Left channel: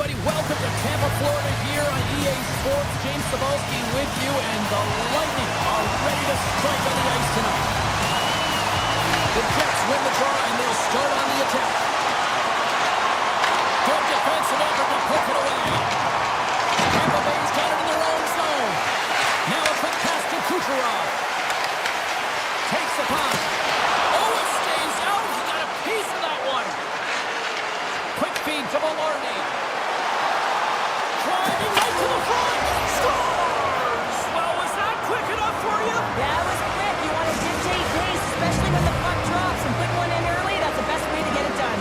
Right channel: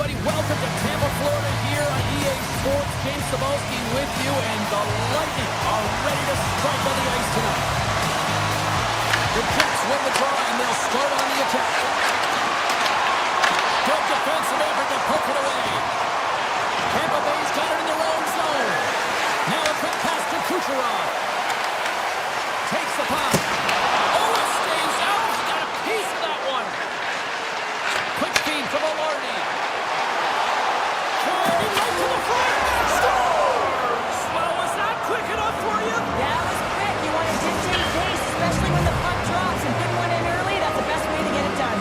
everybody. Welcome to Tampa, Florida here on EA Sports. James Cebulski with you, and the Lightning are ready to strike on the ice tonight. The Jets win the draw, and they'll start on the attack. Good defensive effort to poke it away. Tampa Bay's got it in their own zone. Now a quick pass to Kucherov. Takes the puck. Oh, it stays out. He got a piece of that one. Quick feed to Velarde. Driving right to the front. Scores! Well, was that quick enough for you? Yeah, it was quick. You want to dictate pace, especially when the puck drops, and putting one in early, that's the best way to get it done.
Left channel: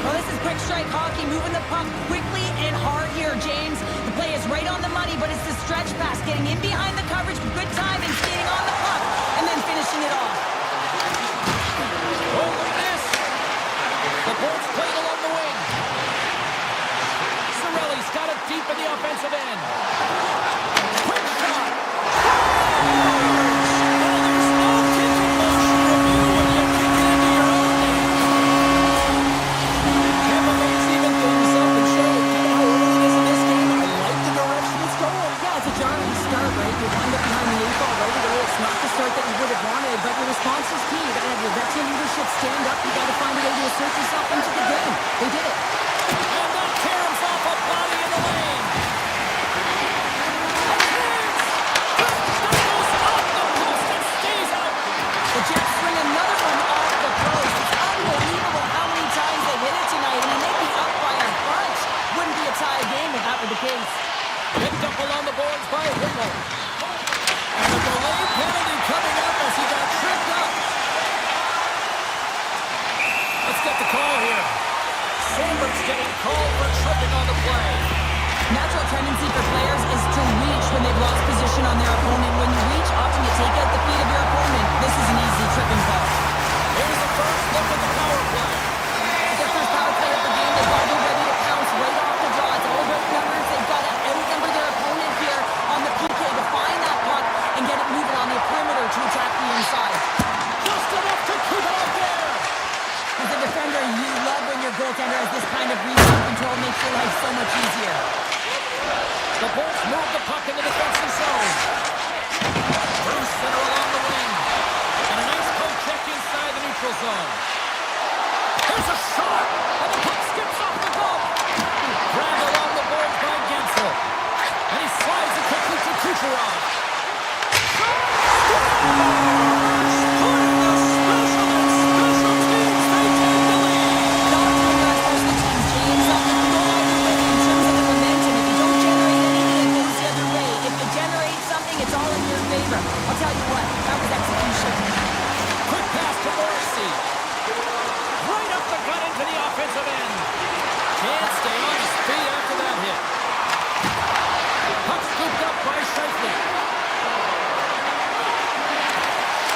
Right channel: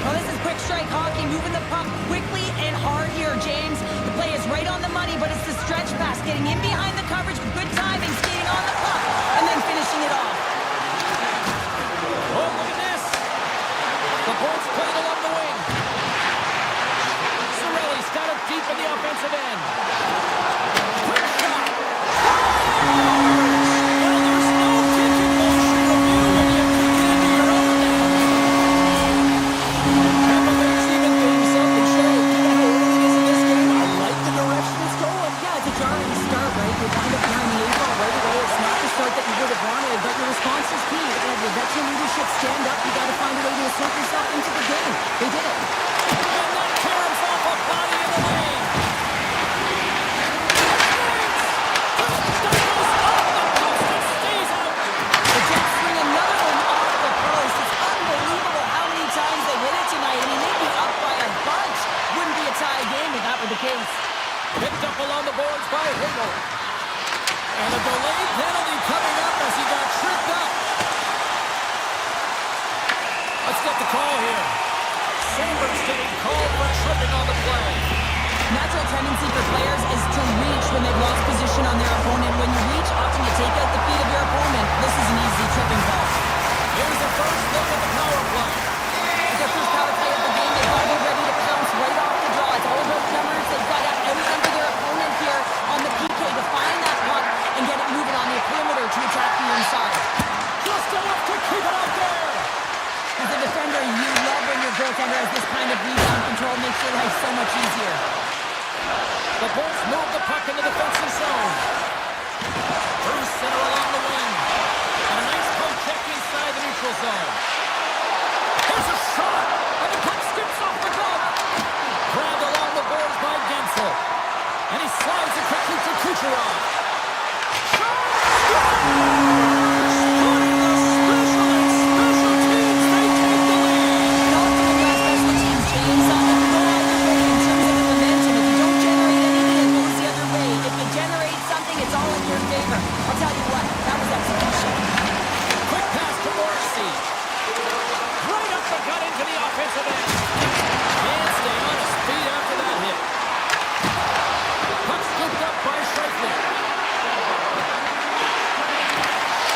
Well, this is quick strike hockey, moving the puck quickly and hard here, James. The play is right on the money, but it's the stretch pass, getting in behind the coverage with good timing, skating on the puck, and then finishing it off. Oh, look at this. The Bolts played along the wing. Cirelli's got it deep in the offensive end. Quick shot. Well, there's no kicking motion review when you kick it into your own net. Tampa Bay's even things up and show. Given how early it is in this game, I like the direction it's going. Yeah, it's a jarring start, right? You wind up behind the eight ball right away. It's not the start that you would have wanted, but your response is key. You got to have your veteran leadership stand up. You got to find a way to assert yourself into the game. They did it. And that caroms off a body in the lane. That goes off the post and stays out. The Jets swing another one off the post. It's unbelievable how many times they hit it tonight. I mean, they'd be up by a bunch. Wouldn't be a tie game if that were the case. Picked up along the boards by Himmel. And a delayed penalty coming up as he got tripped up. Let's get the call here. Sandberg's getting called for tripping on the play. Natural tendency for players is to reach when they've lost position on their opponent. When you reach, often you take out the feet of your opponent. This is an easy tripping ball. Here's the first look at the power play. It's their first power play of the game. They've got to be ready to pounce right off the draw. It's all about numbers. They've got to outnumber their opponent here on the PK to find that puck and get it moving on the perimeter to attack the inside. Just enough to keep it out there. As a defender, you love when your goaltender has this kind of rebound control. Makes your life so much easier. The Bolts move the puck in the defensive zone. Through center along the wing. And a nice poke check inside the neutral zone. Here's a shot. And the puck skips off the glove. Grabbed along the boards by Gensel. And he slides it quickly to Kucherov. Shot! Scores! Putting the specialists. Special teams, they take the lead. Not doing your special teams, James. It can go either way in terms of the momentum. If you don't generate anything, it goes the other way. If you generate something, it's all in your favor. I'll tell you what, that was execution. Quick pass to Morrissey. Right up the gut into the offensive end. Can't stay on his feet after that hit. Puck scooped up by Scheifele.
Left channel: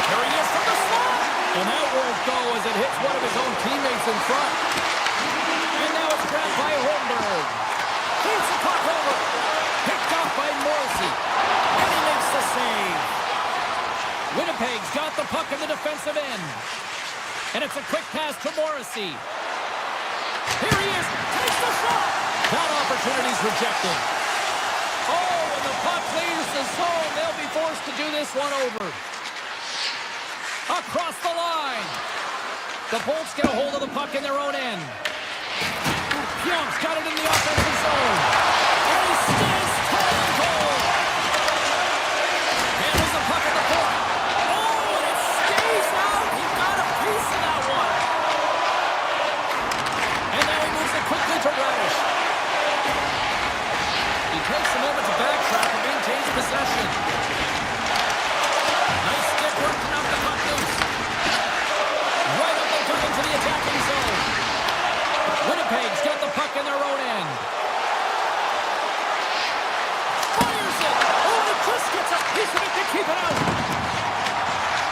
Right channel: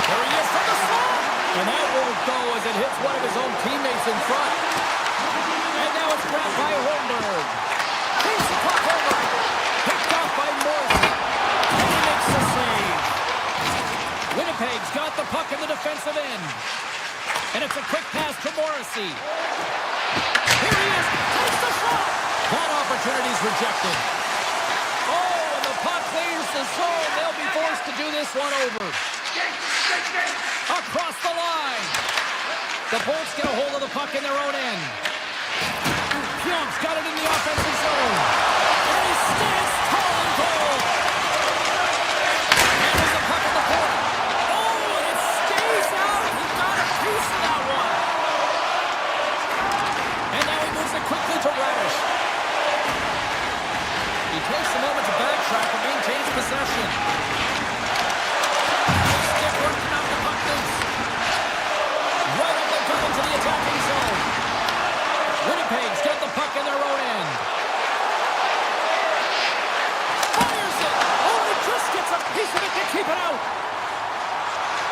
There he is from the slot. And that won't go as it hits one of his own teammates in front. And now it's grabbed by Holmberg. Feeds the puck over. Picked off by Morrissey. And he makes the save. Winnipeg's got the puck in the defensive end. And it's a quick pass to Morrissey. Here he is. Takes the shot. That opportunity's rejected. Oh, and the puck clears the zone. They'll be forced to do this one over. Across the line. The Bolts get a hold of the puck in their own end. Pionk's got it in the offensive zone. And he stands tall and goal. And there's the puck at the point. Oh, and it stays out. He got a piece of that one. And now he moves it quickly to Radish. He takes a moment to backtrack and maintains possession. Nice stick work to knock the puck loose. Right up and into the attacking zone. Winnipeg's got the puck in their own end. Fires it! Oh, and he just gets a piece of it to keep it out.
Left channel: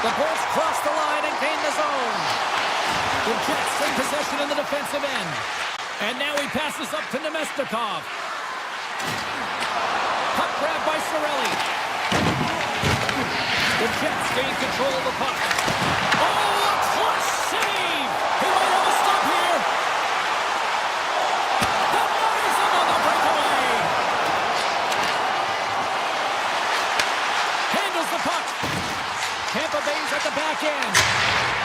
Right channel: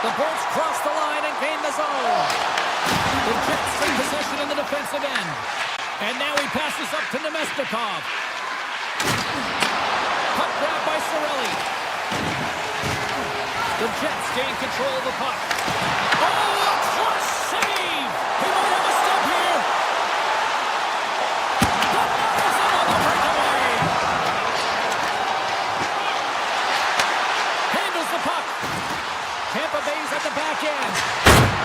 The Bolts cross the line and gain the zone. The Jets in possession in the defensive end. And now he passes up to Nemestikov. Puck grab by Cirelli. The Jets gain control of the puck. Oh, a clutch save! He might have a step here. puck. Tampa Bay's at the back end.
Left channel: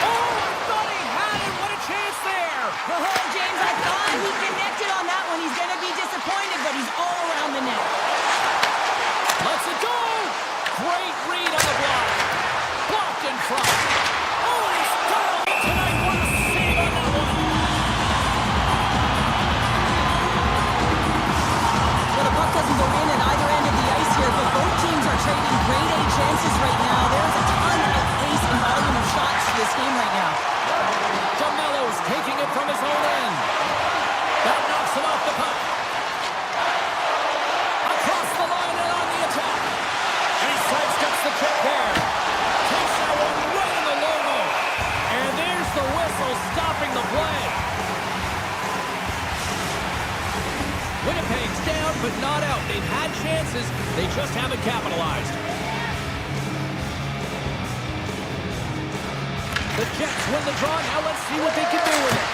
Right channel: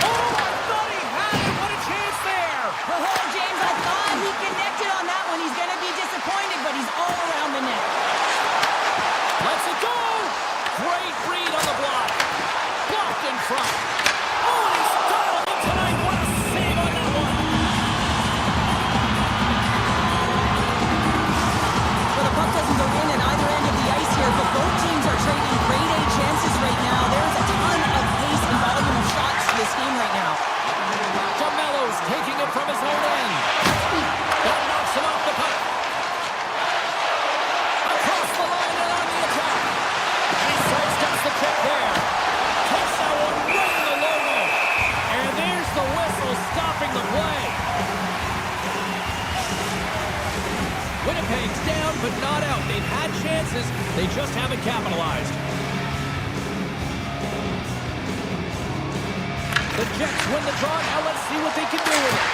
Oh, I thought he had it. What a chance there. Oh, James, I thought he connected on that one. He's going to be disappointed, but he's all around the net. Lets it go. Great read on the block. Blocked in front. Oh, and he's dialed in tonight. What a save on that one. Well, the puck doesn't go in at either end of the ice here, but both teams are trading grade A chances right now. There's a ton of pace and volume of shots to this game right now. DeMello's taking it from his own end. That knocks him off the puck. Across the line and on the attack. And he sidesteps the check there. Takes that one right in the logo. And there's the whistle stopping the play. Winnipeg's down, but not out. They've had chances. They just haven't capitalized. The Jets win the draw. Now let's see what they can do with it.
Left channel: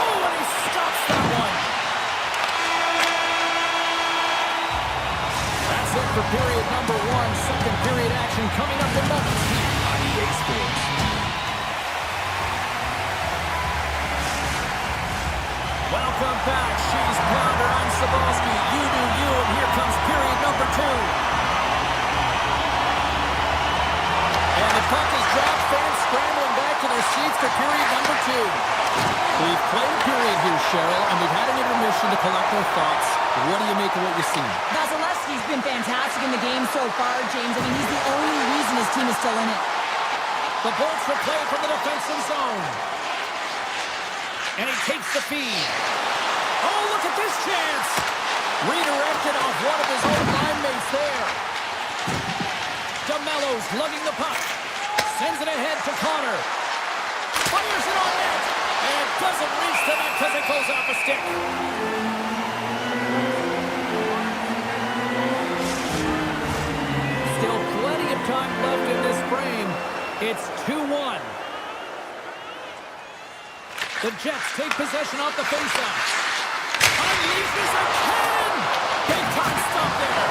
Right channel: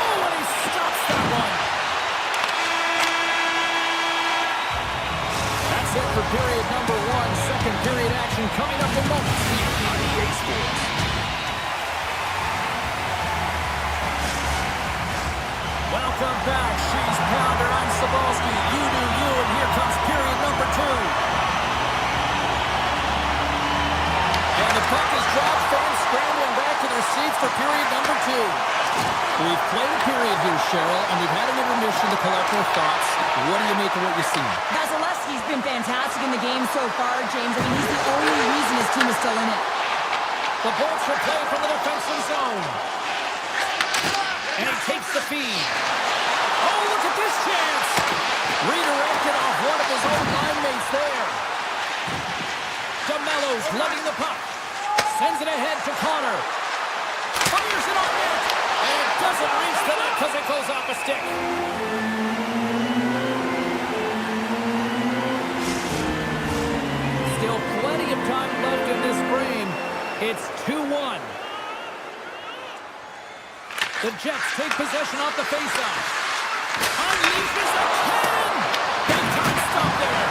Oh, and he stops that one. That's it for period number 1. Second period action coming up in moments here on EA Sports. Welcome back, She's Pounder. I'm Sabalski. You do you, and here comes period number 2. And the puck is dropped. Fans scrambling back to their seats for period number 2. We've played a period here, Cheryl, and we've had an intermission to collect our thoughts. What do you make of what you've seen? Vasilevsky's been fantastic in the game so far, James. I mean, he's the only reason his team is still in it. The Bolts will play from the defensive zone. And he takes the feed. Oh, look at this chance. Redirected off one of his own line mates there. DeMello's lugging the puck. Sends it ahead to Connor. Fires it on net. And it doesn't reach the net because it goes off a stick. Still plenty of time left in this frame. It's 2-1. The Jets take possession off the faceoff. Unleashes a cannon! Big time stop there.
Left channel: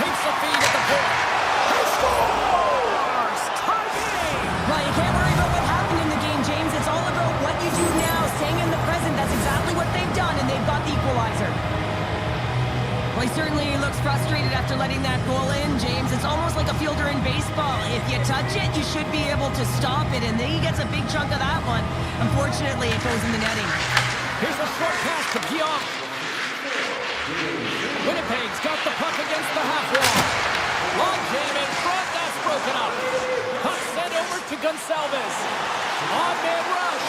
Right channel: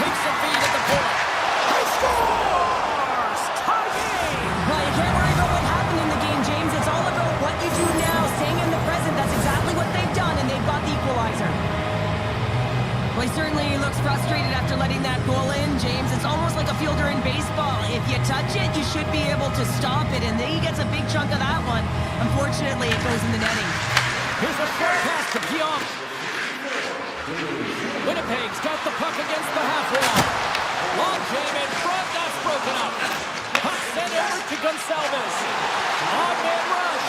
Takes the feed at the point. He scores! Tie game! Well, you can't worry about what happened in the game, James. It's all about what you do now, staying in the present. That's exactly what they've done, and they've got the equalizer. Well, he certainly looks frustrated after letting that goal in, James. It's almost like a fielder in baseball. If you touch it, you should be able to stop it, and then he gets a big chunk of that one. Unfortunately, it goes in the netting. Here's a short pass to Pionk. Winnipeg's got the puck against the half wall. Long jam in front, that's broken up. Puck sent over to Gonçalves. On man rush.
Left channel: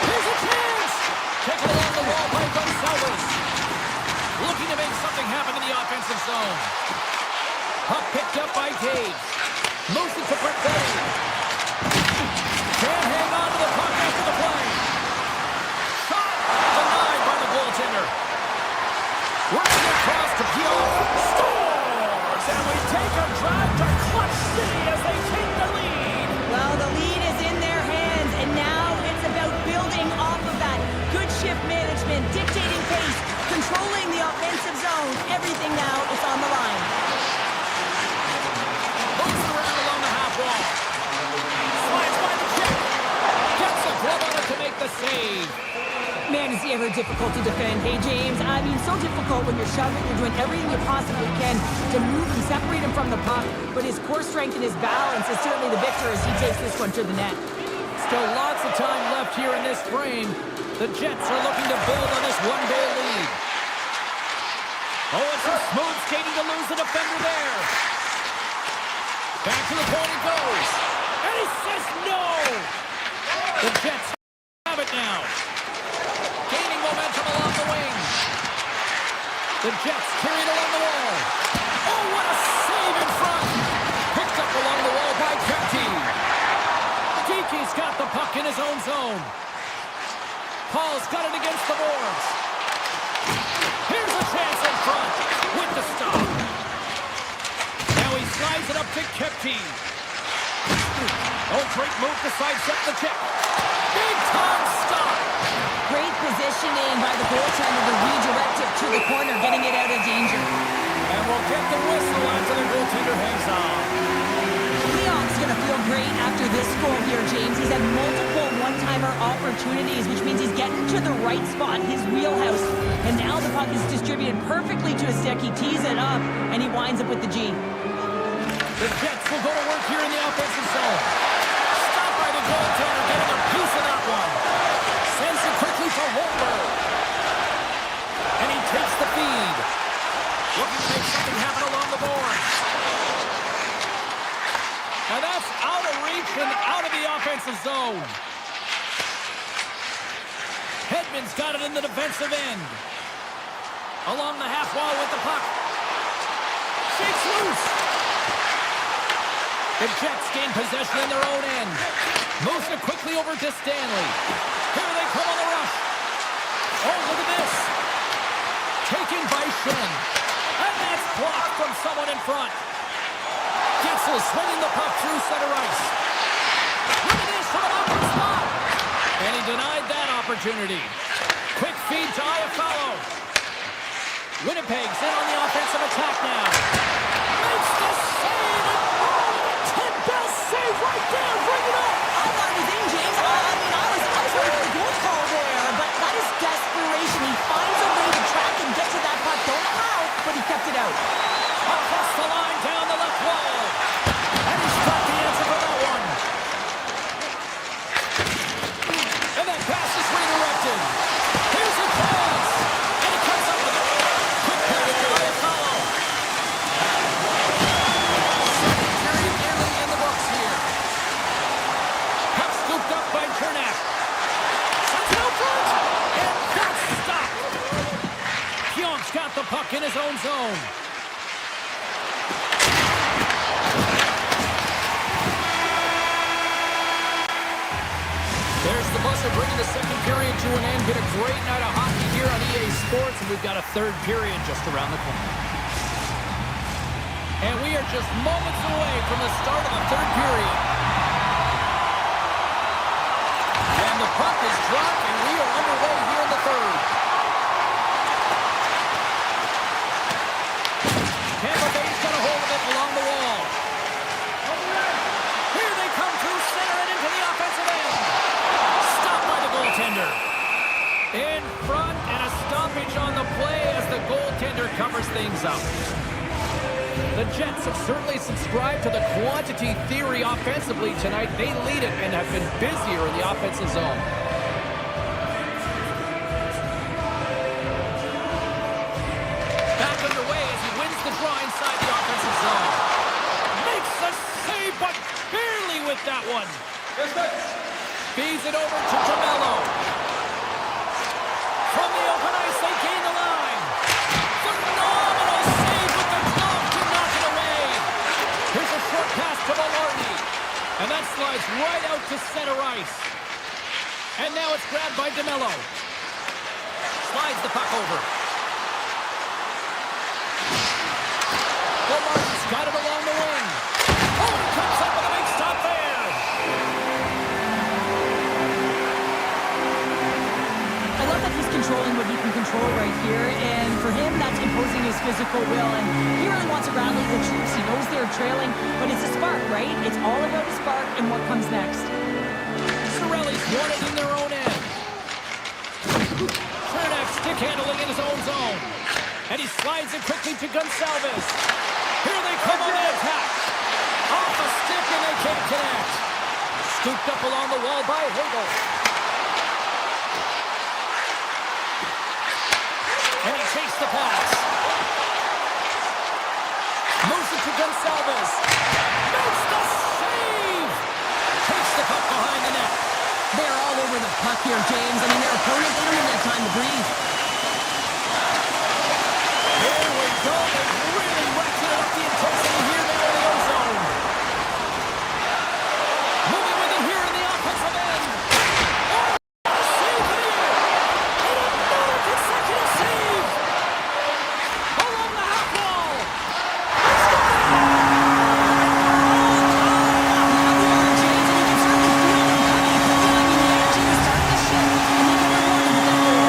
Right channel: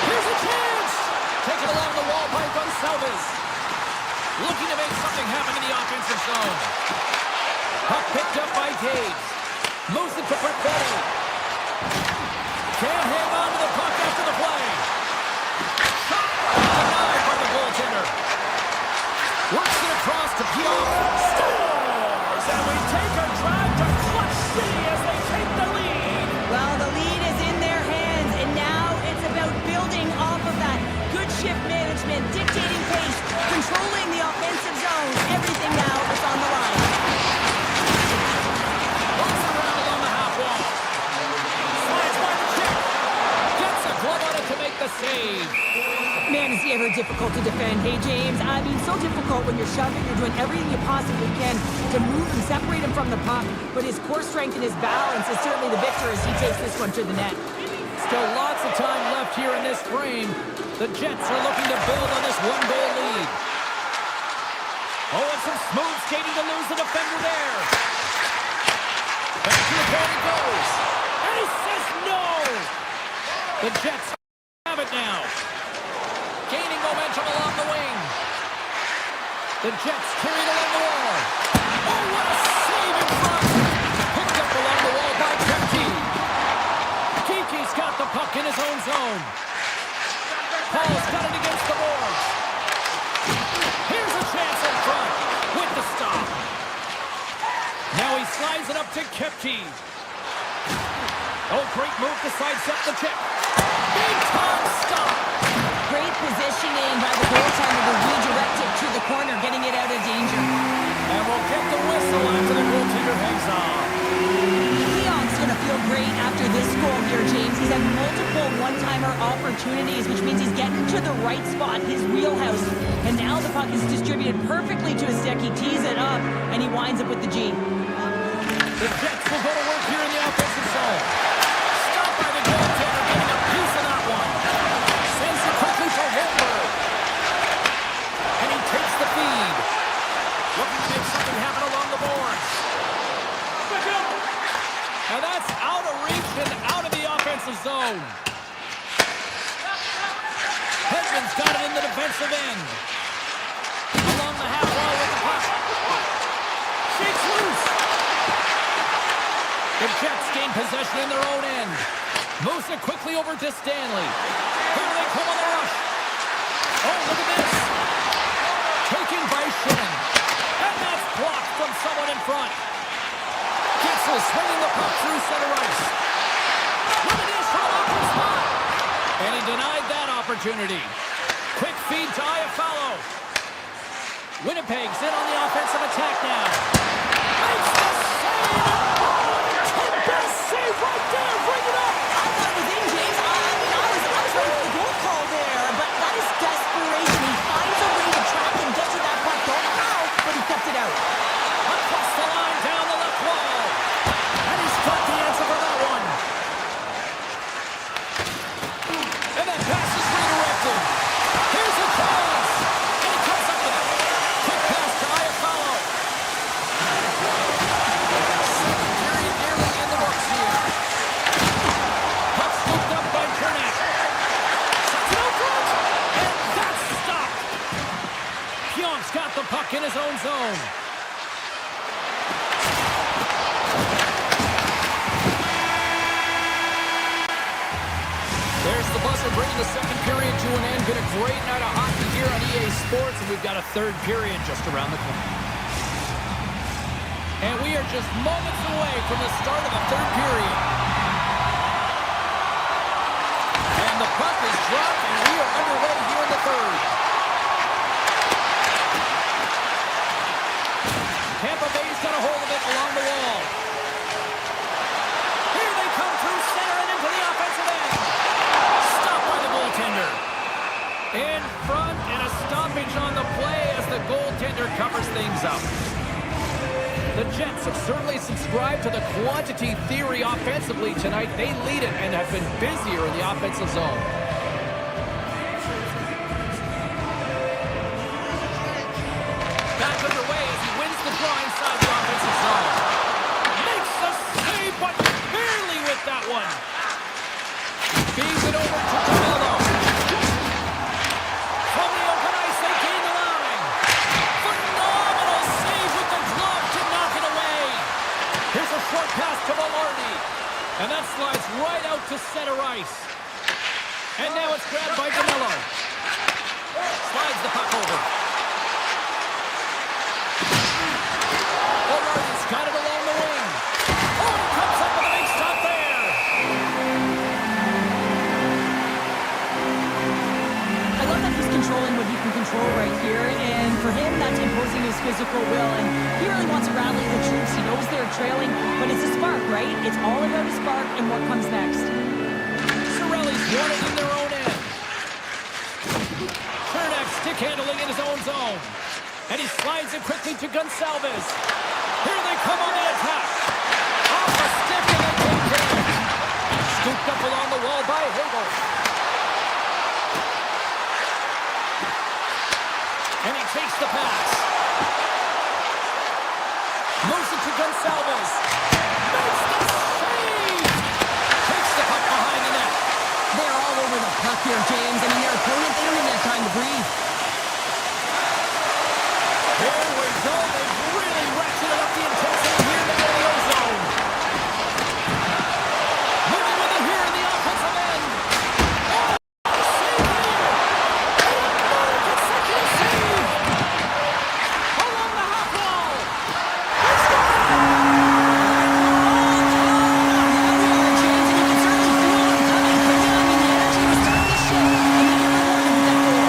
Here's a chance. Taken along the wall by Gonçalves. Looking to make something happen in the offensive zone. Puck picked up by Taves. Moves it to Brickletti. Can't hang on to the puck after the play. Shot denied by the goaltender. Works it across to Pionk. Scores! And we take a drive to Clutch City as they take the lead. Well, the lead is in their hands, and now it's about building off of that. Good shift management, dictating pace, controlling the offensive zone. Everything now is on the line. Moves around along the half wall. Slides by the check. Gets a glove on it to make the save. Man, is he ever difficult to defend. Hey, James, I mean, so difficult when you're shoving. You're doing everything you possibly can to move and separate him from the puck. But his core strength and his balance is certainly the victor as he takes this one to the net. Still lots of time left here in this frame. The Jets are looking to build on this one-goal lead. Oh, it's a smooth skating to lose the defender there. Back to the point it goes. And he says no. The Jets have it now. Gaining momentum along the wing. The Jets carried along the wall. Oh, what a save in front. Picked up along the wall by Kempke. Geeky's got the puck in his own zone. Paul's got it against the boards. Here's a chance in front with the stop. Now he slides it up to Kempke. Oh, great move to sidestep the check. Big time stop. Great positioning by the goaltender to redirect it to the corner, getting it out of danger. And we'll get the whistle after the goaltender hangs on. goal here, James. He's had multiple one-timer opportunities, which means he's getting to the right spot, his wheelhouse. And now the puck is distributed perfectly to his stick. He tees it up, and he winds up with the G. The Jets will go to work here in the offensive zone. Stopped by the goaltender, getting a piece of that one. Sends it quickly for Holmberg. And he takes the feed. Looking to make something happen along the boards. Now that's out of reach and out of the offensive zone. Edmont's got it in the defensive end. Along the half wall with the puck. Shakes loose. The Jets gain possession in their own end. Moves it quickly over to Stanley. Here they come on the rush. Oh, look at this. Taken by Shen. And that's blocked from someone in front. Getzel swinging the puck through center ice. Look at this from an awkward spot. And he denied that opportunity. Quick feed to Iafallo. Winnipeg's in on the offensive attack now. Makes the save. Oh, 10 best save right there. Bring it up. I thought it was in, James. I was ready for the goal call there, but that is desperation. He finds a way to track and get to that puck. Don't know how, but he kept it out. Across the line, down the left wall. And he's got the answer for that one. And that pass is redirected. Here's a chance. And he comes up with it. Quick pass to Iafallo. Second period nearly in the books here. Puck scooped up by Chernak. Sends it out front. And that's stopped. Pionk's got the puck in his own zone. There's the buzzer bringing the second period to an end. Been a great night of hockey here on EA Sports, and we've got a third period just around the corner. And we are just moments away from the start of the third period. And the puck is dropped, and we are underway here in the third. Tampa Bay's got a hold of it along the wall. Here they come through center and into the offensive end. Stopped by the goaltender. In front, and a stoppage on the play as the goaltender covers things up. The Jets have certainly subscribed to the quantity theory offensively tonight. They lead it and have been busier in the offensive zone. Back underway as he wins the draw inside the offensive zone. Makes the save, but barely with that one. Feeds it over to Tamello. From the open ice, they gain the line. Phenomenal save with the glove to knock it away. Here's a short pass to Velarde. And that slides right out to center ice. And now it's grabbed by Tamello. Slides the puck over. Velarde's got it along the wing. Oh, he comes up with a big stop there. I love that he's controlling what he can control right here, and for him, that's imposing his physical will, and he really wants to rally the troops. He knows they're trailing, but it's a spark, right? It's all about a spark and what comes next. Cirelli's won it in their own end. Chernak stick handling in his own zone, and he slides it quickly to Gonsalves. Here they come on the attack. Off a stick, and they can't connect. Scooped up along the wall by Hagel. And he takes the pass. Moves it to Gonsalves. Makes the save! Takes the puck behind the net. They're all over the puck here, James. I mean, their opponent, they don't even have time to breathe. Here we go. They've really ratcheted up the intensity here in the zone. Moving with it here in the offensive end. Oh, save here! And another consecutive save! Along the half wall! Let's go! All tied up. Now we are, James, and you can certainly feel them coming. I mean, the energy was starting to shift, and they get rewarded with that goal.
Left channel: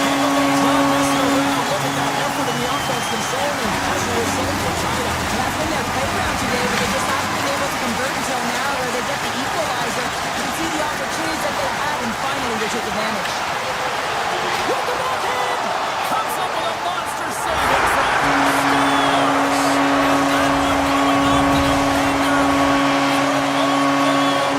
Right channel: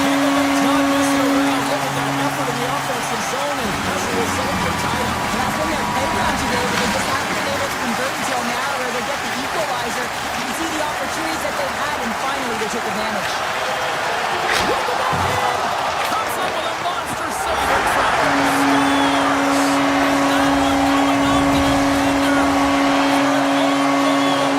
Tampa Bay's not messing around. Look at that effort in the offensive zone, and as a result, we're tied up. And that's when they're playground today, but they just haven't been able to convert until now where they get the equalizer. You can see the opportunities that they had, and finally they took advantage. With the backhand! Comes up with a monster save in front. Scores! And that one going off the defender for an own goal.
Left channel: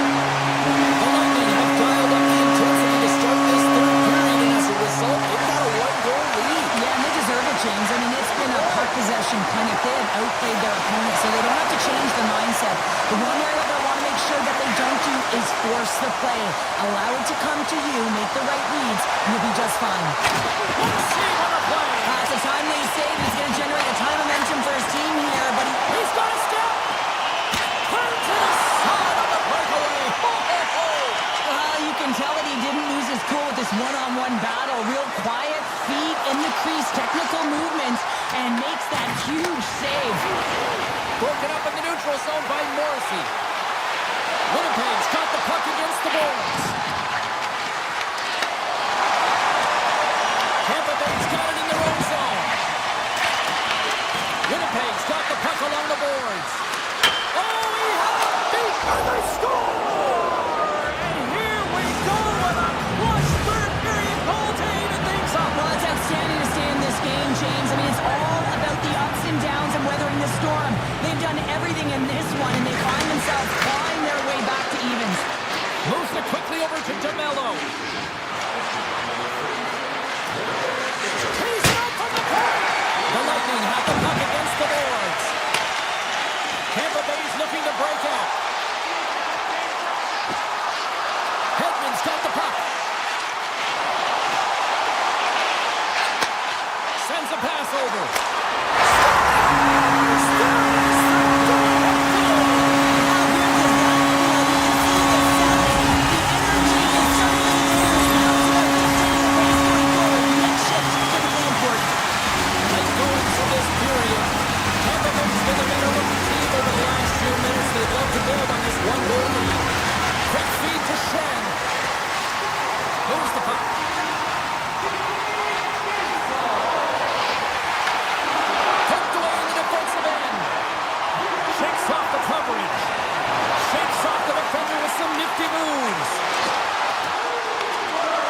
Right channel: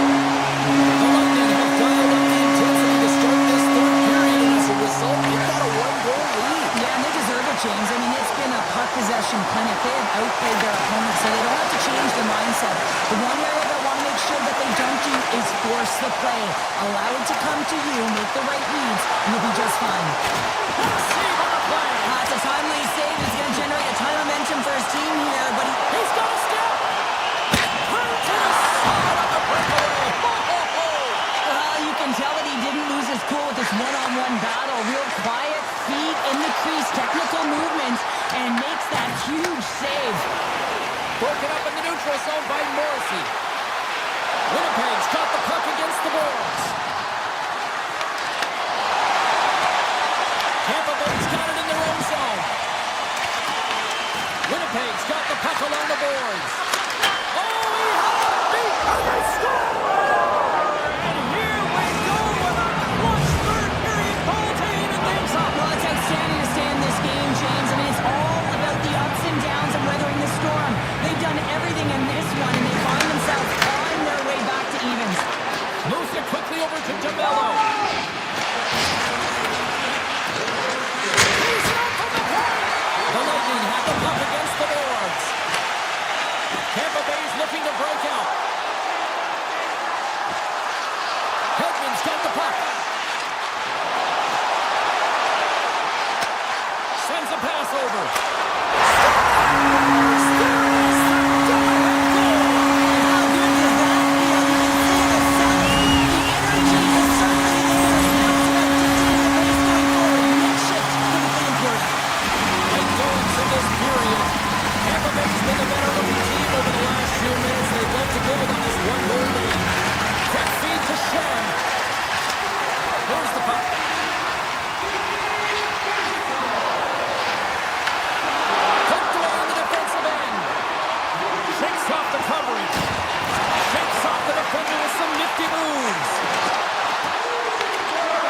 The Lightning have dialed up the intensity to start this third period, and as a result, they've got a one-goal lead. Yeah, and they deserve it, James. I mean, it's been a puck possession clinic. They have outplayed their opponents, so they don't have to change their mindset. The one area they'll want to make sure that they don't do is force the play. Allow it to come to you, make the right reads, and you'll be just fine. What a save on the play! It's a timely save. It's going to generate a ton of momentum for his team here, but He's got a step! Turn to the side on the breakaway! Ho, ho, ho! You can tell that he didn't lose his cool with this one-on-one battle. Real quiet, feet in the crease, technical movements, and makes that huge save. Broken up in the neutral zone by Morrissey. Winnipeg's got the puck against the boards. Tampa Bay's got it in their own zone. Winnipeg's got the puck along the boards. Oh, he had a beat, and they score! And here we go with a clutch third period goal to even things up. Well, it's outstanding to stay in this game, James. I mean, it's all about the ups and downs and weathering the storm. They've done everything in this one, and they find themselves clawing their way back to evens. Moves it quickly over to DeMello. He's up from the point. The Lightning have the puck against the boards. Tampa Bay's looking to break out. Edmont's got the puck. Sends a pass over. Scores! There is the go-ahead goal! How good does that feel? You can see the selling. The energy is certainly there, and now it's about dictating the pace going forward. Next shift, critically important. Late goings of this period. Tampa Bay's been the better looking team over the last few minutes. They'd love to build on this one-goal lead. Quick feed to Shen. Here's the puck. Poked away in the defensive end. Shakes off the coverage. Shakes off the defender with some nifty moves.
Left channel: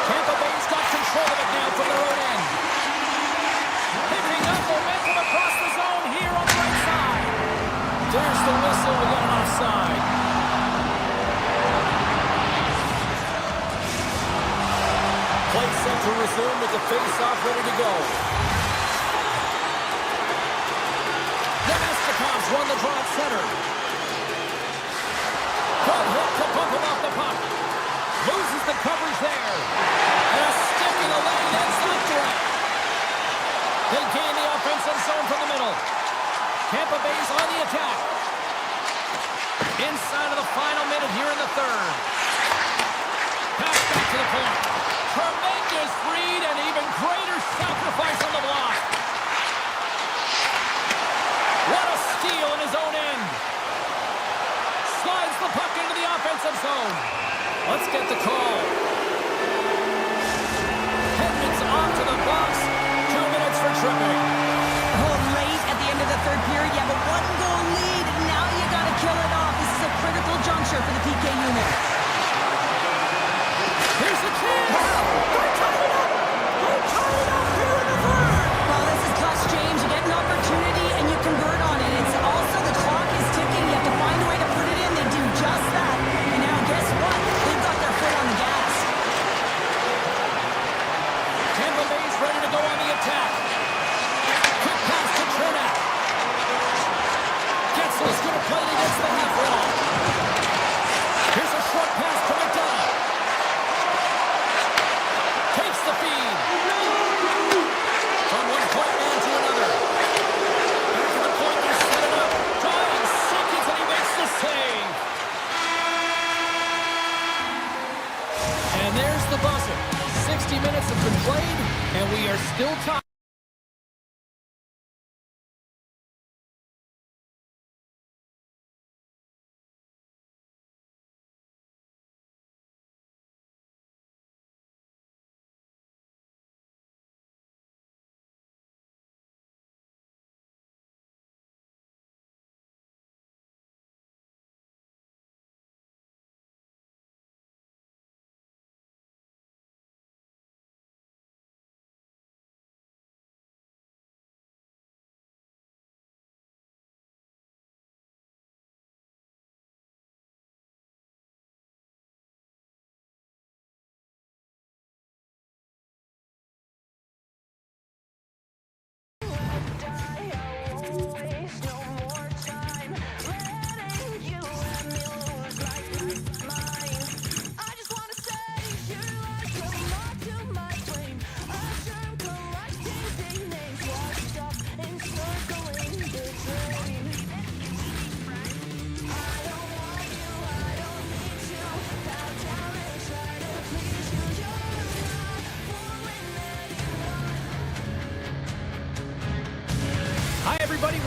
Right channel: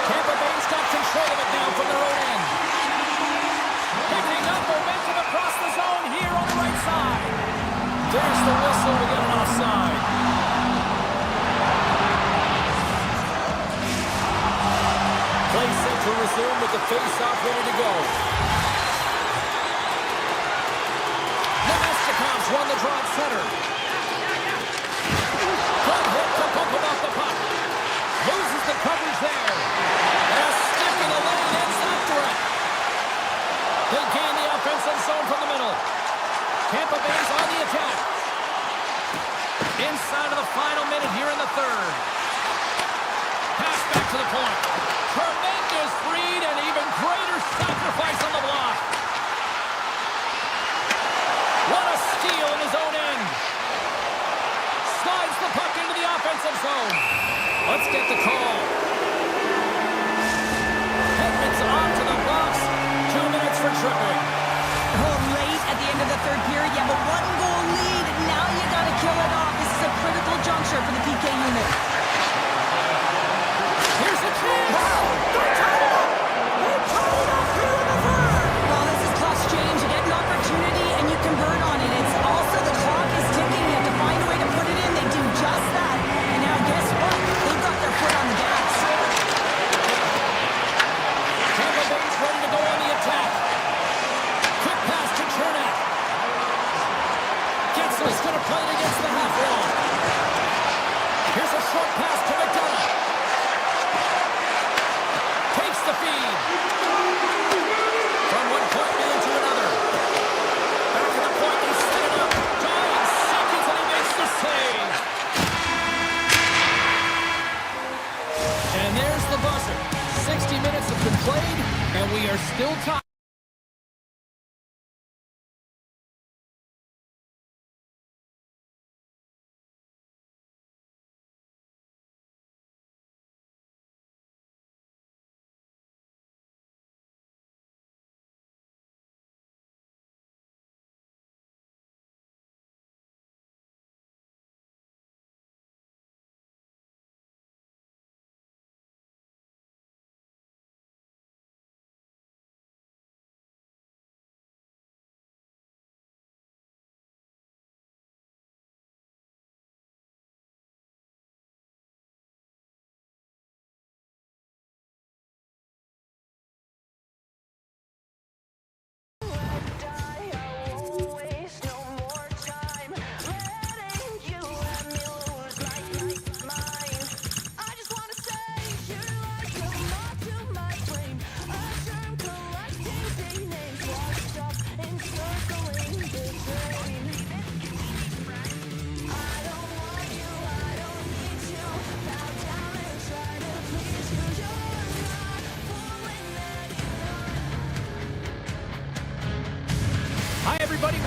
Tampa Bay's got control of it now from their own end. Picking up momentum across the zone here on the right side. There's the whistle. We got an offside. Play set to resume with the face-off ready to go. Nemestikov's won the draw at center. Good hit to bump him off the puck. Loses the coverage there. And a stick in the lane ends that threat. They gain the offensive zone from the middle. Tampa Bay's on the attack. Inside of the final minute here in the third. Pass back to the point. Tremendous read and even greater sacrifice on the block. What a steal in his own end. Slides the puck into the offensive zone. Let's get the call. Edmont's on to the box. 2 minutes for tripping. Oh, late at the end of the third period, you have a one-goal lead, and now you got to kill it off. This is a critical juncture for the PK unit. Here's the chance. Wow. They tied it up. They tied it up here in the third. Well, this is clutch, James. You get an opportunity, and you convert on it. It's also the clock is ticking. You have to find a way to put it in. They do just that. And now, guess what? They've got their foot on the gas. Tampa Bay's ready to go on the attack. Quick pass to Chernak. Getzel's going to play it against the half wall. Here's a short pass to McDonough. Takes the feed. From one point man to another. Back at the point, they set it up. Dying seconds, and he makes the save. And there's the buzzer. 60 minutes have been played, and we are still tied.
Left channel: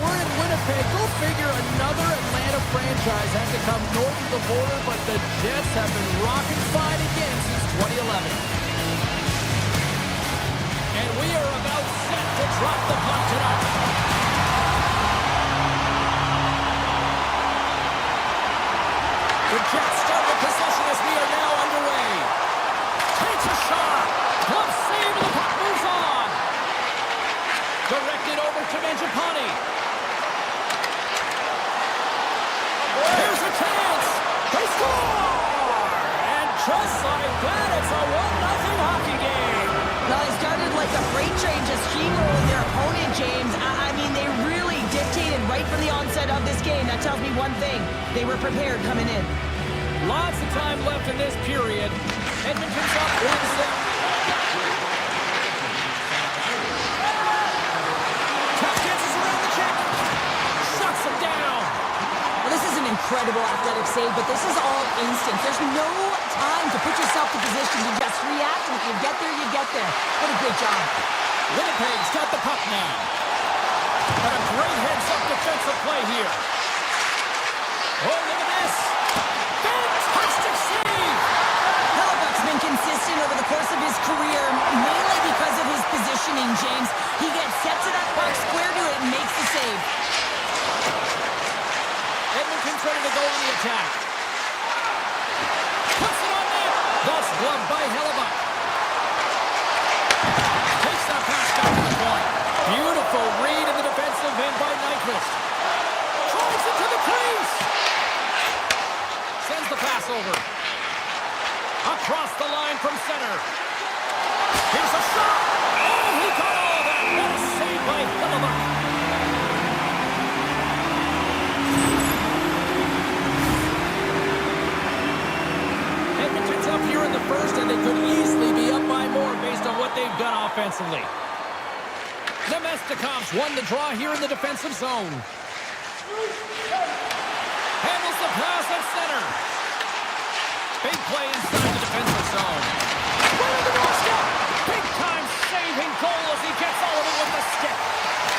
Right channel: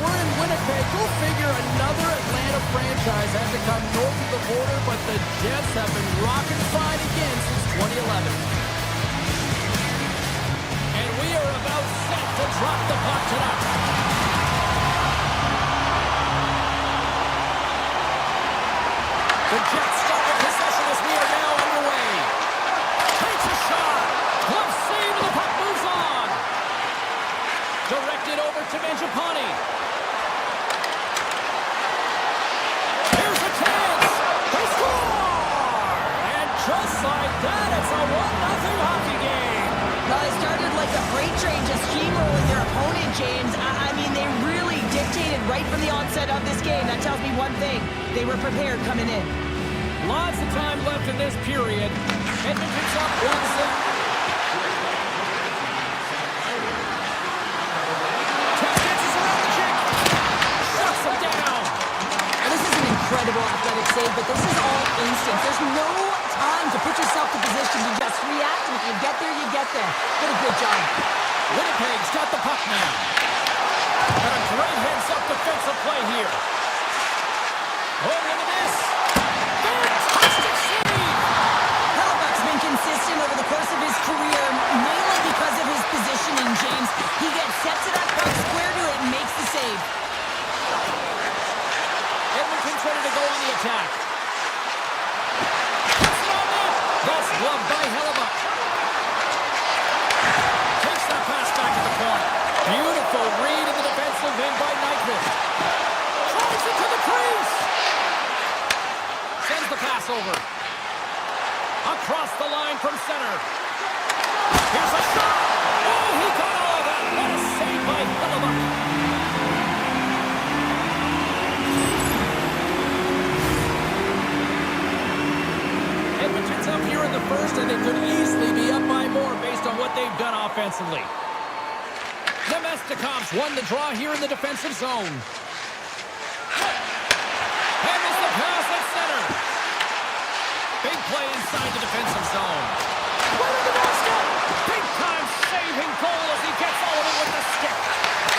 we're in Winnipeg. Go figure, another Atlanta franchise had to come north of the border, but the Jets have been rocking fine again since 2011. And we are about set to drop the puck tonight. The Jets start with possession as we are now underway. Takes a shot. Glove save, and the puck moves on. Directed over to Mangiapane. Here's a chance. They score! And just like that, it's a 1-0 hockey game. Well, they started like a freight train just steamrolling their opponent, James. I mean, they really dictated right from the onset of this game. That tells me one thing. They were prepared coming in. Lots of time left in this period. Edmonton's up 1-0. Incredible athletic save, but this is all instant. There's no time to put yourself in position to just react, and if you get there, you get there. What a great job. Winnipeg's got the puck now. And a great heads-up defensive play here. Oh, look at this. Fantastic save! Hellebuck's been consistent over the course of his career, mainly because of his positioning, James. He gets set to that puck, square to it, and makes the save. Edmonton's ready to go on the attack. Puts it on net. That's gloved by Hellebuck. Takes that pass back to the point. Beautiful read in the defensive end by Nyquist. Tries it to the crease. Sends the pass over. Across the line from center. Here's a shot. Oh, he got all of that. What a save by Hellebuck. Edmonton's up here in the first, and they could easily be up by more based on what they've done offensively. The Domesticoffs won the draw here in the defensive zone. Handles the pass at center. Big play inside the defensive zone. Right on the doorstep. Big-time saving goal as he gets all of it with the stick.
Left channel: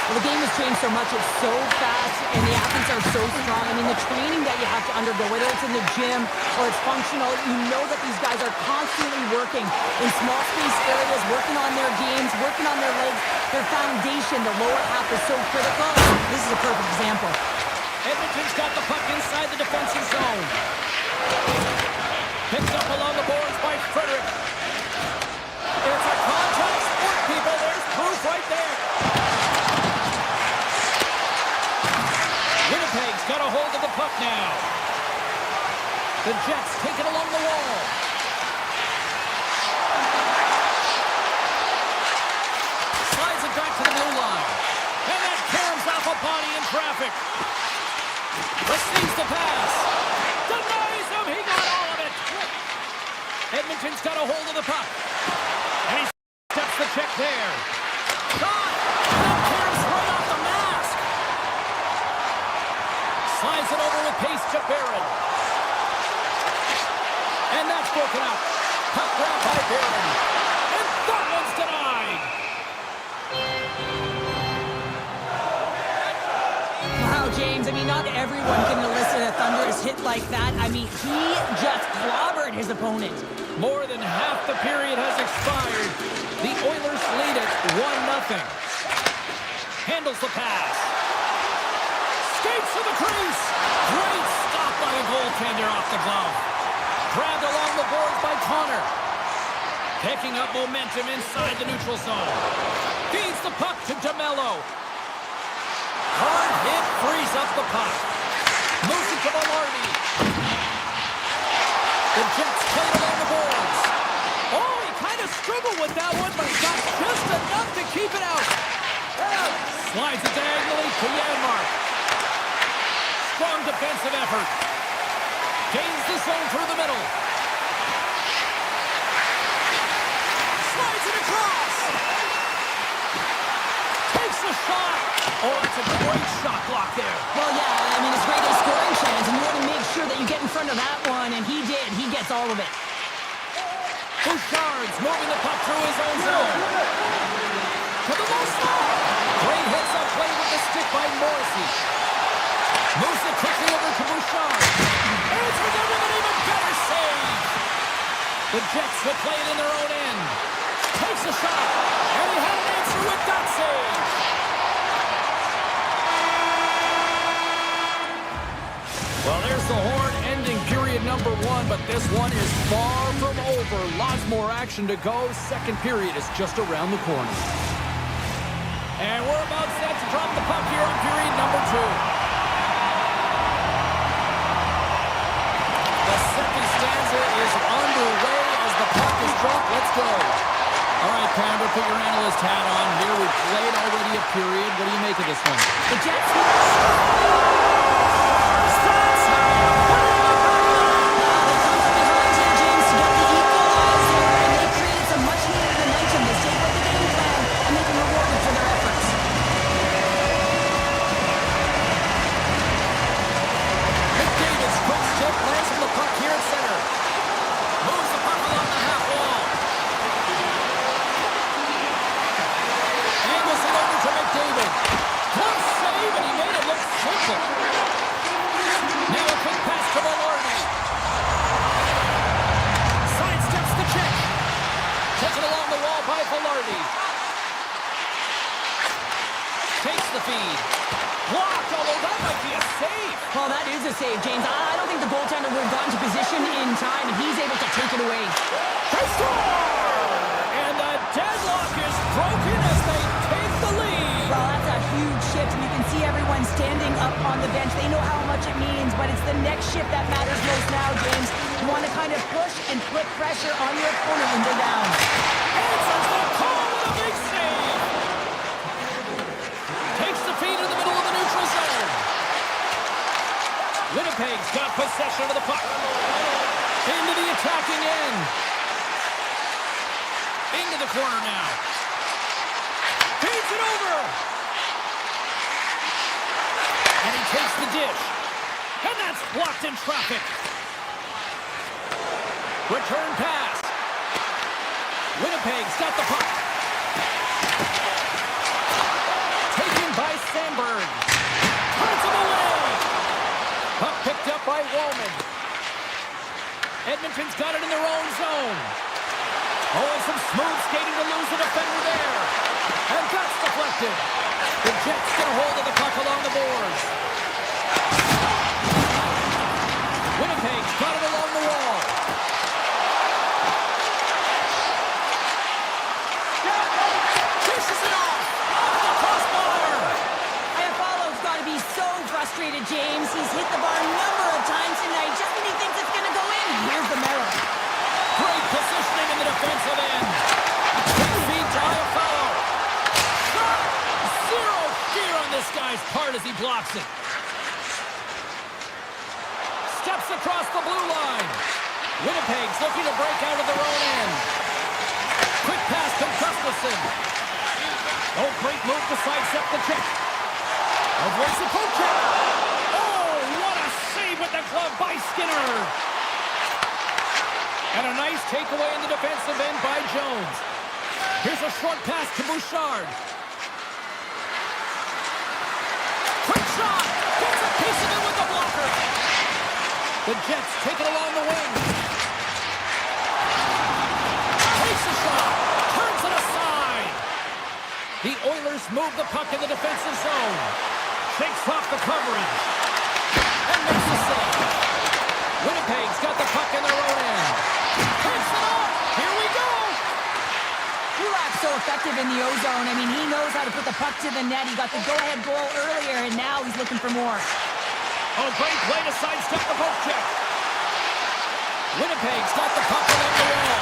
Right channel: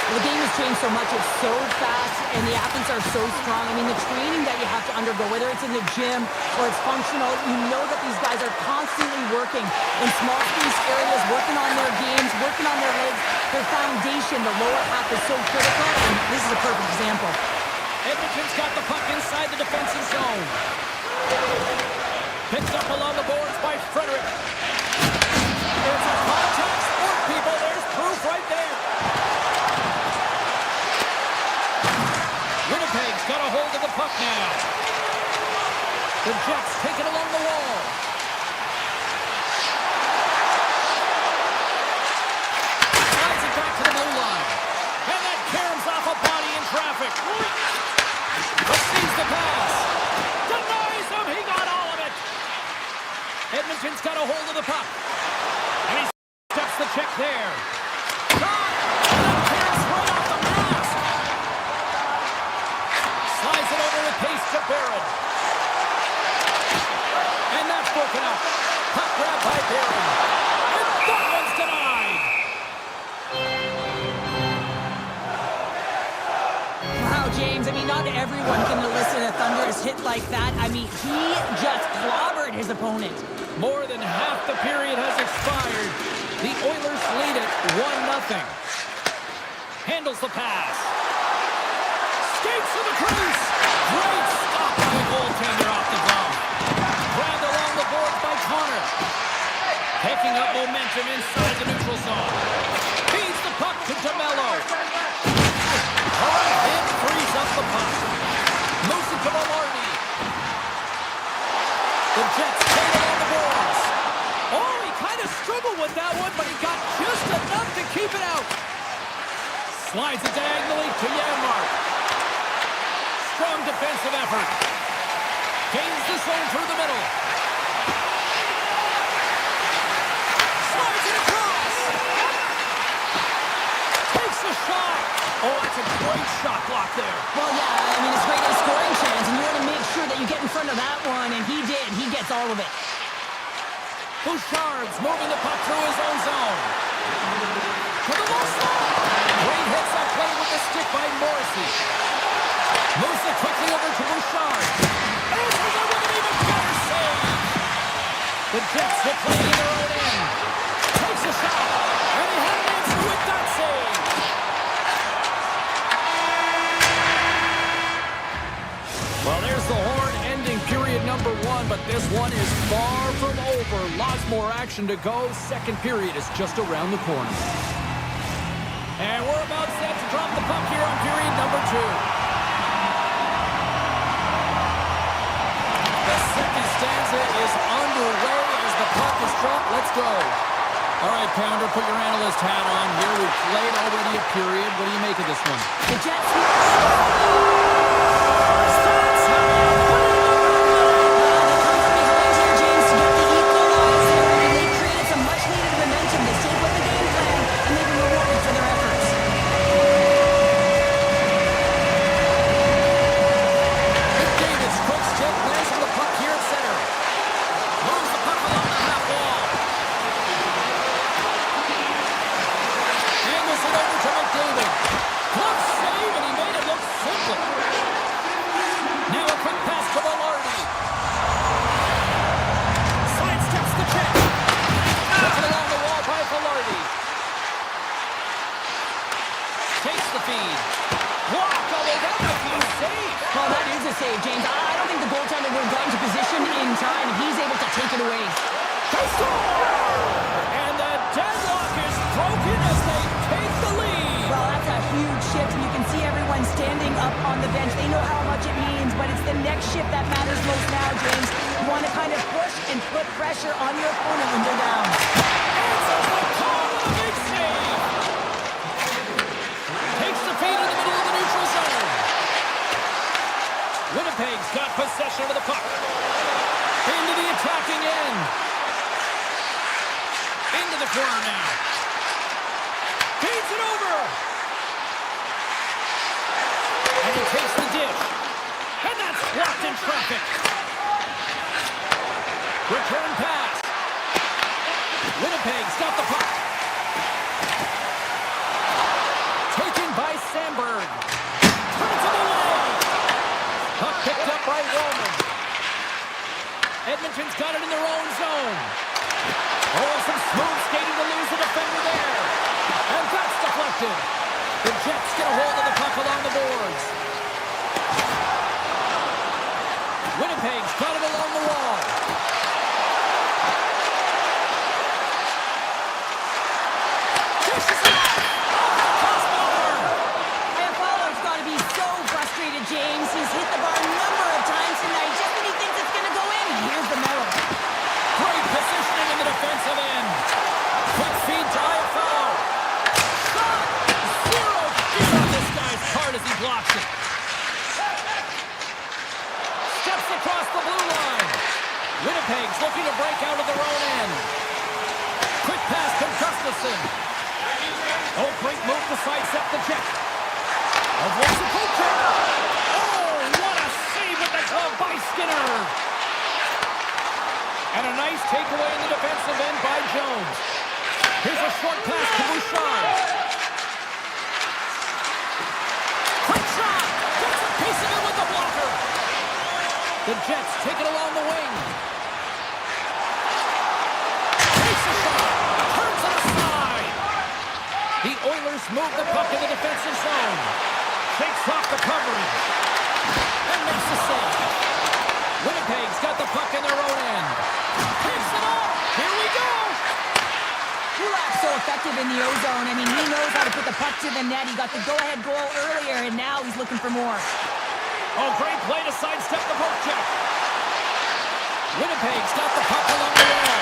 Well, the game has changed so much. It's so fast, and the athletes are so strong. I mean, the training that you have to undergo, whether it's in the gym or it's functional, you know that these guys are constantly working in small space areas, working on their games, working on their legs. Their foundation, the lower half, is so critical. This is a perfect example. Edmonton's got the puck inside the defensive zone. Picked up along the boards by Frederick. It's a contact sport, people. There's proof right there. Winnipeg's got a hold of the puck now. The Jets take it along the wall. Slides it back to the blue line. And that caroms off a body in traffic. Receives the pass. Denies him. He got all of it. Edmonton's got a hold of the puck. And he steps the check there. Shot. And that caroms right off the mask. Slides it over with pace to Barron. And that's broken up. Puck grab by Barron. And that one's denied. Wow, James, I mean, not everyone can elicit a thunderous hit like that. I mean, he just clobbered his opponent. More than half the period has expired. The Oilers lead it 1-0. Handles the pass. Skates to the crease. Great stop by the goaltender off the glove. Grabbed along the boards by Connor. Picking up momentum inside the neutral zone. Feeds the puck to DeMello. Hard hit frees up the puck. Moves it to Velarde. The Jets played along the boards. Oh, he kind of struggled with that one, but he got just enough to keep it out. Slides it diagonally to Janmark. Strong defensive effort. Gains the zone through the middle. Slides it across. Takes the shot. Oh, that's a great shot block there. Well, yeah, I mean, it's great a scoring chance, and you want to make sure that you get in front of that one, and he did. He gets all of it. Bouchard's moving the puck through his own zone. To the low slot. Great hits on play with the stick by Morrissey. Moves it quickly over to Bouchard. Answers it with an even better save. The Jets will play it in their own end. Takes a shot. And he had an answer with that save. Well, there's the horn ending period number 1, but this one is far from over. Lots more action to go. Second period is just around the corner. And we're about set to drop the puck here on period number 2. The second stanza is underway as the puck is dropped. Let's go. All right, Pounder, put your analyst hat on here. We've played already a period. What do you make of this one? The Jets... Now a quick pass to Velarde. Sidesteps the check. Taken along the wall by Velarde. Takes the feed. Blocked, although that might be a save. Well, that is a save, James. I don't think the goaltender would have gotten to position in time, and he's able to take it away. They score! And the deadlock is broken as they take the lead. Well, that's a huge shift, and you can see everyone standing up on the bench. They know how much it means, but it's the next shift that matters most now, James. You want to kind of push and put pressure on your opponent when they're down. Answers the call with a big save. Takes the feed in the middle of the neutral zone. Winnipeg's got possession of the puck. Into the attacking end. Into the corner now. Feeds it over. And he takes the dish. And that's blocked in traffic. Return pass. Winnipeg's got the puck. Taken by Sandberg. Turns him away. Puck picked up by Roman. Edmonton's got it in their own zone. Oh, and some smooth skating to lose the defender there. And that's deflected. The Jets get a hold of the puck along the boards. Winnipeg's got it along the wall. Dishes it off the crossbar. Iafallo's got to be so frustrated, James. He's hit the bar a number of times tonight. Just when he thinks it's going to go in, here's the medal. Great positioning in the defensive end. Quick feed to Iafallo. Shot! Zero fear on this guy's part as he blocks it. Steps across the blue line. Winnipeg's looking to break out of their own end. Quick pass to Gustafsson. Oh, great move to sidestep the check. Avoids the poke check. Oh, what a save with the glove by Skinner. And a nice takeaway in the defensive end by Jones. Here's a short pass to Bouchard. Quick shot. Gets a piece of it with the blocker. The Jets take it along the wing. Takes a shot. Turns it aside. The Oilers move the puck in the defensive zone. Shakes off the coverage. And makes the save. Winnipeg's got the puck in their own end. Picks it off. Here we go. Kulak's so effective in the O-zone. I mean, he knows how to put the puck to the net. He got the go-ahead goal earlier, and now he's looking for more. Oh, great play to sidestep the poke check. Winnipeg's got the puck along the wall.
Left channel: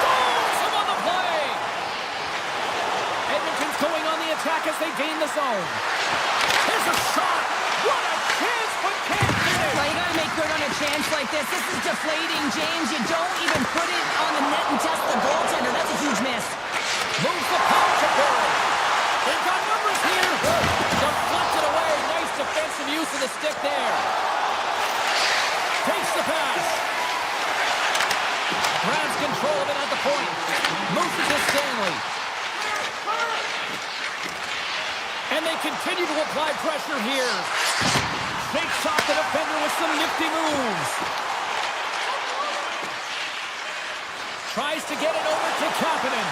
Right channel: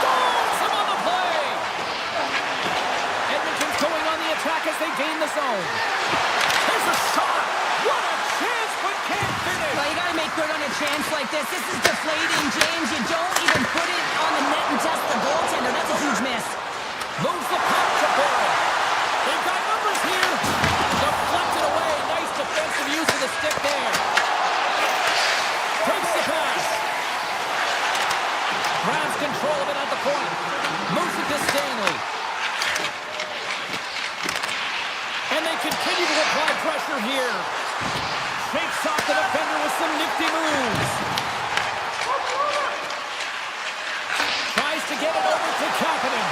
Stones him on the play. Edmonton's going on the attack as they gain the zone. There's a shot. What a chance, but can't finish. Well, you got to make good on a chance like this. This is deflating, James. You don't even put it on the net and test the goaltender. That's a huge miss. Moves the puck to Barrett. They've got numbers here. Deflected away. Nice defensive use of the stick there. Takes the pass. Grabs control of it at the point. Moves it to Stanley. continue to apply pressure here. Shakes off the defender with some nifty moves. Tries to get it over to Kapanen.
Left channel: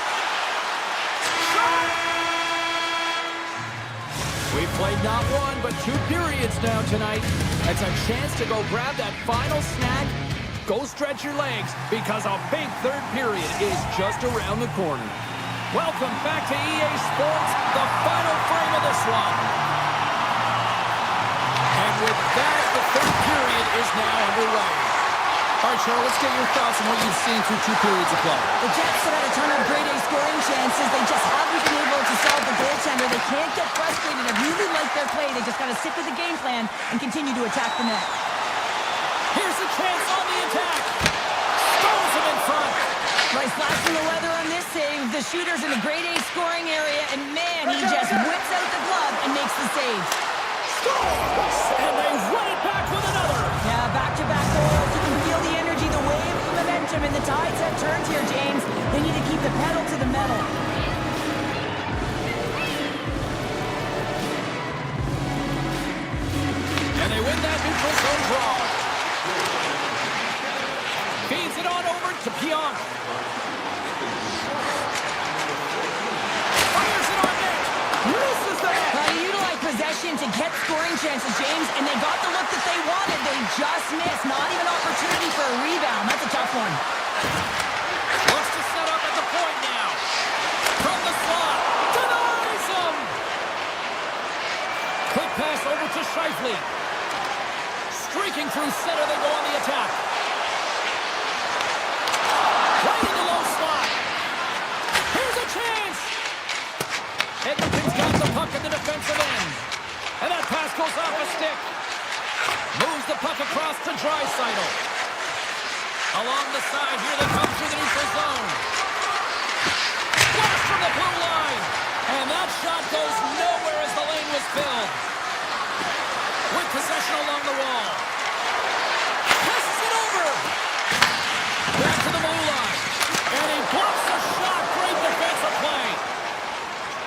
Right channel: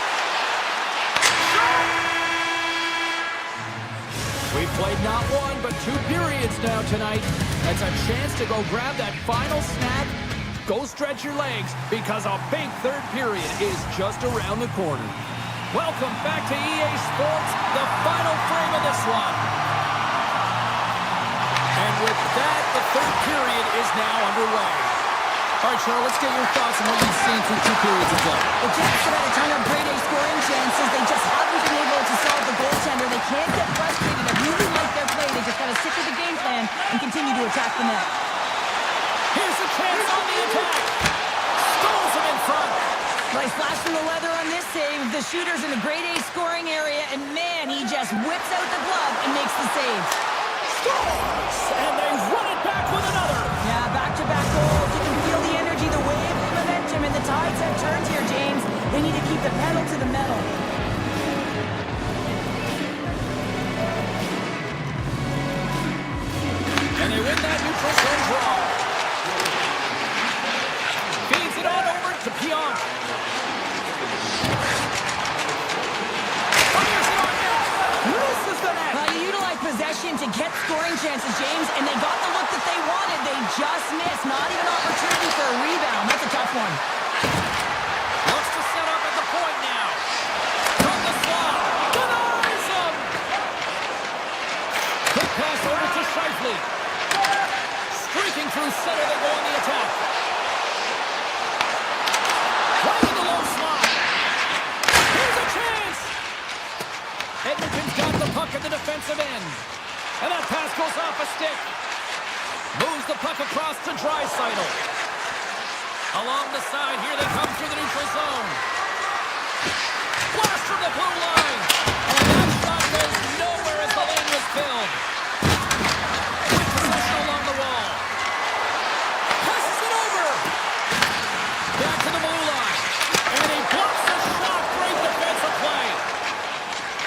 We've played not one, but 2 periods now tonight. It's a chance to go grab that final snack. Go stretch your legs, because a big third period is just around the corner. Welcome back to EA Sports, the final frame of this one. And with that, the third period is now underway. All right, Cheryl, let's get your thoughts on what you've seen through 2 periods of play. The Jets have had a ton of grade A scoring chances. They just haven't been able to solve the goaltender. They can't get frustrated. I really like their play. They just got to stick with the game plan and continue to attack the net. Here's a chance on the attack. Stones him in front. Nice flash from the leather on this save. The shooter's in the grade A scoring area, and man, he just whips out the glove and makes the save. Scores! And they run it back with another. Yeah, back-to-back goals. You can feel the energy, the wave, the momentum, and the tides have turned here, James. They need to keep the pedal to the metal. And they win that neutral zone draw. Feeds it on over to Pionk. Fires it on net. Misses the net. You utilize possession to get scoring chances, James, and they got the look that they wanted. They just missed. Not even opportunity for a rebound. That's a tough one. Looks to set up at the point now. From the slot. Denies him. Quick pass over to Scheifele. Streaking through center, they go on the attack. Right in the low slot. Here's a chance. Edmonton's got the puck in the defensive end. And that pass goes off a stick. Moves the puck across to Draisaitl. Along the side, here they come through the neutral zone. Blast from the blue line. And that shot goes nowhere as the lane was filled. With possession along the wall. Passes it over. Back to the blue line. And he blocks the shot. Great defensive play.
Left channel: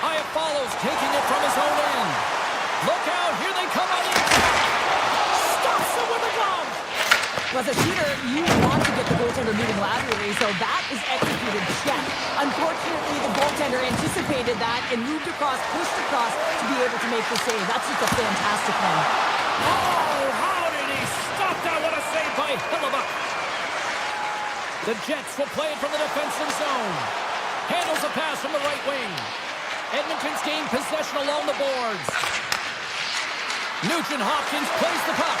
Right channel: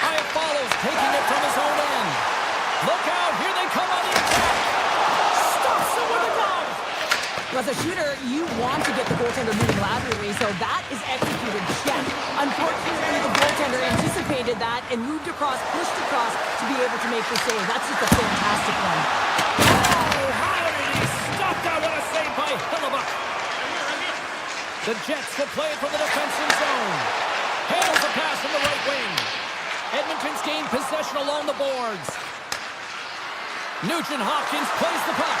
Hyatt follows, taking it from his own end. Look out. Here they come on the attack. Stops it with a glove. Well, as a shooter, you want to get the goaltender moving laterally, so that is executed check. Unfortunately, the goaltender anticipated that and moved across, pushed across to be able to make the save. That's just a fantastic one. Oh, how did he stop that? What a save by Hellebuyck. The Jets will play it from the defensive zone. Handles a pass from the right wing. Edmonton's gained possession along the boards. Nugent-Hopkins plays the puck.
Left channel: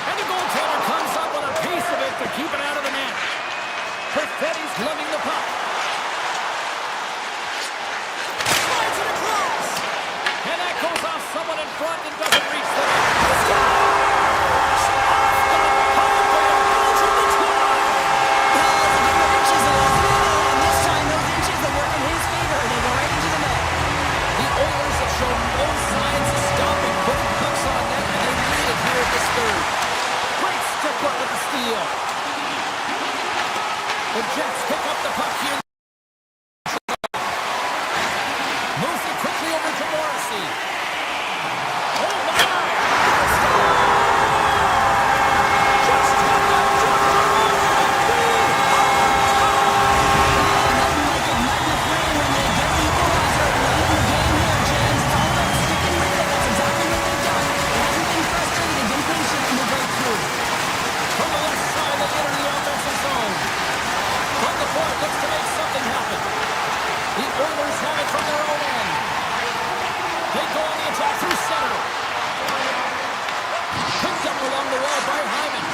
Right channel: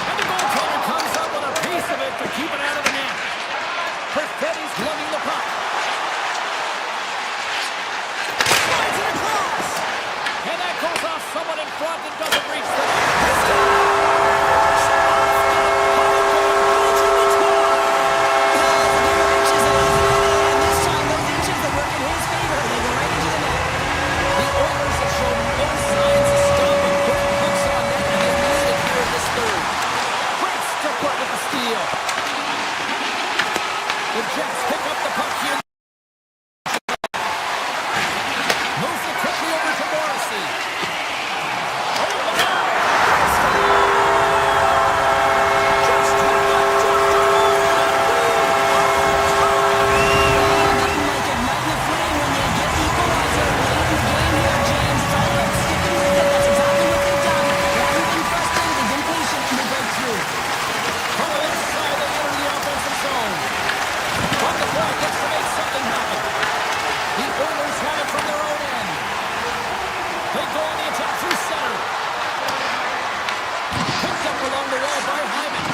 And the goaltender comes up with a piece of it to keep it out of the net. Perfetti's lugging the puck. Slides it across. And that goes off someone in front and doesn't reach the net. He scores! Off the pipe and Belgium the tie. Well, it's a game of inches, isn't it? And this time, those inches that work in his favor, they go right into the net. The Oilers have shown no signs of stopping putting pucks on net, and they lead it here in this third. Great stick-up with the steal. The Jets pick up the puck here. Moves it quickly over to Morrissey. Oh, my! Just hit the doctor on it, and we are tied! Nothing like igniting a flame when they get the equalizer late in the game here, James. It's all about sticking with it. That's exactly what they've done. They haven't been frustrated. They've been patient, and they break through. From the left side, they enter the offensive zone. From the point, looks to make something happen. The Oilers have it from their own end. They go on the attack through center. Picked up along the wall by Hyman.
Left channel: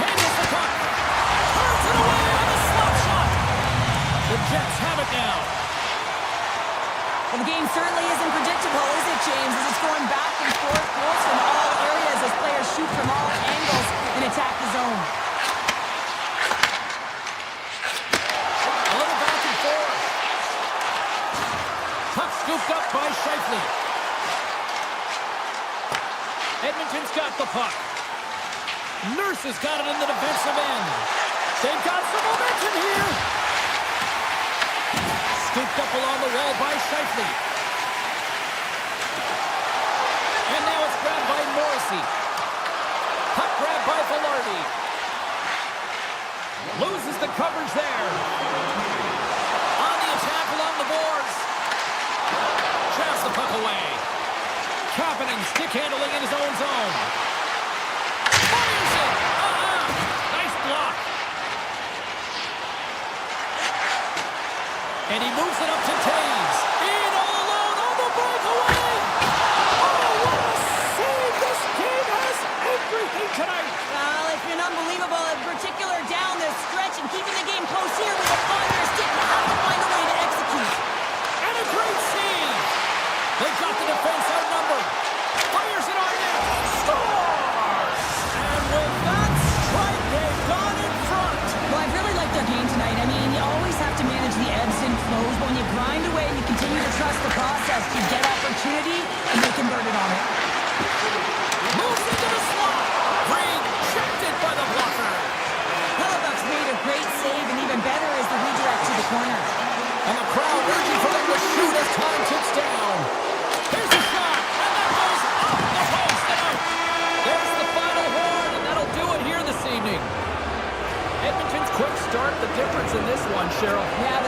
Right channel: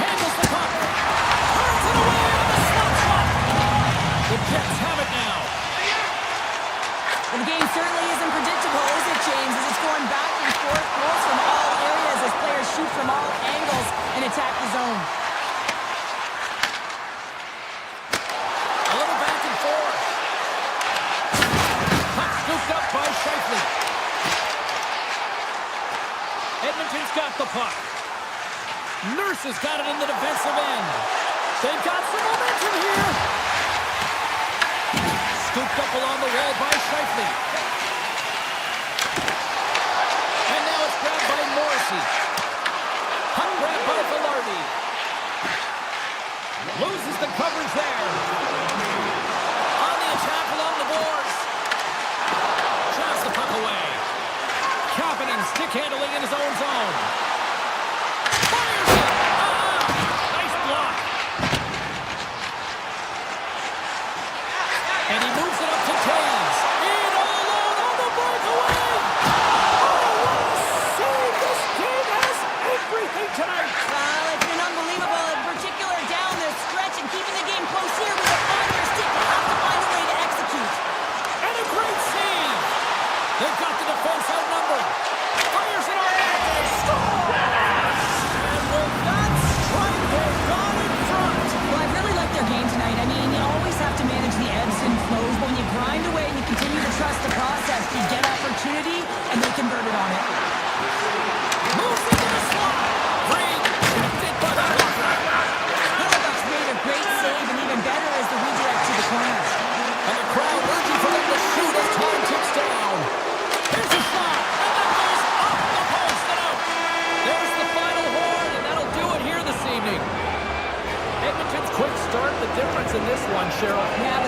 Handles the puck. Turns it away on the slot shot. The Jets have it now. Well, the game certainly isn't predictable, is it, James? As it's going back and forth, goals from all areas as players shoot from all angles and attack the zone. A little back and forth. Puck scooped up by Scheifele. Edmonton's got the puck. Nurse has got it in the defensive end. They've got some momentum here. Scooped up along the wall by Scheifele. Morrissey. Puck grab by Velarde. Loses the coverage there. On the attack along the boards. Traps the puck away. Kapanen stick handling in his own zone. Fires it! Nice block. And he moves it up to Taves. In all alone on the breakaway! Oh, what a save! This game has everything tonight! Well, it's been unbelievable, in particular down this stretch, and keeping the game close here with a fire stick. You have to find a way to execute. And a great save! They've got the defense outnumbered. Fires it on net. Scores! And with that strike, they've gone in front. Well, I've really liked their game tonight. I mean, you always have to manage the ebbs and flows, but when you grind away and you continue to trust the process, you get opportunity, and they convert it on it. Moves into the slot. Rejected by the blocker. Hellebuck's made a great save, and even better is the redirect to the corner. And the crowd urging for them to shoot as time ticks down. Here's a shot, and that goes off the post and out. There's the final horn, and that'll do it here this evening. Edmonton's quick start, the difference in this one, Cheryl. Yeah,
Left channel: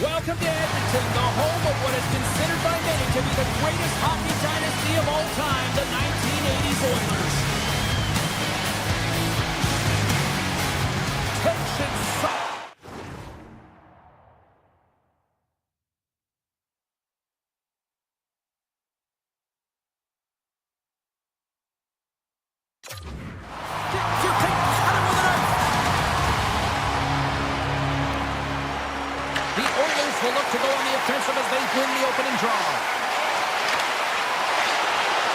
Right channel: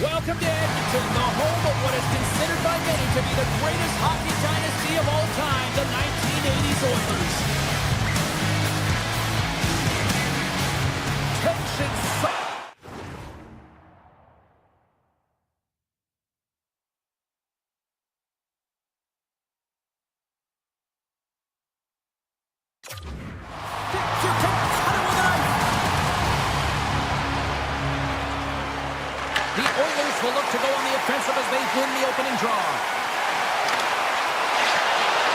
Welcome to Edmonton, the home of what is considered by many to be the greatest hockey dynasty of all time, the 1980s Oilers. Tension you can cut it with a knife. The Oilers will look to go on the offensive as they win the opening draw.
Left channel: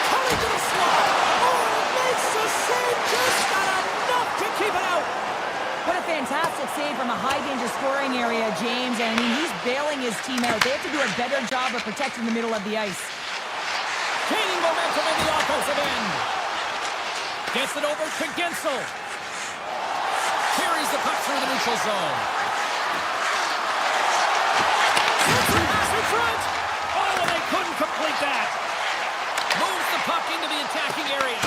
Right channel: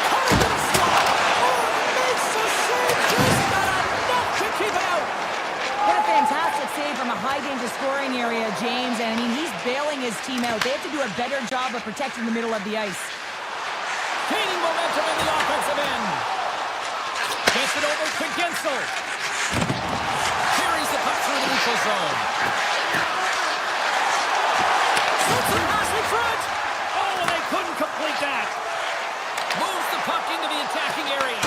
Cutting to the slot. Oh, and it makes the save. Just not enough to keep it out. what a fantastic save from a high-danger scoring area, James. And, I mean, he's bailing his team out. They have to do a better job of protecting the middle of the ice. Gaining momentum in the offensive end. Gets it over to Gensel. Carries the puck through the neutral zone. Sets the pass in front. Oh, they couldn't complete that. Moves the puck into the attacking area.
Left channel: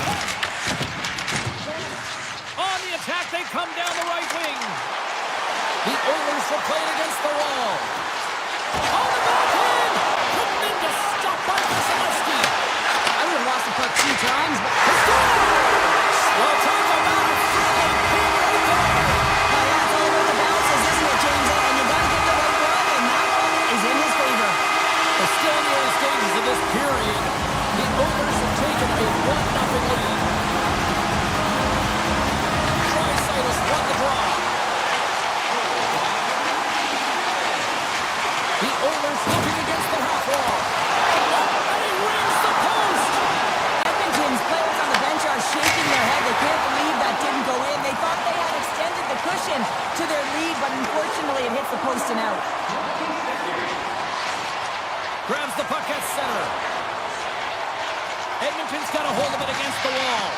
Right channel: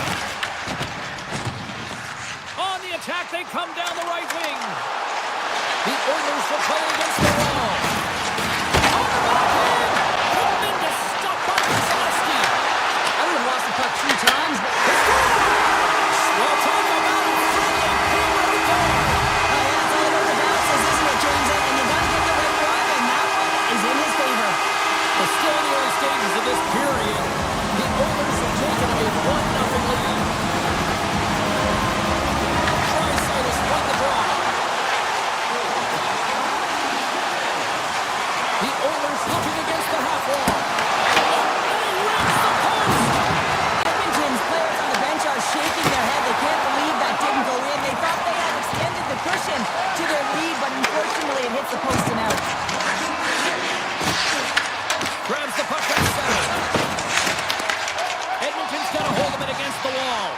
On the attack, they come down the right wing. The Oilers will play it against the wall. On the backhand. Tremendous stop by Vasilevsky. I would have lost the puck 2 times, but... He scores! Well, talk about a friendly ping right there. Looking against the half wall. Oh, and he rings the post. Edmonton's players on the bench are shaking their head. They can't believe that didn't go in. They thought they had extended the cushion to their lead, but unfortunately it hits the post and out. Grabs the puck at center. Edmonton's got a hold of it against the wall.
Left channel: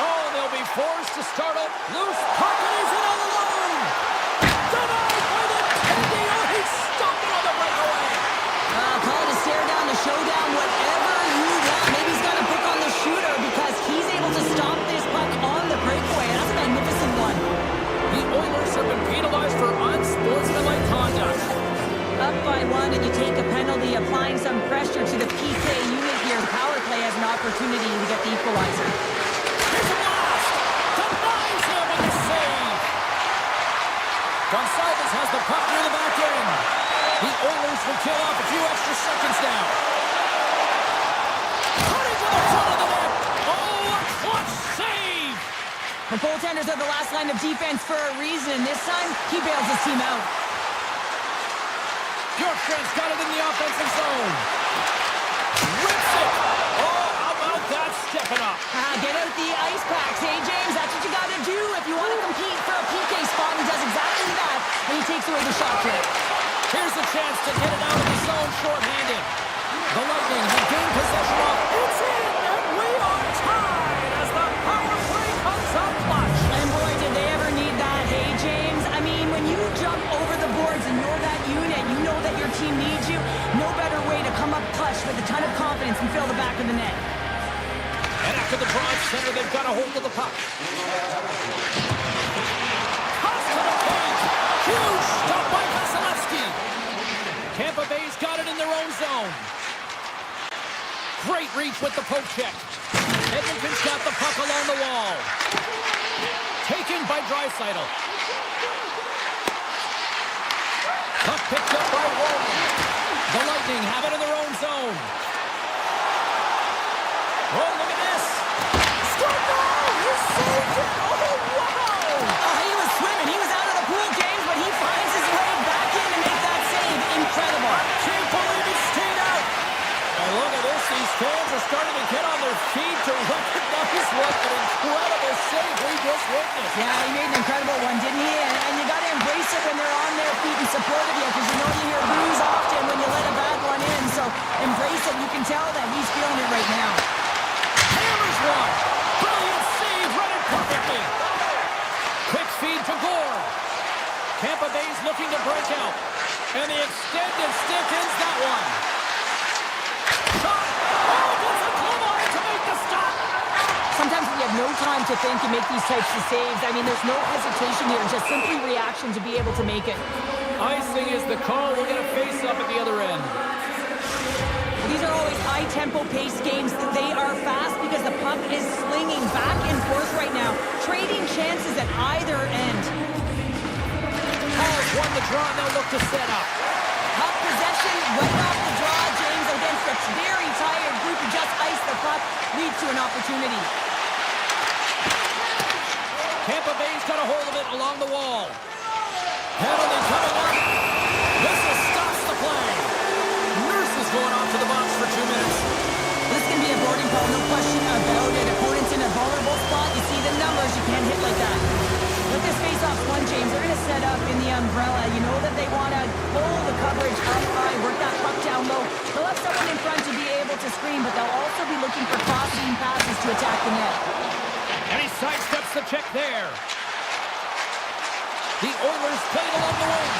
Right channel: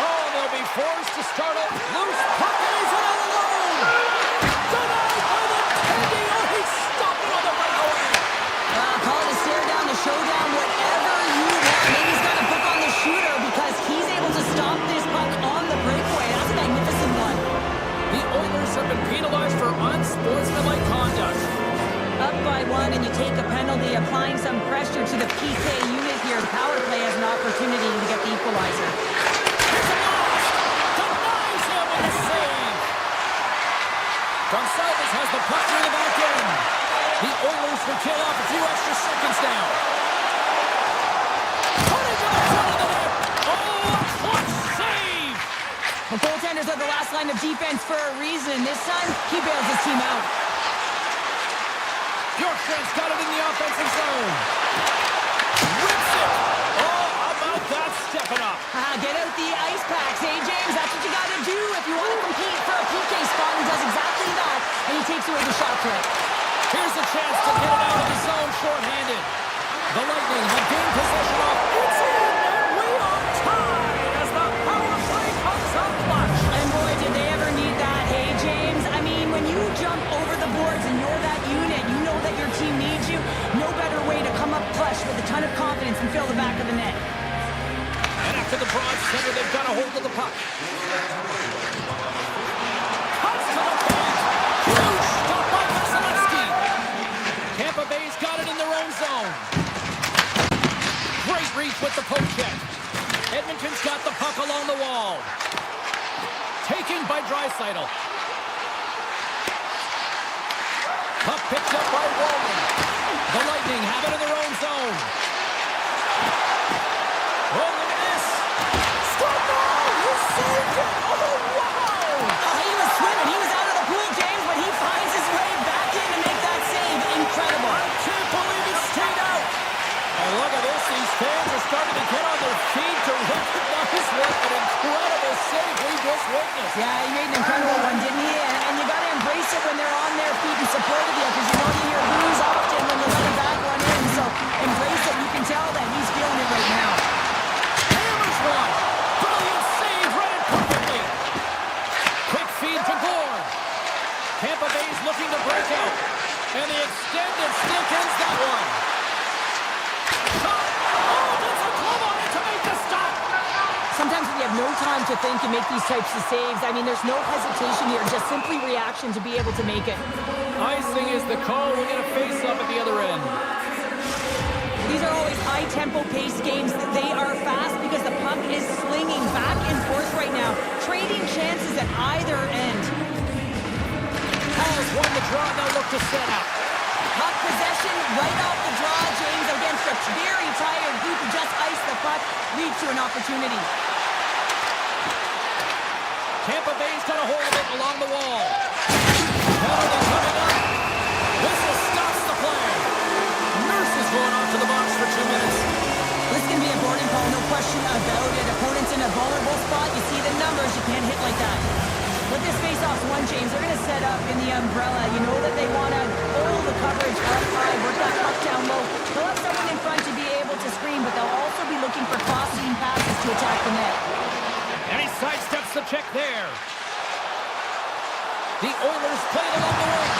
Oh, they'll be forced to start up. Loose puck, and he's in all alone. Denied by the Teddy. Oh, he stopped it on the breakaway. Call it a stare down, a showdown, whatever you want. Maybe he's got a book on the shooter because he's able to stop this puck on the breakaway. That's a magnificent one. The Oilers have been penalized for unsportsmanlike conduct. Up by one, and you take a penalty, applying some pressure to the PK unit here. The power play has an opportunity to get the equalizer. Here's a blast! Denies him with a save! Gonsalves has the puck near the back end. The Oilers will kill off a few extra seconds now. Cutting to the front of the net! Oh, a clutch save! The goaltenders are the last line of defense for a reason, and this time, he bails his team out. Bjorkstrand's got it in the offensive zone. Rips it. Oh, how about that stepping up? Get out the ice packs, hey, James? That's what you got to do if you want to compete for a PK spot. He does exactly that, and he takes away the shot threat. Here's a chance to get it out of the zone shorthanded. The Lightning have gained possession off. It's in, and we are tied as the power play comes up clutch. And boy, did they ever need that, hey, James? I mean, when you jump over the boards and you're that unit, you know that your team needs you. No better way to come up clutch with a ton of confidence and fill the back of the net. And after the broad center, they've got a hold of the puck. Cuts to the paint. Huge stop by Vasilevsky. Tampa Bay's got it in their own zone. Great reach with the poke check. Edmonton's got the puck along the wall. Taken by Draisaitl. Puck picked up by Wallman. The Lightning have it in their own zone. Oh, look at this. Score! He saved it! Oh, wow! He was swimming. He was out of the pool, James, but he finds his way back in to make that save. Incredible. I can't believe it stayed out. And look at this. These fans are starting to get on their feet to recognize what an incredible save we just witnessed. Yeah, he made an incredible one, didn't he? And you got to embrace it when they're on their feet in support of you, because you know you hear boos often when you let a bad one in. So embrace it. You can tell that he's feeling it right now. Hammers one. Brilliant save. Read it perfectly. Quick feed to Gore. Tampa Bay's looking to break out. And the extended stick ends that one. Shot. Oh, gets a glove on it to make the stop. Sometimes when you have no time to think, you make these types of saves. I mean, there's no hesitation here, just simply reaction to be able to make it. Icing is the call. We'll get a face-up at the other end. These are always high-tempo pace games. They are fast because the puck is slinging back and forth right now, trading chances at either end. Halls won the draw, and they'll look to set up. Puck possession right off the draw, James, against a very tired group who just iced the puck, leads to an opportunity. Tampa Bay's got a hold of it along the wall. Penalty coming up. Whistle stops the play. Nurse is going off to the box for 2 minutes. This is going to be a boarding call, no question about it. Opponent's in a vulnerable spot. You see the numbers. You can't hit like that. With this face-off's won, James, they're going to set up in the umbrella. You know that they want to pull the coverage up high, work that puck down low. They'll have someone in front to be able to screen, but they'll also be looking for crossing passes to attack the net. And he sidesteps the check there. The Oilers played along the wing.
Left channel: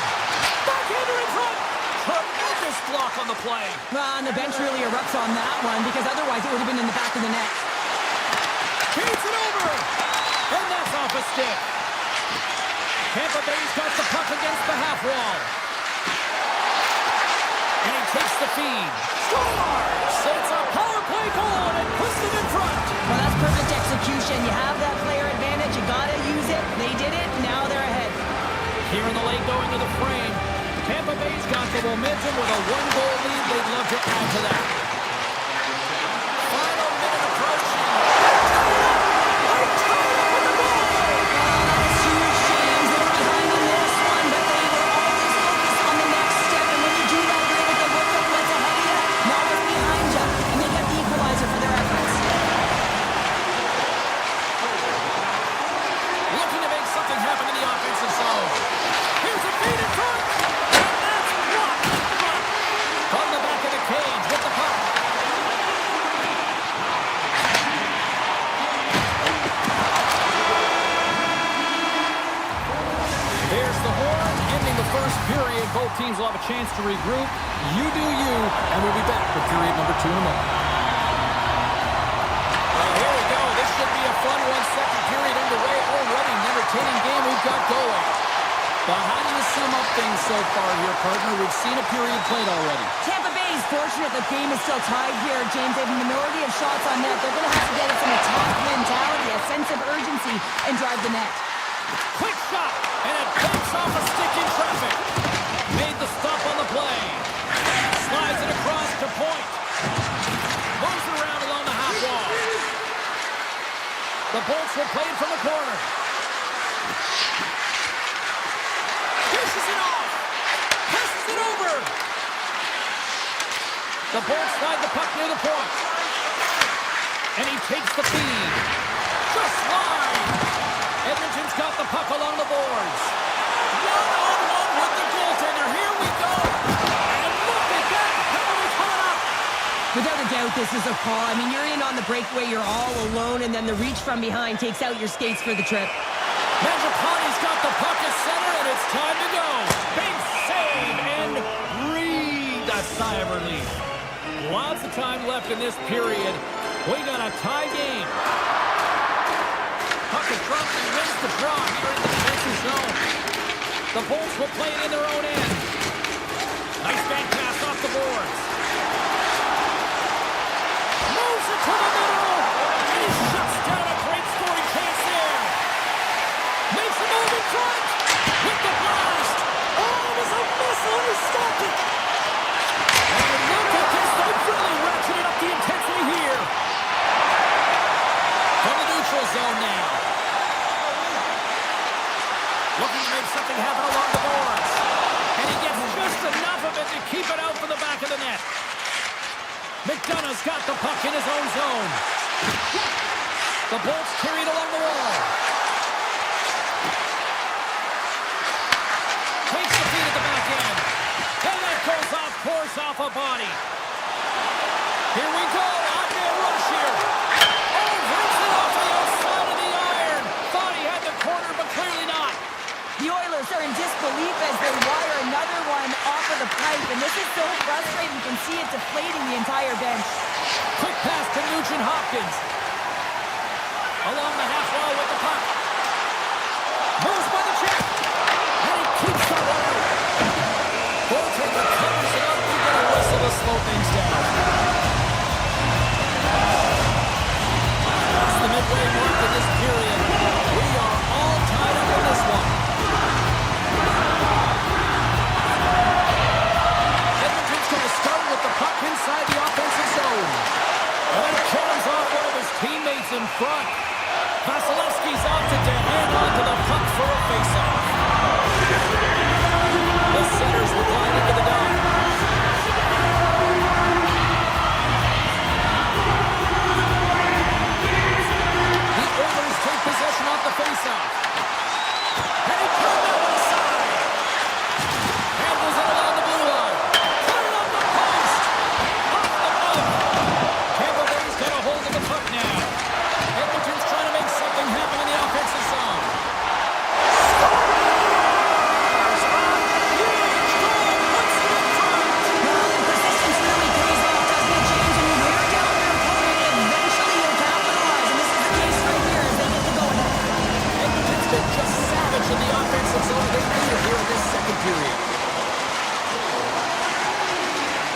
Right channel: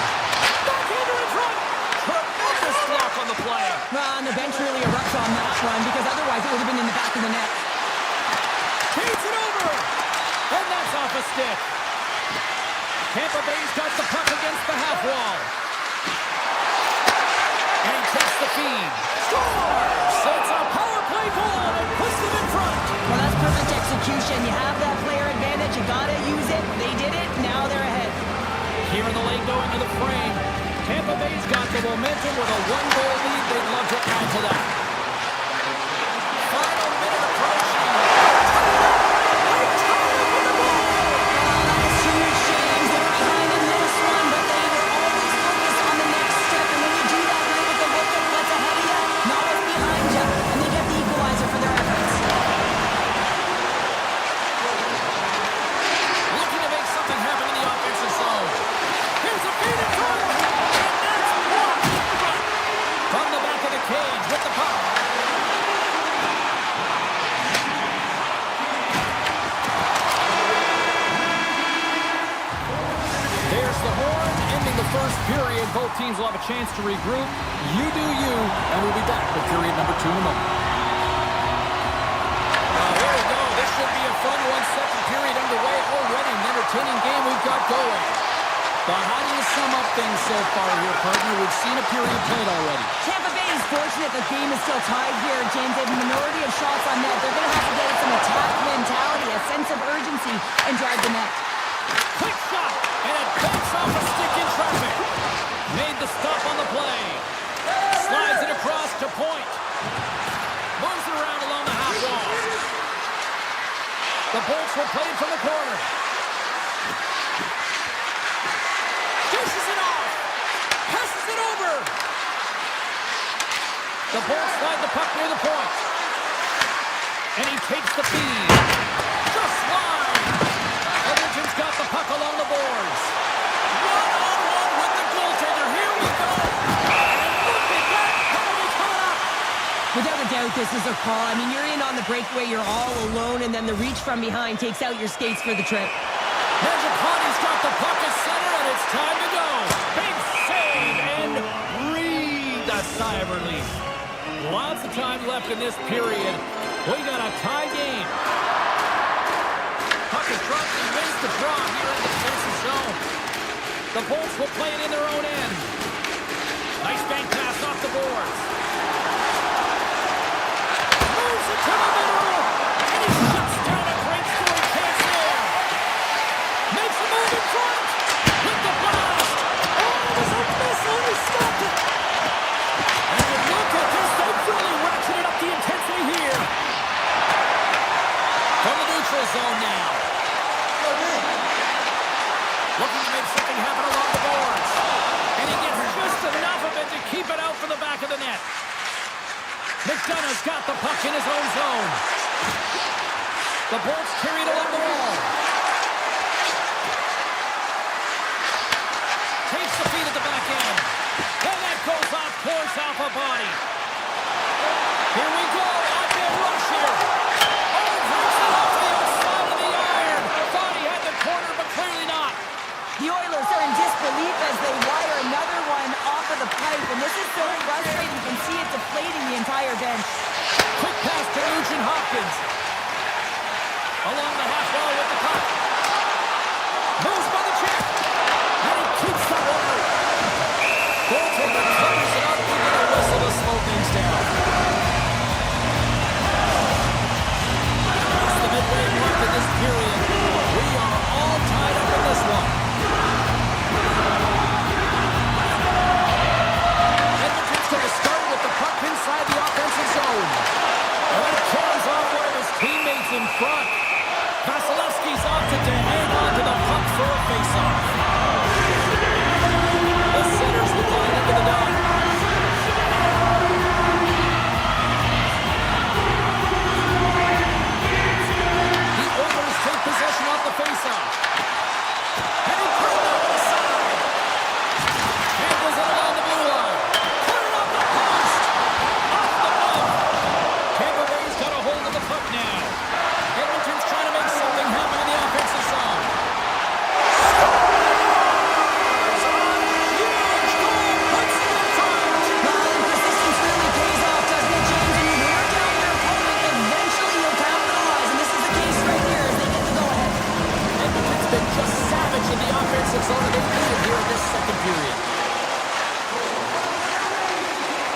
Backhander in front. Tremendous block on the play. And the bench really erupts on that one, because otherwise it would have been in the back of the net. Feeds it over. And that's off a stick. Tampa Bay's got the puck against the half wall. And he takes the feed. Scores! It's a power play goal, and it puts them in front. Well, that's perfect execution. You have that player advantage. You got to use it. They did it. Now they're ahead. Here in the lane going to the frame. Tampa Bay's got the momentum with a 1-goal lead. They'd love to add to that. Final minute approaching. They tied up with the goal. That is huge, James. They were behind in this one, but they were always focused on the next There's the horn, ending the first period. Both teams will have a chance to regroup. You do you, and we'll be back with period number 2 in a moment. Here we go. This should be a fun one. Second period underway already. An entertaining game we've got going. But how do you sum up things so far here, partner? We've seen a period played already. Tampa Bay is fortunate the game is still tied here, James. They have a minority of shots on net. They're going to have to get some attack mentality, a sense of urgency, and drive the net. Quick shot, and it pokes off a stick in traffic. Made the stop on the play. Slides it across to point. Moves it around along the half wall. The Bolts will play it from the corner. Dishes it off. Passes it over. The Bolts slide the puck near the point. And he takes the feed. Just wide. Edmonton's got the puck along the boards. One-on-one with the goaltender. Here we go. And look at that penalty coming up. Without a doubt, this is a call. I mean, you're in on the breakaway, you're all alone, and then the reach from behind takes out your skates for the trip. Mangiapane's got the puck at center, and it's time to go. Big save, and breathe a sigh of relief. Lots of time left in this period. We got a tie game. Puck is dropped and wins the draw here in the defensive zone. The Bolts will play it in their own end. Nice bank pass off the boards. Moves it to the middle, and he shuts down a great scoring chance there. Makes a move in front with the blast. Oh, it was a missile, and he stopped it. And look at this, they've really ratcheted up the intensity here. From the neutral zone now. Looking to make something happen along the boards. And he gets just enough of it to keep it out from the back of the net. McDonough's got the puck in his own zone. The Bolts carry it along the wall. Takes the feed at the back end. And that goes off course off a body. Here we go. Odd-man rush here. Oh, breaks it off the outside of the iron. Thought he had the corner, but clearly not. The Oilers are in disbelief as they wire another one off of the pipe, and this is so frustrating. You can see it deflating the entire bench. Quick pass to Nugent Hopkins. Along the half wall with the puck. Moves by the check. And he keeps that one out. Goaltender covers it up. We get a whistle to slow things down. It's the midway mark of this period. We are all tied up in this one. Edmonton's going to start with the puck inside the offensive zone. And carries off one of his teammates in front. Vasilevsky's opted to hang on to the puck for a faceoff. The centers will glide into the dot. The Oilers take possession off the faceoff. And he turned that one aside. Handles it along the blue line. Put it on the post. Off the glove. Tampa Bay's got a hold of the puck now. Edmonton's trying to make something happen in the offensive zone. Scores! A huge goal puts it in front. Well, and persistence really pays off, doesn't it, James? When you wear down your opponent, eventually you'll capitalize, and this is the case right here as they get the go-ahead. Edmonton's been just savage in the offensive zone, and they lead it here in this second period.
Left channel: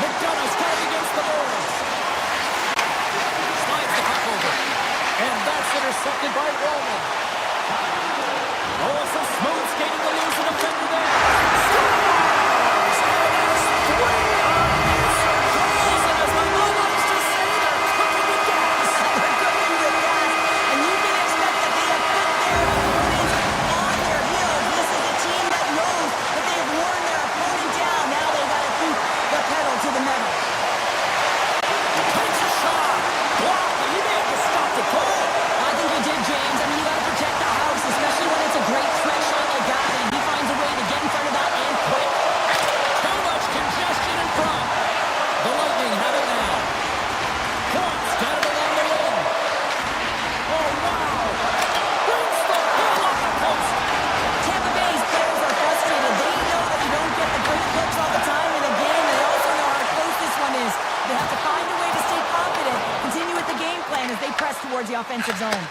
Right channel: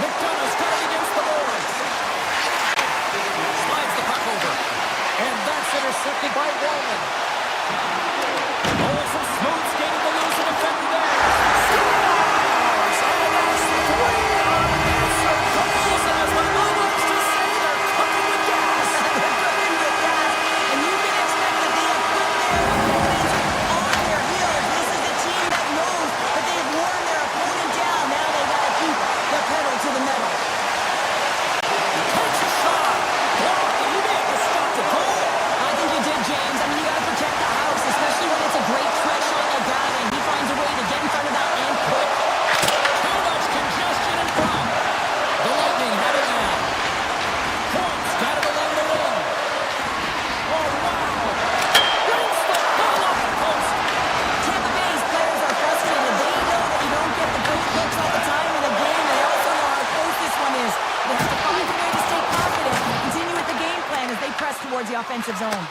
McDonough's got it against the boards. Slides the puck over. And that's intercepted by Wallman. Oh, some smooth skating to lose a defender there. Scores! And that's 3 unanswered goals. And as my mom likes to say, they're cooking with gas. They're cooking with gas, and you can expect that they have put their opponents on their heels. This is a team that knows that they've worn their opponent down. Now they got to keep the pedal to the metal. Takes a shot. Blocked. He may have just stopped the goal. I think you did, James. I mean, you got to protect the house, especially when it's a great threat shot like that, and he finds a way to get in the offensive zone.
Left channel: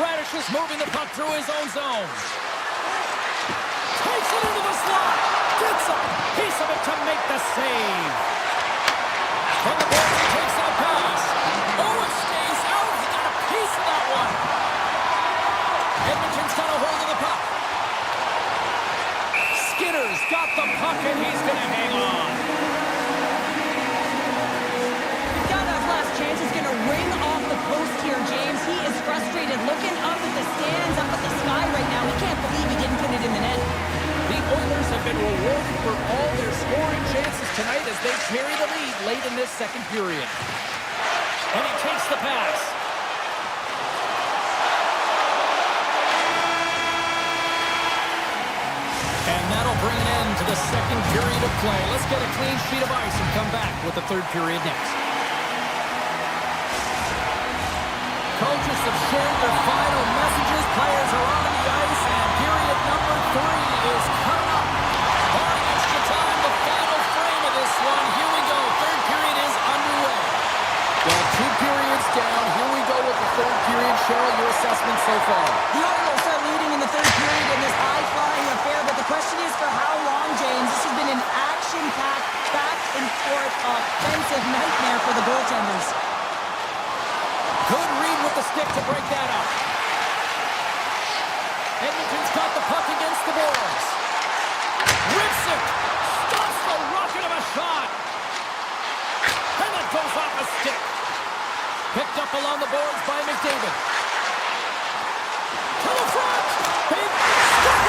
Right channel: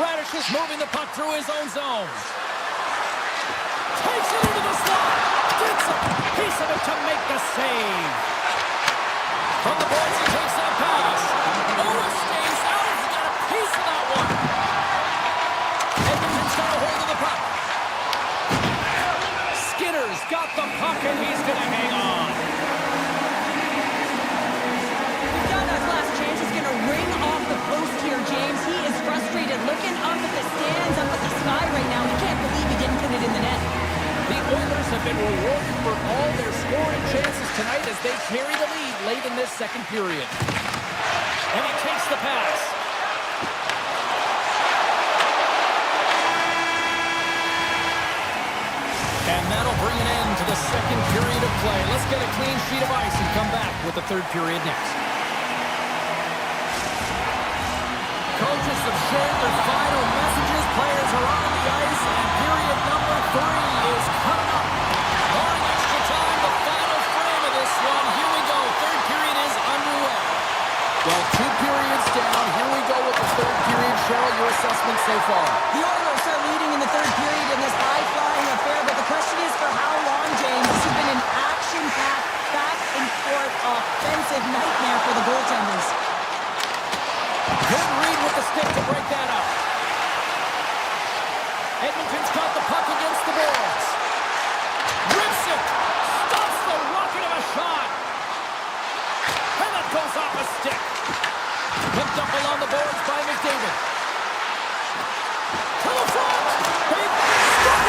Radish is moving the puck through his own zone. Takes it into the slot. Gets a piece of it to make the save. From the boards, he takes that pass. Oh, it stays out. He got a piece of that one. Edmonton's got a hold of the puck. Skinner's got the puck, and he's going to hang on. Donna's last chance is going to ring off the post here, James. He is frustrated, looking up at the stands, up at the sky right now. He can't believe he didn't put it in the net. The Oilers have been rewarded for all their scoring chances tonight as they carry the lead late in this second period. And he takes the pass. And that'll bring an end to the second period of play. Let's get a clean sheet of ice and come back with the third period next. Coaches have shared their final messages. Players are on the ice, and period number 3 is coming up. Barring extra time, the final frame of this one. Here we go. Third period is underway. Well, 2 periods down. Here we go with the third period. Cheryl, your assessment so far? The Oilers are leading in the third period in this high-flying affair, but the question is for how long, James? This has been an action-packed, back-and-forth offensive nightmare for the goaltenders. Good read with the stick to break that up. Edmonton's got the puck against the boards. Rips it. Stops the rocket of a shot. And that goes off a stick. Picked up along the boards by McDavid. To the front. Big stop.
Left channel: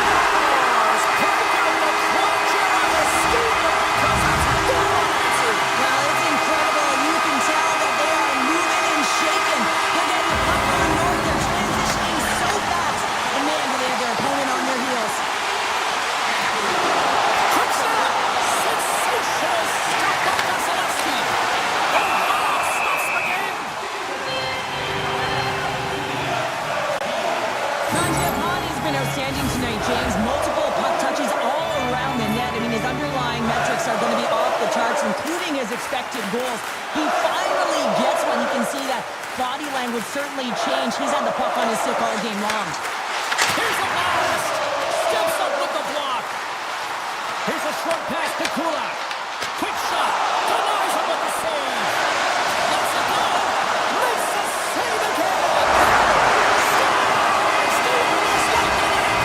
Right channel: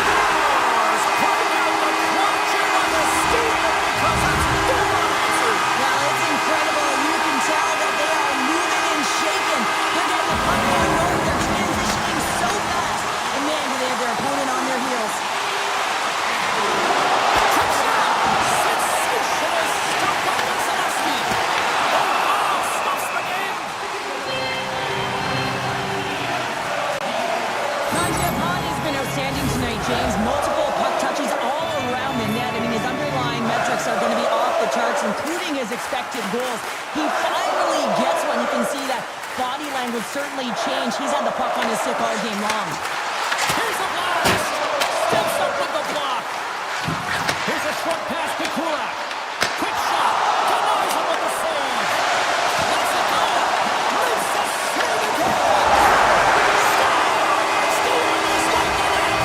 Break out the clutch here on the steamer because it's full unanswered. Well, it's incredible. You can tell that they are moving and shaking. They're getting the puck going north. They're transitioning so fast. And man, do they have their opponent on their heels. Quick snap. Sensational stop by Vasilevsky. Oh, wow. Stops the game. Mangiapane's been outstanding tonight, James. Multiple puck touches all around the net. I mean, his underlying metrics are going to be off the charts, including his expected goals. He finally gets one. You can see that body language certainly changed. He's had the puck on his stick all game long. Here's a blast. Steps up with the block. Here's a short pass to Kulak. Quick shot. Denies him with the save. Lets it go. Makes the save again. Scores! The Oilers like the net.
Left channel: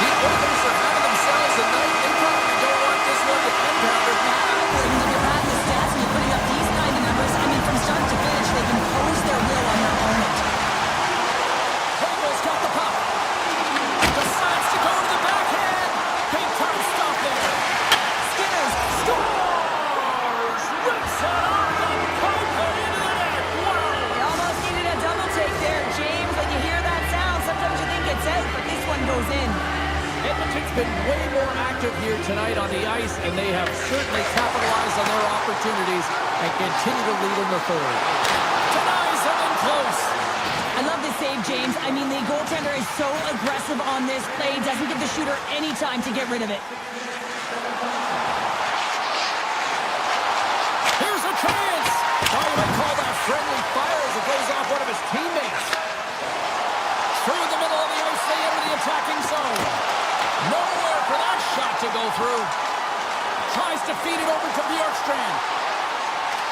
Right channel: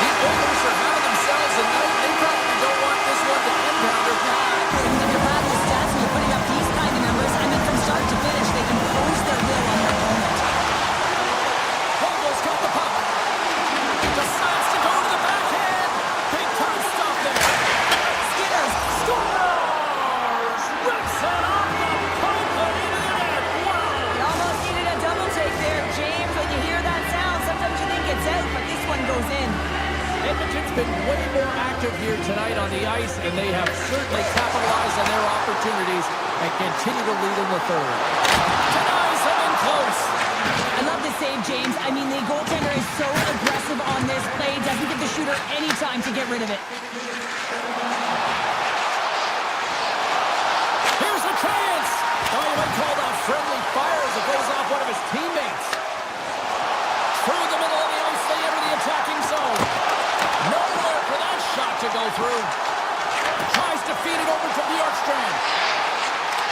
The Oilers are having themselves a night. They probably don't want this one to end, Pounder. I wouldn't. If you're having the stats and you're putting up these kind of numbers, I mean, from start to finish, they impose their will on their opponent. Hogel's got the puck. Decides to go to the backhand. Big time stop there. Skinners Scores! Rips it off the pipe and into the net. Wow! You almost needed a double take there, James. When you hear that sound, sometimes you think it's out, but this one goes in. Edmonton's been way more active here tonight on the ice, and they have certainly capitalized on their opportunities and continue to lead in the third. Denies them in close. I love this save, James. I mean, the goaltender is so aggressive on this play. Doesn't give the shooter any time to get rid of it. Here's a chance. Oh, you might call that friendly fire as it goes off one of his teammates. Through the middle of the ice, they enter the attacking zone. Nowhere for that shot to go through. Tries to feed it over to Bjorkstrand.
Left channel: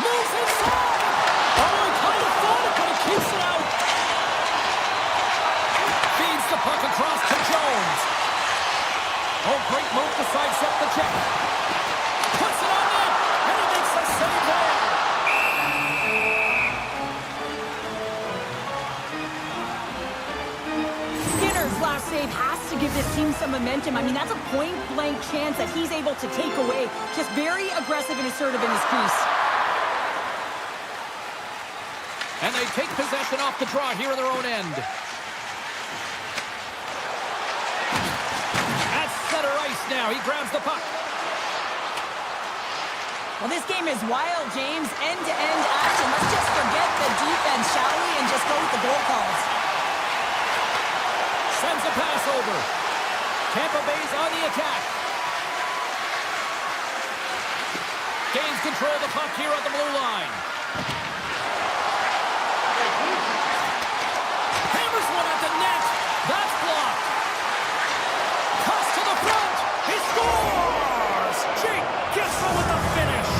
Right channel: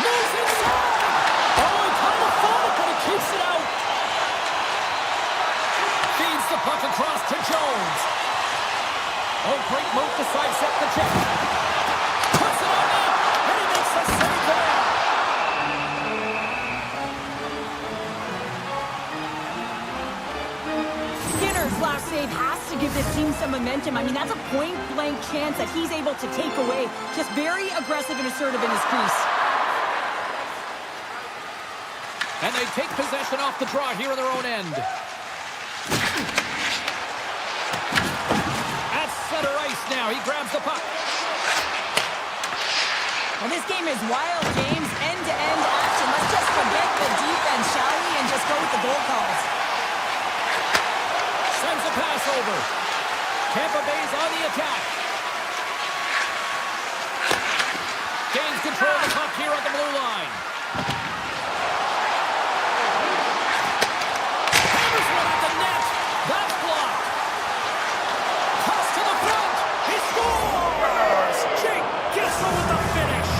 Moves inside. Oh, he kind of fought it, but he keeps it out. Feeds the puck across to Jones. Oh, great move to sidestep the check. Puts it on net, and he makes a save there. Skinner's last save has to give this team some momentum. I mean, that's a point-blank chance that he's able to take away. Just very aggressive and assertive in his crease. And they take possession off the draw here in their own end. At center ice now, he grabs the puck. Well, this game is wild, James. End-to-end action. Let's just forget the defense, shall we, and just go with the goal calls. Sends a pass over. Tampa Bay's on the attack. Gains control of the puck here on the blue line. Hammers one at the net. That's blocked. Toss to the front. He scores! Jake Gissel with the finish.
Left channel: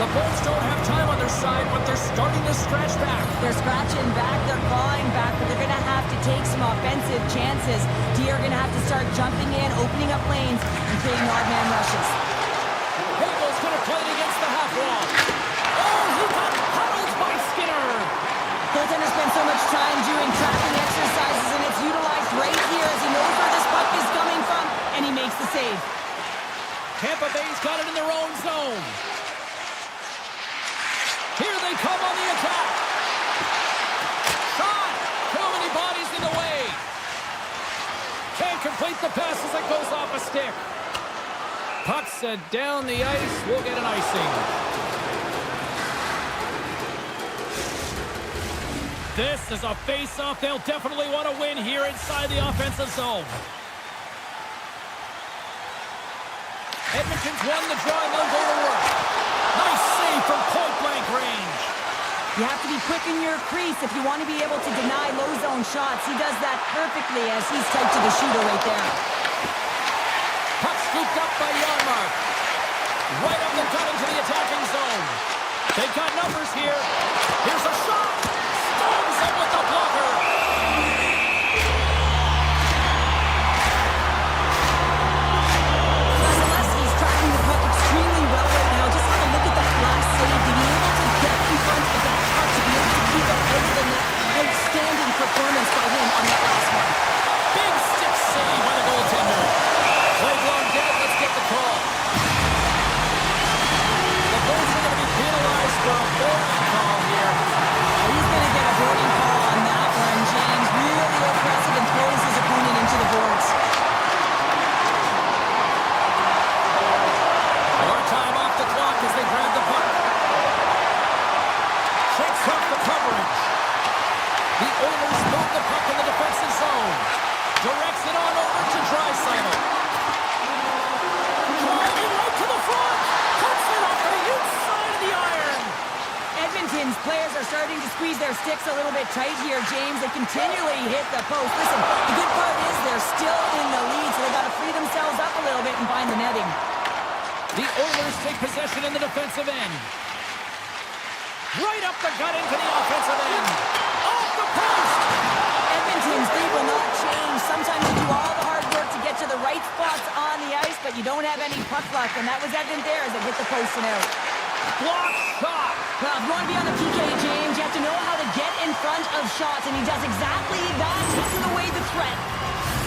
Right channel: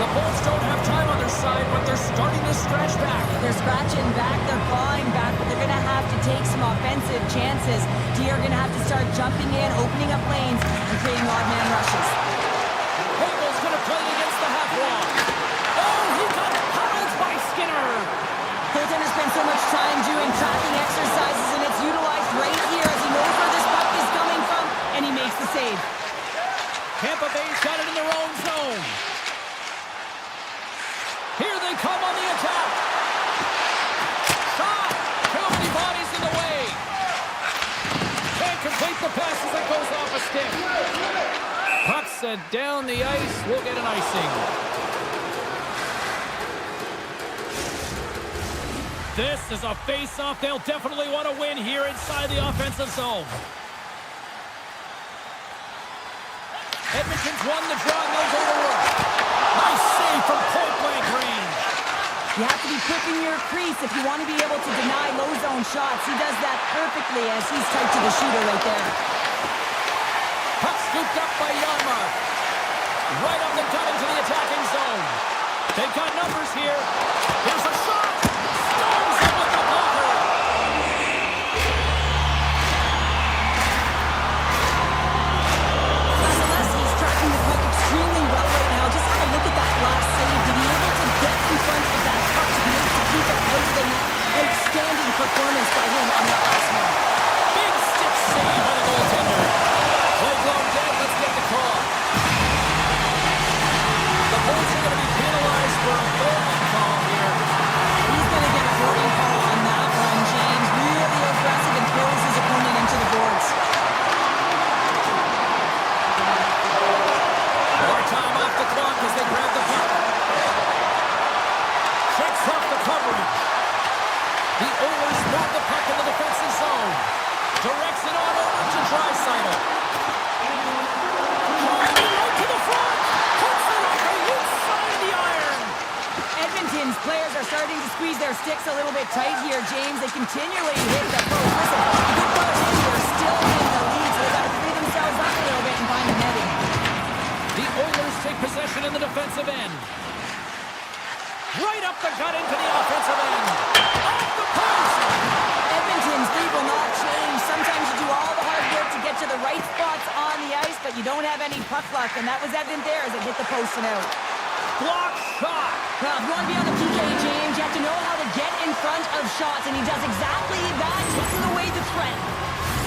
The Bolts don't have time on their side, but they're starting to scratch back. They're scratching back, they're clawing back, but they're going to have to take some offensive chances. D are going to have to start jumping in, opening up lanes, and creating odd man rushes. Hagel's going to play it against the half wall. Oh, he got huddled by Skinner. Goaltender spends so much time doing tracking exercises, and it's utilized right here as he knows where this puck is coming from, and he makes the save. Tampa Bay's got it in their own zone. Here they come on the attack. Shot! Too many bodies in the way. Can't complete the pass as it goes off a stick. Puck sent down the ice. We'll get an icing. This is a face-off they'll definitely want to win here inside the offensive zone. Edmonton's won the draw and they'll go to work. Nice save from point-blank range. You have to be quick in your crease if you want to be able to deny low zone shots. He does that perfectly as he's tight to the shooter right there. Puck scooped up by Janmark. Right up the gut into the attacking zone. They've got numbers here. Here's a shot. Storms it with the blocker. Vasilevsky's tracking the puck extremely well right now. Just have a look at that last save. To be able to get in front of that puck, to be able to keep it out of the net. Outstanding performance by him on that last one. Big stick save by the goaltender. Play blown dead. Let's get the call. The Bolts are going to be penalized for a boarding call here. He's going to get a boarding call on that one, James. Really aggressive and throws his opponent into the boards. More time off the clock as they grab the puck. Shakes off the coverage. The Oilers move the puck in the defensive zone. Directs it on over to Draisaitl. Driving right to the front. Puts it off the inside of the iron. Edmonton's players are starting to squeeze their sticks a little bit tight here, James. They continually hit the post. Listen, the good part is they're still in the lead, so they've got to free themselves up a little bit and find the netting. The Oilers take possession in the defensive end. Right up the gut into the offensive end. Off the post! Edmonton's lead will not change. Sometimes you do all the hard work to get to the right spots on the ice, but you don't have any puck luck, and that was evident there as it hit the post and out. Block shot! Well, if you want to be on the PK, James, you have to know how to get in front of shots, and he does exactly that, taking away the threat.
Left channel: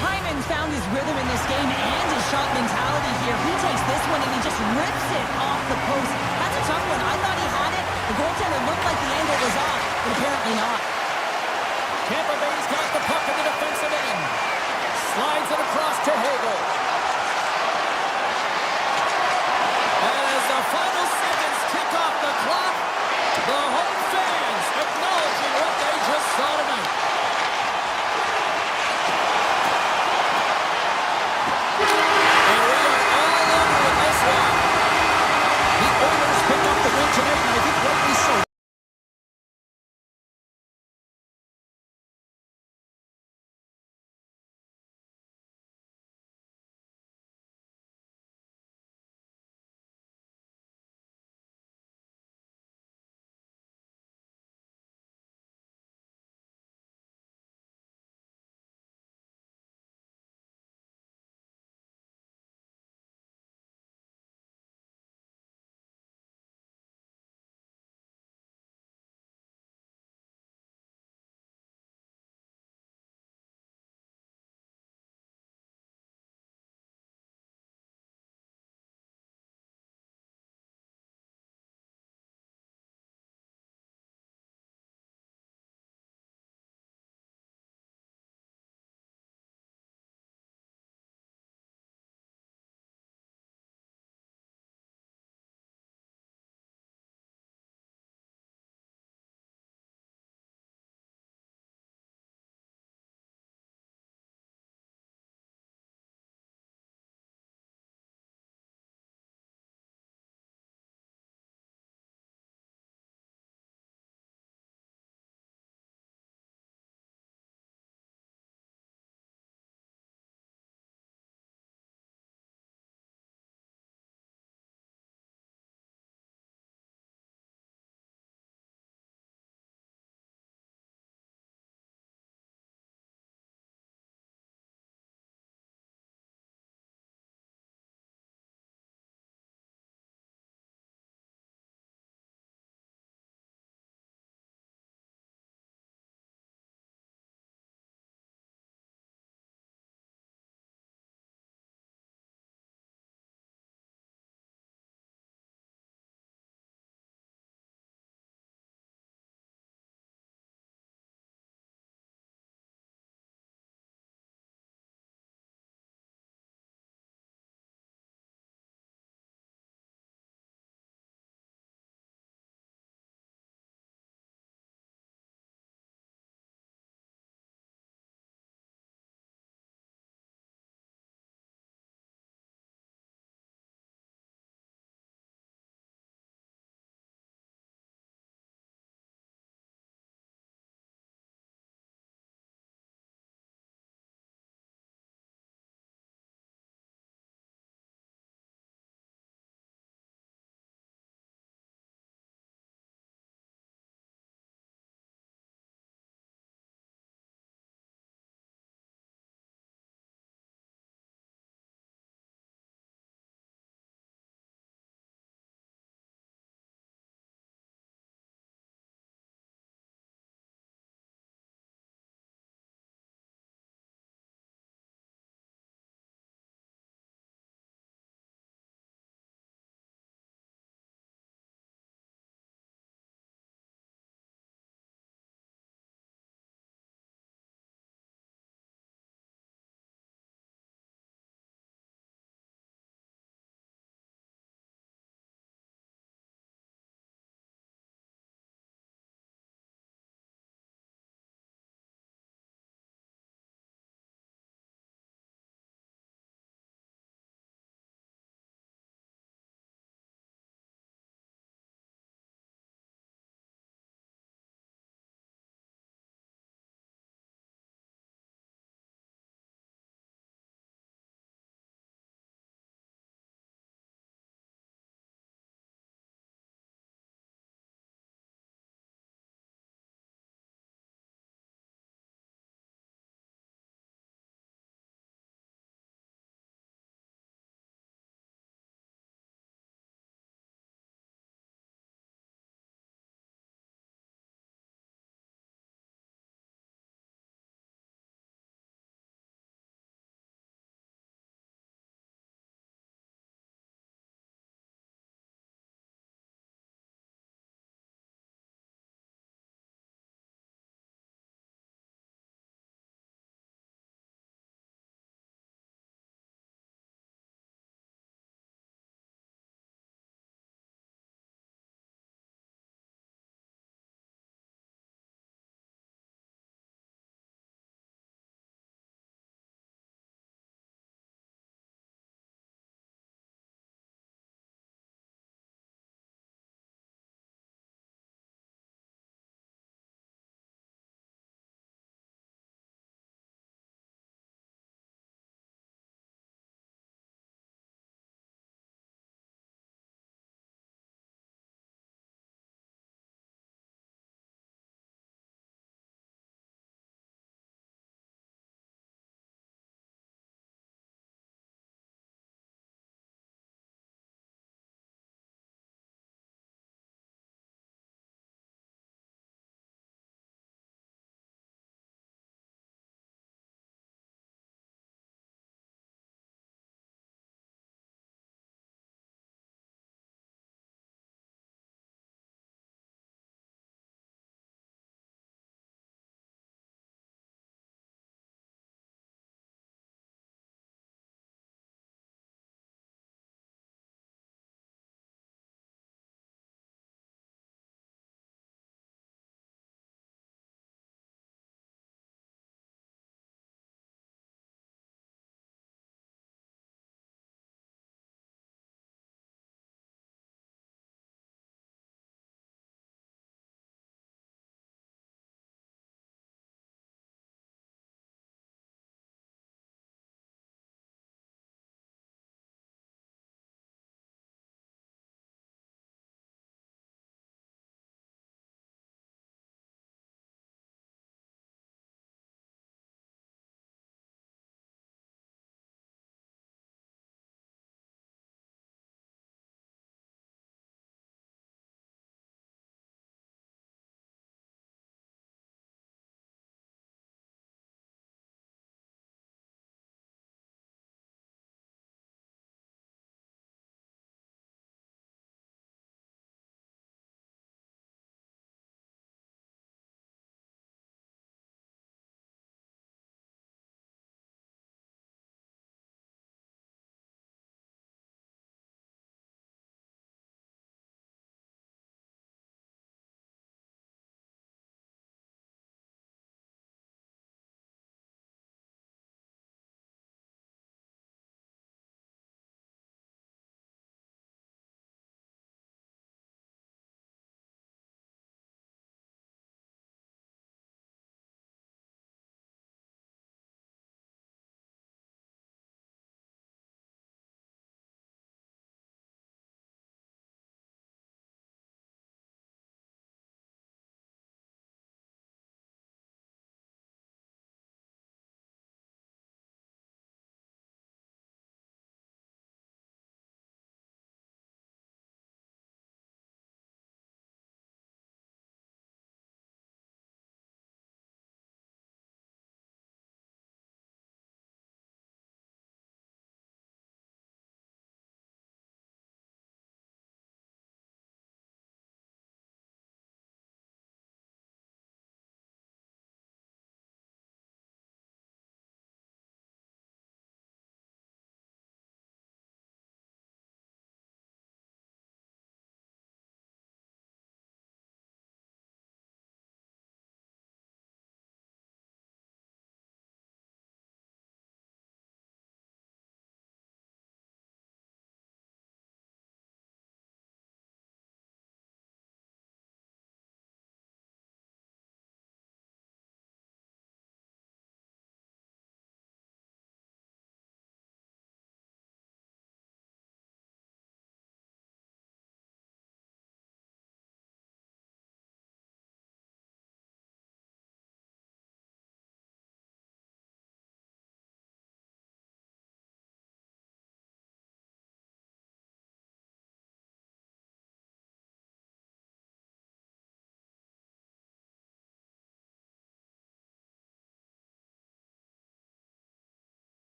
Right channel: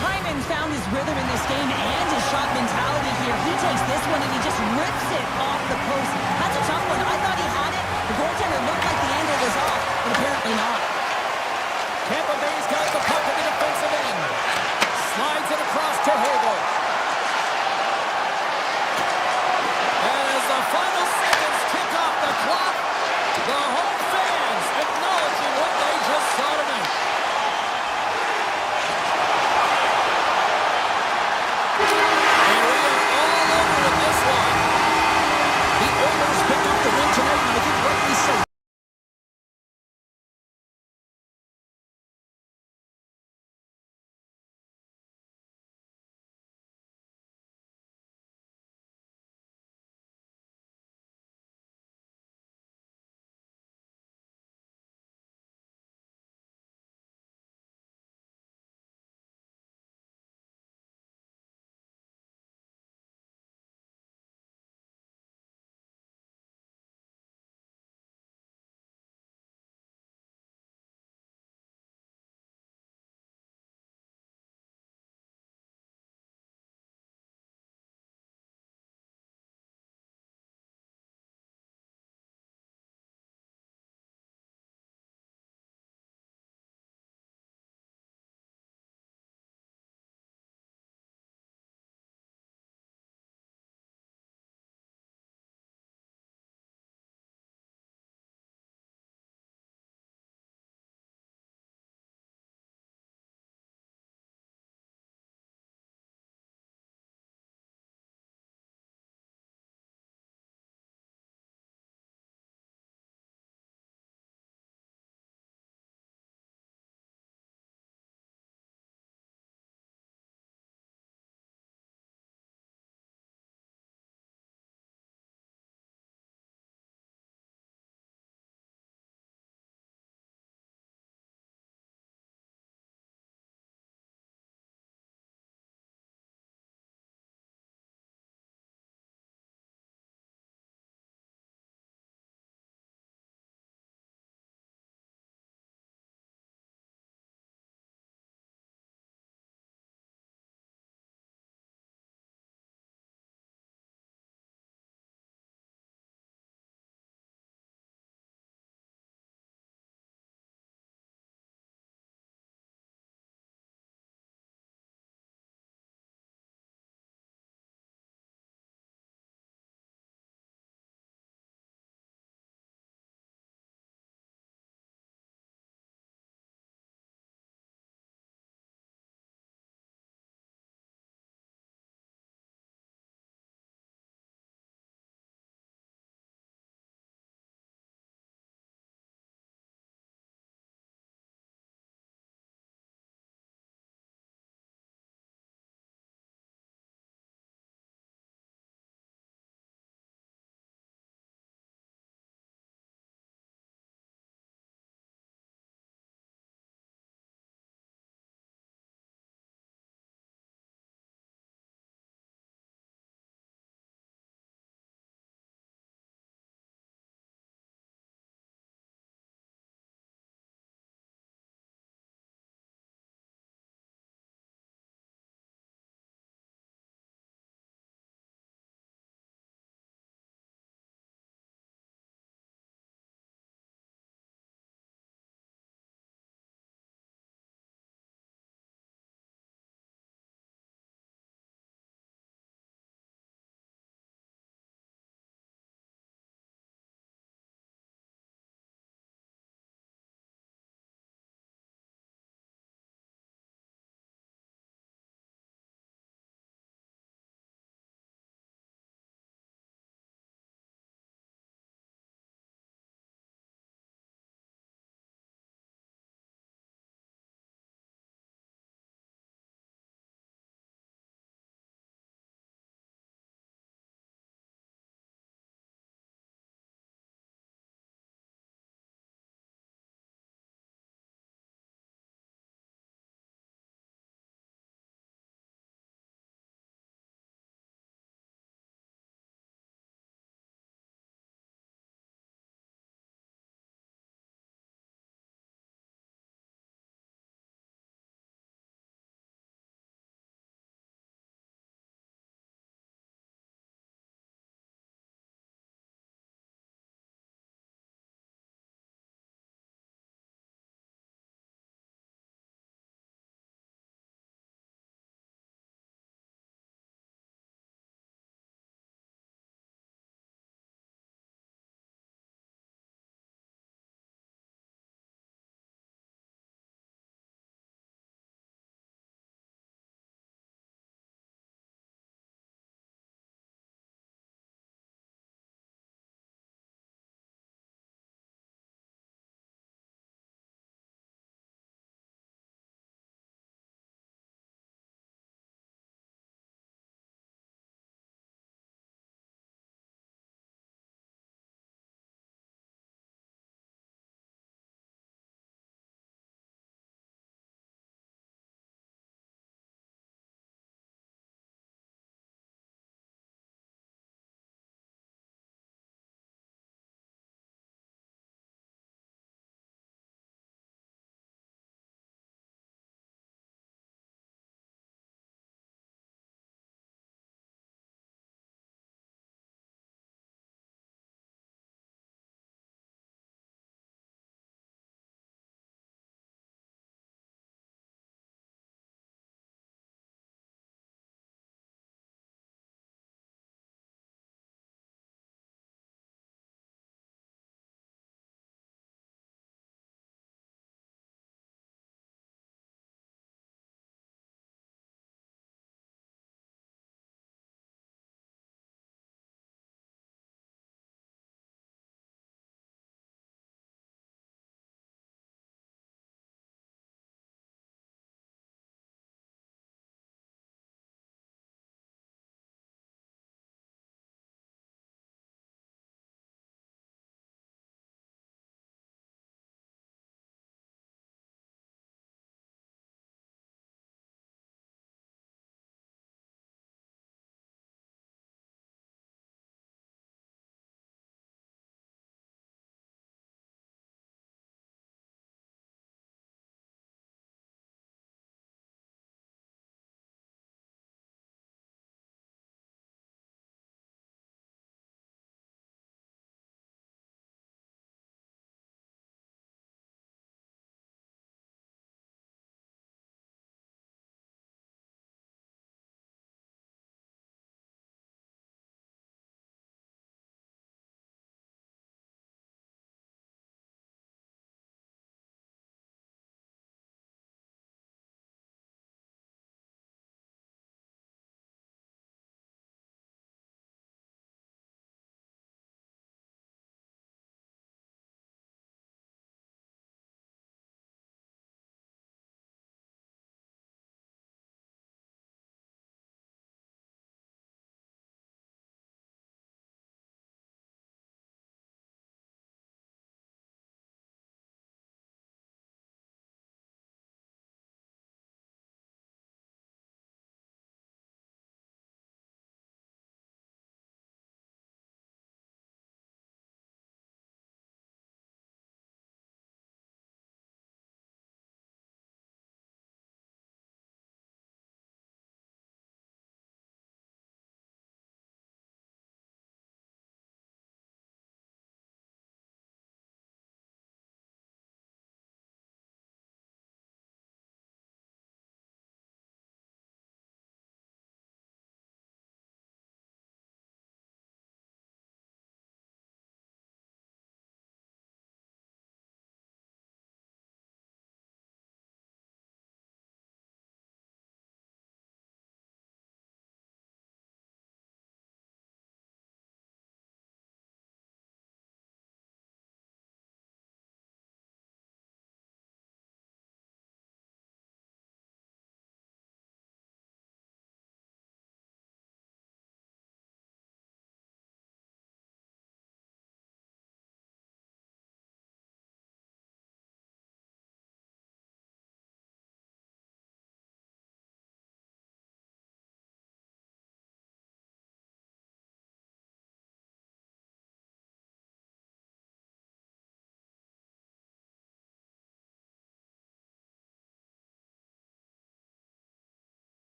Hyman's found his rhythm in this game and his shot mentality here. He takes this one and he just rips it off the post. That's a tough one. I thought he had it. The goaltender looked like the angle was off, but apparently not. Tampa Bay's got the puck in the defensive end. Slides it across to Hagel. And as the final seconds tick off the clock, the home fans acknowledging what they just saw tonight.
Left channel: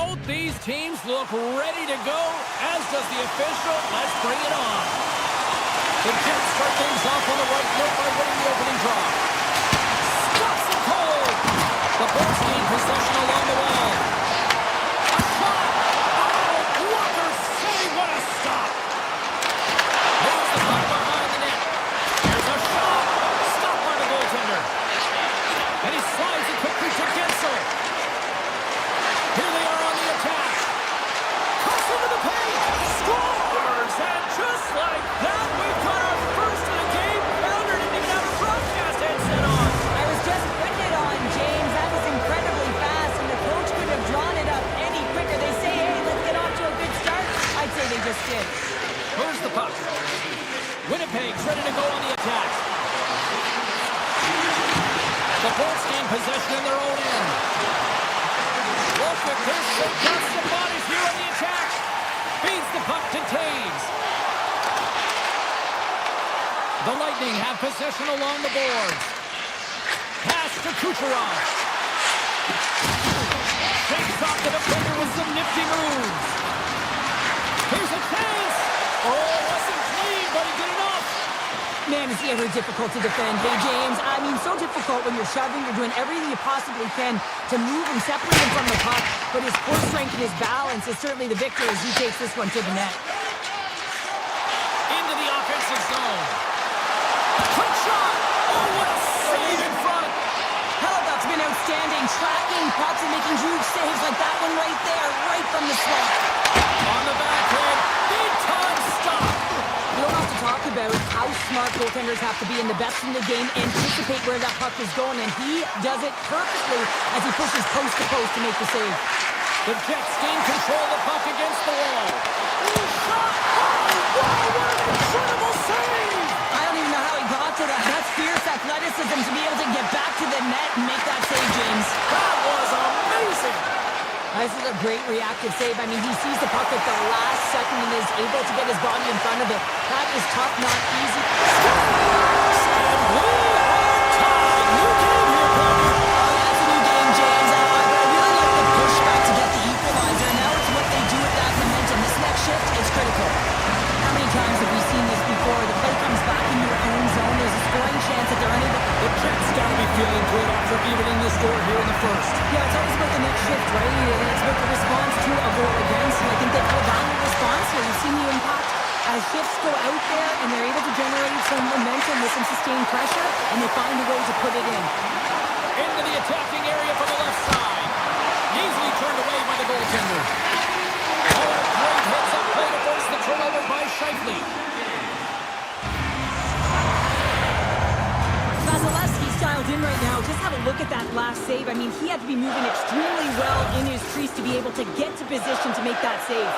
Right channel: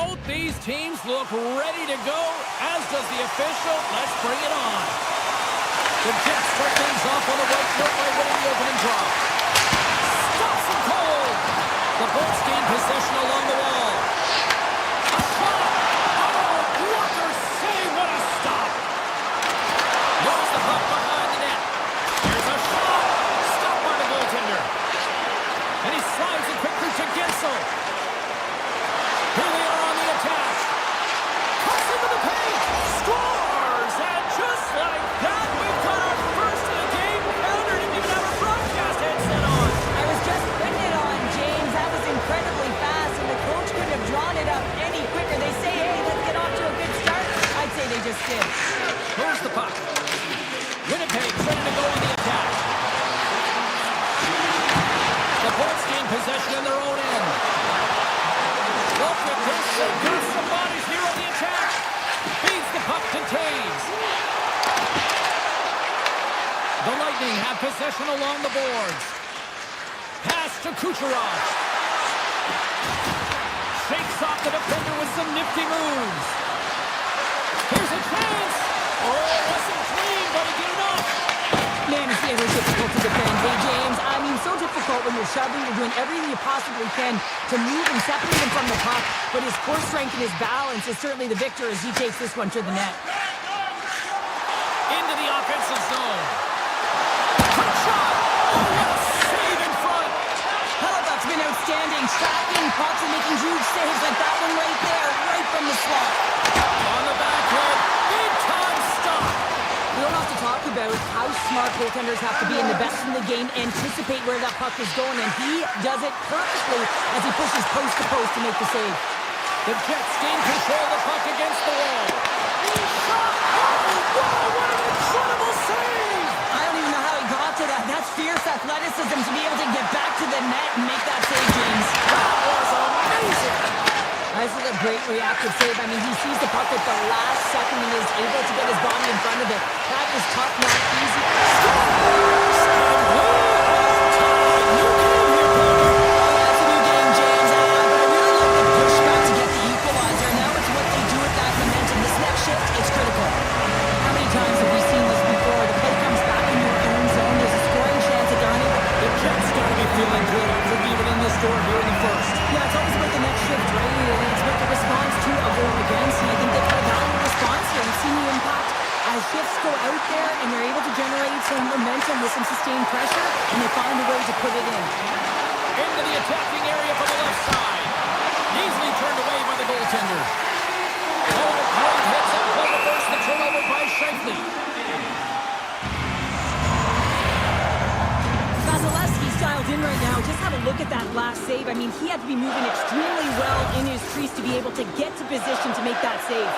Both these teams look ready to go, as does the official. Let's bring it on. The Jets start things off on the right foot by winning the opening draw. Stops him cold. The Bolts gain possession along the wall. A shot. Oh, blocker save. What a stop. Moves the puck behind the net. Here's a shot. Stopped by the goaltender. And he slides it quickly to Gensel. Here they are on the attack. Cuts into the paint. Scores! And just like that, we've got our first of the game. Pounder didn't even have a broadcast headset on. I was just putting it on, James. That was incredibly fast, and the coach couldn't have drawn it up any quicker. They say, hey, let's get off to a good start. I'd say they just did. Moves the puck. Winnipeg's ready to go on the attack. The Bolts gain possession in their own end. Look at this. They've got some bodies here on the attack. Feeds the puck to Taves. The Lightning have possession along the boards. Pass to Kucherov. Shakes off the defender with some nifty moves. Here's a chance. Oh, it wasn't clean, but he did enough. Man, is he ever difficult to defend. Hey, James, I mean, so difficult when you're shoving, you're doing everything you possibly can to move and separate him from the puck, but his core strength and his balance is certainly the victor as he takes this one to the net. Into the offensive zone. Quick shot! Oh, what a save in front! Hellebuck's been outstanding, tracking pucks and making huge saves like that one right there, right from the slot. On the backhand, big-time stop! We don't have to talk about how smart goaltenders have to be in the best in the game, anticipate where that puck is going, and he does it perfectly as he pushes post to post to make the save. The Jets gain control of the puck against the wall. Shot! Oh, wow, what an incredible save! I don't even know how he got to that. That's fierce athleticism to be able to get back to the net and make that save, James. That was amazing! This is a great reactive save. I mean, he sees the puck at the last second and is able to get his body in front of it. That is tough, not easy. Scores! And we are tied. New game here, Baltic. Oh, yeah, it's a new game, James. But I really like the pushback to get the equalizer. Now it's what they do with that momentum. This next shift is critical. How many times have we seen this before? The play comes back in your own zone. There's a scoring chance that they're unable. The Jets got to be feeling good after evening the score here in the first. Yeah, it's always about the next shift, right? And it's about the response to a goal against. And I think they've had a valuable response here. You've seen the impact as shifts go out there and they're able to generate some momentum with some sustained pressure, and they find a way to put it in. Into the attacking area from the left side. Easily turned away by the goaltender. Oh, and a great hits up play to force the turnover by Scheifele. Vasilevsky's dialed in right now. Just have a look at that last save. I mean, he had to be moving extremely well in his crease to be able to get to position to make that save.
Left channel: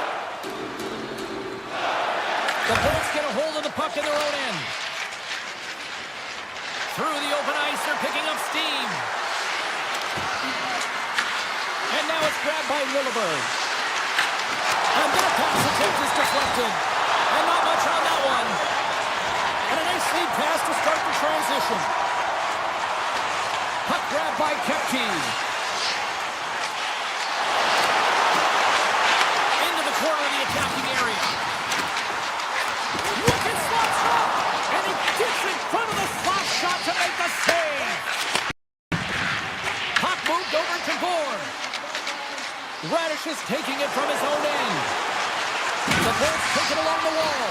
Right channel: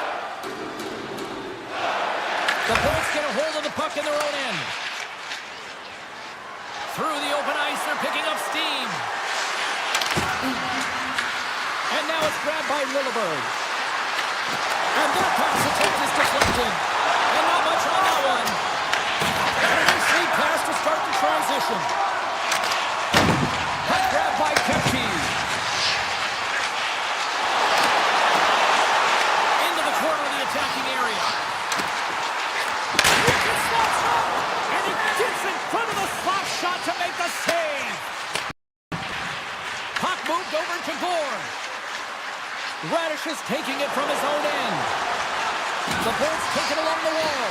The Bolts get a hold of the puck in their own end. Through the open ice, they're picking up steam. And now it's grabbed by Lilleberg. And that pass attempt is deflected. And not much on that one. And a nice lead pass to start the transition. Puck grabbed by Kepke. Into the corner of the attacking area. Wicked slots up. And he gets in front of the slot shot to make the save. Puck moved over to Gore. Radish is taking it from his own end. The Bolts take it along the wall.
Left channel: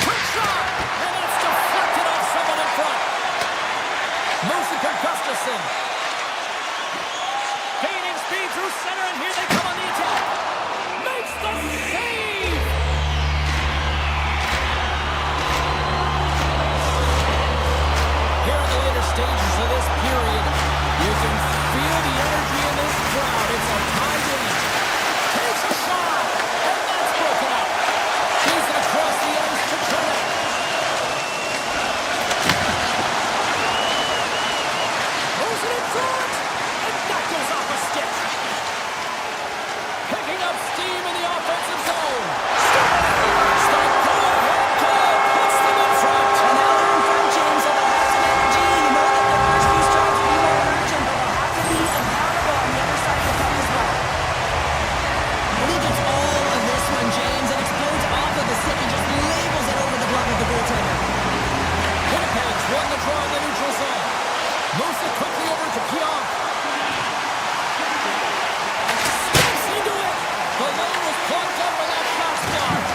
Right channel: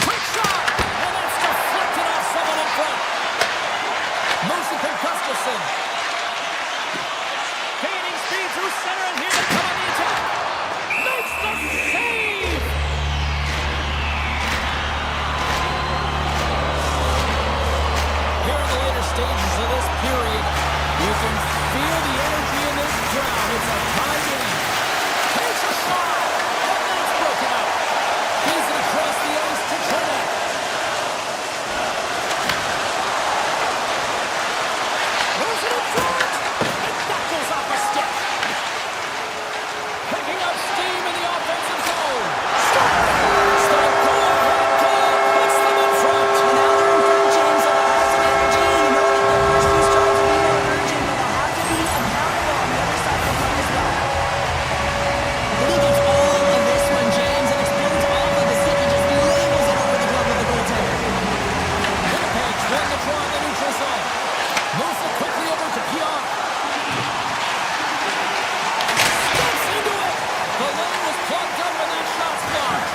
Quick shot! And that's deflected off someone in front. Moose and Gustafsson. Gaining speed through center, and here they come on the attack. Makes the save! Here in the later stages of this period, you can feel the energy in this crowd. It's a tie game. Takes a shot, and that's broken up. Keys it across the ice to Turner. Moves it in front, and that goes off a stick. Picking up steam in the offensive zone. Scores! The go-ahead goal puts them in front. And now they're in front, James, so they'll have some energy. You know that their first few strides will be more urgent, but they'll have to be accountable on the other side of the puck as well. is plugged up and that shot's blocked.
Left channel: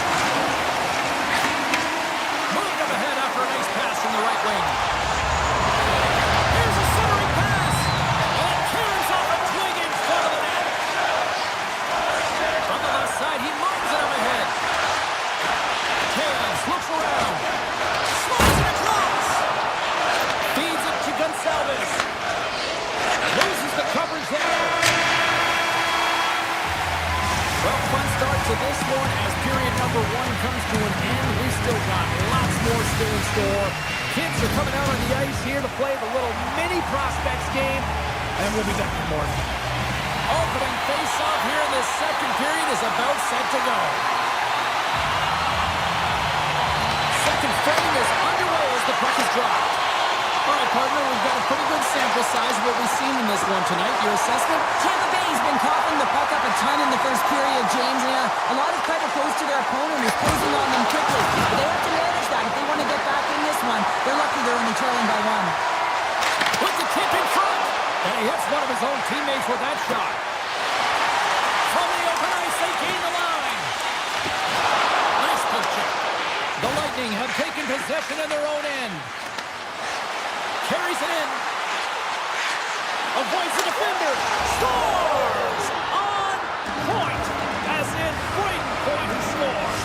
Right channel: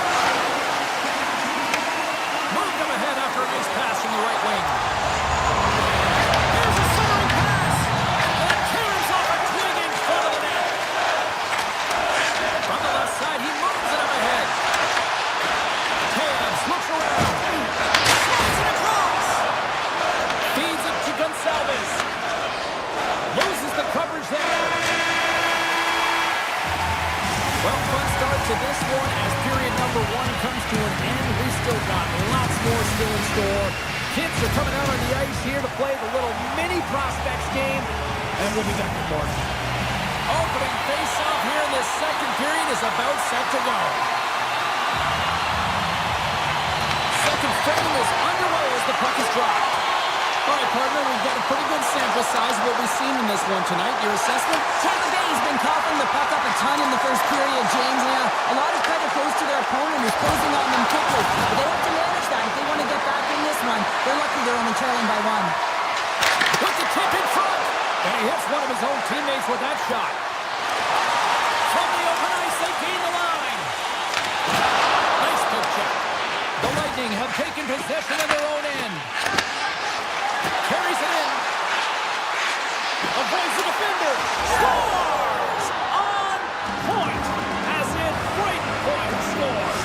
Moved up ahead after a nice pass from the right wing. Here's a centering pass. And it carries off a twig in front of the net. From the left side, he moves it up ahead. Hands, looks around. Slides it across. Feeds it to Gonçalves. Loses the coverage there. Well, fun start to this one as period number 1 comes to an end. We've still got lots more still in store. Kids are coming out on the ice here to play the little mini prospects game, and we'll be back with more. Opening face-off here in this second period is about set to go. Second frame is underway as the puck is dropped. All right, partner, we've got a pretty good sample size of what we've seen in this one tonight. Your assessment? Tampa Bay's been coughing the puck up a ton in the first period, James. And a lot of credit goes to their opponent who's closing on them quickly. But they have to manage that. If they want to get back in this one, they're lucky they're only trailing by 1. With the tip in front. And he hits one of his own teammates with that shot. From the open ice, they gain the line. Nice poke check. The Lightning have taken possession of their own end. Carries it in. Avoids the defender. Scores! On point. As in Braden Point who scores.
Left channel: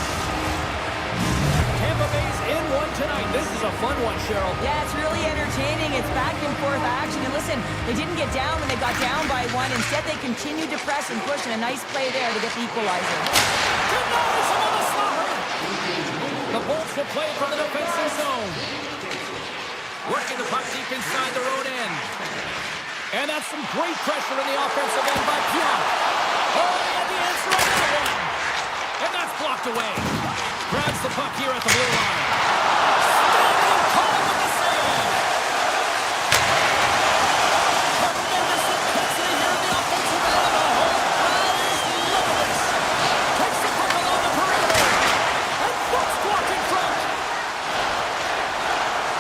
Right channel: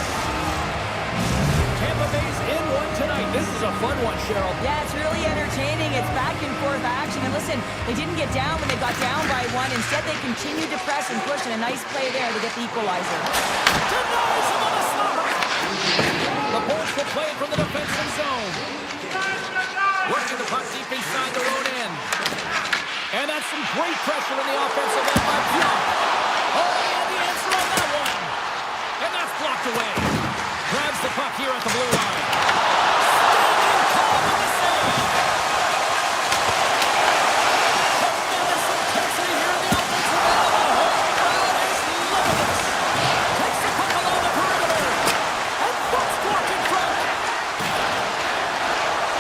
Tampa Bay's in one tonight. This is a fun one, Cheryl. Yeah, it's really entertaining. It's back and forth action. And listen, they didn't get down when they got down by 1. Instead, they continued to press and push, and a nice play there to get the equalizer. Denies him on the slaughter. The Bolts will play it from the defensive zone. Working the puck deep inside their own end. And that's some great pressure in the offensive end by Pionk. Oh, he had the answer on that one. And that's blocked away. Grabs the puck here at the blue line. Standing tall with the save. Tremendous intensity here in the offensive end. And the whole crowd is loving this. Takes the puck along the perimeter. And puts blocked in front.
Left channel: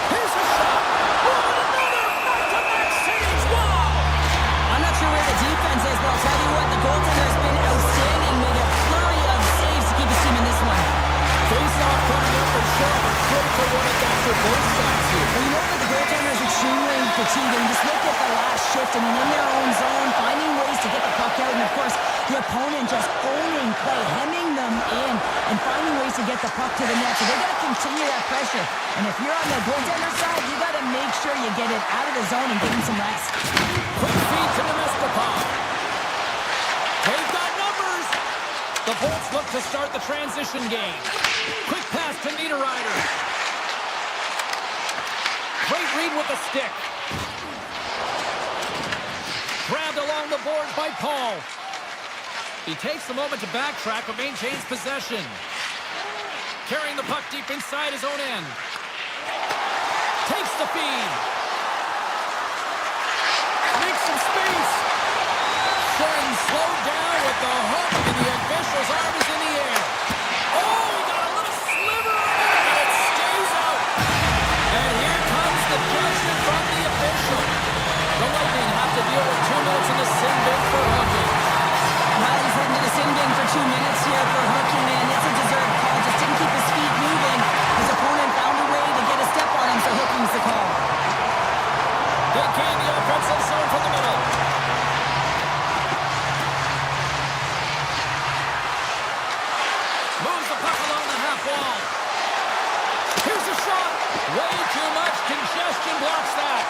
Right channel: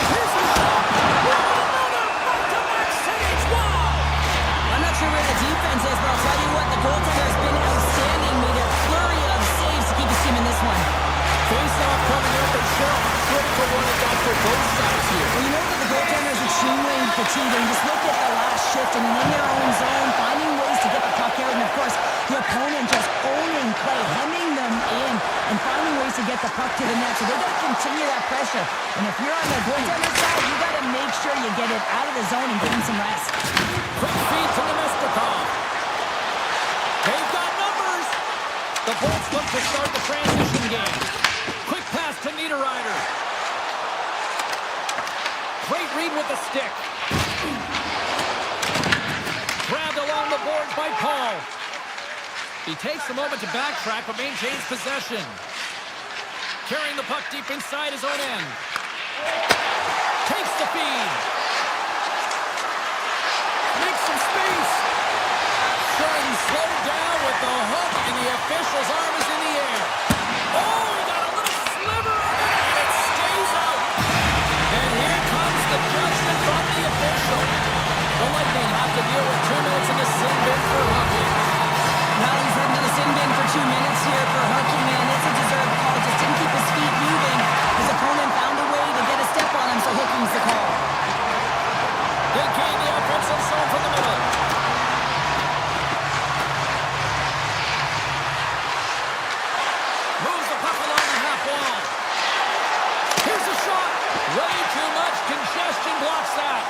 Here's a shot. Another back-to-back saves. Wow. I'm not sure where the defense is, but I'll tell you what, the goaltender has been outstanding. Made a flurry of saves to keep his team in this one. Face-off coming up, and Cheryl, a critical one at that for both sides here. Well, you know that the goaltender is extremely fatiguing. Just look at the last shift. I mean, in their own zone, finding ways to get the puck out. And, of course, the opponent just owning play, hemming them in, and finding ways to get the puck to the net. So they're going to continue that pressure. And if you're on the goaltender side, you got to make sure you get it out of the zone and give him some rest. Quick feed to Nemestikov. They've got numbers. The Bolts look to start the transition game. Quick pass to Niederreiter. Great read with the stick. Grabbed along the boards by Paul. He takes a moment to backtrack but maintains possession. Carrying the puck deep inside his own end. Takes the feed. Makes some space. Shen slowed down with the hook, and the official's arm is in the air. Oh, he got a little sliver of it, and it stays out. And here comes the judgment from the official. The Lightning have to deal with 2 minutes in the sin bin for hooking. Well, he's heading to the sin bin for 2 minutes here for hooking, man. It's a deserved call. Just didn't keep his feet moving. His opponent found a way to get a step on him, so hooking's the call. They gain the offensive zone from the middle. Moves the puck along the half wall. Here's a shot. Way too much congestion blocks that.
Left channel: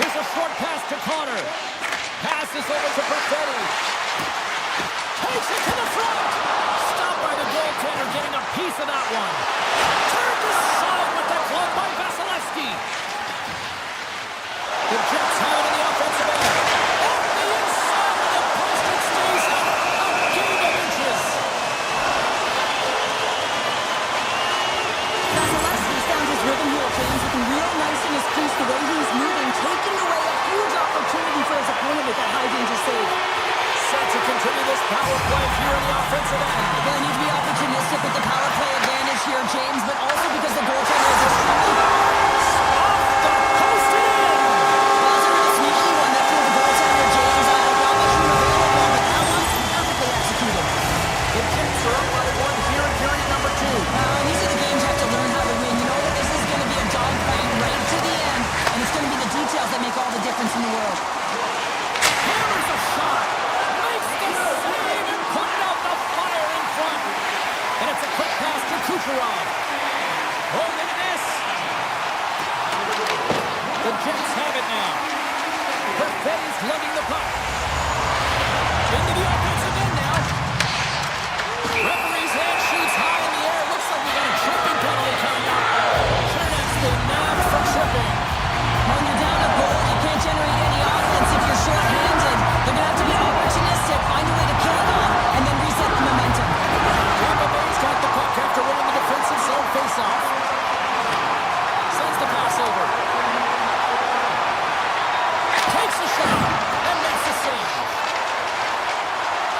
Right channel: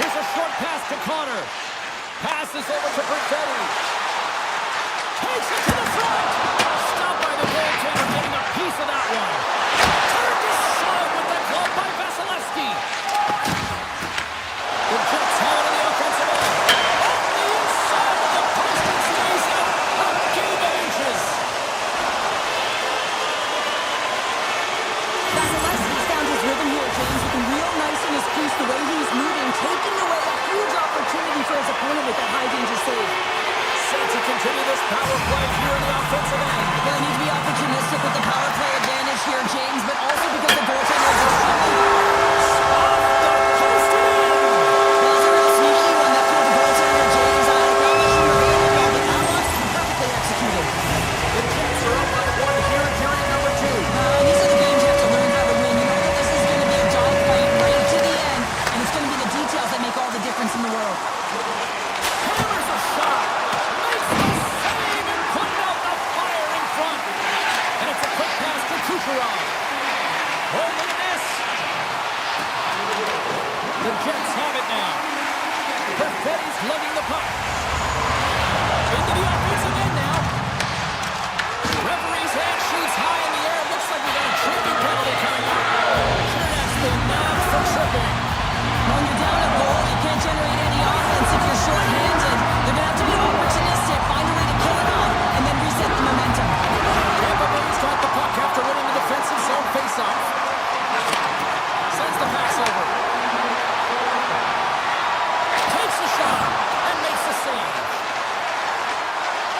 Here's a short pass to Connor. Passes over to Perfetti. Takes it to the front. Stopped by the goaltender, getting a piece of that one. Turned aside with the glove by Vasilevsky. The Jets have it in the offensive end. Off the inside of the post, it stays out. A game of inches. Vasilevsky's found his rhythm here, James, looking real nice in his crease, the way he's moving, taking away a huge opportunity for his opponent with that high-danger save. Set to continue this power play here in the offensive end. Well, they need to be opportunistic with the power play advantage here, James, but also because the goaltender is extremely... Off the post and in. Well, it's a real sneaky one that pulled the goaltender, James. Not much room available, but that one perfectly executed. The Jets are up by one here in period number 2. These are the games you have to learn how to win. You know that this is going to be a dogfight right to the end, and it's going to be the details that make all the difference in the world. Hammers a shot. Makes the save and putting out the fire in front. And it's a quick pass to Kucherov. Oh, look at this. The Jets have it now. Perfetti's lugging the puck. Into the offensive end now. Referee's hand shoots high in the air. Looks like we got a tripping penalty coming up. Chernak's been nabbed for tripping. When you're down a goal, you can't generate any offense if you're short-handed. They're going to have to be opportunistic, find a way to kill it off, and then reset the momentum. Tampa Bay's got the puck after winning the defensive zone faceoff. Sends the pass over. Takes the shot and makes the save.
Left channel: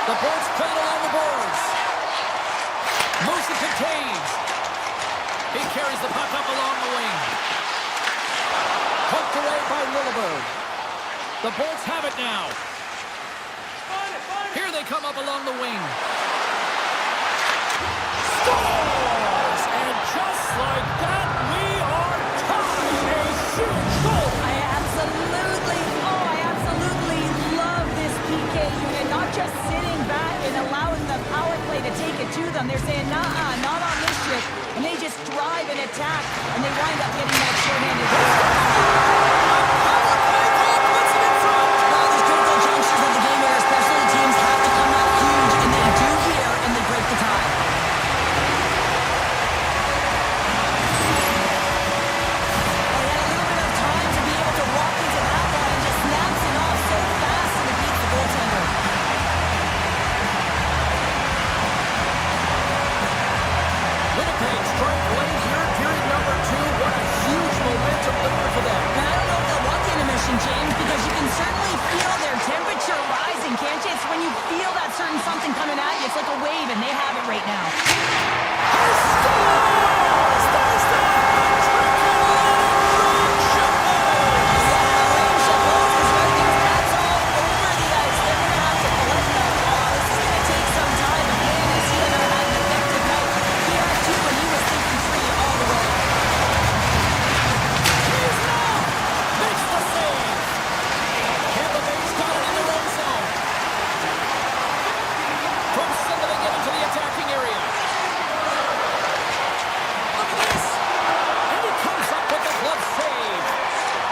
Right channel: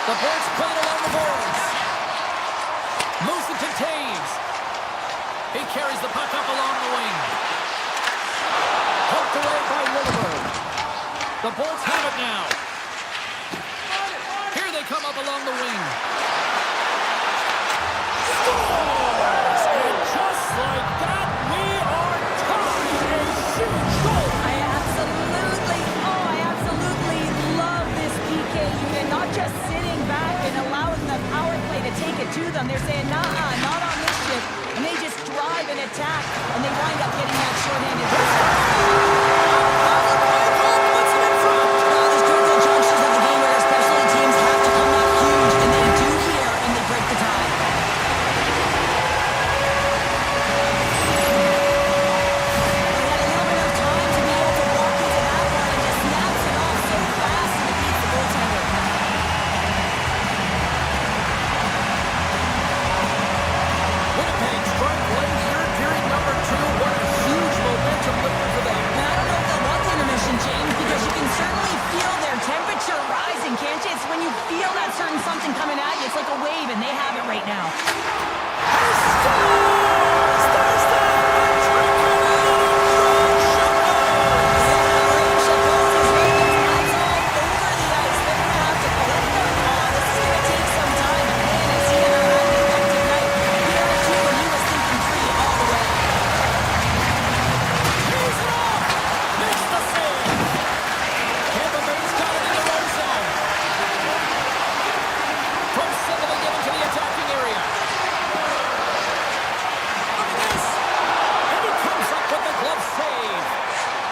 The Birds played along the boards. Moves it to Taves. He carries the puck up along the wing. Poked away by Williberg. The Bolts have it now. Here they come up along the wing. Scores! And just like that, we are tied. A huge goal. I absolutely love this PK unit. Not just sitting back and allowing the power play to take it to them. They're saying, nah, not on this ship. And they just drive and attack, and they wind up getting that shorthanded goal. Power play goal puts it in front. These critical junctures of the game where specialty teams have to come out huge, and they do here, and they break the tie. Well, he had a little bit of time to be able to walk into that one and just snaps it off so fast, and it beats the goaltender. Winnipeg strike late here in period number 2. What a huge momentum lifter for them. And I don't know if they'll want the intermission, James, because you can certainly feel their temperature rising, can't you? It's when you feel that certain something coming at you. It's like a wave, and they have it right now. He scores! There's the hat-trick, and Rain Chapeau! Yeah, Rain Chapeau is right there. That's all over the ice. They're going to have to collect them. This is going to take some time, but man, has he ever had an effective night. He had 2, and he was thinking 3 all the way. He's it off! Makes the save! Tampa Bay's got it in their own zone. From center they get into the attacking area. Look at this! And he comes up with the glove save.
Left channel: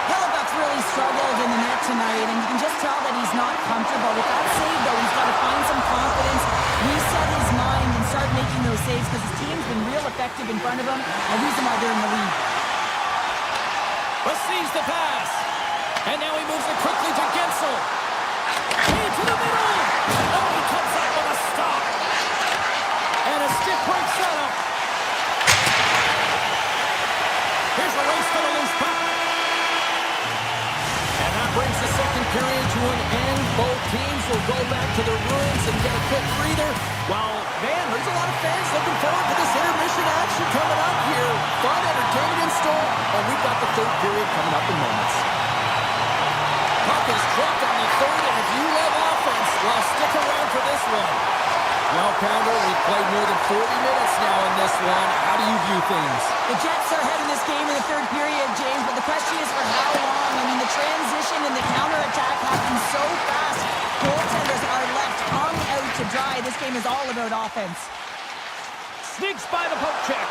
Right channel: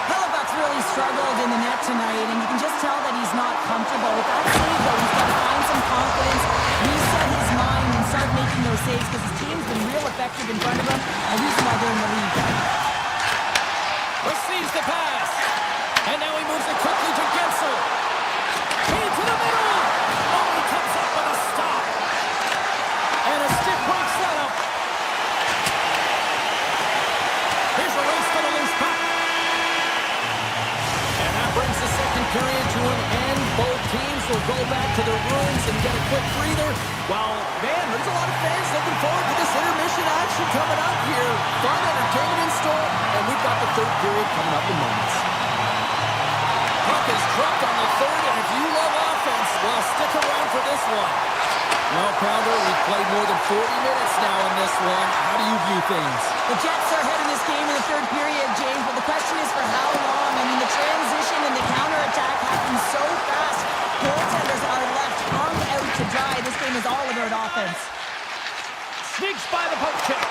Hellebuyck's really struggled in the net tonight, and you can just tell that he's not comfortable. With that save, though, he's got to find some confidence, reset his mind, and start making those saves because his team's been real effective in front of him, and reason why they're in the lead. Receives the pass. And now he moves it quickly to Gensel. Key to the middle. Oh, he comes up with a stop. And a stick break setup. Here's a race for the loose puck. And that brings the second period to an end. Both teams will go back to their rooms and get a quick breather. Well, man, there's a lot of fans looking forward to this intermission action coming up here. Fun entertainment in store, and we've got the third period coming up in moments. Puck is dropped on the third, and if you love offense, well, stick around for this one. Well, Pounder, we've played more than 40 minutes now in this one. How do you view things? The Jets are ahead in this game in the third period, James, but the question is for how long? I mean, the transition and the counterattack happen so fast. Goaltenders are left hung out to dry. This game is all about offense. Sneaks by the poke check.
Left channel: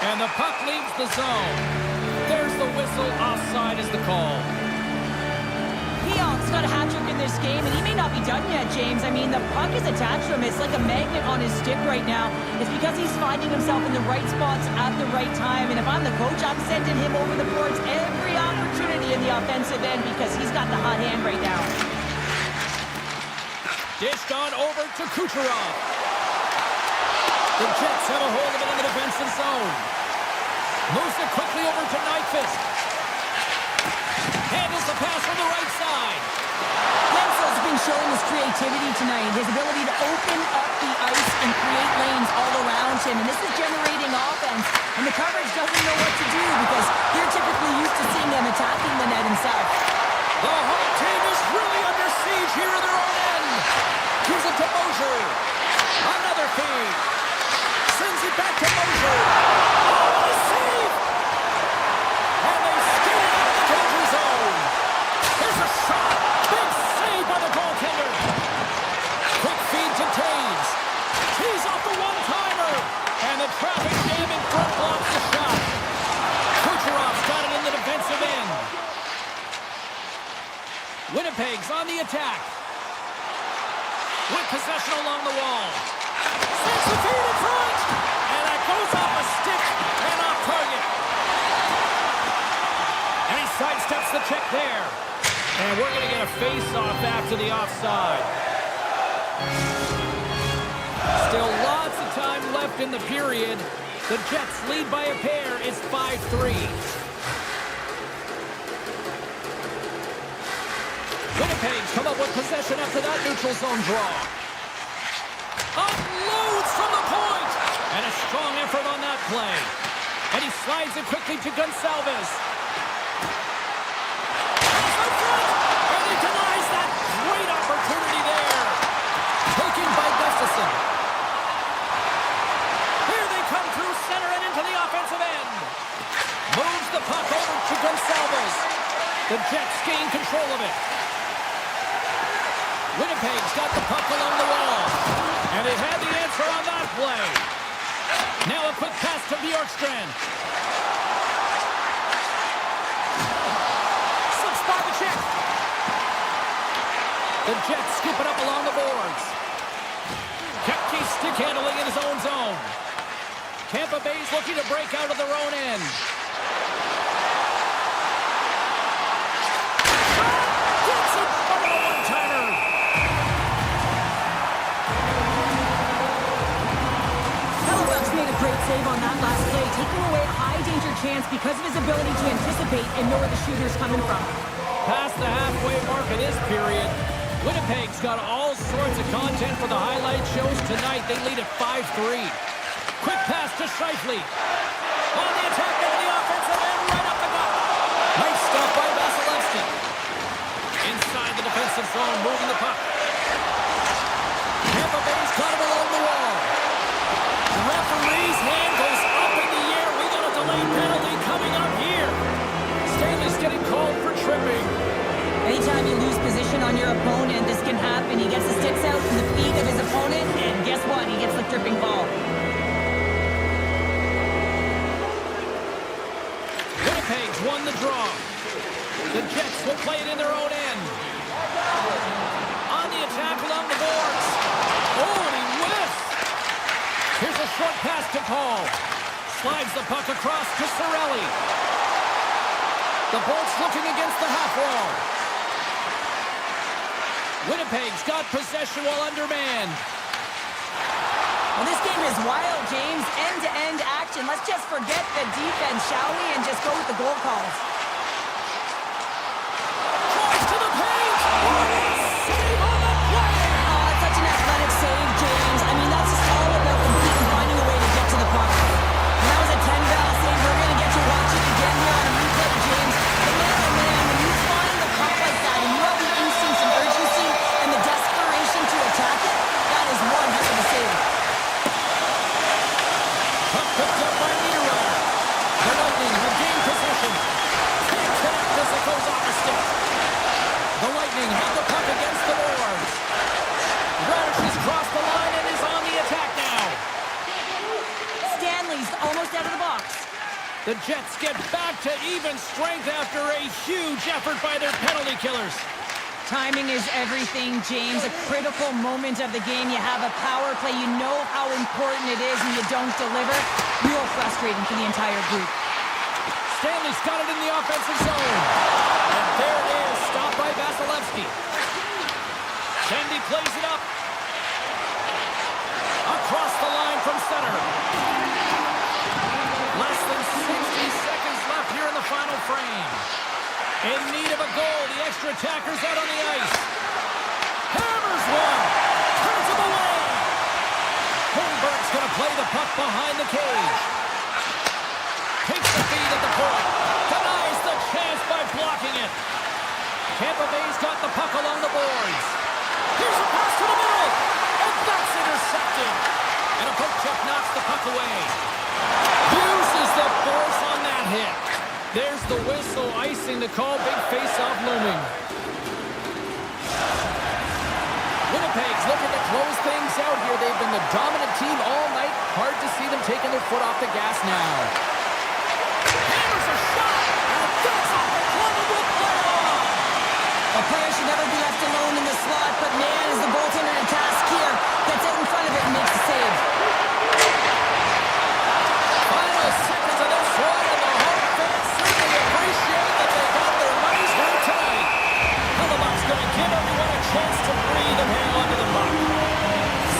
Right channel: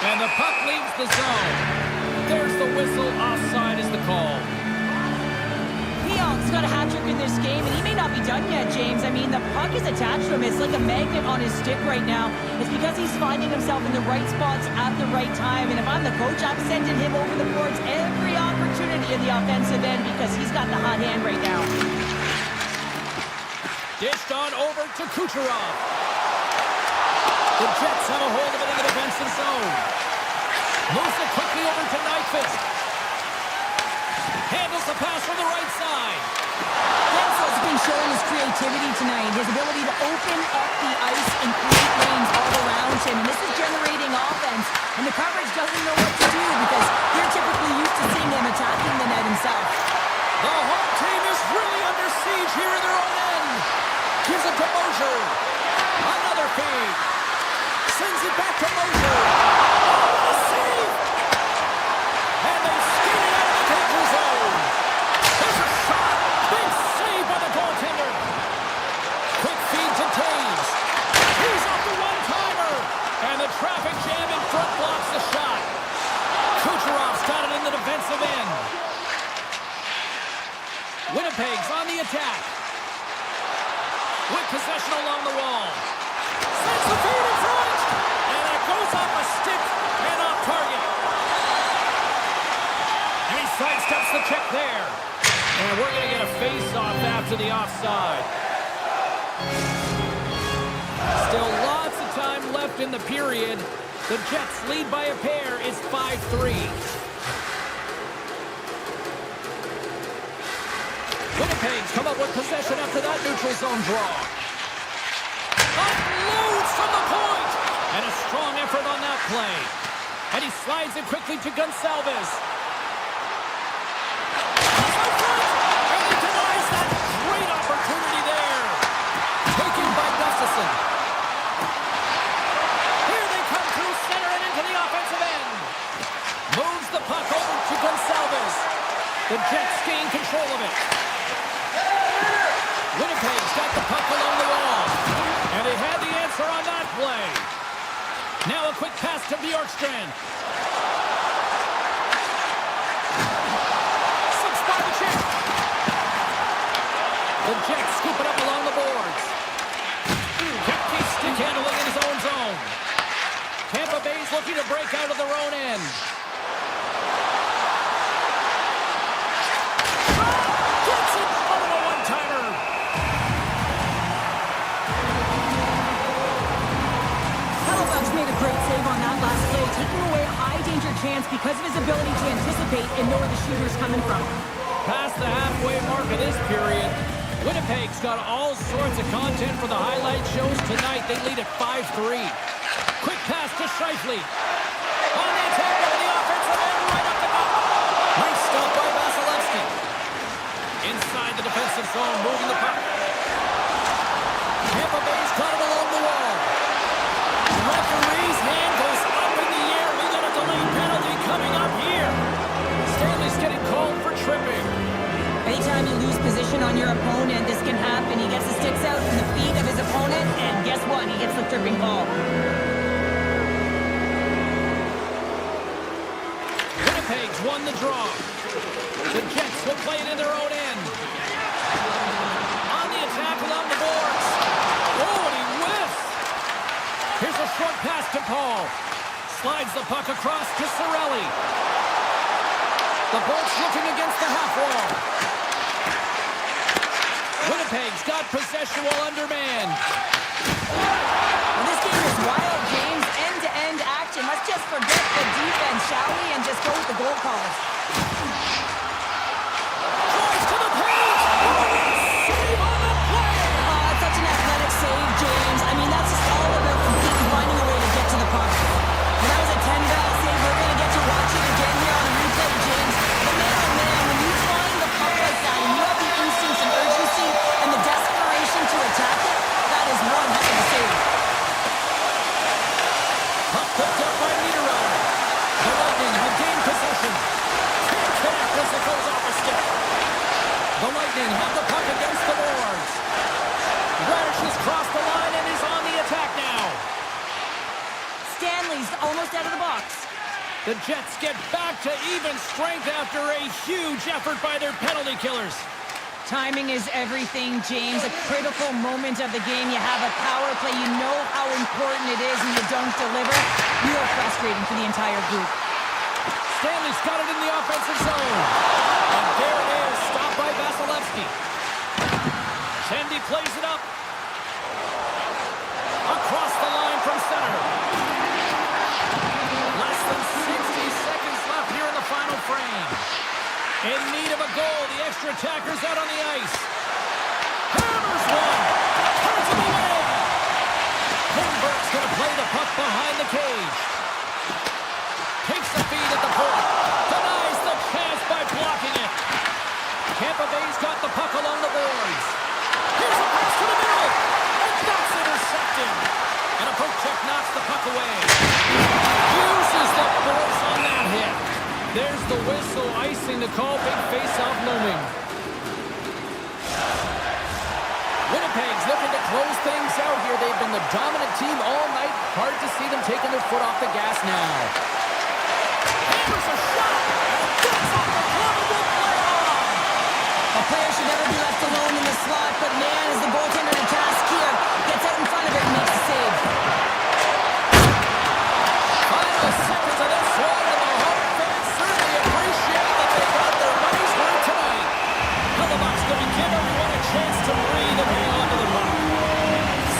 And the puck leaves the zone. There's the whistle. Offside is the call. Pionk's got a hat trick in this game, and he may not be done yet, James. I mean, the puck is attached to him. It's like a magnet on his stick right now. It's because he's finding himself in the right spots at the right time. And if I'm the coach, I'm sending him over the boards every opportunity in the offensive end because he's got the hot hand right now. Dished on over to Kucherov. The Jets have a hold of it in the defensive zone. Moves it quickly over to Nyquist. Handles the pass from the right side. Gensel's been showing his creativity tonight, his ability to open up the ice and create lanes all around him. And this is generating offense. And the coverage doesn't know what to do because they're typically used to seeing him attacking the net himself. The home team is really under siege here in their own end. Gives it to Mosier. Another feed. Sends it back to Mosier. Oh, what a save! And they skate it out of the danger zone. There's a shot. Big save by the goaltender. Quick feed to Taves. He's off the one-timer. And the traffic jam in front blocks the shot. Kucherov's got it in the defensive end. Winnipeg's on the attack. With possession along the wall. Sends the feed in front. And that goes off a stick and off target. And he sidesteps the check there. And we're going to get a face-off after the offside. Still lots of time left in the period. The Jets lead by a pair. It's 5-3. Winnipeg's come up with possession after that neutral zone draw. Unloads from the point! And a strong effort on that play. And he slides it quickly to Gonçalves. And he denies that great opportunity there. Taken by Gustafsson. Here they come through center and into the offensive end. Moves the puck over to Gonçalves. The Jets gain control of it. Winnipeg's got the puck along the wall. And they had the answer on that play. Now a quick pass to Bjorkstrand. Slips by the check. The Jets scoop it up along the boards. Kepke stick handling in his own zone. Tampa Bay's looking to break out of their own end. Gets it over the one-timer. Made a great save on that last play, taking away a high-danger chance because of his ability to anticipate and know where the shooter's coming from. Past the halfway mark of this period, Winnipeg's got all sorts of content for the highlight shows tonight. They lead at 5-3. Quick pass to Scheifele. On the attack over the offensive end, right up the gut. Nice stop by Vasilevsky. Inside the defensive zone, moving the puck. Tampa Bay's got it along the wall. The referee's hand goes up in the air. We got a delayed penalty coming up here. Stanley's getting called for tripping. Anytime you lose position on your opponent, this can happen. He gets the sticks out in the feet of his opponent, and guess what? He gets the tripping call. Winnipeg's won the draw. The Jets will play it in their own end. On the attack along the boards. Oh, and he whiffs. Here's a short pass to Paul. Slides the puck across to Cirelli. The Bolts looking against the half wall. Winnipeg's got possession while undermanned. Well, this game is wild, James. End-to-end action. Let's just forget the defense, shall we? And just go with the goal calls. Drives to the paint. Save on the play. Oh, it's such an athletic save, James. I mean, that's just all about competing, finding a way to get to the puck. And that was a 10-val save. We're going to get to watch it again here on the replay, James. But man, oh man, when you find the puck like that and you have the instincts and urgency and the desperation to attack it, that is one heck of a save. Puck picked up by Niederreiter. The Lightning have gained possession. Can't connect as it goes off a stick. The Lightning have the puck against the boards. Radish has crossed the line and is on the attack now. Stanley's almost out of the box. The Jets get back to even strength after a huge effort by their penalty killers. Timing is everything, James. A critical moment of the game. You have a power play. You know how important it is and you don't deliver. Real frustrating for the entire group. Stanley's got it in the offensive zone. And there it is, stopped by Vasilevsky. Kendi plays it up. Across the line from center. Less than 60 seconds left here in the final frame. In need of a goal, the extra attacker's out on the ice. Hammers one. Turns him away. Holmberg's going to play the puck behind the cage. Takes the feed at the point. Denies the chance by blocking it. Tampa Bay's got the puck along the boards. Here's a pass to the middle. And that's intercepted. deflected. And a poke check knocks the puck away. Uses the force on that hit. There's the whistle, icing the call. Big face-off looming. Winnipeg's looking to close things out here. They've been the dominant team all night. Hard to see them taking their foot off the gas now. Hammers a shot, and that's off the glove and will play on. A player should never be left alone in the slot, but man, is the goaltender to task here. Gets out in front of it and makes the save. Final seconds of this one, and the home fans certainly appreciate that they got their money's worth tonight. Hellebuck's going to give everyone a chance to breathe and hang on to the puck.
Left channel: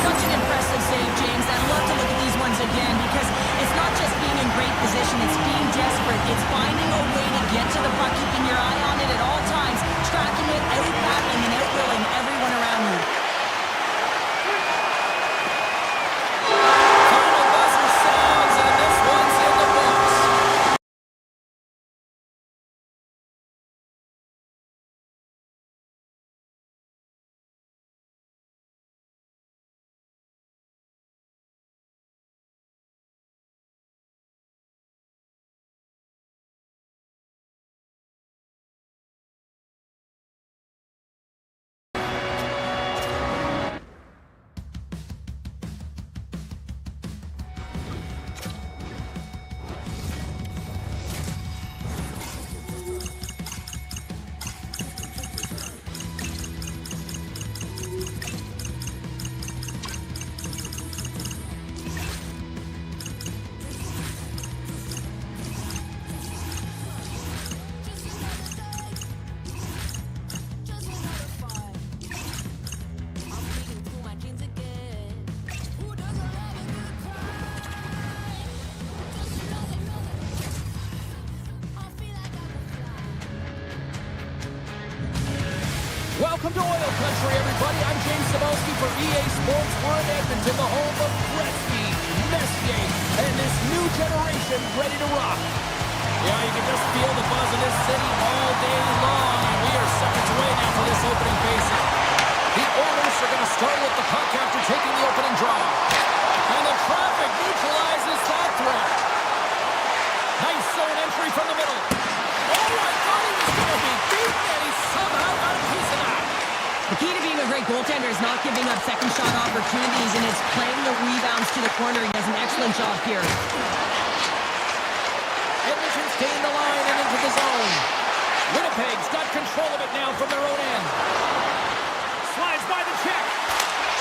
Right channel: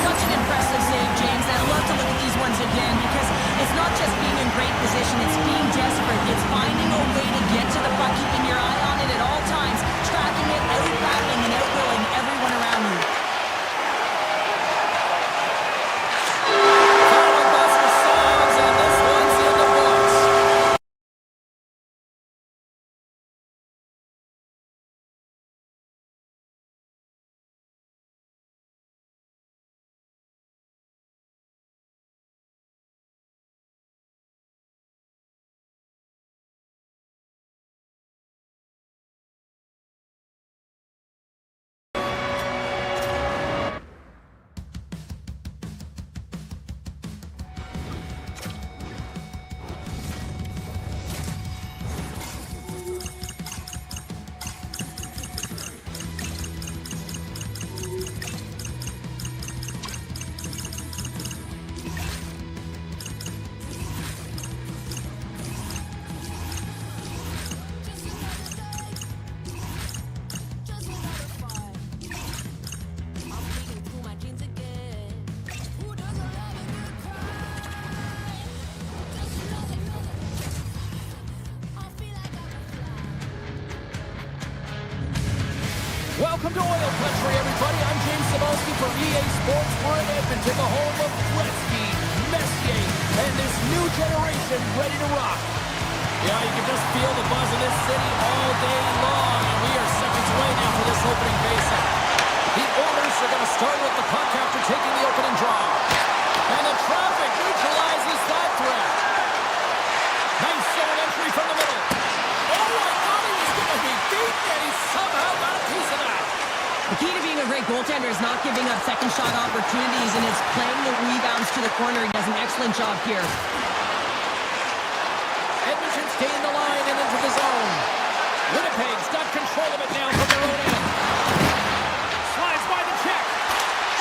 Such an impressive save, James. I'd love to look at these ones again because it's not just being in great position, it's being desperate. It's finding a way to get to the puck, keeping your eye on it at all times, tracking it, out-battling and out-willing everyone around you. Final buzzer sounds, and this one's in the books. Welcome to Oil Country, everybody. I'm James Cebulski for EA Sports. We're in Edmonton, the home of Gretzky, Messier, and this new generation ready to rock. Yeah, you can just feel the buzz in this city all day long, and we are seconds away now for this opening faceoff. The Oilers are going to start with the puck after taking the opening draw. And the traffic neutralizes that threat. Nice zone entry from the middle. Oh, I thought he was going to be beaten, and he somehow got a piece of that. The key to being a great goaltender is not giving up second shot opportunities, and it's playing the rebounds to the corner. He does an excellent job here. Edmonton's gained the line and into the zone. Winnipeg's got control of it now from their own end. Slides by the check.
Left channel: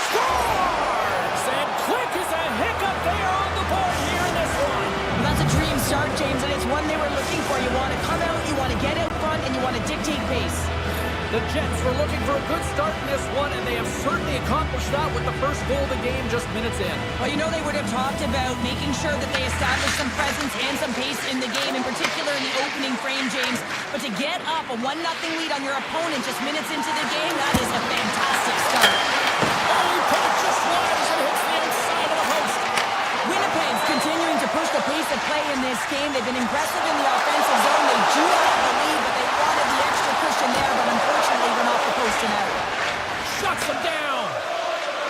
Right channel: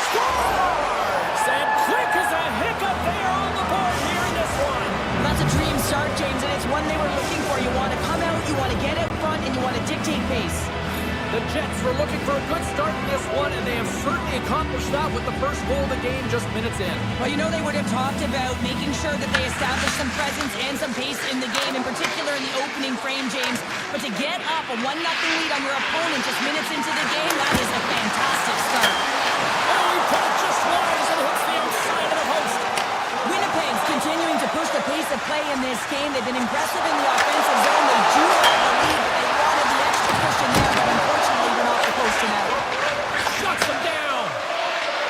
Scores! And quick as a hiccup, they are on the board here in this one. Well, that's a dream start, James, and it's one they were looking for. You want to come out, you want to get out front, and you want to dictate pace. The Jets were looking for a good start in this one, and they have certainly accomplished that with the first goal of the game just minutes in. Well, you know they would have talked about making sure that they establish some presence and some pace in the game, in particular in the opening frame, James. But to get up a 1-0 lead on your opponent just minutes into the game, that is a fantastic start. Oh, he put it just wide as it hits the outside of the post. Winnipeg's continuing to push the pace of play in this game. They've been aggressive in the offensive zone. They do have the lead, but they wanted the extra cushion there, but unfortunately went off the post and out. Shuts them down.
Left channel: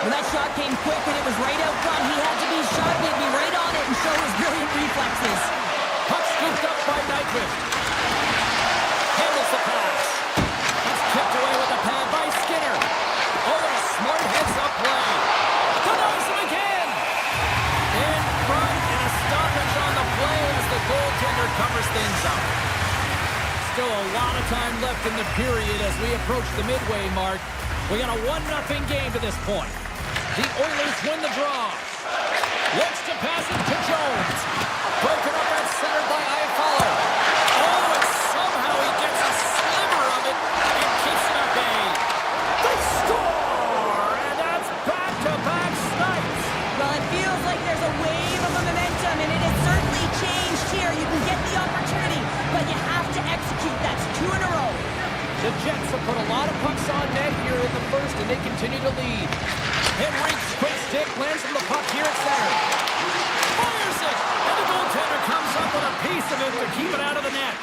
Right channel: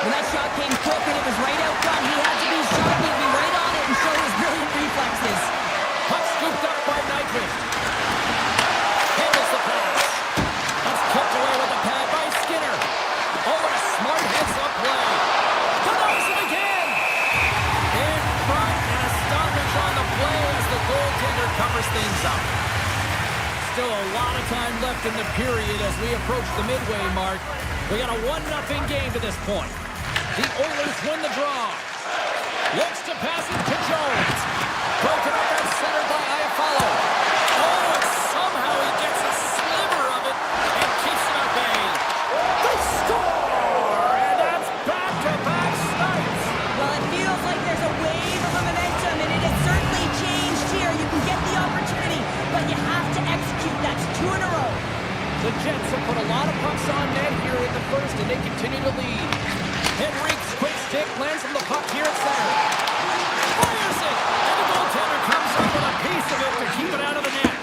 When that shot came quick and it was right out front, he had to be sharp. He had to be right on it and show his brilliant reflexes. Puck scooped up by Nyquist. Handles the pass. That's kicked away with the pad by Skinner. Oh, and a smart heads-up play. Denies him again. In front, and a stoppage on the play as the goaltender covers things up. Still a lot of time left in the period as we approach the midway mark. We got a 1-0 game to this point. The Oilers win the draw. Looks to pass it to Jones. Broken up at center by Iafallo. Oh, and somehow he gets a sliver of it and keeps it at bay. They score! And that's back-to-back snipes. Well, it feels like there's a wave of momentum, and it has certainly changed here. You can get the opportunity, but you have to execute. That's 2 in a row. The Jets have put a lot of pucks on net here in the first, and they continue to lead. Henrique's quick stick lands from the puck here at center. Fires it, and the goaltender comes up with a piece of it to keep it out of the net.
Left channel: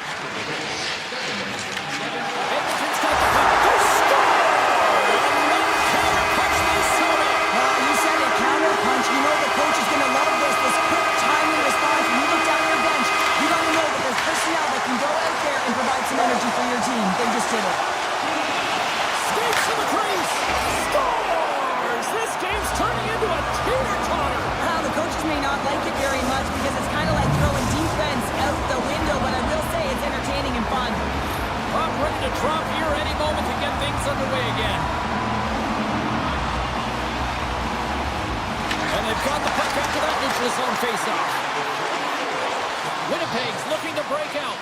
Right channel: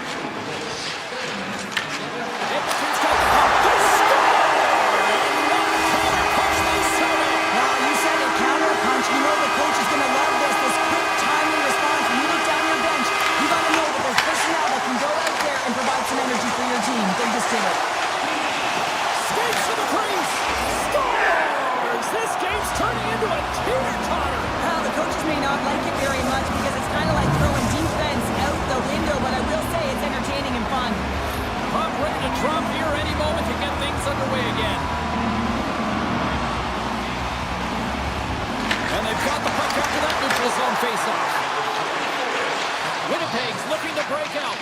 Edmonton's got the puck. They score! And what a counter punch they serve it. Well, you said it, counter punch. may not like it very much because it's kind of like throwing defense out the window, but I will say it's entertaining and fun. Puck ready to drop here any moment to get things underway again. And they've got the puck after that neutral zone faceoff. Winnipeg's looking to break out.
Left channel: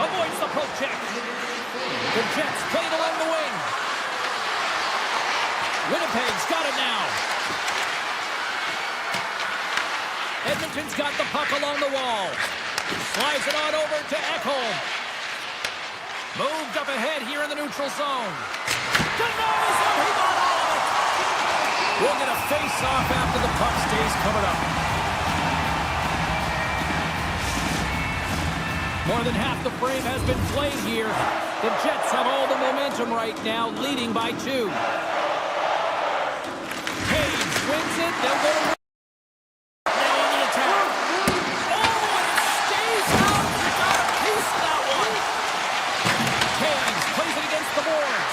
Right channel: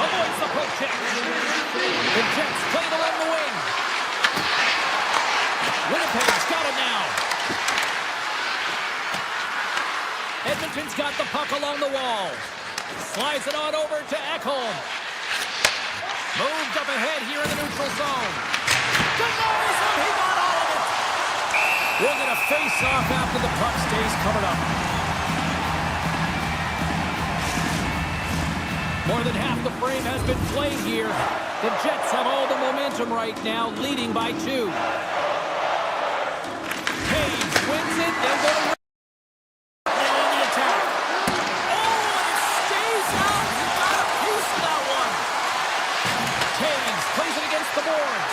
Avoids the poke check. The Jets play it along the wing. Winnipeg's got it now. Edmonton's got the puck along the wall. Slides it on over to Ekholm. Moved up ahead here in the neutral zone. Denies him. He got all of it. We'll get a face-off after the puck stays covered up. More than half the frame has been played here. The Jets have all the momentum right now, leading by 2. Hayes wins it. They'll go to now on the attack. Oh, and it stays out. You got a piece of that one. Hayes plays it against the boards.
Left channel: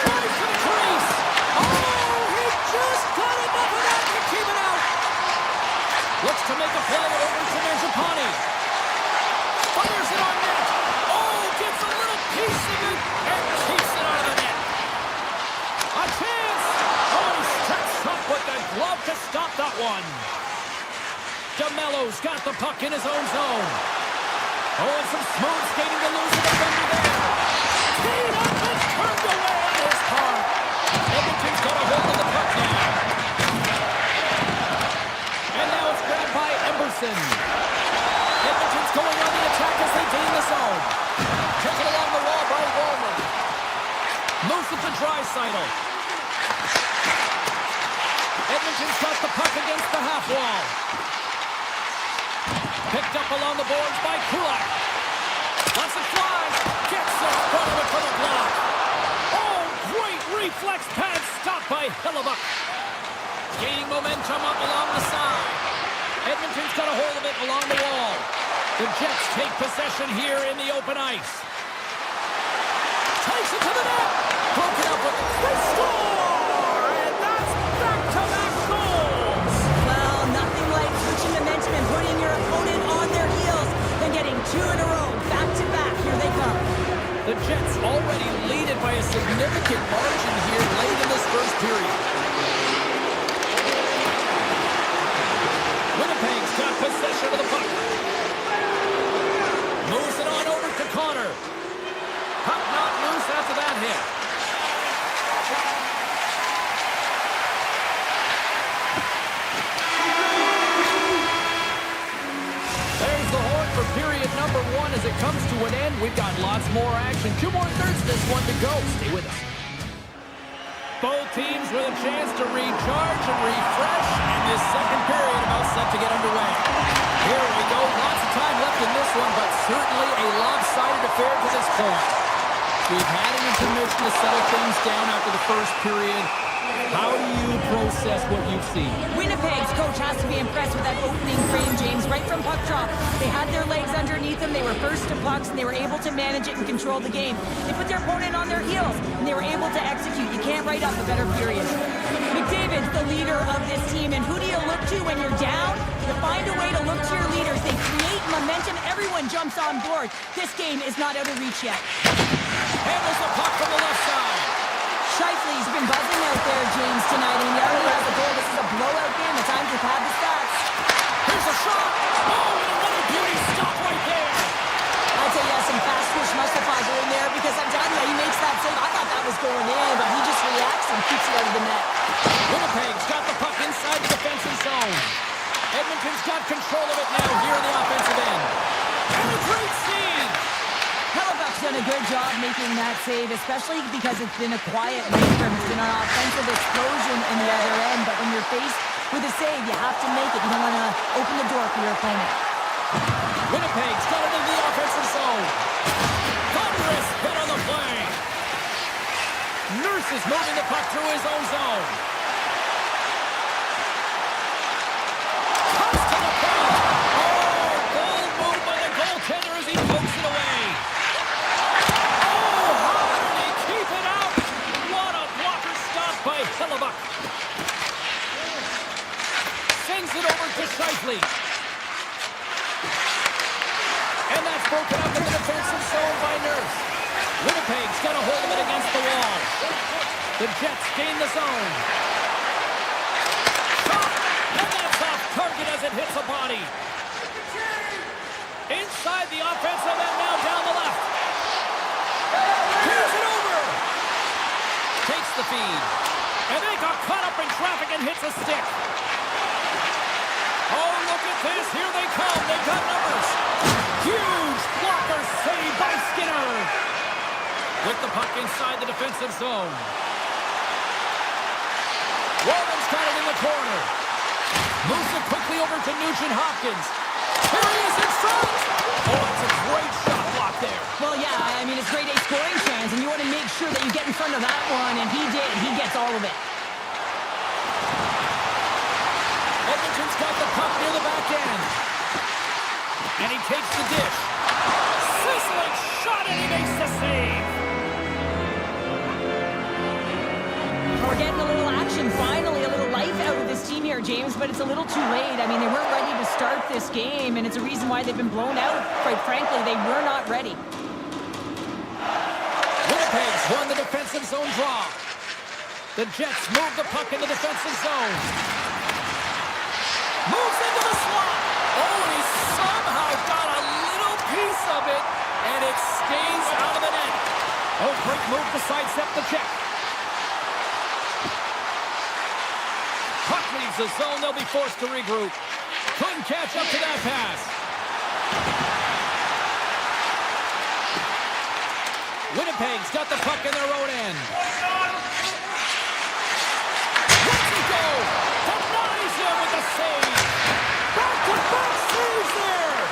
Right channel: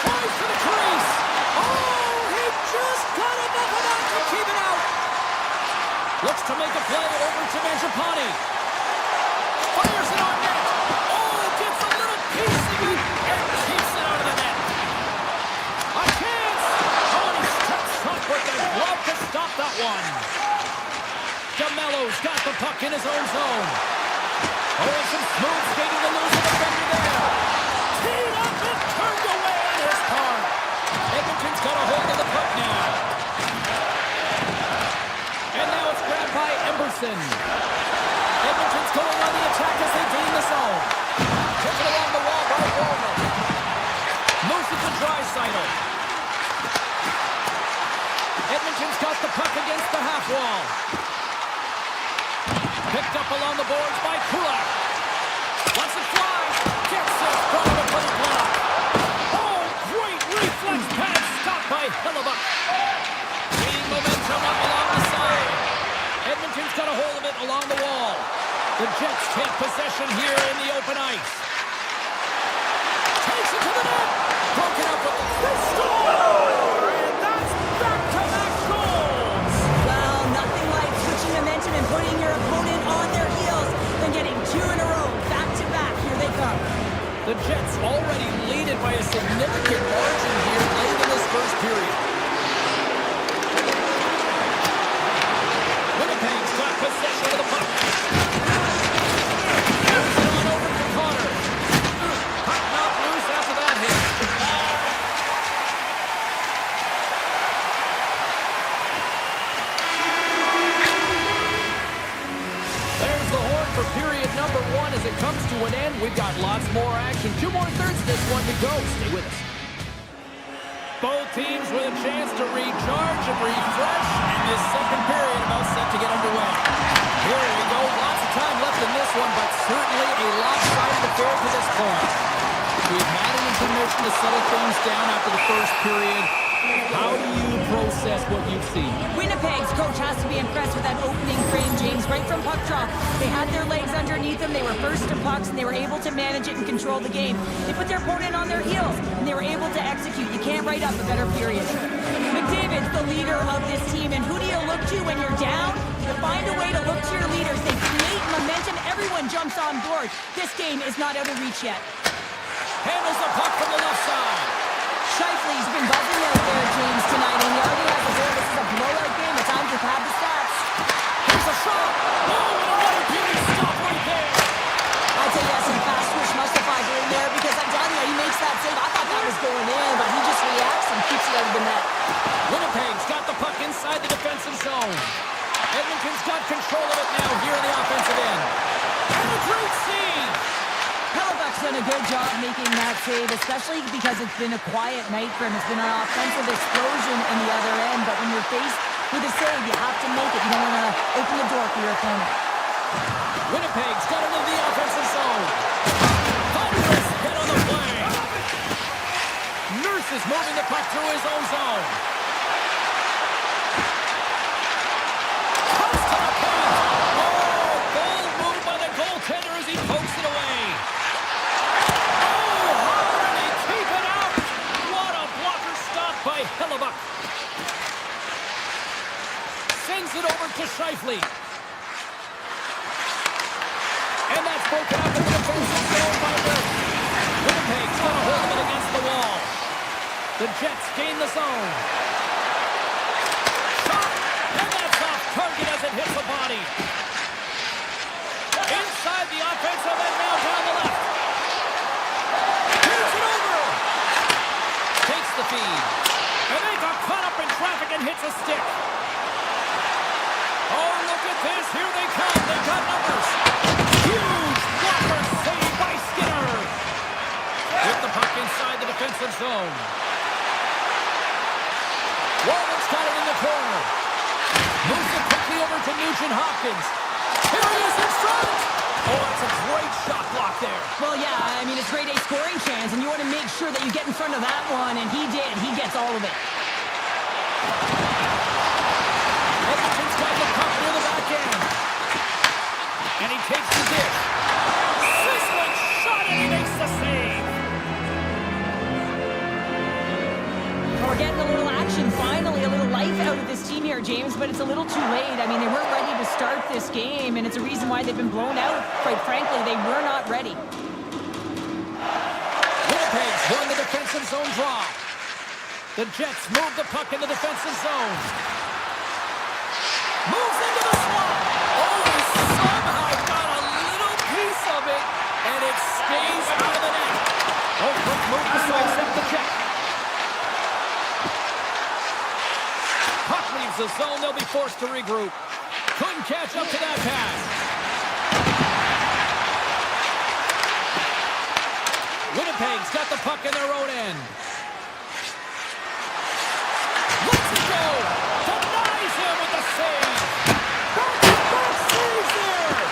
Tries to the crease. Oh, he just got enough of that to keep it out. Looks to make a play over to Mangiapane. Fires it on net. Oh, gets a little piece of it and keeps it out of the net. A chance. Oh, and he steps up with the glove to stop that one. DeMello's got the puck in his own zone. Oh, and some smooth skating to lose the defender there. Teed up and turned away on his part. Edmonton's got a hold of the puck now. And now it's grabbed by Emberson. Edmonton's going on the attack as they gain the zone. Taken along the wall by Walner. Moves it to Draisaitl. Edmonton's got the puck against the half wall. Picked up along the boards by Kulak. Lets it fly. Gets in front of it for the block. Oh, great reflex pass stopped by Hellebuyck. Gaining momentum up along the side. Edmonton's got a hold of it along the wall. The Jets take possession here in the open ice. Takes it to the net. Broken up with the score! And that's back-to-back goals! Well, nothing like switching momentum and putting your opponent on their heels than getting 2 in a row, back-to-back. Here they come. The Jets already lead it by a significant margin here late in this first period. Winnipeg's got possession of the puck. Moves it on over to Connor. Puck knocked loose after that hit. There's the horn for period number 1 as it comes to an end. We've got lots more action. 2 more thirds of this one to go. Stay with us. Both teams with a chance to recharge and refresh, and this second period about set to get underway. Here we go. Lots of time left in this one, but certainly a lopsided affair to this point. We've had an intermission to settle things down after the first period. How do you process what you've seen? Winnipeg's coach has to be impressed with that opening frame, James, right from puck drop. They had their legs underneath them. They were first to pucks, and they were able to manage it and control the game. They put their opponent on their heels, and they were able to execute. You can't write up a better period. McDavid's the leader of this team, and who do you look to when you're down? You find a way to look to your leaders. They create momentum. Everyone jumps on board. This game is not out of reach yet. Handles the puck from the left side. Scheifele's been buzzing out there, James, tonight, and he already has a goal. This is a blowout game. It's time to pad the stats. Here's a shot. Oh, and another beauty stop right there. I'd say yes, and fast switch Mustafa in there because I'm telling you, he makes that save. I thought that was going in, but he just reacts and keeps it out of the net. Winnipeg's got the puck inside the defensive zone. Edmonton's got control of it now here in the offensive end. And a great save. Hellebuyck's done a good job making that save, especially because it's been a quiet night for him. It's been an offensive explosion in the other end, but when you're faced with a save, you have to make it. You don't want to open the door for your opponent. Winnipeg's got it into the offensive zone. Thunderous hit on the play. Nurse is moving the puck through his own zone. Comes to the paint. Oh, bold move by the goaltender as he pokes it away. Oh, high Scheifele. And that's broken up in the defensive zone by Nurse. Winnipeg's got a hold of it against the wall. The Jets gain the zone. Shot! And that's off target as it hits a body. Inside the offensive end, now down the left. Here's it over. Takes the feed. And they got caught up in traffic and hits a stick. Oh, look at this. Here they come. They've got numbers. Huge blocker save by Skinner. With the puck inside the defensive zone. Walden's got it in the corner. Moves it quickly over to Nugent-Hopkins. Here he is in front. Oh, that's a great shot block there. Well, yeah, I mean, it's grade A scoring chance, and you want to make sure that you get in front of that one, and he did. He gets all of it. Edmonton's got the puck near the back end. And he takes the dish. Sizzling shot, and he makes the save. We're getting a little action, finally, a little life out of this team here, James, but it's a little too late. I mean, they weren't ready to start this game, and it's a reason why they've been blown out. Quite frankly, they were not ready. Winnipeg's won the defensive zone draw. The Jets move the puck in the defensive zone. Moves into the slot. Oh, he somehow got a little piece of it, and it stays out of the net. Oh, great move to sidestep the check. Puck leaves the zone. They'll be forced to regroup. Couldn't catch up to that pass. Winnipeg's got the puck in their own end. Lets it go. Denies him with the save. Back-to-back saves there.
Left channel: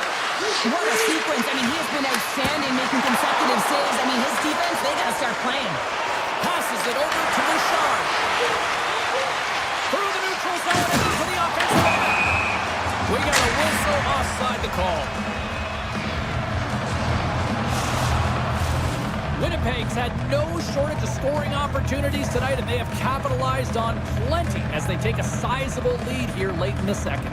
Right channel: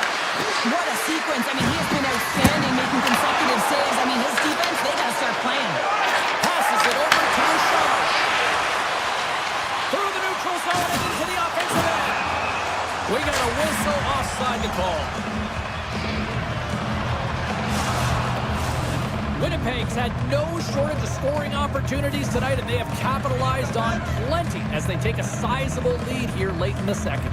What a sequence. I mean, he has been outstanding, making consecutive saves. I mean, his defense, they got to start playing. Passes it over to Bouchard. Through the neutral zone and into the offensive end. We got a whistle offside to call. Winnipeg's had no shortage of scoring opportunities tonight, and they have capitalized on plenty as they take a sizable lead here late in the second.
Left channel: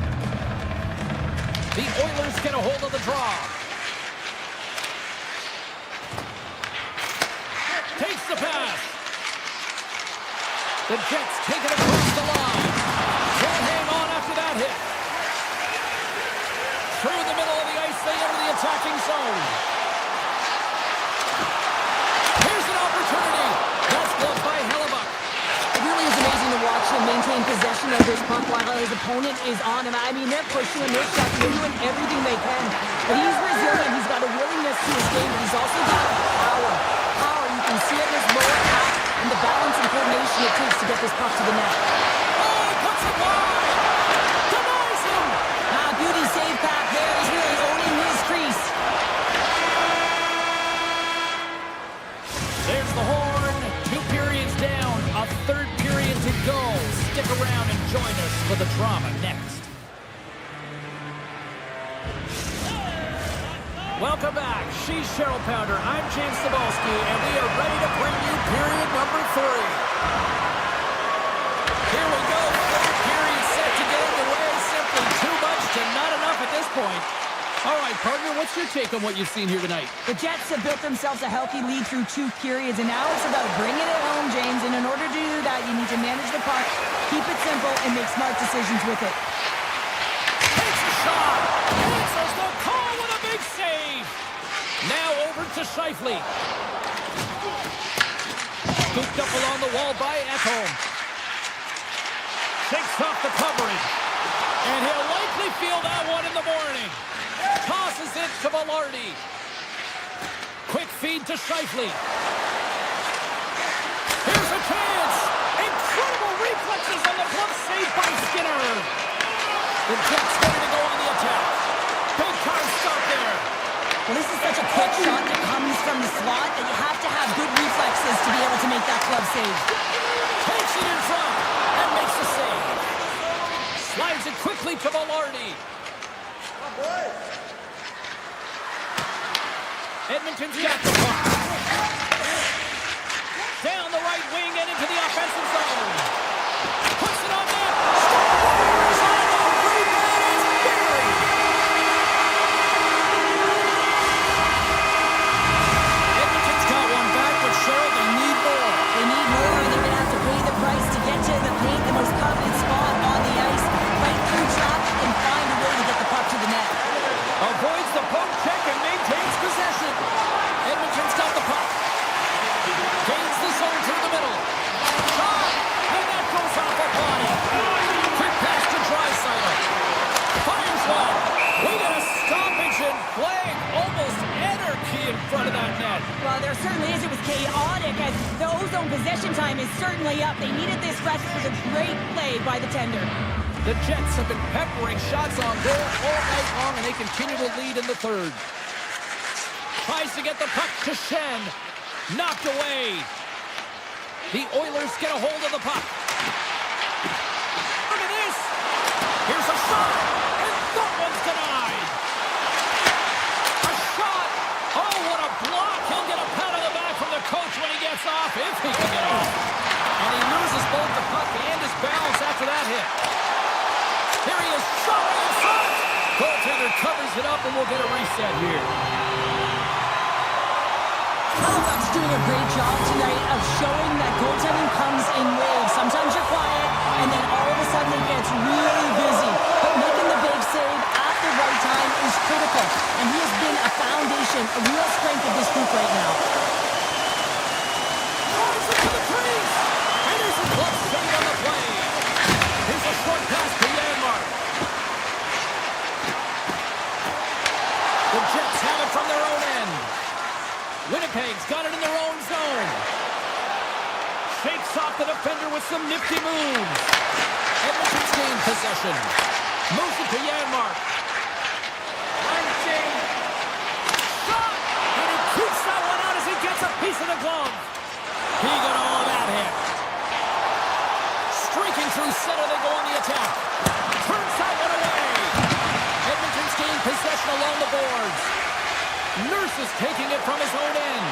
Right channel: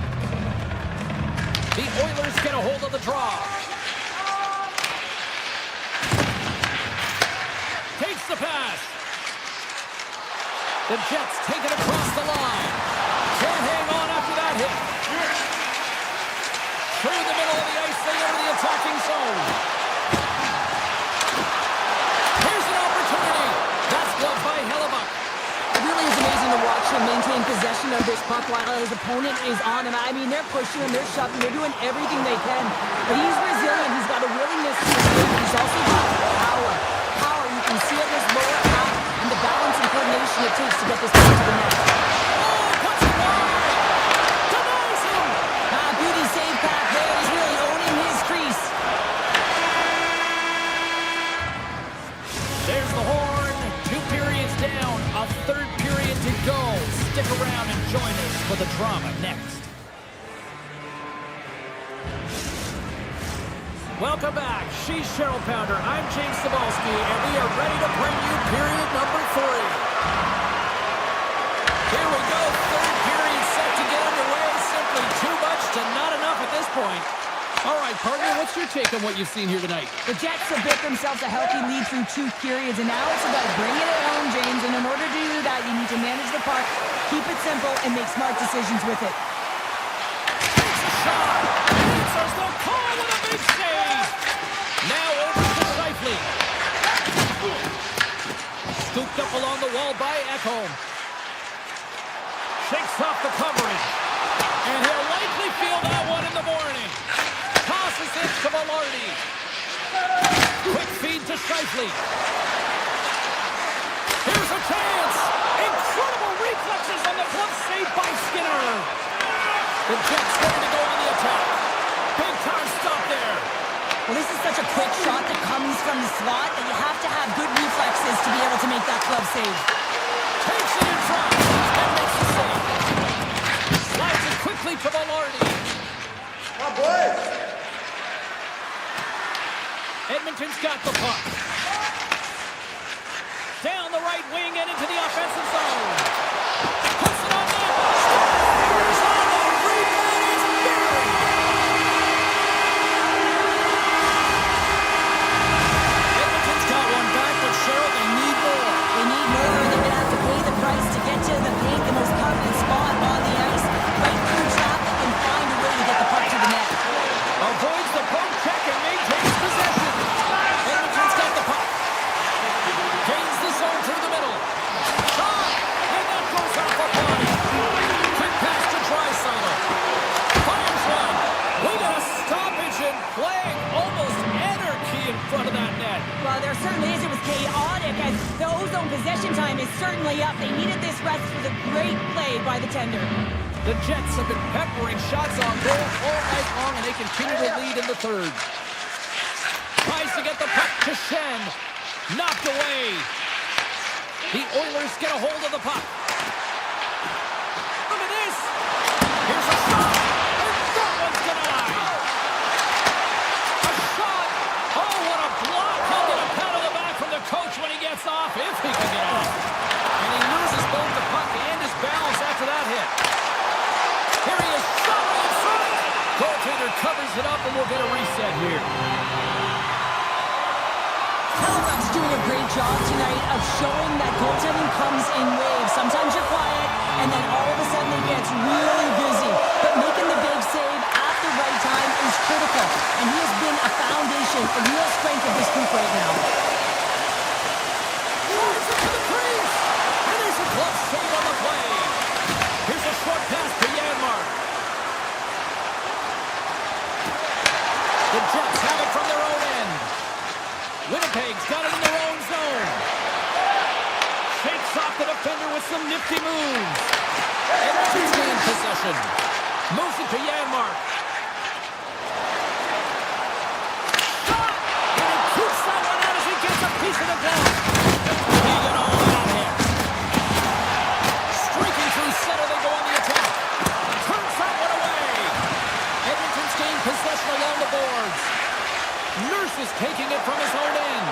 The Oilers get a hold of the draw. Takes the pass. The Jets take it across the line. Can't hang on after that hit. Through the middle of the ice, they enter the attacking zone. Here's an opportunity. That's gloved by Hellebuck. It really is amazing to watch him maintain possession of this puck while his opponent is on him. I mean, they're pushing him, they're shoving, they're doing everything they can. But he's resilient. He's got a willingness to escape. He's also got power. Power, you can see it in his lower half and the balance and coordination it takes to get this puck to the net. Oh, puts it wide. Denies him. Beauty save back there. He's really owning his crease. There's the horn. 2 periods down. A third period to go. Stick around and join us for the drama next. Welcome back. She's Cheryl Pounder. I'm James Cebulski, and we are ready to bring you period number 3. Here we go. Third period set to get underway. Simply too much to not enough at this point. All right, partner, what's your take on what you've seen here tonight? The Jets have built themselves a healthy lead through 2 periods, and now it's about bringing it home, James. And in order to do that, you need to manage the puck, keep it simple, and make smart decisions with it. Takes a shot. Answers the call with a big save. Now over to Scheifele. Scooped up along the wall by Ekholm. Shakes off the coverage. And he'll likely feel that one in the morning. Tosses it to Velarde. Quick feed to Scheifele. Here's a chance. Incredible reflexes on the glove save by Skinner. The Jets ready to go on the attack. Big time stop there. Well, this is such a quick shot that comes from the slot that you have to have good reflexes to be able to make that glove save. Takes it in front and makes the save. Slides it quickly to Velarde. Come on, boys. Edmonton's got the puck. Down the right wing and into the offensive zone. Puts it on net. Scores on the rebound. It's Fires one. We got a stoppage in play. Almost anarchy in front of that net. Well, there certainly is. It was chaotic as the ozone possession time is certainly up. They needed this rest. It was a great play by the tender. The Jets have been peppering shots on goal all night long, and they continue to lead in the third. Tries to get the puck to Shen. Knocked away. The Oilers get a hold of the puck. Look at this. Here's a shot. And that one's denied. A shot. Oh, what a block. He'll get a pat on the back from the coach when he gets off, if he can get off. And he loses both the puck and his balance after that hit. Here he is, shot right in front. Goaltender covers it up, and we'll get a reset here. Hellebuyck's doing a great job tonight of showing that goaltending comes in waves. Sometimes you're quiet, and then all of a sudden it gets really busy. But making the big save at the right time is critical, and he has been a foundation, a real strength of this group right now. Drives it to the crease, and there's a glove save on the play. Here's a short pass to Janmark. The Jets have it from their own end. Winnipeg's got it in their own zone. Shakes off the defender with some nifty moves. Edmonton's gained possession. Moves it to Janmark. Shot! And he keeps that one out as he gets a piece of the glove. He got all of that hit. Streaking through center, they go on the attack. Turns that one away. Edmonton's gained possession along the boards. Nurse is taking it from his own end.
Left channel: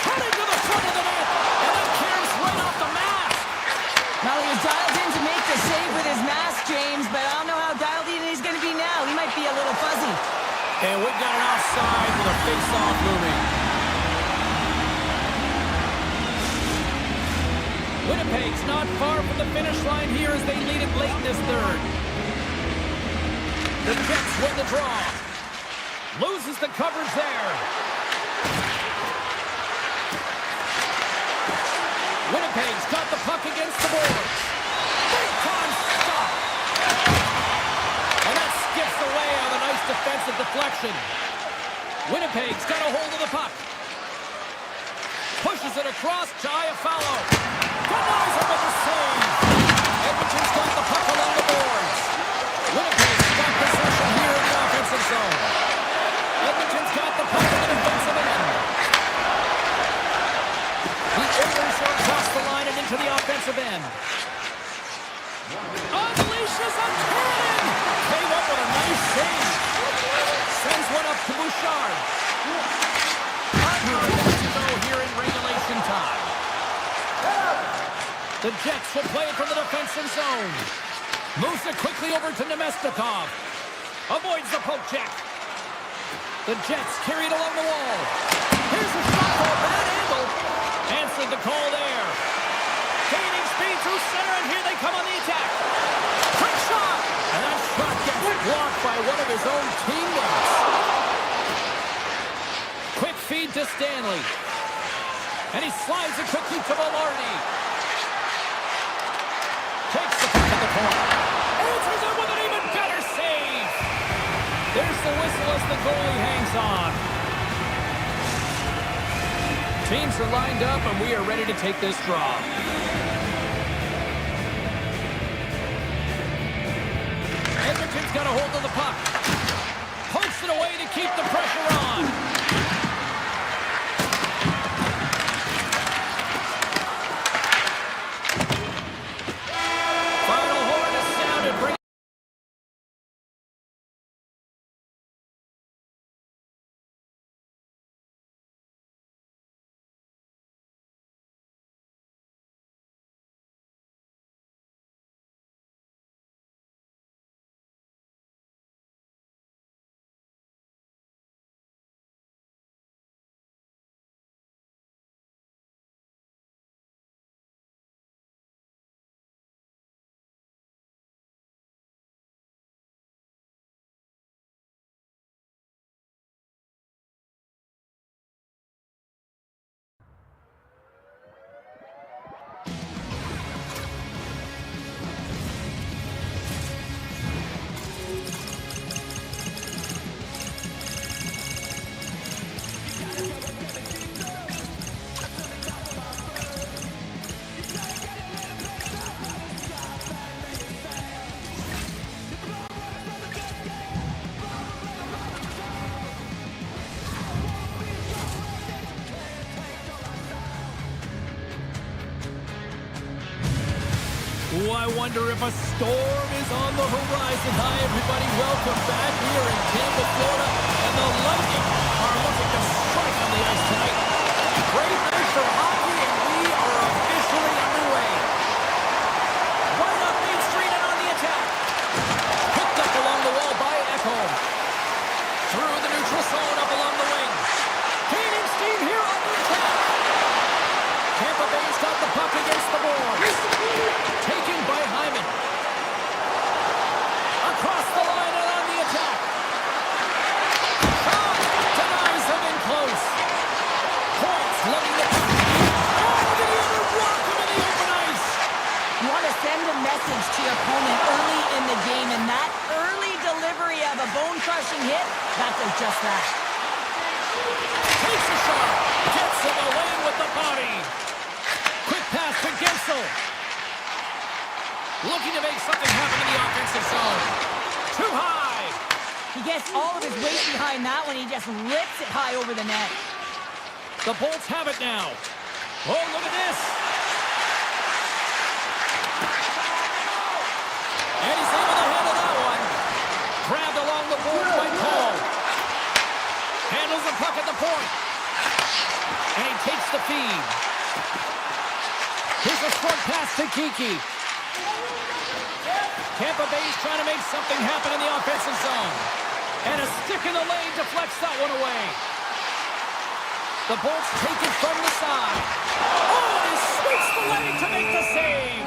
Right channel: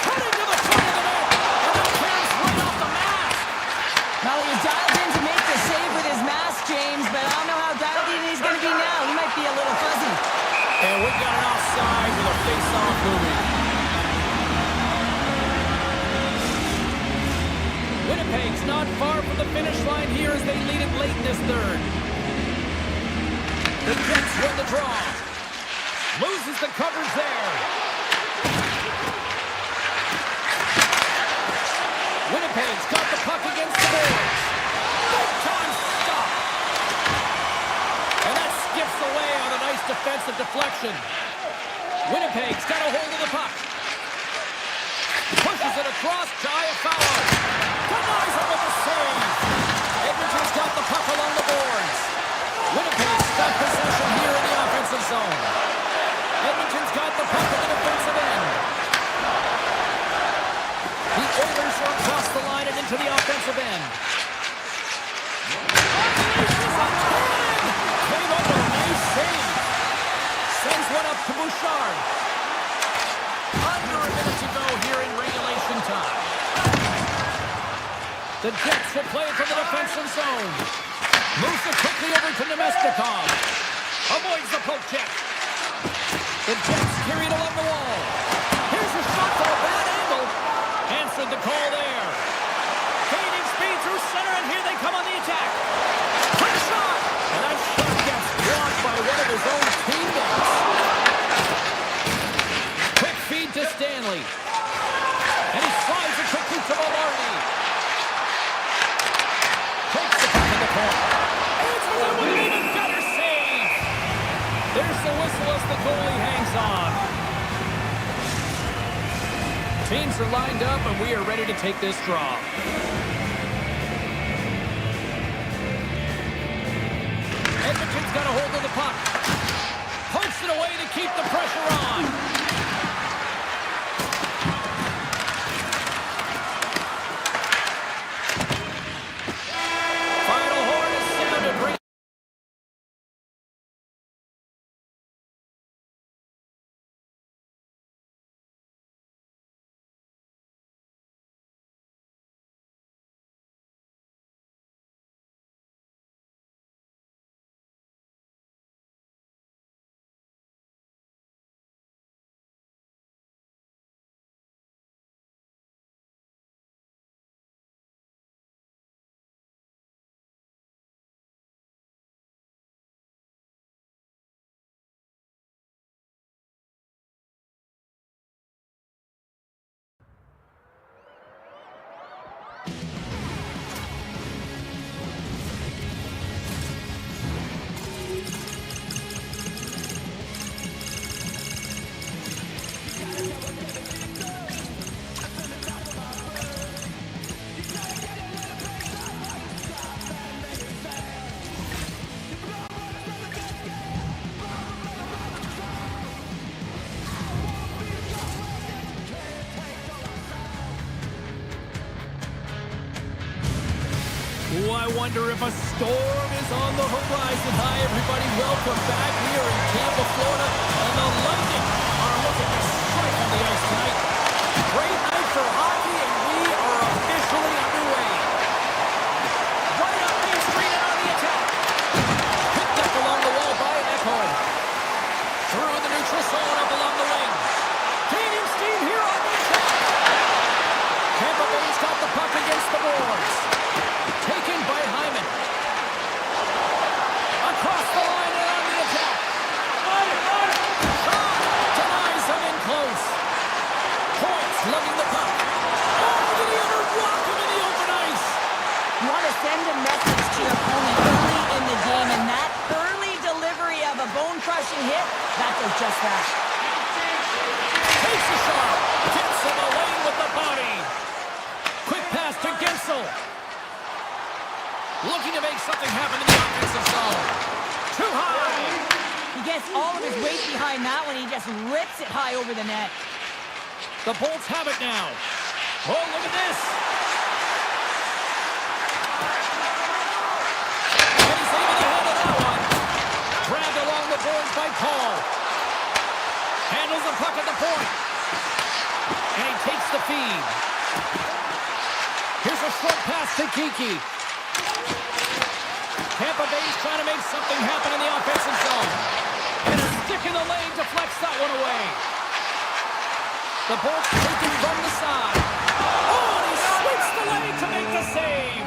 Cutting to the front of the net. And then cares right off the mask. Well, he was dialed in to make the save with his mask, James, but I don't know how dialed in he's going to be now. He might be a little fuzzy. And we've got an offside with a face-off moving. Winnipeg's not far from the finish line here as they lead it late in this third. The Jets win the draw. Loses the coverage there. Winnipeg's got the puck against the boards. Big time stop. And that skips away on a nice defensive deflection. Winnipeg's got a hold of the puck. Pushes it across to Iafallo. Denies him with the save. Edmonton's got the puck along the boards. Winnipeg's got possession here in the offensive zone. Edmonton's got the puck in the defensive end. The Oilers are across the line and into the offensive end. Unleashes a cannon! Came up with a nice save. Sends one up to Bouchard. Under a minute to go here in regulation time. The Jets will play it from the defensive zone. Moves it quickly over to Nemestikov. Avoids the poke check. The Jets carry it along the wall. Here's a shot for a bad angle. Answered the call there. Gaining speed through center, and here they come on the attack. Quick shot! And that shot gets blocked by one of his own teammates. Quick feed to Stanley. And he slides it quickly to Velarde. Takes the puck at the point. Answers it with an even better save. There's the whistle as the goalie hangs on. Teams are lined up, and we are ready to take this draw. Edmonton's got a hold of the puck. Pokes it away to keep the pressure on. Ooh, I wonder if a storm is on the horizon. Hi, everybody. Welcome back. We are in Tampa, Florida, and the Lightning are looking to strike on the ice tonight. Great night for hockey, and we are officially underway. Right up Main Street and on the attack. Picked up along the wall by Edmont. Through the neutral zone, up along the wing. Gaining steam here on the attack. Tampa Bay's got the puck against the boards. Taken by Hyman. Across the line and on the attack. Shot denies him in close. Points lugging the puck. Oh, did he ever rock him in the open ice? You want to send a message to your opponent early in the game, and that early delivery of a bone-crushing hit, that does just that. Takes a shot. Gets in the lane with the body. Quick pass to Gensel. Looking to make something happen in the offensive zone. Too high. He gets all of his weight behind that one. He just rips it high over the net. The Bolts have it now. Oh, look at this. And he's able to handle that one. Grabbed along the boards by Paul. Handles the puck at the point. And he takes the feed. Here's a front pass to Kiki. Tampa Bay's trying to make something happen in the offensive zone. And a stick in the lane deflects that one away. The Bolts take it from the side. Oh, and he sweeps the lane to make the save.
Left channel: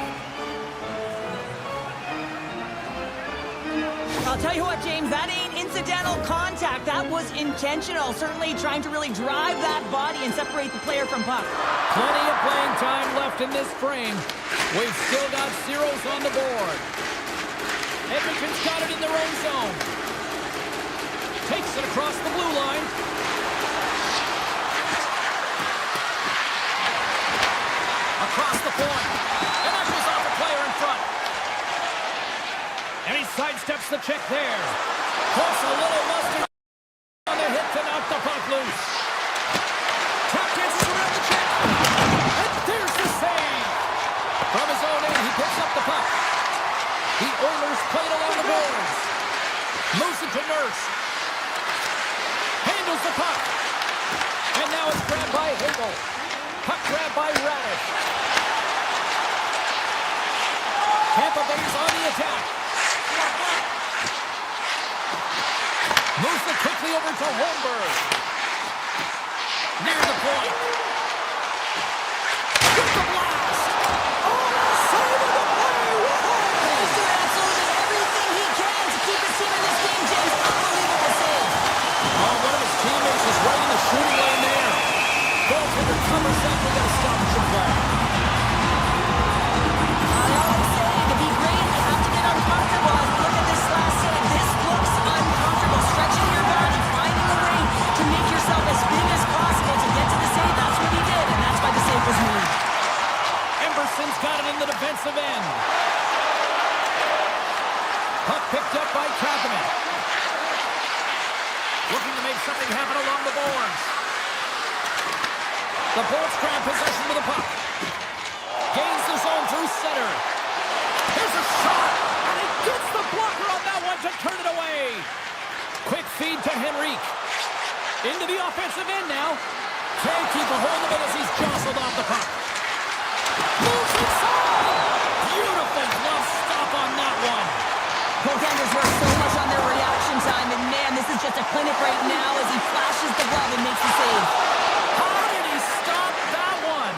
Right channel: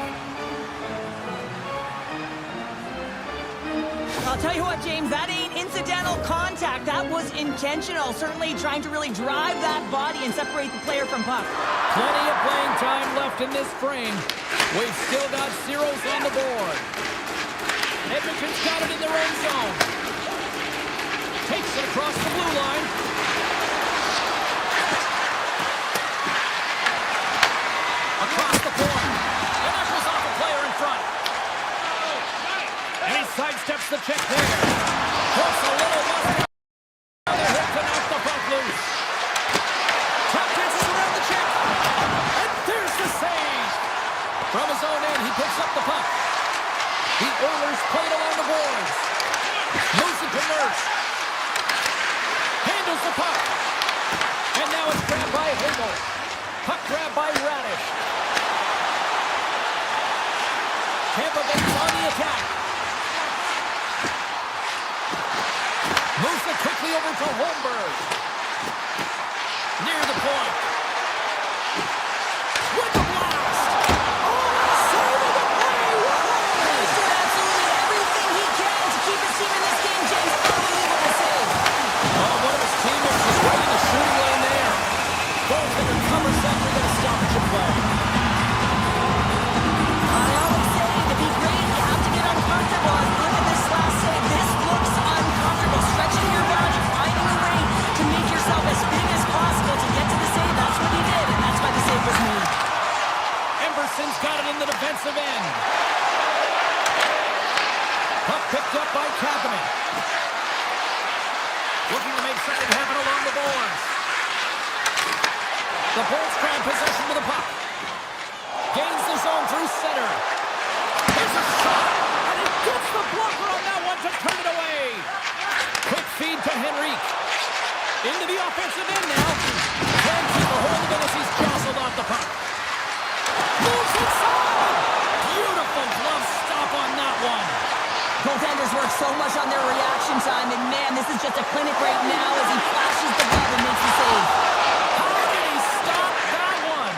I'll tell you what, James, that ain't incidental contact. That was intentional. Certainly trying to really drive that body and separate the player from puck. Plenty of playing time left in this frame. We've still got zeros on the board. Edmonton's got it in their own zone. Takes it across the blue line. Across the point. And that goes off a player in front. And he sidesteps the check there. Puts a little mustard on the hip to knock the puck loose. Tap dances around the check. And there's the save. From his own end, he picks up the puck. The Oilers play it along the boards. Moves it to Nurse. Handles the puck. And now it's grabbed by Hagel. Puck grabbed by Radish. Tampa Bay's on the attack. Moves it quickly over to Holmberg. Near the point. With the blast. Oh, save of the play. He's doing absolutely everything he can to keep his team in this game, James. Unbelievable save. Oh, one of his teammates is right in the shooting lane there. Goaltender covers that. We got a stoppage in play. I always say to be great, you have to get uncomfortable. As we look at this last save, this looks uncomfortable. Stretching your body, finding a way to make yourself as big as possible to get to the save. That's what he did, and that's why the save was made. Emberson's got it in the defensive end. Puck picked up by Kapanen. Looking to make something happen along the boards. The Bolts grab possession with the puck. Gains the zone through center. Here's a shot, and he gets the blocker on that one to turn it away. Quick feed to Henrique. Into the offensive end now. Can't keep a hold of it as he's jostled off the puck. Moves inside. Beautiful glove stop on that one. Goaltenders work so much on their reaction time, and man, this is just a clinic right now as he flashes the glove and makes the save. How did he stop that one?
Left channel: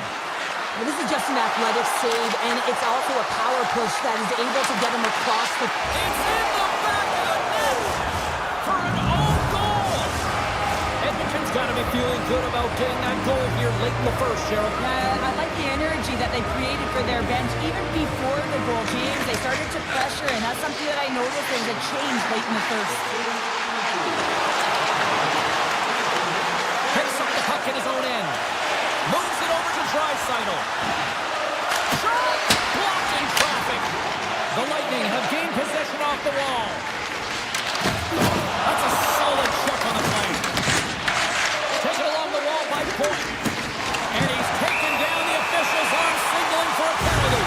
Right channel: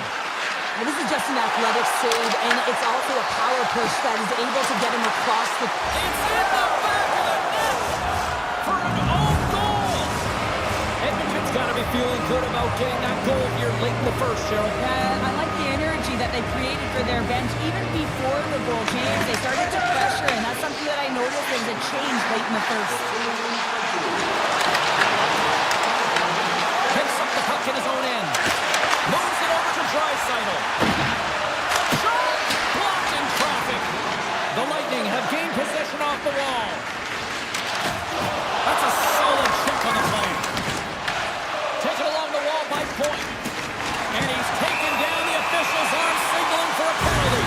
Well, this is just an athletic save, and it's also a power push that is able to get him across the... It's in the back of the net for an own goal. Edmonton's got to be feeling good about getting that goal here late in the first, Cheryl. I like the energy that they created for their bench. Even before the goal, James, they started to pressure, and that's something that I noticed was a change late in the first. Picks up the puck in his own end. Moves it over to Draisaitl. Shot! Blocked in traffic. The Lightning have gained possession off the wall. That's a solid check on the play. Taken along the wall by Point. And he's taken down. The officials arm signaling for a penalty.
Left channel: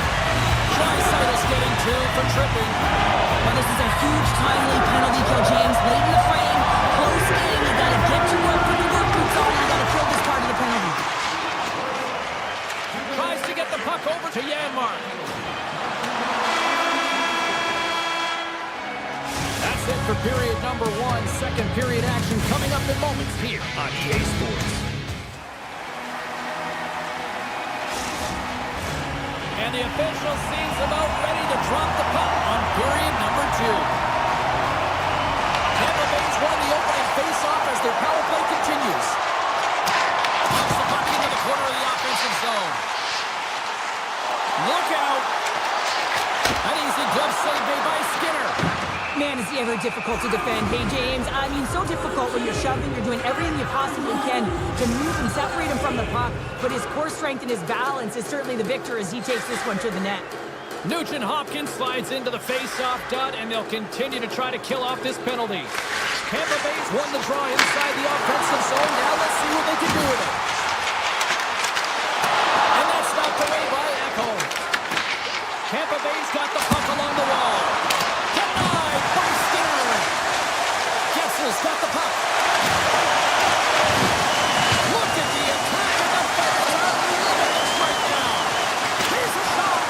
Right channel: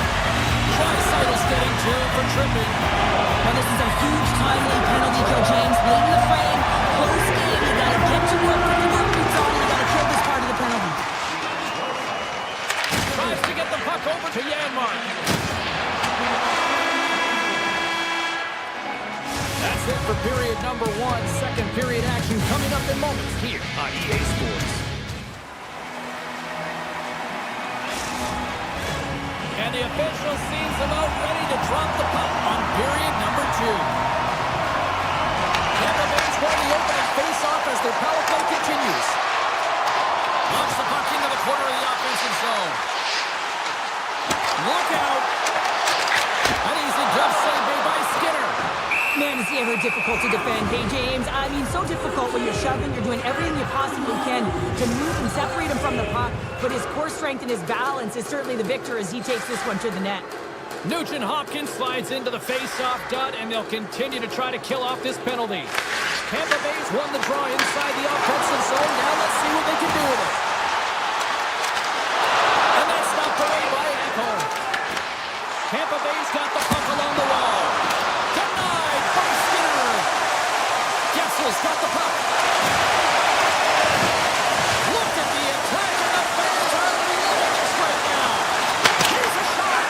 Draisaitl 2 for tripping. Well, this is a huge timely penalty kill, James. Late in the frame, close game. You got to get to work, put the work boots on, and you got to kill this part of the penalty. Tries to get the puck over to Janmark. That's it for period number 1. Second period action coming up in moments here on EA Sports. And the official seems about ready to drop the puck on period number 2. Tampa Bay's won the opening face-off as their power play continues. Launch the puck into the corner of the offensive zone. Look out! An easy glove save made by Skinner. Man, is he ever difficult to defend. Hey, James, I mean, so difficult when you're shoving. You're doing everything you possibly can to move and separate him from the puck. But his core strength and his balance is certainly the victor as he takes this one to the net. Nugent Hopkins slides into the face-off dot, and they'll continue to try to kill off this penalty. Tampa Bay's won the draw inside the offensive zone. Now let's see what they can do with it. And that's knocked away by Ekholm. Tampa Bay's got the puck along the wall. Denied by Skinner. Getzel's got the puck. Look at the attack, and the fans are loving this right now. Here's a shot,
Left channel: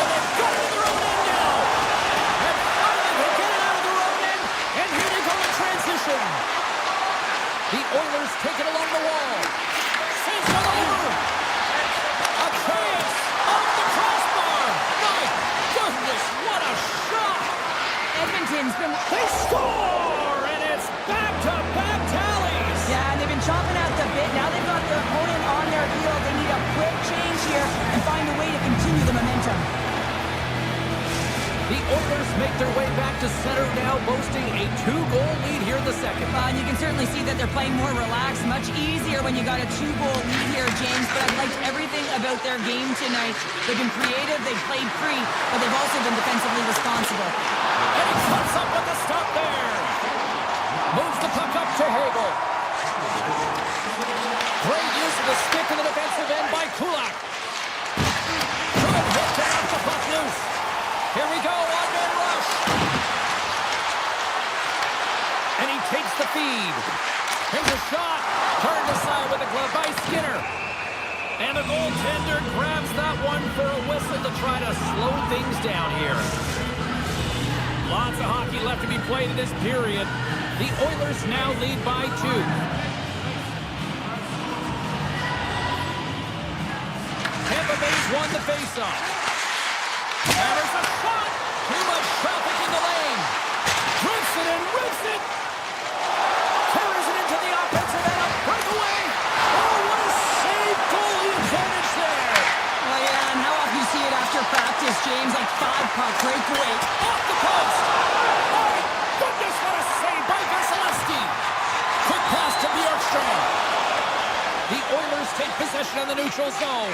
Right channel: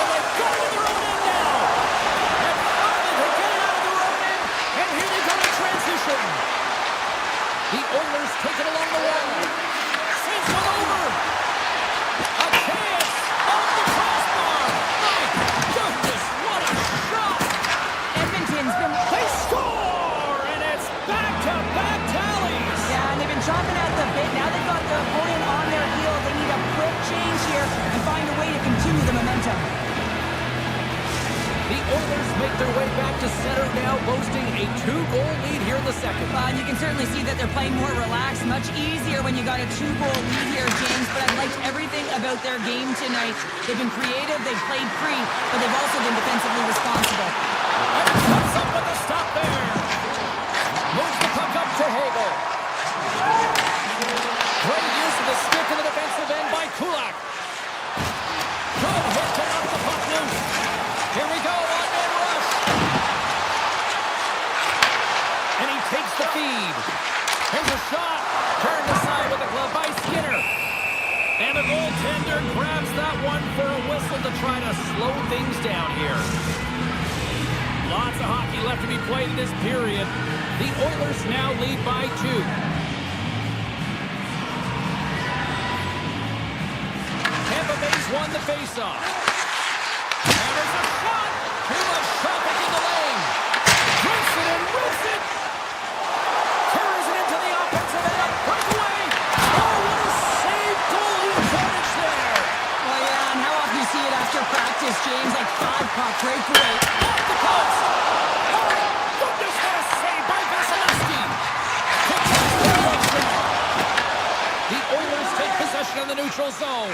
and they've got it in their own end now. And finally they get it out of their own end, and here they go in transition. The Oilers take it along the wall. Sends one over. A chance off the crossbar. My goodness, what a shot. Edmonton's been... They score, and it's back-to-back tallies. Yeah, and they've been chomping at the bit. Now they've got their opponent on their heel. They need a quick change here and find a way to continue the momentum. The Oilers make their way back to center now, boasting a 2-goal lead here in the second. And you can certainly see that they're playing more relaxed, much easier when you got a 2-goal lead here, James. But I've liked everything about their game tonight. They've been creative, they've played free, but they've also been defensively responsible. And he cuts up with the stop there. Moves the puck up to Hagel. Great use of the stick in the defensive end by Kulak. Good hit to knock the puck loose. Here we go, one-man rush. And he takes the feed. Here's a shot. Turned aside with a glove by Skinner. And the goaltender grabs that one for a whistle to try to slow things down here. Lots of hockey left to be played in this period. The Oilers now lead by 2. Tampa Bay's won the faceoff. Hammers a shot. Too much traffic in the lane. Drifts it and rips it. Carries it into the offensive end. A breakaway. Oh, what a save. Goalie advantage there. Well, yeah, and how often you see it after practice, James? Like 5-puck breakaway. Off the post. Oh, goodness, what a save by Vasilevsky. Quick pass to Bjorkstrand. The Oilers take possession in the neutral zone.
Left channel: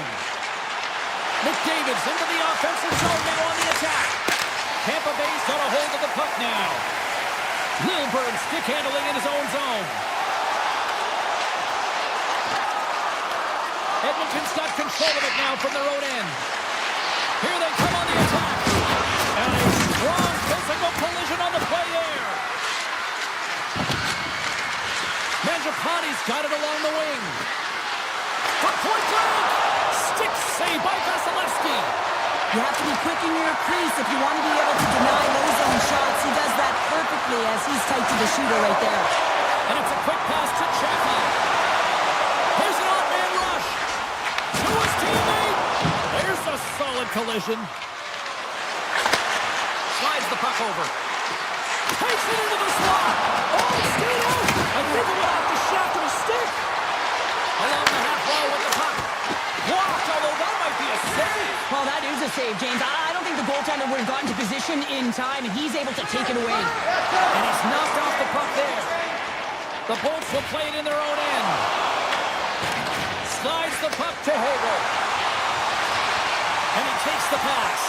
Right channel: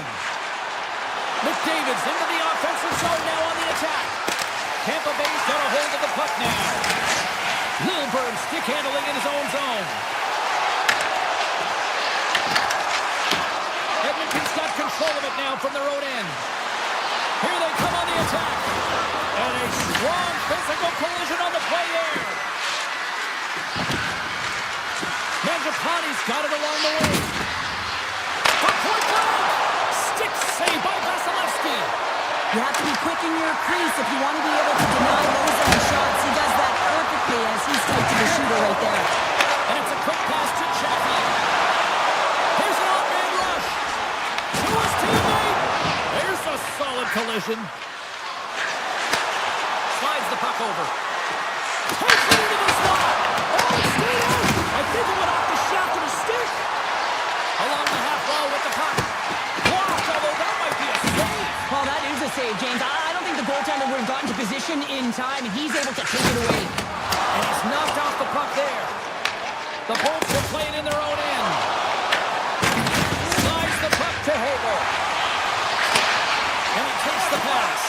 McDavid's into the offensive zone now on the attack. Tampa Bay's got a hold of the puck now. Lilburn stick handling in his own zone. Edmonton's got control of it now from their own end. Here they come on the attack. And a strong physical collision on the play there. Mangiapane's got it along the wing. From point blank. Stick save by Vasilevsky. You have to be quick in your crease if you want to be able to deny those zone shots. He does that perfectly as he's tight to the shooter right there. And it's a quick pass to Chaffee. Here's an odd-man rush. To his teammate. There's a solid collision. Slides the puck over. Takes it into the slot. Oh, it stayed out. I think it went off the shaft of his stick. Along the half wall with the puck. Blocked, although that might be a save. Well, that is a save, James. I don't think the goaltender would have gotten to position in time, and he's able to take it away. And he's knocked off the puck there. The Bolts will play it in their own end. Slides the puck to Hagel. And he takes the pass.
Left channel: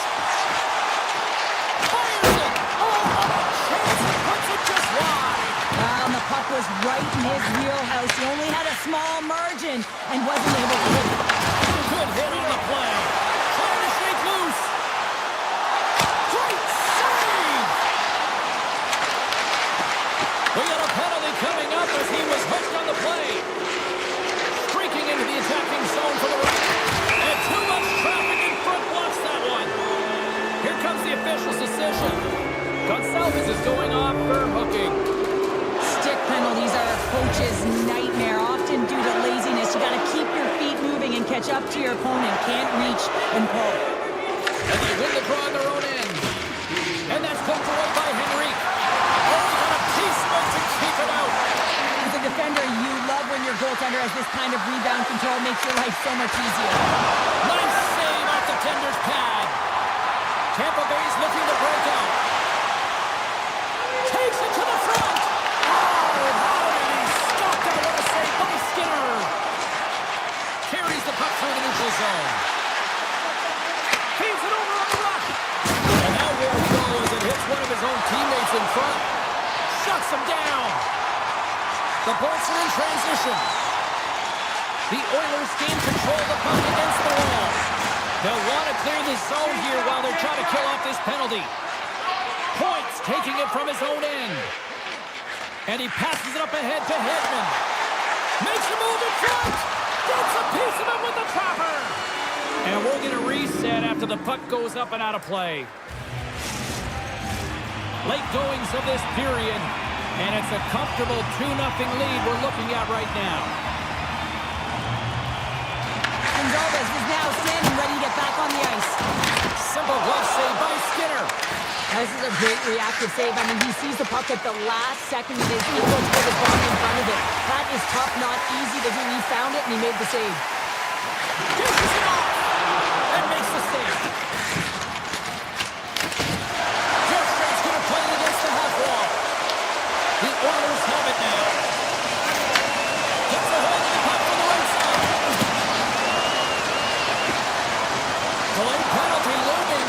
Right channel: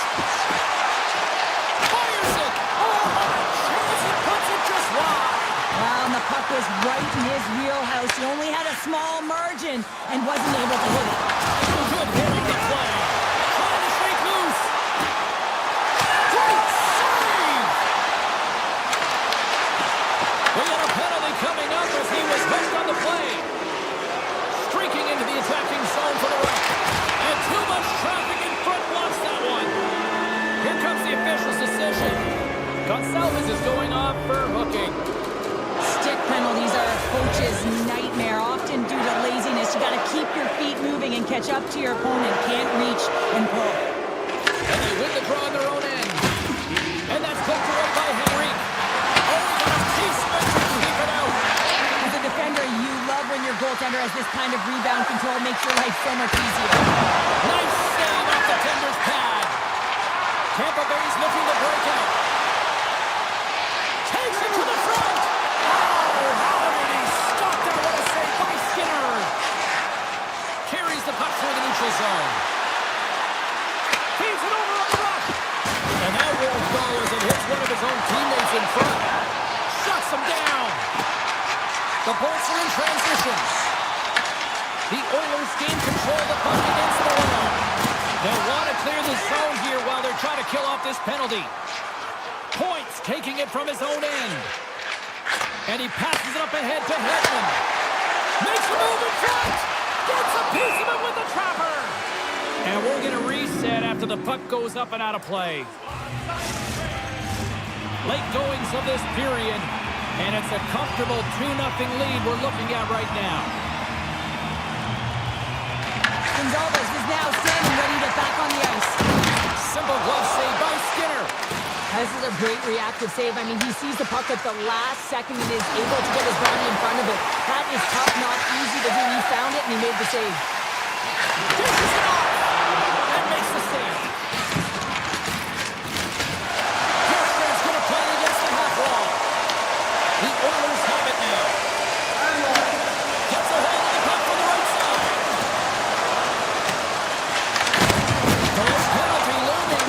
Fires it. Oh, what a chance. He puts it just wide. Well, and the puck was right in his wheelhouse. He only had a small margin and wasn't able to hit it. Good hit on the play. Trying to shake loose. Great Gonsalves is going off for hooking. Stick penalties are a coach's nightmare, often due to laziness. You got to keep your feet moving and catch up to your opponent. Can't reach and pull. And they win the draw on their own end. And that's poked away by Henrique. Oh, he got a piece of it to keep it out. As a defender, you love when your goaltender has this kind of rebound control. Makes your life so much easier. Nice save off the tender's pad. Tampa Bay's looking to break out. Takes it to the front. Oh, how did he stop that? What a save by Skinner. Carries the puck through the neutral zone. Feeds it over on the rush. And that won't go as it hits one of his own teammates in front. Shuts him down. The Bolts are in transition. The Oilers gain control of the puck against the wall. They'll want to clear the zone here while they're trying to kill off this penalty. Points taking it from his own end. And he passes it up ahead to Edmont. Makes a move in front. Gets a piece of it with the trapper. And we'll get a reset after the puck goes up and out of play. Late goings of this period. And it's a comfortable 2-0 lead we're looking at right now. Gonsalves is now standing ready to get back on the ice. Simple glove save by Skinner. This is a great reactive save. I mean, he sees the puck at the last second and is able to put his body in front of it. That is tough, not easy to do. He found it and he made the save. Dishes it off and makes the save. Bjorkstrand's going to play it against the half wall. The Oilers have it now. Gets a hold of the puck from the right side. Delay penalty looming.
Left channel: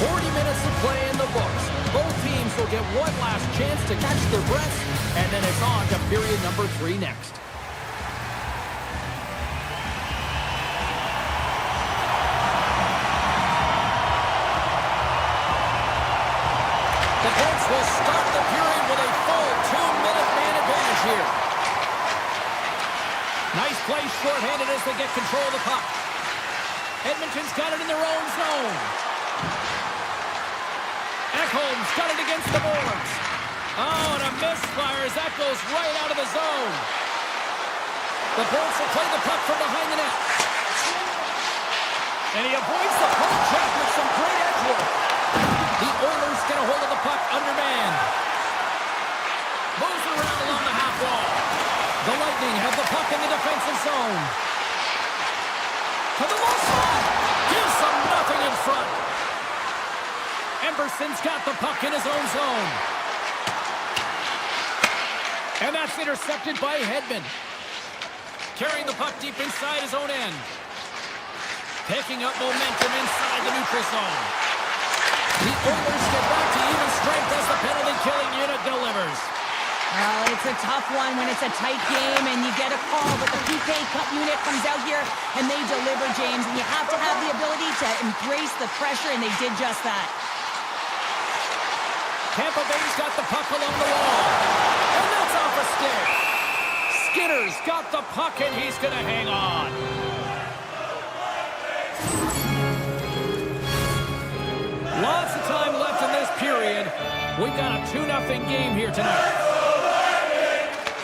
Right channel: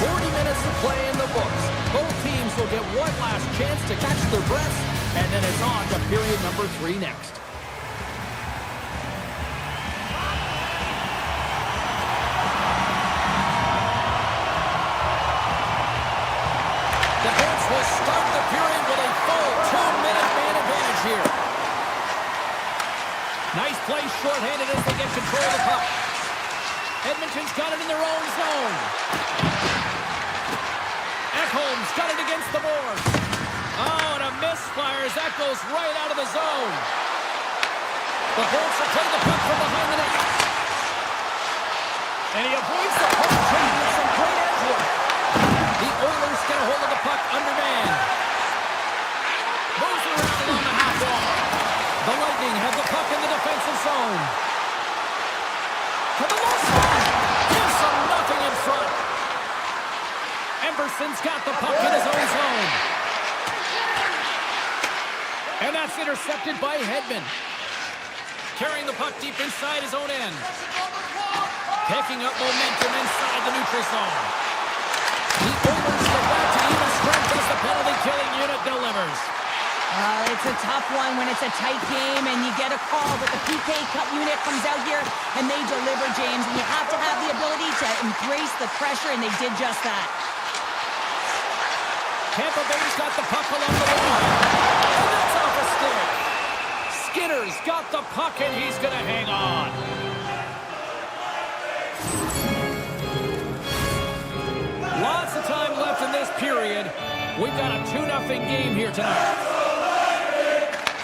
40 minutes to play in the books. Both teams will get one last chance to catch their breaths, and then it's on to period number 3 next. The Bolts will start the period with a full 2-minute man advantage here. Nice play shorthanded as they get control of the puck. Edmonton's got it in their own zone. Ekholm's got it against the boards. Oh, and a misfire as that goes right out of the zone. The Bolts will play the puck from behind the net. And he avoids the puck chase with some great edge work. The Oilers get a hold of the puck undermanned. Moves it around along the half wall. The Lightning have the puck in the defensive zone. To the low side. Gives them nothing in front. Emberson's got the puck in his own zone. And that's intercepted by Edmont. Carrying the puck deep inside his own end. Picking up momentum inside the neutral zone. The Oilers get back to even strength as the penalty-killing unit delivers. It's a tough one when it's a tight game and you get a call, but the PK Cup unit comes out here and they deliver, James, and you have to have the ability to embrace the pressure, and they did just that. Tampa Bay's got the puck along the wall, and that's off a stick. Skinner's got the puck, and he's going to hang on. Lots of time left in this period. We've got a 2-0 game here tonight.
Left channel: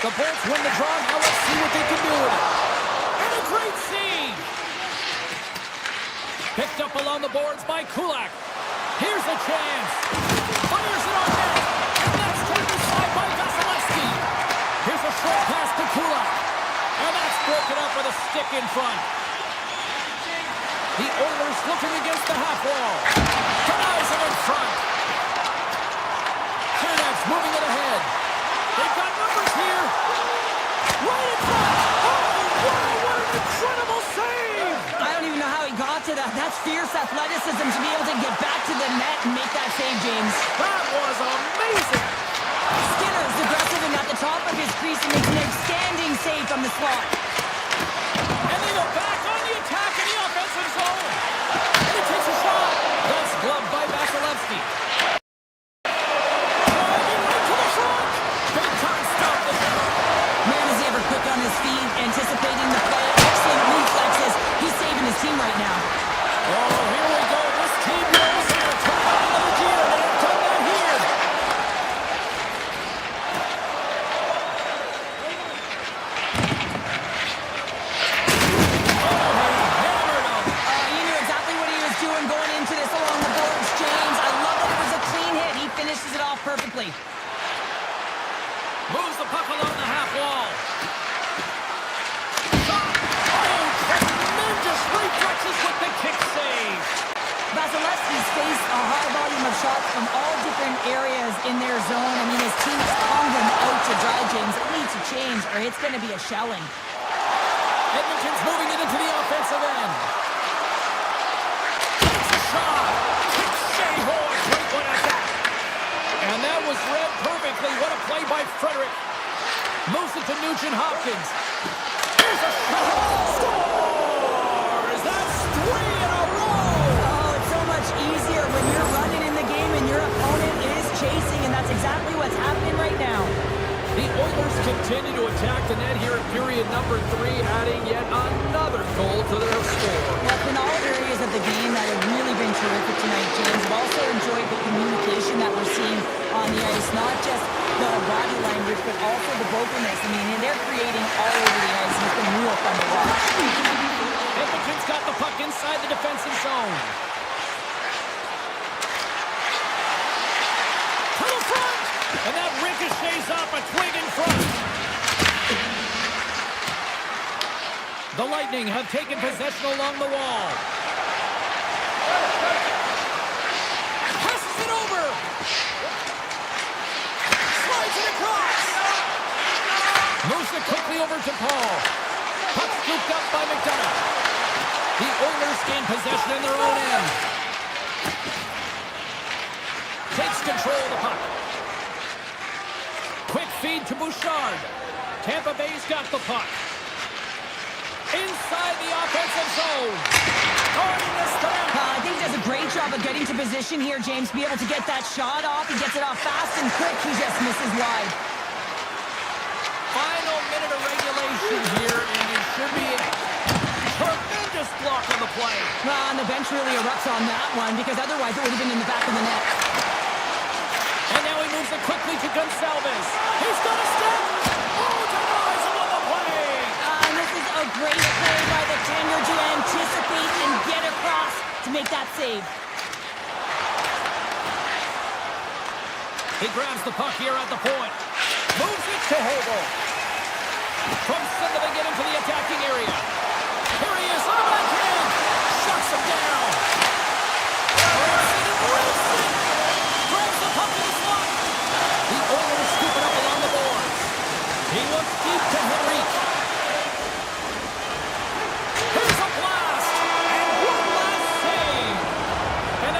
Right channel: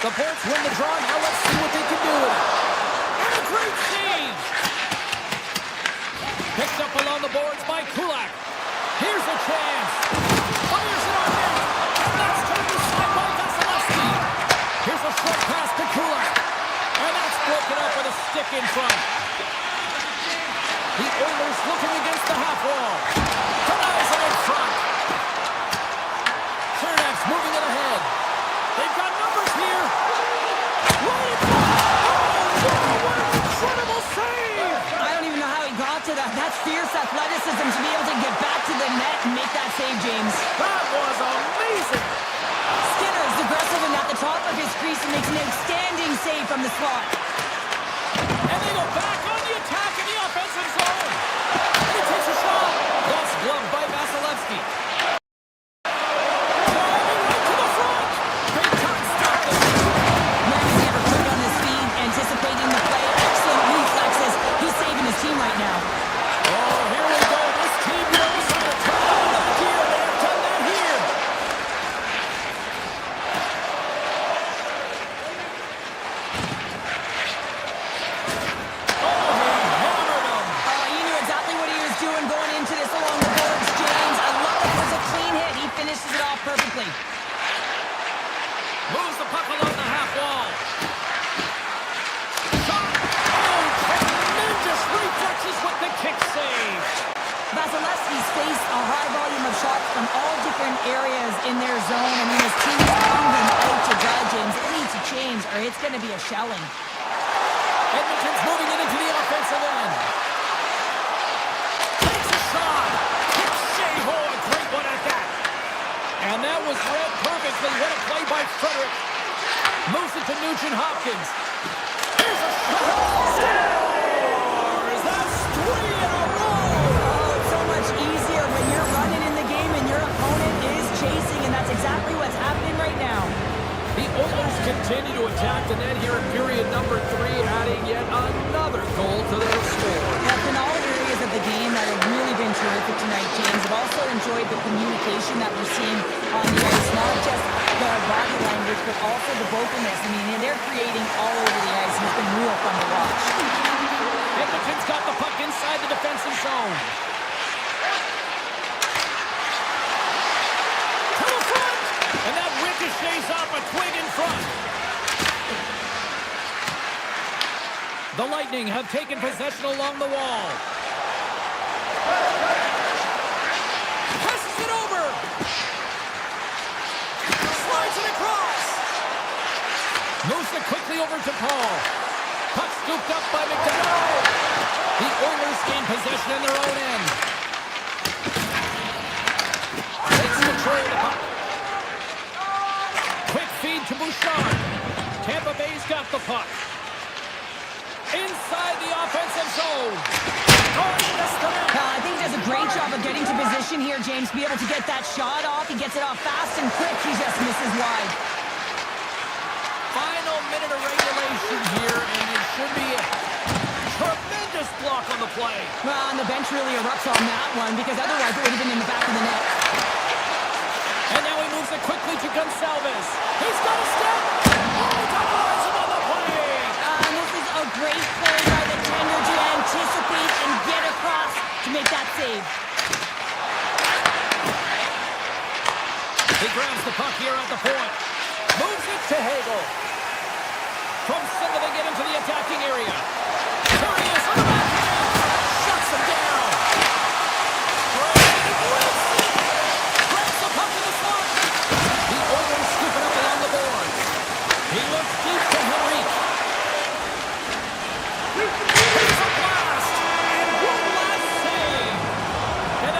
The Bolts win the draw. Now let's see what they can do with it. And a great save. Picked up along the boards by Kulak. Here's a chance. Fires it on net. And that's turned aside by Vasilevsky. Here's a short pass to Kulak. And that's broken up with a stick in front. The Oilers looking against the half wall. Denies it in front. Chernak's moving it ahead. They've got numbers here. Right in front. Oh, wow, what an incredible save. I don't even know how he got to that. That's fierce athleticism to be able to get back to the net and make that save, James. That was amazing. Skinner's aggressive and at the top of his crease and makes an outstanding save from the slot. And they go back on the attack in the offensive zone. And he takes a shot. That's gloved by Vasilevsky. Driving right to the front. Big time stop this. Man, is he ever quick on his feet, anticipating the play. Excellent reflexes. He's saving his team right now. Oh, here we go. This team knows how it off perfectly. Moves the puck along the half wall. Shot! Oh, tremendous reflexes with the kick save. Vasilevsky's faced a high volume of shots from all different areas in their zone. I mean, his team is pounding him out to dry, James. It needs to change, or it's going to be a shelling. Edmonton's moving it into the offensive end. Takes a shot. Kicks Shea-Ho, a great one at that. And that was read perfectly. What a play by Frederick. Moves it to Nugent-Hopkins. Here's a shot. Scores! That's 3 in a row. Oh, it's so much easier when you're running in the game and your opponent is chasing, and that's exactly what's happening right now. The Oilers continue to attack the net here in period number 3, adding yet another goal to their score. Well, in all areas of the game that have really been terrific tonight, James. I've also enjoyed the communication that we're seeing on the ice, not just the body language, but also the vocalness. I mean, they're creating all over the ice, and it's been real fun to watch. Edmonton's got the puck inside the defensive zone. To the front! And that ricochets off a twig in front. The Lightning have taken possession along the wall. Passes it over. Slides it across. Moves it quickly over to Paul. Puck scooped up by McDonough. The Oilers gain possession in their own end. Takes control of the puck. Quick feed to Bouchard. Tampa Bay's got the puck. Inside the offensive zone. I think he does a great job of getting to position here, James. Be able to get that shot off. He gets it off fast and quick. He just misses wide. Final minute of regulation here, and it should be it. Tremendous block on the play. Well, and the bench really erupts on that one, because otherwise it would have been in the back of the net. And now he moves it quickly to Gonçalves. He's got a step. Oh, denies him on the play. And this is a great play by the tender to anticipate and get across to make that save. He grabs the puck here at the point. Moves it to Hagel. From center they get into the attacking area. Here he is on the backhand. Shuts him down. Brandon Wilson grabs the puck in the slot. The Oilers scoop it up along the boards. He looks deep to Henrique. Here's a blast. And one last save. And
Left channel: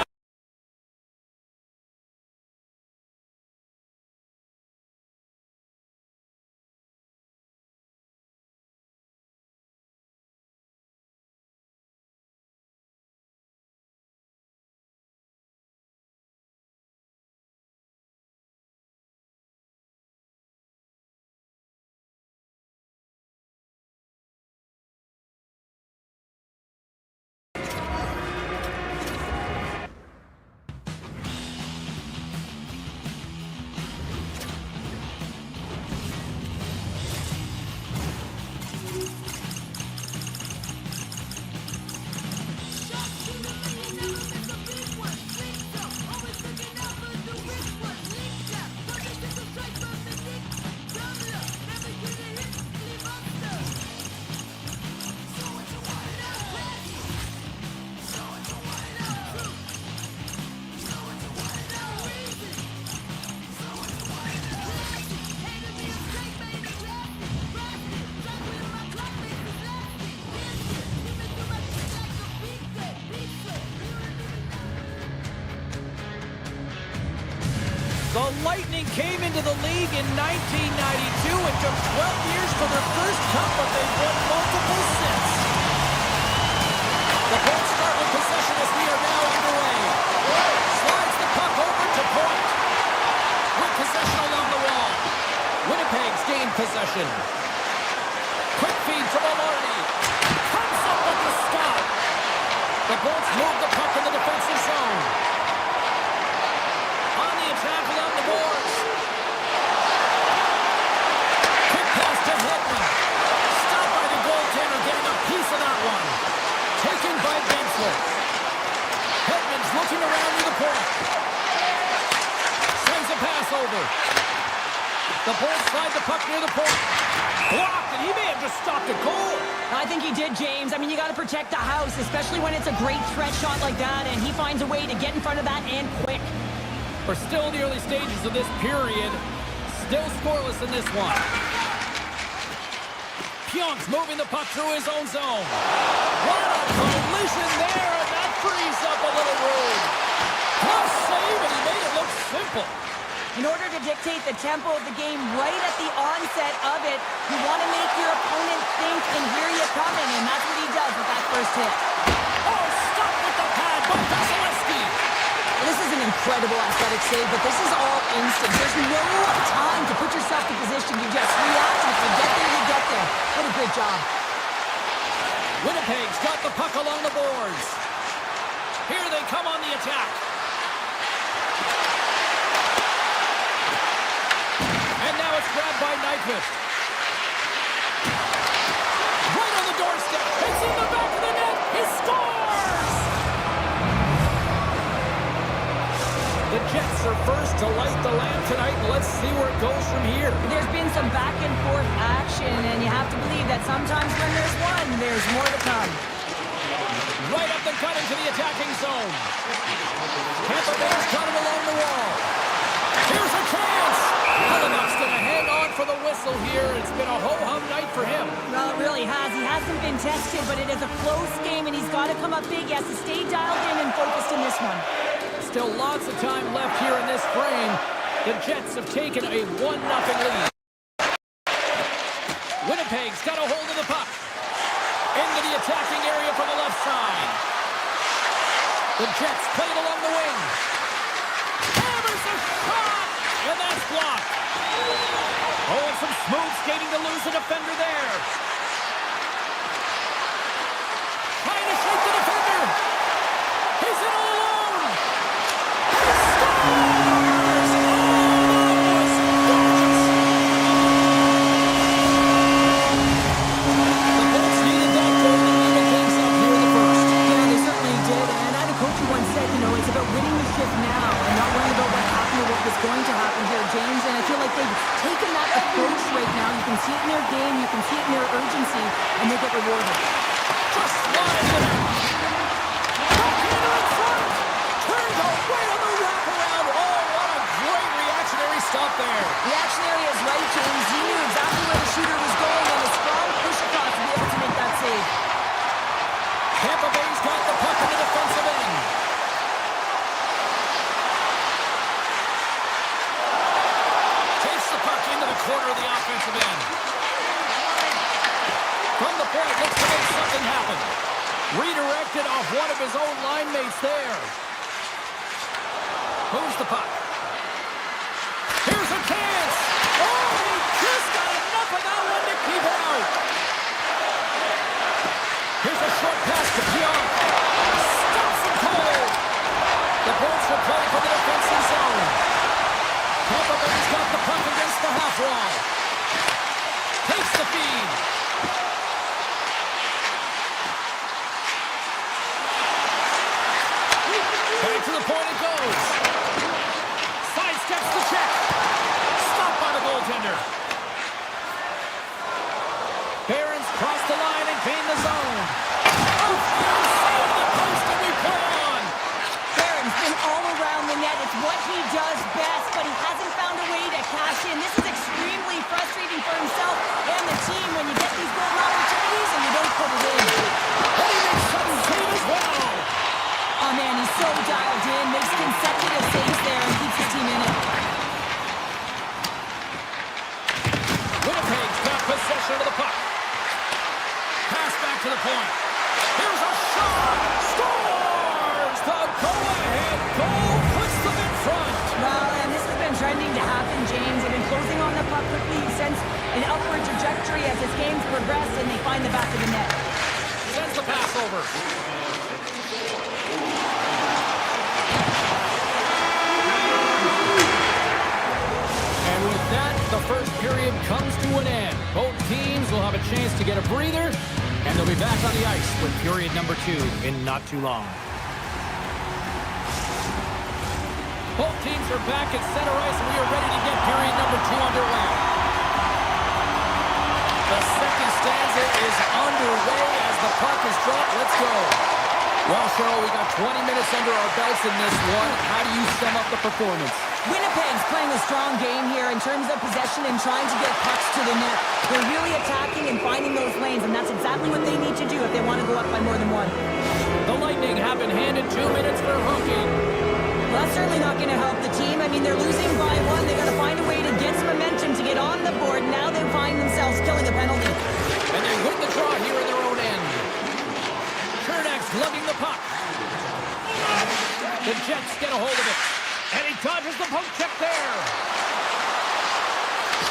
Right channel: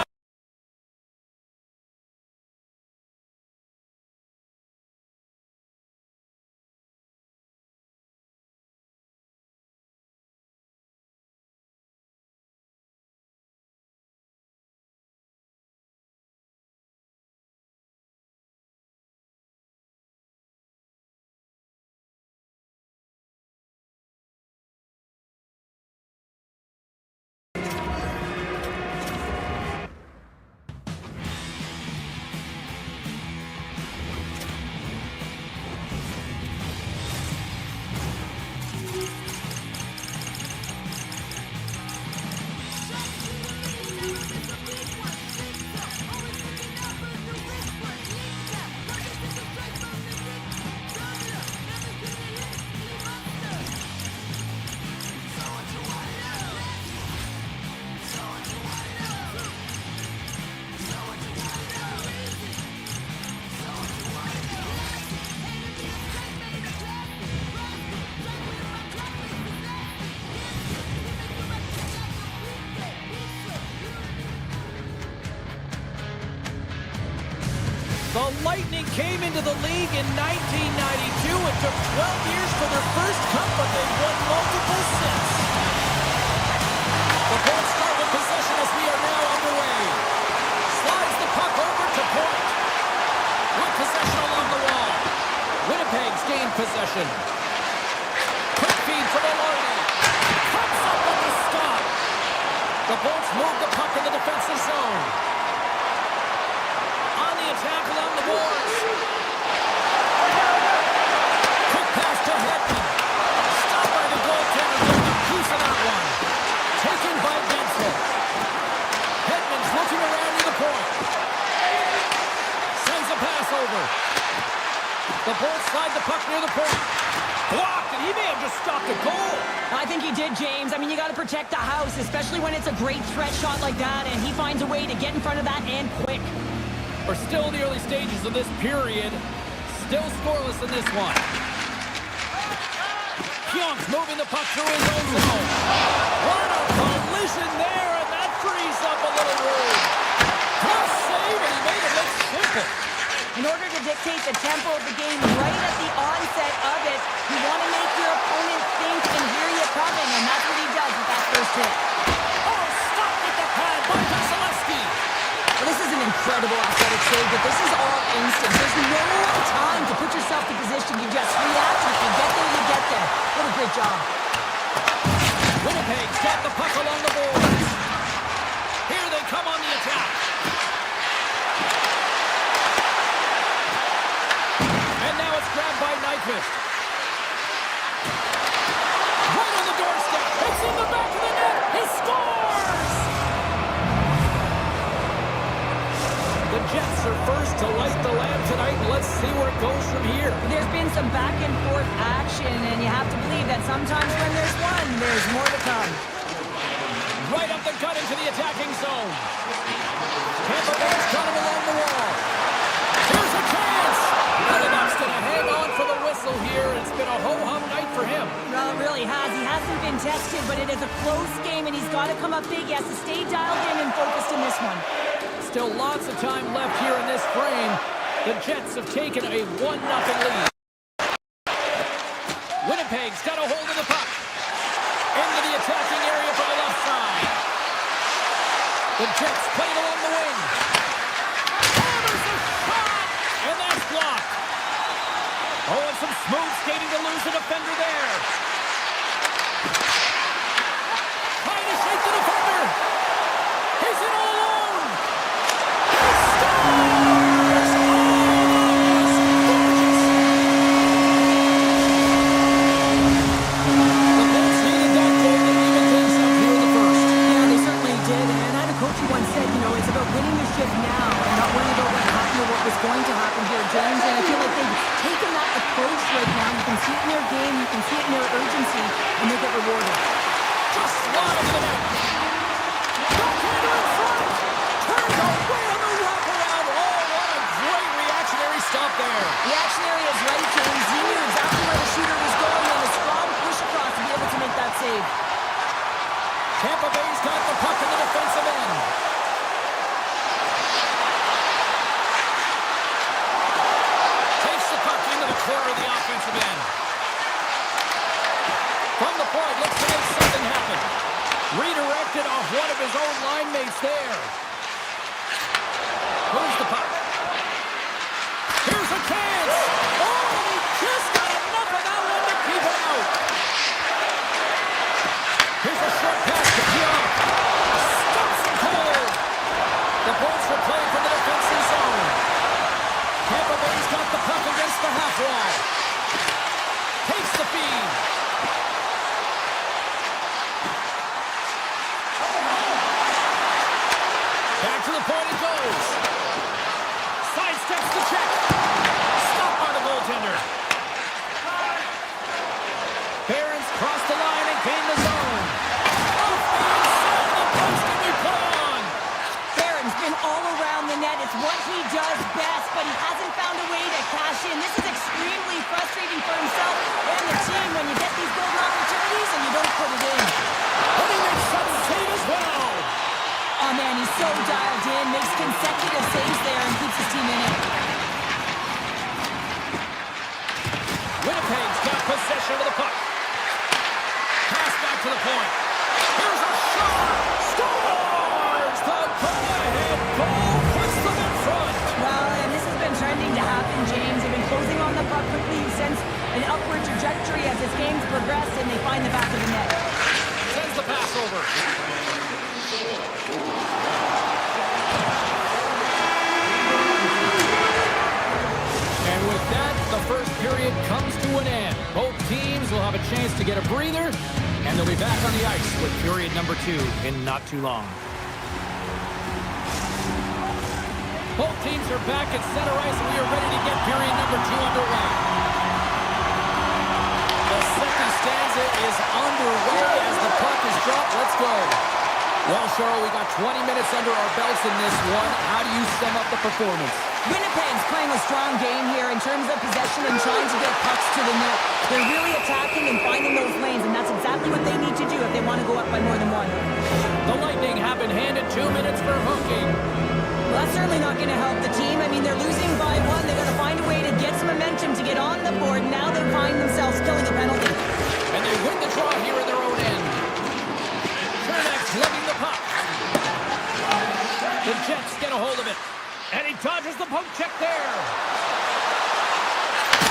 the Lightning came into the league in 1992. It took 12 years for their first cup, but they've won multiple since. The Bolts start with possession as we are now underway. Slides the puck over to Point. With possession along the wall. Winnipeg's gained possession. Quick feed to Maloney. Comes up with the stop. The Bolts move the puck in the defensive zone. On the attack along the boards. Quick pass to Edmont. Stopped by the goaltender, getting a piece of that one. Taken by Benson. Edmont's looking around near the point. Sends it The Bulls slide the puck near the point. Blocked, and he may have just stopped a goal. I think he did, James. I mean, you got to protect the house, especially when it's a great threat shot like that, and he finds a way to get in front of that and quick. We're still in the early stages of this period. Still scoreless in this one. Pionk's moving the puck through his own zone. What a collision there, and that frees up a little room. Tough save, and he made it look simple. In order to dictate the tempo of the game right at the onset of it, you want to make your opponent think and hear you coming, and that's what he does with that first hit. Oh, stop with the pad by Vasilevsky. Well, this is an incredible athletic save, but this is all instant. There's no time to put yourself in position. You just react, and if you get there, you get there. What a great job. Winnipeg's got the puck along the boards. Here they come on the attack. And now it's grabbed by Nyquist. Right on the doorstep. It's in the back of the net. He scores! The Jets are first to light the lamp tonight. Let's see where it goes from here. There's been some back and forth action, and you have to believe that sometimes when there's one, there's more to come. Right up the gut into the attacking zone. Tampa Bay's got him along the wall. Here's a chance. Edmont's going to hang on for the whistle here. It's been a ho-hum night for him. Well, it really has. He hasn't been tested, but it is a close game, and he's got to come up big. He has to stay dialed in and focused in this one. Still lots of time left here in this frame. The Jets have taken a 1-0 lead. Winnipeg's got a hold of the puck. Into the attacking area from the left side. The Jets play it along the wing. Hammers a shot! And that's blocked. Oh, and some smooth skating to lose the defender there. Trying to shake the defender. He's in all alone. He scores! Oh, that was gorgeous. The Bolts needed that goal to even things up here in the first. Yeah, they certainly did. And I had a coach who once said, you know, it's about winning the shift now and not worrying about what happened or what was going to happen here, James. And I feel like they've taken that approach right now. You can see it in their game. You can see it in their urgency, and they get rewarded. Just slide to the net. Backhander in front. Turned away on the wraparound. Oh, what a great reactionary stop there. Reactionary is right, James. He knew exactly where the shooter was going and a strong push across to be able to make that save. Tampa Bay's got the puck in the defensive end. Takes the puck into the corner of the offensive end. From the point, looks to make something happen. Redirected off one of his own line mates there. Moves the puck. Here's a chance. Oh, he just got enough of that one to keep it out. Here's a short pass to Pionk. Stops him cold. The Bolts will play from the defensive zone. Tampa Bay's got the puck against the half wall. Takes the feed. Back to the point it goes. Sidesteps the check. Stopped by the goaltender. Barron's crossed the line and gained the zone. Off the inside of the post and we play on. Barron's been all around the net. It's what he does best, but he hasn't found a way to cash in. This is extremely frustrating for himself and the team when you get these golden opportunities and you don't put it in. And he makes some save as well. Oh, man, he's so dialed in, makes consecutive saves there and keeps his team in it. Winnipeg's got possession of the puck. Pass back to the point. Here's a shot. Scores! The go-ahead goal puts them in front. Well, and this has been trending to happen, James. They've been closing on the puck quickly since an upward trajectory as this game's progressed, and they find the back of the net. Sends the pass over. And with that, the first period comes to an end. Both teams will have a chance to get a breather, and they'll be back on the ice with period number 2 in not too long. Both teams are back at center ice, and we are ready to get period number 2 underway. The second stanza is underway as the puck is dropped. Let's go. Well, Cheryl, we got 20 minutes under our belts in this one. How do you sum up the performance? Winnipeg's playing a strong game here in terms of possession and trying to get pucks to the net. They're really attacking and finding those lanes, and that's exactly what they need to do if they want to go up by more than one. The Lightning have been handed 2 minutes for hooking. Well, that's certainly not going to help the team. I mean, they're losing by 1. They got to find a way to get some momentum to get on the board. Now they find themselves killing a penalty. And they win the draw here in their own end. Chernak's lugging the puck. The Jets get a hold of it. And he dodges the poke check there.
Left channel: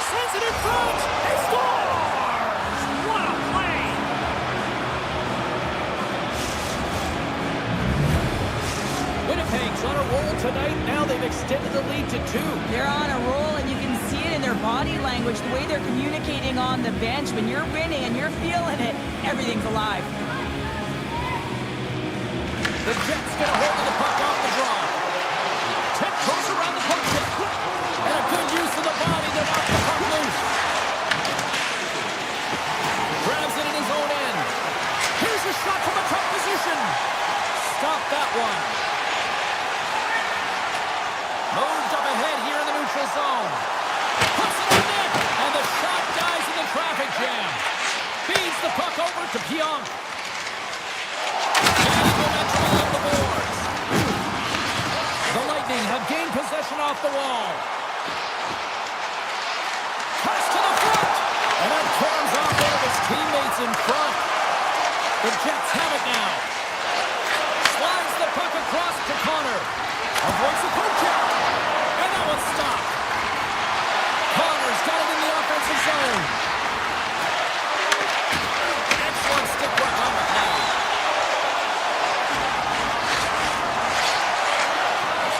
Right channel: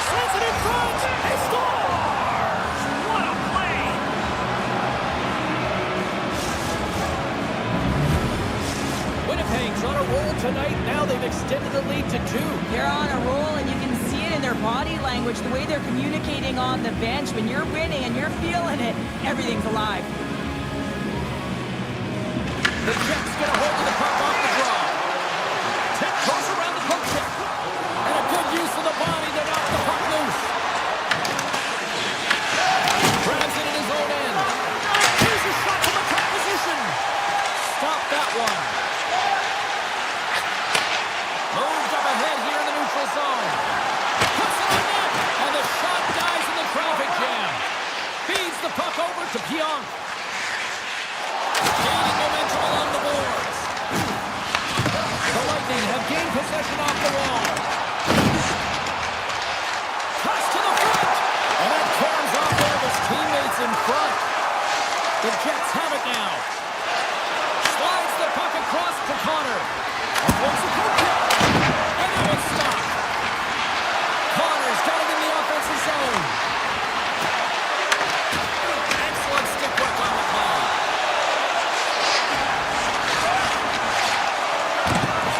Sends it in front. He scores! What a play! Winnipeg's on a roll tonight. Now they've extended the lead to 2. They're on a roll, and you can see it in their body language, the way they're communicating on the bench. When you're winning and you're feeling it, everything's alive. The Jets get a hold of the puck off the draw. Tip goes around the poke check. And a good use of the body to knock the puck loose. Grabs it in his own end. Here's a shot from a tough position. Stop that one. Moved up ahead here in the neutral zone. Puts it on net. And the shot dies in the traffic jam. Feeds the puck over to Pionk. Gaining momentum along the boards. The Lightning have gained possession off the wall. Pass to the front. And that caroms off one of his teammates in front. The Jets have it now. Slides the puck across to Connor. Avoids the poke check. And that one's stopped. Connor's got it in the offensive zone. Excellent stick work on the play.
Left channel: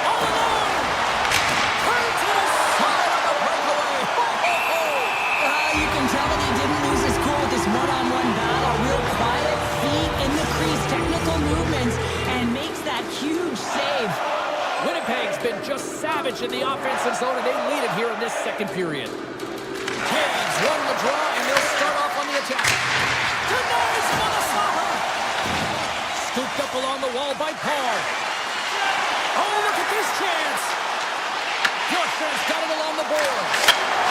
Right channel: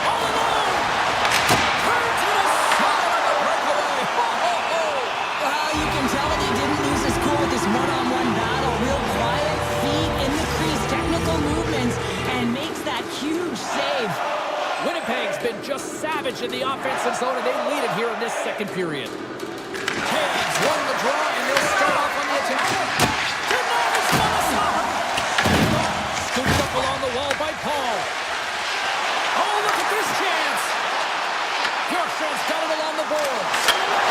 All alone. Turns to the side on the breakaway. Well, you can tell that he didn't lose his cool with this one-on-one battle. Real quiet, feet in the crease, technical movements, and makes that huge save. Winnipeg's been just savage in the offensive zone, and they lead it here in this second period. Hayes won the draw, and they'll start off on the attack. Denies him on the slapper. Scooped up along the wall by Paul. Oh, look at this chance. Bjorkstrand's got it along the boards.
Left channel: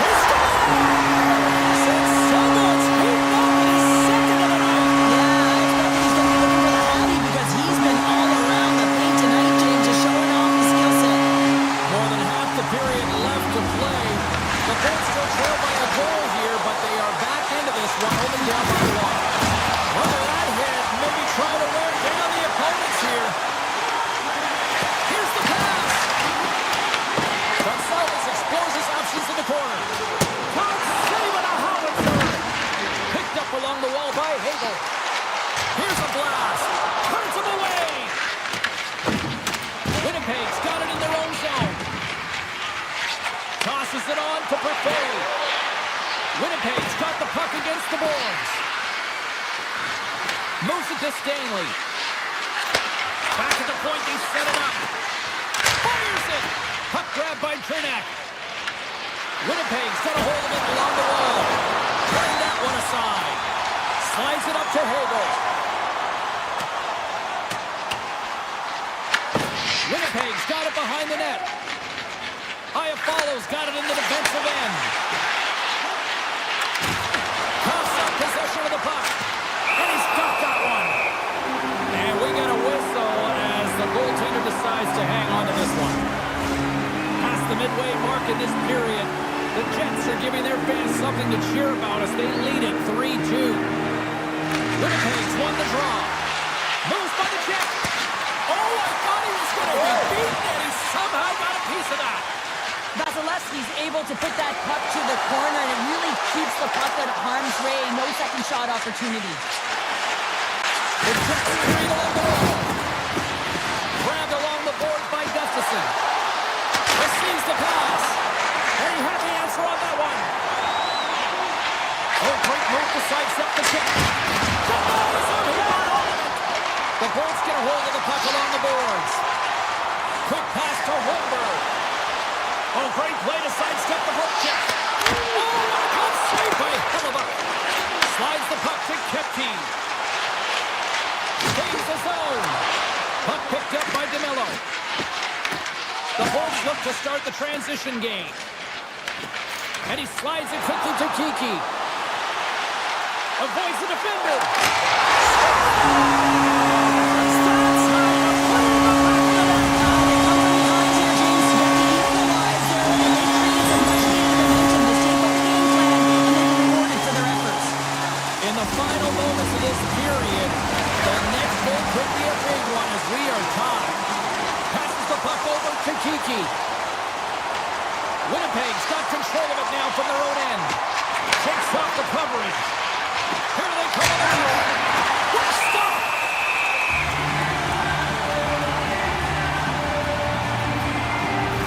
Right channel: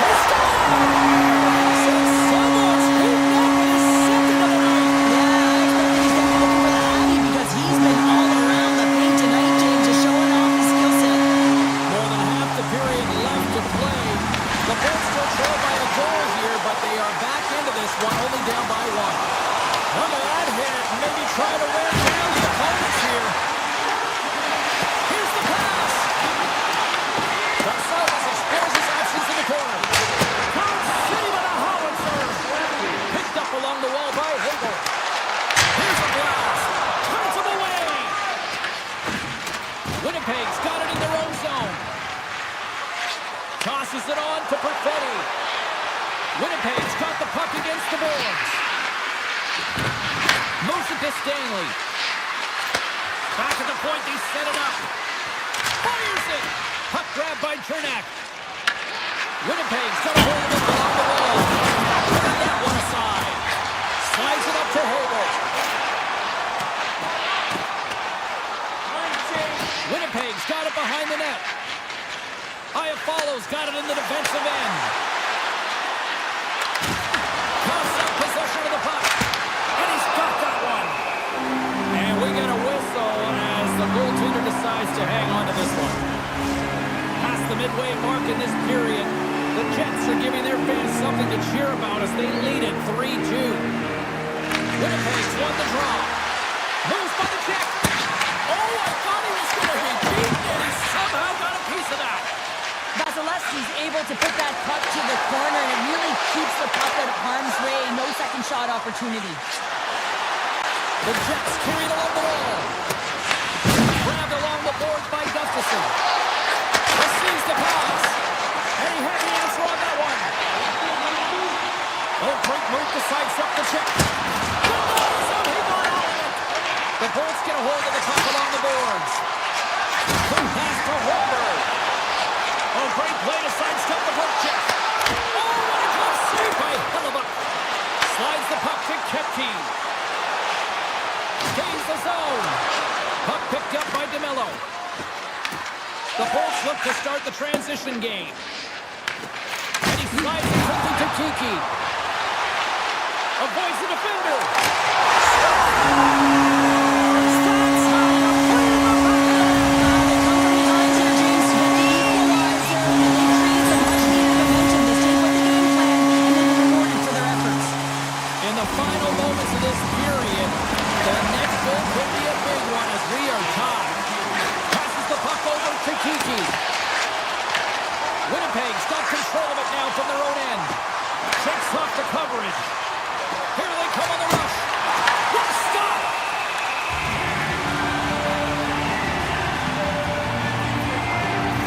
He scores! And someone's beaten up in his second of the night. Yeah, I expect that he's going to be looking for the Hattie because he's been all around the paint tonight, James, just showing off his skill set. More than half the period left to play. The Bolts still trail by a goal here, but they are back into this one, only down by 1. Look at that hit. Maybe try to wear down the opponents here. Here's the pass. Gonzalez explores his options in the corner. Todd save on a howitzer. Picked up along the wall by Hagel. Here's a blast. Turns him away. Winnipeg's got it in their own zone. Tosses it on to Perfetti. Winnipeg's got the puck against the boards. Moves it to Stanley. Back at the point, they set it up. Fires it. Puck grab by Chernak. Winnipeg's got a hold of it along the wall. Turning that one aside. Slides it up to Hagel. Winnipeg's got it behind the net. Iafallo's got it in the defensive end. Coughs up possession of the puck. And he's got that one. And we get a whistle as the goaltender decides to hang on to this one. Past the midway mark in this period, the Jets are giving their fans something to cheer about as they lead it 3-2. Winnipeg's won the draw. Moves by the check. Oh, I thought he was going to be beaten, and he somehow got a piece of that. Vasilevsky's able to put that puck to the corner, and it really keeps the puck out of harm's way. No second shot opportunity. The Jets carried along the wall. Grabbed along the boards by Gustafsson. Receives the pass. And he had the answer on that one. Oh, great move to sidestep the check. Denies him. He got all of it. The Bolts get a hold of the puck along the boards. Quick pass to Holmberg. Oh, great play to sidestep the poke check. Oh, what a glove save by Hellebuck. Slides the puck to Kepke. Gains the zone. Puck picked up by DeMello. The Bolts look to start the transition game. And he slides it quickly to Kiki. Avoids the defender. That's how you put it in the back of the net. They come from behind here, James, to get the equalizer, and they create some much-needed momentum. They stay with the game plan, and they've been rewarded for their efforts. In the final moments of this period, the next goal could be a big one as we are tied. Passes the puck over to Kiki. Winnipeg's got control of it now from their own end. Shakes off the coverage. Here they come on the rush. What a stop!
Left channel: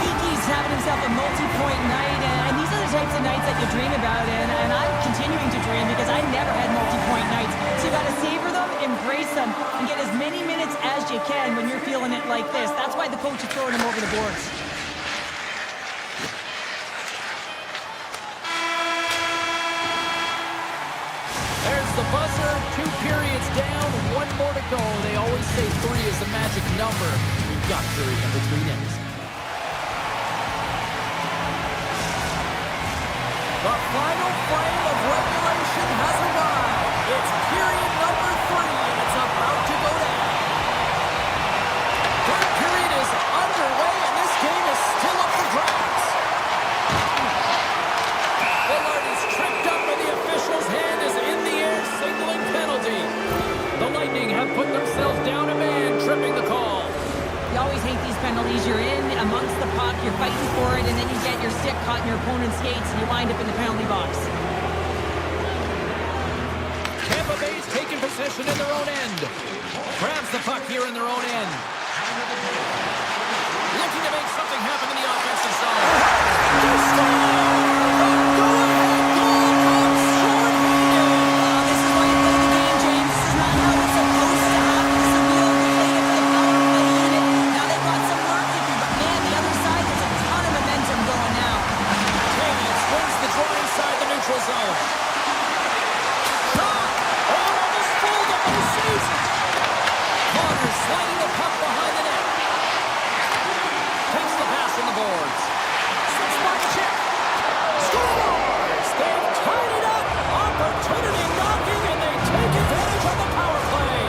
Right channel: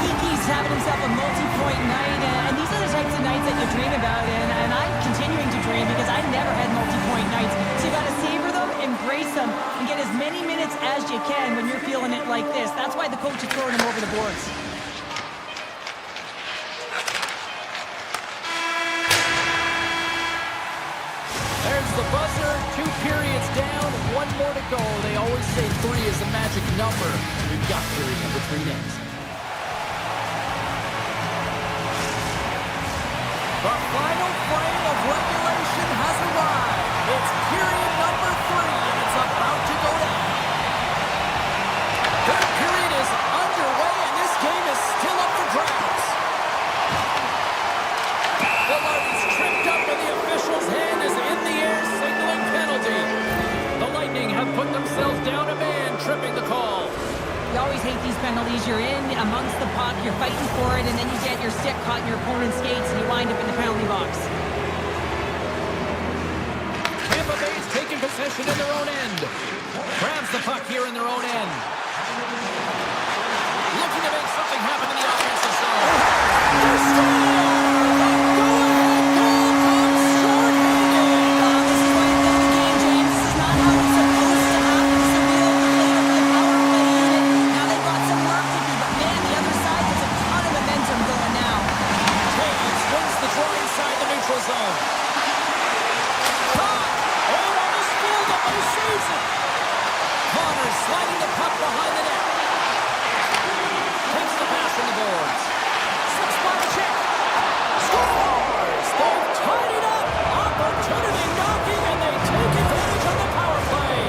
Kiki's having himself a multi-point night, and these are the types of nights that you dream about, and I'm continuing to dream because I never had multi-point nights. So you got to savor them, embrace them, and get as many minutes as you can when you're feeling it like this. That's why the coach is throwing him over the boards. There's the buzzer. 2 periods down, 1 more to go. They always say 3 is the magic number. We've got period number 3 next. The final frame of regulation has arrived. It's period number 3, and it's about to go down. Third period is underway, and this game is still up for grabs. Velarde's tripped up, and the official's hand is in the air, signaling penalty. The Lightning have put themselves down a man, tripping the call. You always hate these penalties. You're in amongst the puck, you're fighting for it, and then you get your stick caught in your opponent's skates, and you wind up in the penalty box. Tampa Bay's taking possession in their own end. Grabs the puck here in their own end. Looking to make something happen in the offensive zone. They score! The go-ahead goal comes short-handed. This is why you play the game, James. This is not how it's supposed to happen. This is a real good play for the power play unit. Now they've got some work to do, but man, the other side, there's a ton of momentum going now. Taves wins the draw inside the neutral zone. Shot! Oh, almost fooled him, but he saves it. Connors sliding the puck behind the net. Takes the pass from the boards. Six-mark check. Scores! They've tied it up. Opportunity knocking, and they take advantage of the power play.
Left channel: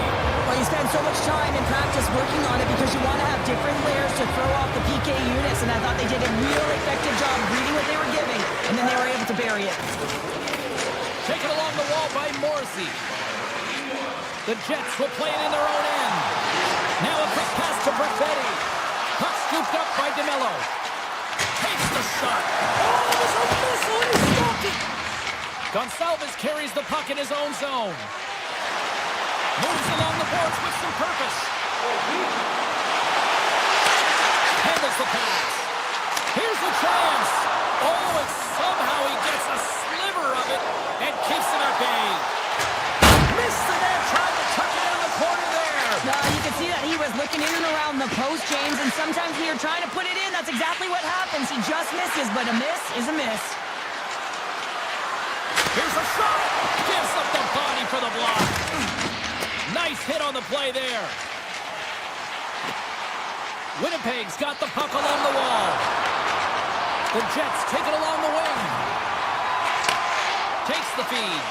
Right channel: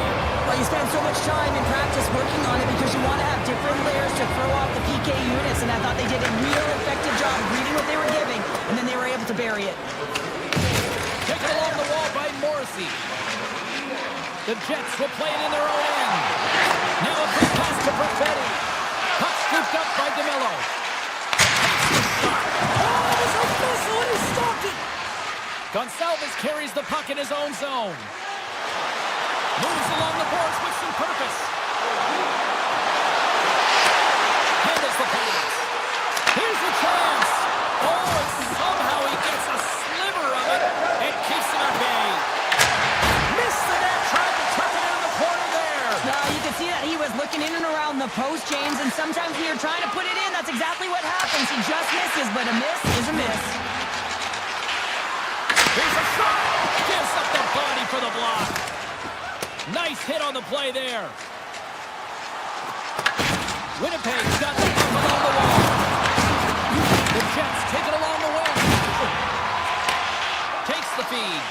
Well, you spend so much time in practice working on it because you want to have different layers to throw off the PK units, and I thought they did a real effective job of reading what they were giving, and then they were able to bury it. Taken along the wall by Morrissey. The Jets will play it in their own end. Now a quick pass to Perfetti. Puck scooped up by DeMello. Takes the shot. Oh, it was a missile, and he stopped it. Gonçalves carries the puck in his own zone. Moves along the boards with some purpose. Handles the pass. Here's the chance. Oh, and somehow he gets a sliver of it and keeps him at bay. Missed the net, tried to tuck it in the corner there. You can see that he was looking in and around the post, James, and sometimes when you're trying to put it in, that's exactly what happens. He just misses, but a miss is a miss. Here's a shot. Gives up the body for the block. Nice hit on the play there. Winnipeg's got the puck along the wall. The Jets take it along the wing. Takes the feed.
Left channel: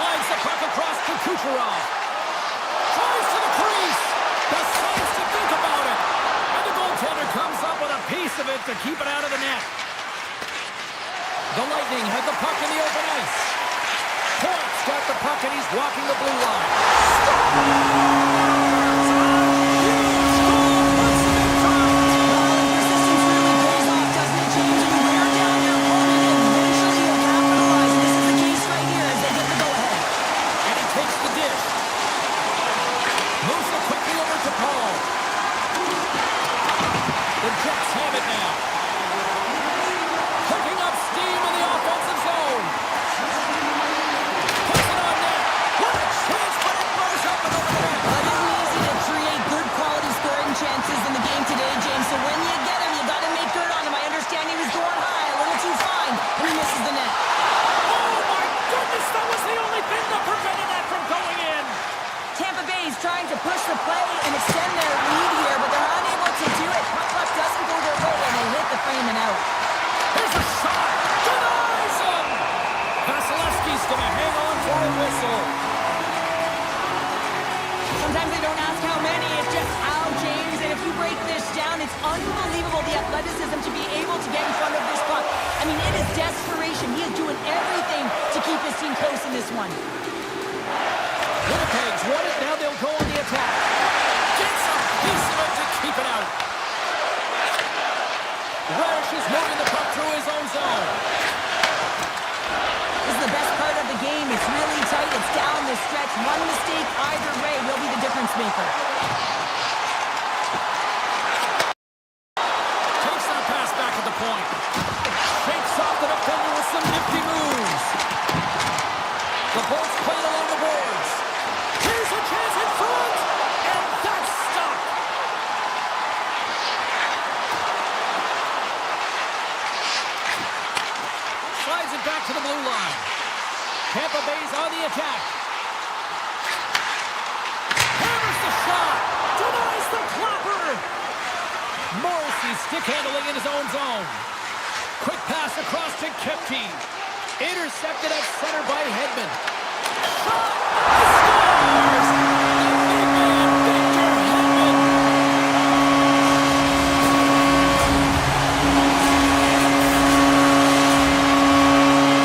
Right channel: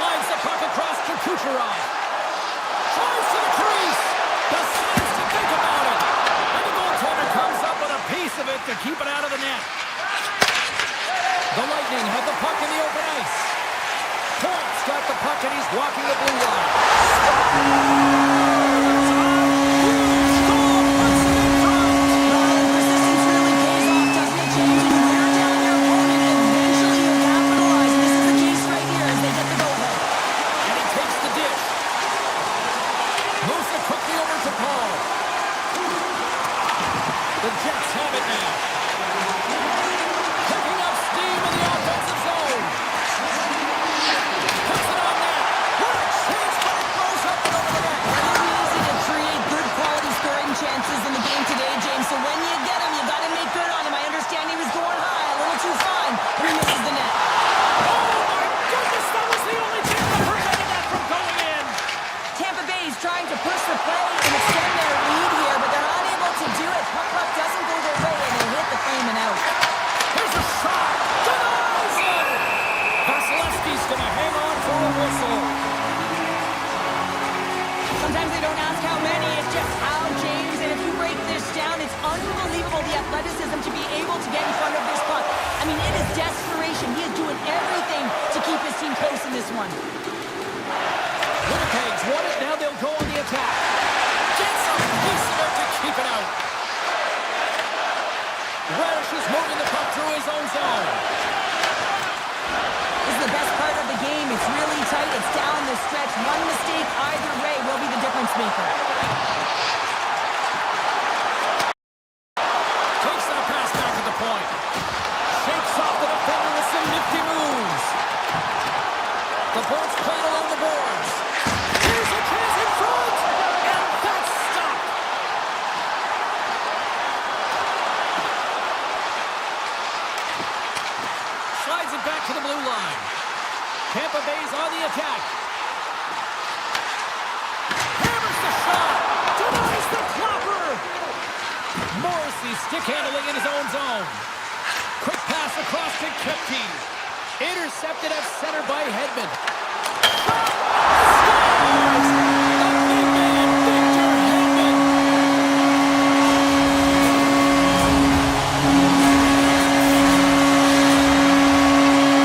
Slides the puck across to Kucherov. Tries to the crease. Decides to think about it. And the goaltender comes up with a piece of it to keep it out of the net. The Lightning have the puck in the open ice. Point's got the puck and he's walking the blue line. Scores! A huge goal puts him in front. Well, and persistence really pays off, doesn't it, James? When you wear down your opponent, eventually you'll capitalize. And this is the case right here as they get the go-ahead. And he takes the dish. Moves it quickly over to Paul. The Jets have it now. Picking up steam in the offensive zone. Puts it on net. What a chance, but it blows up and over the net. Well, it isn't easy to create good quality scoring chances in the game today, James. So when you get them, you got to make good trying to push the play and extend their lead here, but they're unable to do it. Puck doesn't go their way, and they hit the frame and out. Here's a shot. Denies him. Vasilevsky's going to hang on for a whistle. Sometimes they don't ask how many, it's just how, James. And if you break this down, it's unbelievable the athleticism to be able to get in front of this puck. I mean, it is desperation. He is doing everything to keep his team close in this one. Winnipeg's won it. Now they'll go on the attack. Gets a piece of it to keep it out. Radish is moving the puck through his own zone. This is the best part of the game. It's really tight. It's down the stretch. One mistake either way will be the difference maker. Takes that pass back at the point. Shakes off the defender with some nifty moves. The Bolts played along the boards. Here's a chance in front. And that's stopped. Slides it back to the blue line. Tampa Bay's on the attack. Hammers the shot. Denies the clopper. Morrissey stick handling in his own zone. Quick pass across to Kepke. Intercepted at center by Edmont. Shot. He scores. The big man, Victor Edmont.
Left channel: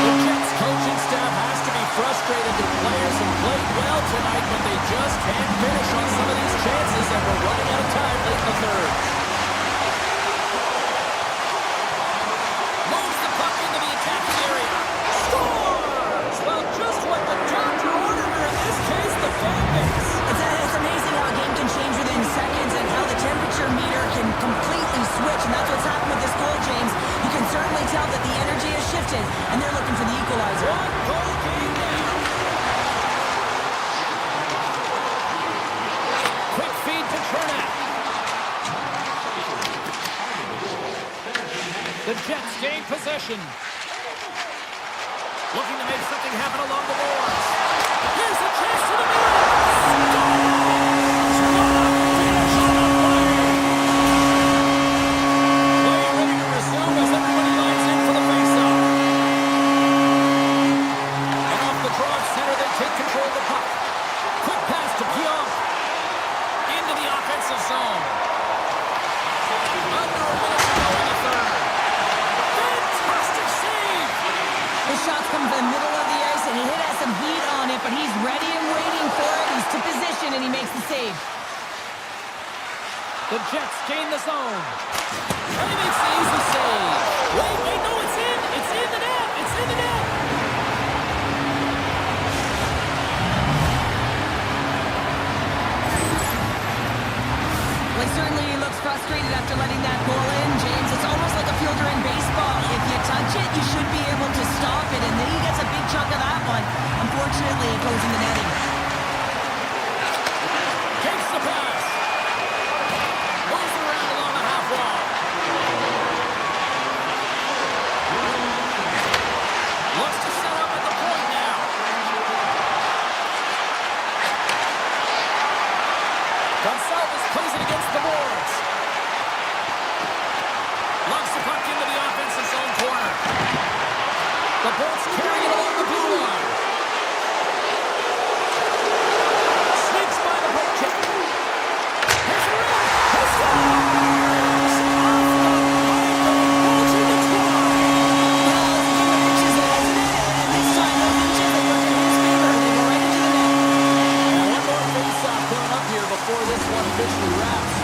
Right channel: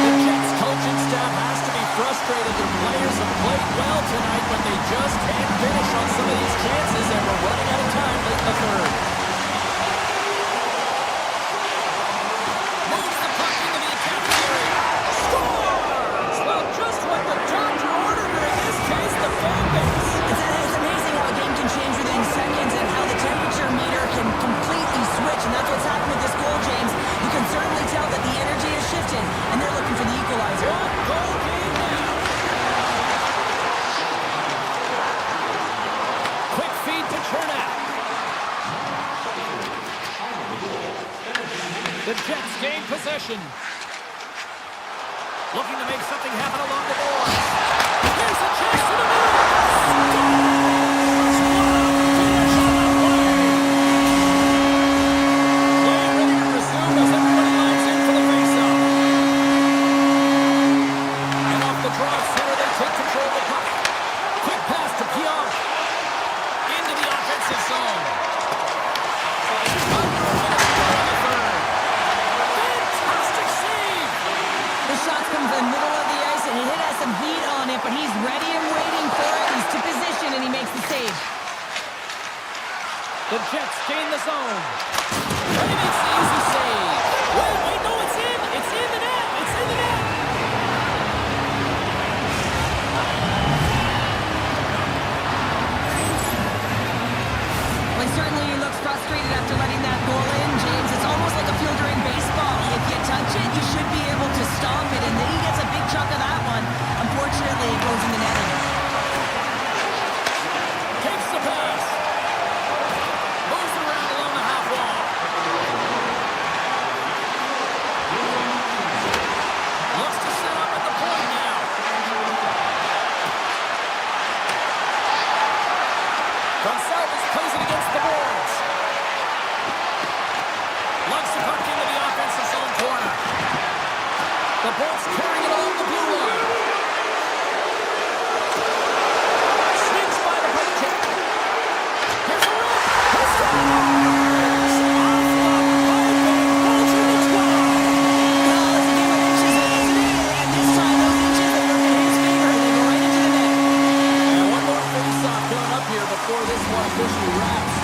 The Jets coaching staff has to be frustrated. Their players have played well tonight, but they just can't finish on some of these chances, and we're running out of time late in the third. Moves the puck into the attacking area. Scores! Well, just what the doctor ordered her, in this case, the fan base. It's amazing how a game can change within seconds and how the temperature meter can completely switch, and that's what's happened with this goal, James. You can certainly tell that the energy has shifted, and they're looking for the equalizer. One goal game now. Quick feed to Chernak. The Jets gain possession. Looking to make something happen along the boards. Here's a chance to the middle. Scores! What a finish on the play. Play ready to resume as everybody lines in for the faceoff. And off the draw at center, they take control of the puck. Quick pass to Pionk. Into the offensive zone. Under a minute to go in the third. Fantastic save! The shots come from the middle of the ice, and it has some heat on it, but he's ready and waiting for it. He's to position, and he makes the save. The Jets gain the zone. And he makes the easy save. Wait, no, it's in! It's in the net! It's in the net! Well, he certainly looks frustrated after letting that goal in, James. It's almost like a fielder in baseball. If you touch it, you should be able to stop it, and then he gets a big chunk of that one. Unfortunately, it goes in the netting. Takes the pass. Moves it around along the half wall. Looks to set up at the point now. Gonçalves plays it against the boards. Lugs the puck into the offensive zone corner. The Bolts carrying it along the blue line. Sneaks by the poke check. Here's a rip. He scores! Off the pipe and Bolger the twine. Well, it's a game of inches, isn't it? And this time, those inches, they work in his favor. They go right into the net. And one more face-off coming up here before this one officially wraps.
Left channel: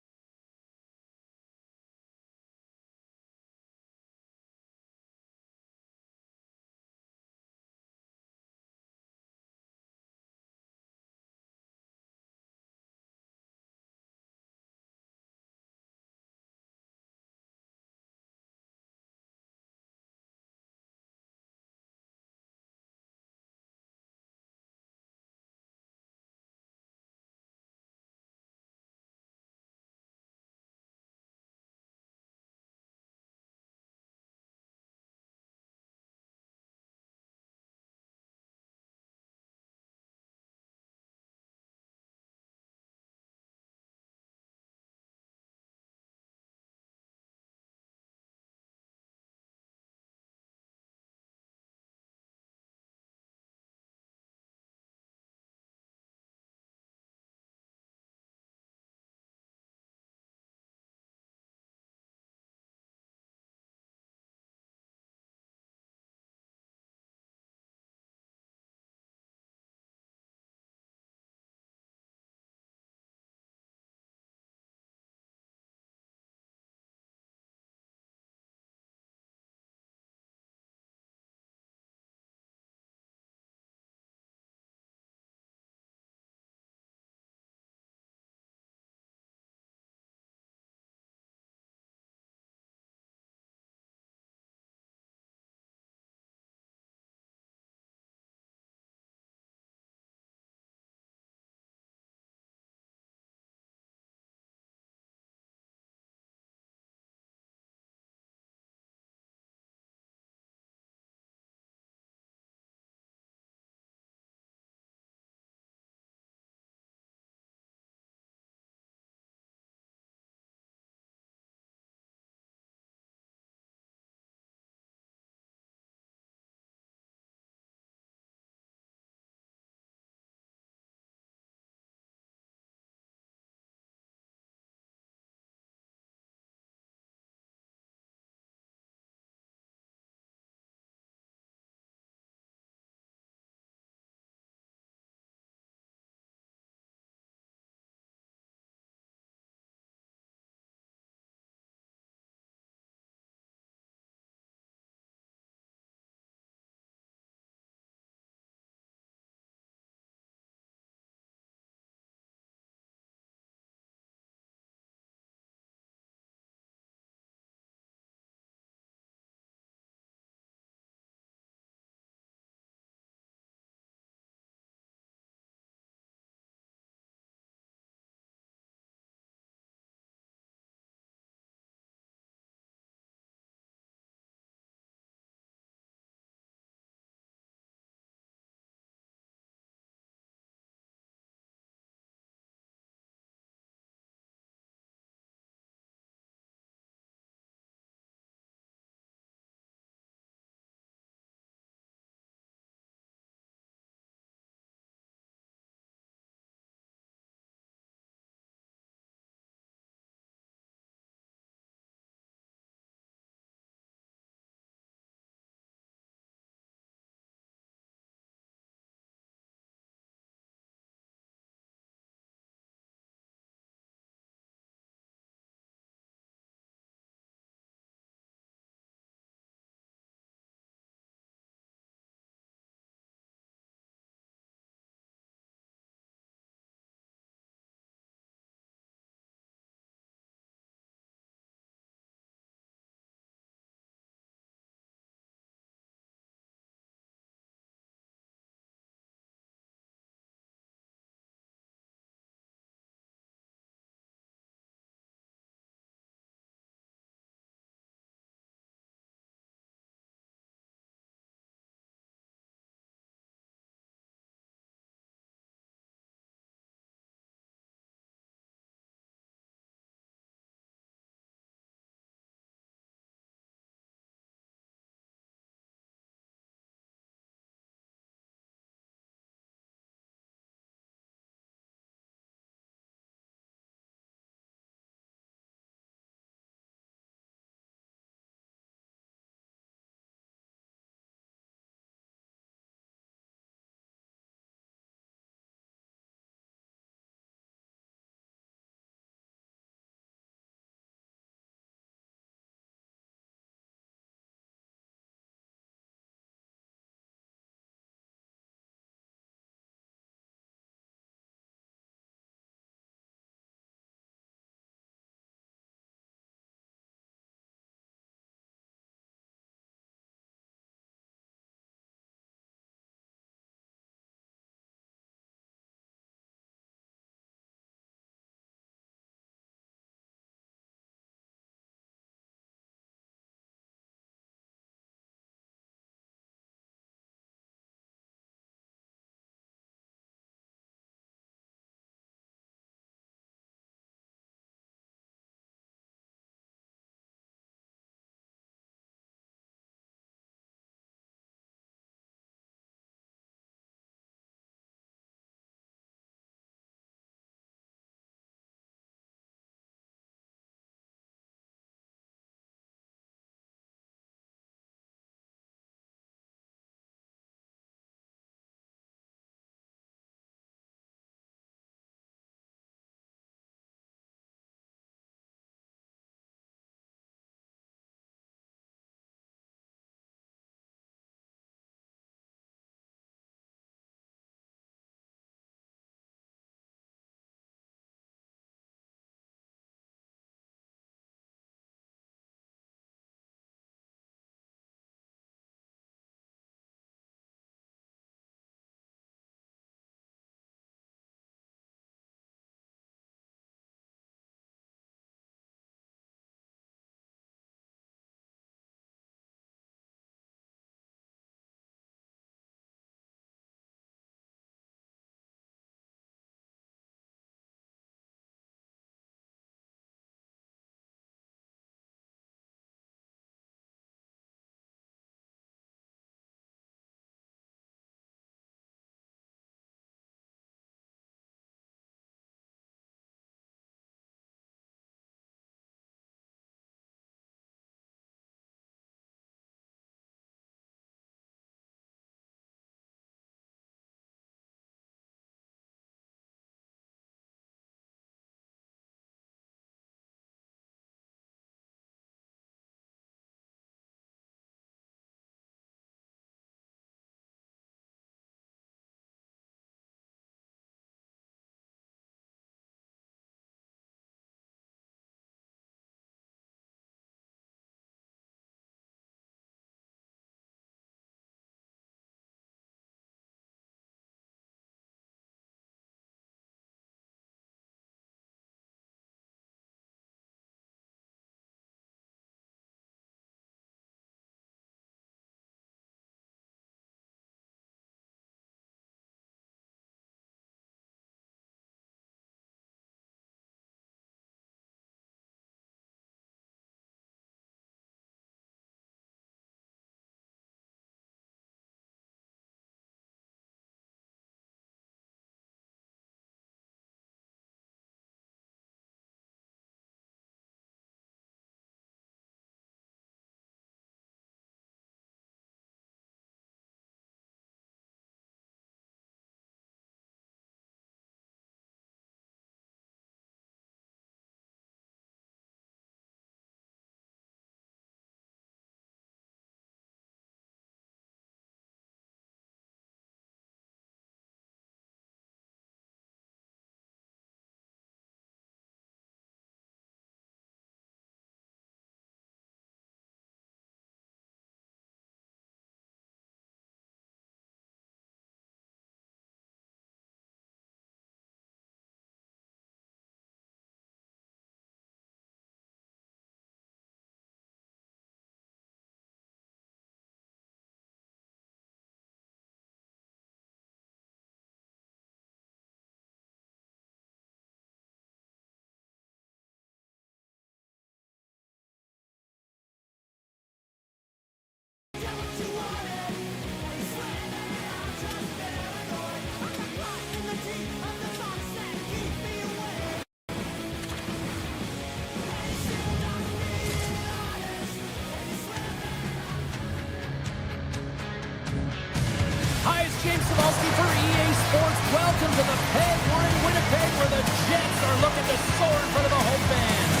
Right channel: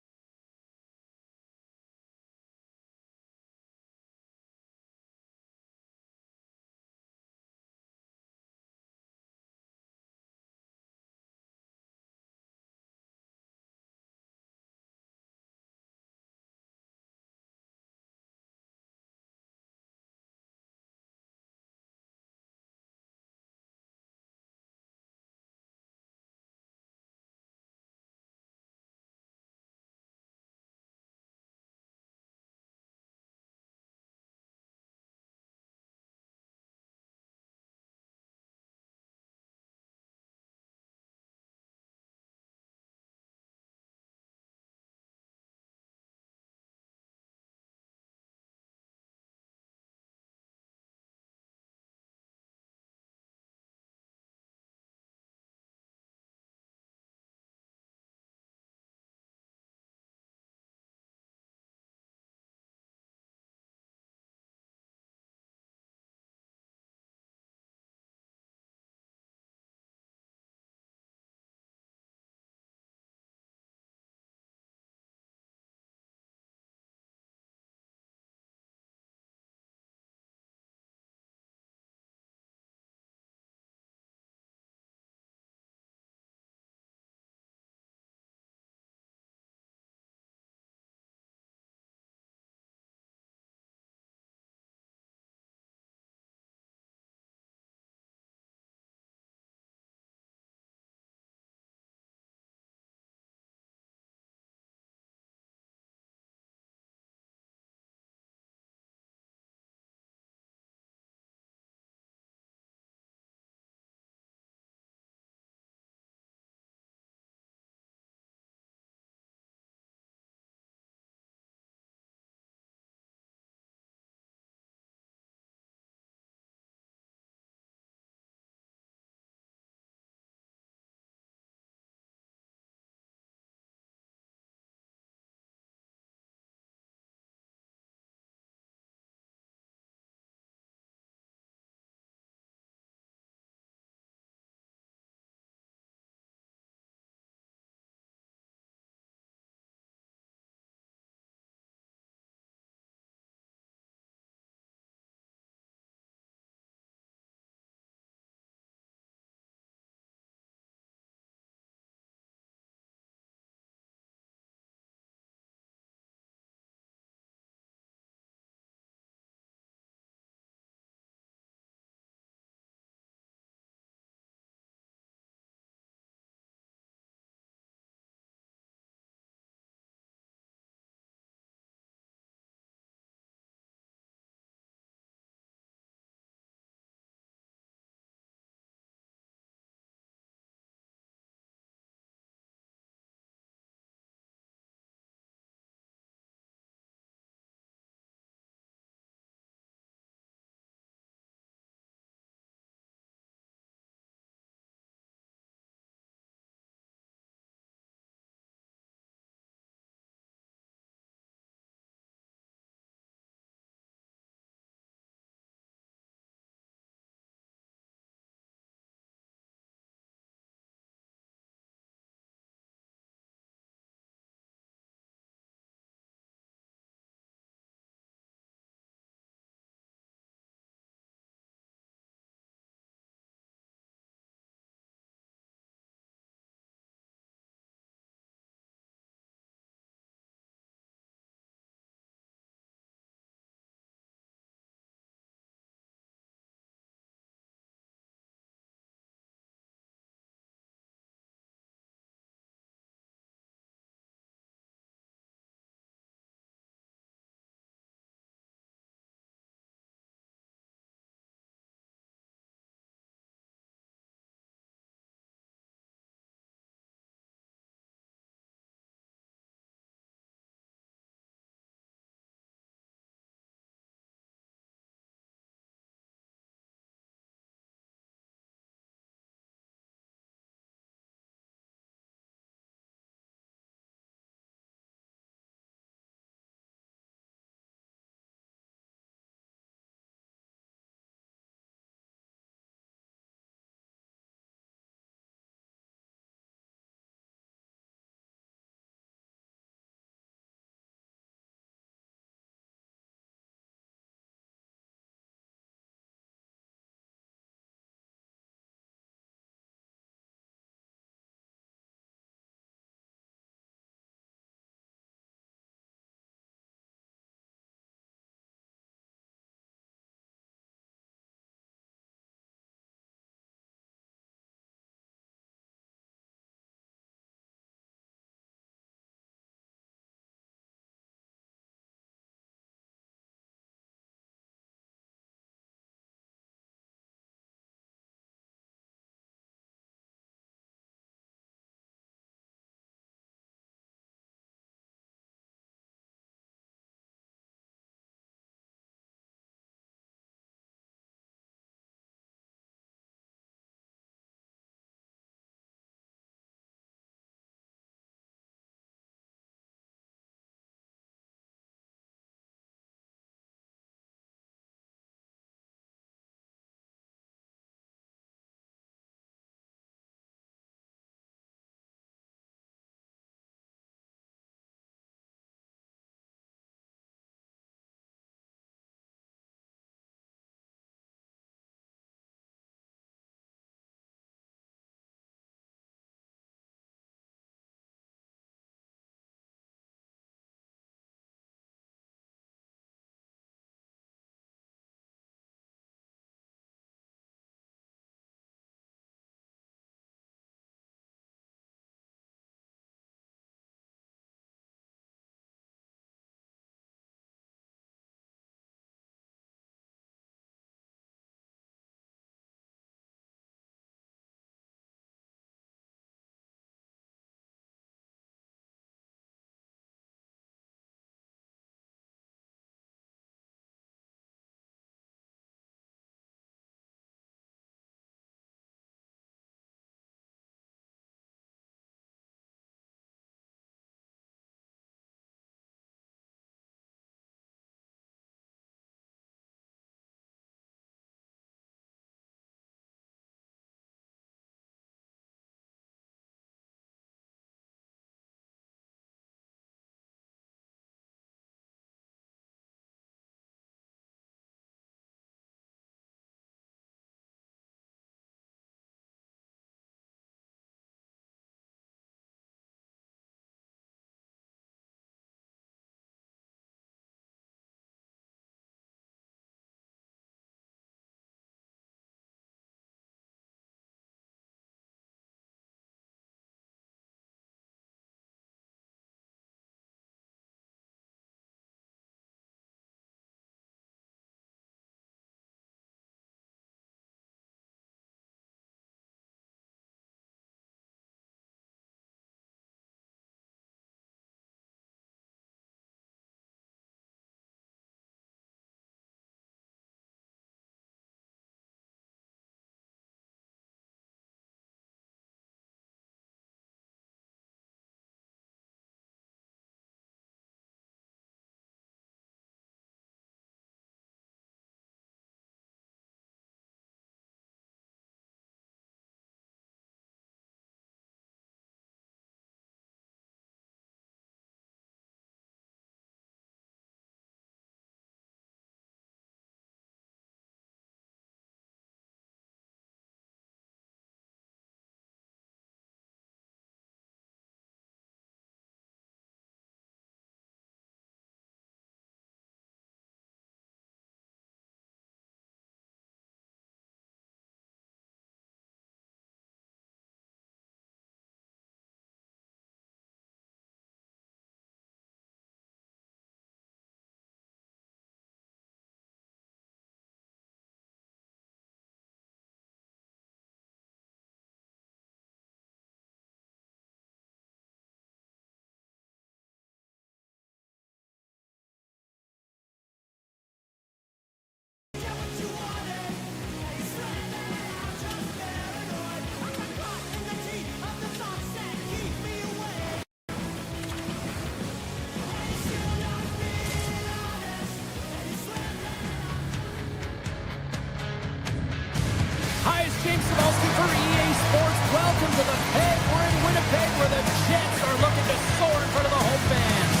Hi, it's James Cybulski for EA Sports. Welcome to the Peg. We're in Winnipeg where the Jets are looking to soar in front of the home fans.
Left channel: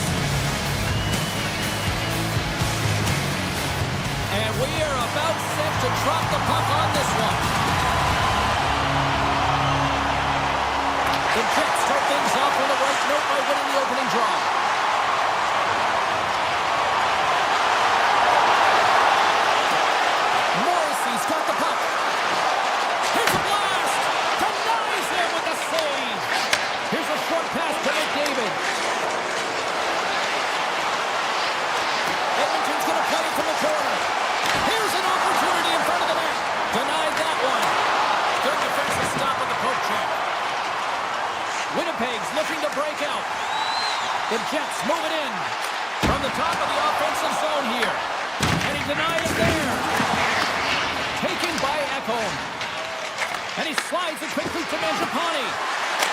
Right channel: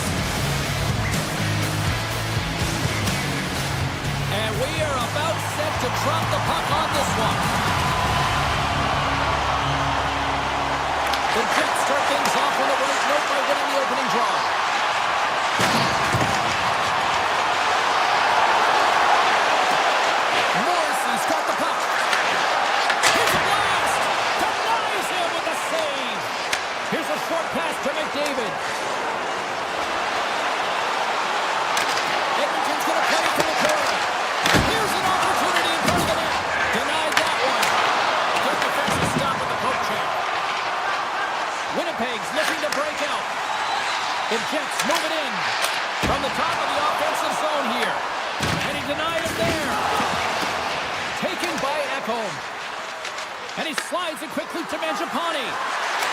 And we are about set to drop the puck on this one. The Jets start things off on the right note by winning the opening draw. Morrissey's got the puck. Here's a blast! Denies him with a save! Here's a short pass to McDavid. Edmonton's going to play it from the corner. Here's an opportunity in front of the net. Denied that one. Good defensive stop with the poke check. Winnipeg's looking to break out. The Jets move it in from the top of the offensive zone here. And he denied it there. Taken by Ekholm. And he slides it quickly to Mangiapane.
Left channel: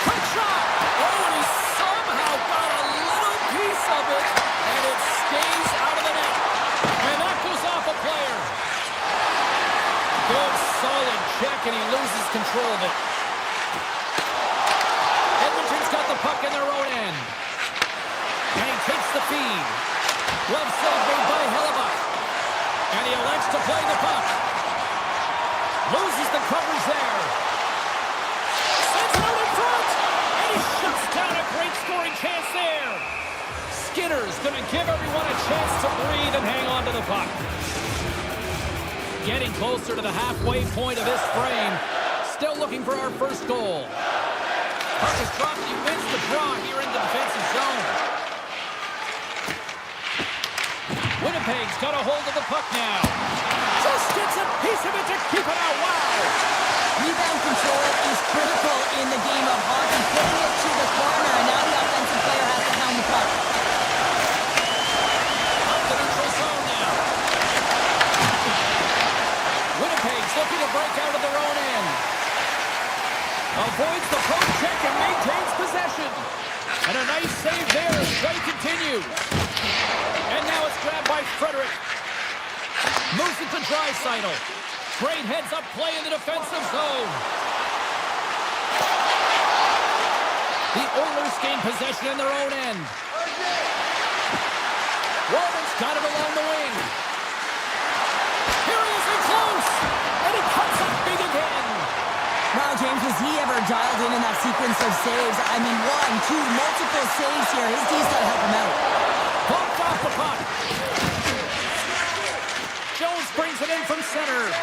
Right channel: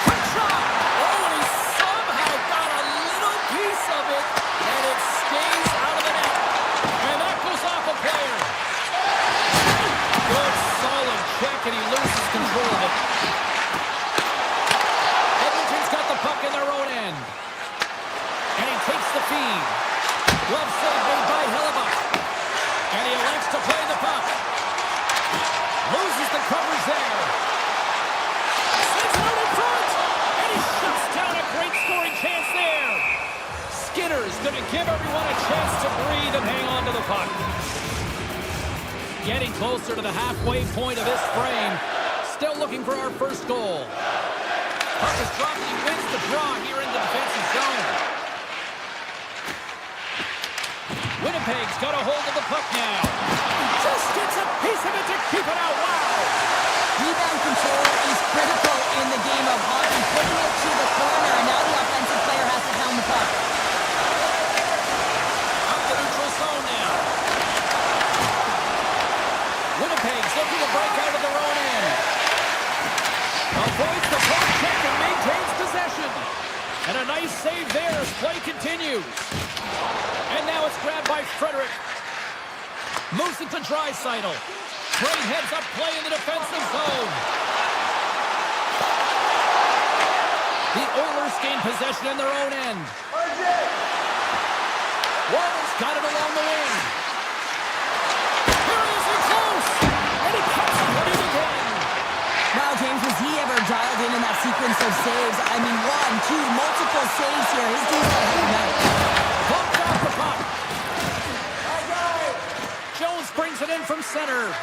Quick shot! Oh, and he somehow got a little piece of it, and it stays out of the net. And that goes off a player. Good, solid check, and he loses control of it. Edmonton's got the puck in their own end. And he takes the feed. Glove save made by Hellebuck. And he elects to play the puck. Loses the coverage there. Sends it out in front. And he shuts down a great scoring chance there. Skinner's going to give everyone a chance to breathe and hang on to the puck. Getting closer to the halfway point of this frame. Still looking for our first goal. Puck is dropped and he wins the draw here in the defensive zone. Winnipeg's got a hold of the puck now. Just gets a piece of it to keep it out. Wow! Rebound control is critical in the game of hockey. Putting it to the corner, and now the offensive player has to pound the puck. Up the neutral zone now. Winnipeg's looking to break out of their own end. Avoids the poke check and maintains possession. And a nice save there as play continues. And now it's grabbed by Frederick. Moves it to Draisaitl. Great heads-up play in the defensive zone. The Oilers gain possession in their own end. Walden's got it along the wing. Here he is in close. And he comes up big again. Wow, James, was he ever dialed in that sequence of saves? I mean, 1, 2, multiple saves here. His D's got to help him out. Bumped off the puck. Jones brings it in from center.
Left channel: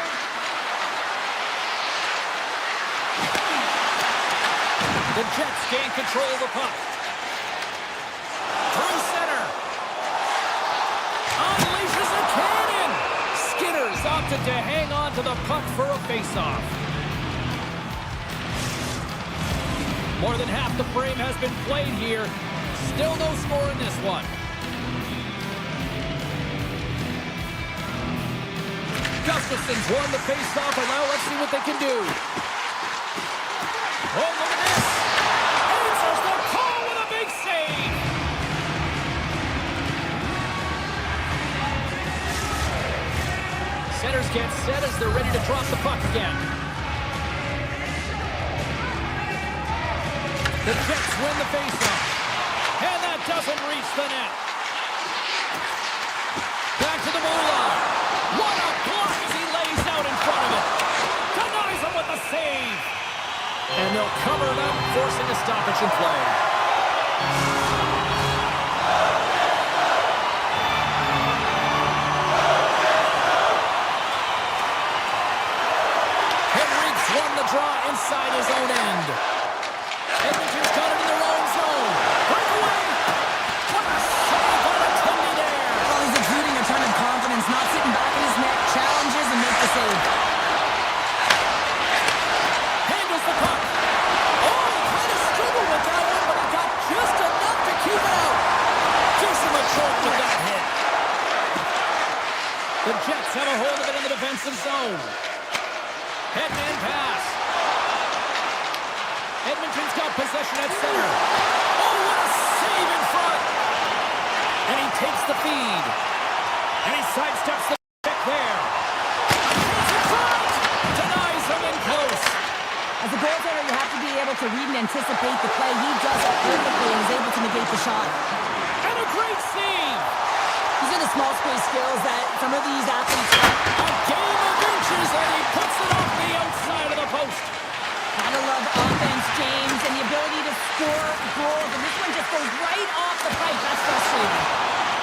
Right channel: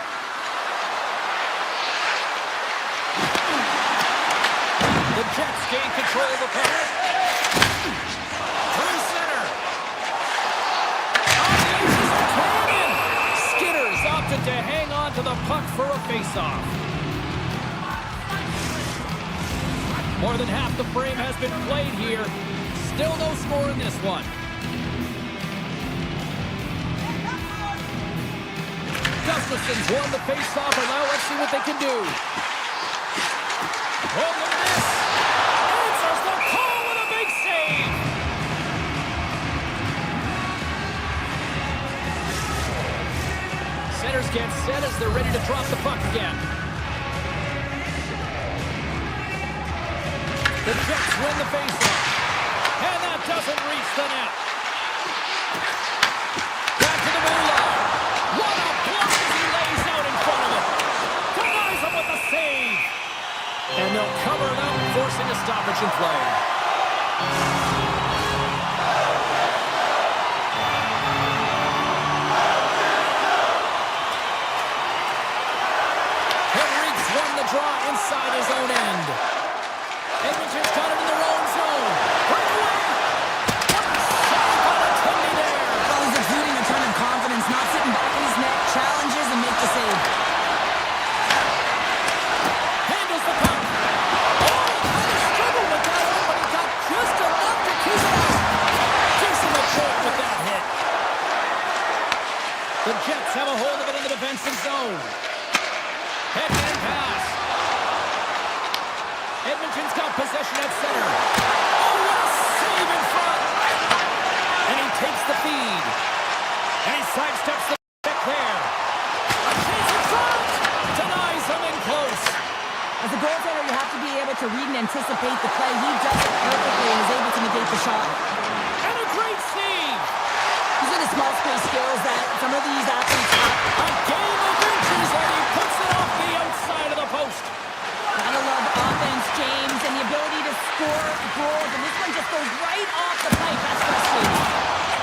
The Jets gain control of the puck. Through center. Unleashes a cannon. Skinner's opted to hang on to the puck for a faceoff. More than half the frame has been played here. Still no score in this one. Gustafson's won the faceoff, and now let's see what they can do. Oh, look at this. Answers the call with a big save. Centers get set as they're ready to drop the puck again. The Jets win the faceoff. And that doesn't reach the net. Back to the blue line. What a block as he lays out in front of it. Denies him with a save. And they'll cover it up, forcing a stoppage in play. Henrique's won the draw inside his own end. Edmonton's got it in their own zone. Breakaway! What a save by the Tindy there! Well, he's exuding a ton of confidence, not sitting back in his net, challenges and makes the save. Handles the puck. Oh, he kind of struggled with that one, but he got just enough to keep it out. Gives him a choke with that hit. The Jets have a hold of it in the defensive zone. Head-man pass. Edmonton's got possession at center. Oh, what a save in front. And he takes the feed. And he sidesteps the pick there. A chance in front. Denies him in close. As a goaltender, you have to be able to read and anticipate the play. He does it perfectly and is able to negate the shot. And a great save. These are the small space skills that some of these athletes have. A game of inches, and he puts it off the outside of the post. Gotta love offense, James, and the ability to score goals. And this one just goes right off the pipe. That's frustrating.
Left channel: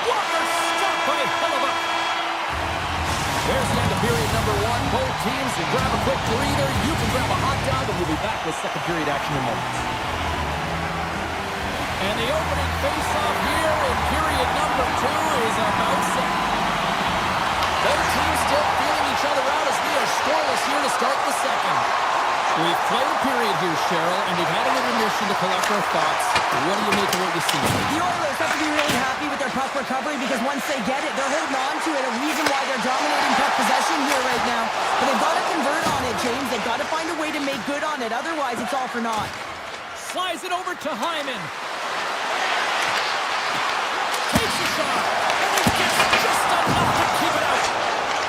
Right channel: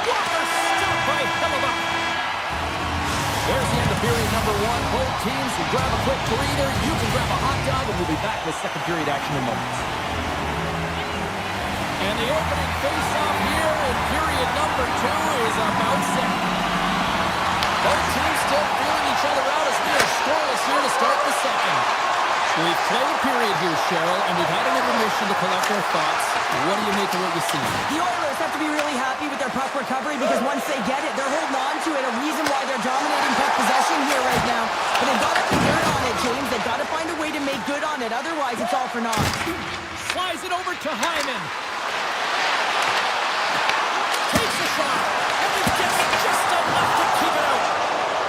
Walker stopped by Hellebuck. There's the end of period number one. Both teams can grab a quick breather. You can grab a hot dog, and we'll be back with second period action in moments. And the opening face-off here in period number two is about set. Both teams still feeling each other out as we are scoreless here to start the second. We've played a period here, Cheryl, and we've had an intermission to collect our thoughts. What do you make of what you see? The Oilers have to be really happy with their puck recovery because once they get it, they're holding on to it. A reason why they're dominating puck possession here right now. But they've got to convert on it, James. They've got to find a way to make good on it. Otherwise, it's all for naught. Slides it over to Hyman. Takes a shot, and he gets just enough to keep it out.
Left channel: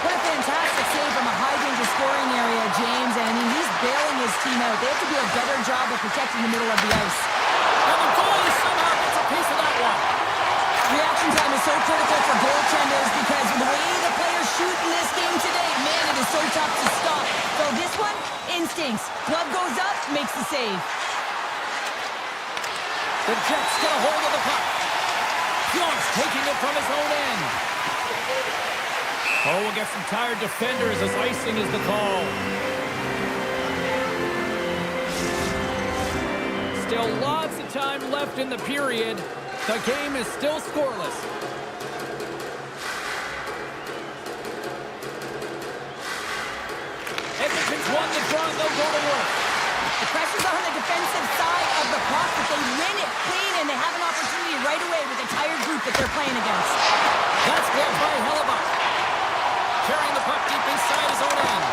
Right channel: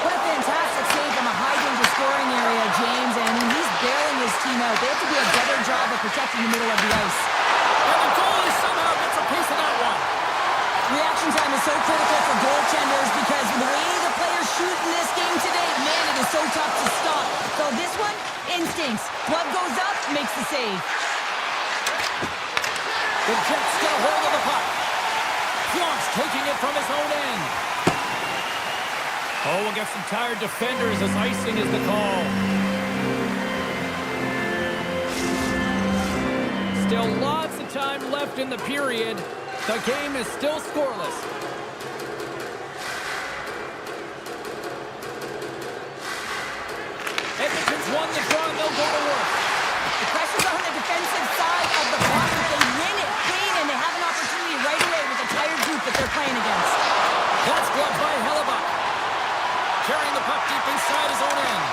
What a fantastic save from a high-danger scoring area, James. And I mean, he's bailing his team out. They have to do a better job of protecting the middle of the ice. And the goalie somehow gets a piece of that one. Reaction time is so critical for goaltenders because the way the players shoot in this game today, man, it is so tough to stop. So this one, instincts. Glove goes up, makes the save. The Jets get a hold of the puck. Pionk's taking it from his own end. Oh, we'll get some tired defenders as icing is the call. Still lots of time left in the period. The game is still scoreless. Edmonton's won the draw and they'll go to work. The pressure's on the defensive side of the puck, but they win it clean and they have an opportunity right away with the tired group that they're playing against. That's gloved by Hellebuck. Carrying the puck deep inside his own end.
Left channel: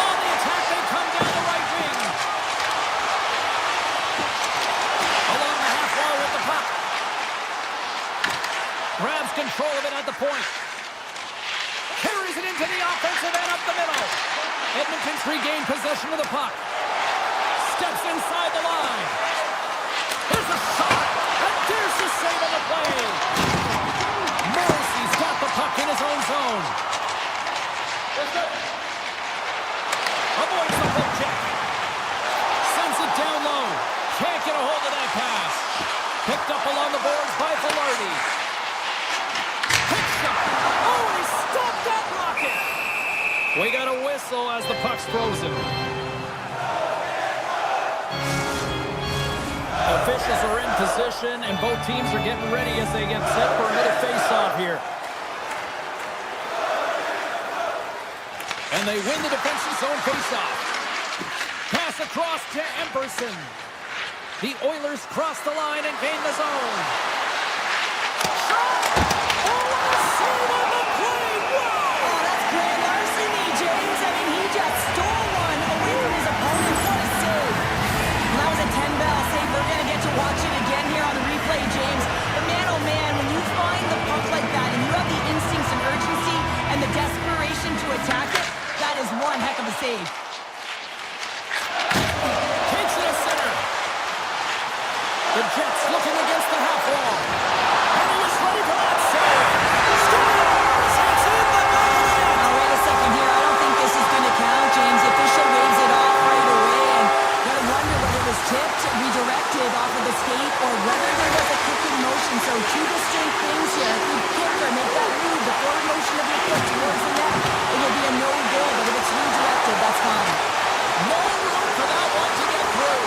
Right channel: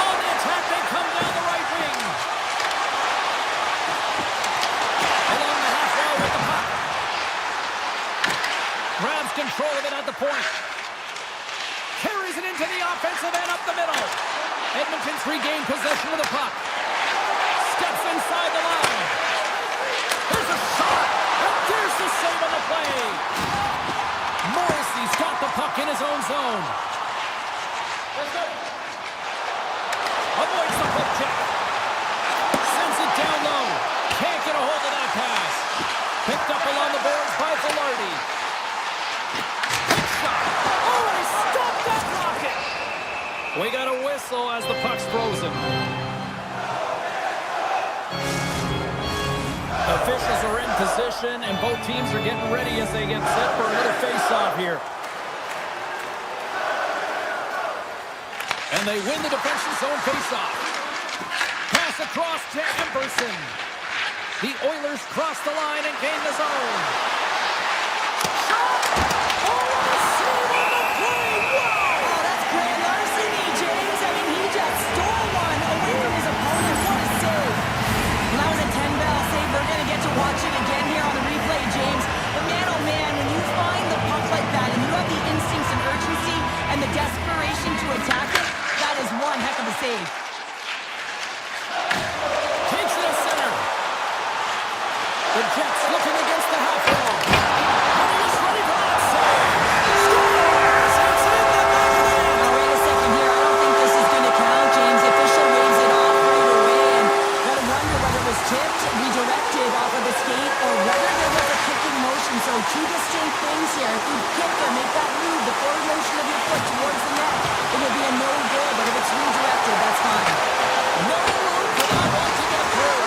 On the attack, they come down the right wing. Along the half wall with the puck. Grabs control of it at the point. Carries it into the offensive end up the middle. Edmonton's regained possession of the puck. Steps inside the line. There's a shot. And there's the save on the play. Morrissey's got the puck in his own zone. Avoids the poke check. Sends it down low. Can't get a hold of that pass. Picked up along the boards by Velarde. Quick shot. Oh, he stopped that rocket. We got a whistle as the puck's frozen. Officials are in position, and both teams are getting ready as they get set for another face-off here. And they win the defensive zone face-off. Pass across to Emberson. The Oilers cross the line and gain the zone. Shot! Oh, what a save on the play! Wow! Oh, that's grand larceny, James. I mean, he just stole one away from his opponent. What a save. And that was a 10-bell save. We're going to get to watch it again here on the replay, James. But man, oh man, when you find the puck like that and you have the instincts and urgency and the desperation to attack it, that is one heck of a save. Takes it to center. The Jets looking against the half wall. And he is ready for that save. Scores! It's in the back of the net. Now, wait a second here. I don't think this is going to count, James. The official waves it off right away. And you got to wonder whether it was tipped, redirected off of the skate, or whether there was a kicking motion. So two distinct things here. If you kick or make that move, the forward motion of your foot towards the net, it will be a no goal. But if it's redirected, that's fine. No room for that one to get through.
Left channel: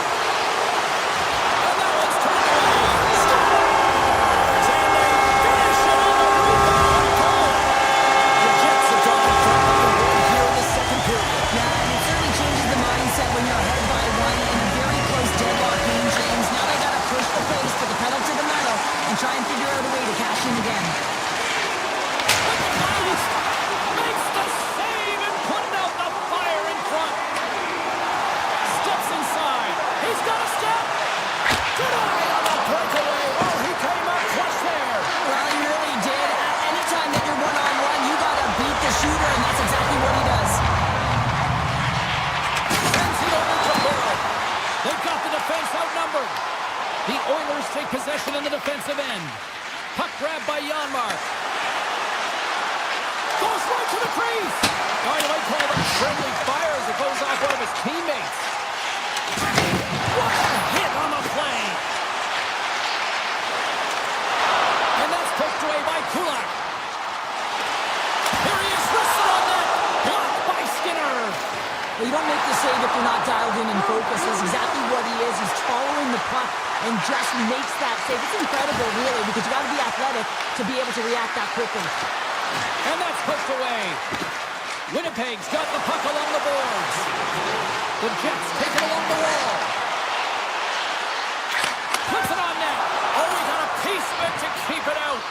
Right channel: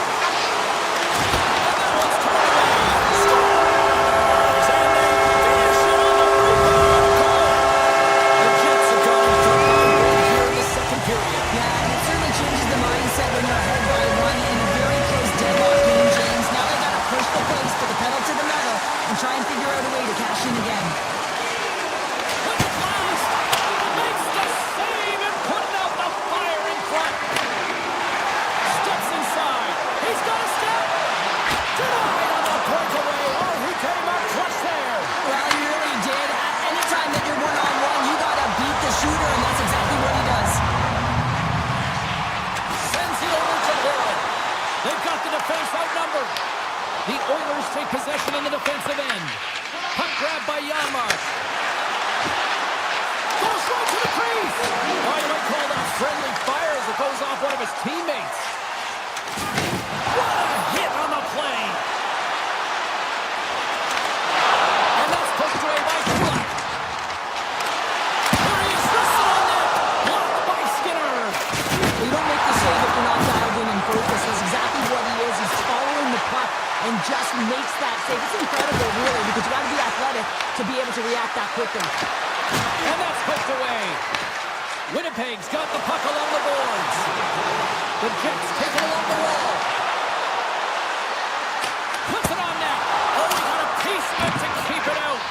And that one's turned away. Scores! And they finish it on the rebound goal. The Jets have gone in front by one here in the second period. Yeah, and it certainly changes the mindset when you're ahead by one in a very close deadlock game, James. Now they got to push the pace, put the pedal to the metal, and try and figure out a way to cash in again. With the blast! outnumbered. The Oilers take possession in the defensive end. Puck grabbed by Janmark. Goes right to the crease. Oh, you might call that friendly fire as it goes off one of his teammates. What a hit on the play. And that's pushed away by Kulak. Here he is, wristed on net. Blocked by Skinner. Well, you don't make the save if you're not dialed in and focused. That's exactly what he is. He's following the puck and just makes that save. It's incredible, really, because you got to be athletic to be able to react that quickly. And that's pushed away. Winnipeg's got the puck along the boards. The Jets take it along the wall. Puts it on net. Oh, he got a piece of it to keep it out.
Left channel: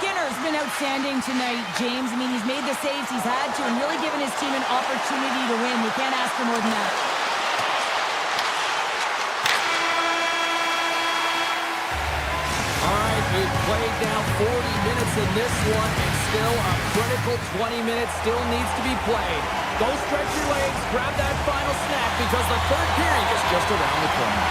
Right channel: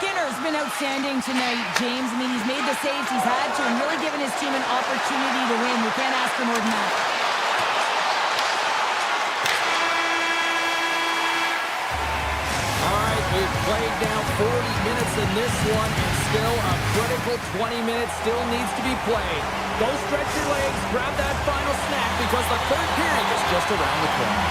Skinner's been outstanding tonight, James. I mean, he's made the saves he's had to and really given his team an opportunity to win. You can't ask for more than that. All right, we've played now 40 minutes in this one, and still a critical 20 minutes still needs to be played. Go stretch your legs, grab that final snack, because the third period is just around the corner.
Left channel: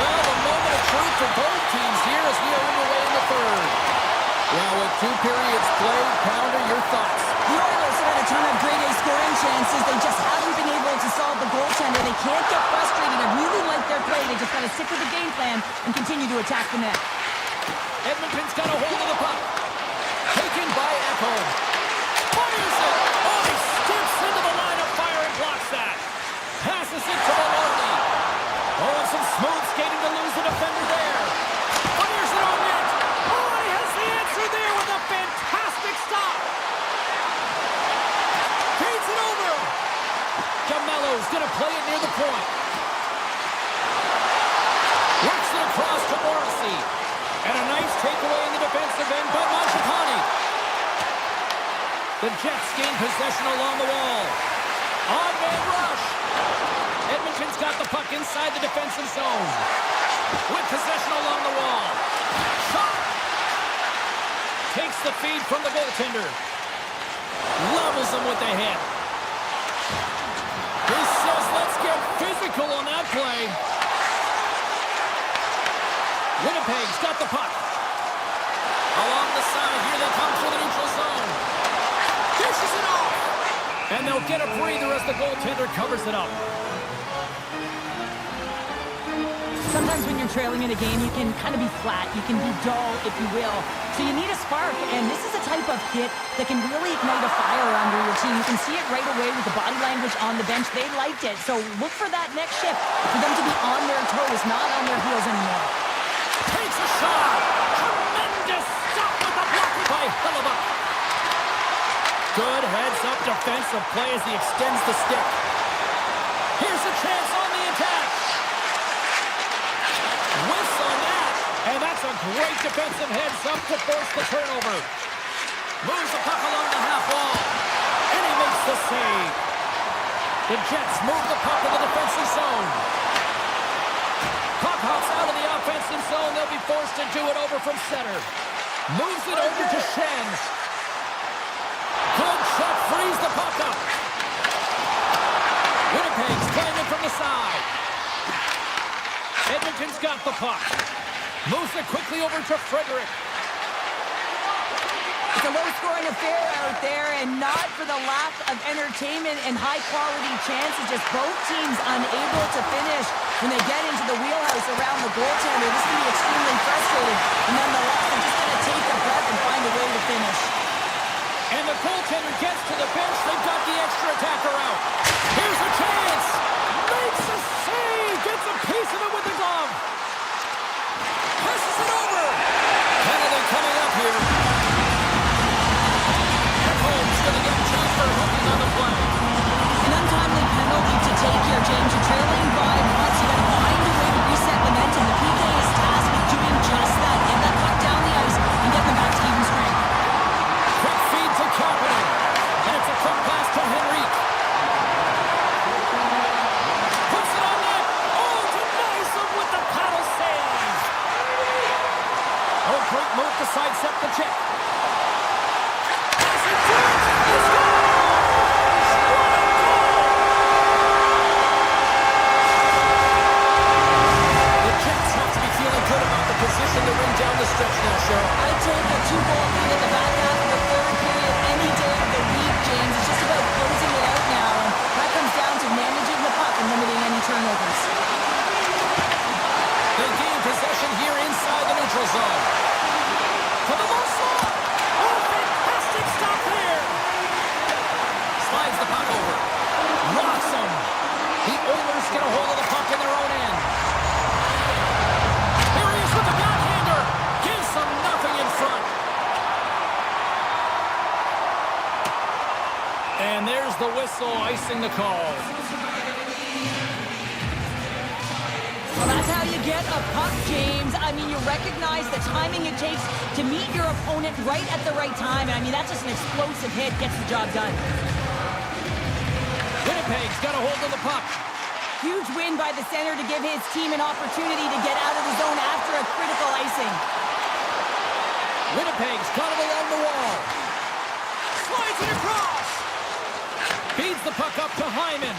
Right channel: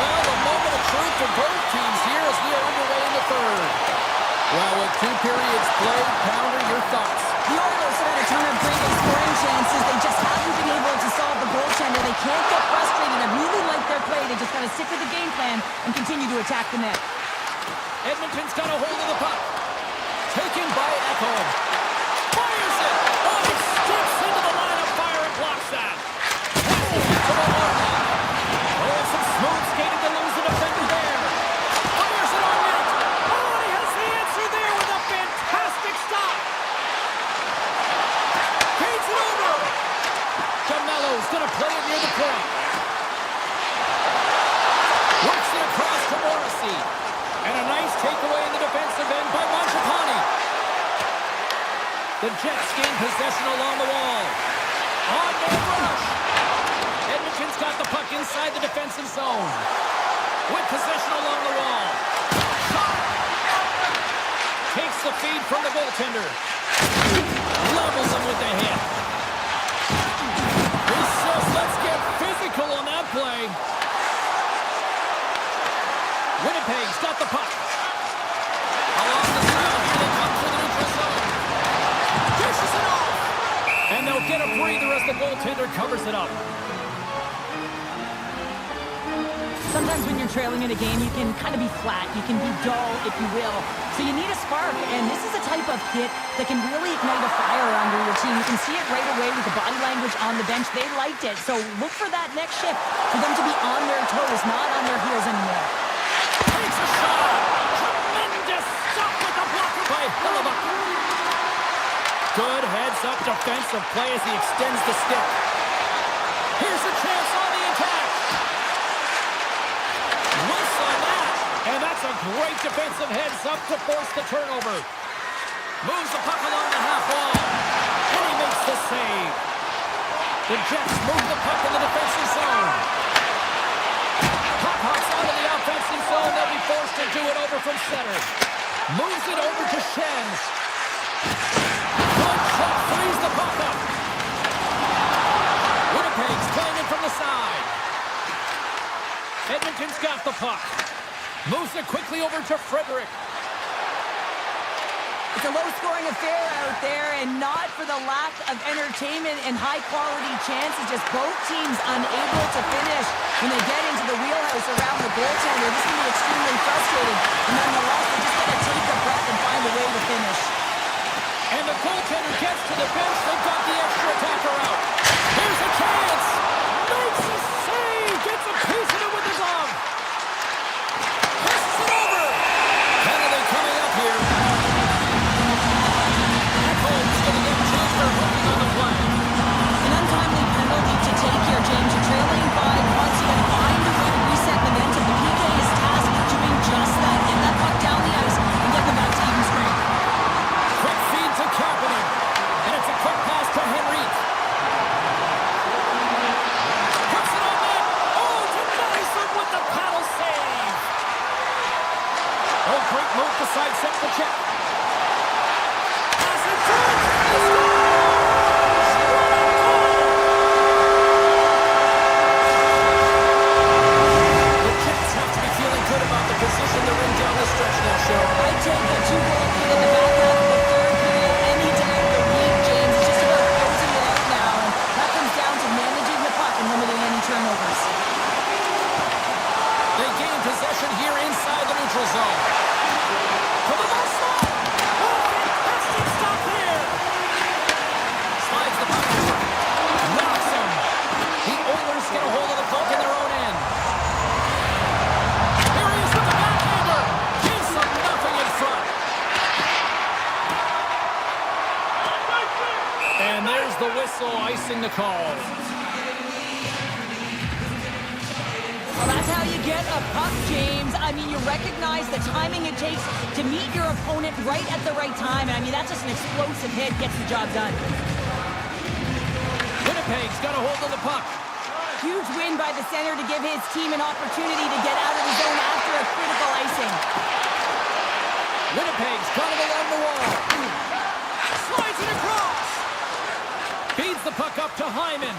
Well, the moment of truth for both teams here as we are underway in the third. Well, with 2 periods played, Pounder, your thoughts? The Oilers have had a ton of great scoring chances. They just haven't been able to solve the goaltender. They can't get frustrated. I really like their play. They just got to stick with the game plan and continue to attack the net. Edmonton's got a hold of the puck. Taken by Ekholm. Fires it. Oh, he steps into the line of fire and blocks that. Passes it to Maloney. Oh, and some smooth skating to lose the defender there. Fires it on net. Oh, and he has the answer there with a fantastic stop. Feeds it over. Jamello's going to play it near the point. Works it across to Morrissey. And a nice takeaway in the defensive end by Mangiapane. The Jets gain possession along the wall. On-man rush. Edmonton's got the puck inside the defensive zone. With possession along the wall. Shot! Takes the feed from the goaltender. Levels him with the hit. He says, let's get physical on that play. Winnipeg's got the puck. Along the side, here they come through the neutral zone. Dishes it off. And they'll get a breather as the goaltender covers it up. Sometimes when you're trailing in a game, you can kind of be flat. You can be dull, if you will. So you need a spark, and this is a type of hit that can really ignite a fire under your team. You can see it right away with the body language on the bench. They liked it. So look for that next shift, for them to be on their toes, not on their heels anymore. Takes a shot. Tremendous stop with the blocker by Hellebuyck. Good heads-up defensive play as he extends the stick. Here's a chance on the attack. Whiffs on that. And that's a great defensive heads-up to force the turnover. Moves the puck along the half wall. And he makes the save. The Jets move the puck in the defensive zone. Puck hops out of the offensive zone. They'll be forced to do it over from center. Moves it over to Shen. Good shot, frees the puck up. Winnipeg's playing it from the side. Edmonton's got the puck. Moves it quickly over to Frederick. It's a low-scoring affair out there, and not for the lack of entertainment and high-quality chances. Just both teams unable to finish when they get into the wheelhouse around the goaltender. This can be extremely frustrating, and nonetheless, they just got to take a breath and find a way to finish. And the goaltender gets to the bench. They've got the extra attacker out. Here's a chance. Makes a save. Gets a piece of it with the glove. Passes it over. Penalty coming up here. Ekholm's going to get 2 for hooking on the play. An untimely penalty to take here, James. You're trailing by once. You got to find a way to reset momentum. The PK is tasked with doing just that. Get that puck down the ice and get them back to even strength. Quick feed to Kapanen. And it's a quick pass to Henrique. Puts it on net. Oh, denies him with the paddle save. Oh, great move to sidestep the check. Pass it through. He scores! What a goal! Cheryl. I'd take a 2-goal lead in the back half of the third period any day of the week, James. It's just about closing it out now, and that comes down to managing the puck and limiting any turnovers. They gain possession here inside the neutral zone. For the low slot. Oh, fantastic stop there. Slides the puck over. Rocks him. The Oilers get a hold of the puck in their own end. Here he is with the backhander. Gives them nothing in front. And there's the whistle icing the call. Well, that's how you get a puck, James. I mean, you recognize the timing it takes to meet your opponent right at the right time. And I mean, that's just an explosive hit, gets the job done. Winnipeg's got a hold of the puck. Huge win by the center to give his team an opportunity to get out of the zone after a critical icing. Winnipeg's got it along the wall. Slides it across. Feeds the puck up to Hyman.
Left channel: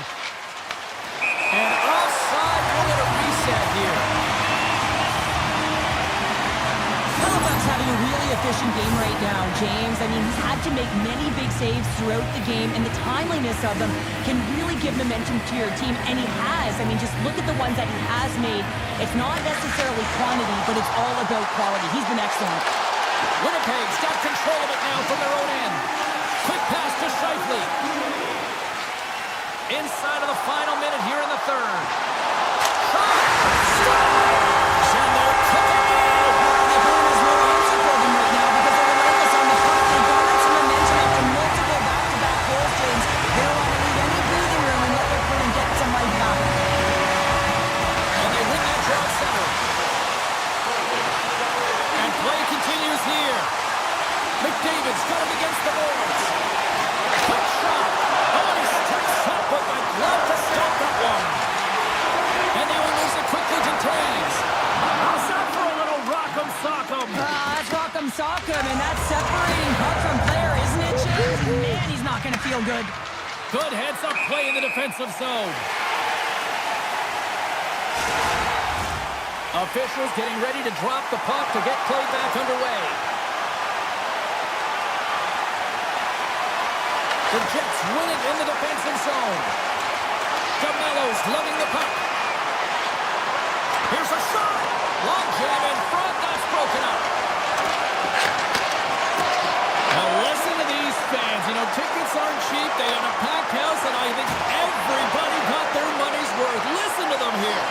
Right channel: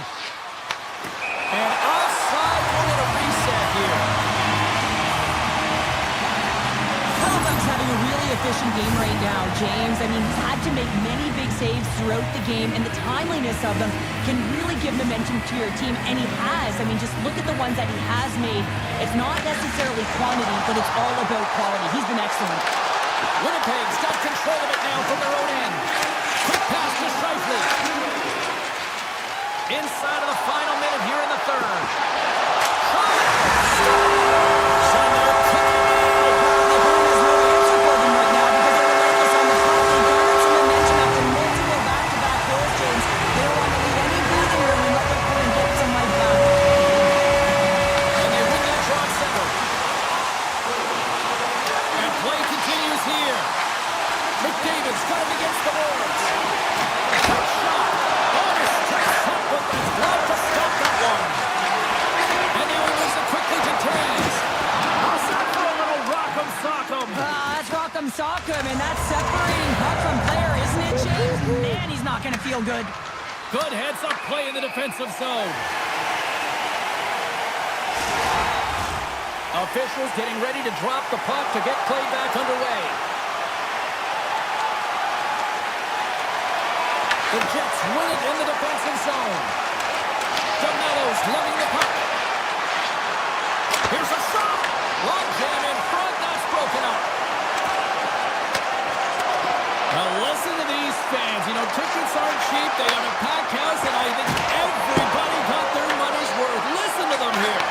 And offside, we'll get a reset here. Hellebuyck's having a really efficient game right now, James. I mean, he's had to make many big saves throughout the game, and the timeliness of them can really give momentum to your team, and he has. I mean, just look at the ones that he has made. It's not necessarily quantity, but it's all about quality. He's been excellent. Winnipeg's got control of it now from their own end. Quick pass to Scheifele. Inside of the final minute here in the third. Shot! Scores! And they're cooking now! The opponent has no answer for them right now because they're relentless on the puck. They garnered some momentum after multiple back-to-back goals, James. They don't want to leave any breathing room and let their opponent get some life back. And they win that draw center. And play continues here. McDavid's got it against the boards. Quick shot. Oh, and a straight shot with the glove to stop that one. And now he moves it quickly to Taves. How's that for a little rock'em sock'em? That's rock'em sock'em, and that's separating puck from player, isn't it, James? Man, he's not going to feel good. Good heads-up play in the defensive zone. Officials getting ready to drop the puck to get play back underway. The Jets win it in the defensive zone. DeMello's lugging the puck. Here's a shot. Long jam in front. That's broken up. Now listen to these fans. You know, tickets aren't cheap. They got a packed house, and I think everybody got their money's worth. Listen to them here.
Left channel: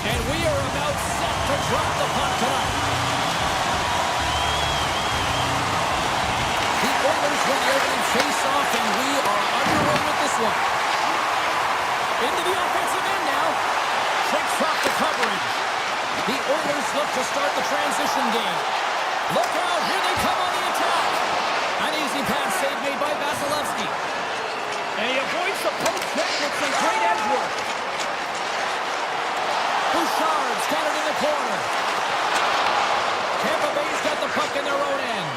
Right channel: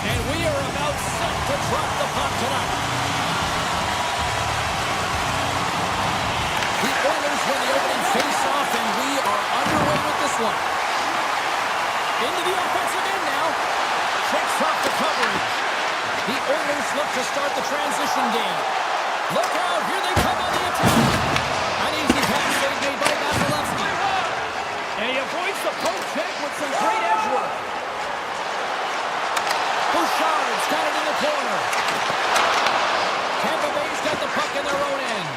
And we are about set to drop the puck tonight. The Oilers win the opening face-off, and we are underway with this one. Into the offensive end now. Shakes off the coverage. The Oilers look to start the transition game. Look out, here they come on the attack. An easy pass save made by Vasilevsky. And he avoids the poke check with some great edge work. Bouchard's got it in the corner. Tampa Bay's got the puck in their own end.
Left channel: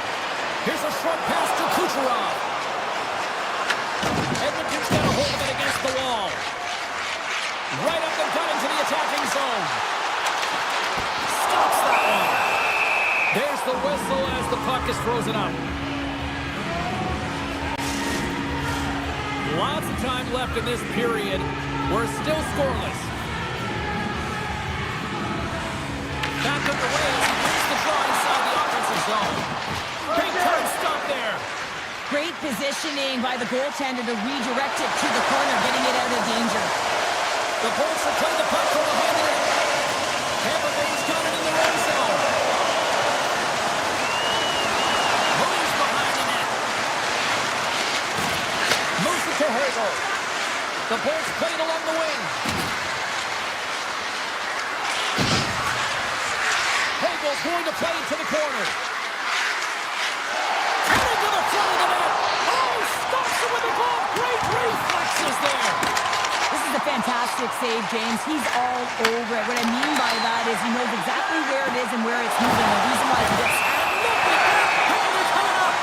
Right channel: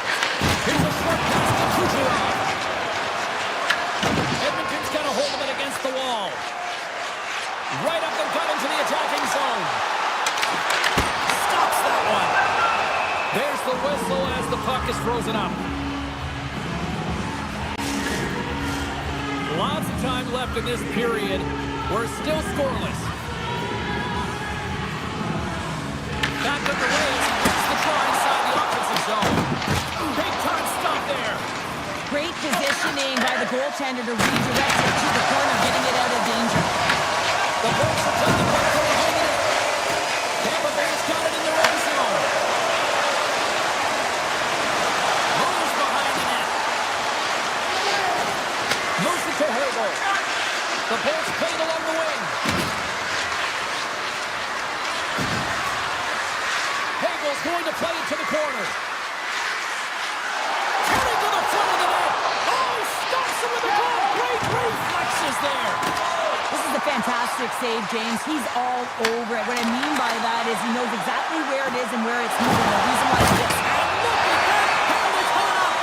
Here's a short pass to Kucherov. Edmonton's got a hold of it against the wall. Right up the gut into the attacking zone. Stops that one. There's the whistle as the puck is frozen up. Lots of time left in this period. We're still scoreless. Back underway as he wins the draw inside the offensive zone. Big turn stop there. Great positioning by the goaltender to redirect it to the corner, getting it out of danger. The Bolts have played the puck from behind the net. Tampa Bay's got it in their own zone. Moves behind the net. Moves it to Hagel. The Bolts played along the wing. Hagel's going to play it to the corner. Heading to the front of the net. Oh, stops it with a glove. Great reflexes there. This is a fantastic save, James. He's all over it. What I mean by that is he knows exactly where it is and where it's moving. The reason why he gets... And look at that penalty coming up.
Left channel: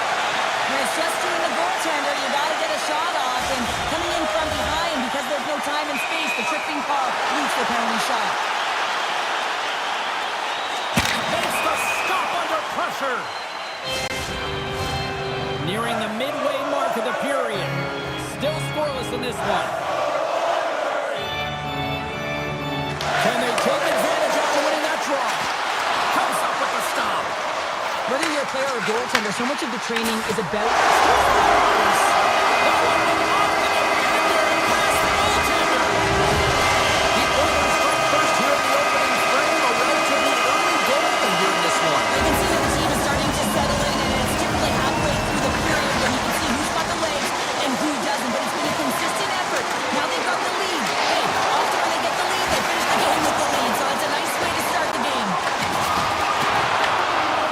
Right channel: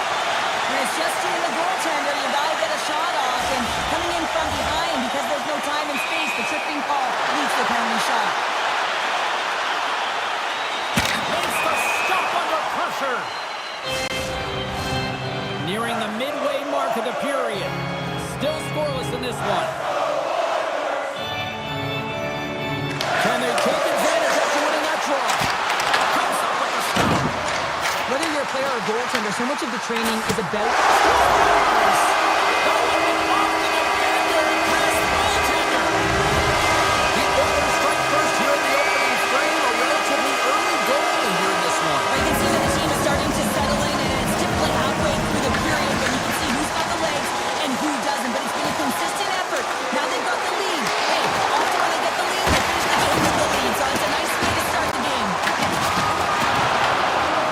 And it's just you and the goaltender. You got to get a shot off. And coming in from behind, because there's no time and space, the tripping call leads to the penalty shot. Makes the stop under pressure. Nearing the midway mark of the period. Still scoreless in this one. Can they take advantage after winning that draw? Comes up with the stop. Whether you're a player or a goaltender, so much of the training is about... Scores! The one went off the defender and past the goaltender. The Oilers strike first here in the opening frame. A relatively early goal here in this one. You can see that the team is starting to settle in, and it's typically halfway through the period when you can see who's got the legs and who doesn't. But it's been a consistent effort. Now they've got the lead. Hey, often when they get the lead, they finish the game with the lead. So it's a nice way to start the game.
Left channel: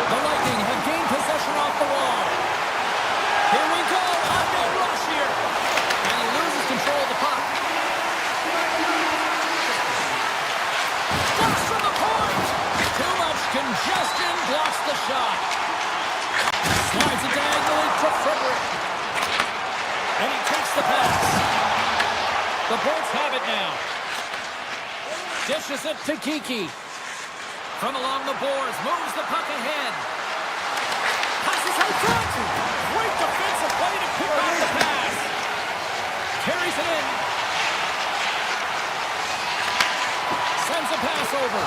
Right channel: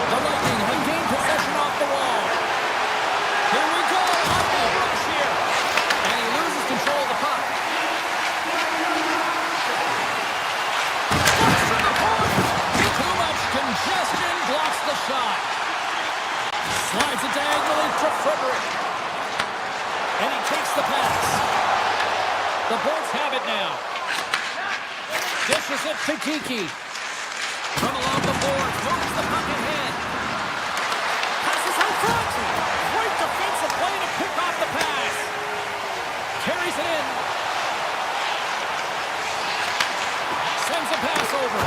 The Lightning have gained possession off the wall. Here we go. A big rush here. And he loses control of the puck. Blocks from the point. Too much congestion. Blocks the shot. Slides it diagonally to Frederick. And he takes the pass. The Bolts have it now. Dishes it to Kiki. From along the boards, moves the puck ahead. Passes out front. Great defensive play to pick off the pass. Carries it in. Sends a pass over.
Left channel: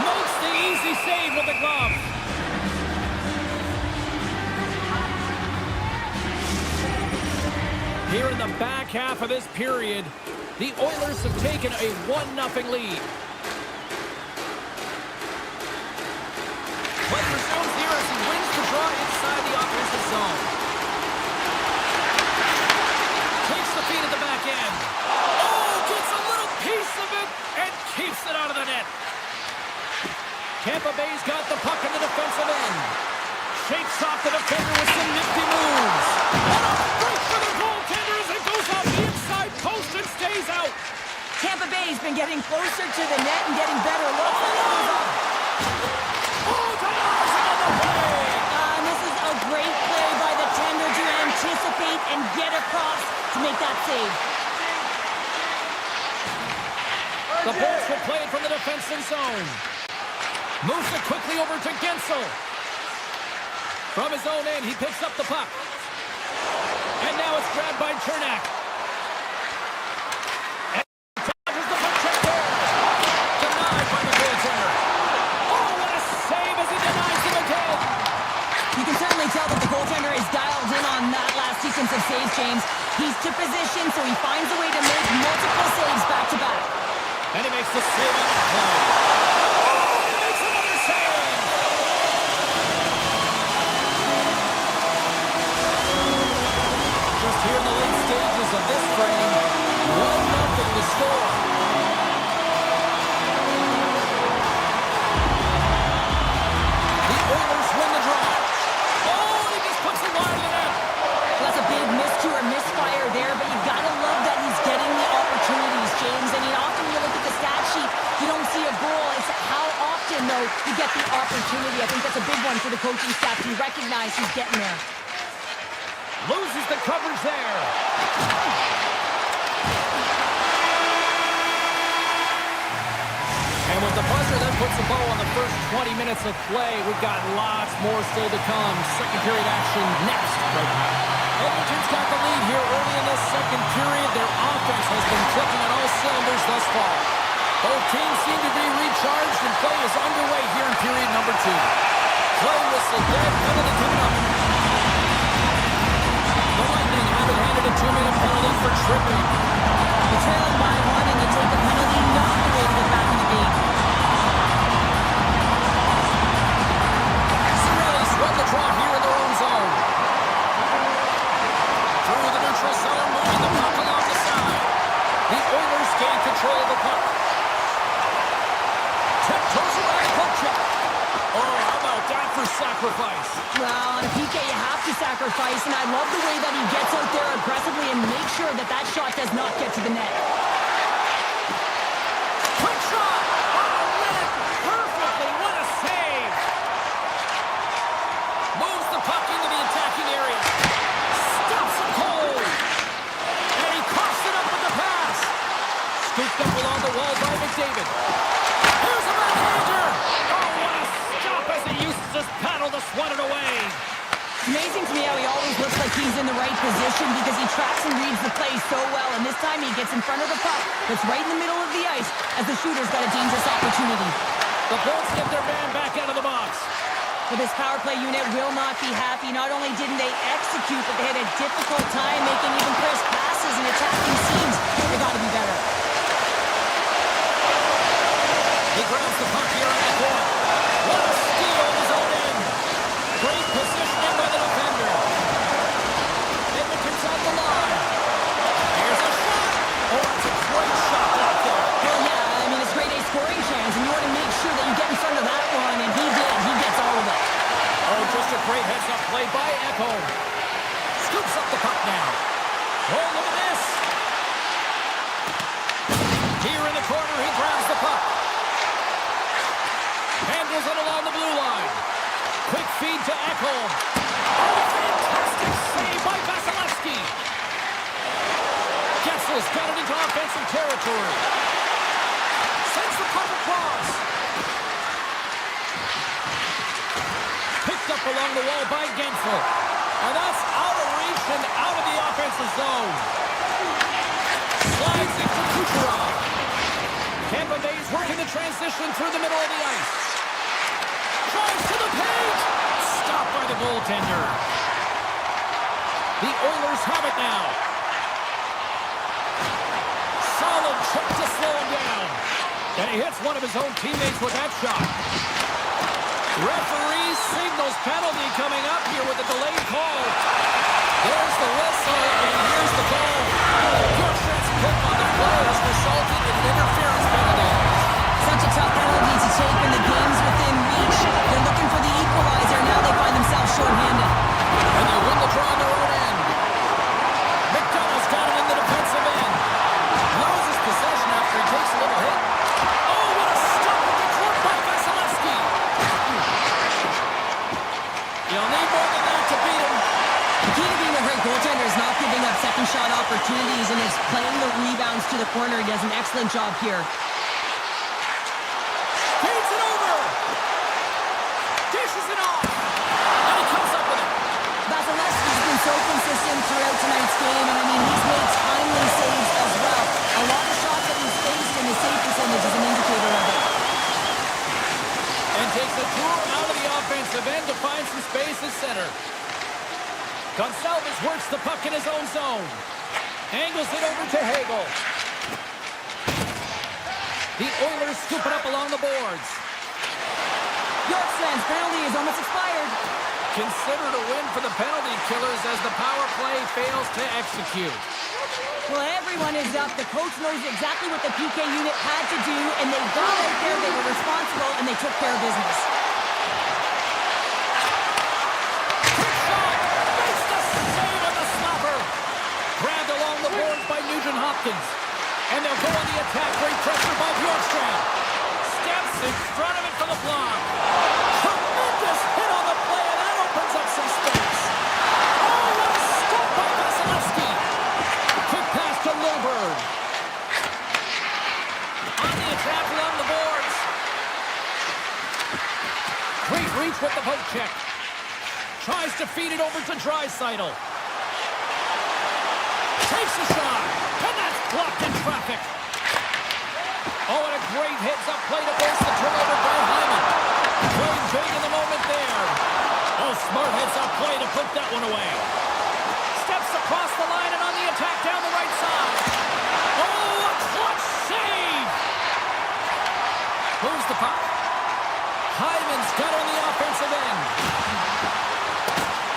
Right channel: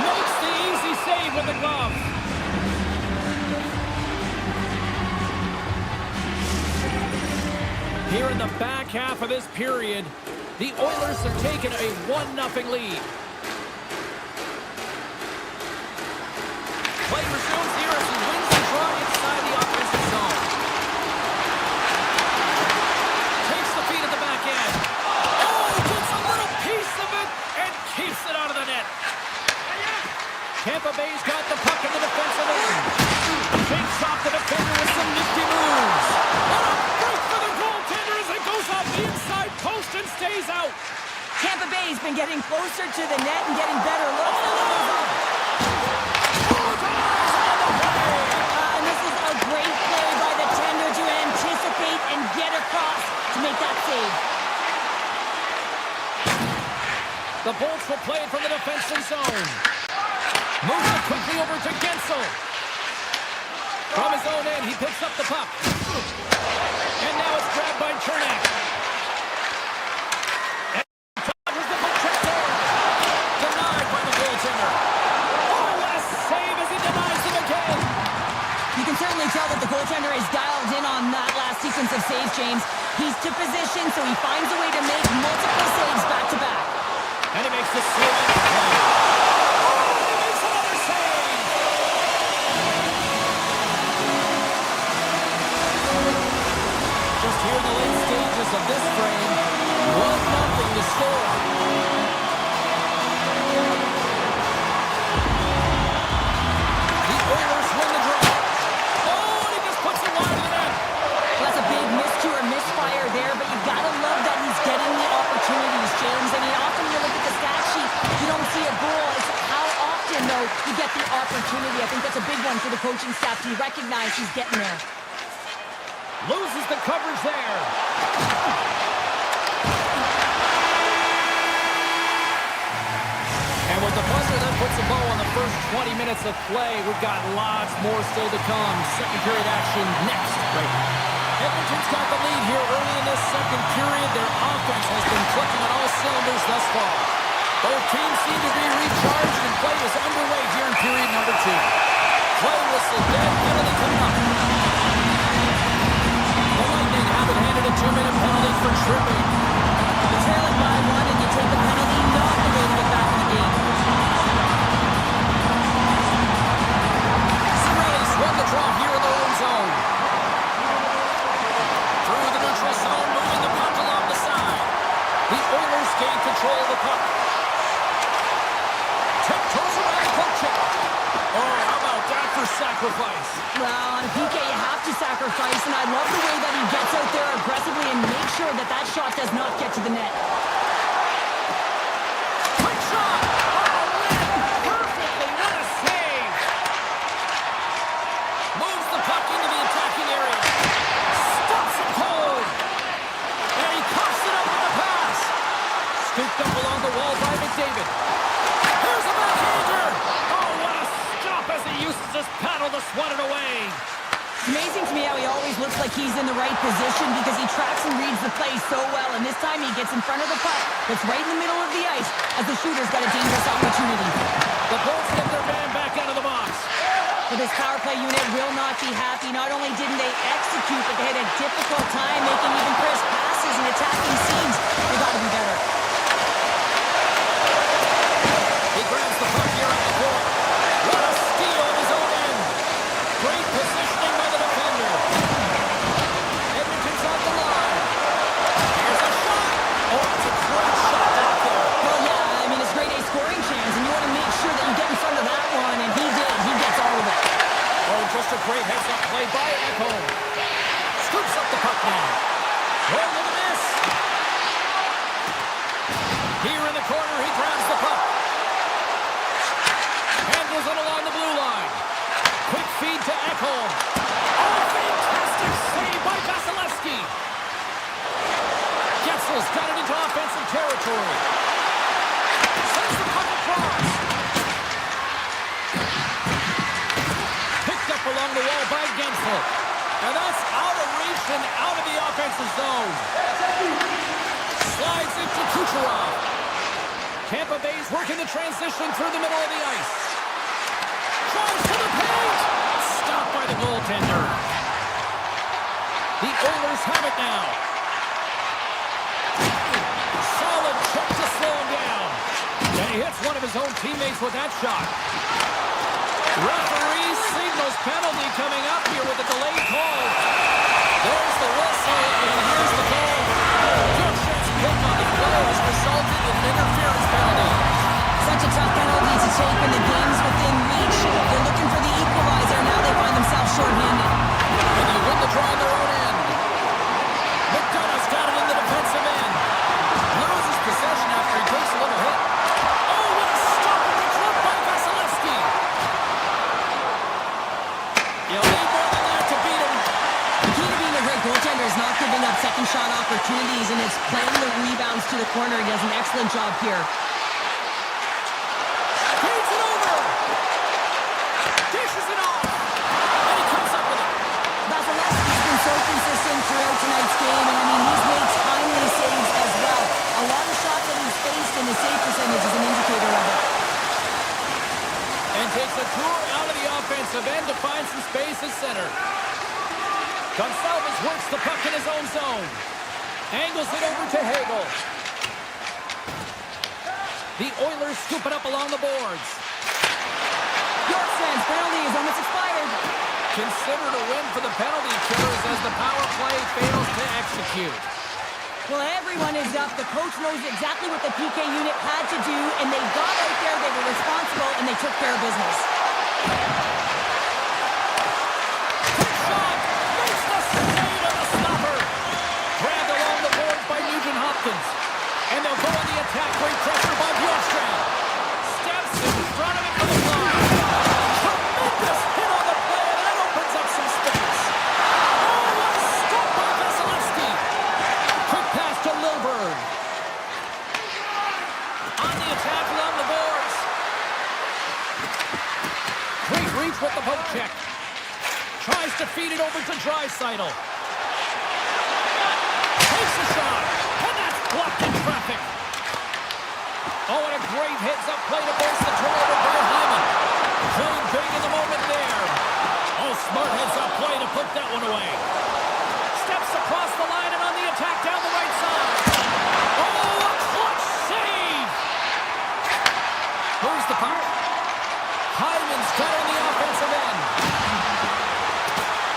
Makes the easy save with the glove. Here in the back half of this period, the Oilers have taken a 1-0 lead. Play resumes here as he wins the draw inside the offensive zone. Takes the feed at the back end. Oh, gets a little piece of it and keeps it out of the net. Tampa Bay's got the puck in the defensive end. Shakes off the defender with some nifty moves. What a break for the goaltender as it goes off the inside post and stays out. Tampa Bay's been getting closer to the net and getting better looks. And this is a great play by the tender to anticipate and get across to make that save. The Bolts will play it from the defensive zone. Moves it quickly over to Gensel. From his own end, he picks up the puck. And now it's grabbed by Chernak. And dodges the puck check there. Denied by the goaltender. Oh, what a save as he denies him again. You can certainly tell that the goaltender is dialed in on that last sequence of saves, James. He's to position, so he finds a way to make multiple saves back-to-back. And he makes the save on the play. Oh, and he makes another save! Just here in the late stages of this frame, 1-0 to score. The Oilers win the draw. Oh, and he just puts it wide of the net. Well, that's a big miscue or misfire there, but you gotta love that he's getting the opportunities, James. I mean, often you look at the stat sheet, you don't see a goal. It's how often, though, you get the opportunity. I think that's a big one for the coaching staff to recognize he's getting there. Loses the coverage there. And with the buzzer, that puts a bow on the first 20 minutes of play. We've got lots more still to come. Second period action next. Right. Edmonton's got the lead here early in this second period. Their offense has been clicking on all cylinders thus far. Both teams seem to be recharged, and play is underway here in period number 2. Play whistle dead, penalty coming up. The Lightning have it handed a 2-minute penalty for tripping. You're trailing by 1 and you take a penalty, not the way to get back in the game. Cirelli's won the draw here in their own zone. Through the neutral zone, moving the puck along the side. The Oilers gain control of the puck. Tiptoes around poke check. Oh, how about that for sacrifice? Well, on a PK, you have to sacrifice, and I love the way that he gets out there aggressively and makes sure that that shot does not get to the net. Quick shot! Oh, read perfectly. What a save! Moves the puck into the attacking area. Stops him cold. And he coughs it up with the pass. Scooped up along the wall by McDavid. Here's a backhander. Oh, what a stop as he uses his paddle to swat it away. It's amazing to me how he always looks like he's in the right position because he tracks and reads the play so well. And this time he gets in front of the puck that's right in the middle of the ice as the shooter's got a dangerous opportunity. The Bolts get their man back out of the box. Well, this power play unit will not be happy. Not only didn't they execute, but they had a difficult time making even crisp passes and attacking seams. They got to be better. He grabs the puck here at the point. What a steal at his own end. Great positioning by the defender. Edmonton's on the line. Here's a shot. Oh, it's a great shot out there. Well, yeah, I mean, it's grade A scoring chance, and you want to make sure that you get in front of that one, and he did. He gets all of it. Oh, just a great heads-up play by Edmont. Scoops up the puck now. Oh, look at this. Here in the corner, he grabs the puck. Handles it along the blue line. Quick feed to Ekholm. Oh, fantastic save by Vasilevsky. Getzel's got it into offensive territory. Sends the puck across. Picked up along the wall by Gensel. And that's out of reach and out of the offensive zone. Slides into Kucherov. Tampa Bay's working the transition through the middle of the ice. Drives to the paint. Stopped by the goaltender. The Oilers have it now. Solid check to slow him down. And he hits one of his own teammates with that shot. Referee signals penalty coming up here with a delayed call. There's the whistle, and here's the goal. Bjorkstrand's pick on the play has resulted in an interference penalty. Such a tough penalty to take when the game's within reach. They're looking for the equalizer. Now they find themselves shorthanded. And they win the draw on their own end. McDonough's got it in the defensive end. Loses possession after he takes a little hit. Oh, what a stop with the club by Vasilevsky. You'll need more than that to beat him. The key to being a great goaltender is not giving up second shot opportunities, and it's playing the rebounds to the corner. He does an excellent job here. Feeds it over. Dishes it off. And he comes up with it. Vasilevsky's been so consistent throughout tonight's game, and I mean, he's made timely saves as well. A lot of shots that he's faced, and his save percentage is an indicator of it. And takes a tour out of the offensive end to find some space at center. Gonçalves works the puck in his own zone. Angles it over to Hagel. The Oilers scoop it up along the boards. Yorkstrand's penalty is almost expired. Considered a win for the penalty killers as the power play fails to execute. Well, everyone is up. The coach knows exactly what the PK unit had to do, and they got out there, they were responsible, and they took care of business. Quick shot! Makes the save on the stopper! Grabbed along the boards by Nugent Hopkins. And they'll go on the attack. Great pressure by Bjorkstrand. Steps in front of it for the block. Tremendous hit on the play, and that opens up some space. Oh, what a stop by Vasilevsky. Quick pass to Lilburn. On the attack along the boards. Great reach with the poke check. Tries to feed it over to Draisaitl. Takes a shot. And that's blocked in traffic. Oh, and a great heads-up play to force the turnover by Hyman. Playing big in the moment there. Oh, smart heads-up play to put that one away. Steps across the line and on the attack down the right side. Oh, a clutch save! Moves the puck. Hyman's got on the offensive end.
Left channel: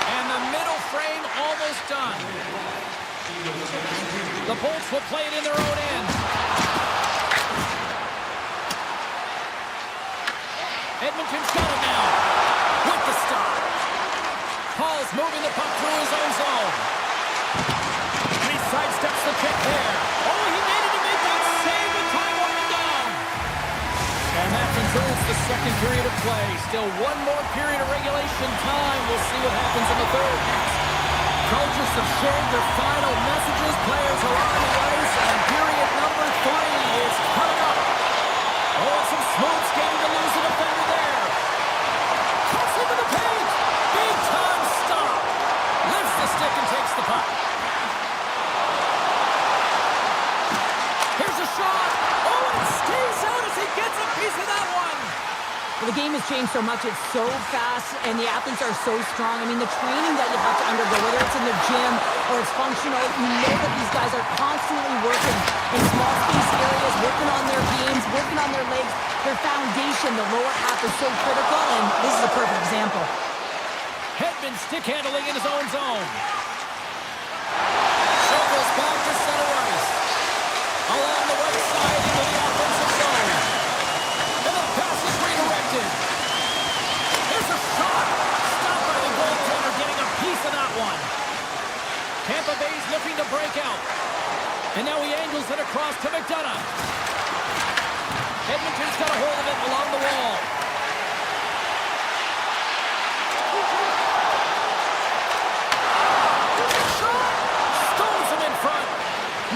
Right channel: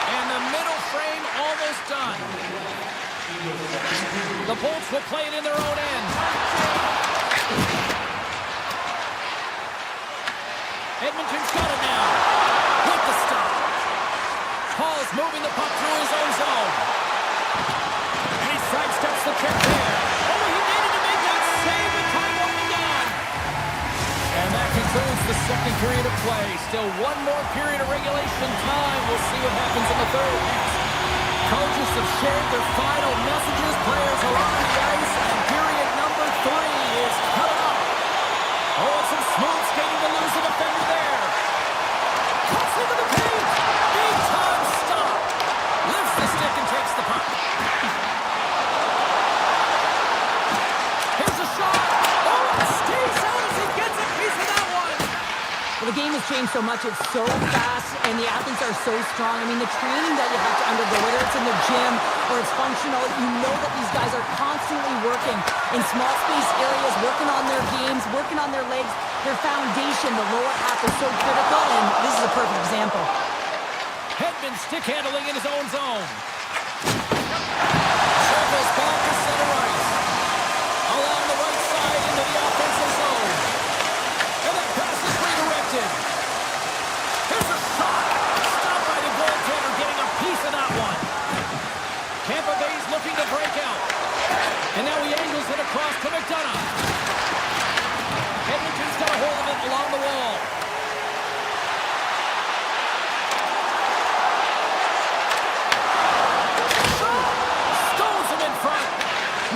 And the middle frame almost done. The Bolts will play it in their own end. Edmonton's got it now. With the stop. Paul's moving the puck through his own zone. And he sidesteps the check there. Oh, he needed to make that save with time winding down. And that concludes the second period of play. Still one more period of regulation time. We'll see what happens in the third next. Coaches have shared their final messages. Players are on the ice, and period number 3 is coming up. Oh, some smooth skating to lose the defender there. Cuts into the paint. Big time stop. Lifts the stick and takes the puck. Here's a shot. Oh, and it stays out as he gets a piece of that one. Well, the game has changed so much. It's so fast, and the athletes are so strong. I mean, the training that you have to undergo, whether it's in the gym or it's functional, you know that these guys are constantly working in small space areas, working on their games, working on their legs. Their foundation, the lower half, is so critical, and this is a perfect example. Hedman stick handling in his own zone. Circles back to center ice. Along the right side into the offensive zone. And that pass is redirected. Here's a shot. Stopped by the goaltender, getting a piece of that one. Tampa Bay's looking to break out. And now he angles it across to McDonough. Edmonton's got a hold of it along the wall. Shot! Stones him in front.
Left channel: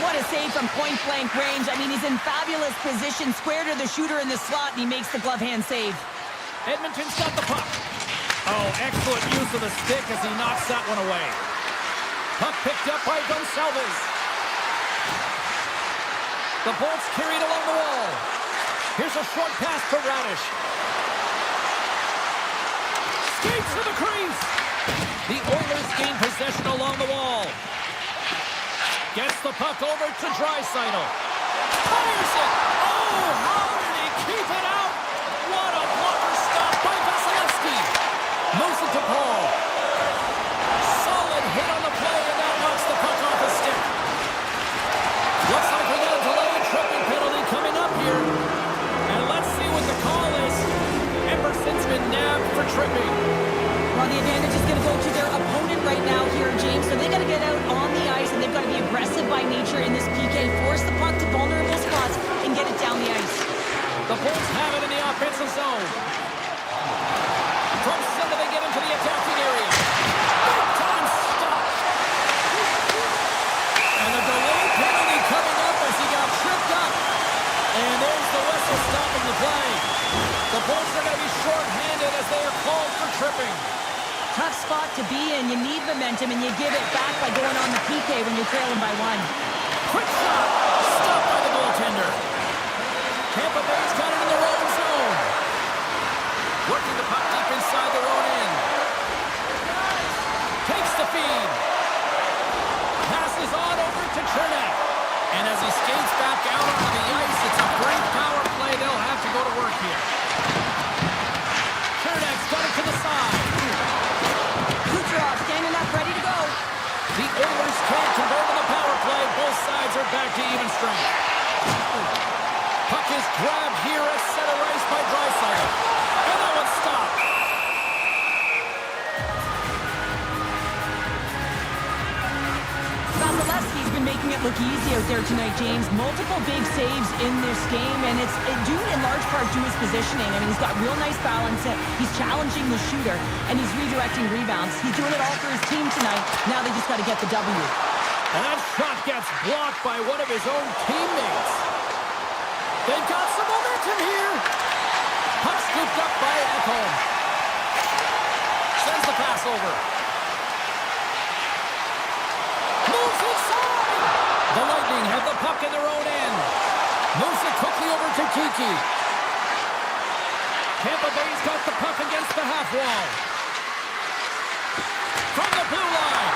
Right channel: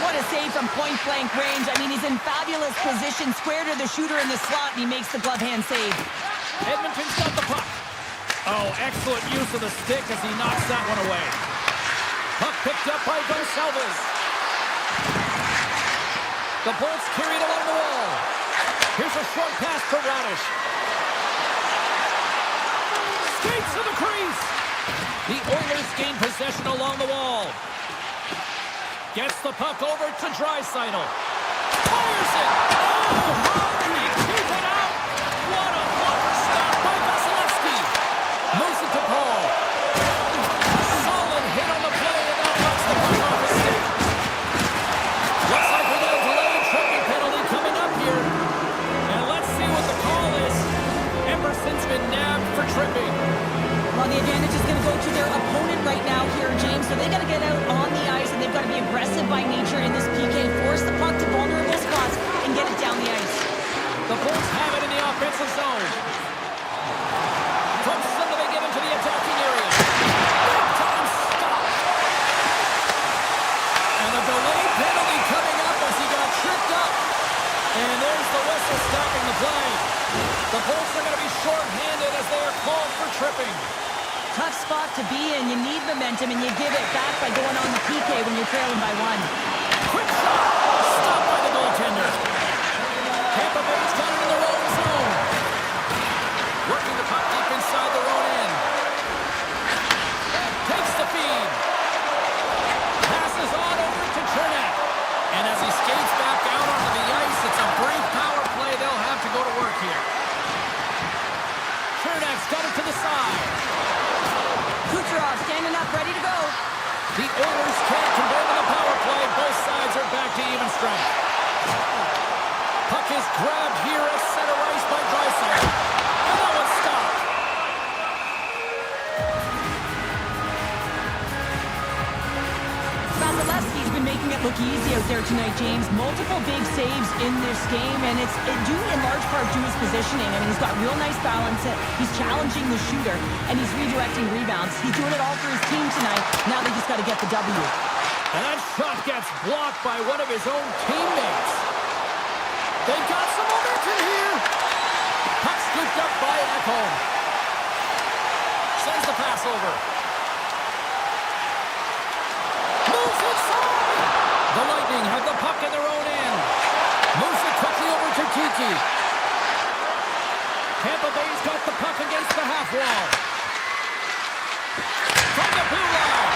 What a save from point-blank range. I mean, he's in fabulous position, square to the shooter in the slot, and he makes the glove-hand save. Edmonton's got the puck. Oh, excellent use of the stick as he knocks that one away. Puck picked up by Gonçalves. The Bolts carried along the wall. Here's a short pass to Radish. Skates to the crease. The Oilers gain possession along the wall. Gets the puck over to Draisaitl. Fires it! Oh, how did he keep it out? What a blocker stop by Vasilevsky. Moves it to Paul. Solid hit on the play, and now knocks the puck off his stick. Looks like we got a delayed tripping penalty coming up here. And let's see what the call is. Emerson's been nabbed for tripping. Well, the advantage is going to go to their opponent right now here, James. So they got to get out on the ice, and they've got to be aggressive by nature in this PK. Force the puck to vulnerable spots and get it down the ice. The Bolts have it in the offensive zone. From center, they get into the attacking area. Big time stop. And a delayed penalty coming up as he got tripped up. And there's the whistle stopping the play. The Bolts are going to be short-handed as they are called for tripping. Tough spot to be in. You need momentum, and you give it back by going on the PK when you're trailing by 1. Quick shot. Stopped by the goaltender. Tampa Bay's got it in their own zone. Working the puck deep inside their own end. Takes the feed. Passes on over to Chernak. And as he skates back out onto the ice, it's a brief power play. go to work here. Chernak's got it to the side. Kucherov standing up, ready to go. The Oilers can't convert on the power play. Both sides are back to even strength. Puck is grabbed here at center ice by Draisaitl. And that one's stopped. Vasilevsky's been making it look easy out there tonight, James. Multiple big saves in this game, and it's due in large part to his positioning. I mean, he's got real nice balance. He's challenging the shooter, and he's redirecting rebounds. He's doing it all for his team tonight. Now they just got to get the W. And that shot gets blocked by one of his own teammates. They've got some momentum here. Puck scooped up by Edmont. Sends the pass over. Moves inside. The Lightning have the puck in their own end. Moves it quickly over to Kiki. Tampa Bay's got the puck against the half wall. From the blue line.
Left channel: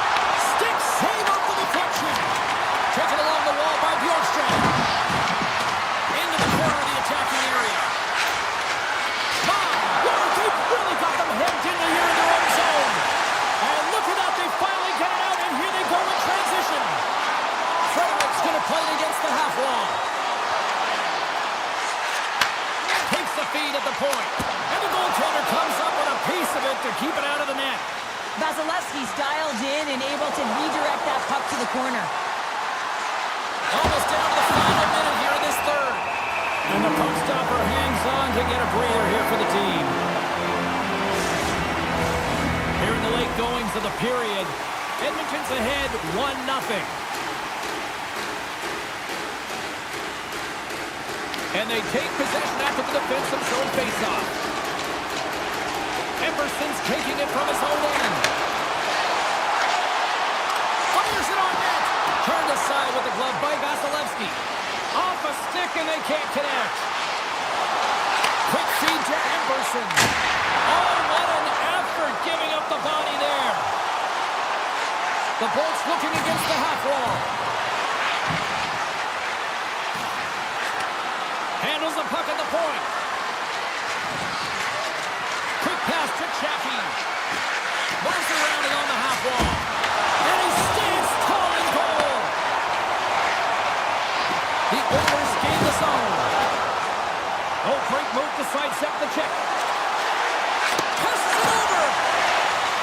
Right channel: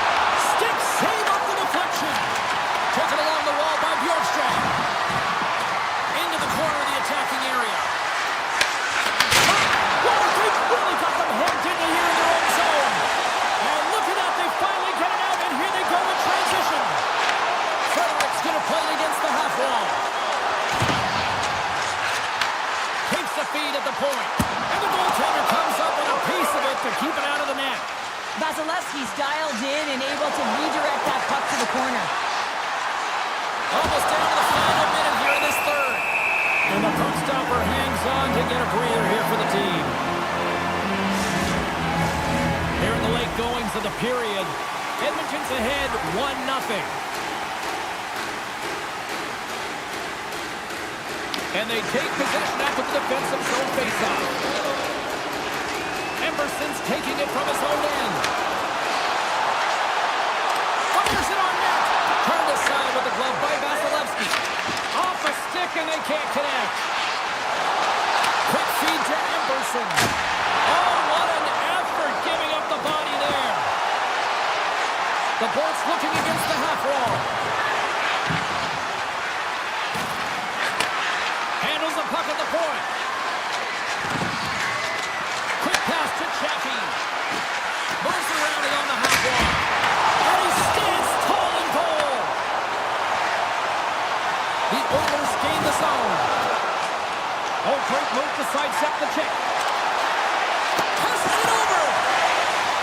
Stick save off the deflection. Taken along the wall by Bjorkstrand. Into the corner of the attacking area. My word, they've really got them hemmed into here in their own zone. And look at that, they finally get it out, and here they go in transition. Frederick's going to play it against the half wall. Takes the feed at the point. And the goaltender comes up with a piece of it to keep it out of the net. Vasilevsky's dialed in and able to redirect that puck to the corner. Almost down to the final minute here in this third. And the puck stopper hangs on to get a breather here for the team. Here in the late goings of the period, Edmonton's ahead 1-0. And they take possession after the defensive zone faceoff. Emerson's taking it from his own end. Fires it on net. Turned aside with the glove by Vasilevsky. Off a stick and they can't connect. Quick feed to Emerson. Oh, what an effort giving up the body there. The Bolts looking against the half wall. Handles the puck at the point. Quick pass to Chaffee. Moves around it on the half wall. And he stands tall in goal. The Oilers gain the zone. Oh, great move to sidestep the check. Passes it over.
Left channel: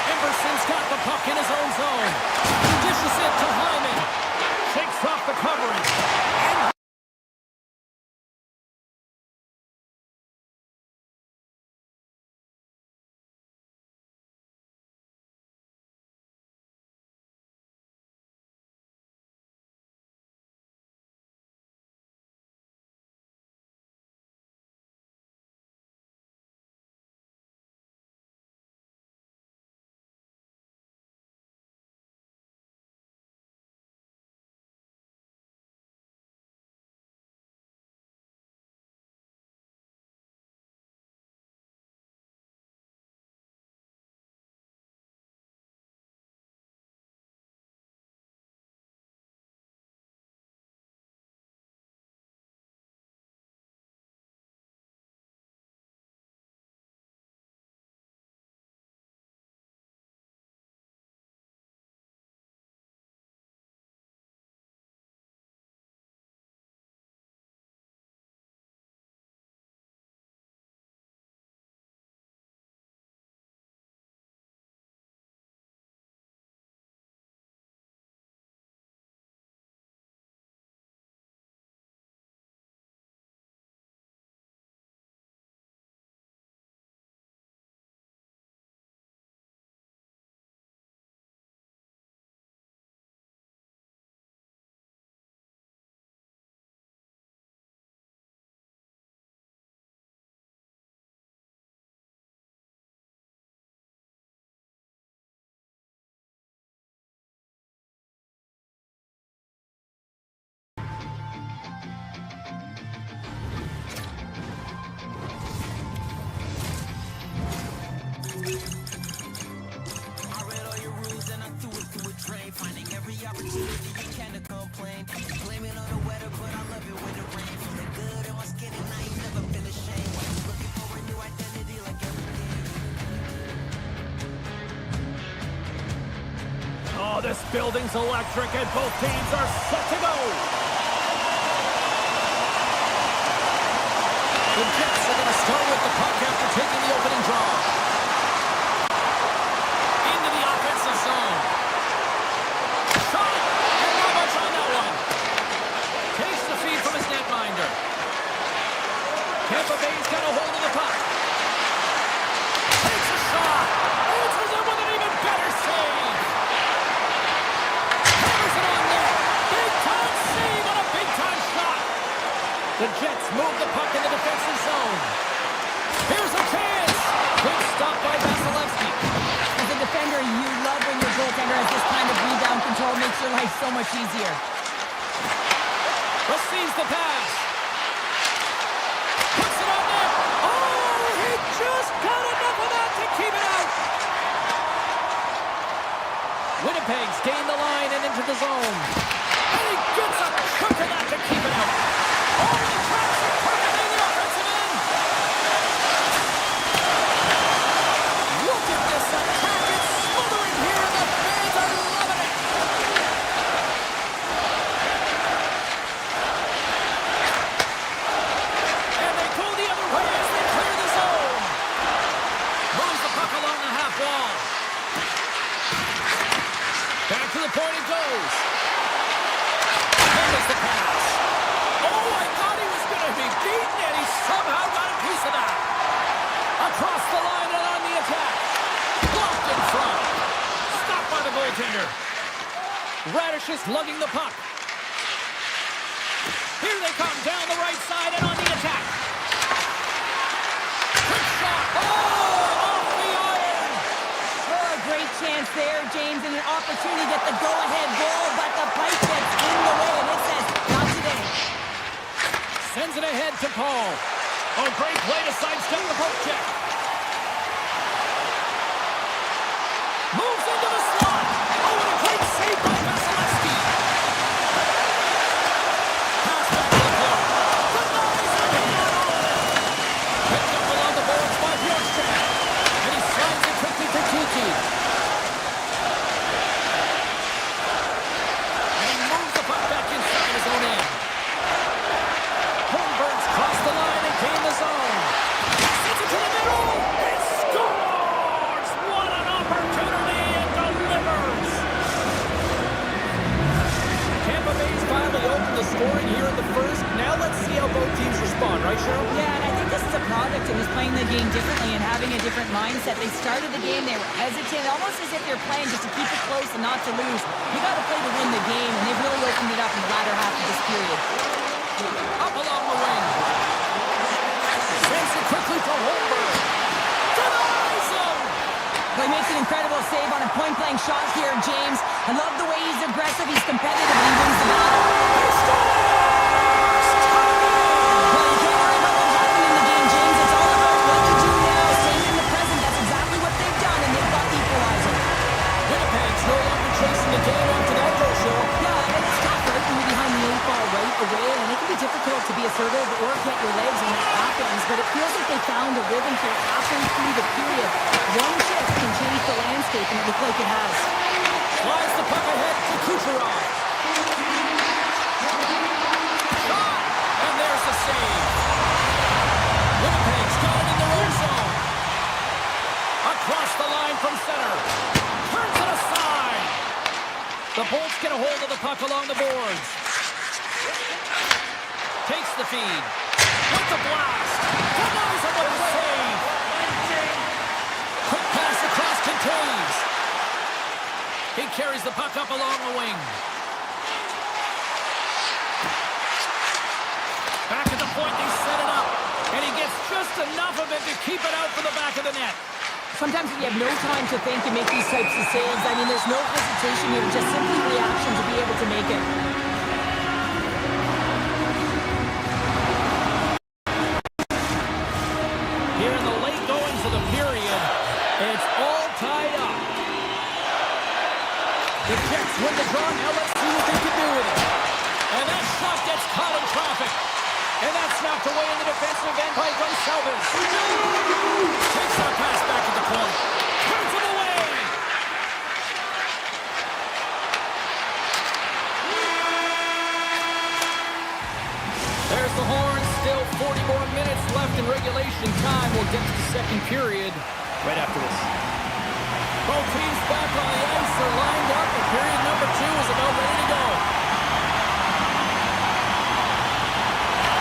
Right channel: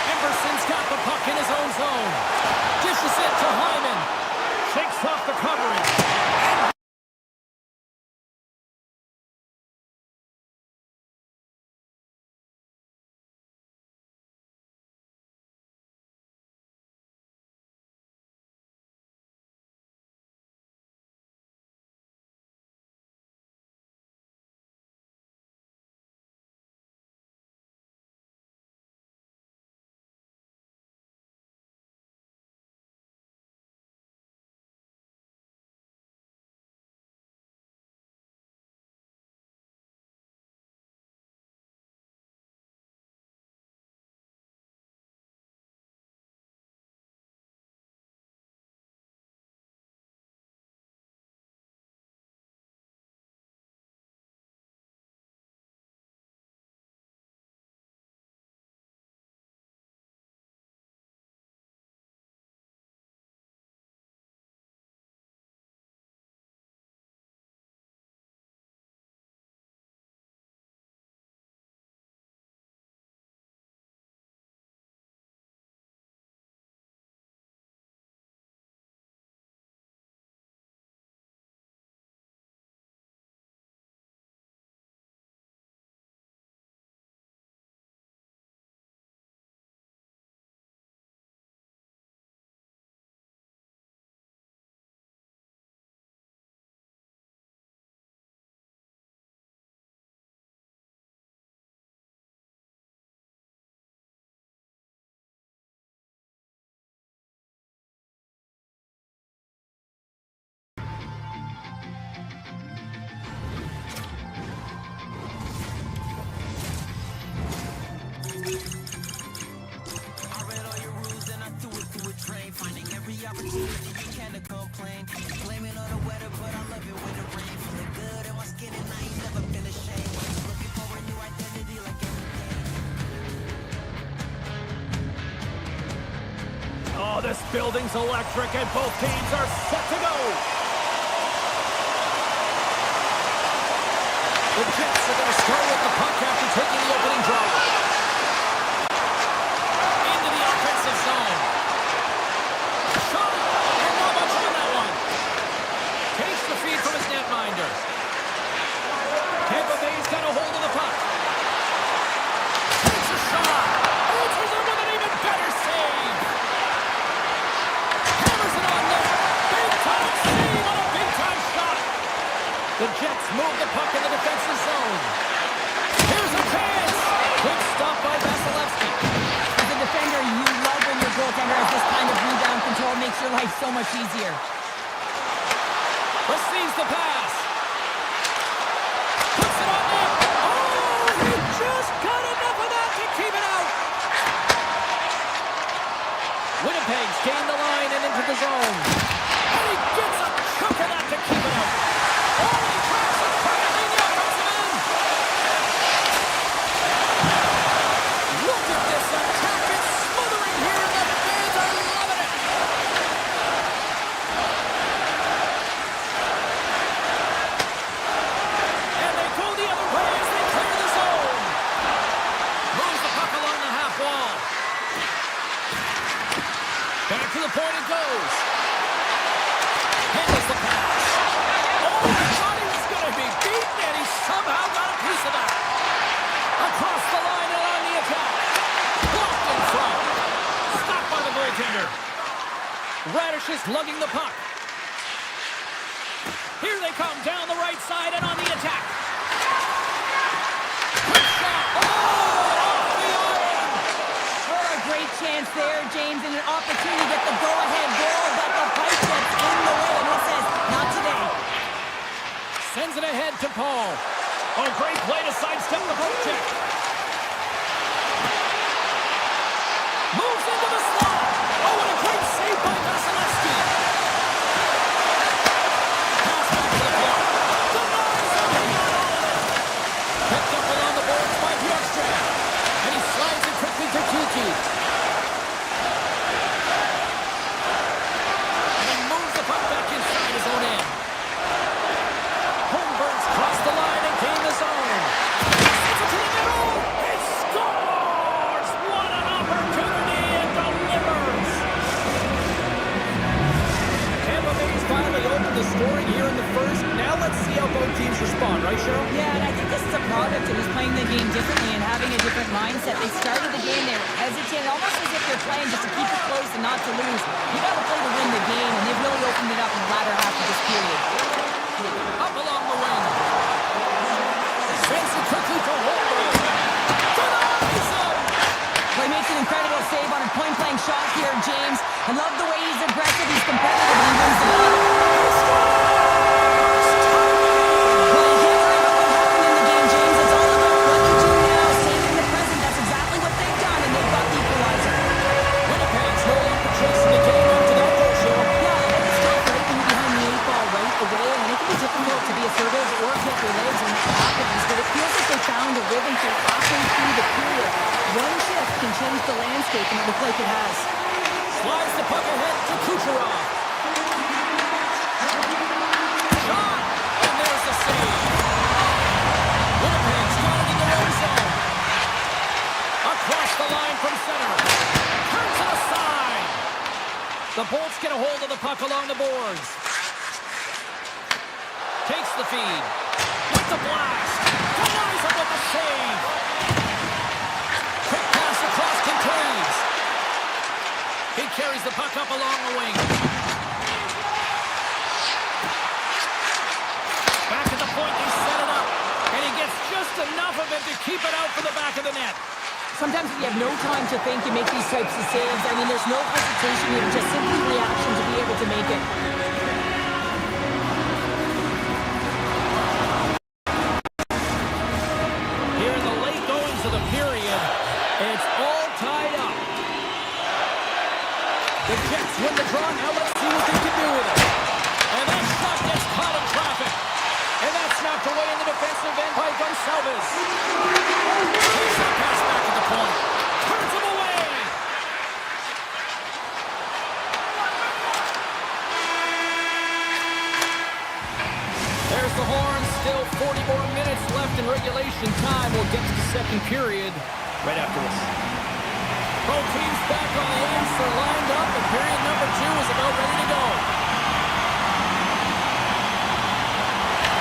Emerson's got the puck in his own zone. Dishes it to Hyman. Shakes off the coverage. And This building's electric and both teams are set to go. The Jets are going to start with the puck after taking the opening draw. Into the offensive zone. Shot, and not much on that one. Takes the feed from his netminder. Tampa Bay's got a hold of the puck. Takes a shot. Answers it with an even better save. Hammers it on net. Big-time save on a big-time shot. The Jets move the puck in the defensive zone. Here's a chance. Quick stop by Vasilevsky. As a defender, you love when your goaltender has this kind of rebound control. Makes your life so much easier. Receives the pass. Puts it on net. Oh, he just got enough of that to keep it out. Winnipeg's gained the line and into the zone. And he gets a chunk of that to keep it out. Oh, he tracks it perfectly in the offensive end. Look at this attack. It's smothering here, and the fans are loving it. And they go the other way as they clear the zone. Moves the puck along the half wall. Back to the point it goes. Handles the pass. Oh, I thought he was going to be beaten, and he somehow got a piece of that. Across the line and on the attack. Blocked in front. Stopped by the goaltender. Radish is lugging the puck. Here they come down the right side and on the attack. Quick shot. Oh, off the iron. Oh, a great chance there, James, and an opportunity to get the go-ahead goal, but the pipe gets in the way, and it says, not today. Sends it ahead to Paul. Oh, great play to sidestep the poke check. Moves into the slot. Oh, and a great save by Vasilevsky. Pass back to the point. Denies him. He got all of it. Picked up along the boards by Bjorkstrand. And he slides it quickly to Kiki. And he moves the puck back inside his own end. Holmberg's crossed the line and gained the zone. Sends it to the middle. He scores! What an opportunity and delivers! Tampa Bay's finally opened the scoring here in the first. Now let's see how both teams respond, right, Cheryl? Yeah, and I think this is a product of just playing the game differently and having a different mindset. They started the game, they were hesitant, almost as if you're playing just to keep it close and not to lose. You got to play to win the game, and they've really opened it up in the latter half of this period. Up along the wing. Sends it quickly to Holmberg. Denies him! Well, he makes an incredible save on a point-blank shot here, James. I love the way he's aggressive, he's competitive, and he wins the battle. He scores! Well, you can't worry about what happened in the game, James. It's all about what you do now, staying in the present. That's exactly what they've done, and they've got the equalizer. Winnipeg's no longer chasing the game after that goal, Cheryl. Yeah, and it's tough, right, when you're behind the 8-ball right away, and it can be difficult to be assertive or get your legs when that happens, but it feels like they found a rhythm here halfway through the period. One shift can change the landscape, and it looks like it has. Slides the puck ahead to Kucherov. Shot! And there's the save. Winnipeg's got it in their own zone. Across the line from center. Turns it aside. The Bolts get a hold of the puck along the boards. Takes the feed. With the blast. Denies him with the save. Quick pass across contains. He carries the puck up along the wing. Back at the point, they set it up. And he gets just enough of it to keep it out for the back of the net. Sometimes when you have no time to think and make these types of saves, I mean, there's no hesitation here, just simply reaction to be able to make it. Here in the late goings of the period, it's all tied up. The Jets win the draw. Now let's see what they can do with it. And that shot gets caught in traffic. And that's knocked away in the defensive end by Gonçalves. Takes that pass back at the point. Turns him away. left in regulation time. We'll get to the second period right after this. Both teams back on the ice. They're lined up, and period number 2 is about ready to go.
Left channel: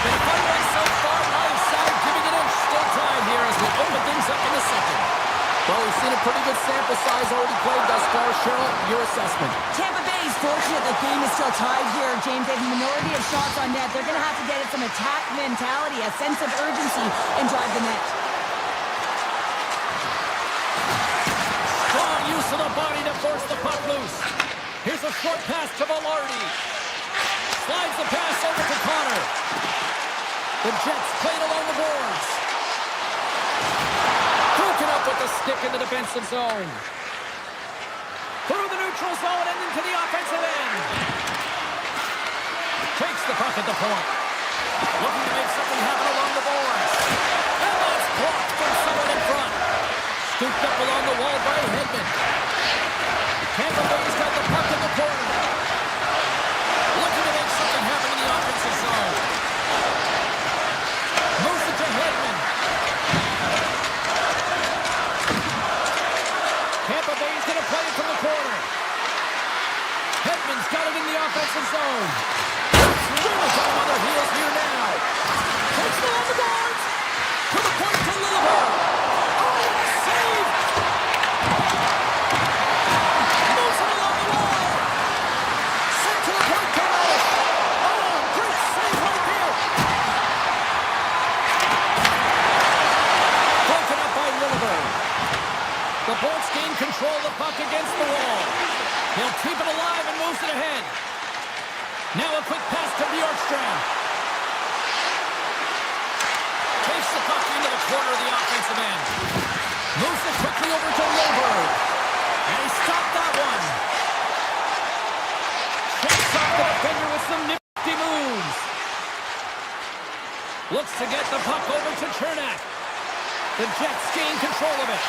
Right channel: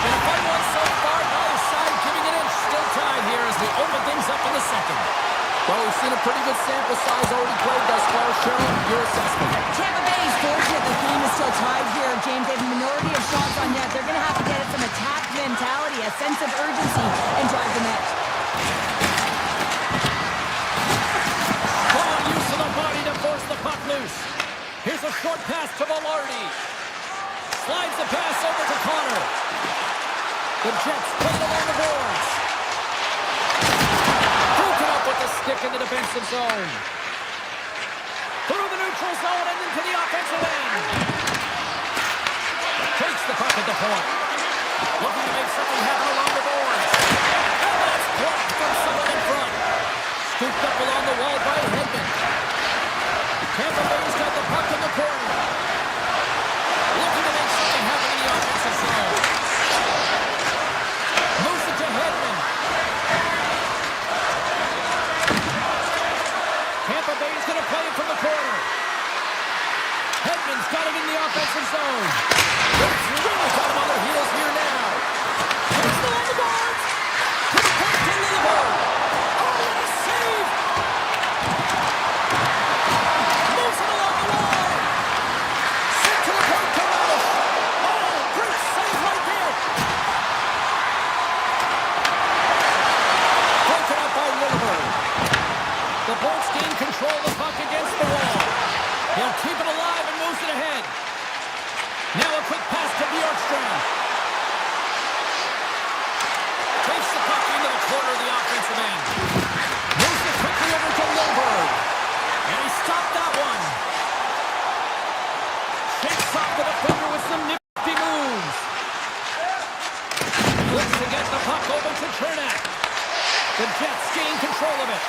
Been a fun one so far. Neither side giving an inch. Still tied here as we open things up in the second. Well, we've seen a pretty good sample size already played thus far. Cheryl, your assessment. Tampa Bay is fortunate the game is still tied here, James. They have a minority of shots on net. They're going to have to get at some attack mentality, a sense of urgency, and drive the net. Strong use of the body to force the puck loose. Here's a short pass to Velarde. Slides the pass over to Connor. The Jets played along the boards. Broken up with the stick in the defensive zone. Through the neutral zone and into the offensive end. Takes the puck at the point. Looking to make something happen along the boards. And that's blocked from someone in front. Scooped up along the wall by Edmont. Tampa Bay's got the puck in the corner. Looking to make something happen in the offensive zone. Moves it to Edmont. Tampa Bay's going to play it from the corner. Edmont's got it in the offensive zone. It's really got him on their heels here now. Takes it along the boards. To the point to Lillibird. Oh, what a save! Moves it along the wall. Sent to the point to Radish. Oh, great save right there. Broken up by Lillibird. The Bolts gain control of the puck against the wall. He'll keep it alive and moves it ahead. Now a quick pass to Bjorkstrand. Takes the puck into the corner of the offensive end. Moves it quickly over to Lillibird. And he stopped that one. Shakes off the defender with some nifty moves. Looks to get the puck over to Chernak. The Jets gain control of it.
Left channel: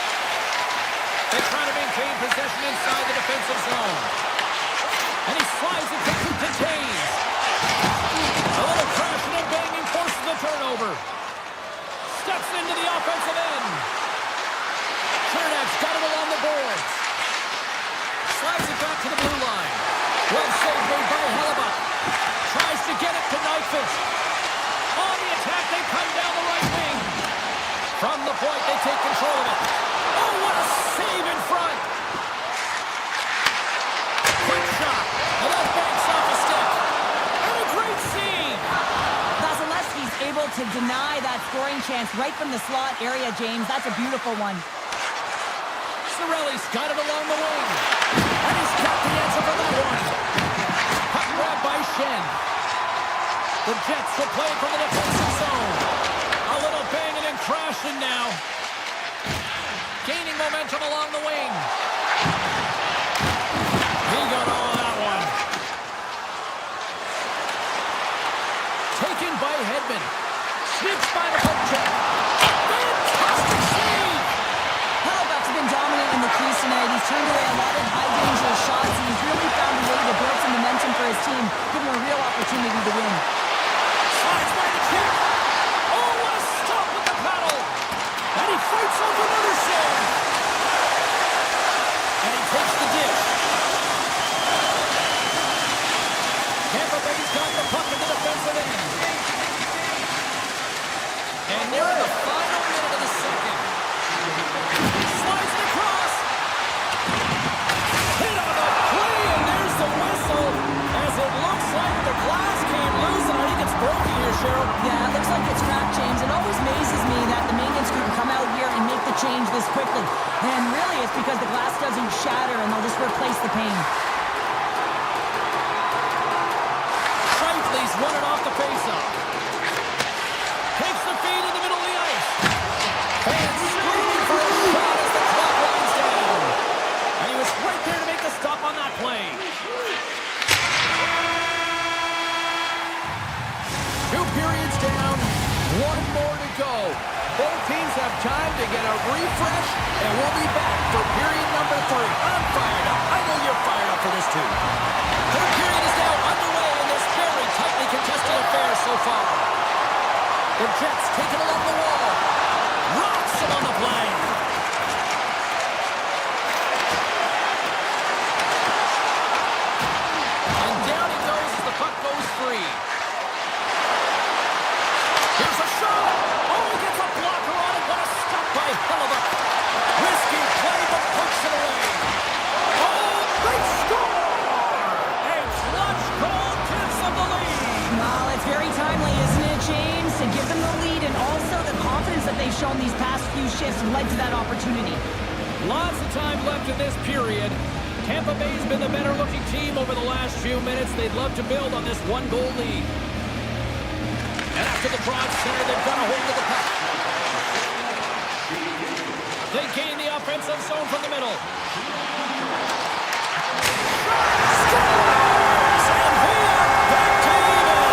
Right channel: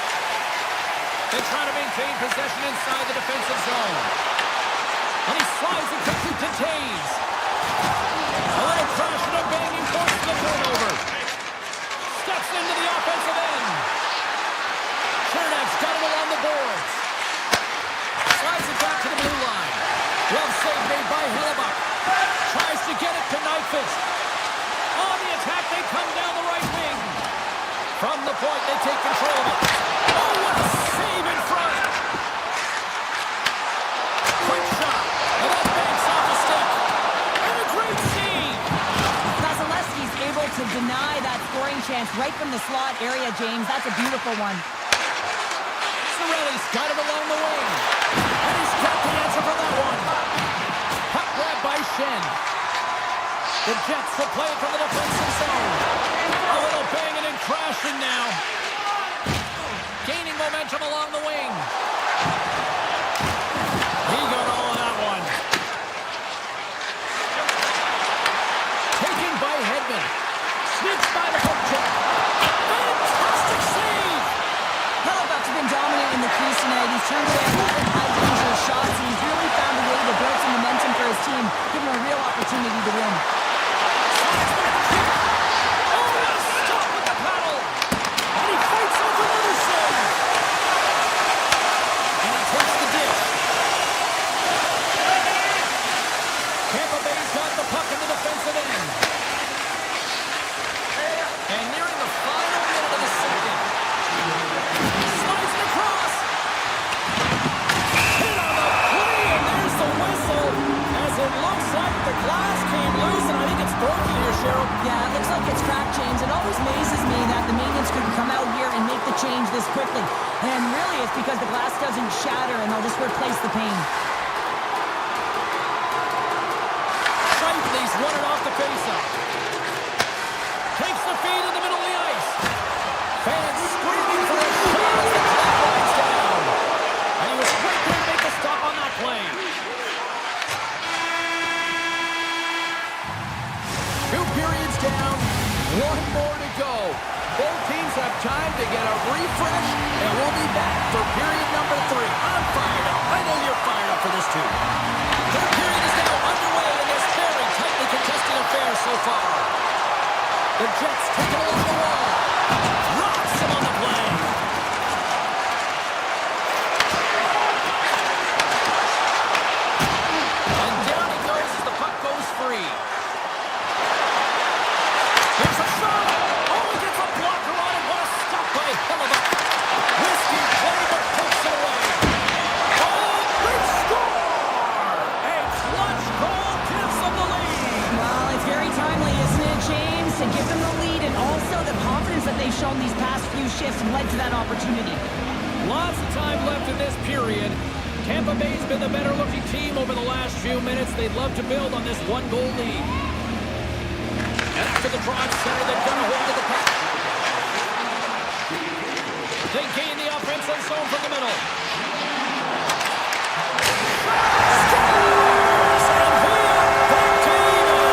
They try to maintain possession inside the defensive zone. And he slides it quickly to Taves. A little crash and a banging forces the turnover. Steps into the offensive end. Chernak's got it along the boards. Slides it back to the blue line. Glove save made by Hellebuck. Tries to get it to Nyquist. On the attack, they come down the right wing. From the point, they take control of it. Oh, what a save in front! Quick shot, and that banks off a stick. And a great save! Vasilevsky's able to deny that scoring chance right from the slot area, James. That's a beautiful one. Cirelli's got it along the wing. And he's got the answer for that one. Puck grab by Shen. The Jets will play it from the defensive zone. A little banging and crashing now. Gaining momentum along the wing. He got all of that one. Taken by Edmont. Sneaks by the poke check. Fantastic save! Hellebuck's been dominant in the crease tonight. He's turned away a lot of high-danger shots, and he's really found a way to build some momentum for his team, giving him a real opportunity to win. Slides by the check. Oh, what a stop with the paddle! And he fights off another save. And he takes the dish. Tampa Bay's got the puck in the defensive end. And nearing the final minute of the second. Slides it across. Hit on the play, and there's the whistle. As it looks like the glass came loose, and I think it's broken here, Cheryl. Yeah, it looks like it's cracked, James. It always amazes me that the maintenance crew can come out here and make the change this quickly. And really, it's because the glass doesn't shatter, and they'll just replace the pane. Shifley's won it off the faceoff. Takes the feed in the middle of the ice. Fans screaming for a shot as the clock winds down. And he was right there to make the stop on that play. 2 periods down, 1 more to go. Both teams have time to get a refresh, and we'll be back for period number 3. I'm fired up. I know you're fired up for this too. Third period is now underway in this very tightly contested affair so far. The Jets take it along the wall. Rocks him on the play. And down he goes as the puck goes free. Here's a shot. Oh, he gets a blocker on it. What a stop by Hellebuyck. Risky play, but pokes it away. Oh, they score! A clutch goal gives them the lead. Well, it's very timely, isn't it, James? To give them the lead, and also the confidence that they've shown these past few shifts have led to that opportunity. Lots of time left in this period. Tampa Bay's been the better-looking team over the last few minutes. They'd love to build on this one-goal lead. And after the drive center, they've got a hold of the puck. They gain the offensive zone from the middle. Scores! And we are back to even.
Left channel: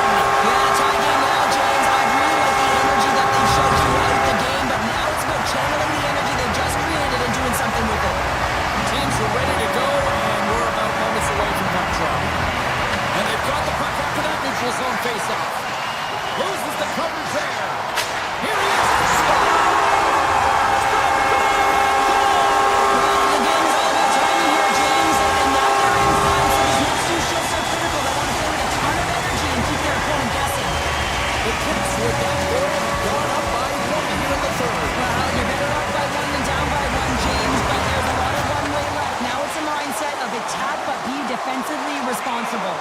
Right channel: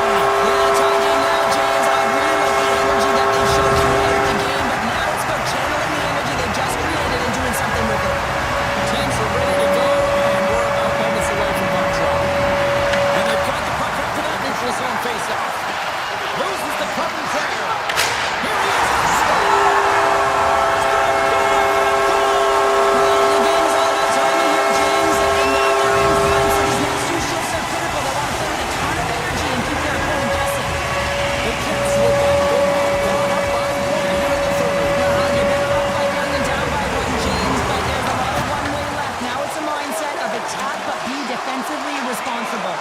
Yeah, tie game now, James. I really like the energy that they've showed throughout the game, but now it's about channeling the energy they've just created and doing something with it. Teams are ready to go, and we're about moments away from puck drop. And they've got the puck after that neutral zone face-off. Loses the coverage there. Here he is. Scores! The game goal! Well, the game is all about timing here, James, and now they're in front, so these next two shifts are critical. They want to play with a ton of energy and keep their opponent guessing. The Jets with that goal have gone up by one here in the third. Well, you're better up by one than down by one, James, but there's a lot of one-way left. Now it's a mindset of attack, but be defensively responsible.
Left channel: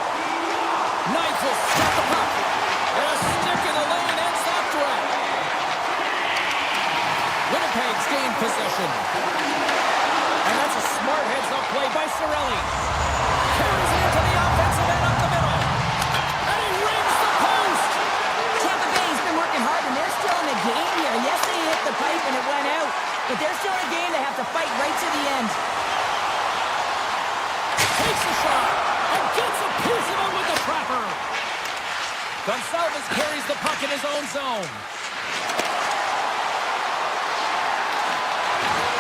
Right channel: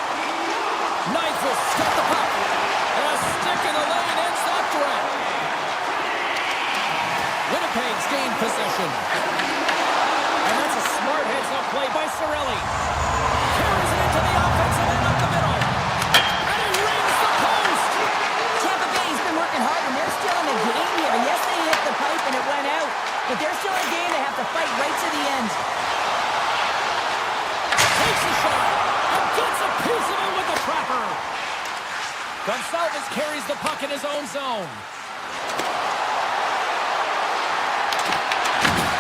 Nigel got the puck. And a stick in the lane ends that threat. Winnipeg's gained possession. And that's a smart heads-up play by Cirelli. Carries it into the offensive end up the middle. And he rings the post. Tampa Bay's been working hard, and they're still in a game here. Yes, they hit the pipe and it went out, but they're still in a game. They have to fight right to the end. Takes a shot and gets a piece of it with the trapper. Gonçalves carries the puck in his own zone.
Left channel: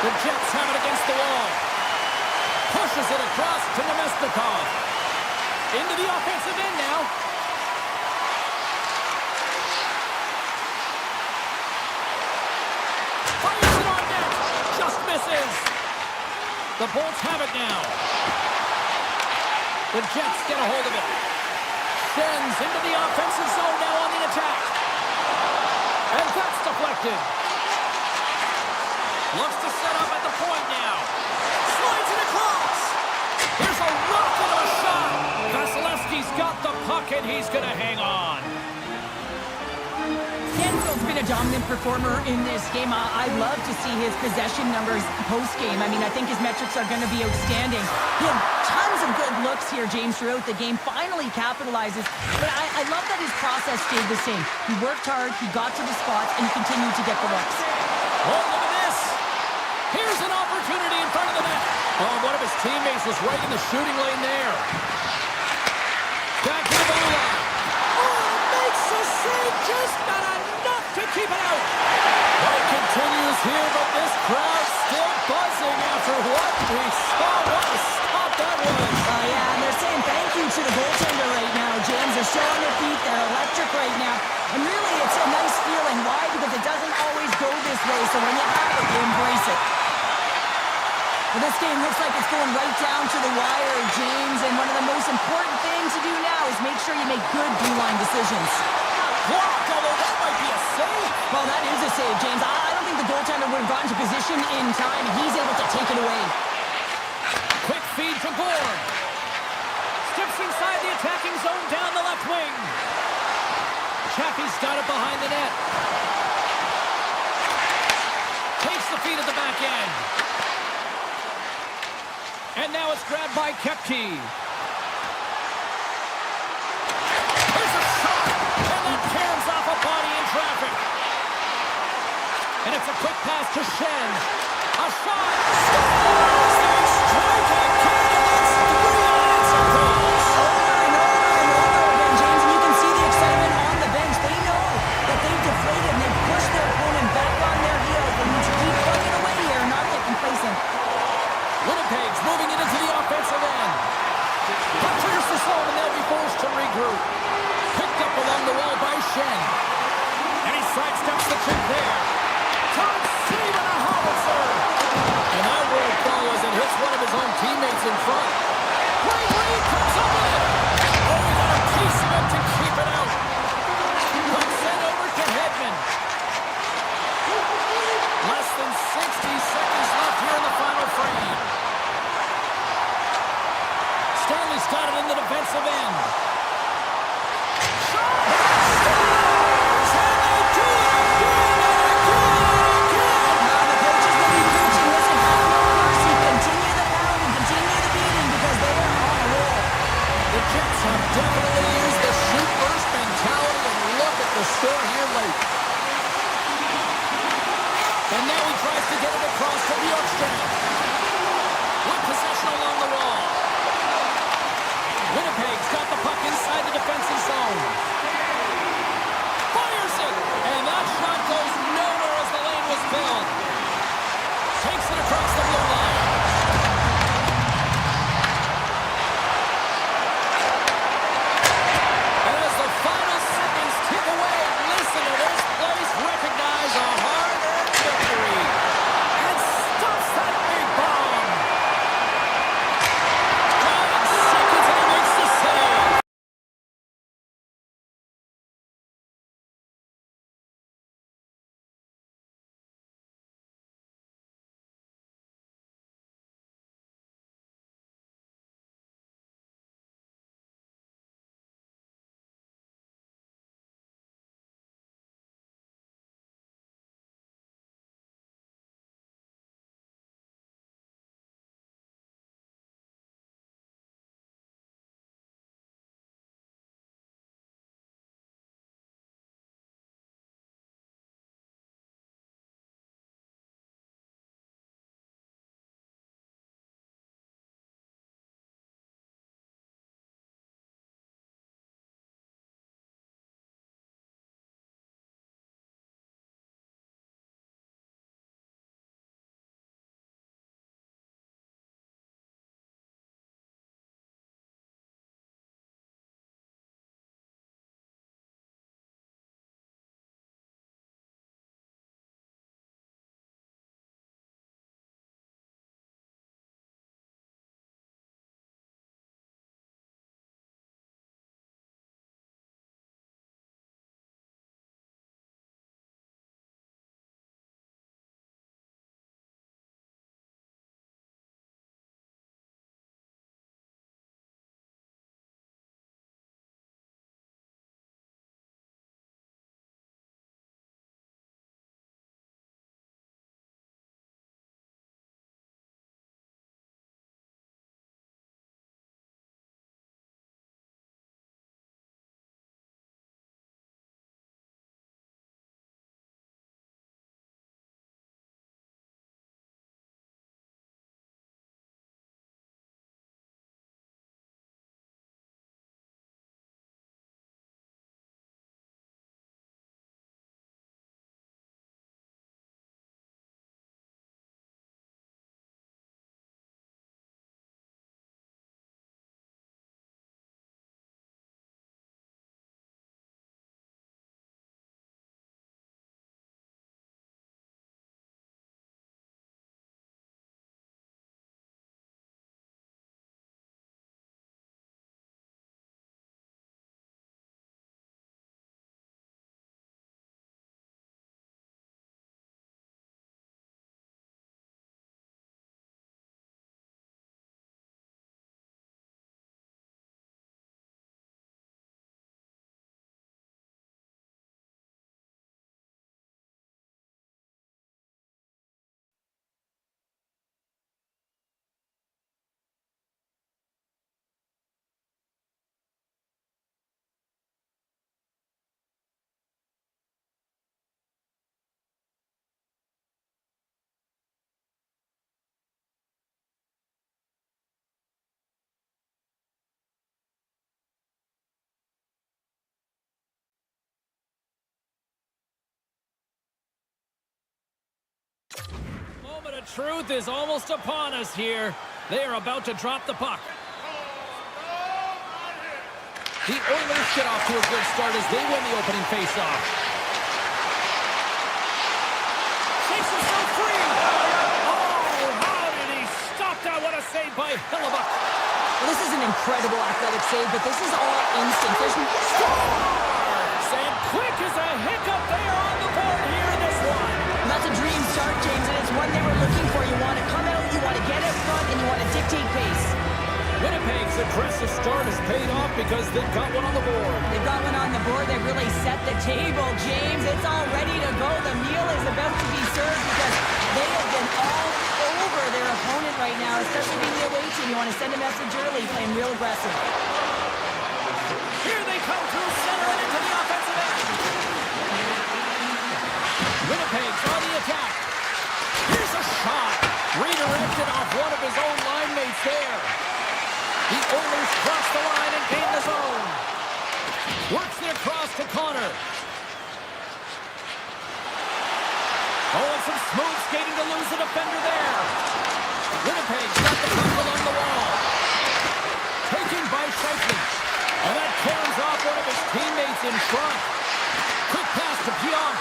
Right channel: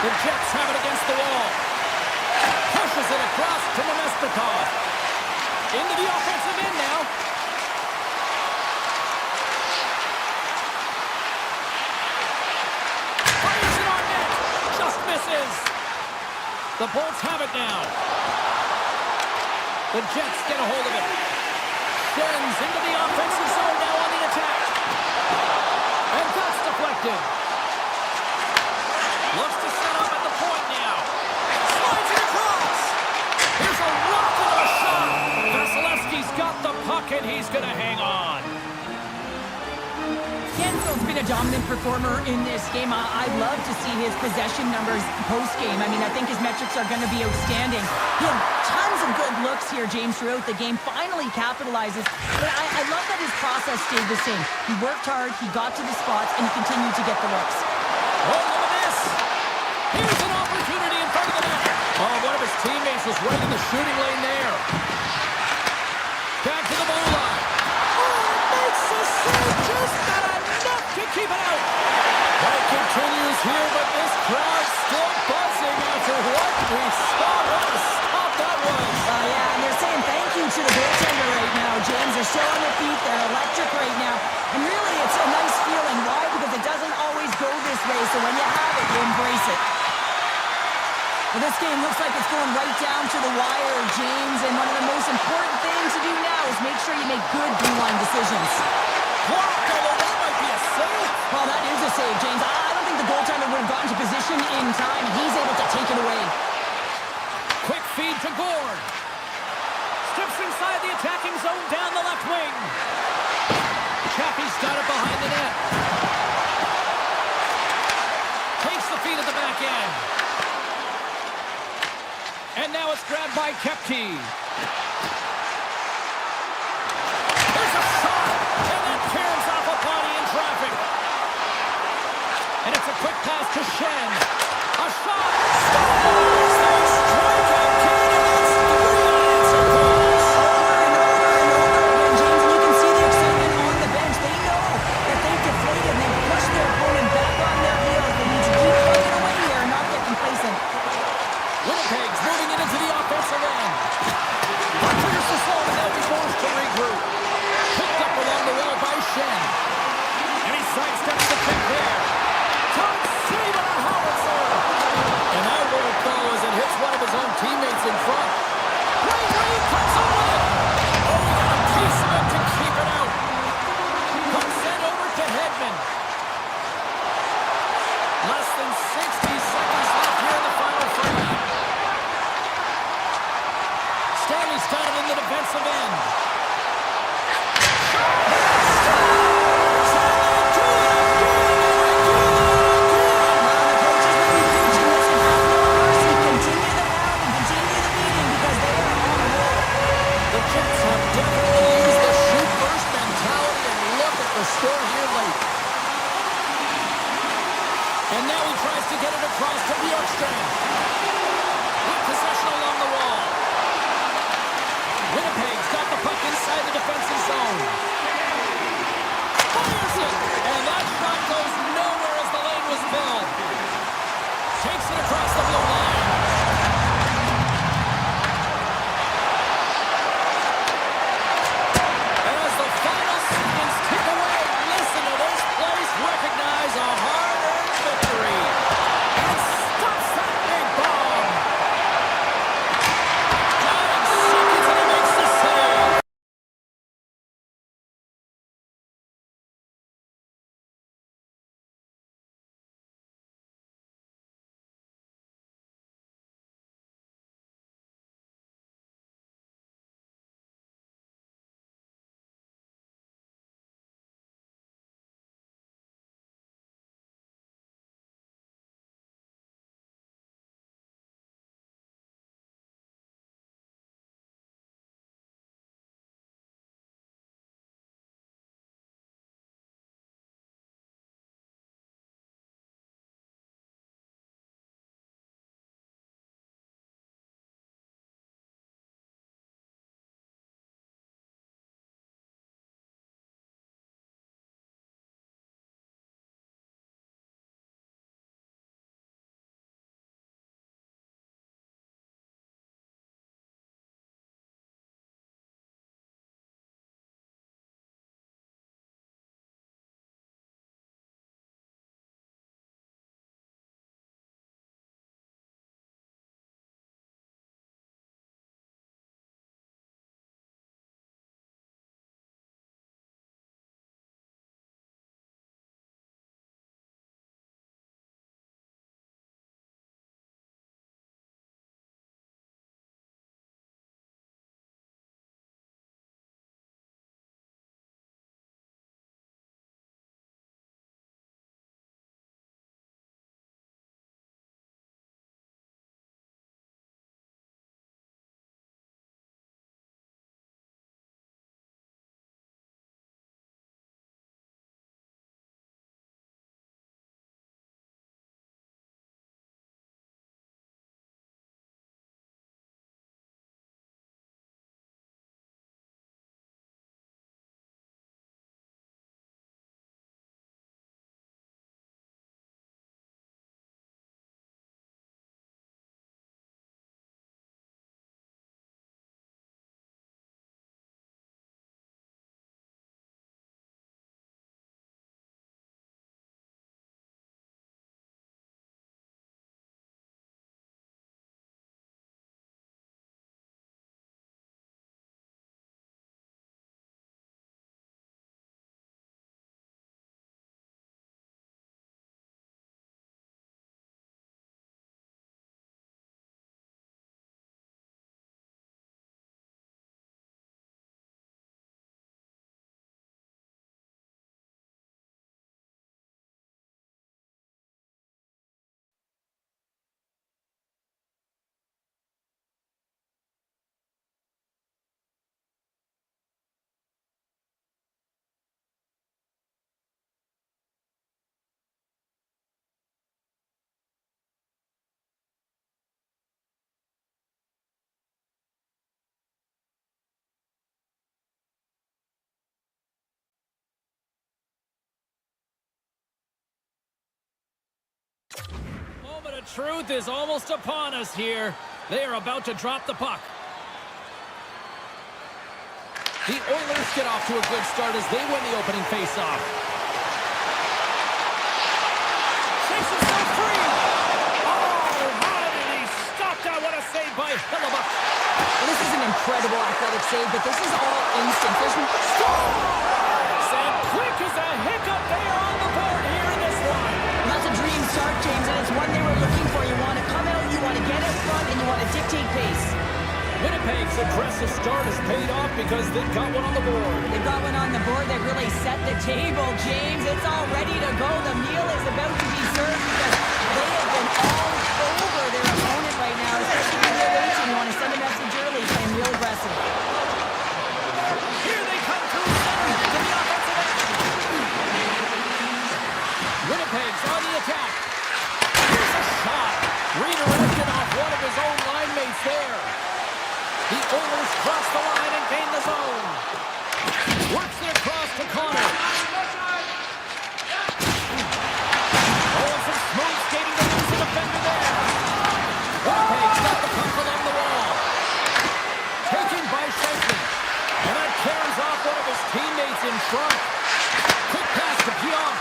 The Jets have it against the wall. Pushes it across to Nemestikov. Into the offensive end now. Fires it on net. Just misses. The Bolts have it now. The Jets get a hold of it. Sends into the offensive zone now on the attack. And that's deflected. Looks to set up at the point now. Slides it across. Here's a rocket of a shot. Vasilevsky's got the puck and he's going to hang on. Gensel's been a dominant performer in this game. I'd love to see his possession numbers post-game. I mean, I think his metrics are going to be outstanding. He had tons of good looks here, James, throughout the game. Finally capitalizes. But I love that his process stayed the same. He worked hard, he got to the spots, and he continued to get the looks. Oh, look at this. Here's an opportunity in front of the net. Oh, one of his teammates was right in the shooting lane there. Back to the blue line. Oh, makes a save, just not enough to keep it out. Play continues here, but this crowd's still buzzing after what we saw. What a stop that was. Yeah, and they're saying thank you to the goaltender right now, James. They're still on their feet. They're electric right now. And really, it's a nice feeling. Why? Because it doesn't always go this way, so when you have it, you embrace it. Well, this game looks like it's going right down to the wire, James, and one of the most important things to do now is make sure you make good blue-line decisions. Blocked, although that might be a save. Well, that is a save, James. I don't think the goaltender would have gotten to position in time. He's able to take it away. Quick feed to Gord. Steps inside the attacking zone down the left wing. Chaffee's got it behind the net. Takes the feed at the back end. And now it's grabbed by Kepke. There's a shot, and that tears off a body in traffic. And it's a quick pass to Shen. A shot, scores! They strike again, and that's 3 unanswered goals. Over and over and over again, James, and you can see the excitement on the bench. They know that they've deflated and they've pushed their opponent back on their heels. They need to keep plugging away here and not get complacent. Winnipeg's moving it into the offensive end. Puck clears the zone, and they'll be forced to regroup. Picked up along the wall by Shen. And he teammates in front. Great read, comes up with it. Oh, he got a piece of it to keep it out. Puck sent over to Edmont. Less than 60 seconds left here in the final frame. Stanley's got it in the defensive end. Scores! And they do it again and again and again! Now the coaches will be preaching, listen, have no mercy. Continue the pounding, continue the beating, because they are on a roll. The Jets have definitely used the shoot-first mentality, and look at the score here late. And now he tries to get it across to Bjorkstrand. With possession along the wall. Winnipeg's got the puck inside the defensive zone. Fires it! And that shot goes nowhere as the lane was filled. Takes it across the blue line. And as the final seconds tick away, listen to this place recognize a hard-earned victory. And stops that big bomb. Dying seconds and he makes the save. Moment of truth is almost upon us here. They are about to drop the puck. The Oilers get off to a good start as they win the opening faceoff. Shakes himself free. Oh, how did he stop that? shot. What a save by Hellebuck. Well, this is an incredible athletic save, but this is all instinct. There's Scores! And quick as a hiccup, they are on the board here in this one. Well, that's a dream start, James, and it's one they were looking for. You want to come out, you want to get out front, and you want to dictate pace. Winnipeg's aggressive start has paid off because they've got one on the board. They've got one on the board. They've really set the table, James. It's all ready to go. The meal is about to be served because they have been all over their opponent right now, especially being their away team. You want to send a message early, playing real aggressive. Here they come through center and into the offensive end. Winnipeg's on the attack. Here's a shot. Redirected off one of his own line mates there. The Oilers cross the line and gain the zone. Works it across to Connor. Oh, and some smooth skating to lose a defender there. Winnipeg's got the puck along the wall. Taken by Scheifele. And that caroms off one of his teammates in front. Quick pass to Pionk.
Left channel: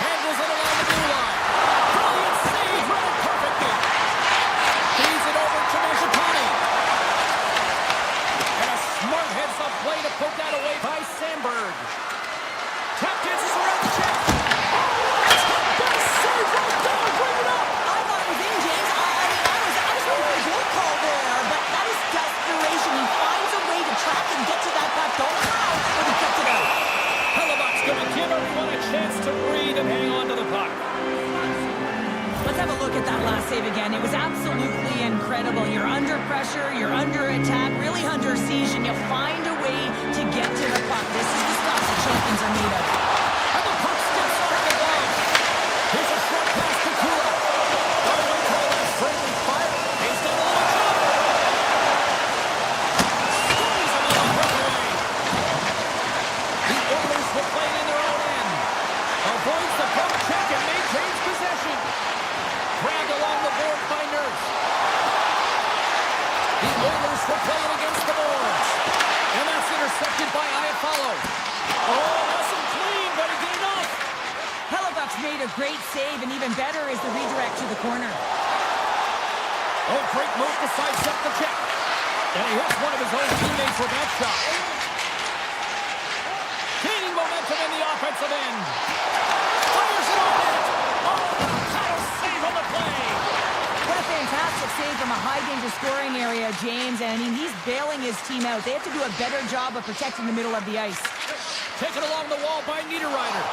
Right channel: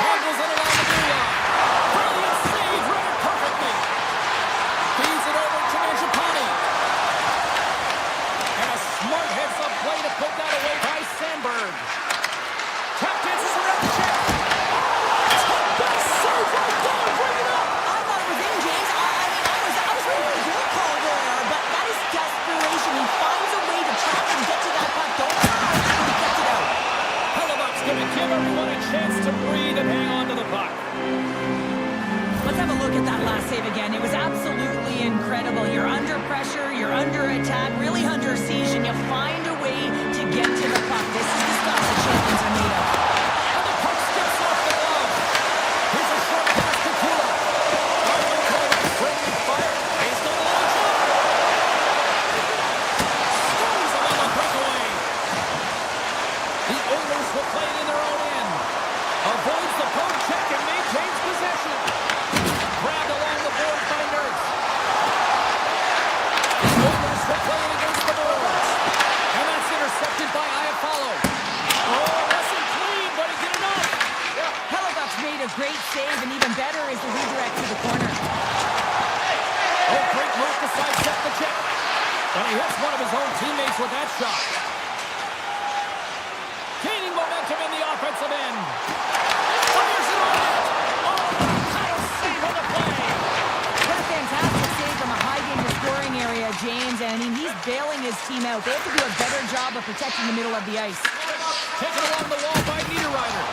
Handles it along the blue line. Brilliant save, read it perfectly. Feeds it over to Mangiapane. And a smart heads-up play to poke that away by Sandberg. Tap dances around the check. Oh, that's the best save right there. Bring it up. I thought it was in, James. I was ready for the goal call there, but that is desperation. He finds a way to track and get to that puck. Don't know how, but he kept it out. Hellebuck's going to give everyone a chance to breathe and hang on to the puck. Let's have a look at that last save again. It was absolutely incredible. You're under pressure, you're under attack, really under siege, and you find a way to get to the puck. This is the stuff that champions are made of. And the puck skips off the glove. Here's a short pass to Kula. I would call that friendly fire. He's got a little jump. Stones him on the breakaway. The Oilers will play it in their own end. Avoids the poke check and maintains possession. Grabbed along the boards by Nurse. The Oilers will play it against the boards. And that's intercepted by Iafallo. Oh, wasn't clean, but he did enough. Hellebuck's made a great save, and even better is the redirect to the corner. Oh, great move to sidestep the check. And he hits one of his own teammates with that shot. Gaining momentum in the offensive end. Fires it on net. Oh, what a title save on the play. What a fantastic save from a high-danger scoring area, James. And I mean, he's bailing his team out. They have to do a better job of protecting the middle of the ice. Taken along the wall by Niederreiter.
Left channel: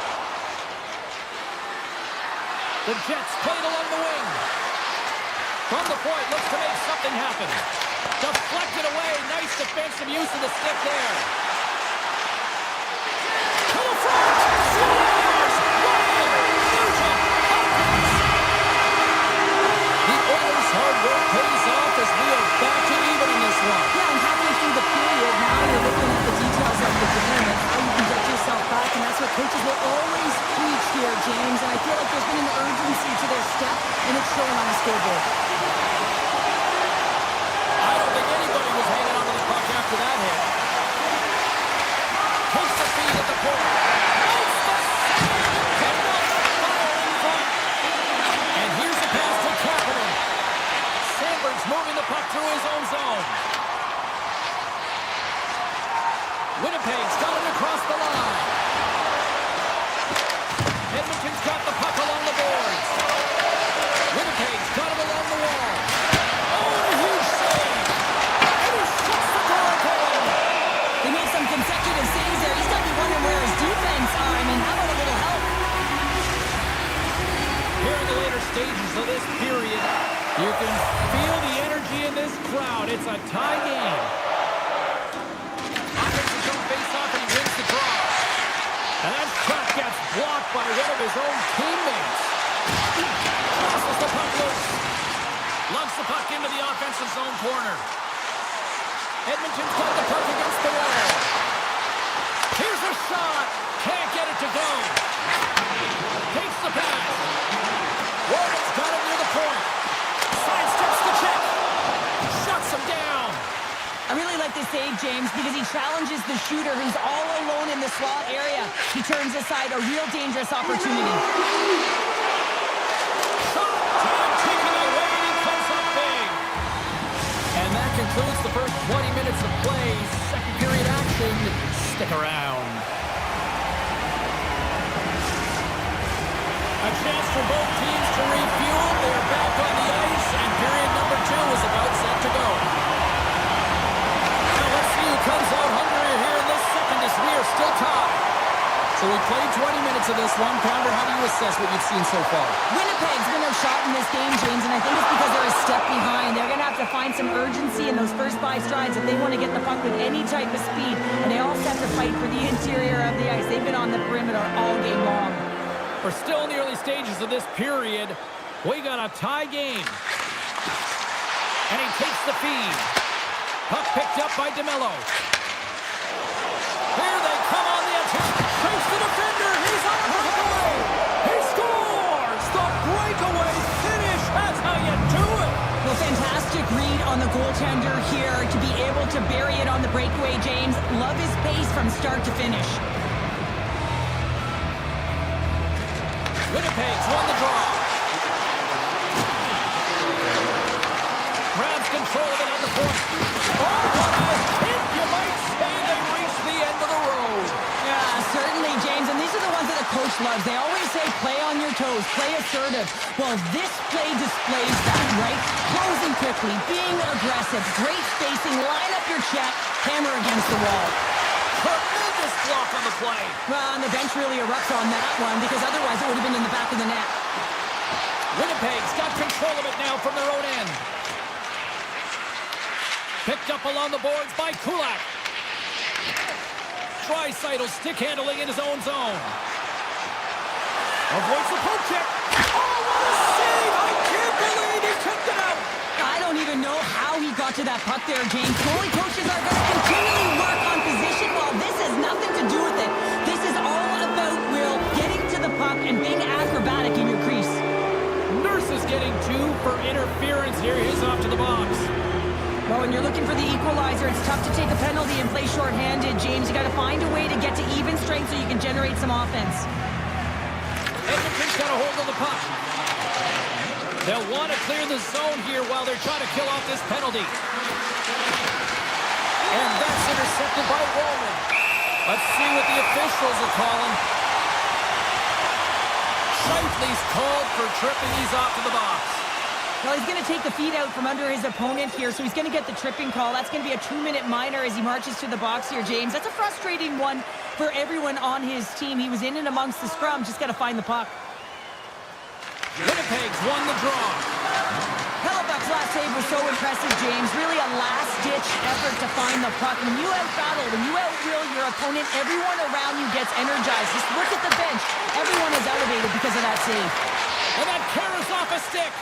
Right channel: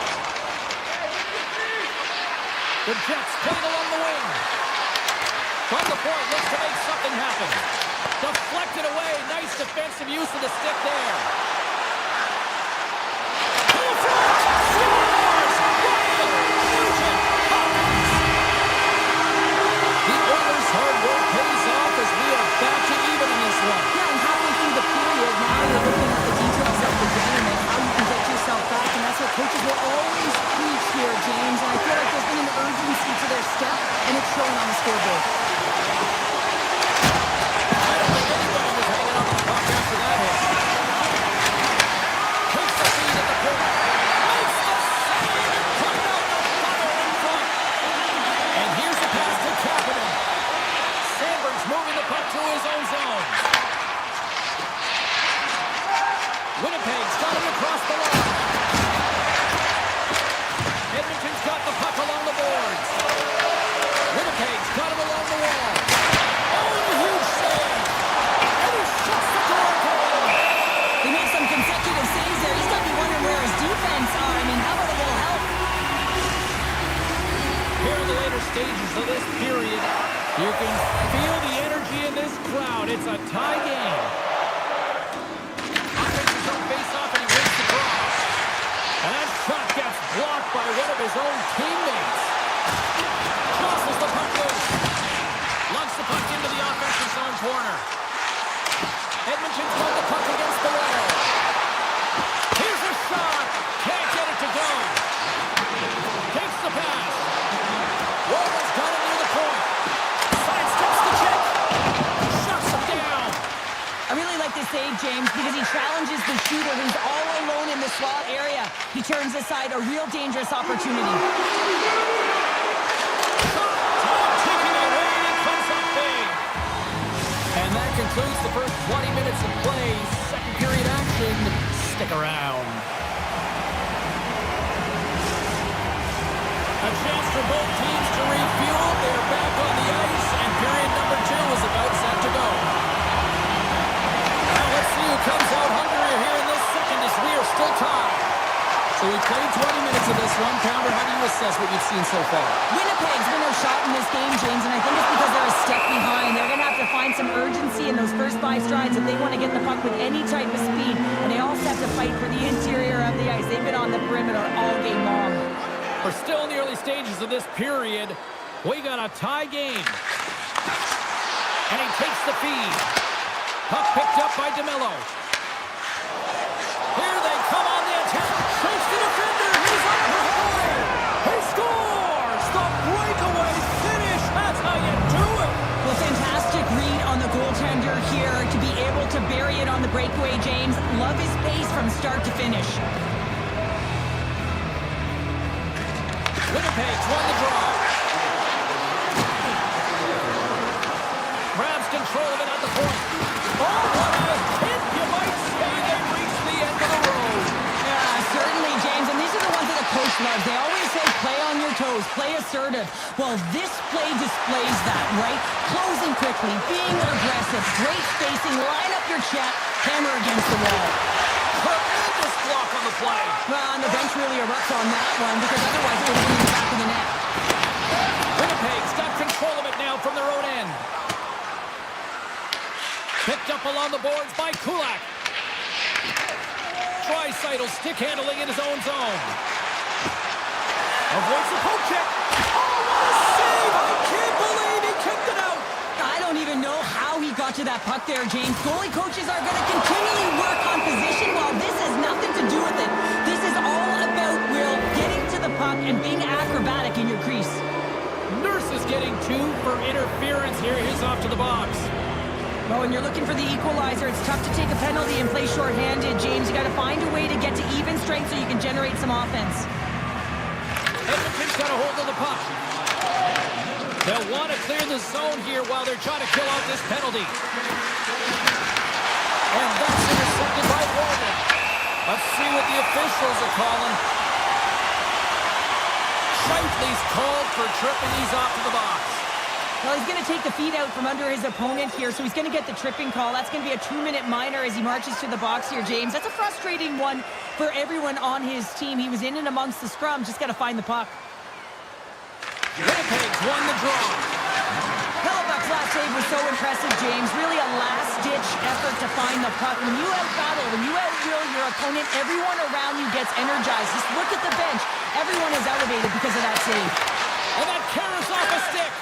The Jets played along the wing. From the point, looks to make something happen. Deflected away. Nice defensive use of the stick there. To the front. Scores! Ryan Nugent Hopkins. The Oilers' hard work pays off as we are back to even in this one. Yeah, and halfway through the period, now you're looking at the details of the game and how you can get yourself back, and that's what coaches will always preach here, James. And I feel like there's been an urgency to their step, and it's showing on the scoreboard. I don't think anybody was hanging on to the puck after that hit. Takes the feed at the point. Makes the save and putting out the fire in front. And here's the pass to Kapanen. Sandberg's moving the puck through his own zone. Winnipeg's got him across the line. Edmonton's got the puck along the boards. Winnipeg's got him along the wall. Oh, and a huge save. And he shuts the door again. They made some consecutive saves there. He's got to be wondering where his defense are. I mean, how about a little help? Here in the later stages of this period, you can feel the energy in this crowd. It's a tie game. Offenses don't face off and he wins the draw. And that shot gets blocked by one of his own teammates. Crosses the puck loose. Lugs the puck into the offensive zone corner. Edmonton's got the puck against the wall. Here's a shot. Can't get it to go. Takes the pass. Walden's got it near the point. Sidesteps the check. Shuts him down. I really like this save, James, because he challenges the shooter who's all alone in the slot area. He turns aside a real dangerous opportunity. Shot time taken away concludes the first 20 minutes of play. Second period action. Stick around. A chance for both teams to refuel. They are back on the ice, and period number 2 is about set to go. Now let's see who comes out hungrier here in this second as we are still tied. So we played 20 minutes of this one. Pounder, how do you assess what you've seen so far? Winnipeg's been outshot in this game, James, and I think it's because they're a step behind. They're going to have to find some urgency in those first 5 strides if they want to get the puck with any type of speed, and they also have to fight for the interior of the ice. They've been on the perimeter all game long. We're still in the early stages of this period. We got a tie game. And he takes the feed. Puck picked up by DeMello. Here they come on the attack. Chase the defender. He's on the breakaway. He scores. The breakaway finish. That's how you do it. Well, fantastic read on the goaltender here to be able to bury it on the breakaway, James. Love his pace from start to finish. Winnipeg's won the draw. Grabs control of it at the point. Oh, what a hit. You might say they reached the end of the road. Yeah, certainly, James. And these are the ones that the coach loves. They always say play on your toes, play assertive. Well, this play displays that, right? Closing quickly, being aggressive, great spacing, line up your check, hammer against the wall. Tremendous block on the play. Well, and the bench really erupts on that one because otherwise it would have been in the back of the net. Winnipeg's got control of it now from their own end. Picked up along the boards by Kulak. Draisaitl stick handling in his own zone. Avoids the poke check. Oh, what a save! I can't believe he kicked it out. I don't even know how he got to that puck there, James. Goalie coaches are going to continually work on position while this has nothing to do with it. This is all about, Will, getting to the puck and being acrobatic in your crease. Nurse is getting 2 for interference here. He's off to the box. Well, when you're looking for the equalizer, it's tough to take a penalty and play shorthanded, James. You got to find a way to get to even strength so you can generate some offense. Edmonton's got a hold of the puck. They'll want to clear the zone here while they're trying to kill off this penalty. And that's intercepted by Roman. Let's see what the officials are calling. Scheifele's called for tripping. He's off to the box. Well, he's going to take the feet out from under his opponent here, so he's going to get the tripping call. That's going to be a 2-minute minor as he marches to the box here, James. That's a frustrating one for everyone on his team. He was in and amongst the scrum, just got to find the puck. Winnipeg's won the draw. Hellebuck's last save was so impressive, James. Really a last-ditch effort to find the puck. When you out-battle, when you out-will your opponent, everyone around you gets energized. Just look at the bench. Everyone is elevated because of that save. And that carries off a stick.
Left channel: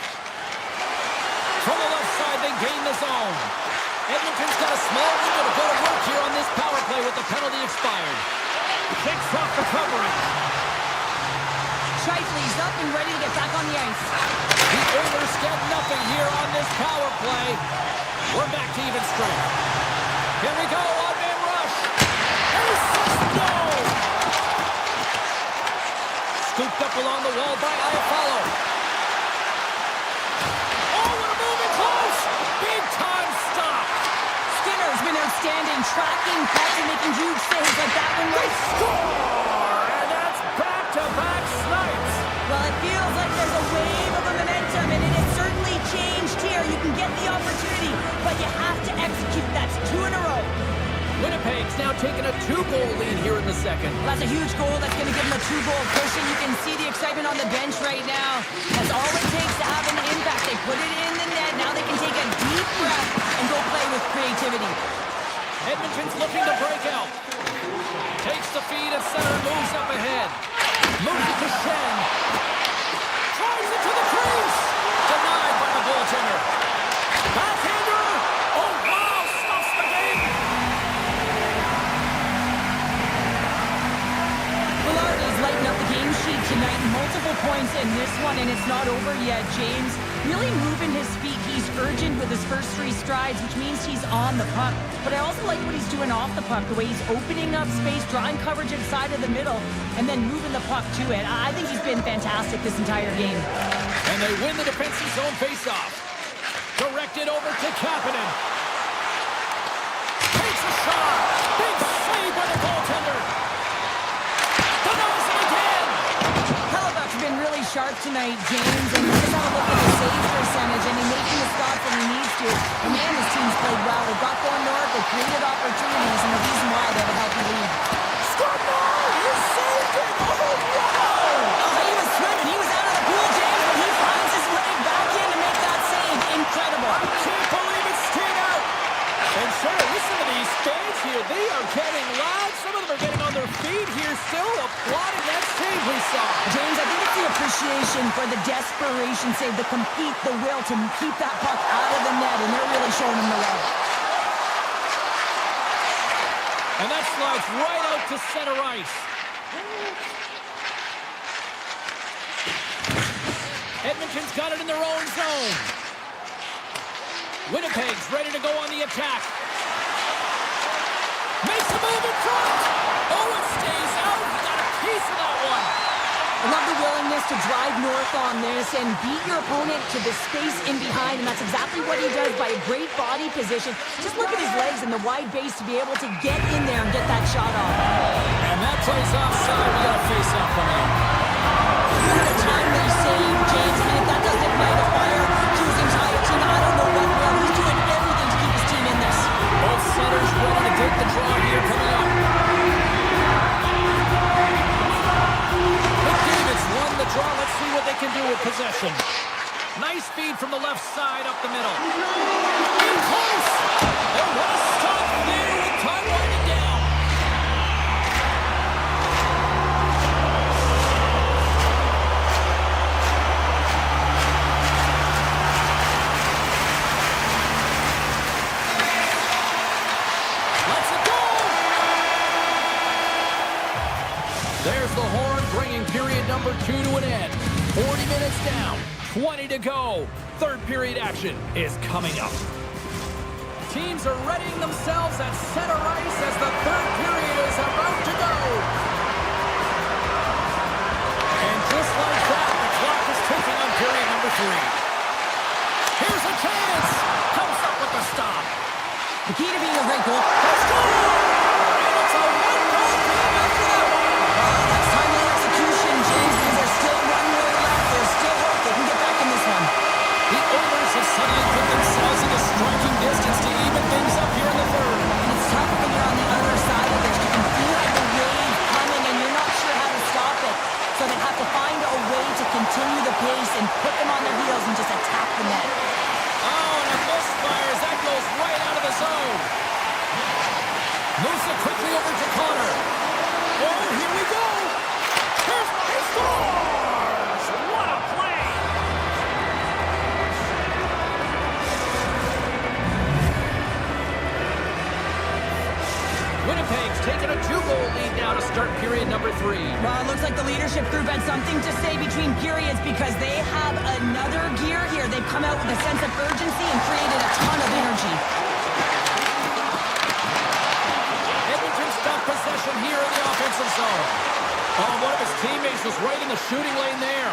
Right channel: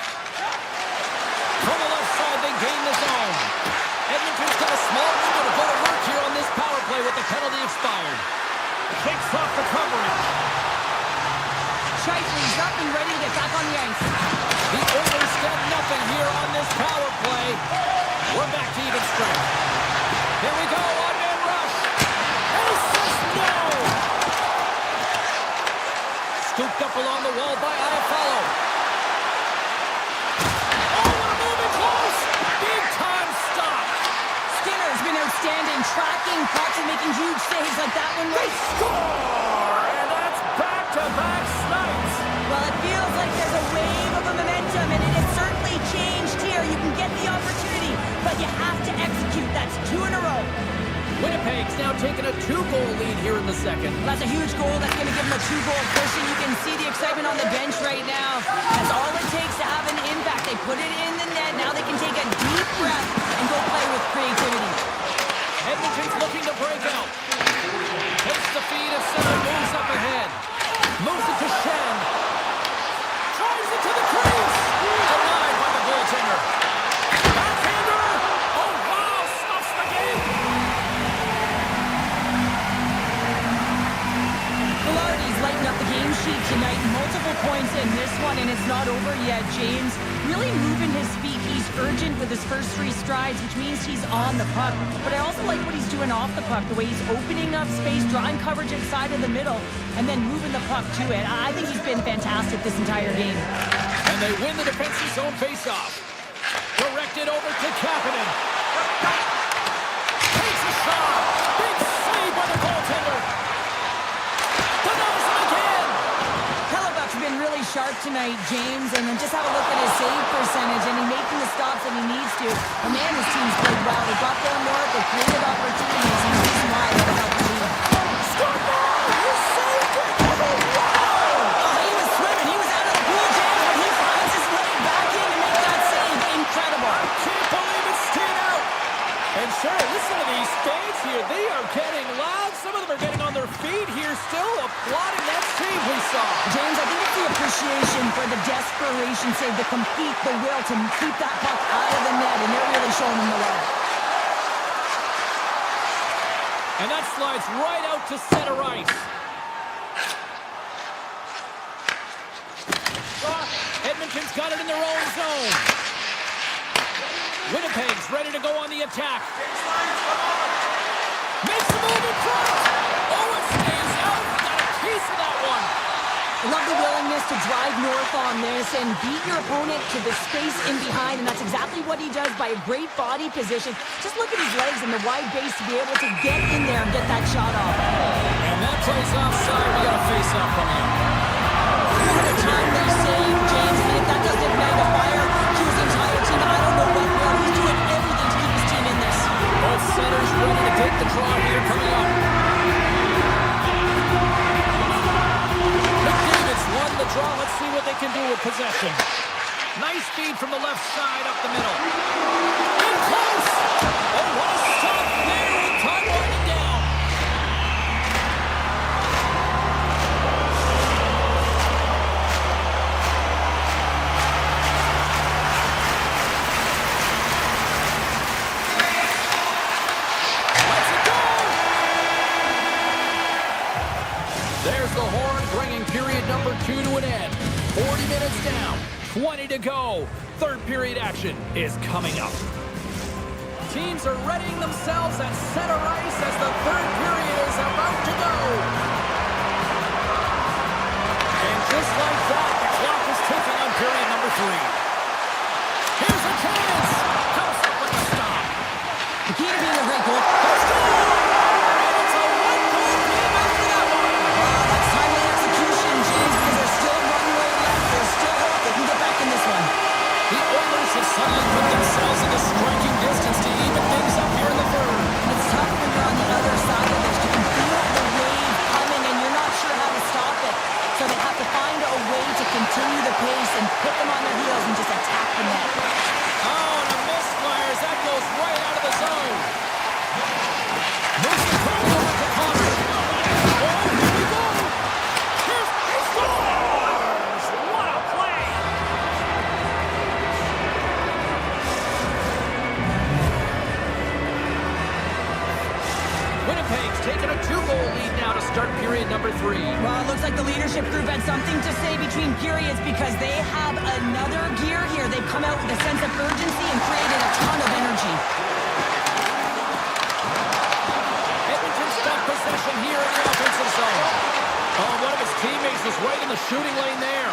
From the left side, they gain the zone. Edmonton's got a small window to go to work here on this power play with the penalty expired. Takes off the coverage. Scheifele's up and ready to get back on the ice. The Oilers get nothing here on this power play. We're back to even strength. Here we go, on-man rush. And he says no! Scooped up along the wall by Iafallo. Oh, what a move in close! Big time stop. Skinner's been outstanding, tracking pucks and making huge saves like that one. They score! And that's back-to-back snipes. Well, it feels like there's a wave of momentum, and it has certainly changed here. You can get the opportunity, but you have to execute. That's 2 in a row. Winnipeg's now taking a 2-goal lead here in the second. Well, that's a huge goal. That's going to give them a 2-goal cushion. You can see the excitement on the bench right now. That's all it takes to have an impact. They put it in the net. Now they can take a deep breath and go play with creativity. Edmonton's looking to break out. Takes the feed at center, moves up ahead. Moves it to Shen. Tries it to the crease. Denied by the goaltender. Backhander. Oh, wow. Stuffs the game. Velarde's lighting up the game sheet tonight. Multiple points in this one, and it's not over yet, James. Really moving his feet. He's urgent with his first 3 strides, which means he's on the puck. But I also like what he's doing off the puck, the way he's opening up space, drawing coverage inside of the middle, and then moving the puck to it. I think he's been fantastic this entire game. And they win the defensive zone faceoff. Directed over to Kapanen. Takes a shot. Big save by the goaltender. Denies him again. Hellebuck's been really sharp tonight, James, and just have a look at his save percentage, and he's making the stops that he needs to. And man, his team's played well. They got going north, they created opportunities, and the reason why they have a healthy lead. Score ball! You saved it! Oh, wow! Oh, he was swimming. He was out of the pool, James, but he finds his way back in to make that save. Incredible. I can't believe it stayed out. And sure, listen to these fans here. They are getting loud. Some of them are getting on their feet here, still applauding that save we saw. James, I think it's the appreciation for the desperation save, the compete, the will to keep that puck out of the net, and they're really showing him the way. And that slides right out to center ice. Edmonton's got it in their own zone. Winnipeg's ready to go on the attack. Makes a move in front. Oh, it stays out. He got a piece of that one. I love the willingness to drive north on this and beat your opponent to the space in behind, and that's exactly what he does by a great body position. Just look at his legs and the wide base to be able to get in there and get that shot off. And that plays offside. We got a face-off coming up. What a time they save, James, and if that doesn't ignite a fire to his entire team, I don't know what will. He's doing everything to keep his team in this. Both centers ready to take the draw here coming up. McDavid's won the draw. Let's see what they can do with possession. Nice feed from the left side up the middle. In close! Oh, what a stop there with time winding down. There's the horn, bringing period number 2 to an end. 40 minutes down, 20 to go. Third period action is coming up. Teams are readying themselves at center ice as the third period is about to go. And just like that, the clock is ticking on period number 3. Here's a chance. Comes up with the stop. The key to being a great goal. Let's go! And it's a one-goal game after that one. That's timely execution, James, because there's still runway left. There's still hope they can get back in this one. The Oilers have suddenly put themselves into striking distance to even things up here in the third. And it's tough when you're on the other side of this. You can feel the wave coming, and you're not sure how to stop it. So they have to find a way to continue the pace and put them on their heels and just attack the net. Oh, and a misfire as that goes right out of the zone. Moves it quickly over to Connor. Oh, here we go. Here's he scores! What a play! Winnipeg's taken a 2-goal lead now to start period number 3. Well, it looks like the leadership group had something to say between periods because they have another gear here. They've come out with a sense of urgency and created a ton of energy. Edmonton's got possession here in the offensive zone. Oh, one of his teammates was right in the shooting lane there.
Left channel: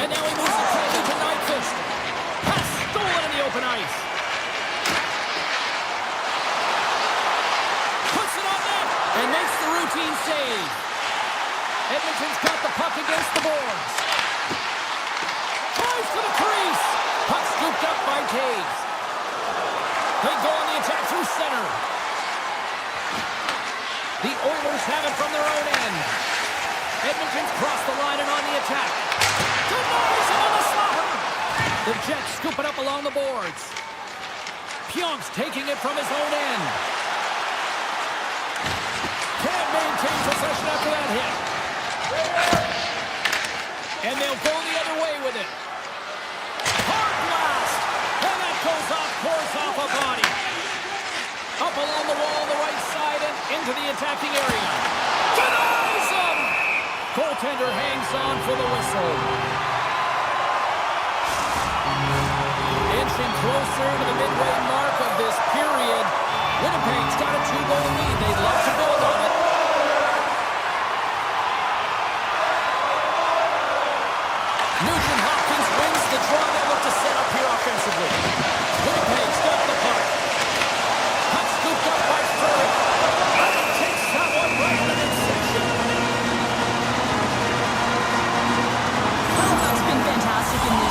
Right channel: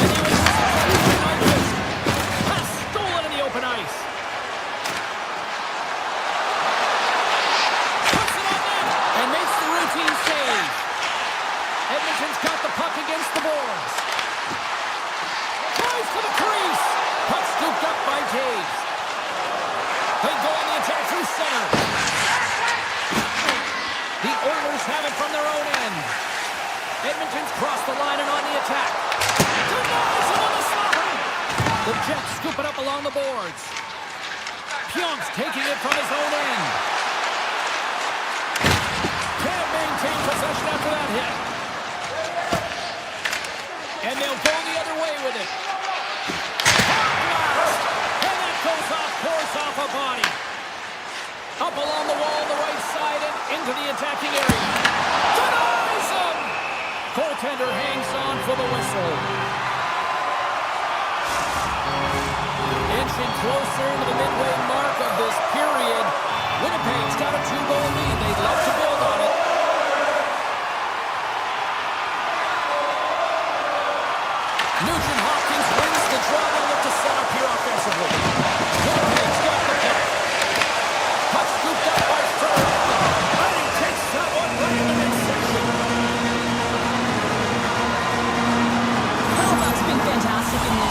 And now he moves it quickly to Nyquist. Pass stolen in the open ice. Puts it on net and makes the routine save. Edmonton's got the puck against the boards. Tries to the crease. Puck scooped up by Taves. They go on the attack through center. The Oilers have it from their own end. Edmonton's crossed the line and on the attack. Denies him on the slapper. The Jets scoop it up along the boards. Pionk's taking it from his own end. Can't maintain possession after that hit. And they'll go the other way with it. Hard blast. And that goes off course off a body. Up along the wall on the right side and into the attacking area. Denies him! Goaltender hangs on for the whistle. Inching closer to the midway mark of this period. Winnipeg's got a 2-goal lead. They'd love to build on it. Nugent Hopkins wins the draw. They'll look to set up here offensively. Winnipeg's got the puck.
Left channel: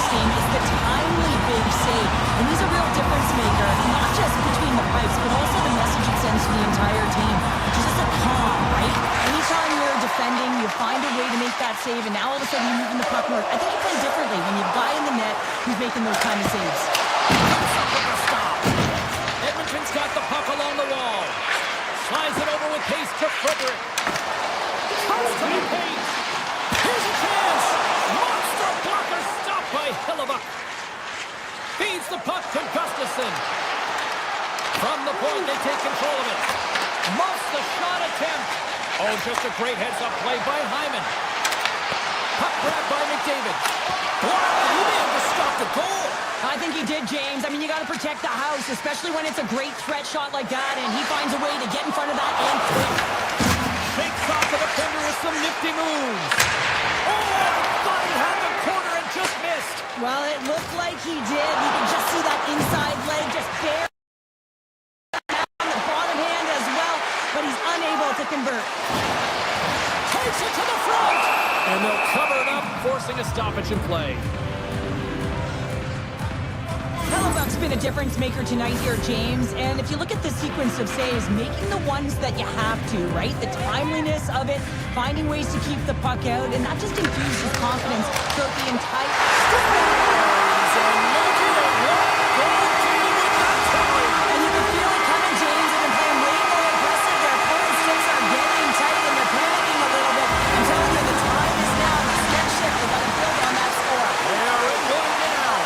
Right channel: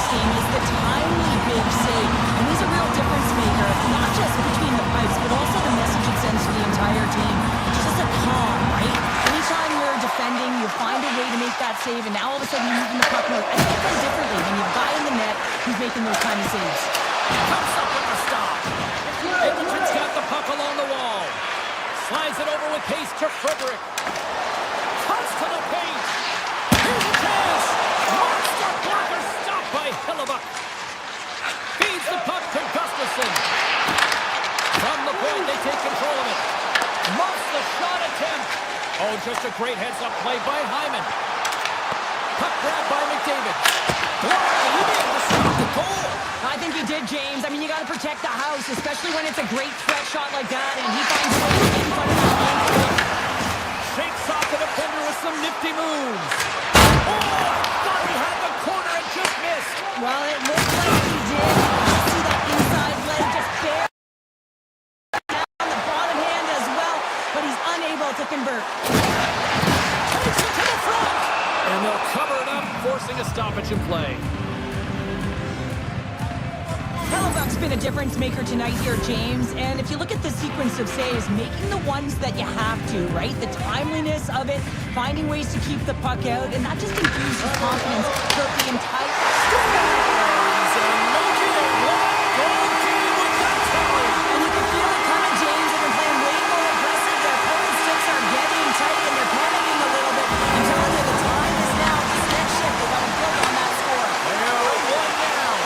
game is the timely big save. And he's a real difference maker, not just between the pipes, but also the message it sends to the entire team. It's just a calm, right? Anytime you're defending, you find a way to make that save, and now all of a sudden you're moving the puck north. I think you play differently when you have a guy in the net who's making those kind of saves. Comes up with the stop. Edmonton's got the puck along the wall. Slides it over with pace to Frederick. Cuts to the paint. Here's a chance. Monster blocker stopped by Hellebuck. Feeds the puck to Gustafsson. From the point, they take control of it. Muffs the shot attempt. Oh, just a great heads-up play by Hyman. Puck grab by McDavid. Blocked, and he may have to stop the goal. I think he did, James. I mean, you got to protect the house, especially when it's a great threat shot like that, and he finds a way to get in front of that and quick. Shakes off the defender with some nifty moves. Oh, I thought he had the corner and just missed. Well, it looked like he did. You can just see that inside leg just bare down the bottom hand as well, but he's unable to convert. Takes it to the front. And they'll cover it up, forcing a stoppage in play. Hellebuck's been a difference maker tonight here, James. And if you look at the sequence of saves, making the ones that you have to, right? The timeliness of it, finding ways to keep the puck out, and that just infuses confidence throughout the entire... Storms and making it one-goal game with that tally. And you can feel it coming, James. They've been playing way more aggressive. Their opponent's sticks are getting tight, and they're panicking a little bit. I'm telling you, the time is now. This next shift, they've got to build on that score. They are at one now.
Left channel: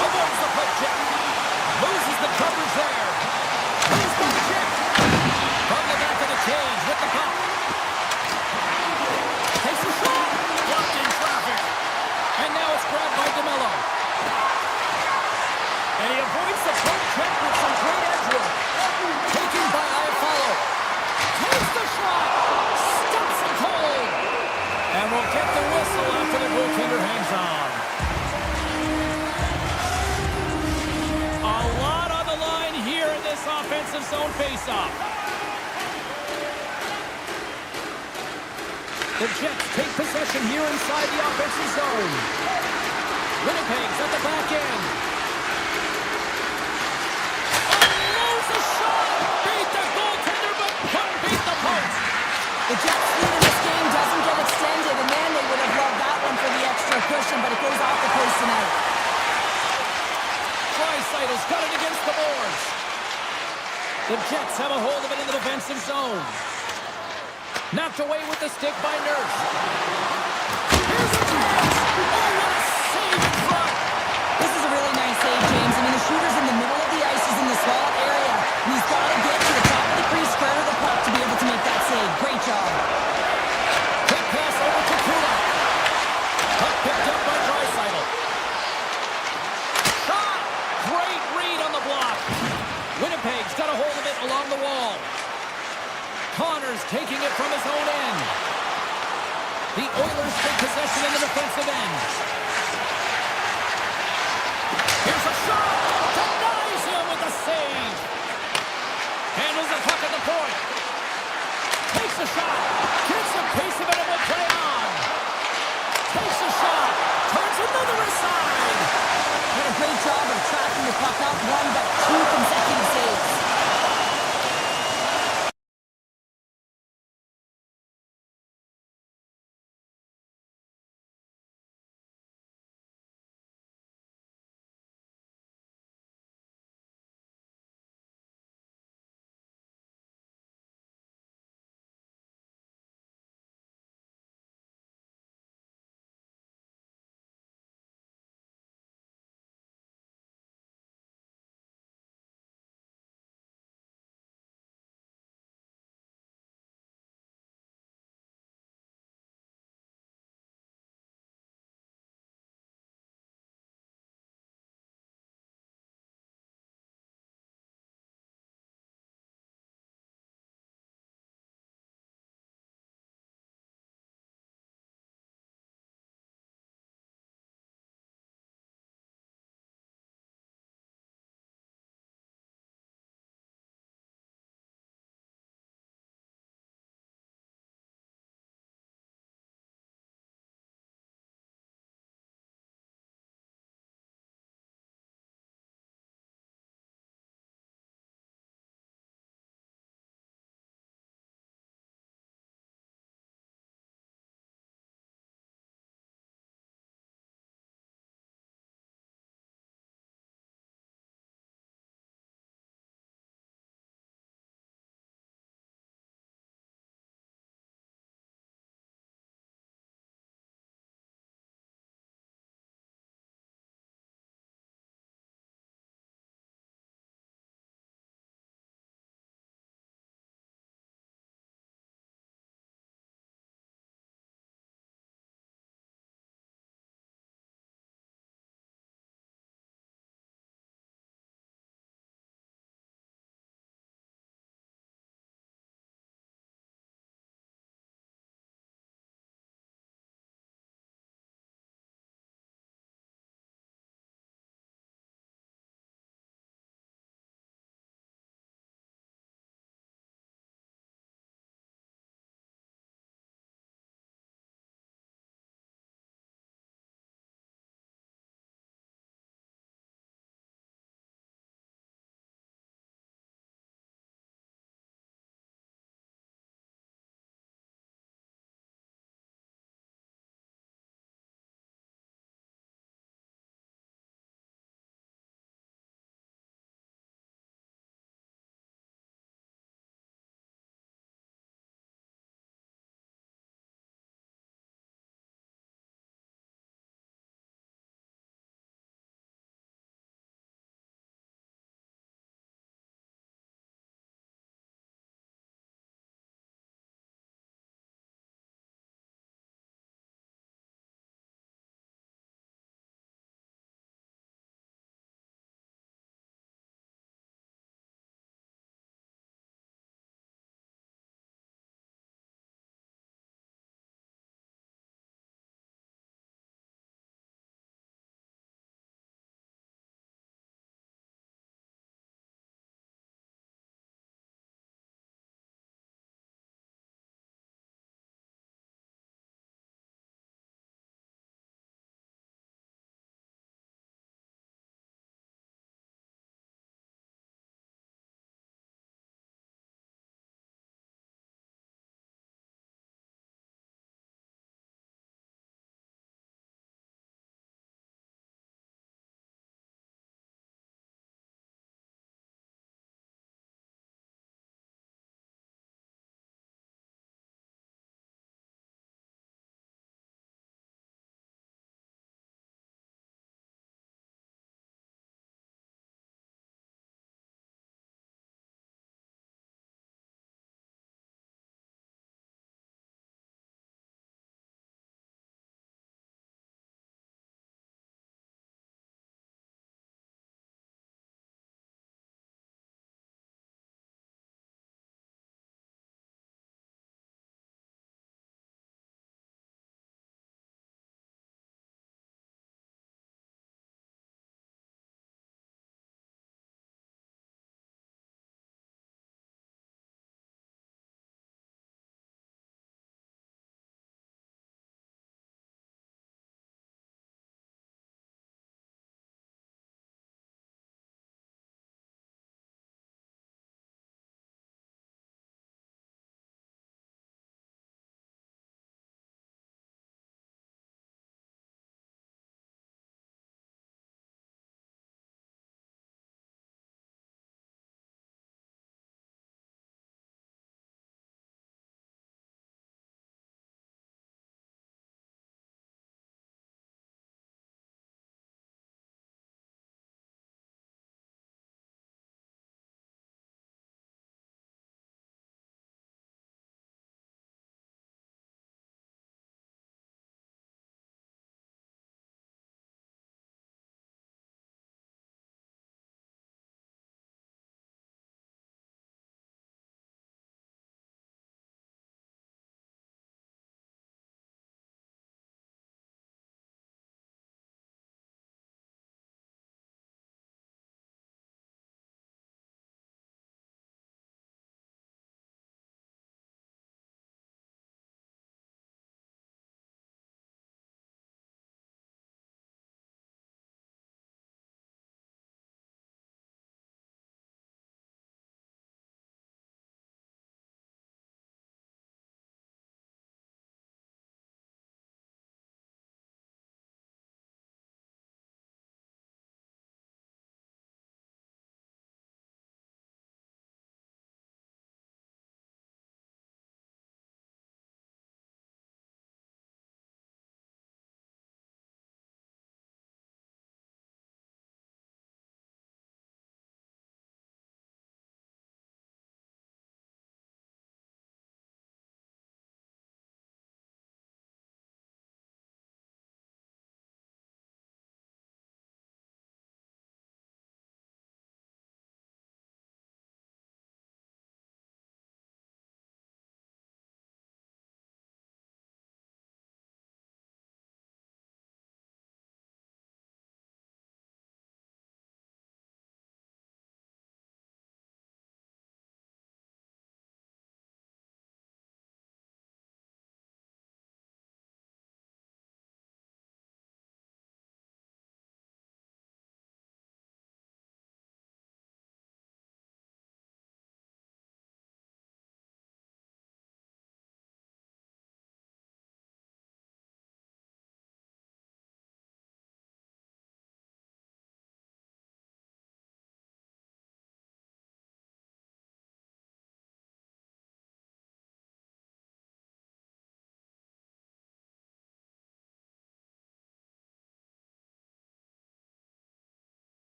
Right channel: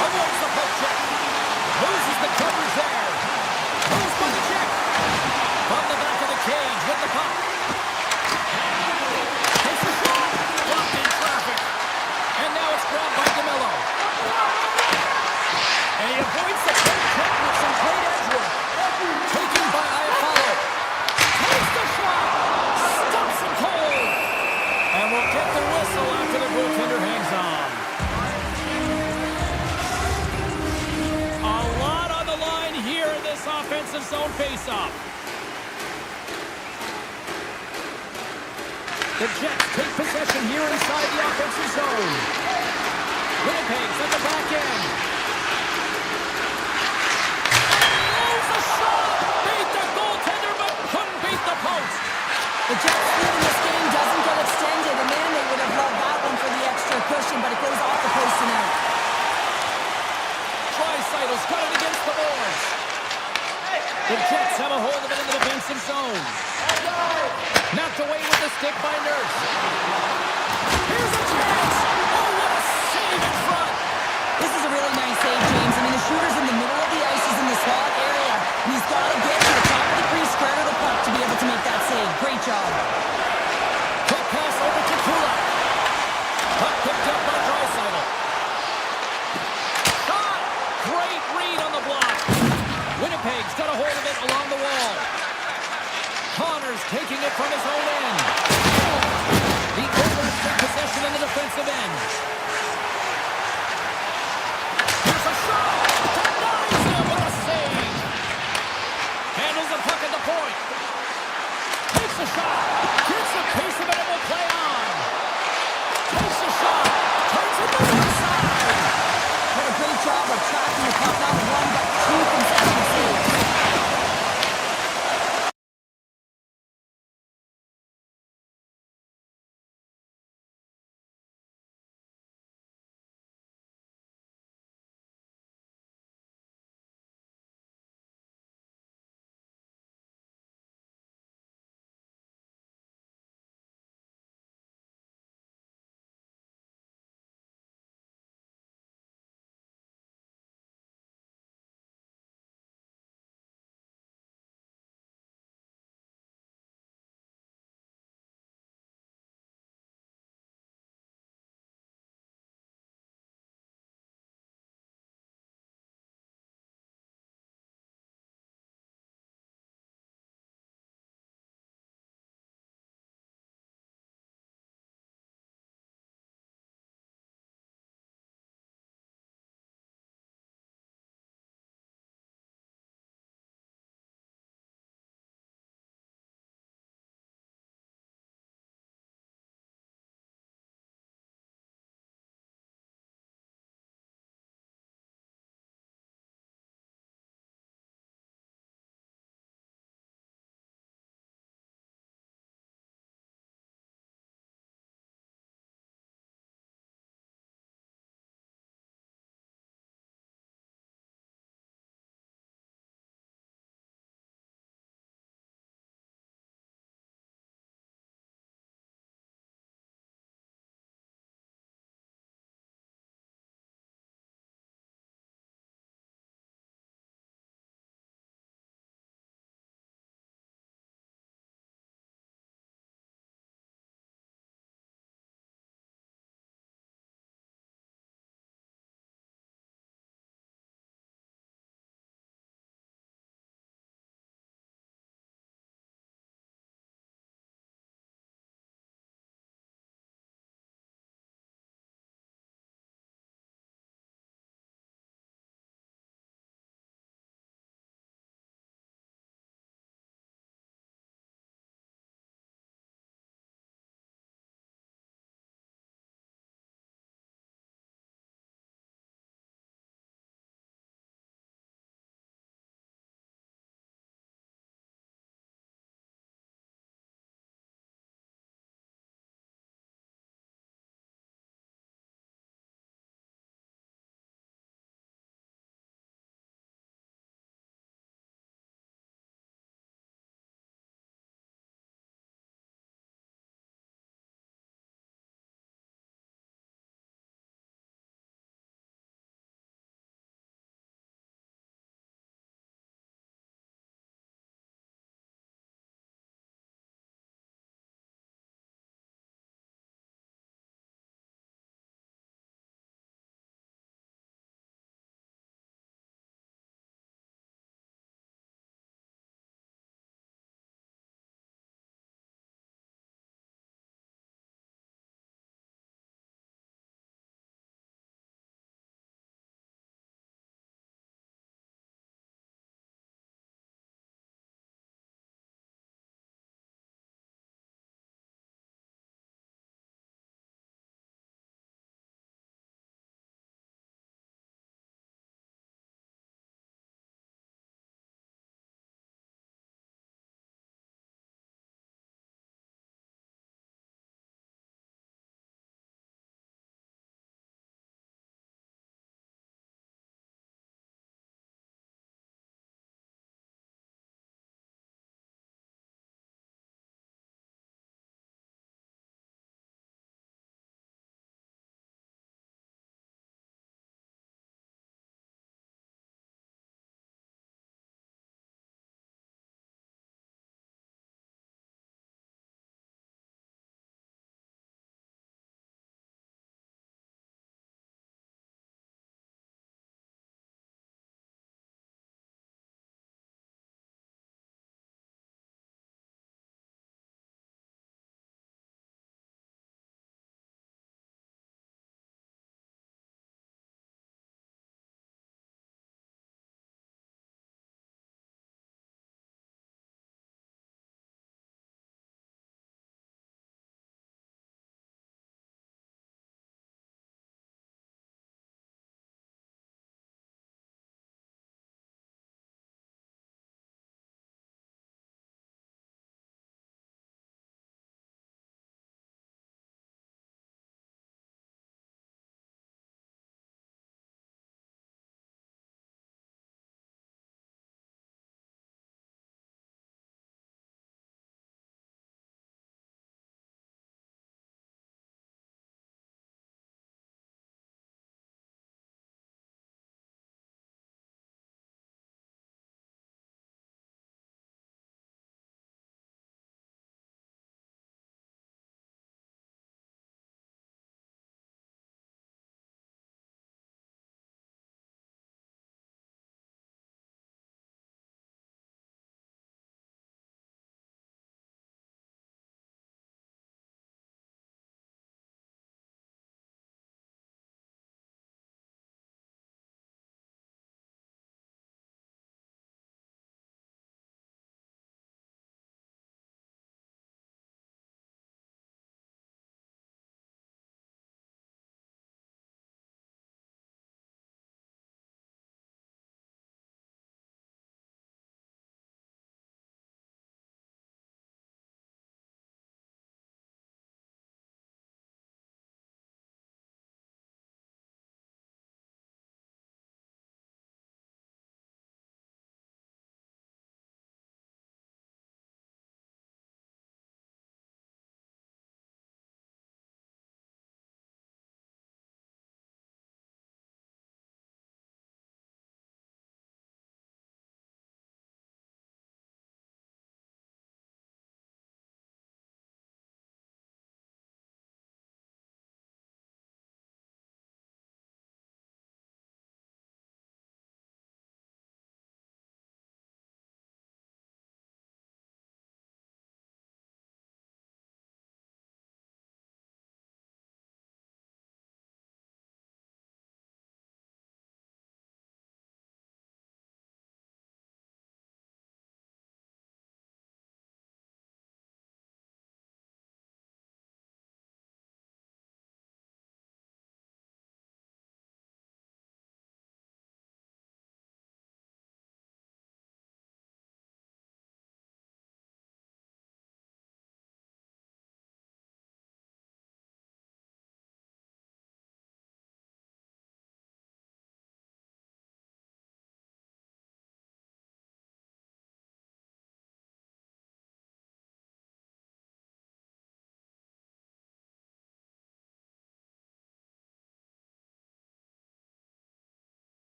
Avoids the poke check. Loses the coverage there. Moves by the check. From the back of the cage with the puck. Takes a shot. Blocked in traffic. And now it's grabbed by DeMello. And he avoids the poke check with some great edge work. Taken by Iafallo. Takes the shot. Stops him cold. And we'll get the whistle after the goaltender hangs on. A lot on the line here in this offensive zone faceoff. The Jets take possession here inside the offensive zone. Winnipeg's at the back end. Unloads a shot! Beat the goaltender, but couldn't beat the post. The Jets' lead in this game doesn't get extended, and man, they would have loved that one for the extra cushion, but it goes off the post and out. Dreisaitl's got it against the boards. The Jets have a hold of it in the defensive zone. Knocked away with the stick by Nurse. Here's a chance! Oh, what a save in front! This is a really nice save, James. I mean, the shooter's in the middle of the ice. He's in the slot area, and he's got to get to the top of the crease, square to the puck to be able to make that save. Great job. Quick pass over to Kulak. Puck picked up by Draisaitl. Shot! Great read on the block. Winnipeg's got a hold of it along the wall. Connors taking it from his own end. The Oilers take possession in the defensive end. Here's a shot! Denies him with a save! Handles the puck at the point. Takes a shot. Gets a piece of it and will play on. Takes a shot. Turns it to the side. Had a great job of tracking the puck, not one, but two consecutive saves.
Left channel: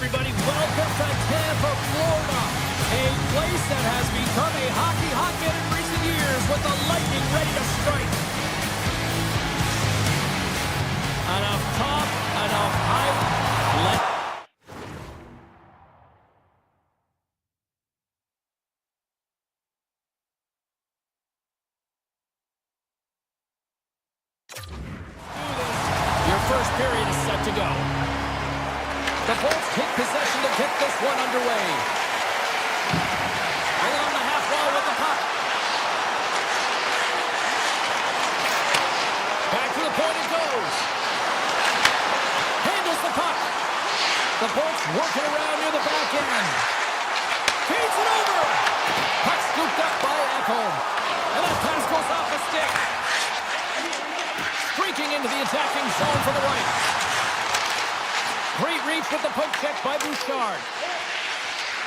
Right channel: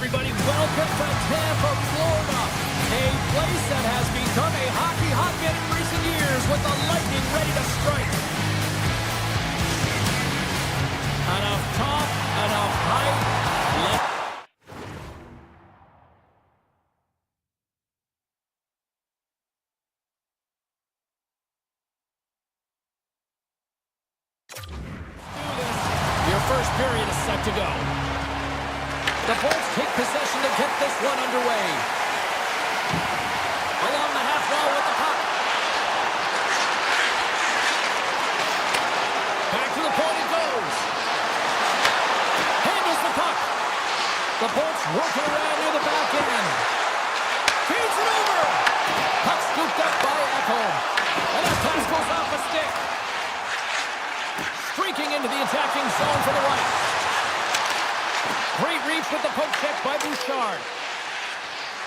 everybody. Welcome to Tampa, Florida. A place that has become a hockey hotbed in recent years with the Lightning ready to strike. Enough talk, enough hype. Your first period is set to go. The Bolts take possession to get this one underway. Along the half wall with the puck. Back to the point it goes. Handles the puck. The Bolts working around near the back end. Feeds it over. Puck scooped up by Edmont. And that pass goes off a stick. Streaking into the attacking zone for the right. Great reach with the poke check by Bouchard.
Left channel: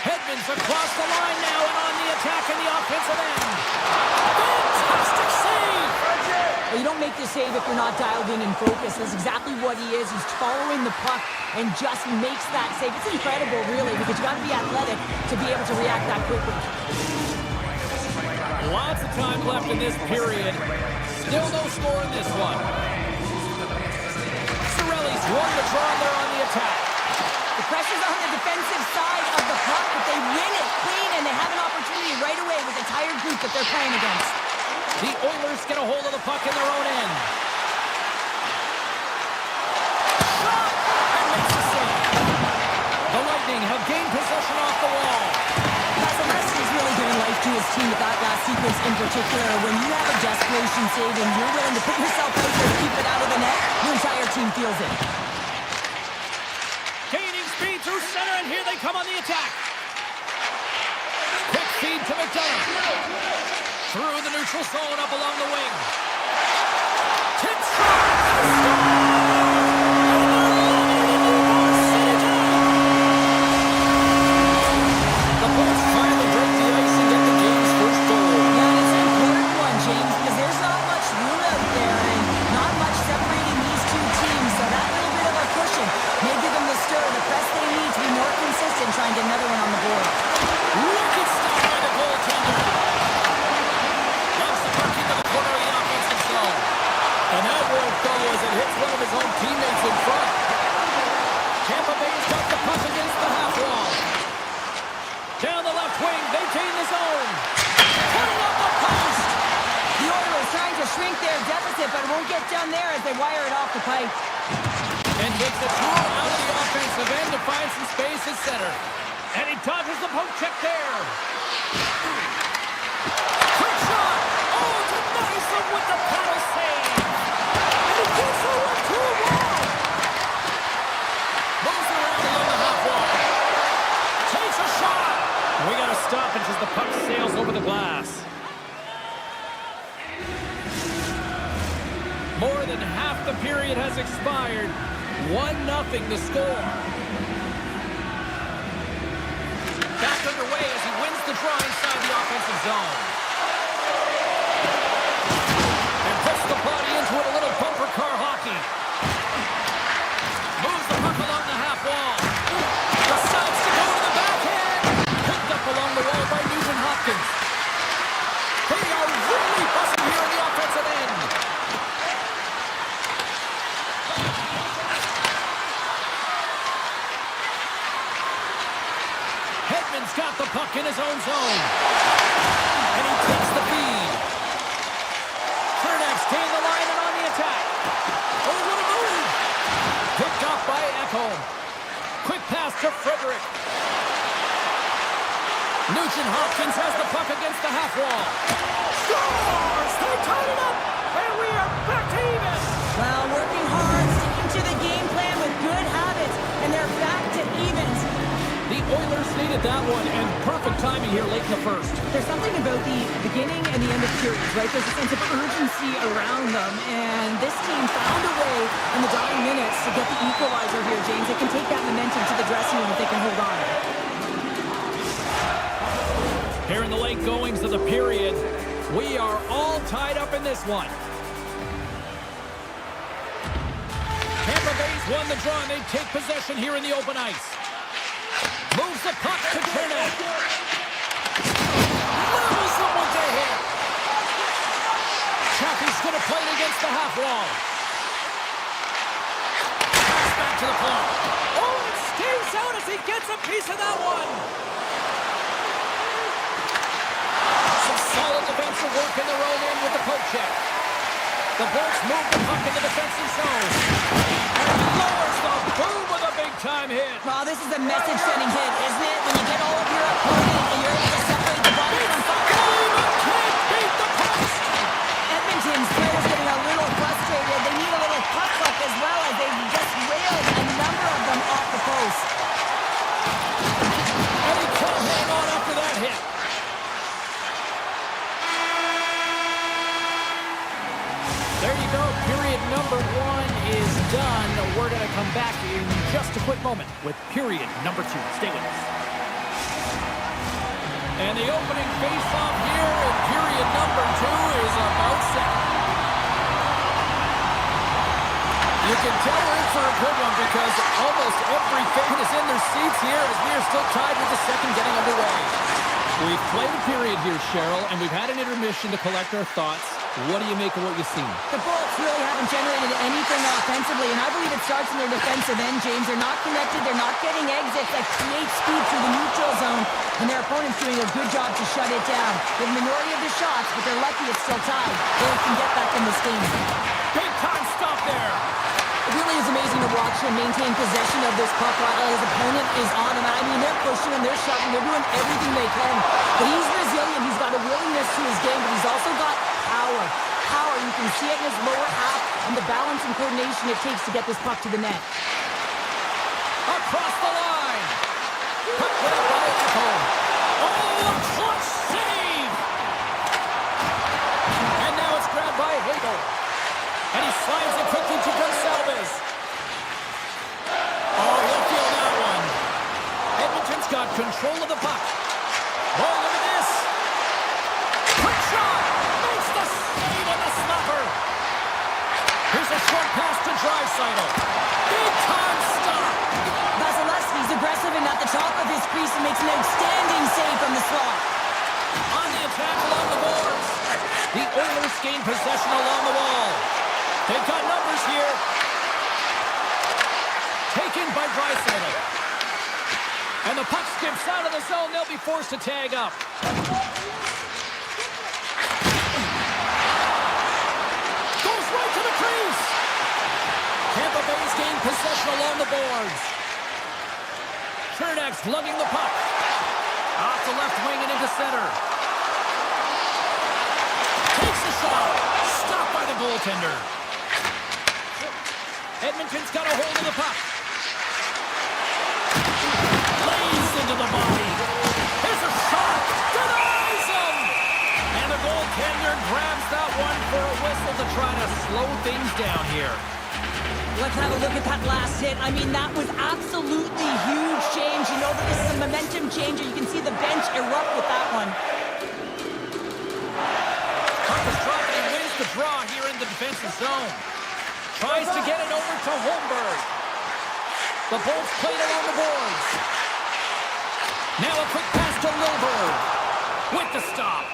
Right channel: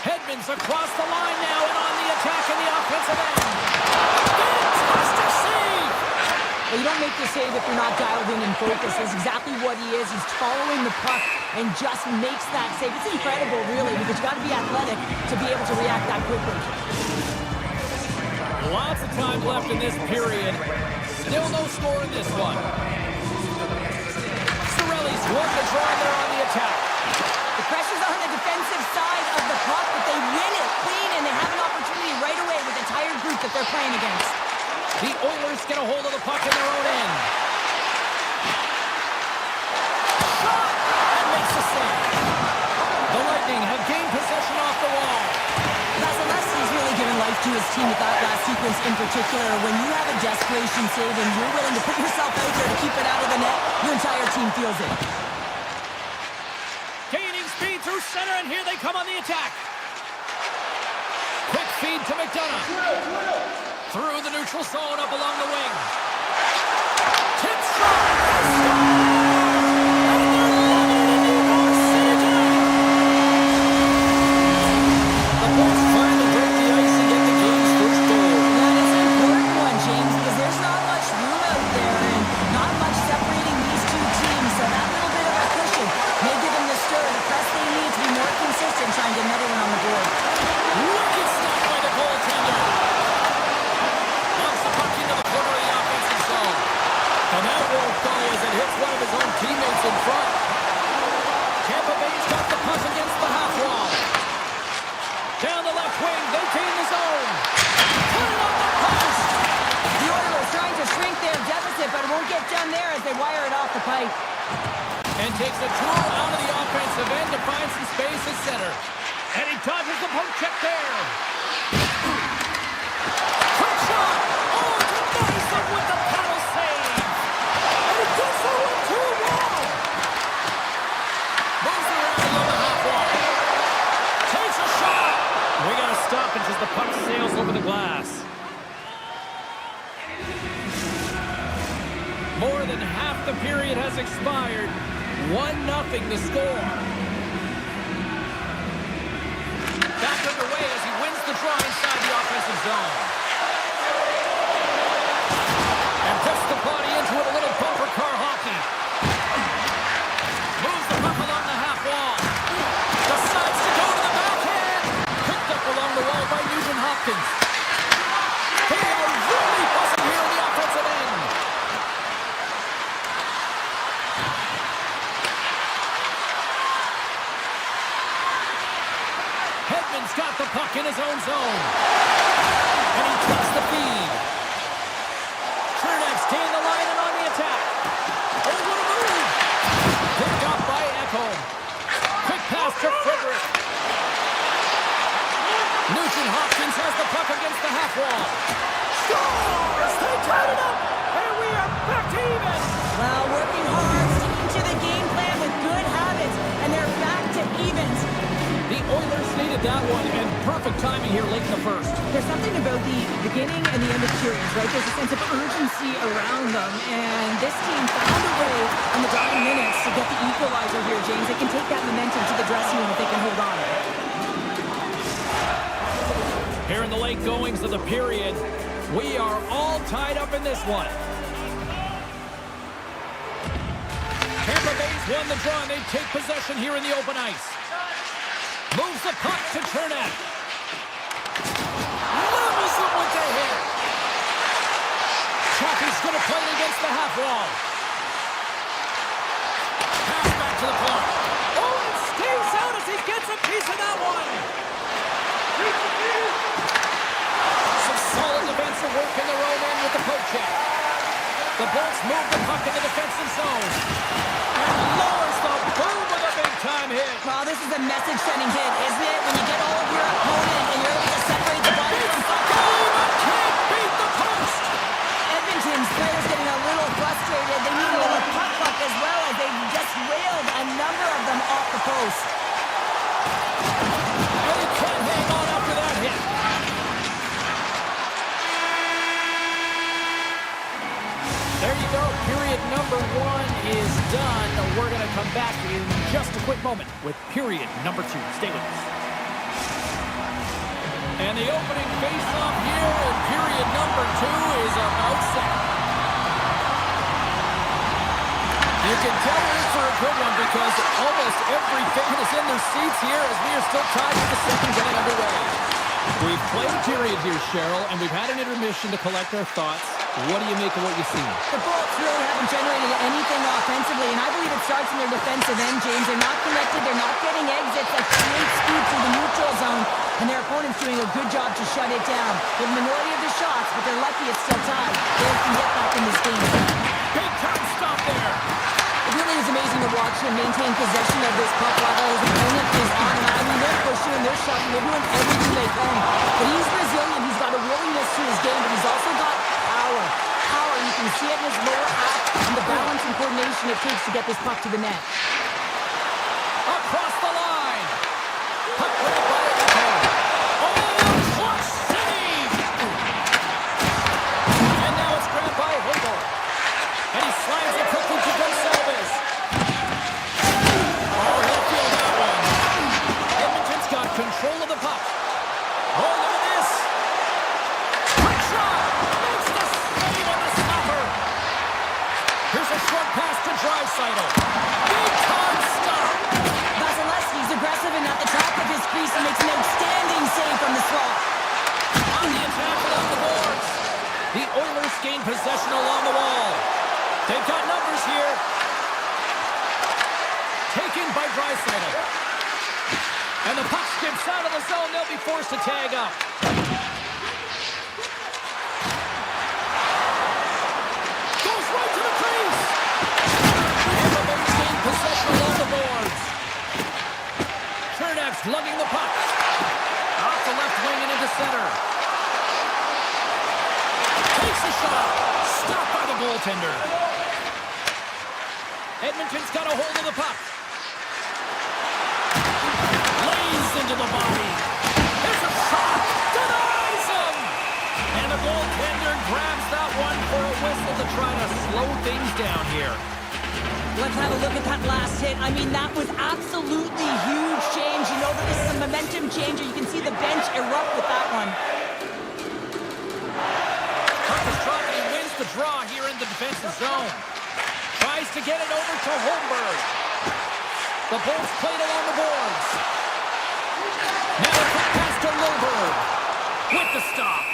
Edmonds across the line now and on the attack in the offensive end. Fantastic save! Well, you don't make the save if you're not dialed in and focused. That's exactly what he is. He's following the puck and just makes that save. It's incredible, really, because you got to be athletic to be able to react that quickly. Lots of time left in this period. Still no score in this one. Cirelli's won the draw there on the attack. The pressure's on the defensive side of the puck, but they win it clean, and they have an opportunity right away with the tired group that they're playing against. The Oilers get a hold of the puck in their own end. Shot! And makes the save. The Lightning have gained possession off the wall. Vasilevsky's really given life to his team with that last sequence in particular. When you have a desperation save and you're willing to put yourself out there to keep it out of the net, your entire team feels it. Gaining speed through center, and here they come on the attack. Quick feed to McDonough. Through the neutral zone, up along the wing. Tip shot! They score! And they're loving it in Ybor City tonight! The Bolts finally break the ice and get the game's first goal. Yeah, and it's an important one, James, because there's not much room out there and not much separating these two teams, so that little bit of a cushion may give them the stir, the press they need to be more consistent, trying to get another one on the board. Wicked stop by the goaltender. Loves the puck into the corner of the offensive zone. And that won't go as it hits one of his own teammates in front. Tampa Bay's got the puck against the half wall. Down the left wing, they gain the zone. Put it on the post. The Oilers trying to shrink their deficit, but it won't get done there as they wire it off the pipe. And takes a tour out of the offensive end to find some space at center. And he dodges the poke check there. Quick shot. Oh, it's a nice one with the paddle save. And he gets the 1-2 wall. Moves around along the half wall. Takes a shot. We got to stop it as the puck sails over the glass. More than half the period has expired. 1-0 the score. Back underway as he wins the draw inside the offensive zone. And puts the body into it, a little bumper car hockey. Moves the puck along the half wall. Decides to go to the backhand. Picked up along the wall by Nugent Hopkins. They are really buzzing here in the offensive end. Edmond's got the puck in his own zone. And he takes the feed. Turnek's gain the line and on the attack. Oh, what a move. Picked up by Edmont. Quick pass to Frederick. Nugent Hopkins has the puck against the half wall. Scores! They tied it up! And we are back to even! Well, working hard, sticking to the game plan with good habits, and they're back to evens. The Oilers needed that one, and perfect timing here late in the first. There's something about the beginning and the end of periods, right? There's a sense of urgency around them, and this team found a way in the dying minutes to get the equalizer here, James. They can take that momentum to the dressing room if they can hold on. Here in the late goings of the period, we are all tied up in this one. Tampa Bay's won the draw, and they take possession here in the open ice. the puck to Chernak. Levels them with the hit. Chappie's going to play it against the half wall. Pass back to the point. Oh, and it stays out as he gets a piece of that one. Some solid defensive work in their own end with the poke check. The Bolts move the puck in the defensive zone. And lowers the boom with a big-time hit. Well, this is a message-sending hit, isn't it? When you get all of your opponent and you're able to separate the body from puck. Can't beat the post. Edmonton's players getting a little frustrated. They need a little puck luck as well as they've just railed a number of them off the post. And he can't hang on after that hit. There you go. Period number 1 is done. We're going to come back in just a quick moment with period number 2. Stay with us. And the opening face-off here in period number 2 is about set. You can tell we're in for a good one because almost every fan is in their seats here as we are still tied with the second getting underway. We've played a period here, Cheryl, and we've had an intermission to collect our thoughts. What do you make of what you've seen? The Bolts really haven't generated anything offensively, and I believe it starts in their defensive end, James. They're not connected. They're not getting exits that create speed through the neutral zone, and their opponent's doing a good job to shut it down. The minority of the shots, but they're lucky it's still tied. They can get back in this game. Big time stop there. It really is amazing to watch him maintain possession of this puck while his opponent is on. And I mean, they're pushing him, they're shoving, they're doing everything they can. But he's resilient. He's got a willingness to his game, but he's also got power. Power, you can see it in his lower half and the balance and coordination it takes to get this puck to the net. Across the line. Puck grabbed by Edmont. Oh, a clutch save. And now it's grabbed by Hagel. And he slides it quickly to Gonsalves. Oh, he'll feel that one. Edmonton's got control of the puck. Oh, look at this. Quick shot. Makes the save on the stopper. Here's a short pass to Draisaitl. Big time stop. Vasilevsky's aggressive and at the top of his crease and makes an outstanding save from the slot. On the attack along the boards. The Oilers gain possession along the wall. They've got numbers here. Taken by Draisaitl. And the puck skips out of the zone. They'll be forced to tag up. Goes right to the crease. Tampa Bay's gained possession along the boards. Chernak's lugging the puck. Off the left wing and into center. Takes the shot. Stopped by the goaltender. Edmonton's got a hold of the puck. Lays into the body. Here's a shot. Denies him. And the goaltender grabs that one for a whistle to try to slow things down here. Let's have a look at that last hit. I mean, that was absolutely huge change. You know that this is a momentum changer. You can see the bench erupt with that one. Puck is dropped and he wins the draw here in the defensive zone. Tries to get it over to Holmberg. The Bolts played along the boards. Now a quick pass to Lilberg. With the stop.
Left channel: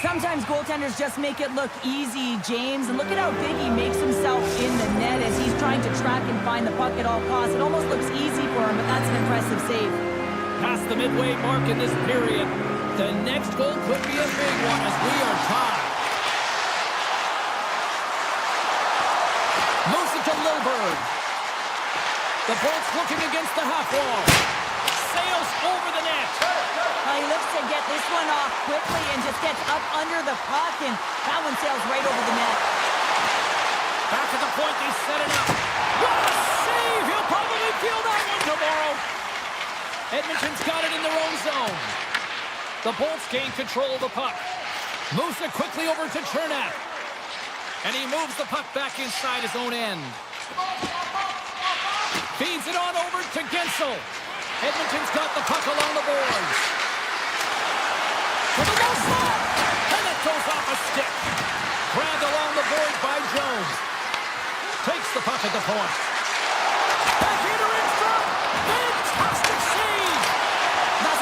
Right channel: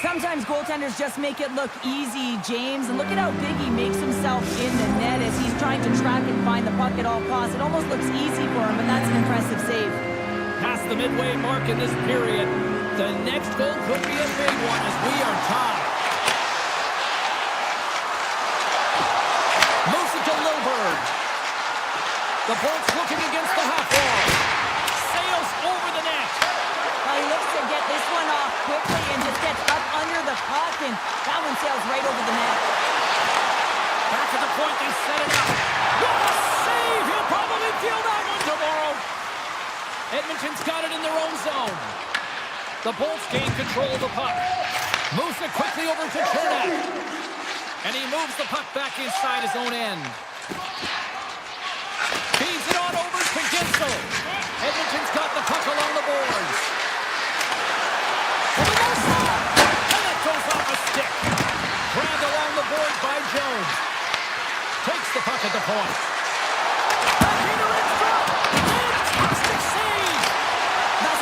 Sometimes goaltenders just make it look easy, James. And look at how big he makes himself in the net as he's trying to track and find the puck at all costs. It almost looks easy for him, but that's an impressive save. Past the midway mark in this period. The next goal could be a big one as we are tied. Moves it to Lilberg. The Bolts looking against the half wall. Sails over the net. He looks to get this one off quickly and just gets up under the puck, and that one sails right over the net. Back at the point, they set it up. What a save! He'll probably feel that one tomorrow. Edmonton's got it in their own zone. The Bolts gain control of the puck. Moves it quickly over to Chernak. And he moves the puck back inside his own end. Feeds it on over to Gensel. Edmonton's got the puck along the boards. For the low slot. And it goes off a stick. Grabbed along the boards by Jones. Takes the puck at the point. Backhander in front. Fantastic save.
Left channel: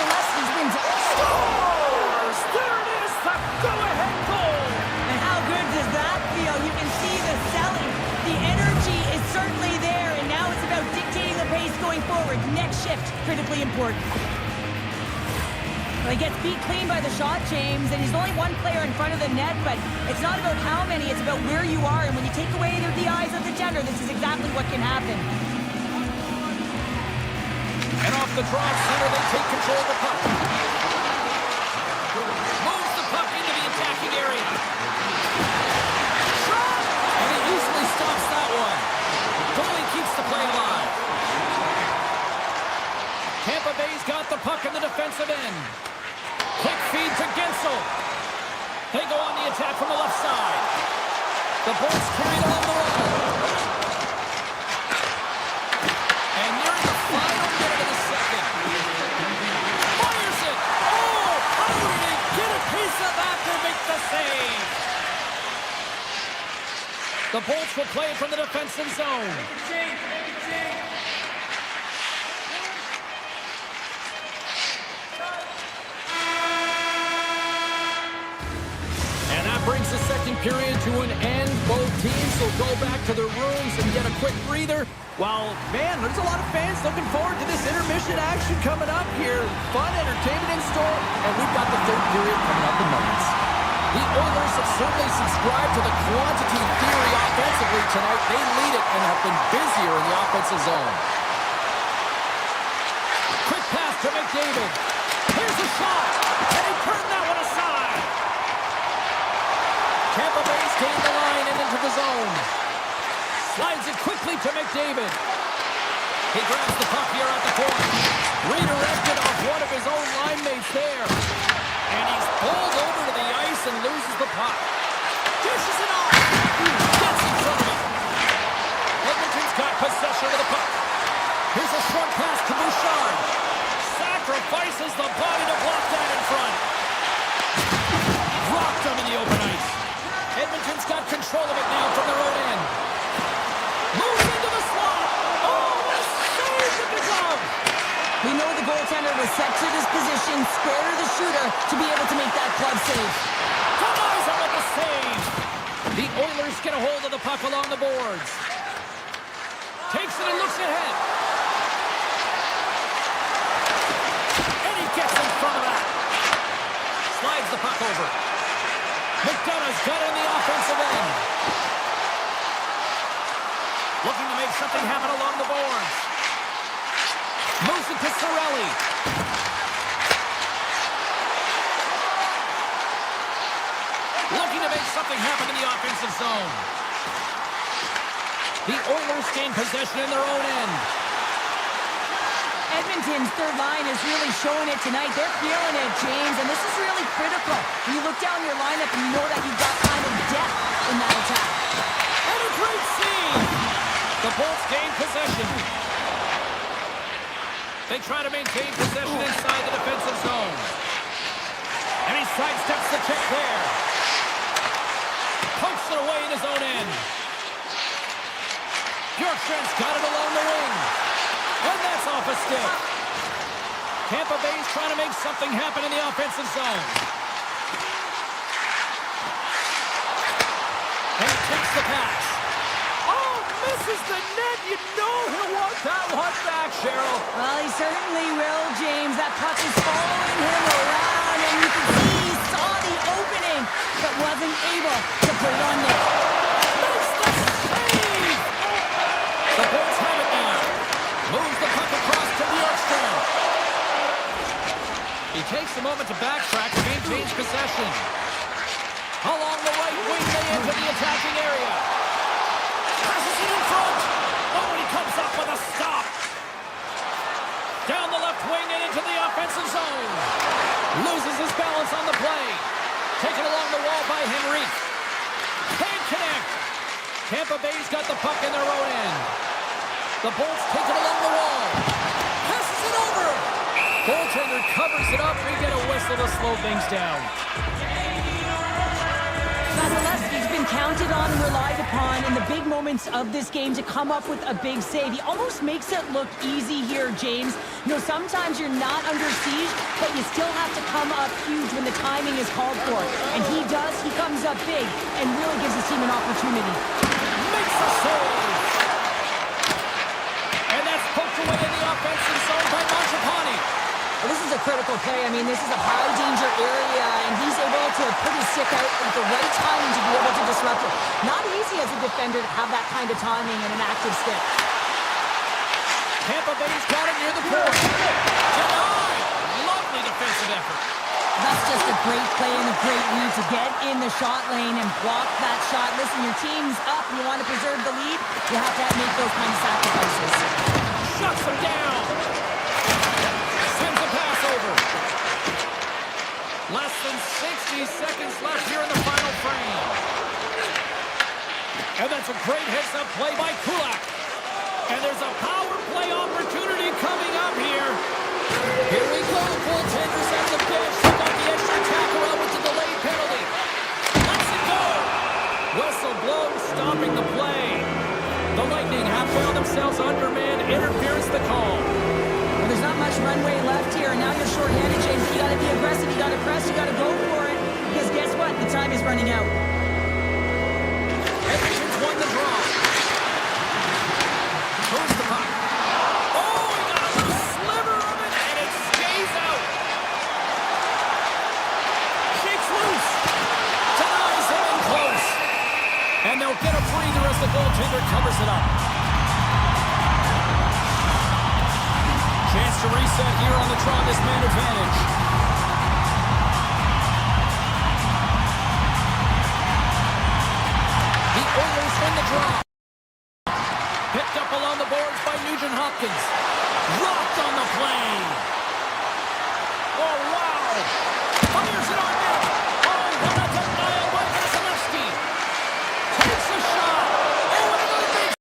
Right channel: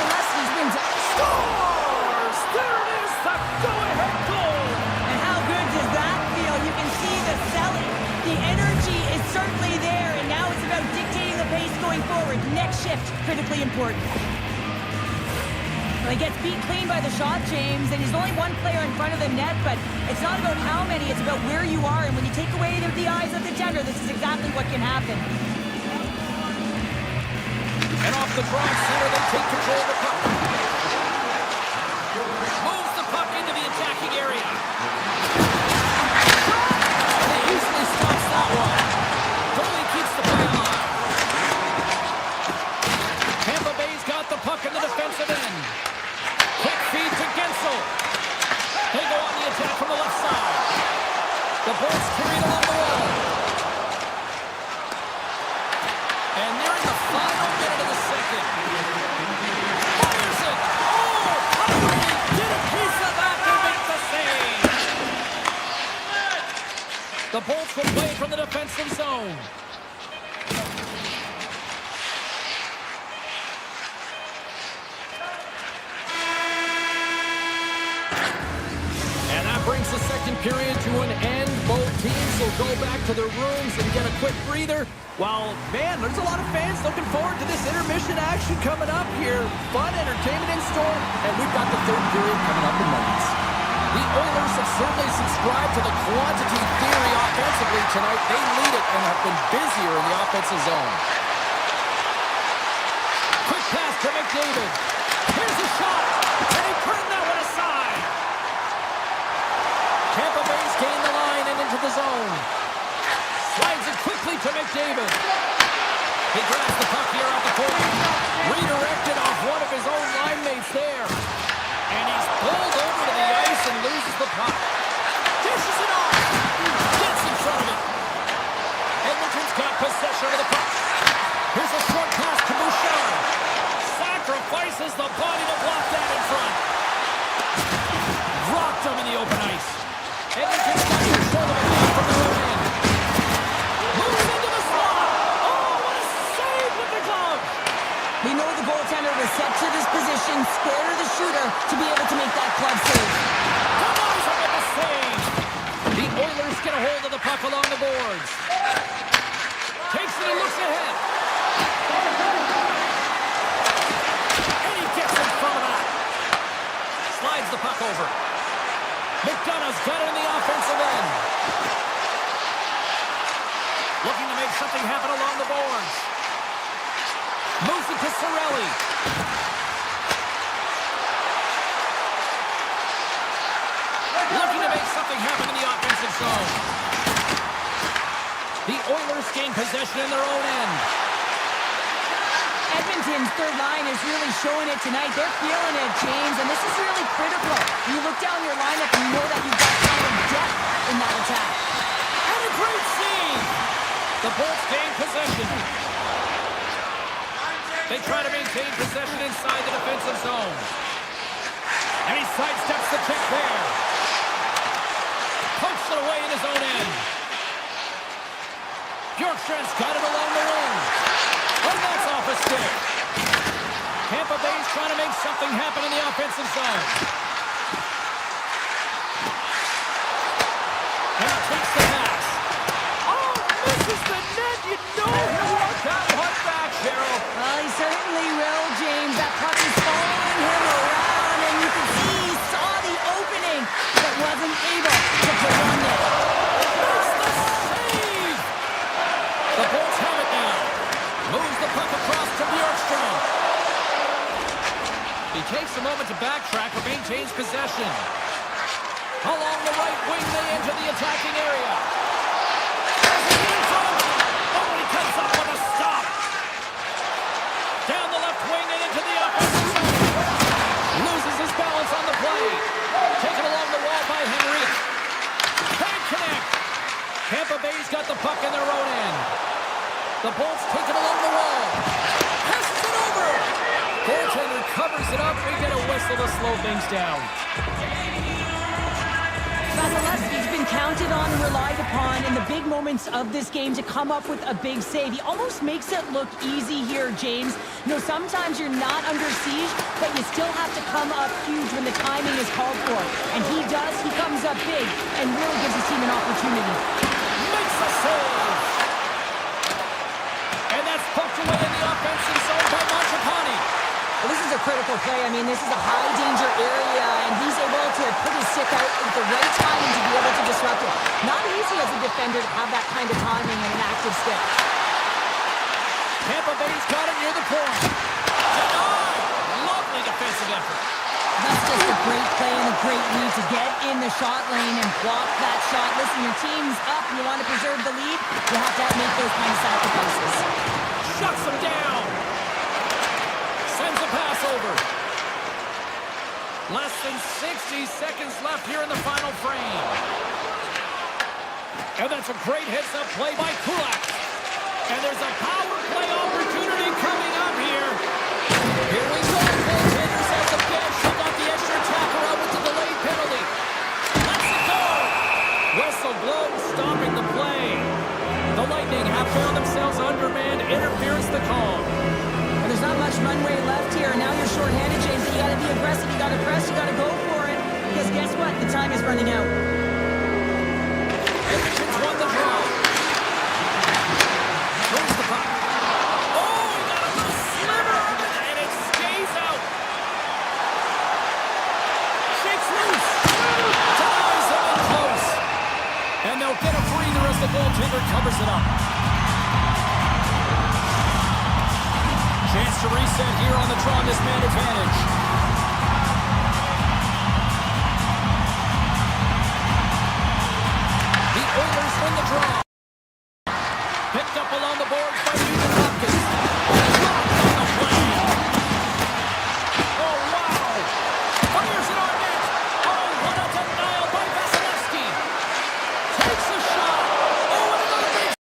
unless he's wins it. Scores! There it is, the go-ahead goal! And how good does that feel? You can see the selling. The energy is certainly there, and now it's about dictating the pace going forward. Next shift, critically important. Well, he gets beat clean by the shot, James, and he's only one player in front of the net, but it's not about how many, it's about where you are, and when you take away the eyes of the defender, this is exactly what can happen. And off the draw center, they take control of the puck. Moves the puck into the attacking area. Shot! And he easily stops that one. Goalie keeps the play alive. Tampa Bay's got the puck in the defensive end. Quick feed to Gensel. They go on the attack from the left side. The Bolts carried along the wall. And nearing the final minute of the second. Fires it! Oh! How did he get a piece of that to make the save? The Bolts will play it from the defensive zone. And that brings the second period to an end. Both teams will go back to their rooms and get a quick breather. Well, man, there's a lot of fans looking forward to this intermission action coming up here. Fun entertainment in store, and we've got the third period coming up in moments. The Oilers have certainly subscribed to the quantity theory offensively tonight. They lead it and have been busier in the offensive zone. Quick pass to McDavid. Here's a shot, and he turned that one aside. Tampa Bay's gained the line and into the zone. Slides it quickly to McDavid. He grabs the puck here at the point. Redirected off one of his own line mates there. And he's pulled over to the ice and loses the puck. Dishes it off. Gets in front of it. Edmonton's got possession of the puck. Here's a short pass to Bouchard. Sacrifices the body to block that in front. Rocked him in the open ice. Edmonton's got control of it now from their own end. Moves into the slot. Oh, what a save with the glove. We know the goaltender was set to this position, square to the shooter, to be able to make that glove save. Kamaiza with the save. The Oilers get a hold of the puck along the boards. Takes it and looks ahead. And he gets in front of that. Slides the puck over. McDonough's got it on the offensive end. Looking to make something happen along the boards. Moves it to Cirelli. Looking to make something happen in the offensive zone. The Oilers gain possession in their own end. Edmonton's third line is really showing it tonight. They're feeling it, James, and this is really critical. When you look down your lineup, you know that you've got kind of depth in that attack. And a great save! The Bolts gain possession. They try to maintain possession inside the defensive zone. And he sidesteps the check there. Pokes it away in his own end. Bjorkstrand's got it along the wing. And that's off a stick. Tampa Bay's trying to make something happen in the offensive zone. And he takes the pass. Oh, misses the net. You know he'll want that one back, Cheryl. Well, he certainly will, James. That puck is following him around, and you can see he saw the opening, but wasn't able to put it on net. Makes the save. The Bolts have it now. Moves the puck across to Bjorkstrand. He takes a moment to backtrack and maintains possession. Along the right wing, they enter the attacking area. Passes it in front. Oh, and he comes up with a stop. Down the left wing and into the offensive zone. Loses his balance on the play. Taken along the wall by Henrique. Can't connect. Tampa Bay's got the puck in their own end. The Bolts take it along the wall. Passes it over. Goaltender covers it up. We get a whistle to slow things down. Vasilevsky's been counted on and relied upon in the big moments of this game to come up with a big save. He almost makes it look easy here, James. You know, sometimes you're not under siege, but you still have to come up huge when the timing is called for. And he does. He comes up big and really gives his team an opportunity. Makes the save. And that's poked away in the offensive zone by Mangiapane. Well, this is a critical play. I mean, this is a high-danger area, and he's able to put his stick out at the right timing to be able to disrupt it. Not easy as a defender to have that kind of timing and an active stick. Tampa Bay's got it near the point. Denied. Lovely defensive effort. That's just a great play and a great read to get in the shot lane and block that shot. Listen, your team's up. You want to preserve the lead. You have to make those kind of sacrifices. Shuts him down. Sends a pass over. Less than 60 seconds left here in the final frame. And that's a great heads-up play by Kulak. And there's a power play opportunity coming up here. Here we go. Goaltenders at the bench. They got the extra attacker out with the delayed penalty. Let's it go. Whistle blows, stopping the play. The Lightning have found themselves undermanned. Interference the call. Well, there's not much runway left here, and now you're shorthanded, James. You got to be aggressive. You got to press. You got to go for it. Because guess what? The time is running out. Edmonton's won the draw. Throws the puck. Oh, he got a little sliver of it, and it stays out. Shakes loose. Denies him in close. And they'll get a breather as the goaltender covers it up. Chance to reset here on the draw, this man advantage. The Oilers win the draw. Picked up along the boards by Nugent Hopkins. Dropped on the play. Oh, wow. Fires it on net. Oh, what a denial by Vasilevsky. Takes a shot. Oh, and another big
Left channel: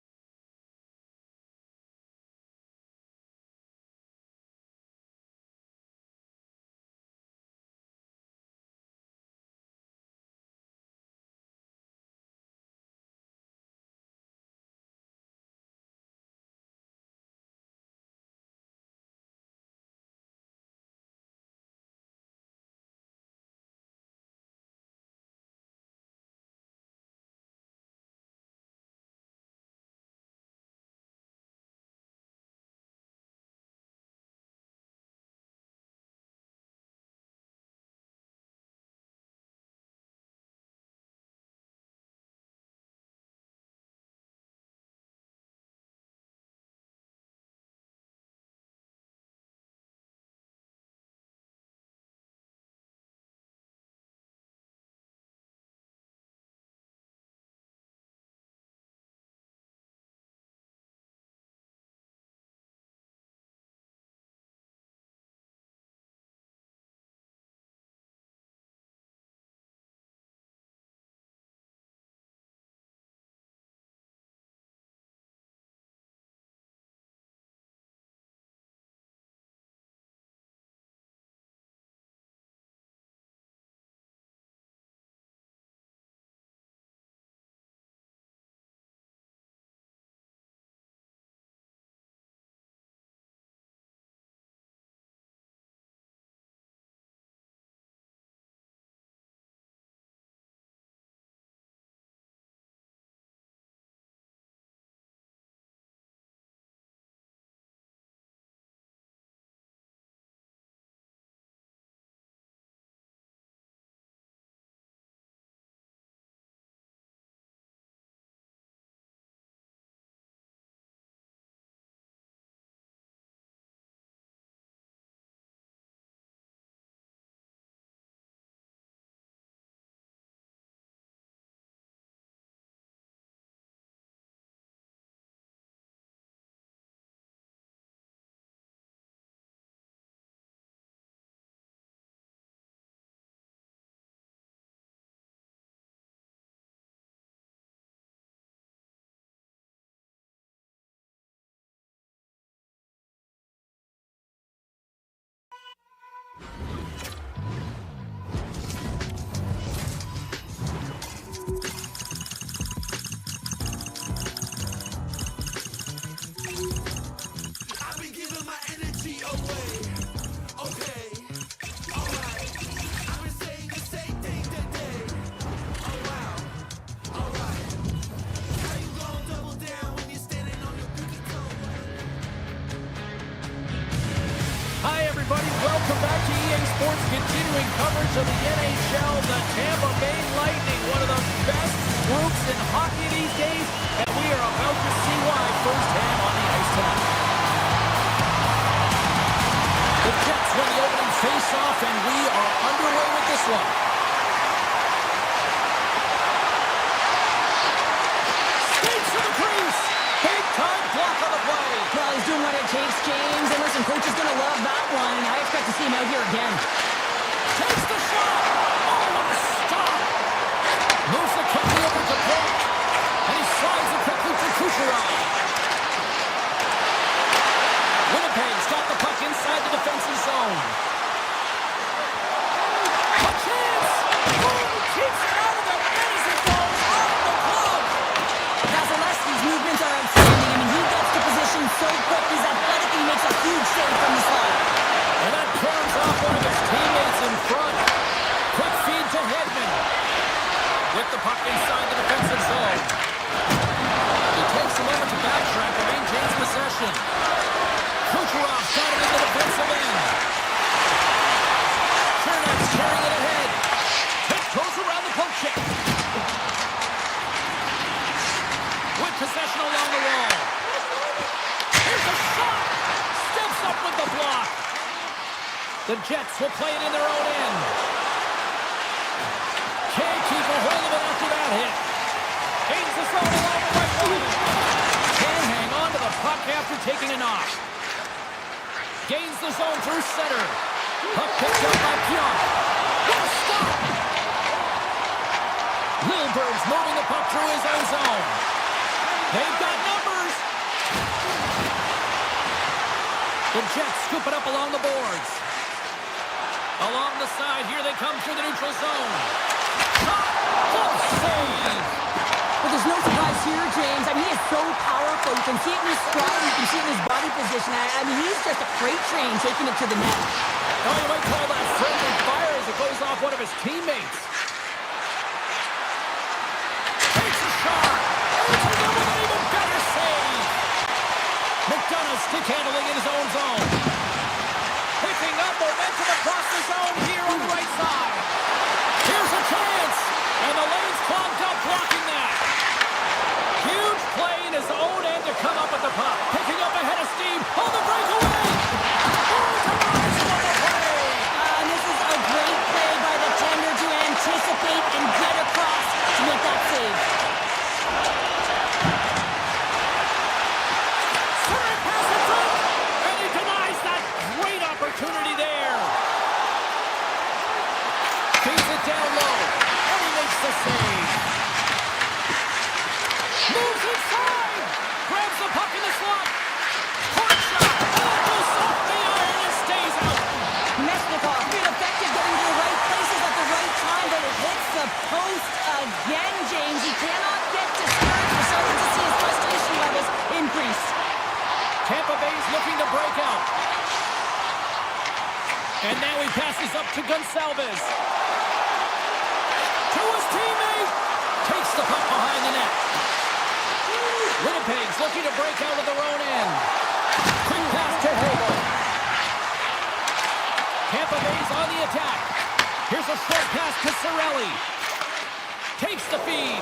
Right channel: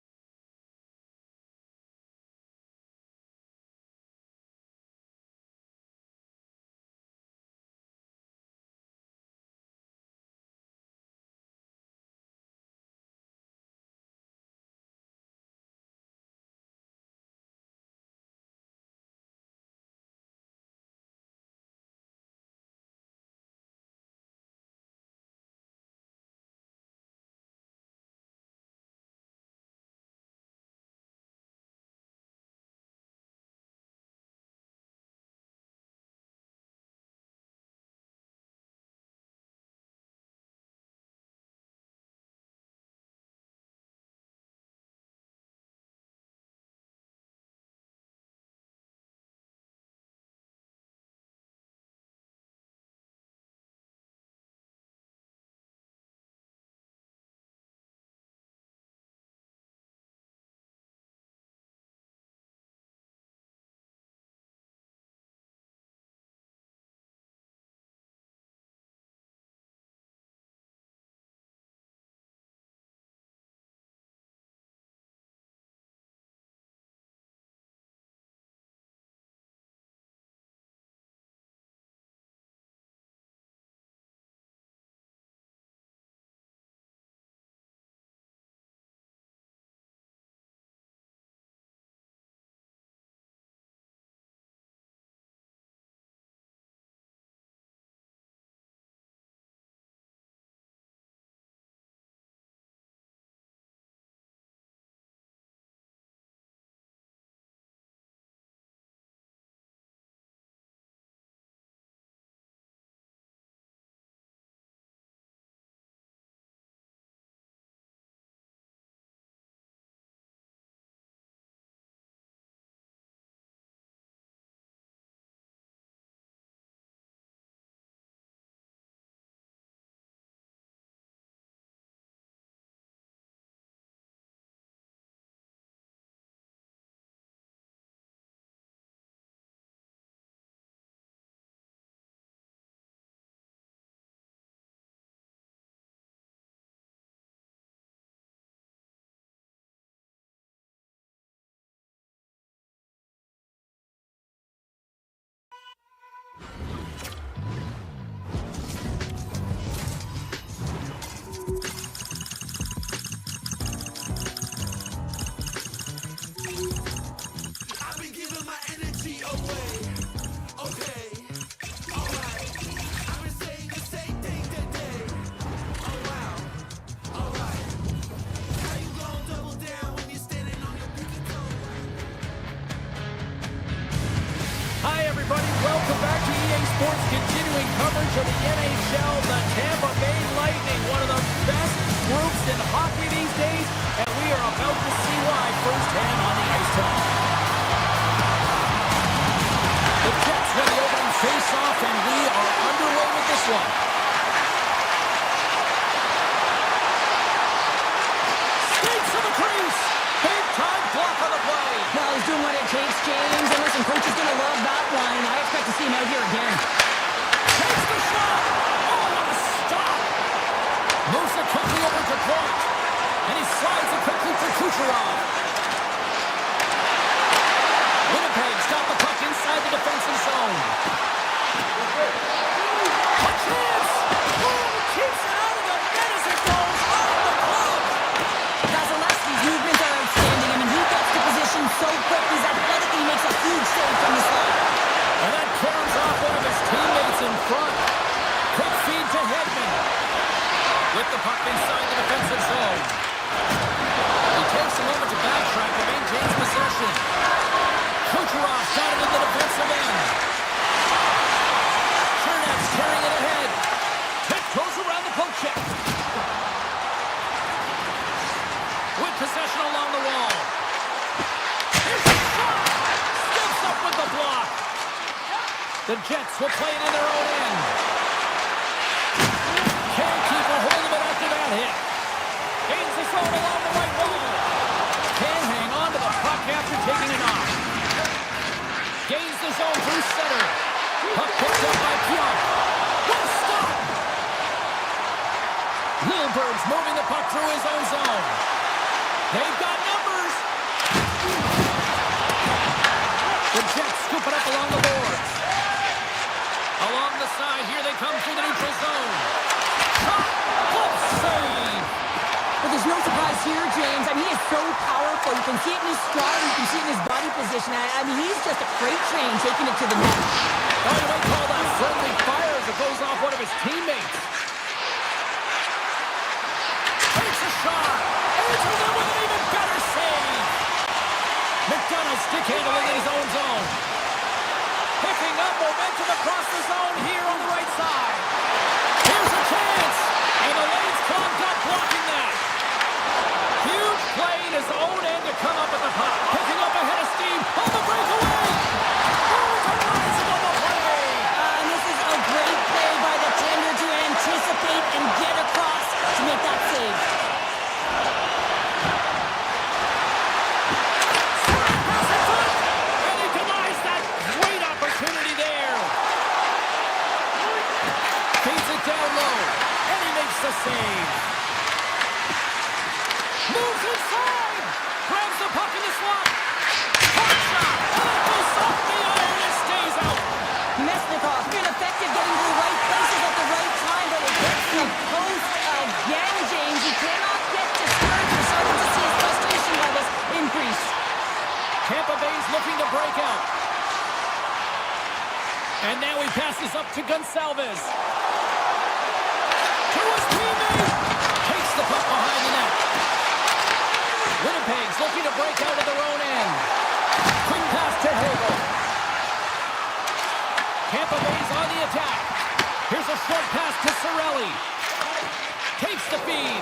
everybody. Welcome back to EA Sports, continuing coverage of the NHL. The Tampa Bay Lightning, one of the best groups in hockey these days, and we are about to see why firsthand on the ice tonight. The Jets win the opening face-off, and we are underway with this one. Skates to the crease. Big-time block on the play. Well, he's doing what it takes, James. And listen, coach is going to love that one. I expect to see him out here again. Takes the shot. Oh, what a stop. Moves it quickly over to point. And he slides it quickly to Kucherov. Winnipeg's got the puck inside the defensive zone. A chance. Oh, he keeps it out of the net as it goes off the glove. Vasilevsky's movements are outstanding. I mean, he gets to position so quick. He's athletic and he makes a huge save from the slot. And that carries off one of his teammates in front. Quick feed to Edmont. With the puck inside the defensive zone. He takes a moment to backtrack and maintains possession. Kucherov's got it in the defensive end. Chernet's carrying it ahead. Tiptoes around the poke check. With possession along the wall. Here's a shot. Steps up with the block. The Jets will play it in their own end. Can't keep a hold of it after that hit. Gains the zone along the right wall. Can hang on to the puck after taking a knock. Gains the zone through center. Puck picked up by Pionk. What a stop! Lilberg's moving the puck through his own zone. They've got numbers. The Jets scoop it up along the boards. Along the side, here they come through the neutral zone. Shot! Close save! Well, there's no surprise here, James. I mean, he is so powerful. You can see it in his stride. You can see it in his body position. I mean, he's just a freight train taking it to the net. Oh, you might call that friendly fire as it goes off one of his teammates. Takes a shot. Answers it with an even better save. McDonough stick handling in his own zone. Picking up momentum across the zone here on the right side. Here's a chance. And the lane's clogged up, blocking that. Huge play in his own end to come up with the puck. Picking up ahead of steam on the breakaway. Oh, to rise on the play. And this is a great play by the tender to anticipate and get across to make that save. Side pass in front. And he denies that great opportunity there. Feeds it down low. And he makes the save. Moves inside. Grabs the puck in the slot. Hard shot. And it goes off the iron and stays out. Mesnikov been effective getting to the right places at the right time, but it hits the post again, James. He cannot get discouraged. We're starting to see his frustration levels increase. Tampa Bay's looking to break out. And now he passes up to Gonsalves. To his teammate. Takes the puck behind the net. Winnipeg's looking to break out of their own end. Quick pass to Hagel. Tampa Bay's on the attack. Here's a short pass to Cirelli. Takes the feed.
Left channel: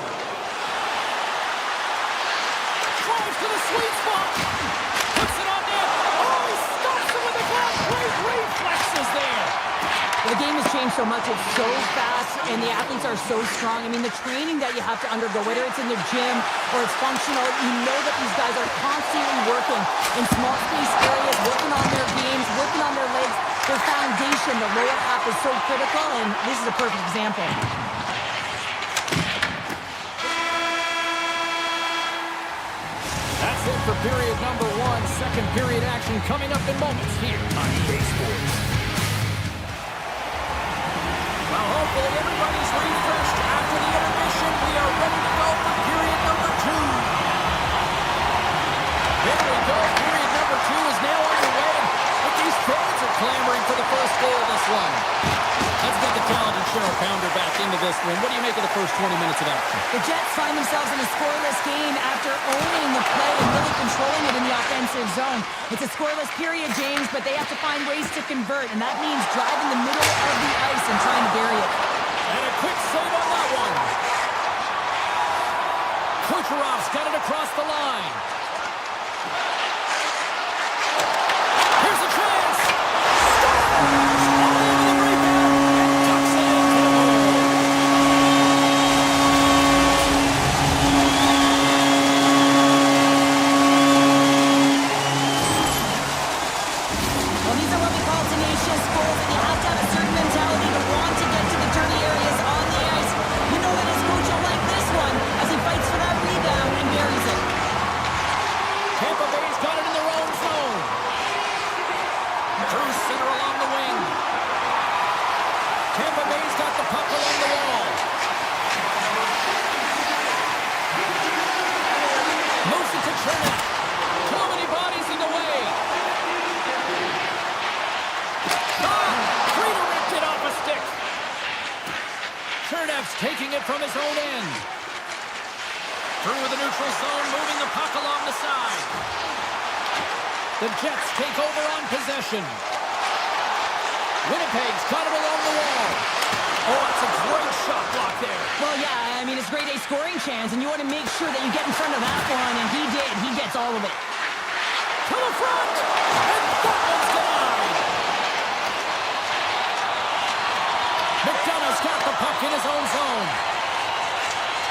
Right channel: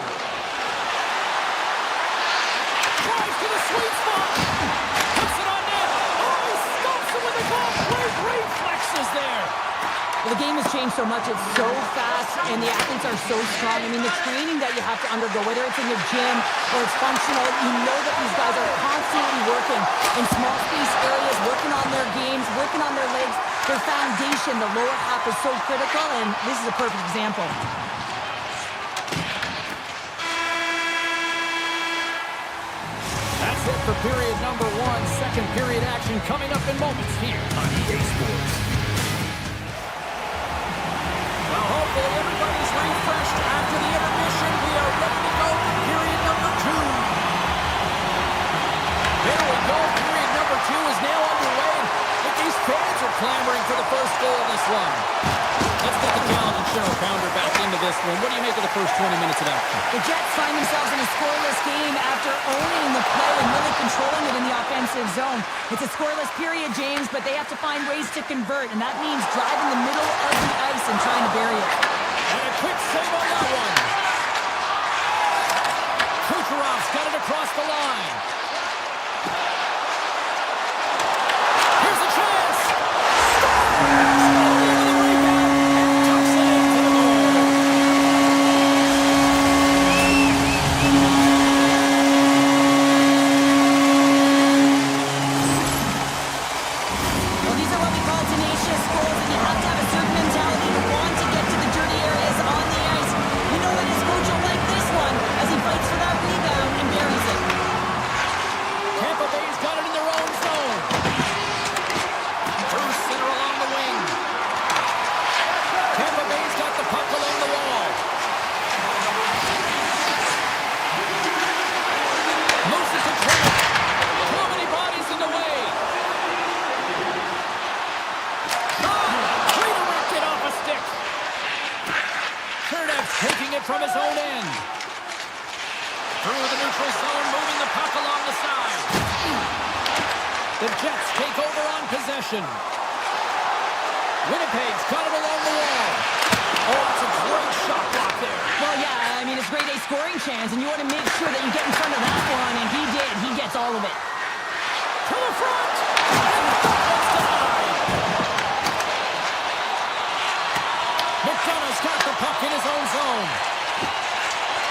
Drives to the sweet spot. Puts it on net. Oh, he stops it with a glove. Great reflexes there. Well, the game has changed so much. It's so fast, and the athletes are so strong. I mean, the training that you have to undergo, whether it's in the gym or it's functional, you know that these guys are constantly working in small space areas, working on their games, working on their legs. Their foundation, the lower half, is so critical, and this is a perfect example. That's it for period number one. Second period action coming up in moments here on EA Sports. Well, hopefully everybody's refreshed after the intermission. We are ready to go for period number two. There we go. Period number two is now underway. And these fans are clamoring for for the first goal of this one. Let's get the talented Cheryl Pounder back into this one. What do you make of the first 20 minutes of action? The Jets find themselves in a scoreless game after owning the play and really controlling it in the offensive zone. It's a scoreless period, James, but they have to find ways to convert, and that means driving the middle of the ice and trying to bury it. And a quick save on that one. Kucherov's got it across the line. Here's a chance. Scores! All over the rebound and tucks it into the goal. Well, these are what we call tenacious goals, and you have to have a certain mentality to want to get to the dirty areas on the ice. You know that his coach will like this one as he fights for that rebound and buries it. Tampa Bay's got it in their own zone. Through center along the wing. Tampa Bay's got the puck along the wall. Moves it to Trent. Too many bodies in the way. Redirected off a stick. Chernev's taking it from his own end. Through the neutral zone, moving the puck along the side. The Jets take over on possession. Winnipeg's got it along the wall. Oh, that's a great shot block there. Well, yeah, I mean, it's grade A scoring chance, and you want to make sure that you get in front of that one, and he did. He gets all of it. To the front, and that one's denied. McDonough's got the puck in his own zone.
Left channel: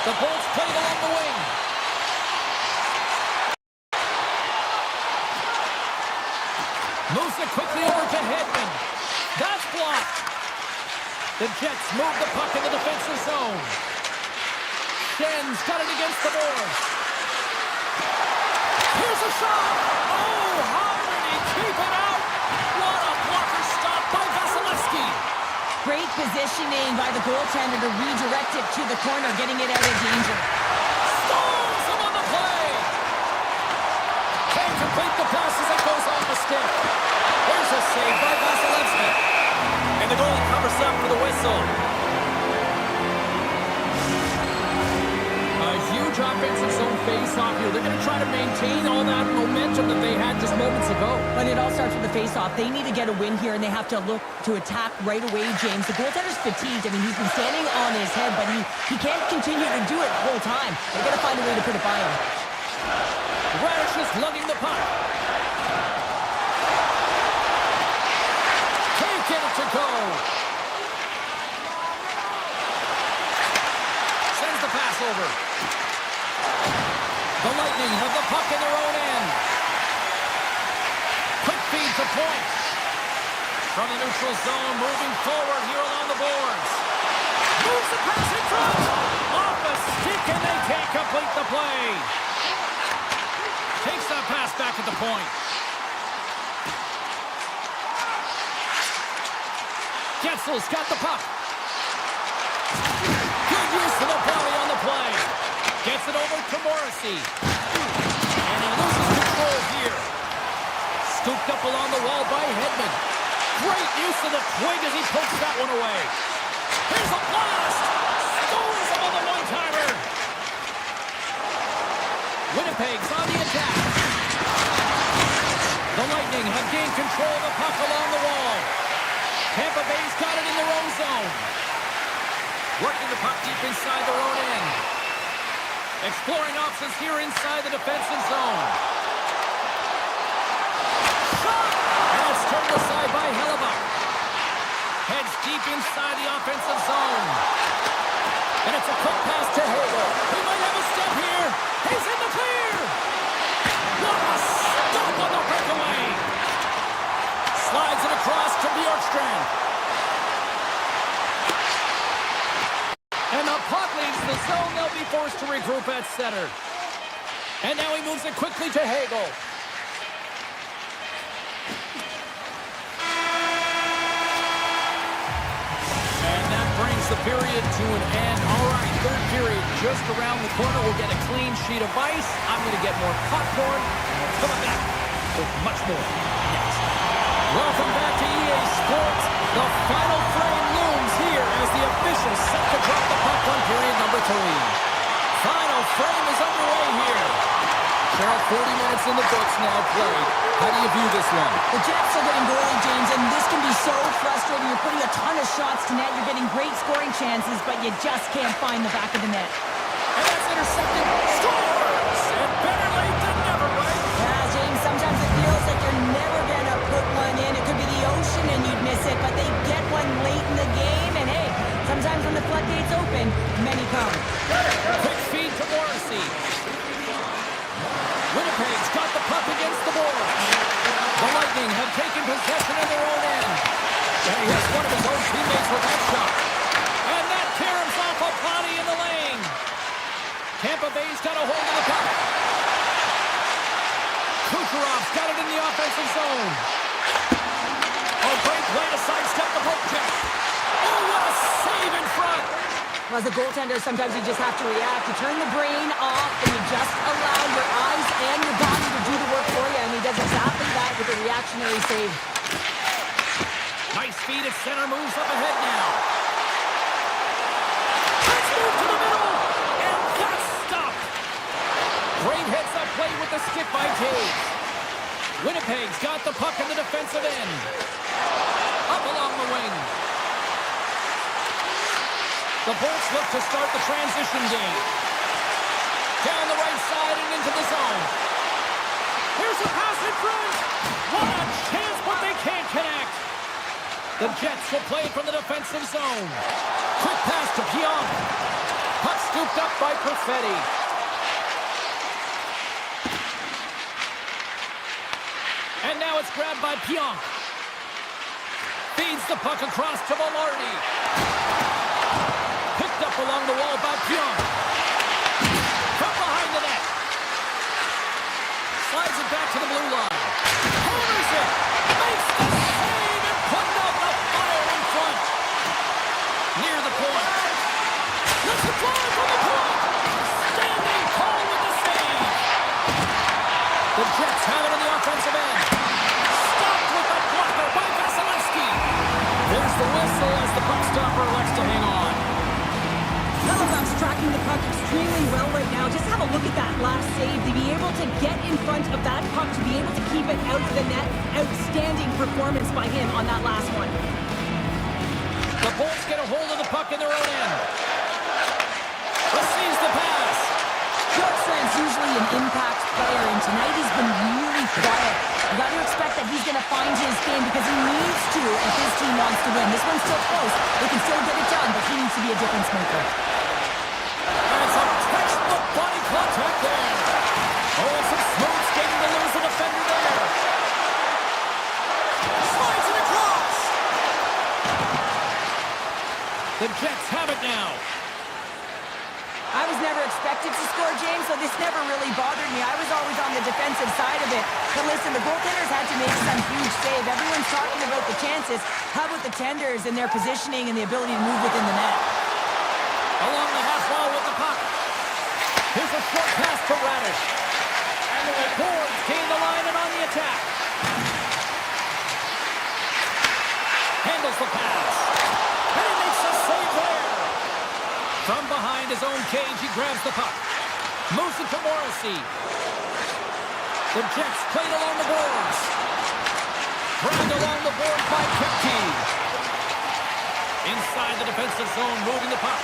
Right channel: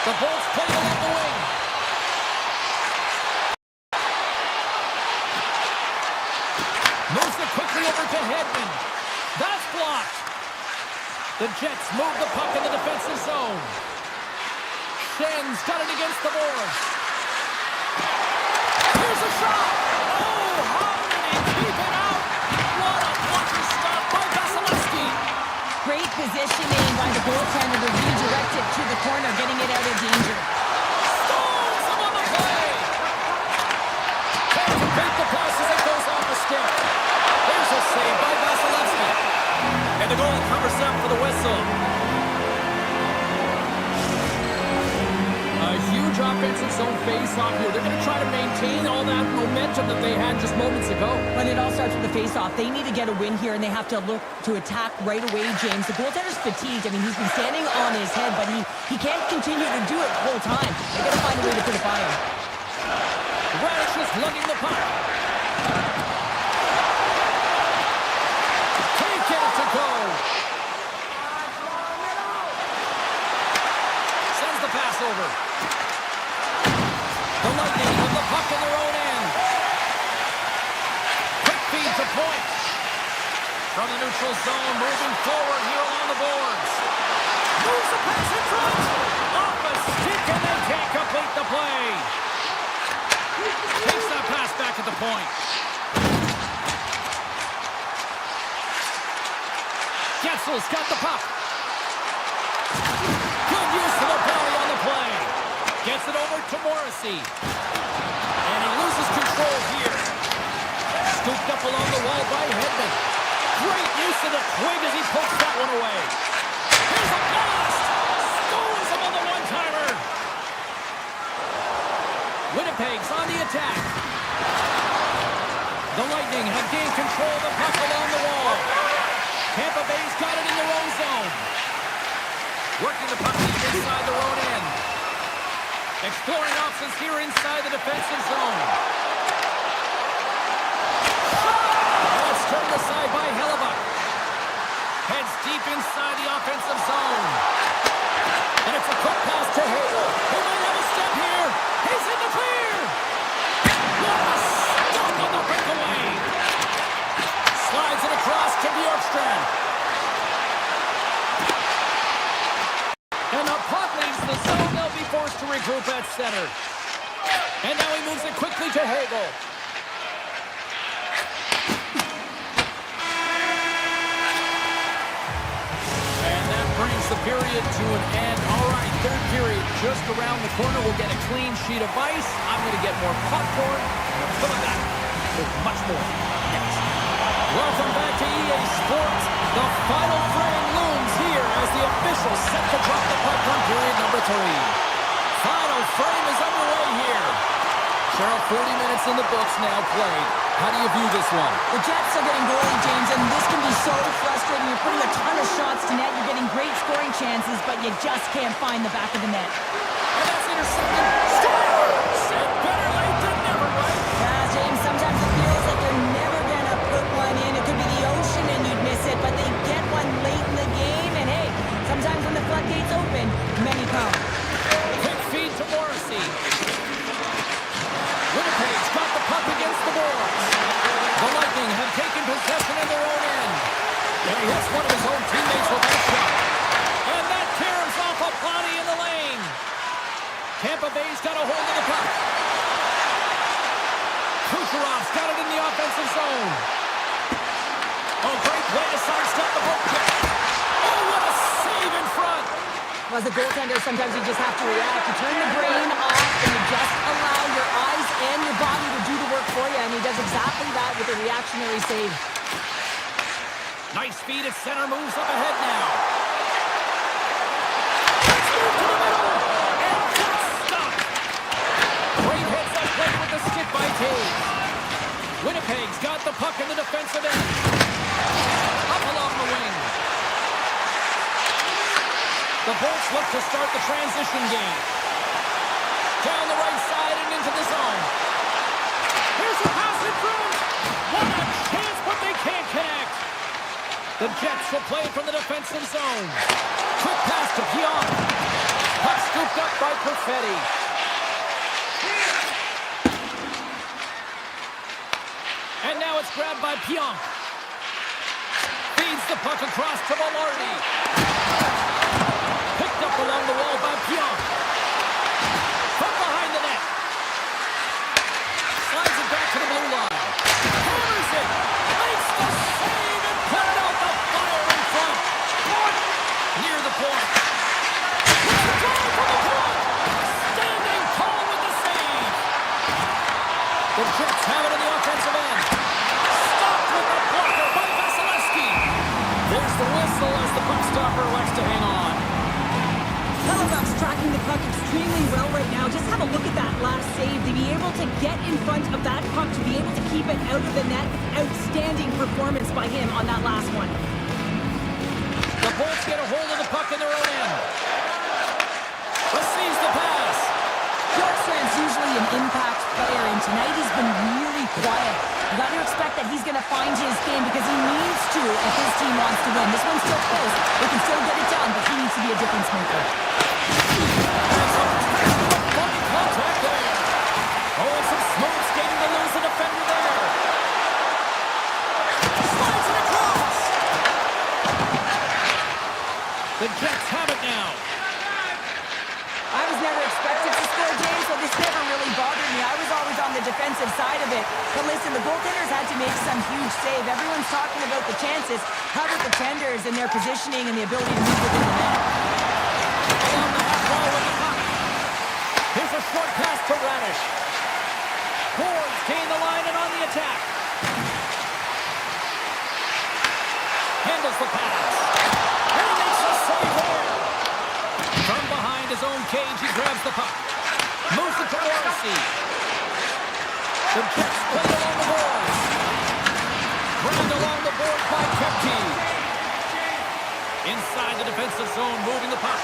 The Bolts play it along the wing. Moves it quickly over to Edmont. That's blocked. The Jets move the puck in the defensive zone. Schen's got it against the boards. Here's a shot. Oh, how did he keep it out? What a blocker stop by Vasilevsky. Great positioning by the goaltender to redirect it to the corner, getting it out of danger. Stones him on the play. Can't complete the pass as it goes off the stick. Here's a save by Vasilevsky. And the goalie covers up for the whistle. A huge offensive zone face-off here. They're going to try to maintain all that momentum that they had just moments ago. But it all starts with the face-off. They need to get a win here, and they have to look to attack right away, James. The goaltender's fatigued. I mean, he's been standing on his head, but he can't continue to do it the whole time. They got to find a way to put it by him. Radish is lugging the puck. Can't get it to go. Sends the pass over. The Lightning have the puck in their own end. Quick feed to point. From the neutral zone, moving forward here along the boards. Moves the pass in front. Off a stick, and they can't complete the play. Takes that pass back at the point. Getzel's got the puck. Good use of the belly on the play. Gets it over to Morrissey. And he loses control here. Scooped up along the wall by Edmont. Great use of the twig as he pokes that one away. Here's a blast. Scores him on the one-timer. Winnipeg's on the attack. The Lightning have gained control of the puck along the wall. Tampa Bay's got it in their own zone. Working the puck deep inside their own end. Exploring options here inside the defensive zone. Shot! And it's turned aside by Hellebuck. Heads deep inside the offensive zone. And it's a quick pass to Hagel. He might have a step here. He's in the clear. What a stop on the breakaway. Slides it across to Bjorkstrand. And the puck leaves the zone. They'll be forced to regroup at center. And now he moves it quickly to Hagel. And that brings the period to an end. All right, third period just around the corner. We'll get a clean sheet of ice. I'm going to get more popcorn. We're coming back with much more next. Welcome back to EA Sports. The final frame looms here as the officials set to drop the puck on period number 3. Final frame is underway here. Cheryl, 40 minutes in the books now played. How do you view this one? The Jets are getting goalie, James, and this can be so frustrating. You're putting a ton of shots to net. You're getting great scoring chances, but you just can't find the back of the net. And that's intercepted. Scores! And better late than never, right? Yeah, James, sometimes it feels like you're never going to put one in. It could be the ocean and you'd miss it, but they get one late in the game. And hey, sometimes when the floodgates open, many come. Quick feed to Morrissey. Winnipeg's got the puck against the boards. The Lightning have taken possession of their own end. And he hits one of his own teammates with that shot. And that caroms off a body in the lane. Tampa Bay's got a hold of the puck. Kucherov's got it in the offensive zone. Oh, great play to sidestep the poke check. Oh, what a save in front. Well, as a goaltender, sometimes you just have to react. You turn the brain off and you just allow your eyes and your body to do the work for you, and he does exactly that with a reactionary save. Nice feed at center, moves up ahead now. Let's move to the middle, and that's stopped. Great heads-up play with the stick by Taves. Winnipeg's got the puck in the defensive end. Up along the wing. The Bolts look to start the transition game. Down the right side and into the zone. Here's a pass in front. What a chance, but they can't connect. The Jets will play it from the defensive zone. Quick pass to Pionk. Puck scooped up by Perfetti. And now it's grabbed by Pionk. Feeds the puck across to Velarde. Picked up along the wall by Pionk. From behind the net. Slides it back to the blue line. Corners it. Makes the save and putting out the fire in front. Near the point. Let's drive from the point. Standing tall with the save. The Jets have it in the offensive end. Stopped with the blocker by Vasilevsky. There's the whistle as the puck stopper elects to hang on. Hellebuyck's tracking the puck extremely well right now. Just have a look at that last save. To be able to get in front of that puck, to be able to keep it out of the net. Outstanding performance by him on that last one. The Bolts get a hold of the puck in their own end. Receives the pass. Bjorkstrand's usually an impact player, and tonight he's been really quiet. You got to expect that he's going to find his game because he needs to if his team wants to win. This one's still close. They can still get it done, but he needs to be a difference maker. And some textbook body contact there. Oh, and some smooth skating to lose the defender there. Slides it across. The Jets have it now. I was never expected to score, James, so this never really bothered me. I was always on the defensive side of it. But listen, the goaltenders had to make some huge save. Everyone's talking about the chances. How about the tenders and their positioning and the ability to move within the net? Along the half wall with the puck. Here's a short pass to Radish. Boards gain the line and on the attack. Handles the pass. And he makes a save there. From behind his own cage, he grabs the puck. Moves it to Morrissey. The Jets played along the boards. Dragged along the boards by Kepke. Inside the defensive zone, moving the puck.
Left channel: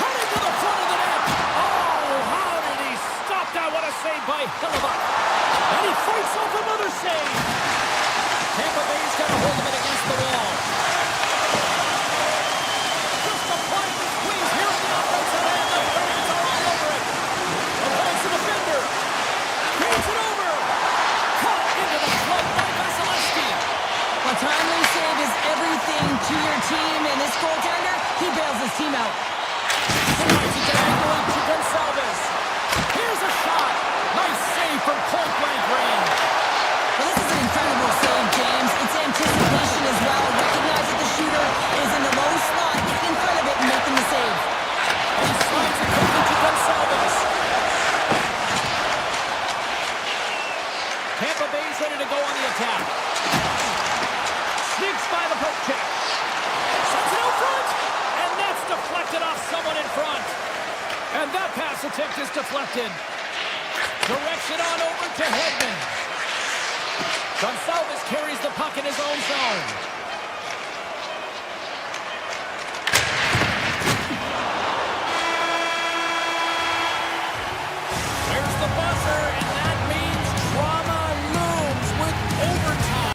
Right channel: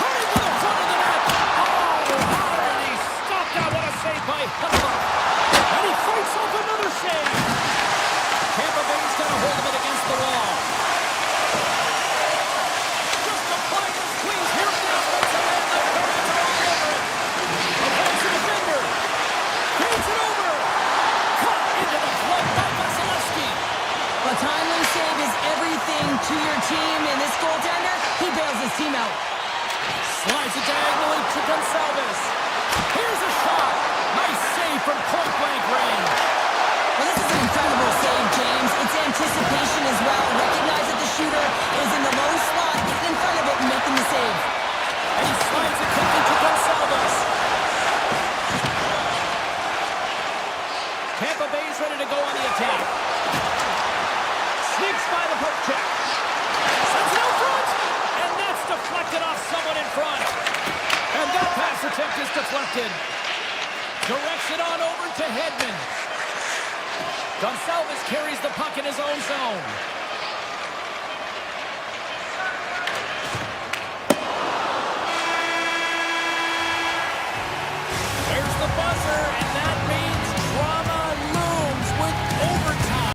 Cutting to the front of the net. Oh, how did he stop that? What a save by Hellebuyck. And he fights off another save. Tampa Bay's got a hold of it against the wall. Applying the squeeze here at the offensive end. The Barons are all over it. Avoids the defender. Feeds it over. Cut into the flood by Vasilevsky. A timely save is everything to your team, and this goaltender, he bails his team out. Slides it diagonally to Gonsalves. Here's a shot. Nice save from point-blank range. Well, this is an incredible save, James. It's anticipation as well. Recognize that the shooter is in the low slot, getting in front of it and making the save. And he slides it quickly to Gonsalves. Tampa Bay's ready it off someone in front. And that pass attempt is deflected. Direction on over to Edmont. Gonçalves carries the puck in his own zone. There's the buzzer, and that means drama looms with overtime.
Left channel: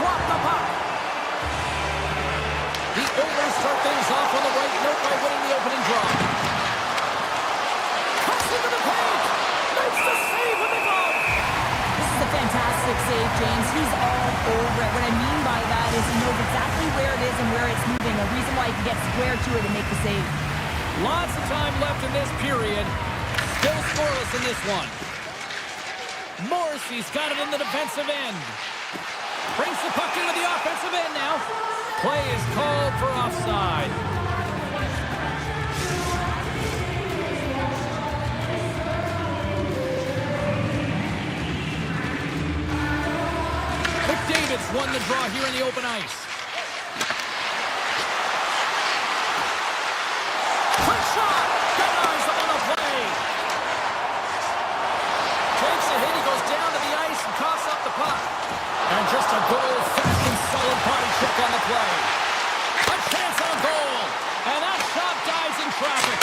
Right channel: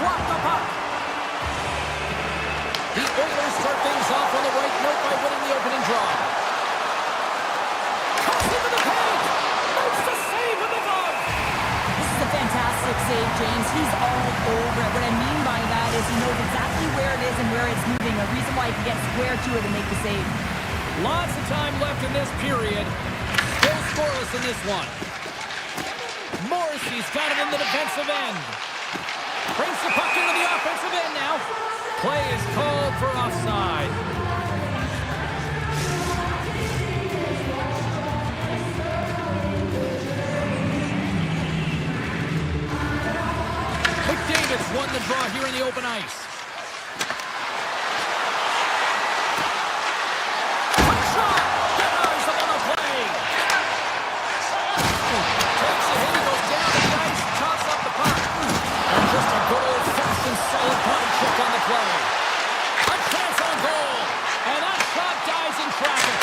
drop the puck. The Oilers start things off on the right note by winning the opening draw. Cuts into the paint. Makes the save with the glove. This is a fantastic save, James. He's all over it. What I mean by that is he knows exactly where it is and where it's moving. A reason why he can get square to it and make the save. Lots of time left in this period. Still scoreless in this one. Morrissey's got it in the defensive end. Brings the puck into the offensive end now. Play is called for offside. McDavid's won the draw here in the open ice. Quick shot! Denies him on the play. Takes a hit, he goes down to the ice and coughs up the puck. And just a good old-fashioned solid body check on the play. A chance on goal. And that shot dies in traffic.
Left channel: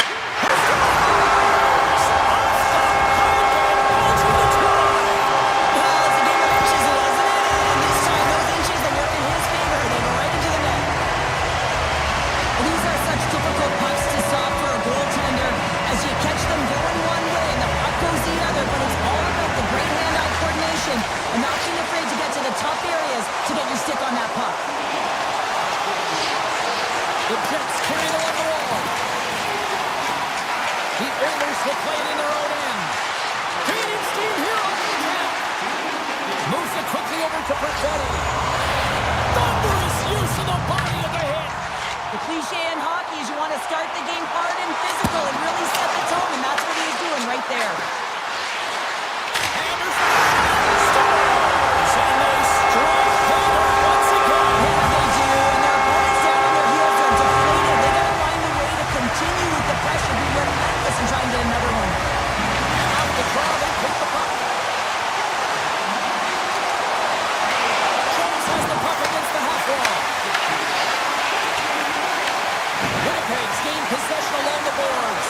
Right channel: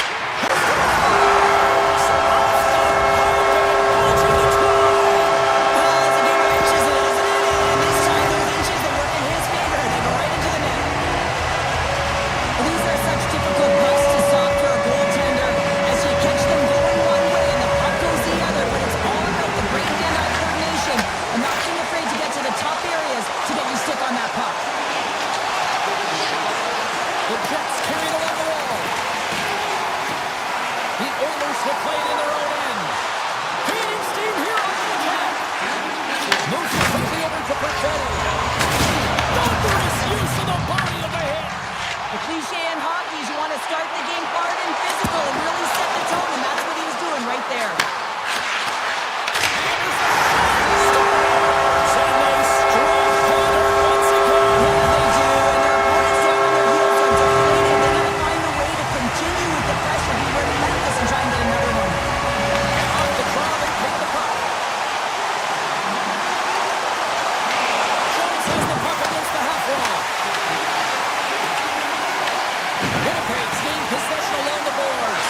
Difficult pucks to stop for a goaltender as you catch them going one way and the puck goes the other, but it's all about the great hand-eye coordination and not being afraid to get to the tough areas to get your stick on that puck. The Jets carry it along the wall. The Oilers will play it in their own end. Gaining steam here on the attack. Moves it quickly over to Perfetti. Thunderous use of the body of the hit. The cliche in hockey is you want to start the game hard and physical and really set the tone, and that's what he was doing right there. And there's a shot. Scores! And they strike harder once again. Yeah, they do, and their opponents down on their heels are deflated. They got to find a way to continue with the pressure, be relentless, and try and get another one. And out the draw, they pick the puck. Jones has the puck against the half wall. Winnipeg's gained possession along the boards.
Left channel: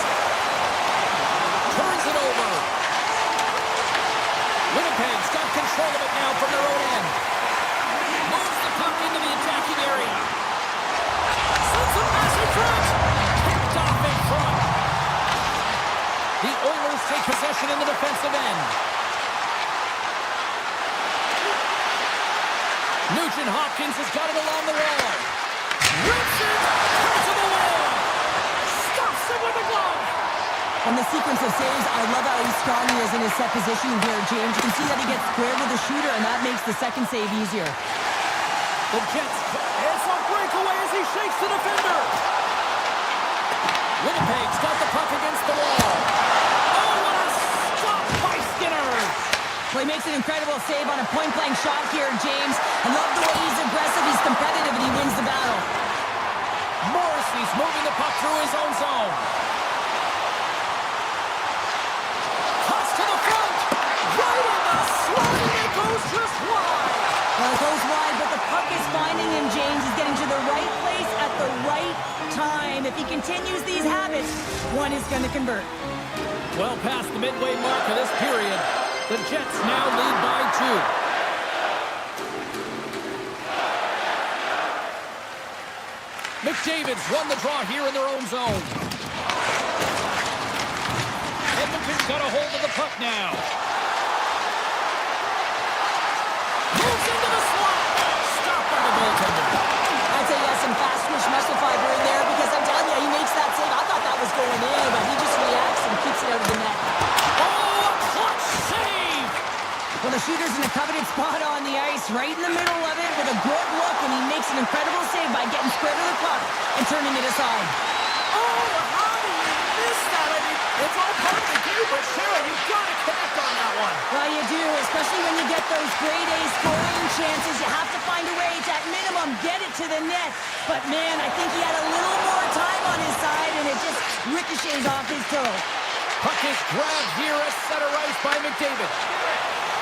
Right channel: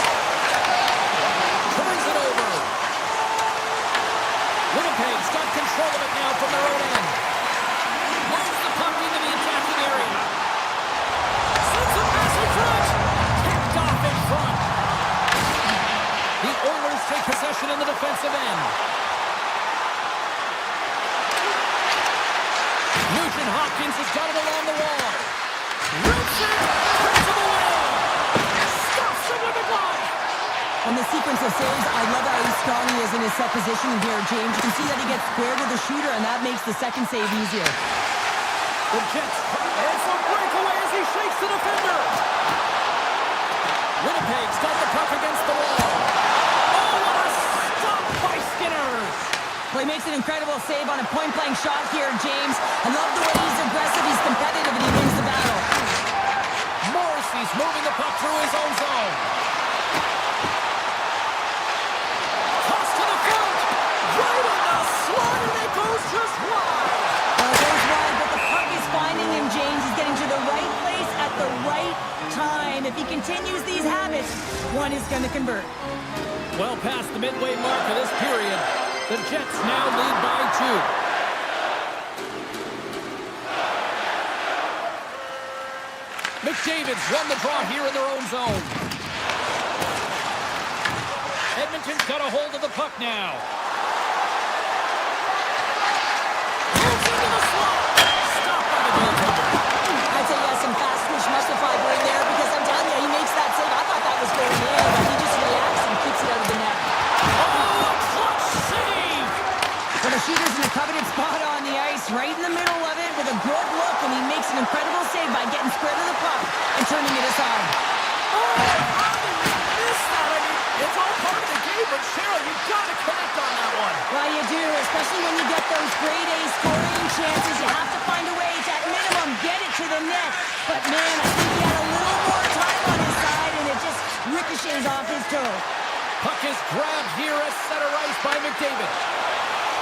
Turns it over. Winnipeg's got control of it now from their own end. Moves the puck into the attacking area. Sends a pass in front. Picked off in front. The Oilers take possession in the defensive end. Nugent Hopkins has got it along the wall. Rips it, turns him away. Stops him with a glove. On the sequence of saves, I love how strong he is in his set positioning here, James. You can see that he gets square to the shooter, and that makes the second save easier. The Jets, it's a breakaway as he shakes the defender. Winnipeg's got the puck against the wall. Oh, what a stop by Skinner. Well, he makes an incredible save on a point-blank shot here, James. I love the way he's aggressive, he's competitive, and he wins the battle. Morrissey's moving the puck through his own zone. Toss to the front. Right in the slot, and it goes just wide. Well, it goes wide, but the puck is finding him, James. He's getting to the right place at the right time. If he continues these habits, one is going to convert. Well past the midway mark of this period, the Jets now lead by 2. McDavid's won the draw here in their own zone. Edmonton's got a hold of the puck now. Moves into the slot. Stopped by the goaltender. I'd say he has some fast-twitch muscle fiber in there because I'm telling you, he makes that save. I thought that was going in, but he just reacts and keeps it out of the net. Oh, a clutch save! Well, the shooter's in a coveted spot on the ice, right in the middle of it with a good look, and he makes an incredible save by getting square to the puck and turning it aside. Oh, how did you miss that? I mean, it's all part of the game, but Cheryl, you've got to connect on that one. Well, you do, especially when you get those grade A scoring chances. You have to find a way to, at minimum, get it to the net. But, man, I think he had a little more time on his side, and it just ricochets off his toe. Puck is grabbed here at center ice by McDavid.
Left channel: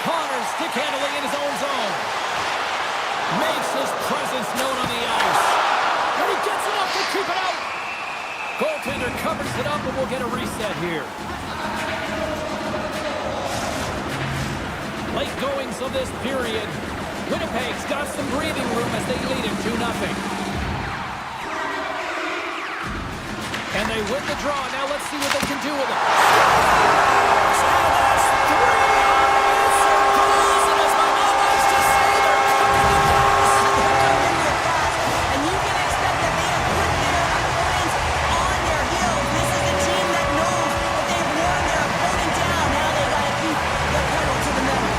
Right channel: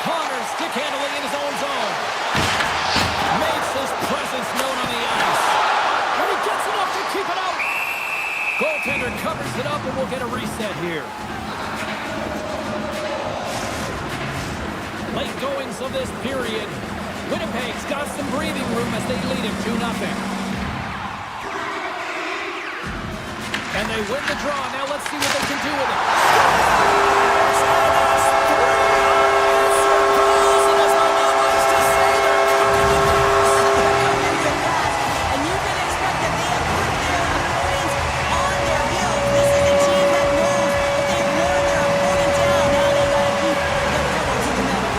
Connors stick handling in his own zone. Makes his presence known on the ice. And he gets enough to keep it out. Goaltender covers it up, and we'll get a reset here. Late goings of this period. Winnipeg's got some breathing room as they lead it 2-0. And they win the draw. Now let's see what they can do with it. Scores! And that's 3 unanswered goals. And as my mom likes to say, they're cooking with gas. They're cooking with gas. And you can expect that they have put their opponents on their heels. This is a team that knows that they've worn their opponent down. Now they got to keep the pedal to the metal.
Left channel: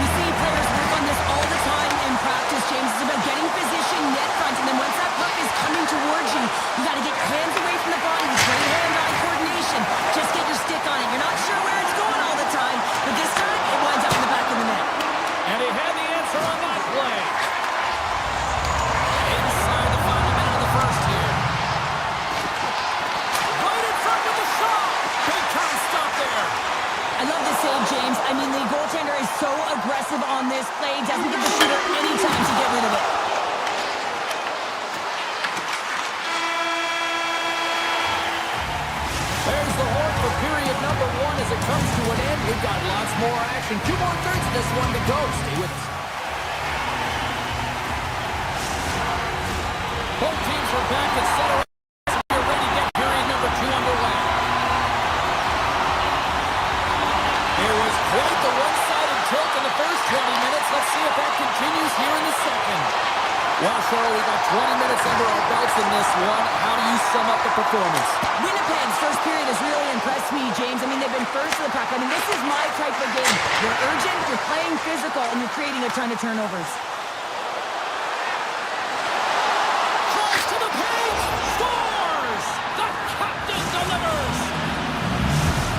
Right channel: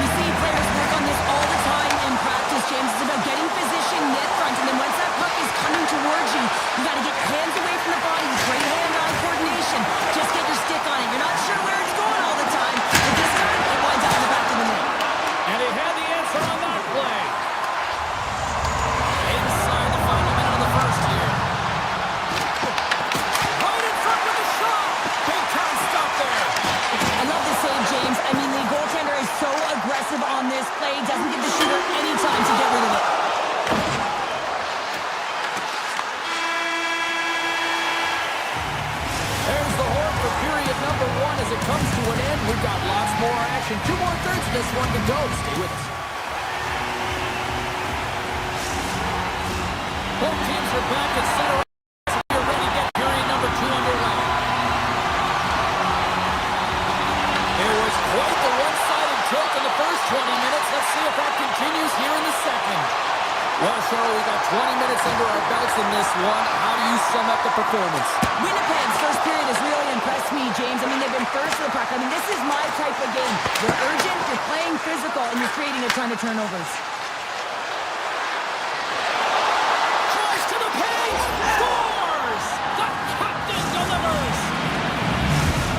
You see players work on this all the time in practice, James. It's about getting position net front, and then once that puck is coming towards you, you got to get your hands away from the body with great hand-eye coordination. Just get your stick on it. You're not sure where it's going all the time, but this time it winds up in the back of the net. And he had the answer on that play. Inside the final minute of the first here. Right in front with the shot. Big time stop there. I love the save, James. I mean, the goaltender is so aggressive on this play. Doesn't give the shooter any time to get rid of it. There's the horn for period number 1 as it comes to an end. We've got lots more action. 2 more thirds of this one to go. Stay with us. Both teams are back at center. We're ready to get period number 2 underway. There was quite the one-sided tilt in the first 20 minutes. Let's see if that continues here in the second. Well, Cheryl, we got 20 minutes under our belts in this one. How do you sum up the performance? Winnipeg's first period has really impressed me, James. I mean, they've been first to the puck. I mean, this is my type of game. You're urgent, you're playing physical, and you're creating a ton of turnovers. Tries to the paint! Scores! The captain delivers!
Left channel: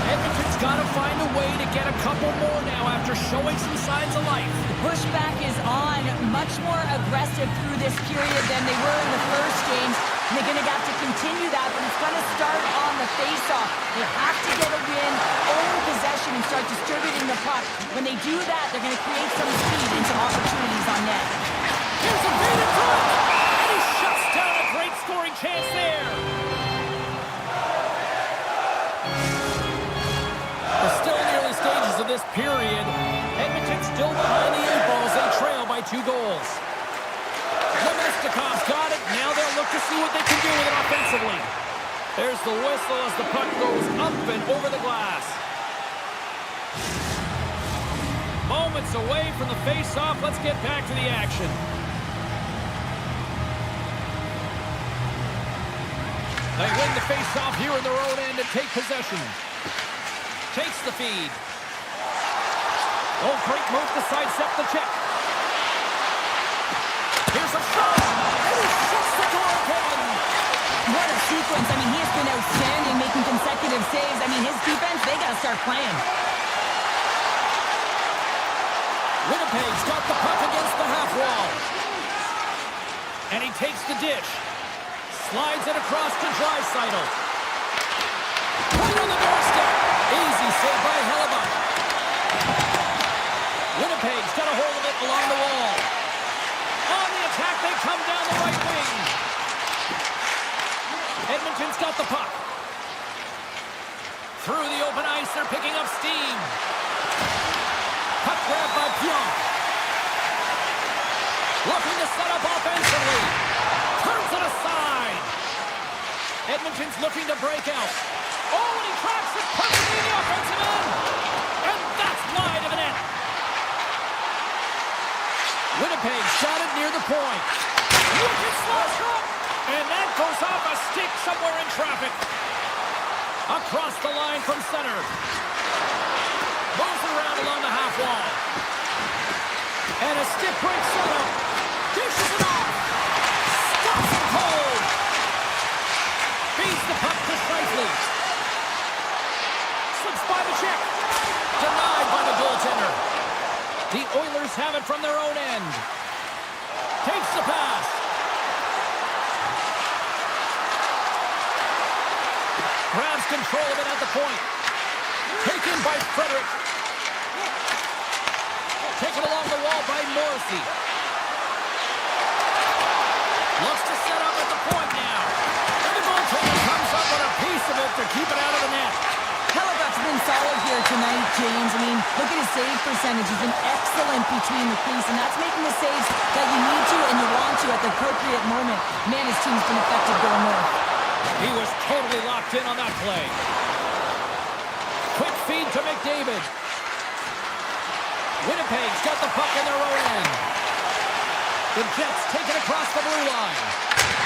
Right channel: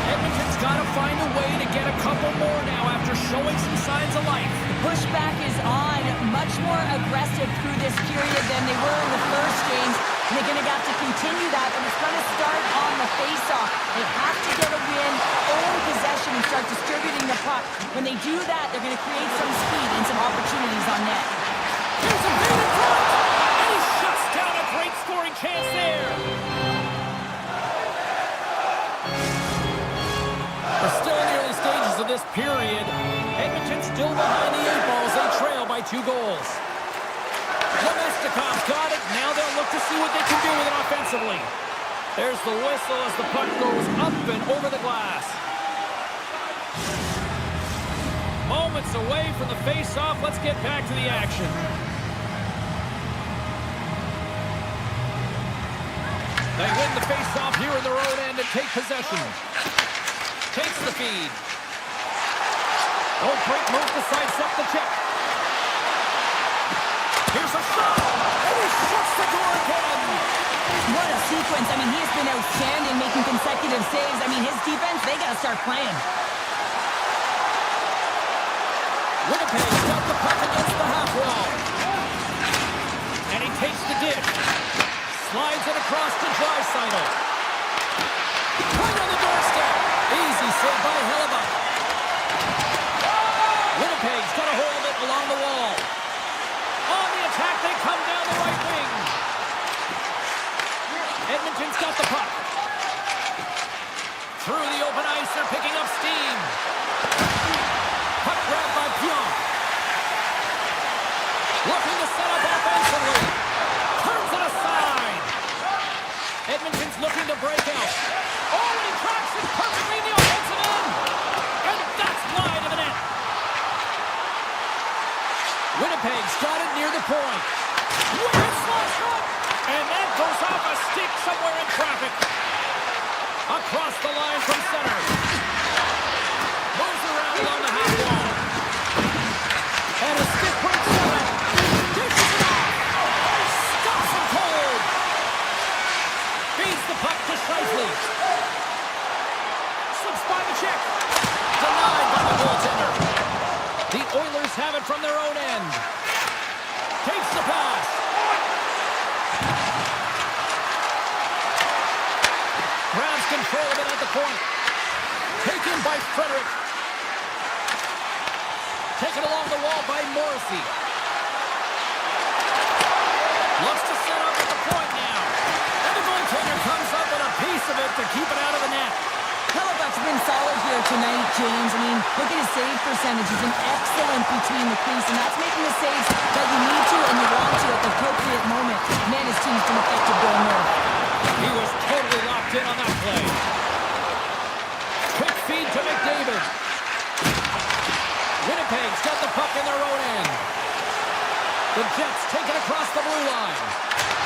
Edmonton's got to find a way to get a couple more now after showing some signs of life. The pushback is on, much more aggressive through this period than they were in the first, James. And they're going to have to continue that, but it's going to start on the face-off. They have to get a win, own possession, and start distributing the puck. When they do that, they're going to create some speed and some opportunities on net. Here's a beat in front! And he shuts down a great scoring chance there. We're still in the early stages of this period. Edmonton still behind the 8 balls. They trail by 2 goals. Nemestikov's got it. Now they'll look to see what they can do with it offensively. There's the whistle as the puck goes up and over the glass. Moments away from the face-off. Let's get back to the action. They win the face-off here in their own end and take possession. Takes the feed. Don't break move to sidestep the check. Here's a shot, and he shuts the door again. What a sequence. I mean, he has been outstanding, making consecutive saves. I mean, his defense, they got to start playing. Winnipeg's got the puck against the half wall. And he takes the dish. Slides it across to Draisaitl. Right on the doorstep. Easy save by Hellebuck. Winnipeg's got a hold of it along the wall. On the attack, they come down the right wing. Edmonton's got the puck. Through the open ice, they're picking up steam. Puck grab by Pionk. Looking to set up offensively. Turns it aside. Edmonton's looking to break out. Oh, and he tracks it perfectly in the offensive end. And that's wide of the net. Winnipeg's got it near the point. Wicked slot shot. And that goes off a stick somewhere in traffic. Across the line from center. Moves around along the half wall. And a stick break setup. Dishes it off. Stops him cold. Feeds the puck to Scheifele. Slips by the check. Denied by the goaltender. The Oilers have it from their own end. Takes the pass. Grabs control of it at the point. Taken by Frederick. Taken along the wall by Morrissey. Looks to set up at the point now. And the goaltender comes up with a piece of it to keep it out of the net. Hellebuck's been solid here tonight, James. I mean, look at his save percentage. He's been excellent between the crease, and that's making the saves that you need to and you want to at the appropriate moment. Man, his team's been effective going north. He was totally locked in on that play. Quick feed to McDavid. Winnipeg's got the puck in their own end. The Jets take it across the blue line.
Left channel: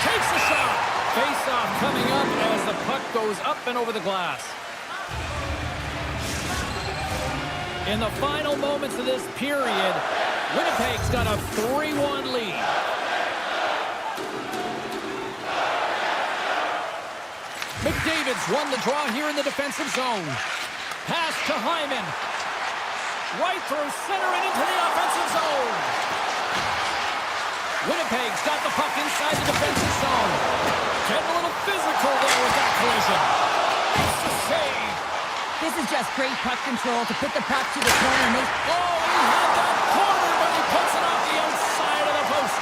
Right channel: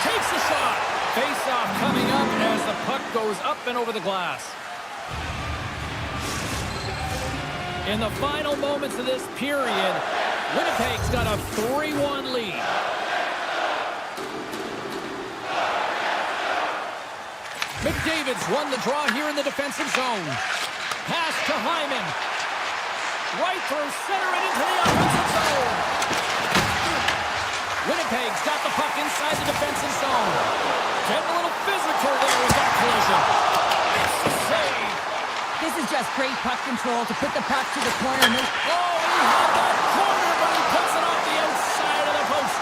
Takes a shot. Face-off coming up as the puck goes up and over the glass. In the final moments of this period, Winnipeg's got a 3-1 lead. McDavid's won the draw here in the defensive zone. Pass to Hyman. Right through center and into the offensive zone. Winnipeg's got the puck inside the defensive zone. Getting a little physical there with that collision. Makes the save. This is just great puck control to put the puck to the corner. Oh, he had that corner, but he puts it off the outside of the post.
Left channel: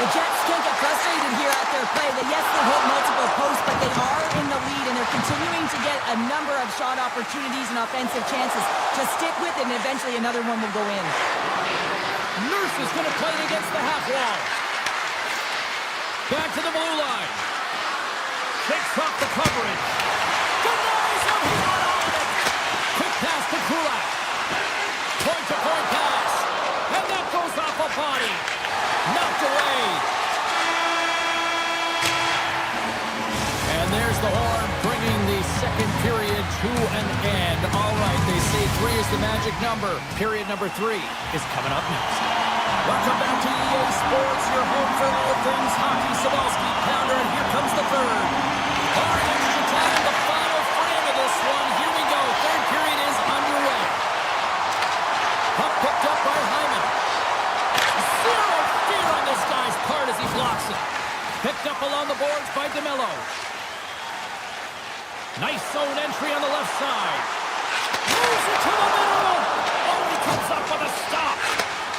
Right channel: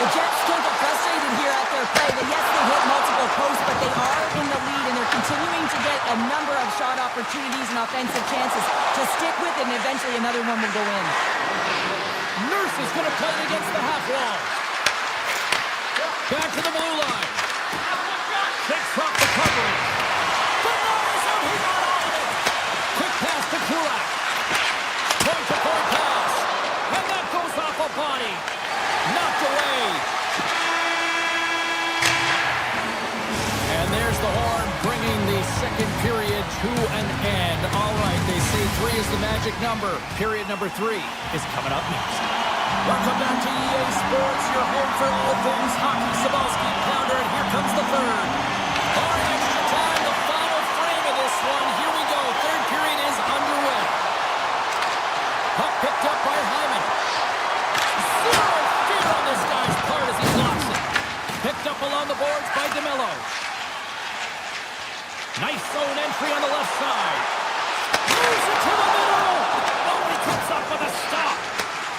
The Jets can't get frustrated here at their play. Yes, they've hit multiple posts, but they are in the lead, and they're continuing to get a number of shot opportunities and offensive chances to stick with it, and eventually another one will go in. Nurse is going to play it against the half wall. Back to the blue line. Shakes off the coverage. Denies him. He got all of it. Quick pass to Kulak. Point-to-point pass. And that goes off a body. Knocked away. And there's the horn, bringing the second period to an end. All right, they say 3 is the magic number. Period number 3 is coming up next. Welcome back to EA Sports, your home for all things hockey. Sabalski, Pounder, and here comes the third. Our extra time, the final frame of this one. Here we go. Third period is underway. Puck picked up by Hyman. Zero fear on this guy's part as he blocks it. Picked up along the boards by DeMello. Nice zone entry on the left side. Moves it to the middle. Oh, he comes up with a stop.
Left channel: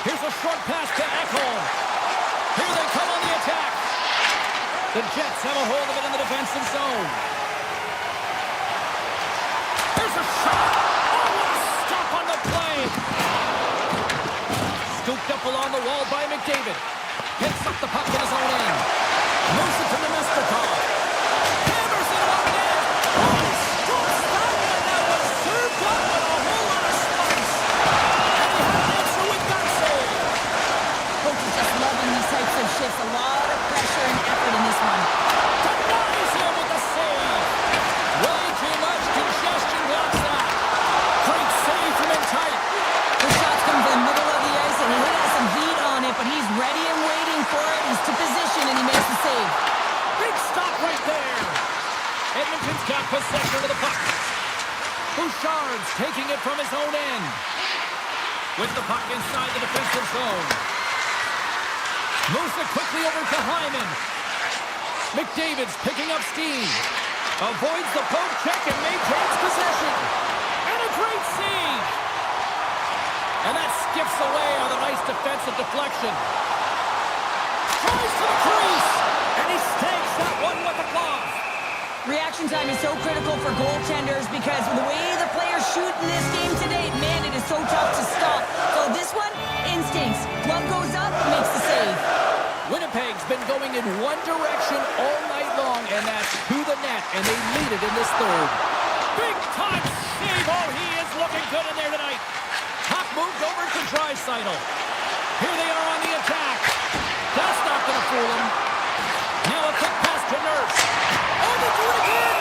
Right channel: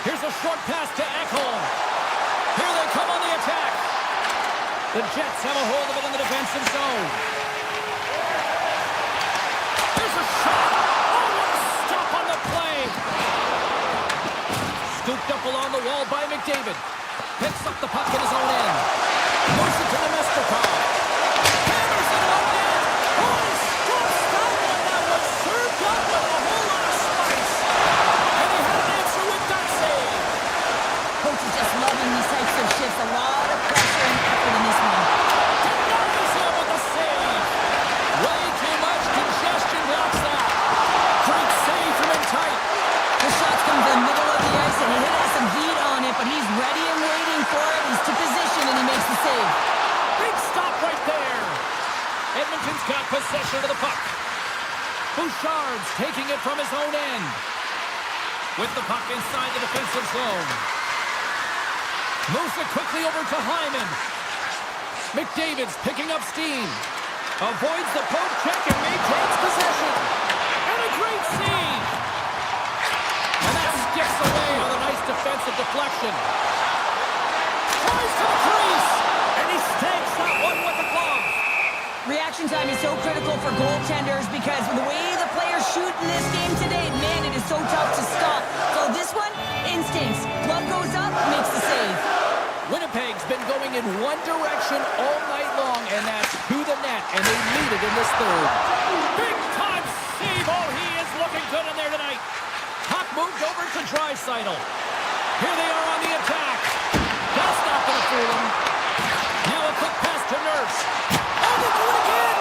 Here's a short pass to Ekholm. Here they come on the attack. The Jets have a hold of it in the defensive zone. Here's a shot. Oh, what a stop on the play. Scooped up along the wall by McDavid. Picks up the puck in his own end. Moves it to Nemestikov. Hammers it on net. Oh, he scoops that one. That was served up with a whole lot of spice. And he had an answer with that save. Coach is just loving these types of shifts. A lot of pressure and effort in this one. Denies him with the save. Way too much congestion blocks that. Great save from in tight. The shots come from the middle of the ice, and he has some heat on it, but he's ready and waiting for it. He's to position, and he makes the save. Big stop right there. Edmonton's got possession of the puck. Bouchard's taking it from his own end. With the puck inside the defensive zone. Moves it quickly over to Hyman. McDavid's picking up steam. Avoids the poke check and maintains possession. And a great save. And that skips away on a nice defensive deflection. Tries to the crease. And he stakes that one with the glove. Reaction time is so critical for goaltenders because the way the players shoot in this game today, man, it is so tough to stop. So this one, instincts. Glove goes up, makes the save. Winnipeg's been going in one direction all night long, and that's to the net, and they lead it in this third. Big-time save. Oh, he is looking good in there tonight. Puck moved over to Draisaitl. Here they are on the attack. That's not going to fool him. Now a quick pass to Nurse. Oh, they do it again!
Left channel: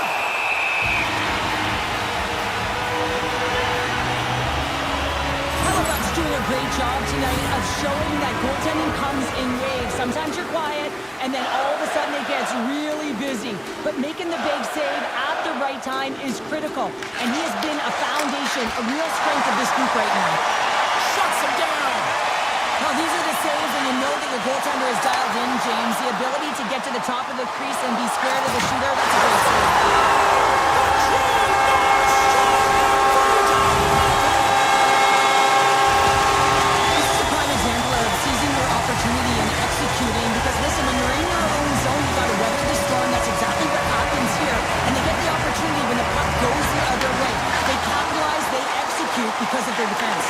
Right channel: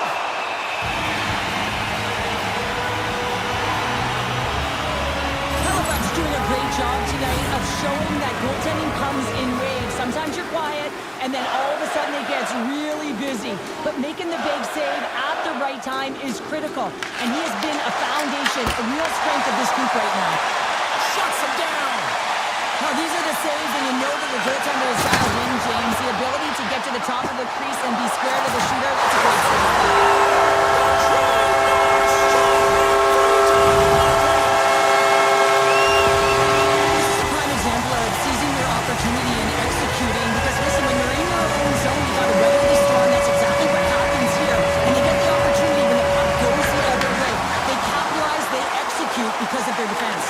Hellebuck's doing a great job tonight of showing that goaltending comes in waves. Sometimes you're quiet, and then all of a sudden it gets really busy. But making the big save at the right time is critical. And he has been a foundation, a real strength of this group right now. Shuts him down! Now, these are the saves, and you know that your goaltender is dialed in, James. The ability to get to the top of the crease and be square to the shooter, that's a great save. This is a prime example of seizing your opportunity and executing, because listen, when you're in your own zone, you got to weather the storm. That's exactly what happens here. And they get the opportunity when the puck goes the other way. because of their defense.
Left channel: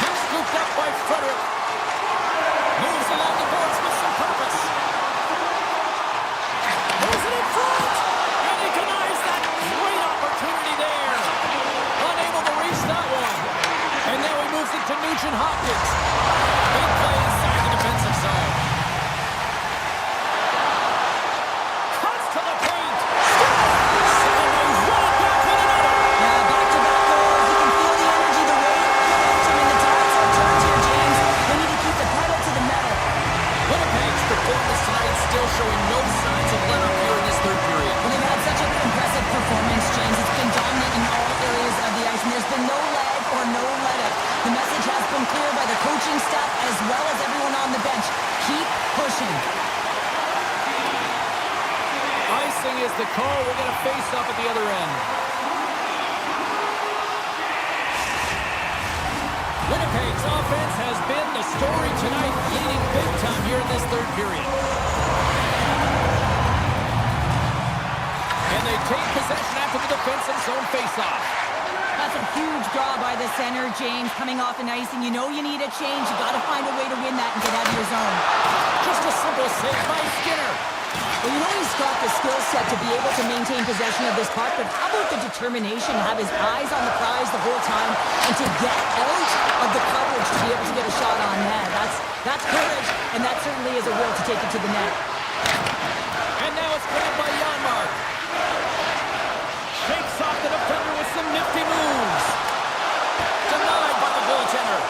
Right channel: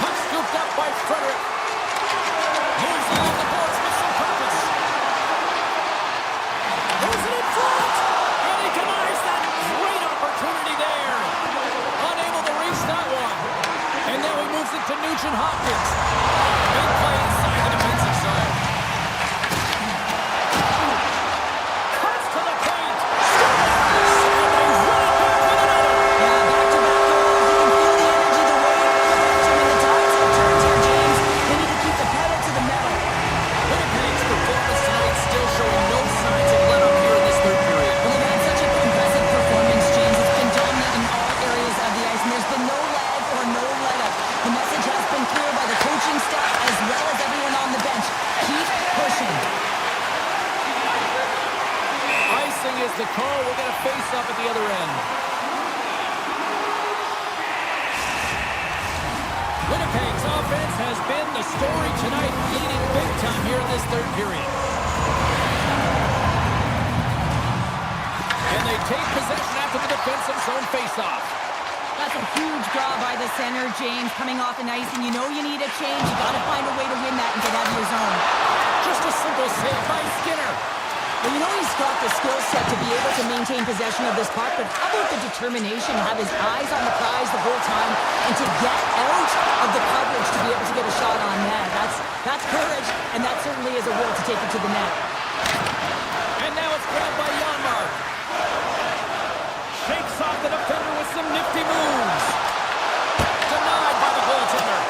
Puck scooped up by Frederick. Moves along the boards with some purpose. Moves it in front. And he denies that great opportunity there. Unable to reach that one. And now he moves it to Nugent Hopkins. Big play inside the defensive zone. Cuts to the paint. Scores! And they run it back with another. Yeah, back-to-back goals. You can feel the energy, the wave, the momentum, and the tides have turned here, James. They need to keep the pedal to the metal. Winnipeg's performance tonight still showing no signs of let-up here in this third period. Well, they've had such an impressive performance, James. It's been dominant in all areas of the ice, and there's been no lag or no let-up. The message has been clear by the coaching staff as well as everyone on the bench. Keep pushing. Icing is the call. We're going to face up at the other end. Winnipeg's offense has been the story tonight, leading big time here in this third period. And they take possession after the defensive zone faceoff. That's a huge draw by the center, James, coming off an ice, and you know you need a change. You got to find a way to win that and get out of your zone. Just a simple save by Skinner. Well, you know he's got the skill set to be able to maintain possession of this puck, but how about the determination to have his eyes on the prize the whole time and to get out of the coverage to be able to get a shot on net? That's courage, and that certainly is a will to take it to the net. And now it's grabbed by Janmark. Shakes off the defender with some nifty moves. Denied by the goaltender.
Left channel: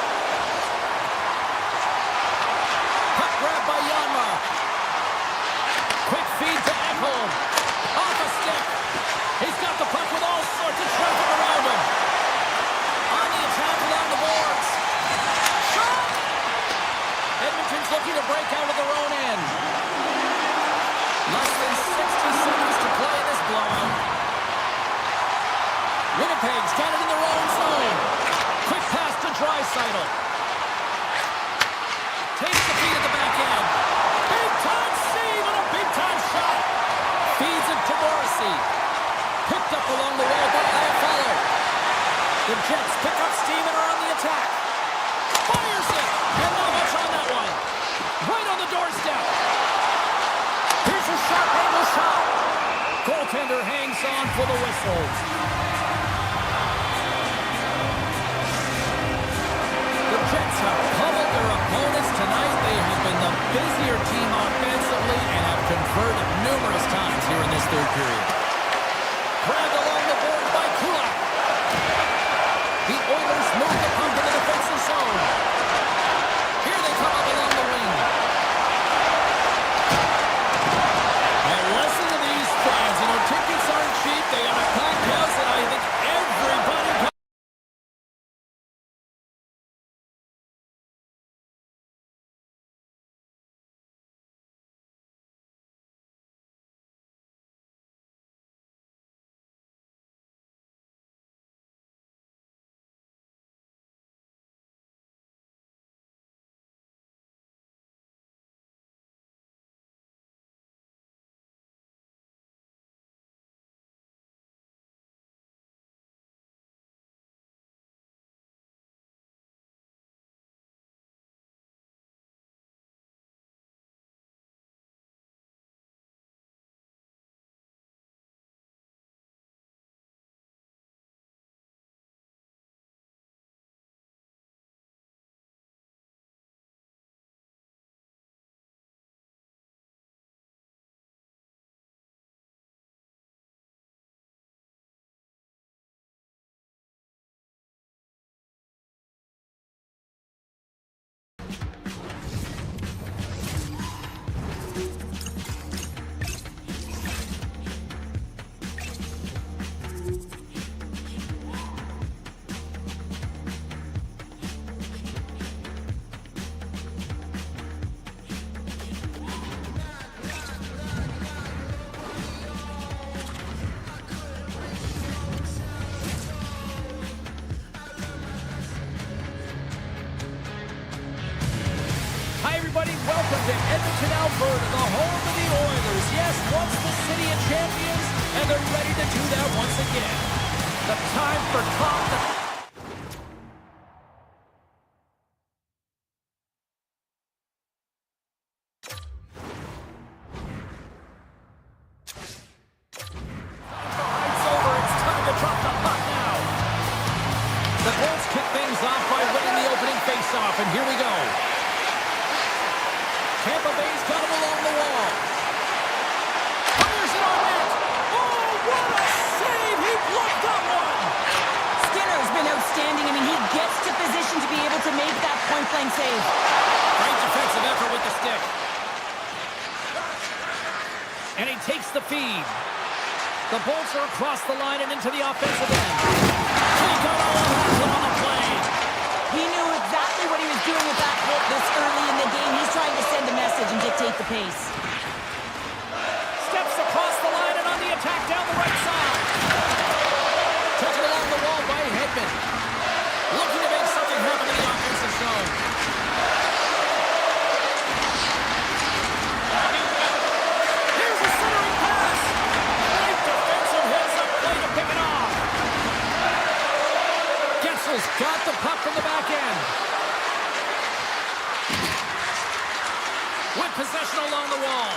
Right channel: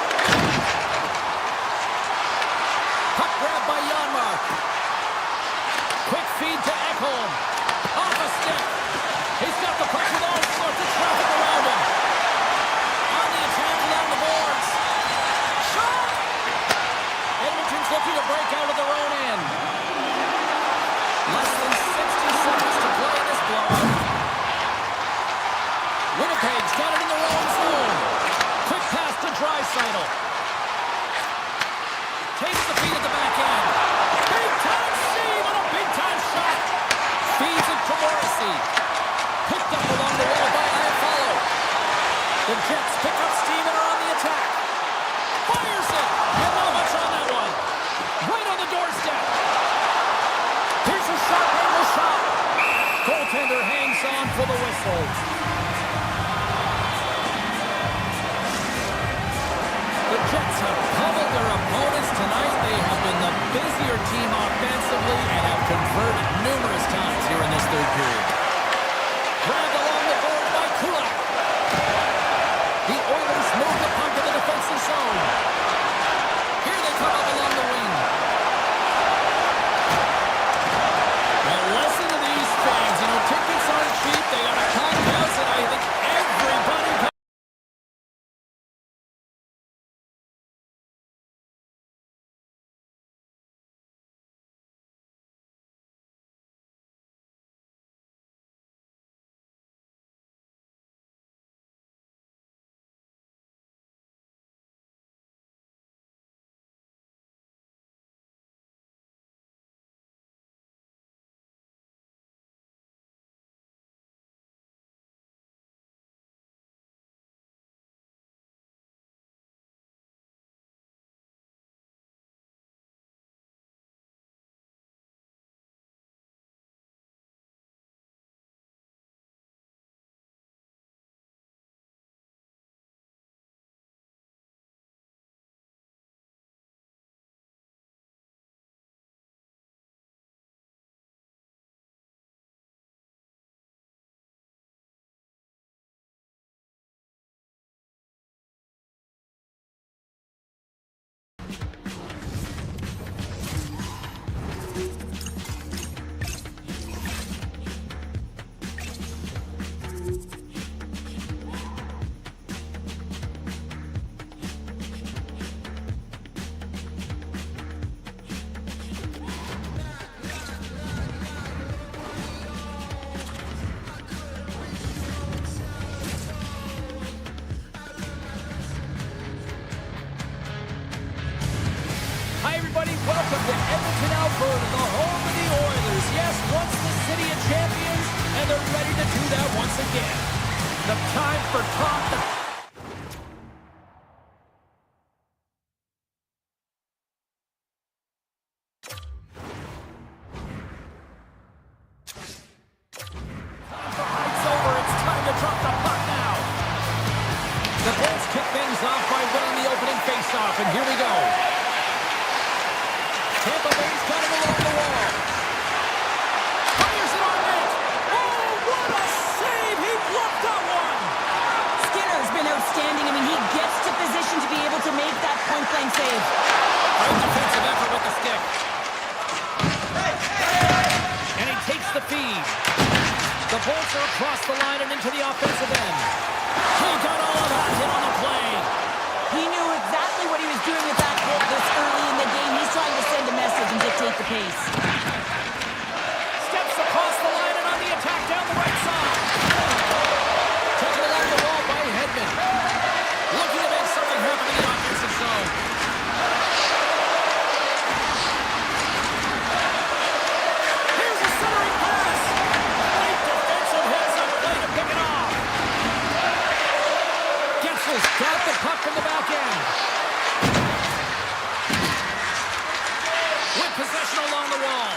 Puck grabbed by Janmark. Quick feed to Ekholm. Off a stick. He's got the puck with all sorts of traffic around him. On the attack along the boards. Shot! Edmonton's looking to break out of their own end. Less than 60 seconds to play in this blowout. Winnipeg's got it in their own zone. Quick pass to Draisaitl. Takes the feed at the back end. Big-time save and a big-time shot. Feeds it to Morrissey. Picked up along the wall by Iafallo. The Jets pick up steam and are on the attack. Fires it. And not much on that one. Right on the doorstep. Here's a sharp angle shot. Goaltender hangs on for the whistles. The Jets have pummeled their opponents tonight. They have been the busier team offensively and have converted numerous times here in this third period. Grabbed along the board by Kulak. The Oilers move the puck to the defensive zone. Here they come up along the wing. And listen to these fans. You know, tickets aren't cheap. They got a packed house, and I think everybody comes. Hi, everybody. Welcome to Edmonton, Alberta, the home of the Oilers. Yes, once the city of champions, and they're ready to do that once again. The time for talk. things off by winning the opening faceoff, and here we go. Tampa Bay's got it along the wall. Fires it on net. Oh, what a save! He blocked that one. Skinner's been outstanding. I mean, he gets to position to be able to make that point-blank save. Great defensive effort with the stick. And he takes the feed. The Bolts are across the line and into the offensive end. He got all of that hit on the play. He knew exactly what he was doing with that hit this early in the game. He's trying to send a message and dictate the pace. Steps across the line and on the attack down the right side. Taken along the wall by Edmont. Looking to make something happen in the offensive zone. Here's a centering pass. Great defensive hits on play to pick it off. Getzel's got the puck from the back end. With possession along the wall.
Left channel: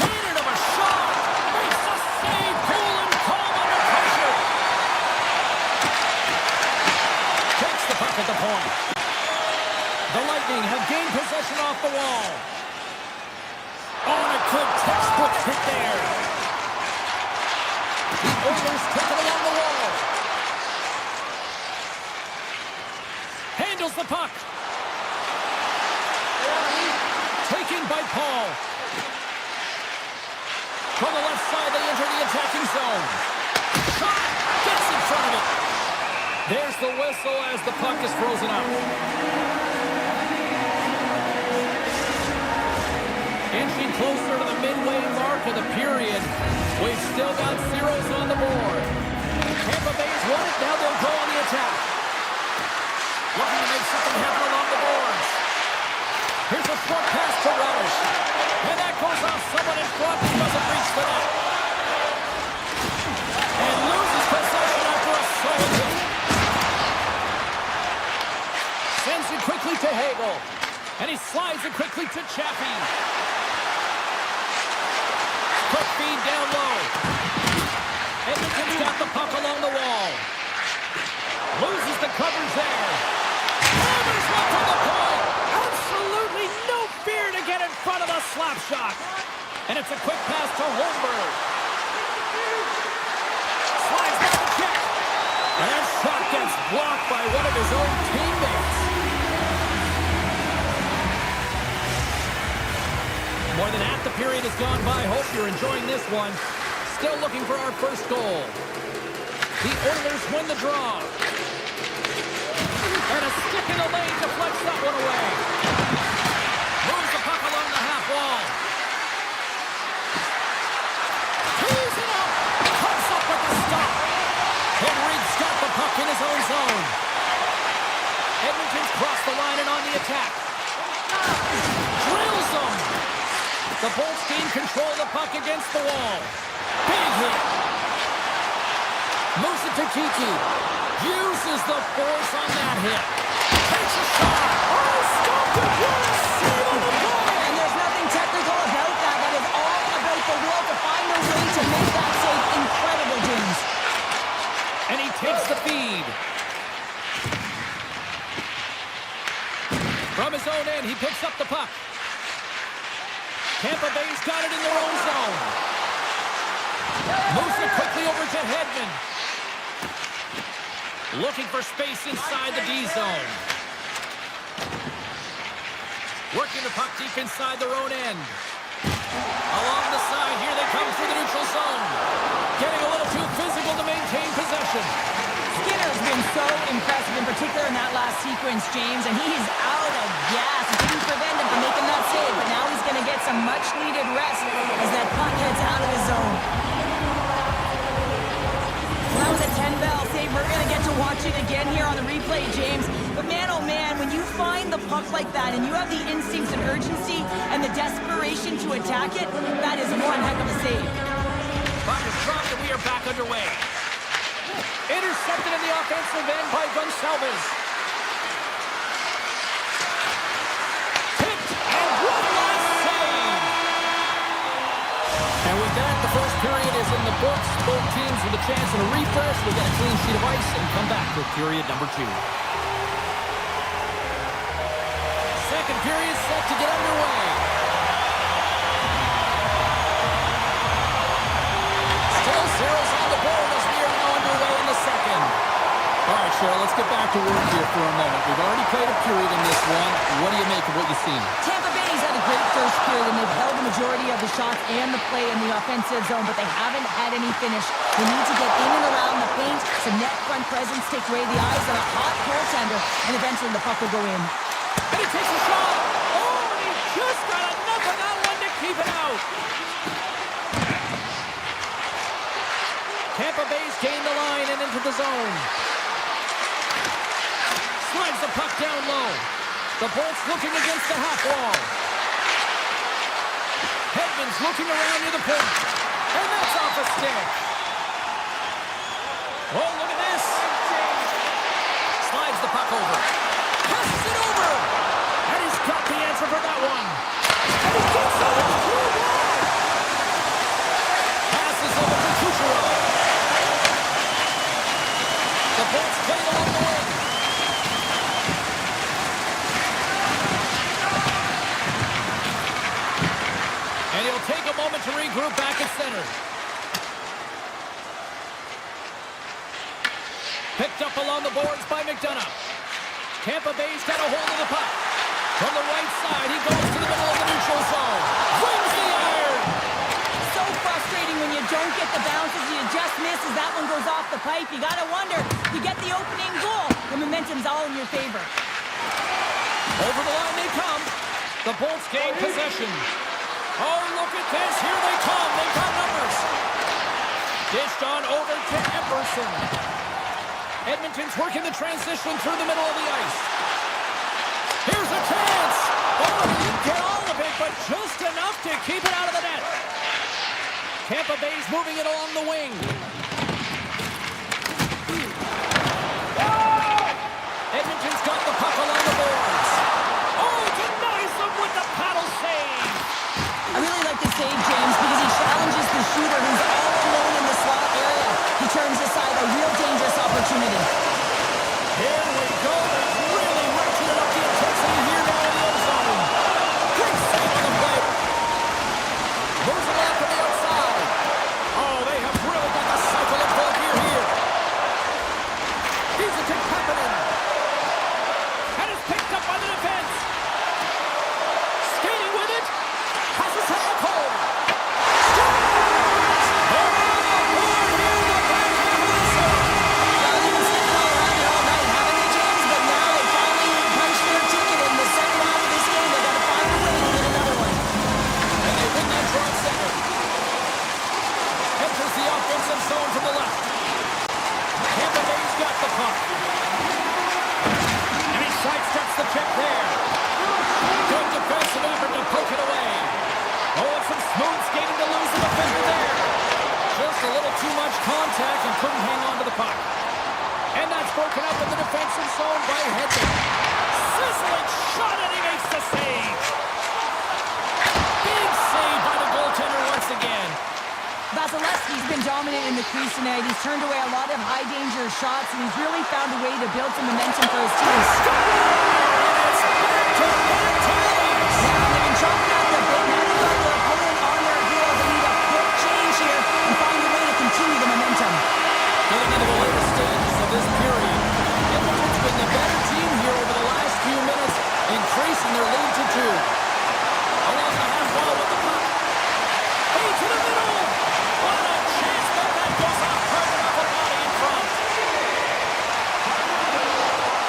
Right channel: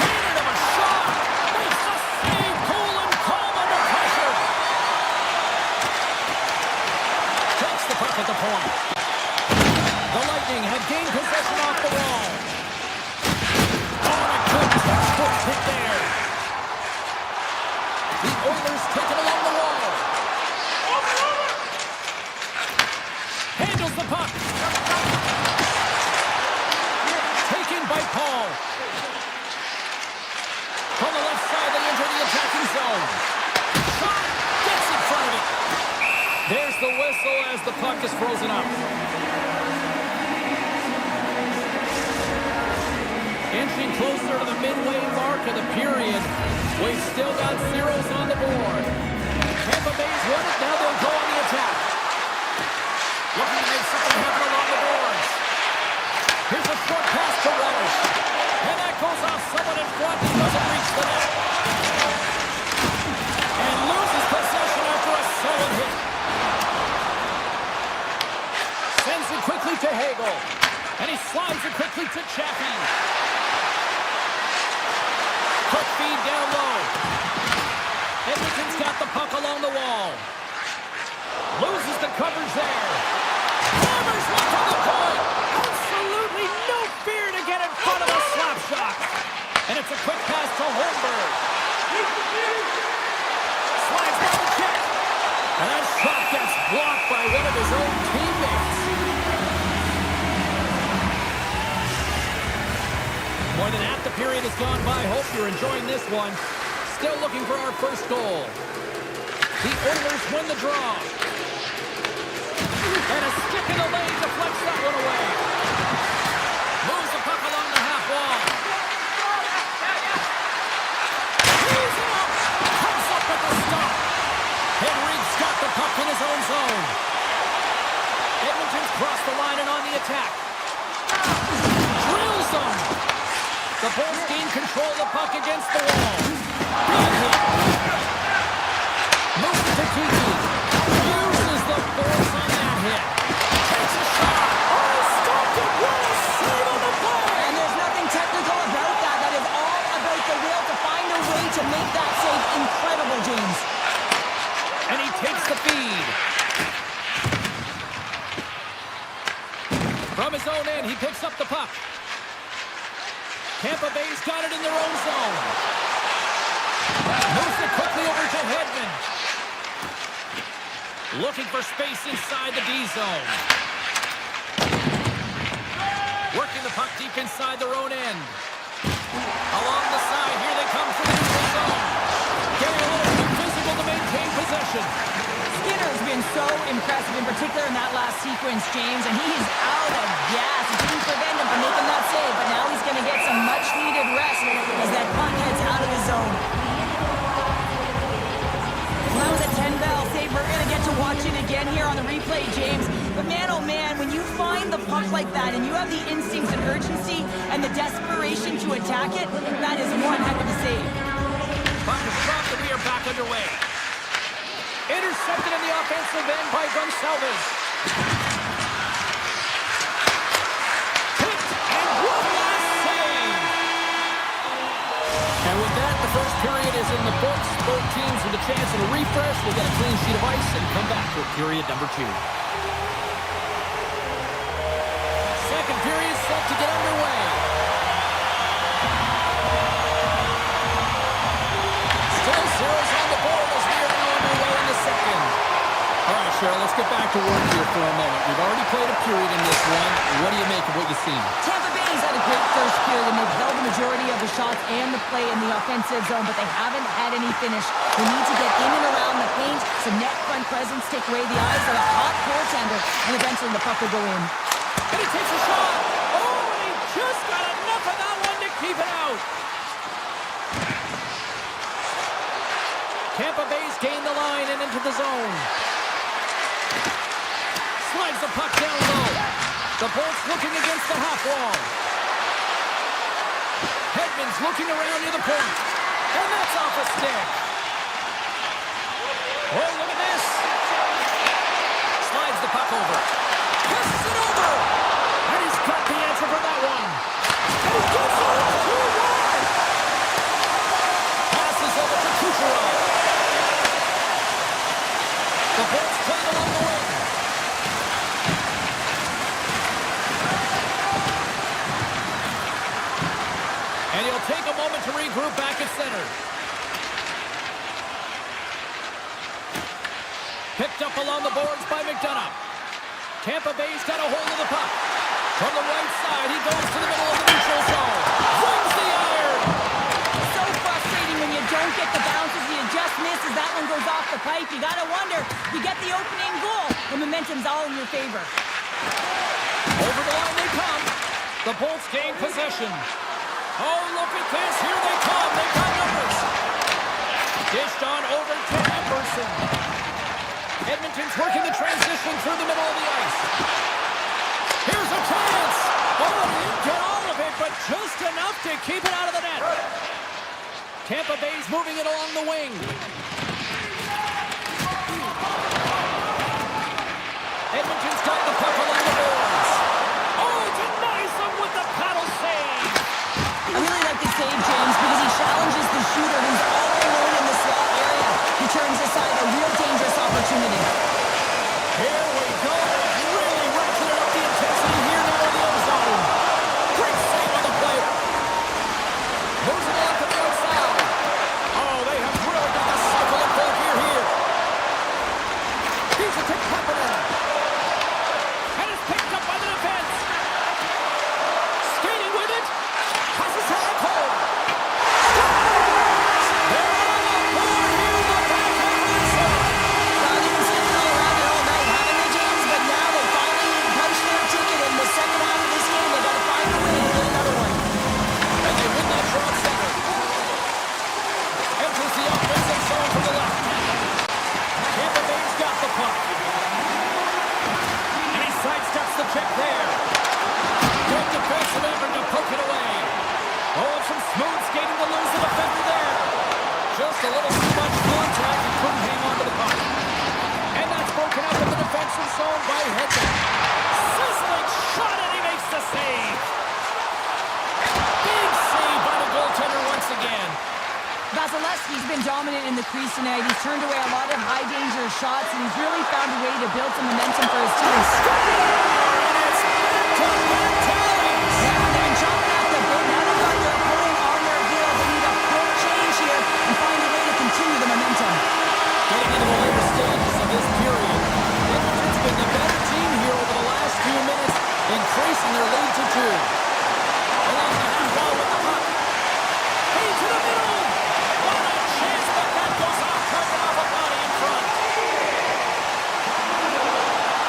Cannon of a shot. Makes the save. Cool and calm under pressure. Takes the puck at the point. The Lightning have gained possession off the wall. Oh, and a good textbook hit there. The Oilers take it along the wall. Handles the puck. Taken by Paul. From the left side, they enter the attacking zone. Shot! Gets in front of it. There's the whistle as the puck is frozen up. Inching closer to the midway mark of the period. We've still got zeros on the board. Tampa Bay's won it. Now they'll go on the attack. Looking to make something happen along the boards. Here's a short pass to Relish. And that goes off someone in front and doesn't reach the net. And loses possession after a solid hit. Sends it quickly to Hagel. And he slides it quickly to Chaffee. Quick feed down low. Edmonton's got the puck along the wall. Loses the coverage there. Hammers one from the point. Absolutely no fear to get in front of a slap shot. And it's a quick pass to Holmberg. Slides down the check. And that shot gets blocked by one of his own teammates. More than half the period has gone by. Hope you're enjoying this one. Still looking for our first goal. The Oilers win the draw. And a stick in the lane deflects that one away. Moves the puck along the half wall. He's it up. Comes up with the stop. Henrique's got the puck in his own zone. Edmonton's crossed the line and on the attack. Drills them. The Bolts gain control of the puck against the wall. Big hit. Moves it to Kiki. Uses the force on that hit. Takes a shot. Oh, stopped it. What a save on the play. And there's nothing technical about that. That is all about the will to find a way to make that save. Incredible, James. And he takes the feed. From his own end, he picks up the puck. Tampa Bay's got it in their own zone. Moves it quickly over to Hedman. Looking for space inside the D zone. Working the puck deep inside their own end. Along the side, here they come through the neutral zone. Getting a little too physical to maintain possession. Skinner's been so impressive, in particular in that last sequence, James, and he's out of gas. It didn't prevent him from making that save, but now he's going to get some much-needed rest as that puck heads out of the zone. Well, that was a 10-bell save. We're going to get to watch it again here on the replay, James. But man, oh man, when you find the puck like that and you have the instincts and urgency and the desperation to attack it, that is one heck of a save. Puck is dropped and we are back underway. Intercepted in the offensive end by Gonçalves. Tipped, and one last save. And And with that, the first period is in the books. Both teams with a chance and a refresh will get a clean sheet of ice and come back with period number 2. Second period set to get underway. Still zeros on the board as we are now underway in the second. All right, Cheryl, let's get back to work here for a moment. We've already played a period in this one. What do you make of what you've seen? Tampa Bay's had a great first period, and they've held the majority of the shots and the play in the offensive zone, but they haven't had any finish. They need to get in and around the paint, some net front presence, take away the eyes of a hot goaltender, and eventually the puck will go in. And he takes a shot. Oh, and he just got enough of that one to keep it out. Tampa Bay's gained the line and into the zone. Slides the puck down low. The Bolts looking against the half wall. Edmont's looking around near the point. And that's off a stick. Oh, look at this. Slides the puck over. Passes it over. And he's got the answer for that one. And he gets it too wide. Passes over to Kucherov. The Bolts played along the wing. And he'll take a moment to regroup back at center. Picked up along the boards by McDonough. Tampa Bay's got a hold of the puck. From the right side, he goes to the middle of the neutral zone. Flings the iron! So frustrating when you don't get the bounces, you just miss as that one goes off the pipe. You gotta wonder, you get the opening goal, the momentum's all in your favor. Over the line they come. The Bolts gain possession. Oh, look at this. Here they come. They've got numbers. Dished on over to Emerson. Edmonton's working the transition through the middle of the ice. Here's a chance. Oh, he didn't get all of it, but just enough to keep it out of the net. Tampa Bay's moving it along the wing. Edmonton's got the puck along the boards. Oh, denies them with the paddle save. I really like this save, James, because he challenges the shooter who's all alone in the slot area. He turns aside a real dangerous opportunity. Here we go. They've really ratcheted up the intensity here now in the ozone. Great save on the play. Moves it along to the outside. Oh, they have really got the cycle of full gear here. He's a tick happening. And it's picked up by the defense. Skating with it. Passes to Ekholm. Scores! They're on the board here in the back half of this one. Well, they've been sniffing all around it all night, haven't they, James? But now they finally punched their ticket in the second half of this game. They got to find a way to get another one. And they win that draw at center. Enters the offensive zone from the left. Tampa Bay's got the puck. And he sidesteps the check there. Good defensive effort to poke it away. Oh, and some smooth skating to lose the defender there. Just a little too much contact and couldn't hang on to the puck. And that's broken up in the defensive zone by Edmont. Sizzling shot, and he makes the save. Big save by the goaltender once again. Vasilevsky's been dominant in the crease tonight. He's turned away a lot of high-danger shots, and he's really found a way to build some momentum for his team. And it's back-to-back tallies. Now they've been chomping at the bit. Now they've got their opponent on their heels. They need a quick change here and find a way to continue the momentum. Getting into the later stages of this period, Edmonton's been the better team here over the last few minutes, increasing their lead to 2. Along the half wall with the puck. Hey, to the middle. What a chance, but that goes off target off a body in front.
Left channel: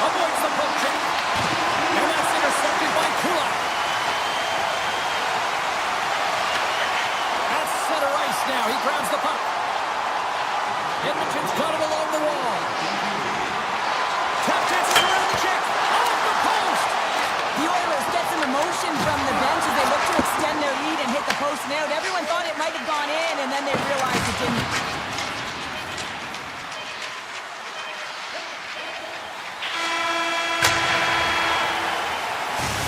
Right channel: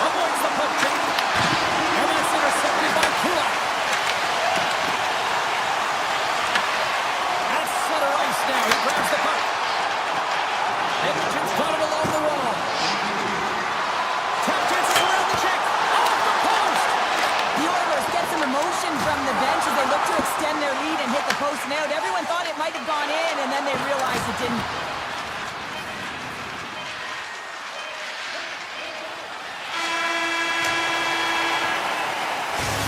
Avoids the poke check. And that's intercepted by Kulak. At center ice now. He grabs the puck. Edmonton's got it along the wall. Tap chances around the check. Off the post. The Oilers get some emotion from the bench as they look to extend their lead and hit the post and out. Everyone thought it might have gone in, and then they realized it didn't.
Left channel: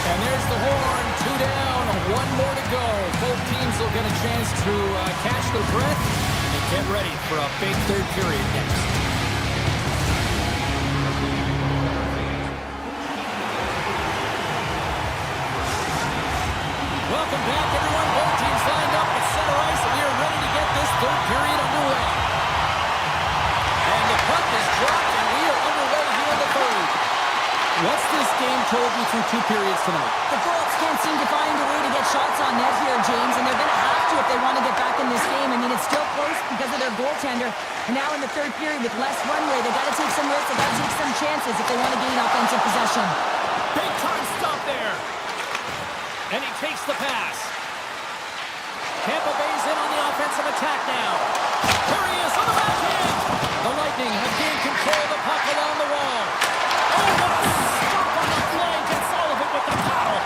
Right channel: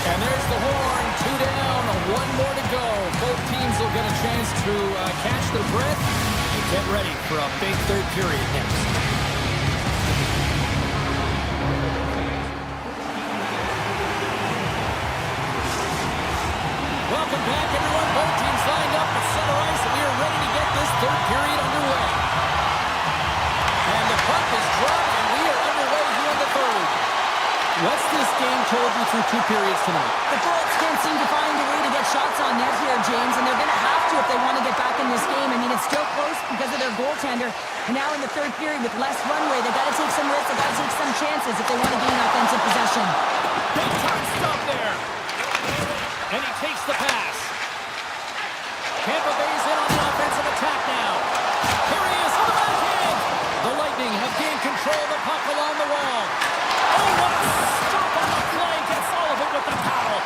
And there's the horn. 2 down, 1 more to go. Both teams will get a chance to catch their breath and get ready for a big third period next. Welcome back, everyone. Both teams lined up at center ice, and we are ready to get this third period underway. And the puck is dropped, and we are underway here in the third. What's this game told you through 2 periods tonight? The Bolts can't seem to find a way to get shots on net here, James, and they're going to have to if they want to get back in this game. I mean, it's still close because of their goaltender. And now in the third period with less runway, they got to take some risks, they got to take some chances if they want to gain offensive possession. Big time stop there. And he takes the pass. Tampa Bay's in on the offensive attack now. Here he is on the backhand. The Lightning have gained control of the puck along the wall. Oh, what a stop on the flank. Gets all of it with the paddle.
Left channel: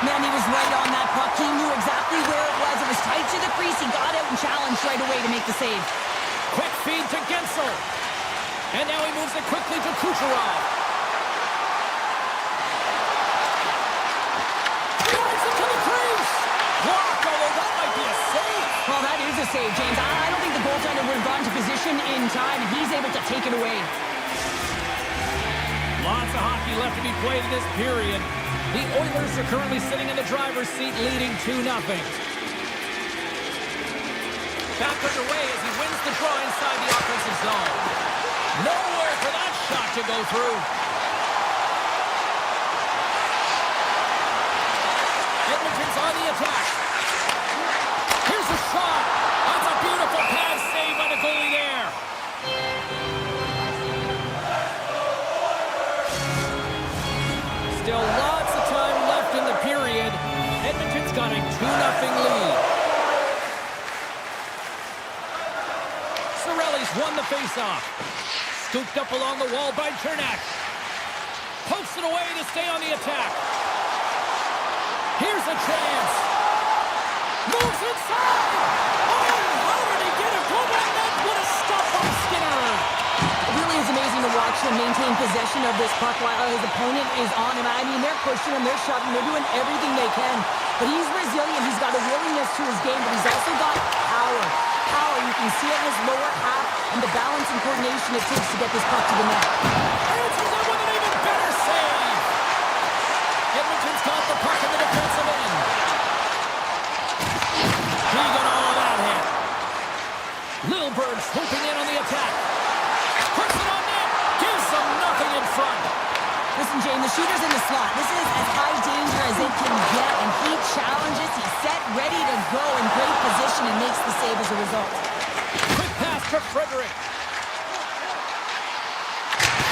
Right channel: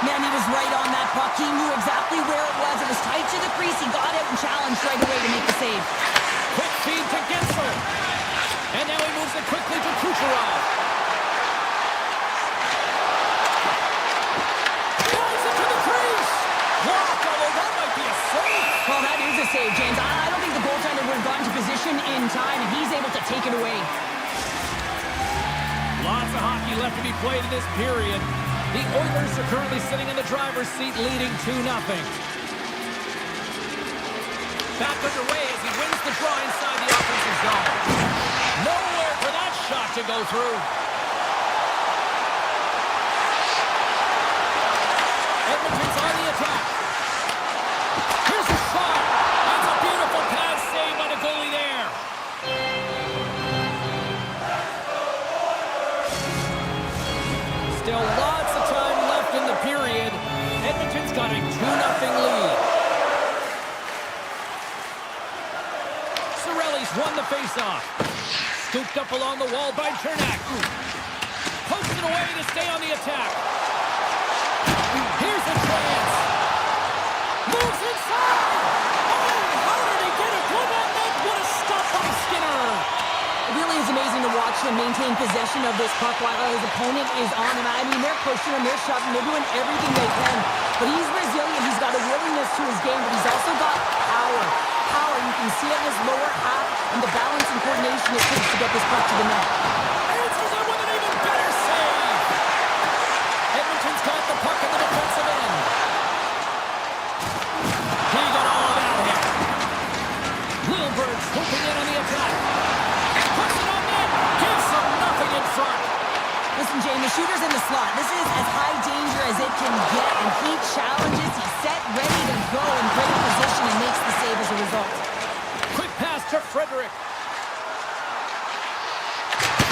Man, he was right on that puck. He knew exactly where it was. It was tight to the crease. He got out and challenged right away to make the save. Quick feed to Gensel. And now he moves it quickly to Kucherov. Drives it to the crease. Blocked, although that might be a save. Well, that is a save, James. I don't think the goaltender would have gotten to position in time, and he's able to take it away. Lots of hockey left to be played in this period. The Oilers are currently sitting in the driver's seat, leading 2-0. Back underway as he wins the draw inside the offensive zone. Nowhere for that shot to go through. Edmonton's on the attack. Here's a shot. That's a beautiful pass save by the goalie there. Still lots of time left in the period. Edmonton's got a 2-0 lead. Cirelli's won the faceoff. Scooped up along the wall by Chernak. Pokes it away to stay on the attack. Here's a chance. Moves inside. Oh, how did he get a glove on that? What a stop by Skinner. It really is amazing to watch him maintain possession of this puck while his opponent is on him. I mean, they're pushing him, they're shoving, they're doing everything they can. But he's resilient, he's got a willingness to his game, but he's also got power. Power, you can see it in his lower half and the balance and coordination it takes to get this puck to the net. Answers it with an even better save. Edmonton's got the puck in the defensive end. He got all of that hit. Lilburn swooping in on the attack. Puts it on net. Gives them nothing in front. Listen, Jane, the shooter's in the slot. This is as high danger as it can get, and he challenges. He's set, ready to go in great position, and makes the save as a result. Quick pass to Frederick.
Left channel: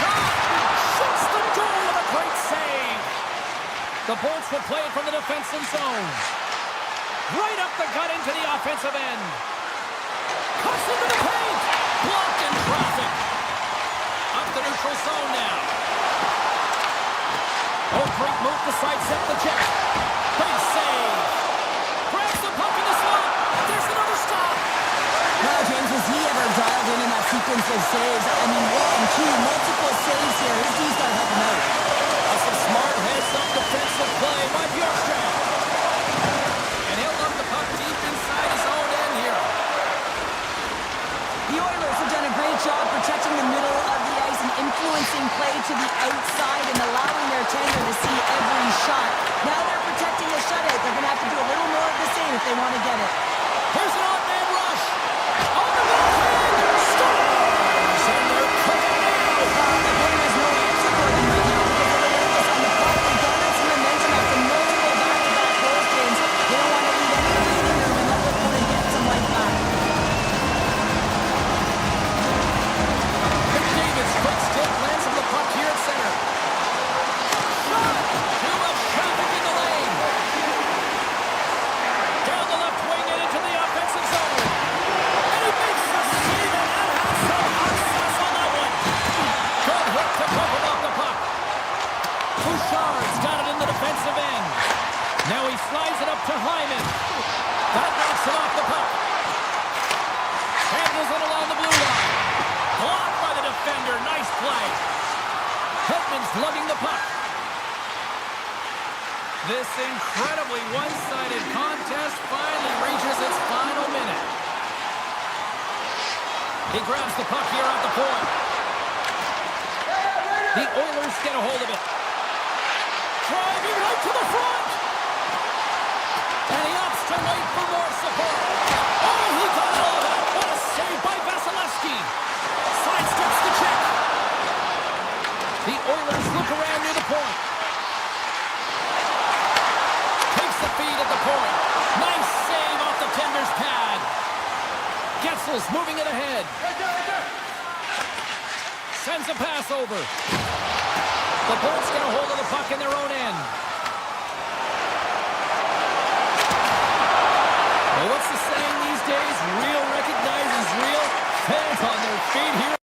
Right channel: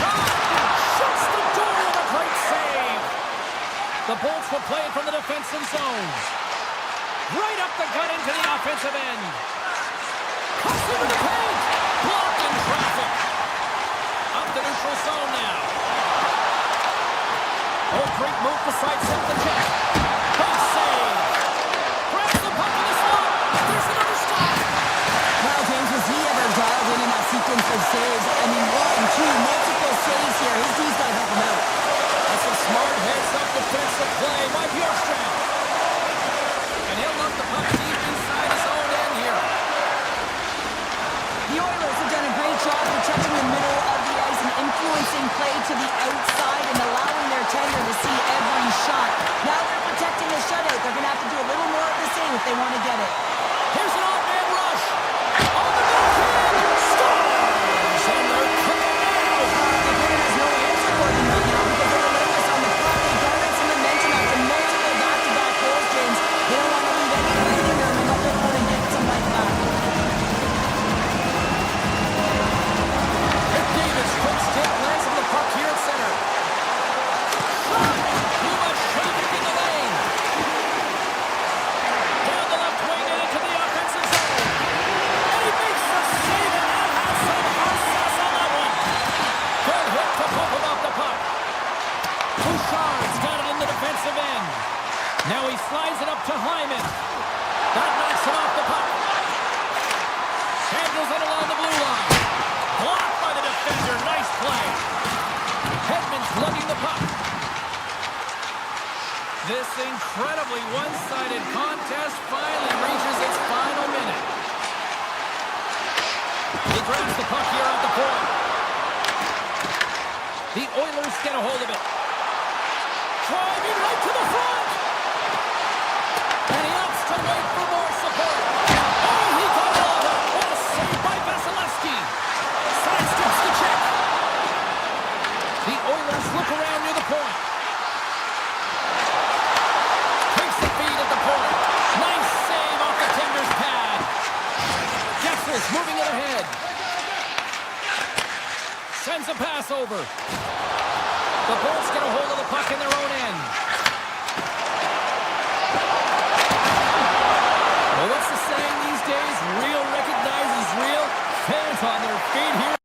Shot! Shuts the door with a great save. The Bolts will play it from the defensive zone. Right up the gut into the offensive end. Cuts into the paint. Blocked in traffic. Up the neutral zone now. Oh, great move to sidestep the check. Big save. Grabs the puck in the slot. There's another stop. Wow, James, was he ever dialed in that sequence of saves? I mean, 1, 2, multiple saves here. His D's got to help him out. That's some smart heads-up defensive play by Bjorkstrand. And he'll look the puck deep inside his own end here. The Oilers have done a great job protecting the middle of the ice and influencing play to the outside and allowing their tender to see every shot. Now they're protecting the shutout. They're going to have to do a little more of the same if they want to get it. Here's an odd-man rush. On the backhand. Scores! And they're cooking now. The opponent has no answer for them right now because they're relentless on the puck. They garnered some momentum after multiple back-to-back goals, James. They don't want to leave any breathing room and let their opponent get some life back. David's quick stick lands on the puck here at center. Shot! Too much traffic in the lane. Down the left wing and into the offensive zone. And he makes the save, and that has some hot sauce on that one. Good hit to bump him off the puck. Bouchard's got it in the defensive end. Now he slides it up to Hyman. That knocks him off the puck. Handles it along the blue line. Blocked by the defender. Nice play. Hedman's lugging the puck. This incredibly one-sided contest finally reaches its final minute. He grabs the puck here at the point. The Oilers get a hold of it. Driving right to the front. And he opts to wait for more support. Oh, he got all of that. What a save by Vasilevsky. Sidesteps the check. The Oilers look around near the point. Takes the feed at the point. Nice save off the tender's pad. Getzel's moving it ahead. Sends a pass over. The Bolts get a hold of the puck in their own end. Well, what's the saying these days? Real recognizes real. Fans on their feet here.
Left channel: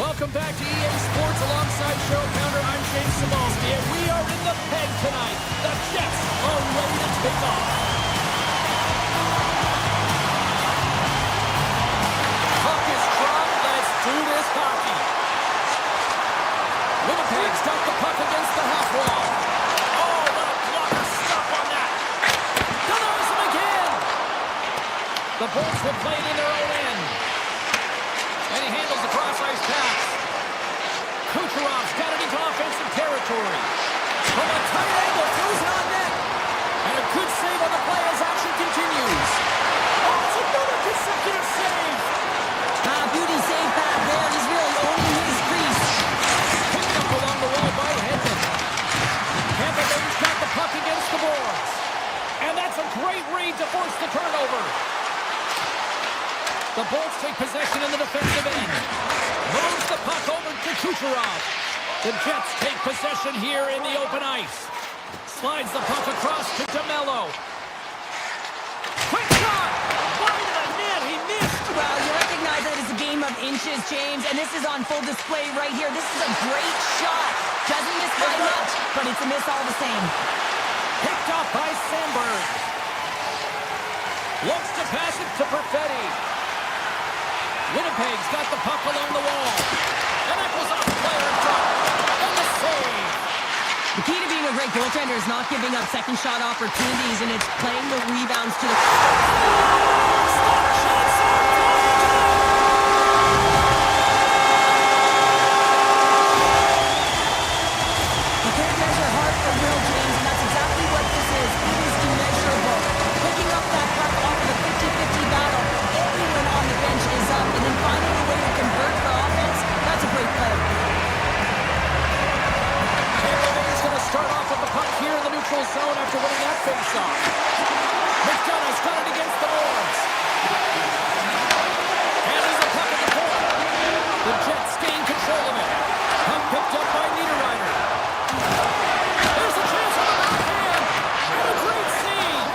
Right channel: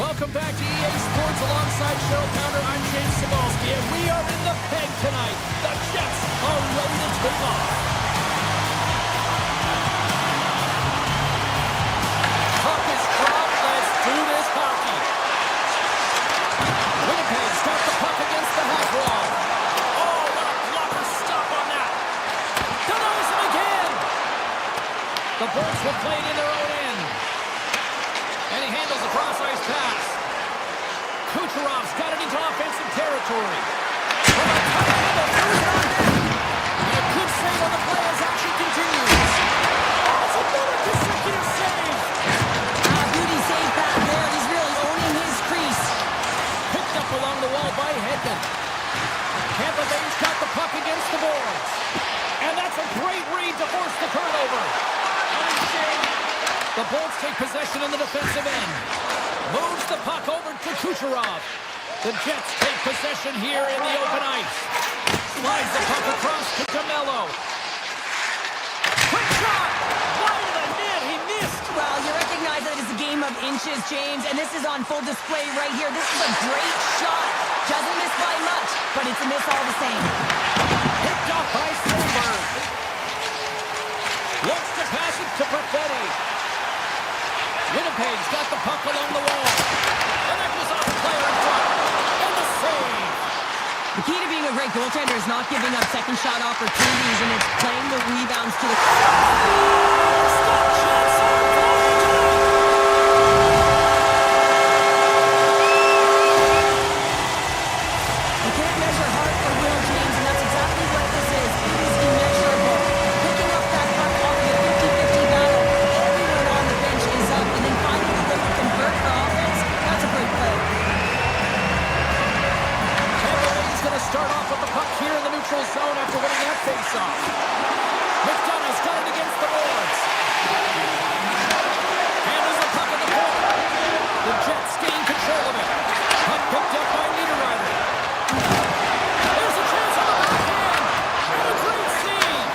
Welcome back to EA Sports alongside Cheryl Pounder. I'm James Cybulski, and we are in the Peg tonight. The Jets are ready to take off. Puck is dropped. Let's do this hockey. Winnipeg's got the puck against the half wall. Oh, what a blocker stop on that. Denies him again. The Bolts will play it in their own end. And he handles the cross-ice pass. Kucherov's got it into offensive territory. From a tight angle, throws it on net. And a good save on the play as action continues. Oh, it's another consecutive save. Beauty save back there. He's really owning his crease. Picked up along the wall by Edmont. Tampa Bay's got the puck against the boards. And that's a great read to force the turnover. The Bolts take possession in the defensive end. Moves the puck over to Kucherov. The Jets take possession here in the open ice. Slides the puck across to DeMello. Quick shot! Wide of the net, he missed! Well, you recognize that it's a game of inches, James, and this is on full display right here. This is a great shot. Doesn't miss by much, but it's a miss all the same. Picked off by Sandberg. Looks to pass it to Perfetti. Winnipeg's got the puck along the wall. And that goes off the player in front. And the save. The key to being a great goaltender is not giving up second shot opportunities, and it's playing the rebounds to the... Stop chance on You can't measure heart or will, James, and that's exactly what this is. It is immeasurable. Picking up that puck off of the 50-50 battle, everyone on the bench is up, and then finding a way to convert for offense, that's a great play. Tampa Bay's going to start off with the puck here in the neutral zone after winning that faceoff. McDonough's got it against the boards. Handles the puck at the point. The Jets gain control of it. Puck picked up by Niederreiter. There's a chance on the backhand. And a great save.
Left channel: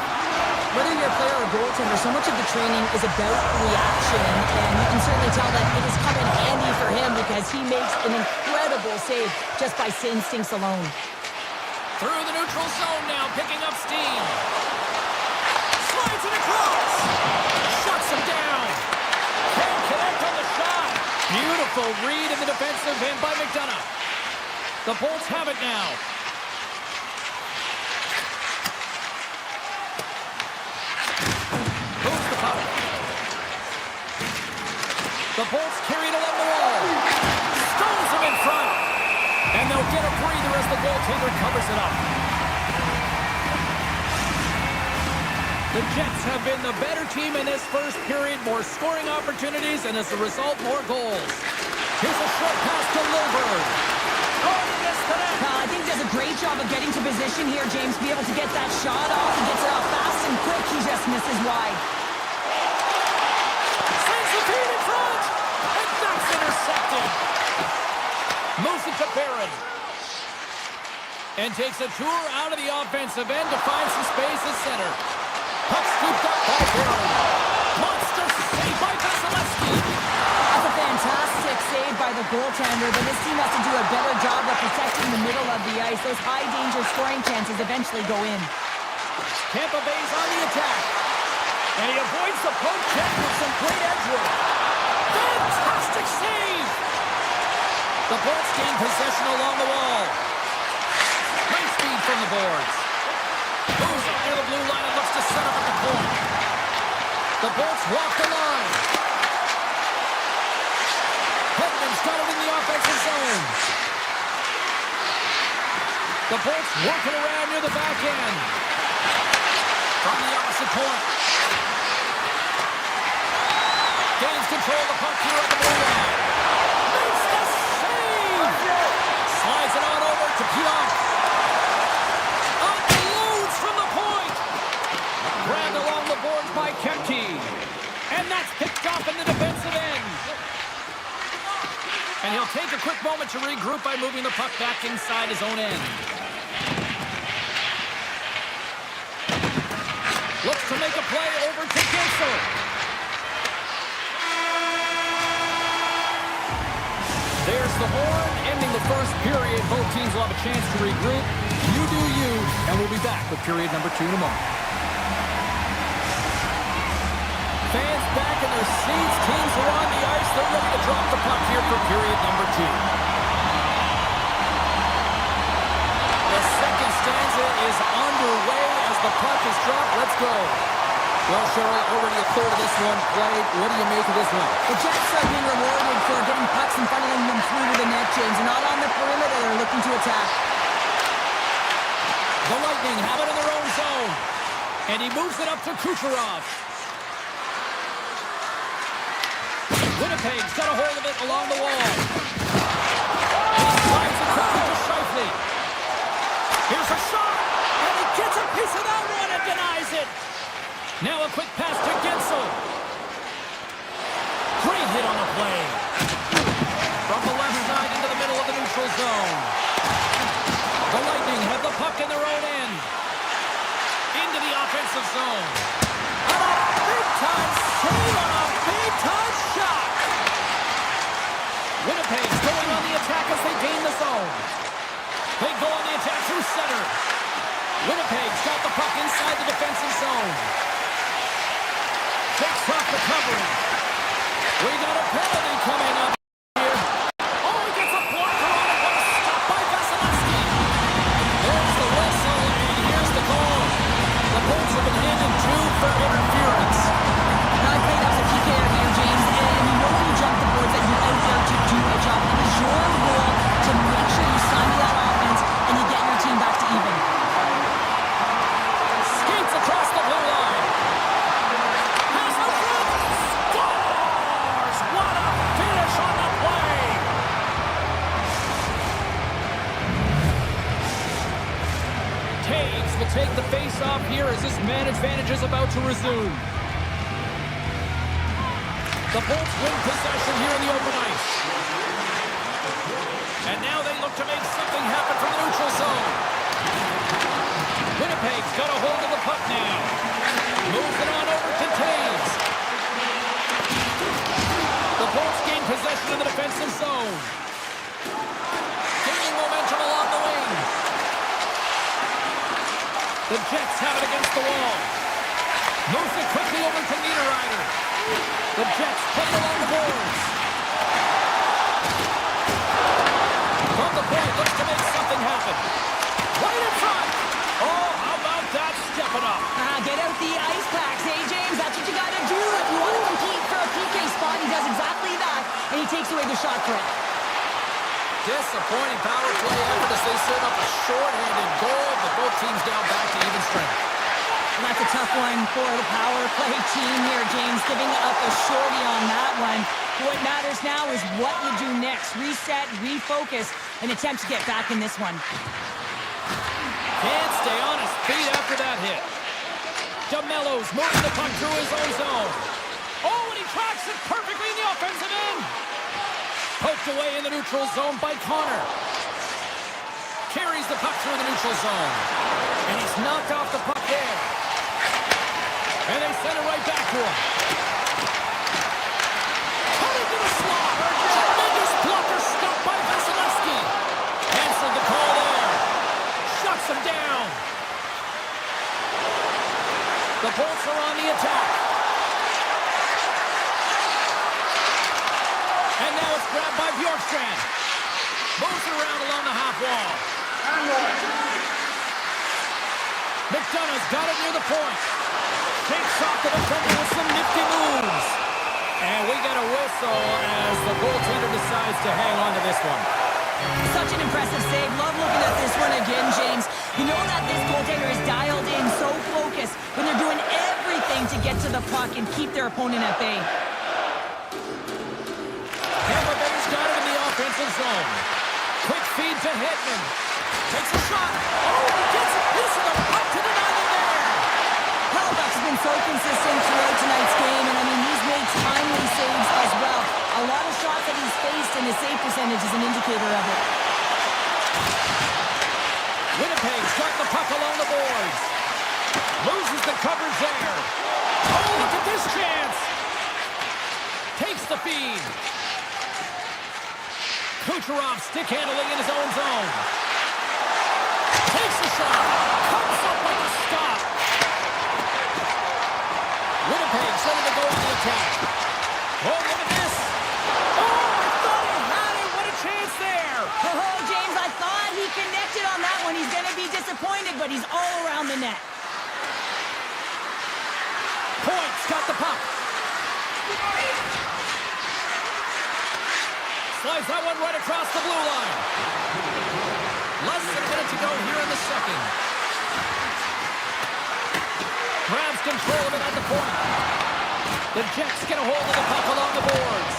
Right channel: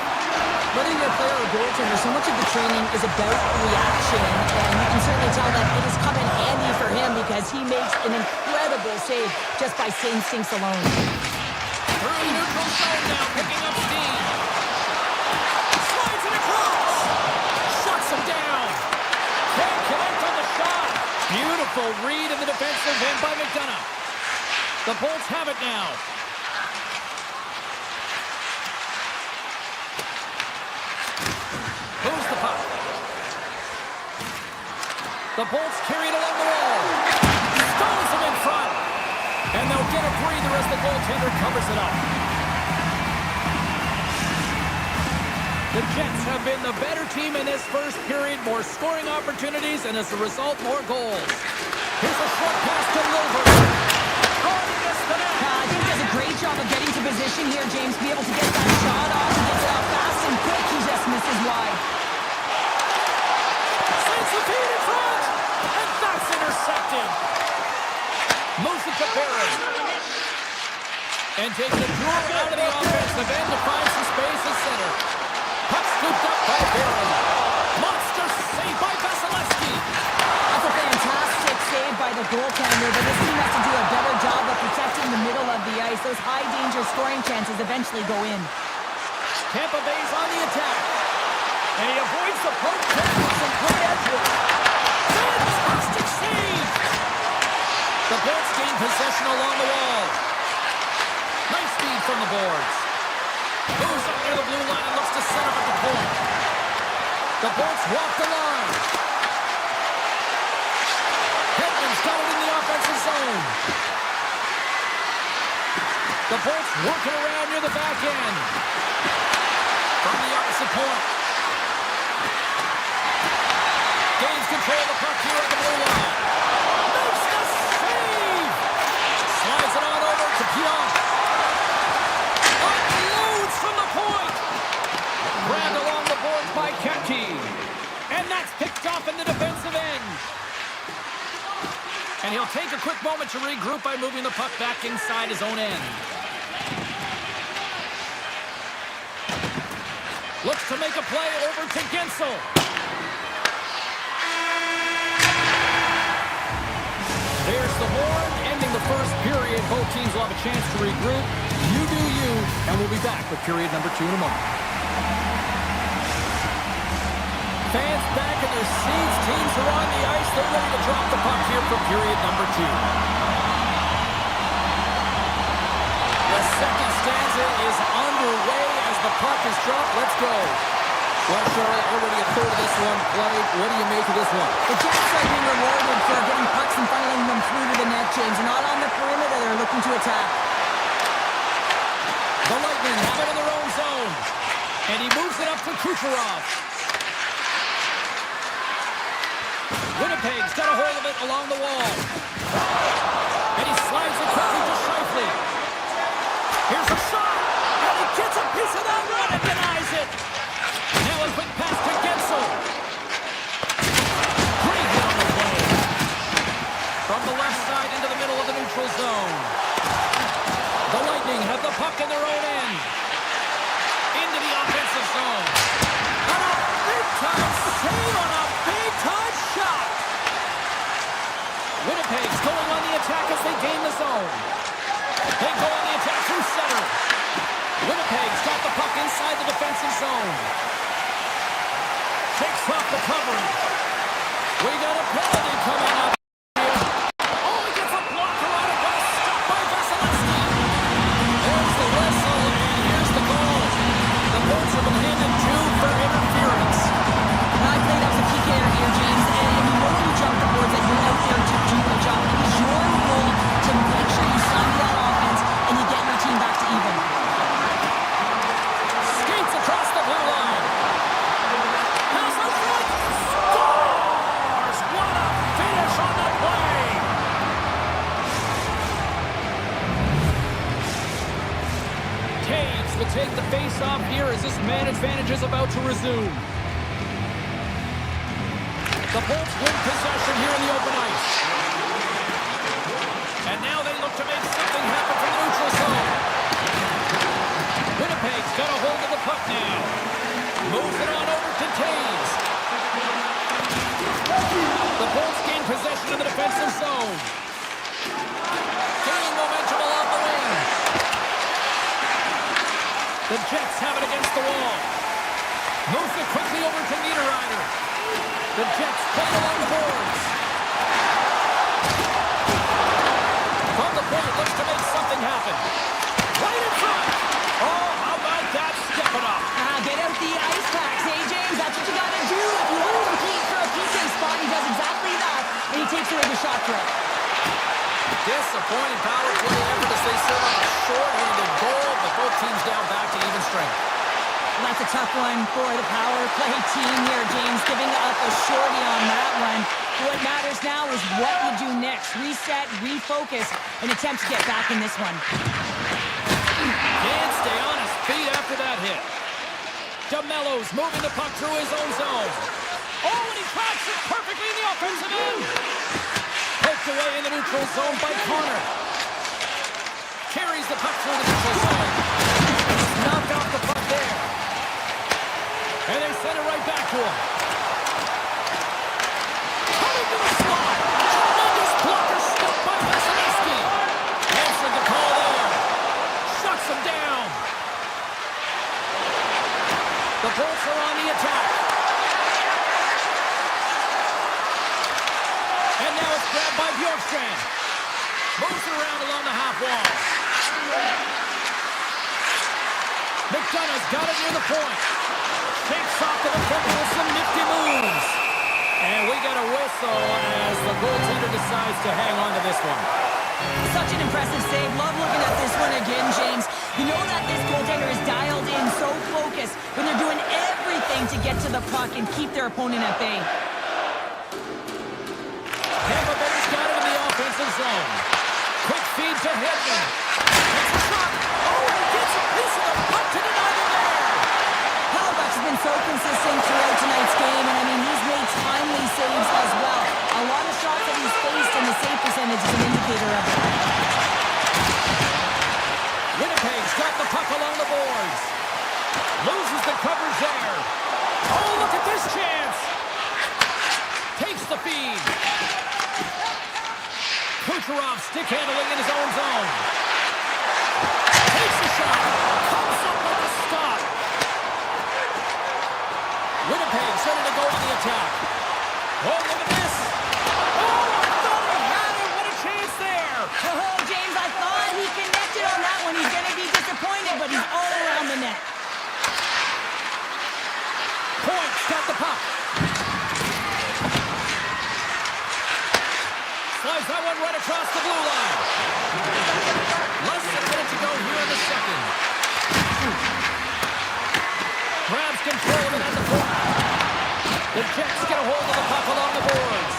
Whether you're a player or goaltender, so much of the training is about reaction, and you can certainly tell that it has come in handy for him because he makes an incredible save just by instincts alone. Through the neutral zone now, picking up steam. Slides it across. Shuts him down. Can't connect on the shot. Beautiful read in the defensive end by McDonough. The Bolts have it now. Moves the puck. The Bolts carry it along the wall. Stones him in front. And they'll get a breather as the goaltender covers it up. The Jets have been the better team in this first period. More scoring opportunities, and as a result, more goals. Here's a short pass to Lilburn. Oh, he gets to that. I think he does a great job of getting to position here, James. Be able to get that shot off. He gets it off fast and quick. He just misses wide. Sends the feed in front. And that's intercepted. Moves it to Barron. And takes a tour out of the offensive end to find some space at center. Puck scooped up by Barron. Monster save by Vasilevsky. That's a fantastic save by the goaltender, but this team has to do a better job of protecting the middle of the ice. Those high-danger scoring chances eventually go in. Tampa Bay's on the attack. And he avoids the poke check with some great edge work. Fantastic save! The Bolts gain possession along the wall. Nice feed from the boards. Moves up near the blue line and looks to set up at the point. The Bolts walk the line. Edmont's got it in the offensive zone. The Bolts working around near the back end. From the opposite point. Gains control of the puck here at the blue line. Makes the save! Slides it on over to Pionk. Unloads from the point. Grabbed along the boards by Kemke. And that's picked off in the defensive end. And he'll take a quick moment to regroup by moving the puck back inside his own end. Looks to make a play over to Gensel. blows the horn, ending the first period. Both teams will have a chance to regroup. You do you, and we'll be back with period number 2 in a moment. Fans back in their seats. Teams are on the ice. They're ready to drop the puck here for period number 2. The second stanza is underway as the puck is dropped. Let's go. Well, Cheryl, already a third of this one played. What do you make of this one? The Jets are being rewarded for getting pucks and funneling them through to the net, James. They're not on the perimeter. They're looking to attack. The Lightning have it in their own zone. And he moves it up to Kucherov. Winnipeg's got a hold of it along the wall. And he slides it quickly to Scheifele. Here's a shot. And he gets a piece of that one and denies it. Now a quick pass to Gensel. Great hit on the play. From the left side into the middle of the neutral zone. The Lightning have the puck in their own end. Into the offensive zone. And a big-time save on a big-time shot. Winnipeg's going on the attack as they gain the zone. They go on the attack through center. Winnipeg's got the puck inside the defensive zone. Takes off the coverage. We got a penalty coming up here. Oh, he gets a blocker on it. What a stop by Vasilevsky. There's the whistle, and here's the goal. The Bolts have been handed 2 for interference. Now, I played as a PKer here, James, and you know when you jump the boards that you're out there to do a job. It is your role to make sure you stymie that offense and you get your team back to even. Skates across the blue line. Pass out front. Scores! What a finish on the play! Taves will take the face-off here as this man advantage is about to resume. The Bolts win possession here in the open ice. And now they look to make something happen from the neutral zone. Winnipeg's got a hold of the puck now. Moves it on over to Taves. The Bolts gain possession of the defensive zone. Gaining momentum along the wing. The Jets have it against the wall. Moves it quickly over to Niederreiter. The Jets play it along the boards. From the point, looks to make something happen. Right in front. Oh, how about that? Step it up. Get out the ice packs, hey, James? That's what you got to do. If you want to compete for a PK spot, he does exactly that, and he takes away the shot threat. Disappointing power play effort as they serve up a short-handed goal, but both teams down back to even strength. Well, that's a tough one for the power play team here, James, giving up a shorty on that one. What matters now is what you do next. Reset, refocus, and attempt to get back in this one. Can't stay on his feet after that hit. DeMello's moving the puck through his own zone. Oh, and he tracks it perfectly in the offensive end. Poked away in the neutral zone by Connor. Carries the puck through the neutral zone. And he's knocked off the puck there. And they send it right back to him. Coming to the slot. Tremendous blocker stopped by Vasilevsky. Answered the call there. Shuts him down. The Bolts are on the attack. And now it's grabbed by Bjorkstrand. Moves it around along the half wall. McDonough's got it near the point. Takes off the defender with some nifty moves. And we get a whistle as the goaltender decides to hang on to this one. Such an impressive save. Love looking at this one again, James. You know that this goaltender is dialed in, so focused, when they're doing everything to get to the puck and keep their opponent at bay. Tampa Bay's got it in the offensive zone. Quick feed to Edmont. Takes a shot. Oh, he gets a piece of the puck to deny them there. Halibuck's been so consistent throughout tonight's game, and I mean, he's made timely saves as well. A lot of shots that he's faced, and the save percentage is an indicator of it. Winnipeg's got the puck along the boards. Loses the coverage there. Oh, look at this chance. Takes the feed. Kucherov stick handling in his own zone. Takes the shot. Comes up with the stop. Winnipeg's ready to go on the attack. Oh, look at this. Oh, I thought he had it. What a chance there. Oh, James, I thought he connected on that one. He's going to be disappointed, but he's all around the net. Point's got the puck. Slides that one right across the blue line. Less than a minute to go here in the second. Grabs control of it at the point. The Jets get a hold of the puck along the boards.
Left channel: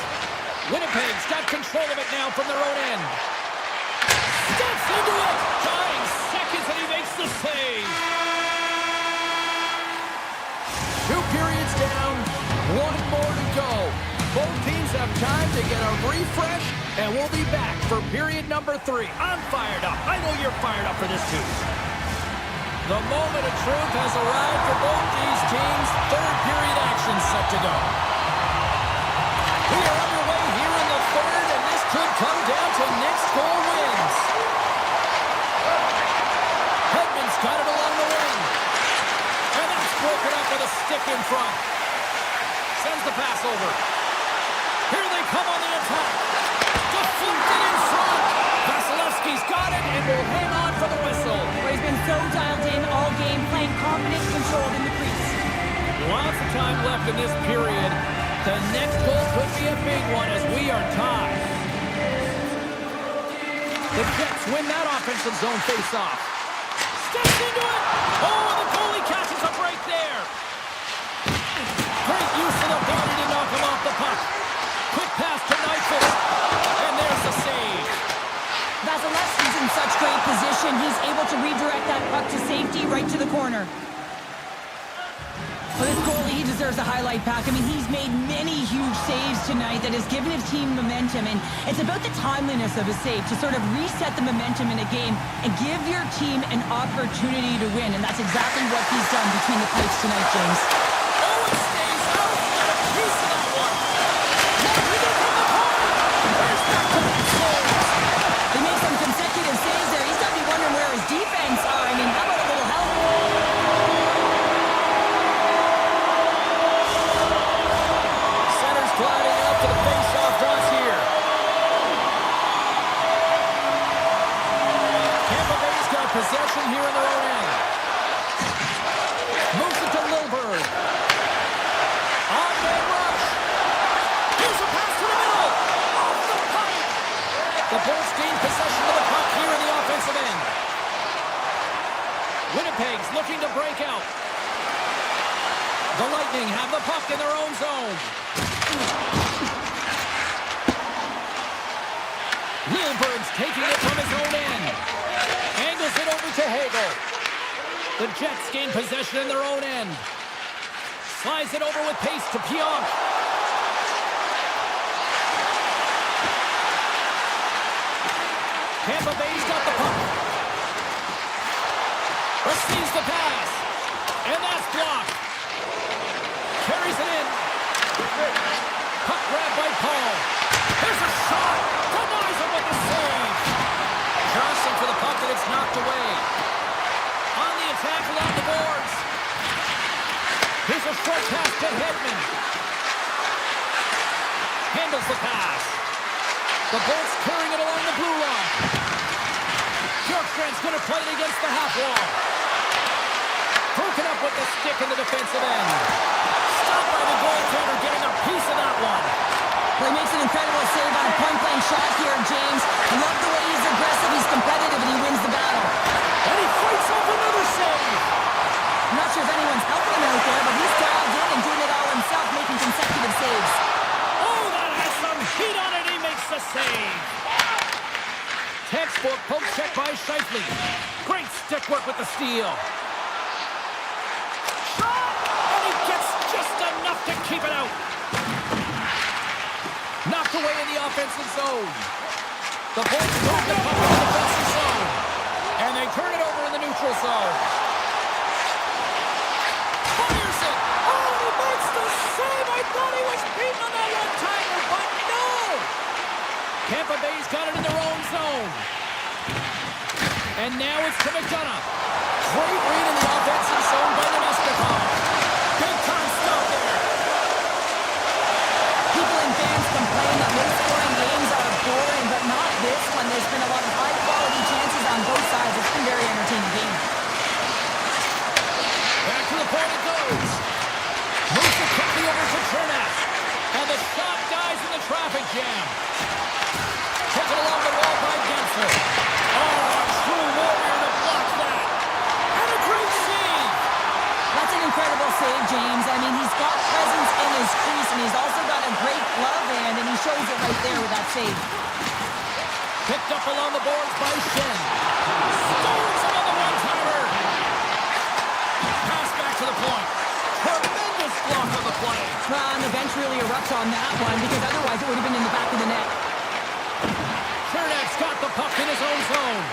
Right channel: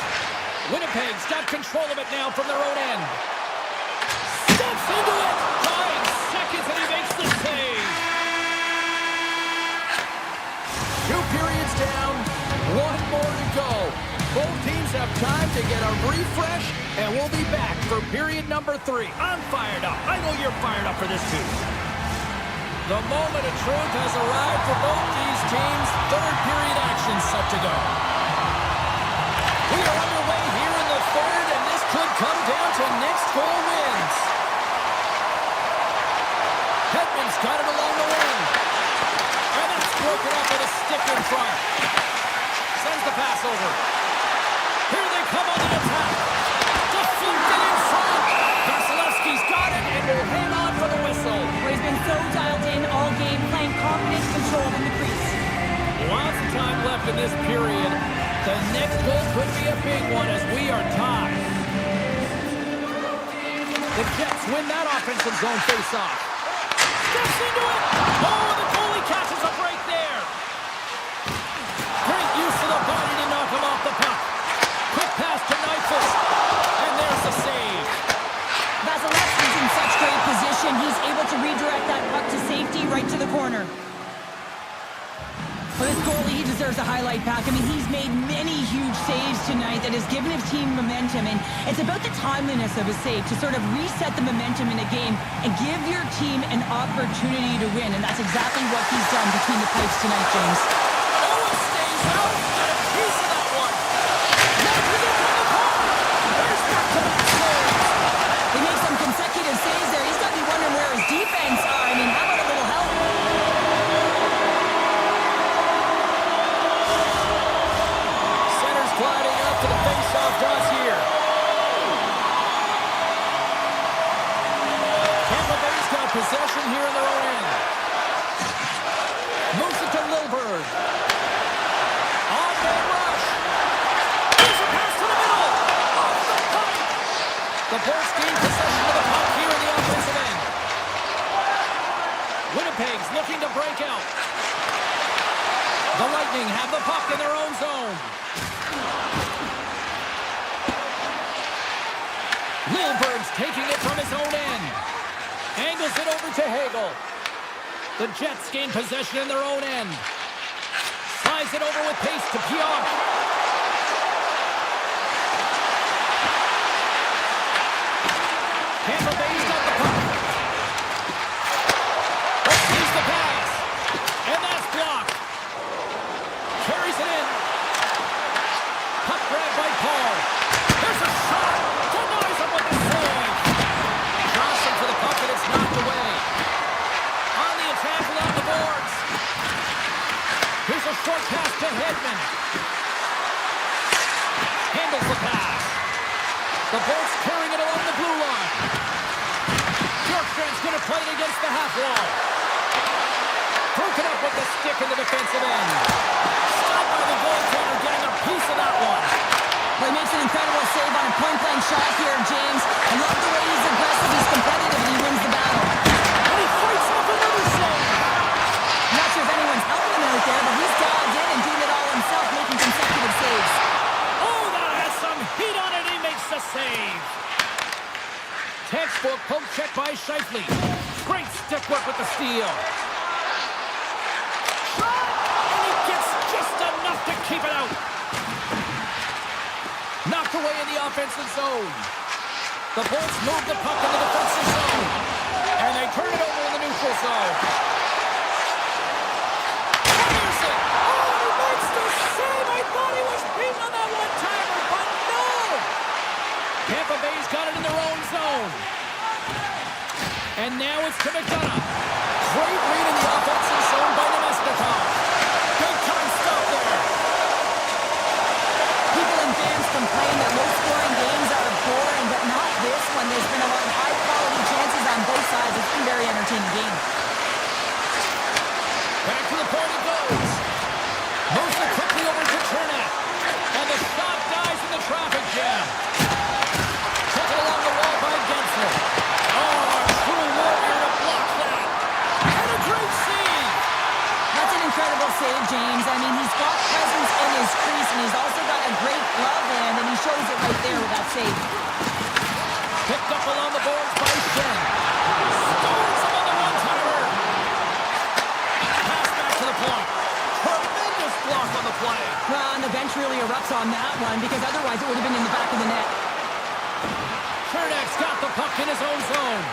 Winnipeg's got control of it now from their own end. Steps into it. Dying seconds and he makes the save. 2 periods down. 1 more to go. Both teams have time to get a refresh, and we'll be back for period number 3. I'm fired up. I know you're fired up for this too. The moment of truth has arrived for both these teams. 3rd period action set to go. We are underway here in the 3rd, and this could come down to next goal wins. Edmont's got it along the wing. And that's broken up with a stick in front. Sends the pass over. Here they come on the attack. Deflected in front. Vasilevsky's got it and will hang on for the whistle. Well, he's been so dialed in all game, playing confident, controlled in the crease. Lots of time left in this period. The next goal could be a big one as we are tied. The Jets win that offensive zone faceoff. Steps into it. Oh, the goalie catches a break there. Great use of the body to knock him off the puck. Quick pass to Nyquist. And there's the save. Vasilevsky's in such great position. He's able to redirect that puck to safety right to the corner. Well, this goalie, he deserves a highlight pack. I mean, he's made many huge saves tonight that has given his team momentum. And it's about the timeliness of a save to sort of reset the momentum in a game and give your team an opportunity to win. And that's exactly what he's done between the pipes tonight, James. Oh, it stays out. Got a piece of that one. Now he gets on the corner. There's back to back saves. They make some consecutive saves there. He's got to be wondering where his defense are. I mean, how about a little help? Center's gliding up to the face-off toss here. Tampa Bay's got possession here in their own end. Moves it to Lilburn. On-man rush. Here's a pass to the middle. Off the pipe. The Bolts gain possession of the puck here in the offensive end. Winnipeg's looking to break out. The Lightning have the puck in their own zone. Lilburn's taking it from his own end. Angles it over to Hagel. The Jets gain possession in their own end. Slides it over with pace to Pionk. Tampa Bay's got the puck. Receives the pass. And that's blocked. Carries it in. Puck grab by Paul. There's a shot. Denies him with the save. Johnson for the puck and it's knocked away. On the attack along the boards. Here's a short pass to Hedman. Handles the pass. The Bolts carrying it along the blue line. Bjorkstrand's going to play it against the half wall. Broken up with the stick in the defensive end. Stopped by the goaltender, getting a piece of that one. Well, he makes an incredible save on a point-blank shot here, James. I love the way he's aggressive, he's competitive, and he wins the battle. And he fights off another save. I'm not sure if anyone's helping him out there, but he's dialed in and doing it all himself, making consecutive saves. Oh, that has some heat on it. He makes the save. Textbook poke check by Scheifele. Great stick work with the steal. Shot! And he gets just enough to keep it out. Knocked away in the offensive zone. The Bolts move the puck in the defensive zone. And they turn it over in the neutral zone. Fires it! Oh, and he makes the save! I thought he was beaten on that one-timer, but no! Tampa Bay's got it in their own zone. And now it's to McDonough. Great read in the offensive zone by Nemesnikov. Big-time stop there. People and fans complain that low-scoring games are boring, but not this one. There's been a lot of high-quality chances on both sides. It's been a very entertaining game. Back to the point it goes. Moves it quickly over to Chernak. And the shot dies in the traffic jam. Taken along the wall by Gensel. Oh, a true warrior to block that. And a great save. That's an incredible save, James. I mean, he's got presence in his crease, and he's also got a great glove hand, and he shows it right there with that save. Picked up along the boards by Shen. Stones him on the one-timer. Pass back to the point. Tremendous block on the play. And the bench really erupts on that one, because otherwise it would have been in the back of the net. Chernak's got the puck in his own zone.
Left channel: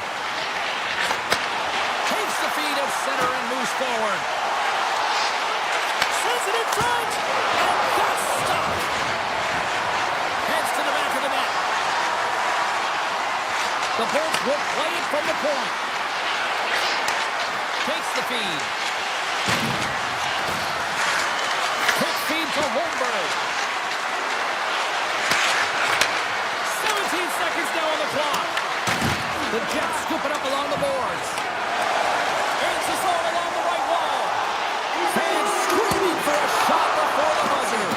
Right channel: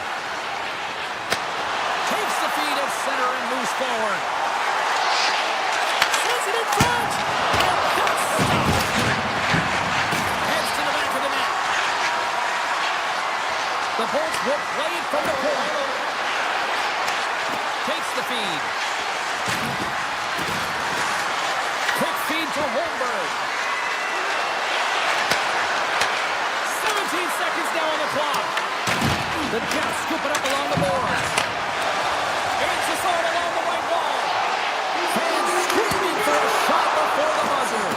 Takes the feed at center and moves forward. Sends it in front. And that's stopped. Heads to the back of the net. The Bolts will play it from the point. Takes the feed. Quick feed to Holmberg. 17 seconds now on the clock. The Jets scoop it up along the boards. It's a zone along the right wall. Fans screaming for a shot before the buzzer.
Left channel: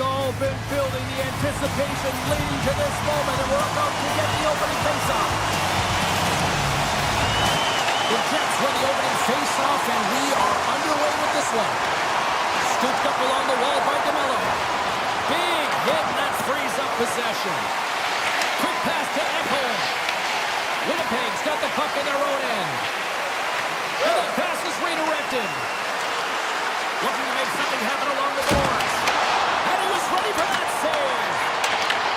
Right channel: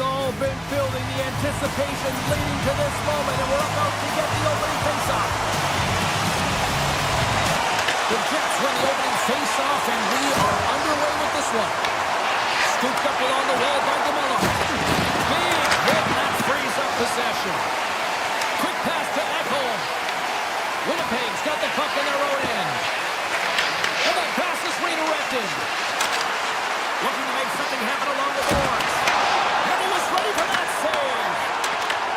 It's all been building, the anticipation leading to this moment, and we're about to get the opening face-off. The Jets win the opening face-off, and we are underway with this one. Scooped up along the wall by DeMello. Big hit, and that frees up possession. Quick pass to Edmont. Winnipeg's got the puck in their own end. And that pass is redirected. Looking to make something happen along the boards. And he was ready for that save.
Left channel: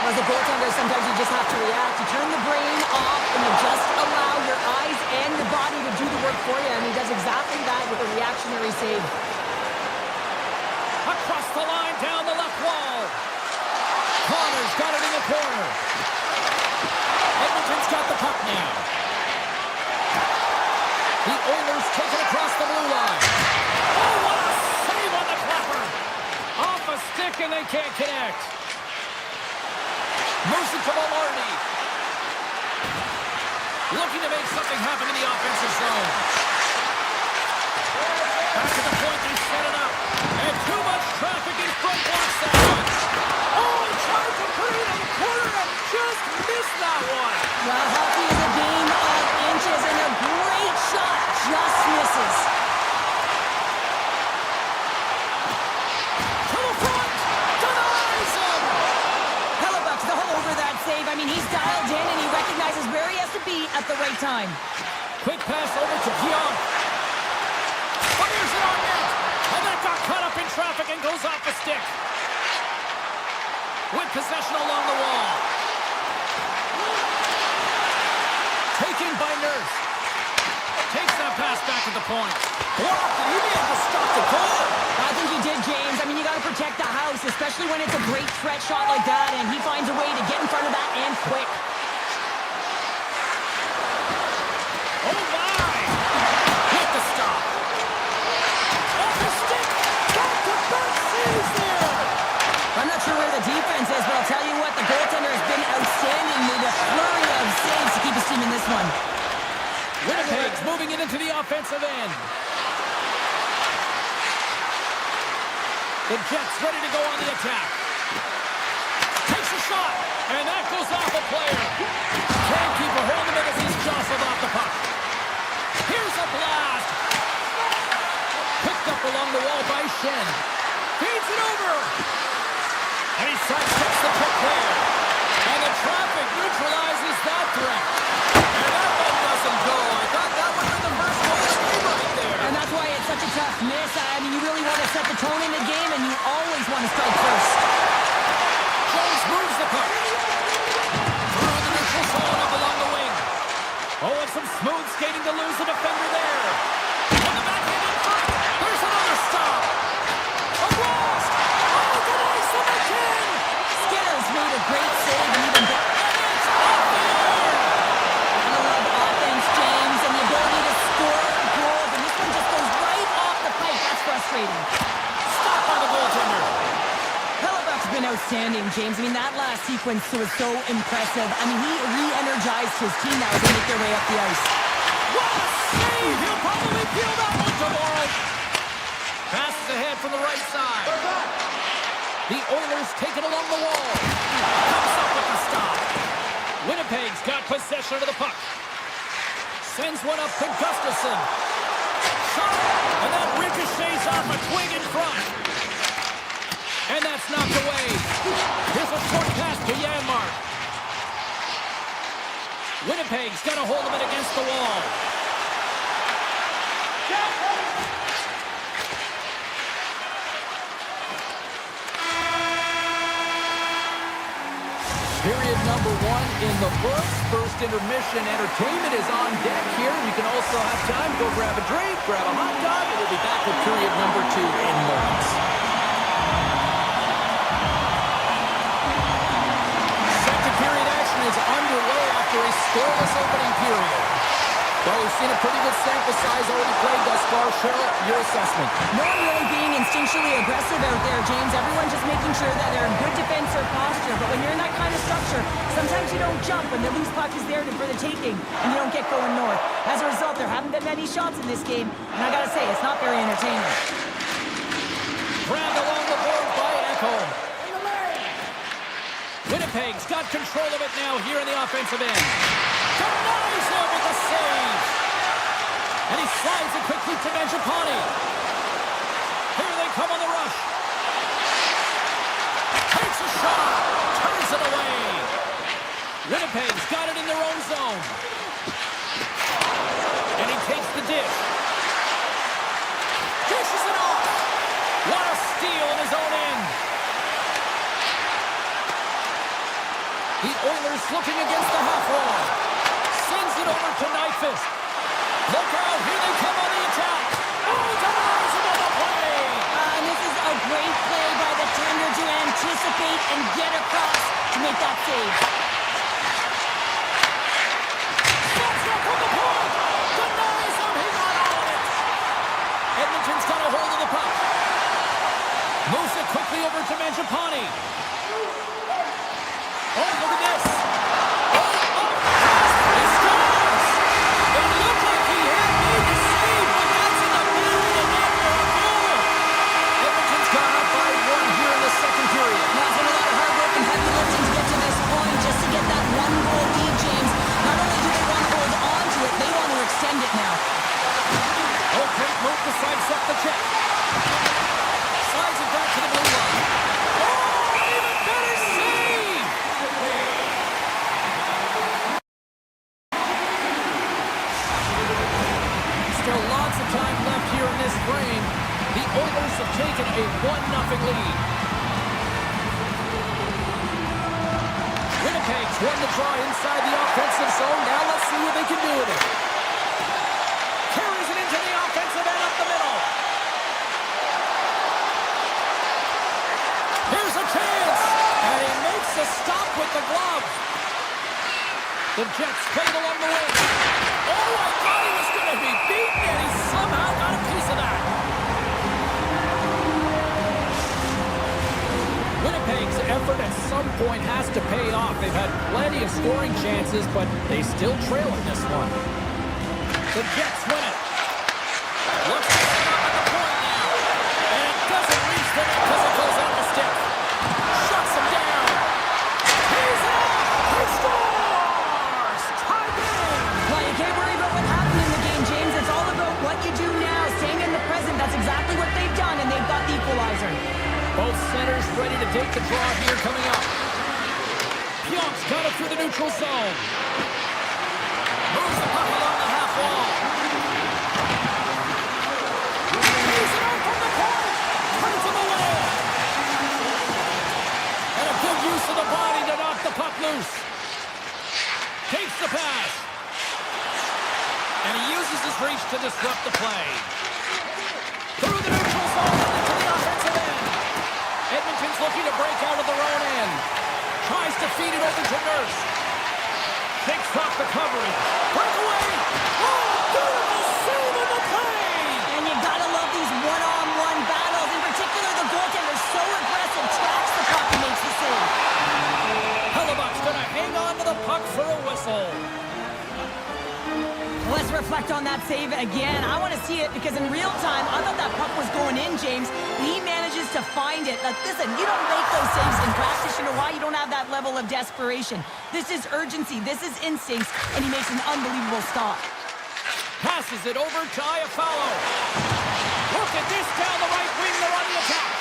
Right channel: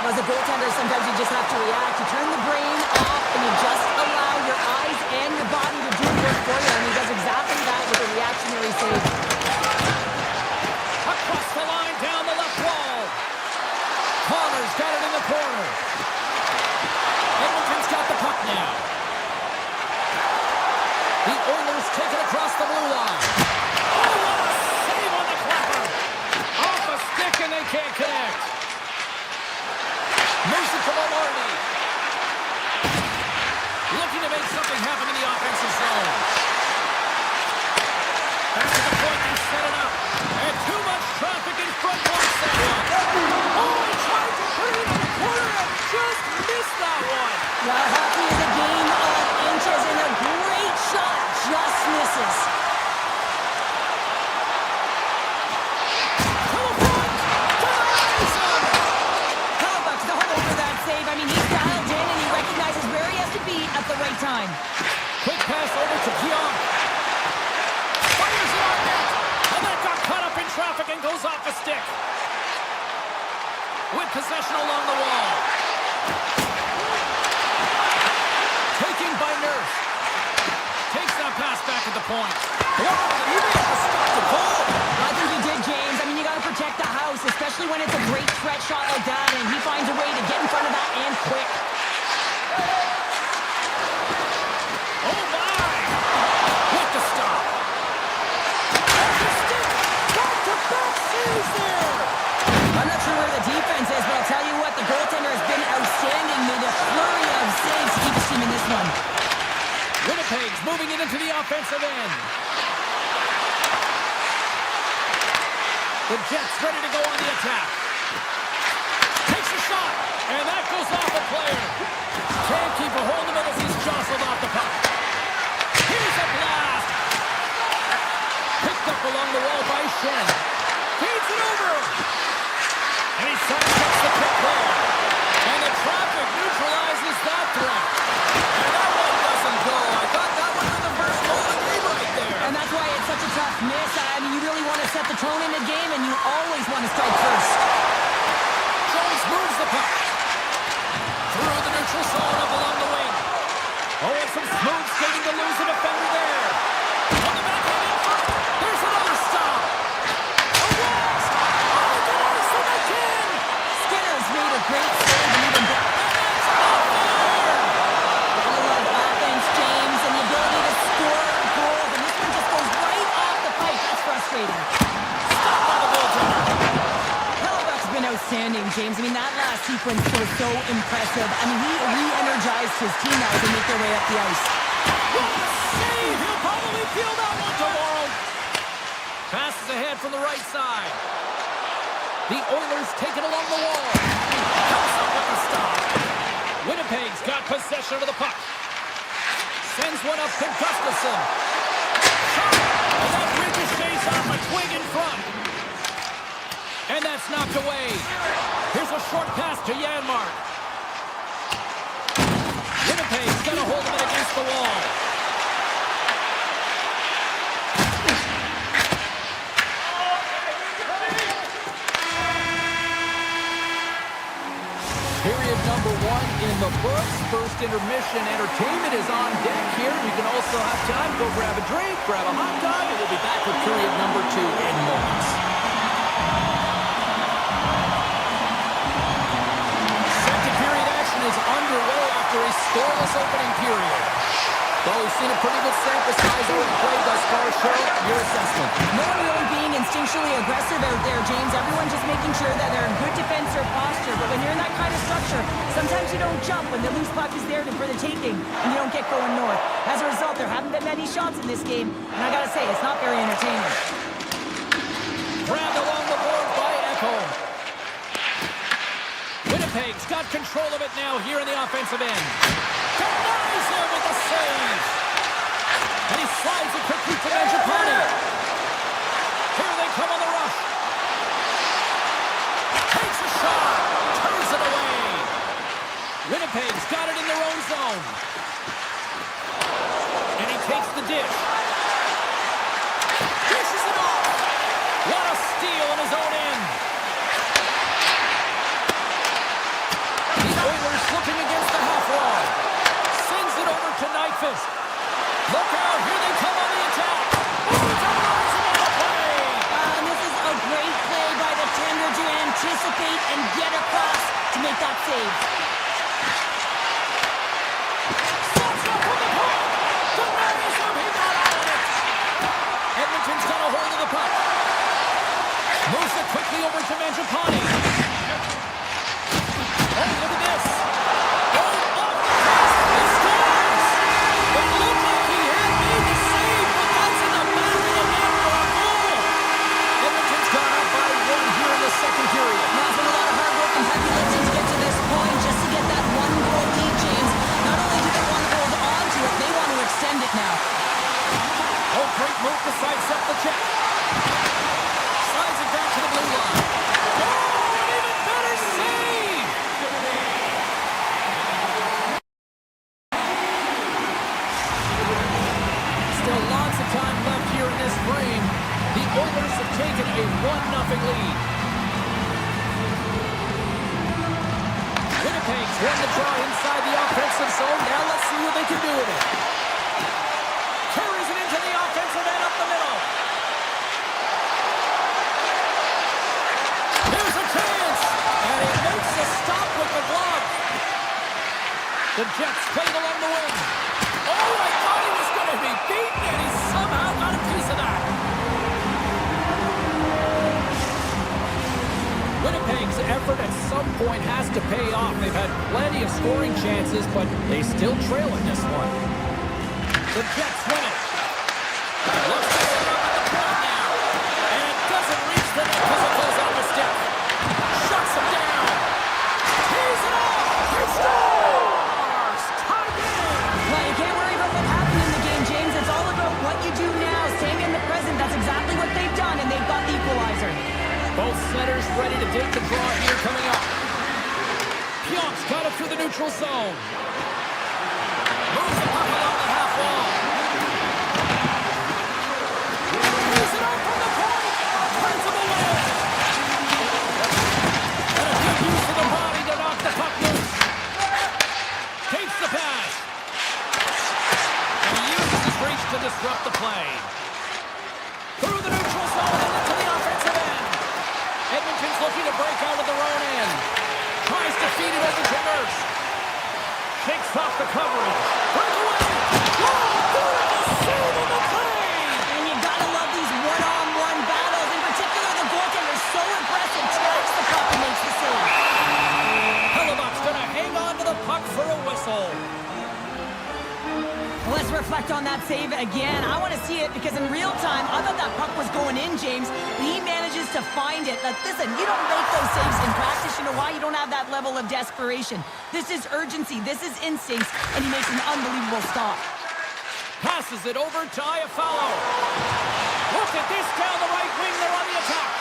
As a goaltender, sometimes you just have to react. You turn the brain off and you just allow your eyes and your body to do the work for you. And he does exactly that with a reactionary save. Across the line, down the left wall. Connor's got it in the corner. Edmonton's got the puck now. The Oilers take it across the blue line. Oh, what a save on the clapper. Off a stick and they can't connect. Moves it to Maloney. Looking to make something happen in the offensive zone. Back to the point, they set it up. And too much traffic in front blocks that one. Oh, he tried to put it in the corner and just missed that one. Well, hockey is a game of inches, and a great shot just misses. To the front, denies him. Hellebuck's all over that save. I mean, he's dialed in, and he recognizes where he has to be at the right time. Quick pass over to Keon. Fires it on net. And that got caught up in traffic and goes off a stick. With possession along the wall. Taken by Nurse. Takes that pass back at the point. Blocked it. He may have to stop the goal. I think he did, James. I mean, you got to protect the house, especially when it's a great threat shot like that, and he finds a way to get in front of that and quick. Oh, my! With the stop. Off the stick. Back-to-back saves there. I'm not sure where the defense is, but I'll tell you what, the goaltender has been outstanding. Made a flurry of saves to keep his team in this one. Winnipeg's moving it into the offensive end. The Jets ready to go on the attack. Takes a shot, and that goes off a player. Can't keep a hold of it as he's jostled off the puck. Here's a blast. Picked up along the wall by Shen. Feeds it over. And he sidesteps the kick there. And the traffic neutralizes that threat. And that one doesn't go. I thought that would be the first goal of the game right there. And that's why it's such a tough miss. I mean, you really want to set the tone in the game, and you always want to strike first. Jones moves the puck. Through the neutral zone up along the wing. Oh, and some smooth skating to lose the defender there. On the backhand in front. There's another stop. A blast. Oh, denies them again. Skinner's made a great save, and even better. And it's off the air. I love offense, James, and the ability to score goals, and this one just goes right off the pipe. That's frustrating. Stopped by the goaltender. Hellebuck's been outstanding, James. I mean, that last sequence was so impressive. I mean, he re-energized his team now as they make their way up the ice. What a save. He'll probably feel that one tomorrow. Passes ahead from the right side. The Oilers take it along the wall. Comes up with the stop. Winnipeg's got possession of the puck. Sends one up to Gustafsson. Shot! And that ricochets off a twig in front. And that's knocked away. Here's a short pass to Janmark. Winnipeg's got a hold of it against the wall. Period number 1 in the books. First intermission entertainment is on deck here. You can also have time to go grab a drink, grab a hot dog, and we'll be back with period number 2 in moments. Second period action is underway after a scoreless opening period. Well, we've seen a pretty good sample size already played thus far. Cheryl, your assessment. No one really being instinctually aggressive out there, James. Everyone just making sure that they're in good defensive posture. But when you're in that kind of structure, sometimes you don't jump when the loose puck is there for the taking, and you don't get going north. As a result, there haven't been many shots in this game, and I gotta say, it's not very entertaining. Grabbed along the board by Edmont. Winnipeg's got control of it now here in the offensive end. Denies him with the save. And he slides it quickly to Mangiapane. Here they come on the rush. Takes a shot. Turns it away. Winnipeg's got it in their own zone. And he takes the dish. Dishes it off. What a steal in his own end. The Oilers looking against the half wall. Sends it over to Nyquist. Look out, here they come on the attack. Oh, denies him on the play. And this is a great play by the tender to anticipate and get across to make that save. Slots up from the point. Denies him, he got all of it. Edmonton's got a hold of the puck. Moves it quickly over to Mangiapane. Oh, look at this. Oh, off the cross. He scores. It looked like he had made the save, but that's in the back of the net for a goal. Edmonton's gone up by one here in the second period. Now it's been a lot of hard work and heavy lifting to get to this point just to get that one-goal lead, James. Not only do they want to hold on to it, they want to extend it now. Oh, great move to sidestep the check. Slides it back to the blue line. Oh, an even better save! Still lots of time left here in this frame. The Oilers have taken a 1-0 lead. Winnipeg's won the draw inside the offensive zone. Now let's see what they can do with it. Carries it into the offensive end up the middle. Here's a chance, and he makes a stop with the glove. The Jets played along the wing. Oh, I thought he was going to be beaten, and he somehow got a piece of that. Winnipeg's effort at some point has to pay off. They've had plenty of scoring chances, but they still trail in this one. The Jets win it. Looks to set up at the point now. And it doesn't reach the net because it goes on the stick. Shuts him down. Tees it up. He scores! Tie game! Well, you can't worry about what happened in the game, James. It's all about what you do now, staying in the present. That's exactly what they've done, and they've got the equalizer. Both centers ready to take the draw here coming up. Pionk's got it through the neutral zone. Moves the puck along the half wall. He's it out from the point. Turns him away. And a good use of the body to knock the puck loose. Takes the pass. And he uses his reach to disrupt the play. Through the neutral zone and into the offensive end. Edmonton's looking to break out of their own end. Tries to feed it over to Nurse. Shakes off the coverage. Breakaway! Oh, beautiful save on the play! And you gotta love these one-on-one battles. In particular, the goaltender so aggressive, tracks the puck and makes the save. Hellebuck's gonna hang on to the puck for a whistle. Let's reflect on that save again. I want to see it because in real time, I thought that puck was going in, James. But he manages to find it. Like, listen, you don't make those saves in practice. You know why? You don't have that level of desperation. This is urgency. This is instincts. And he makes an unbelievable stop. Passes it over to Iafallo. Look at this down the right wing. They're on the attack.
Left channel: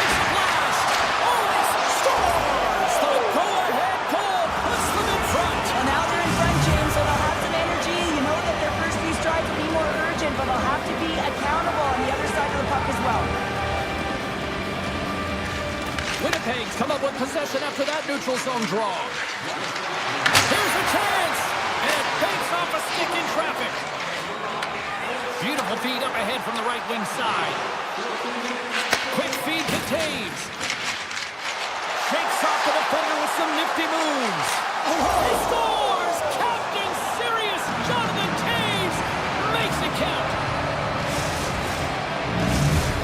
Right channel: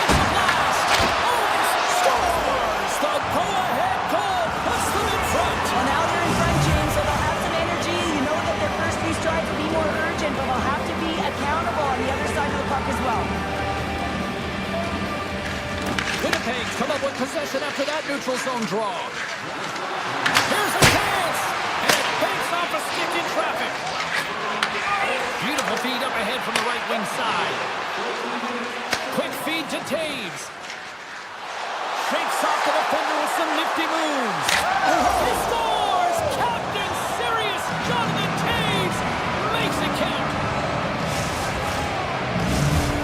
Takes a blast. Oh, he scores! The go-ahead goal puts them in front. Well, now they're in front, James, so they'll have some energy. You know that their first few strides will be more urgent, but they'll have to be accountable on the other side of the puck as well. Winnipeg's come up with possession after that neutral zone draw. Here's a chance, and it banks off a stick in traffic. Beautiful feed up ahead from the right wing side. Quick feed to Taves. Shakes off the defender with some nifty moves. He scores! Captain Sirius Jonathan Taves makes it count.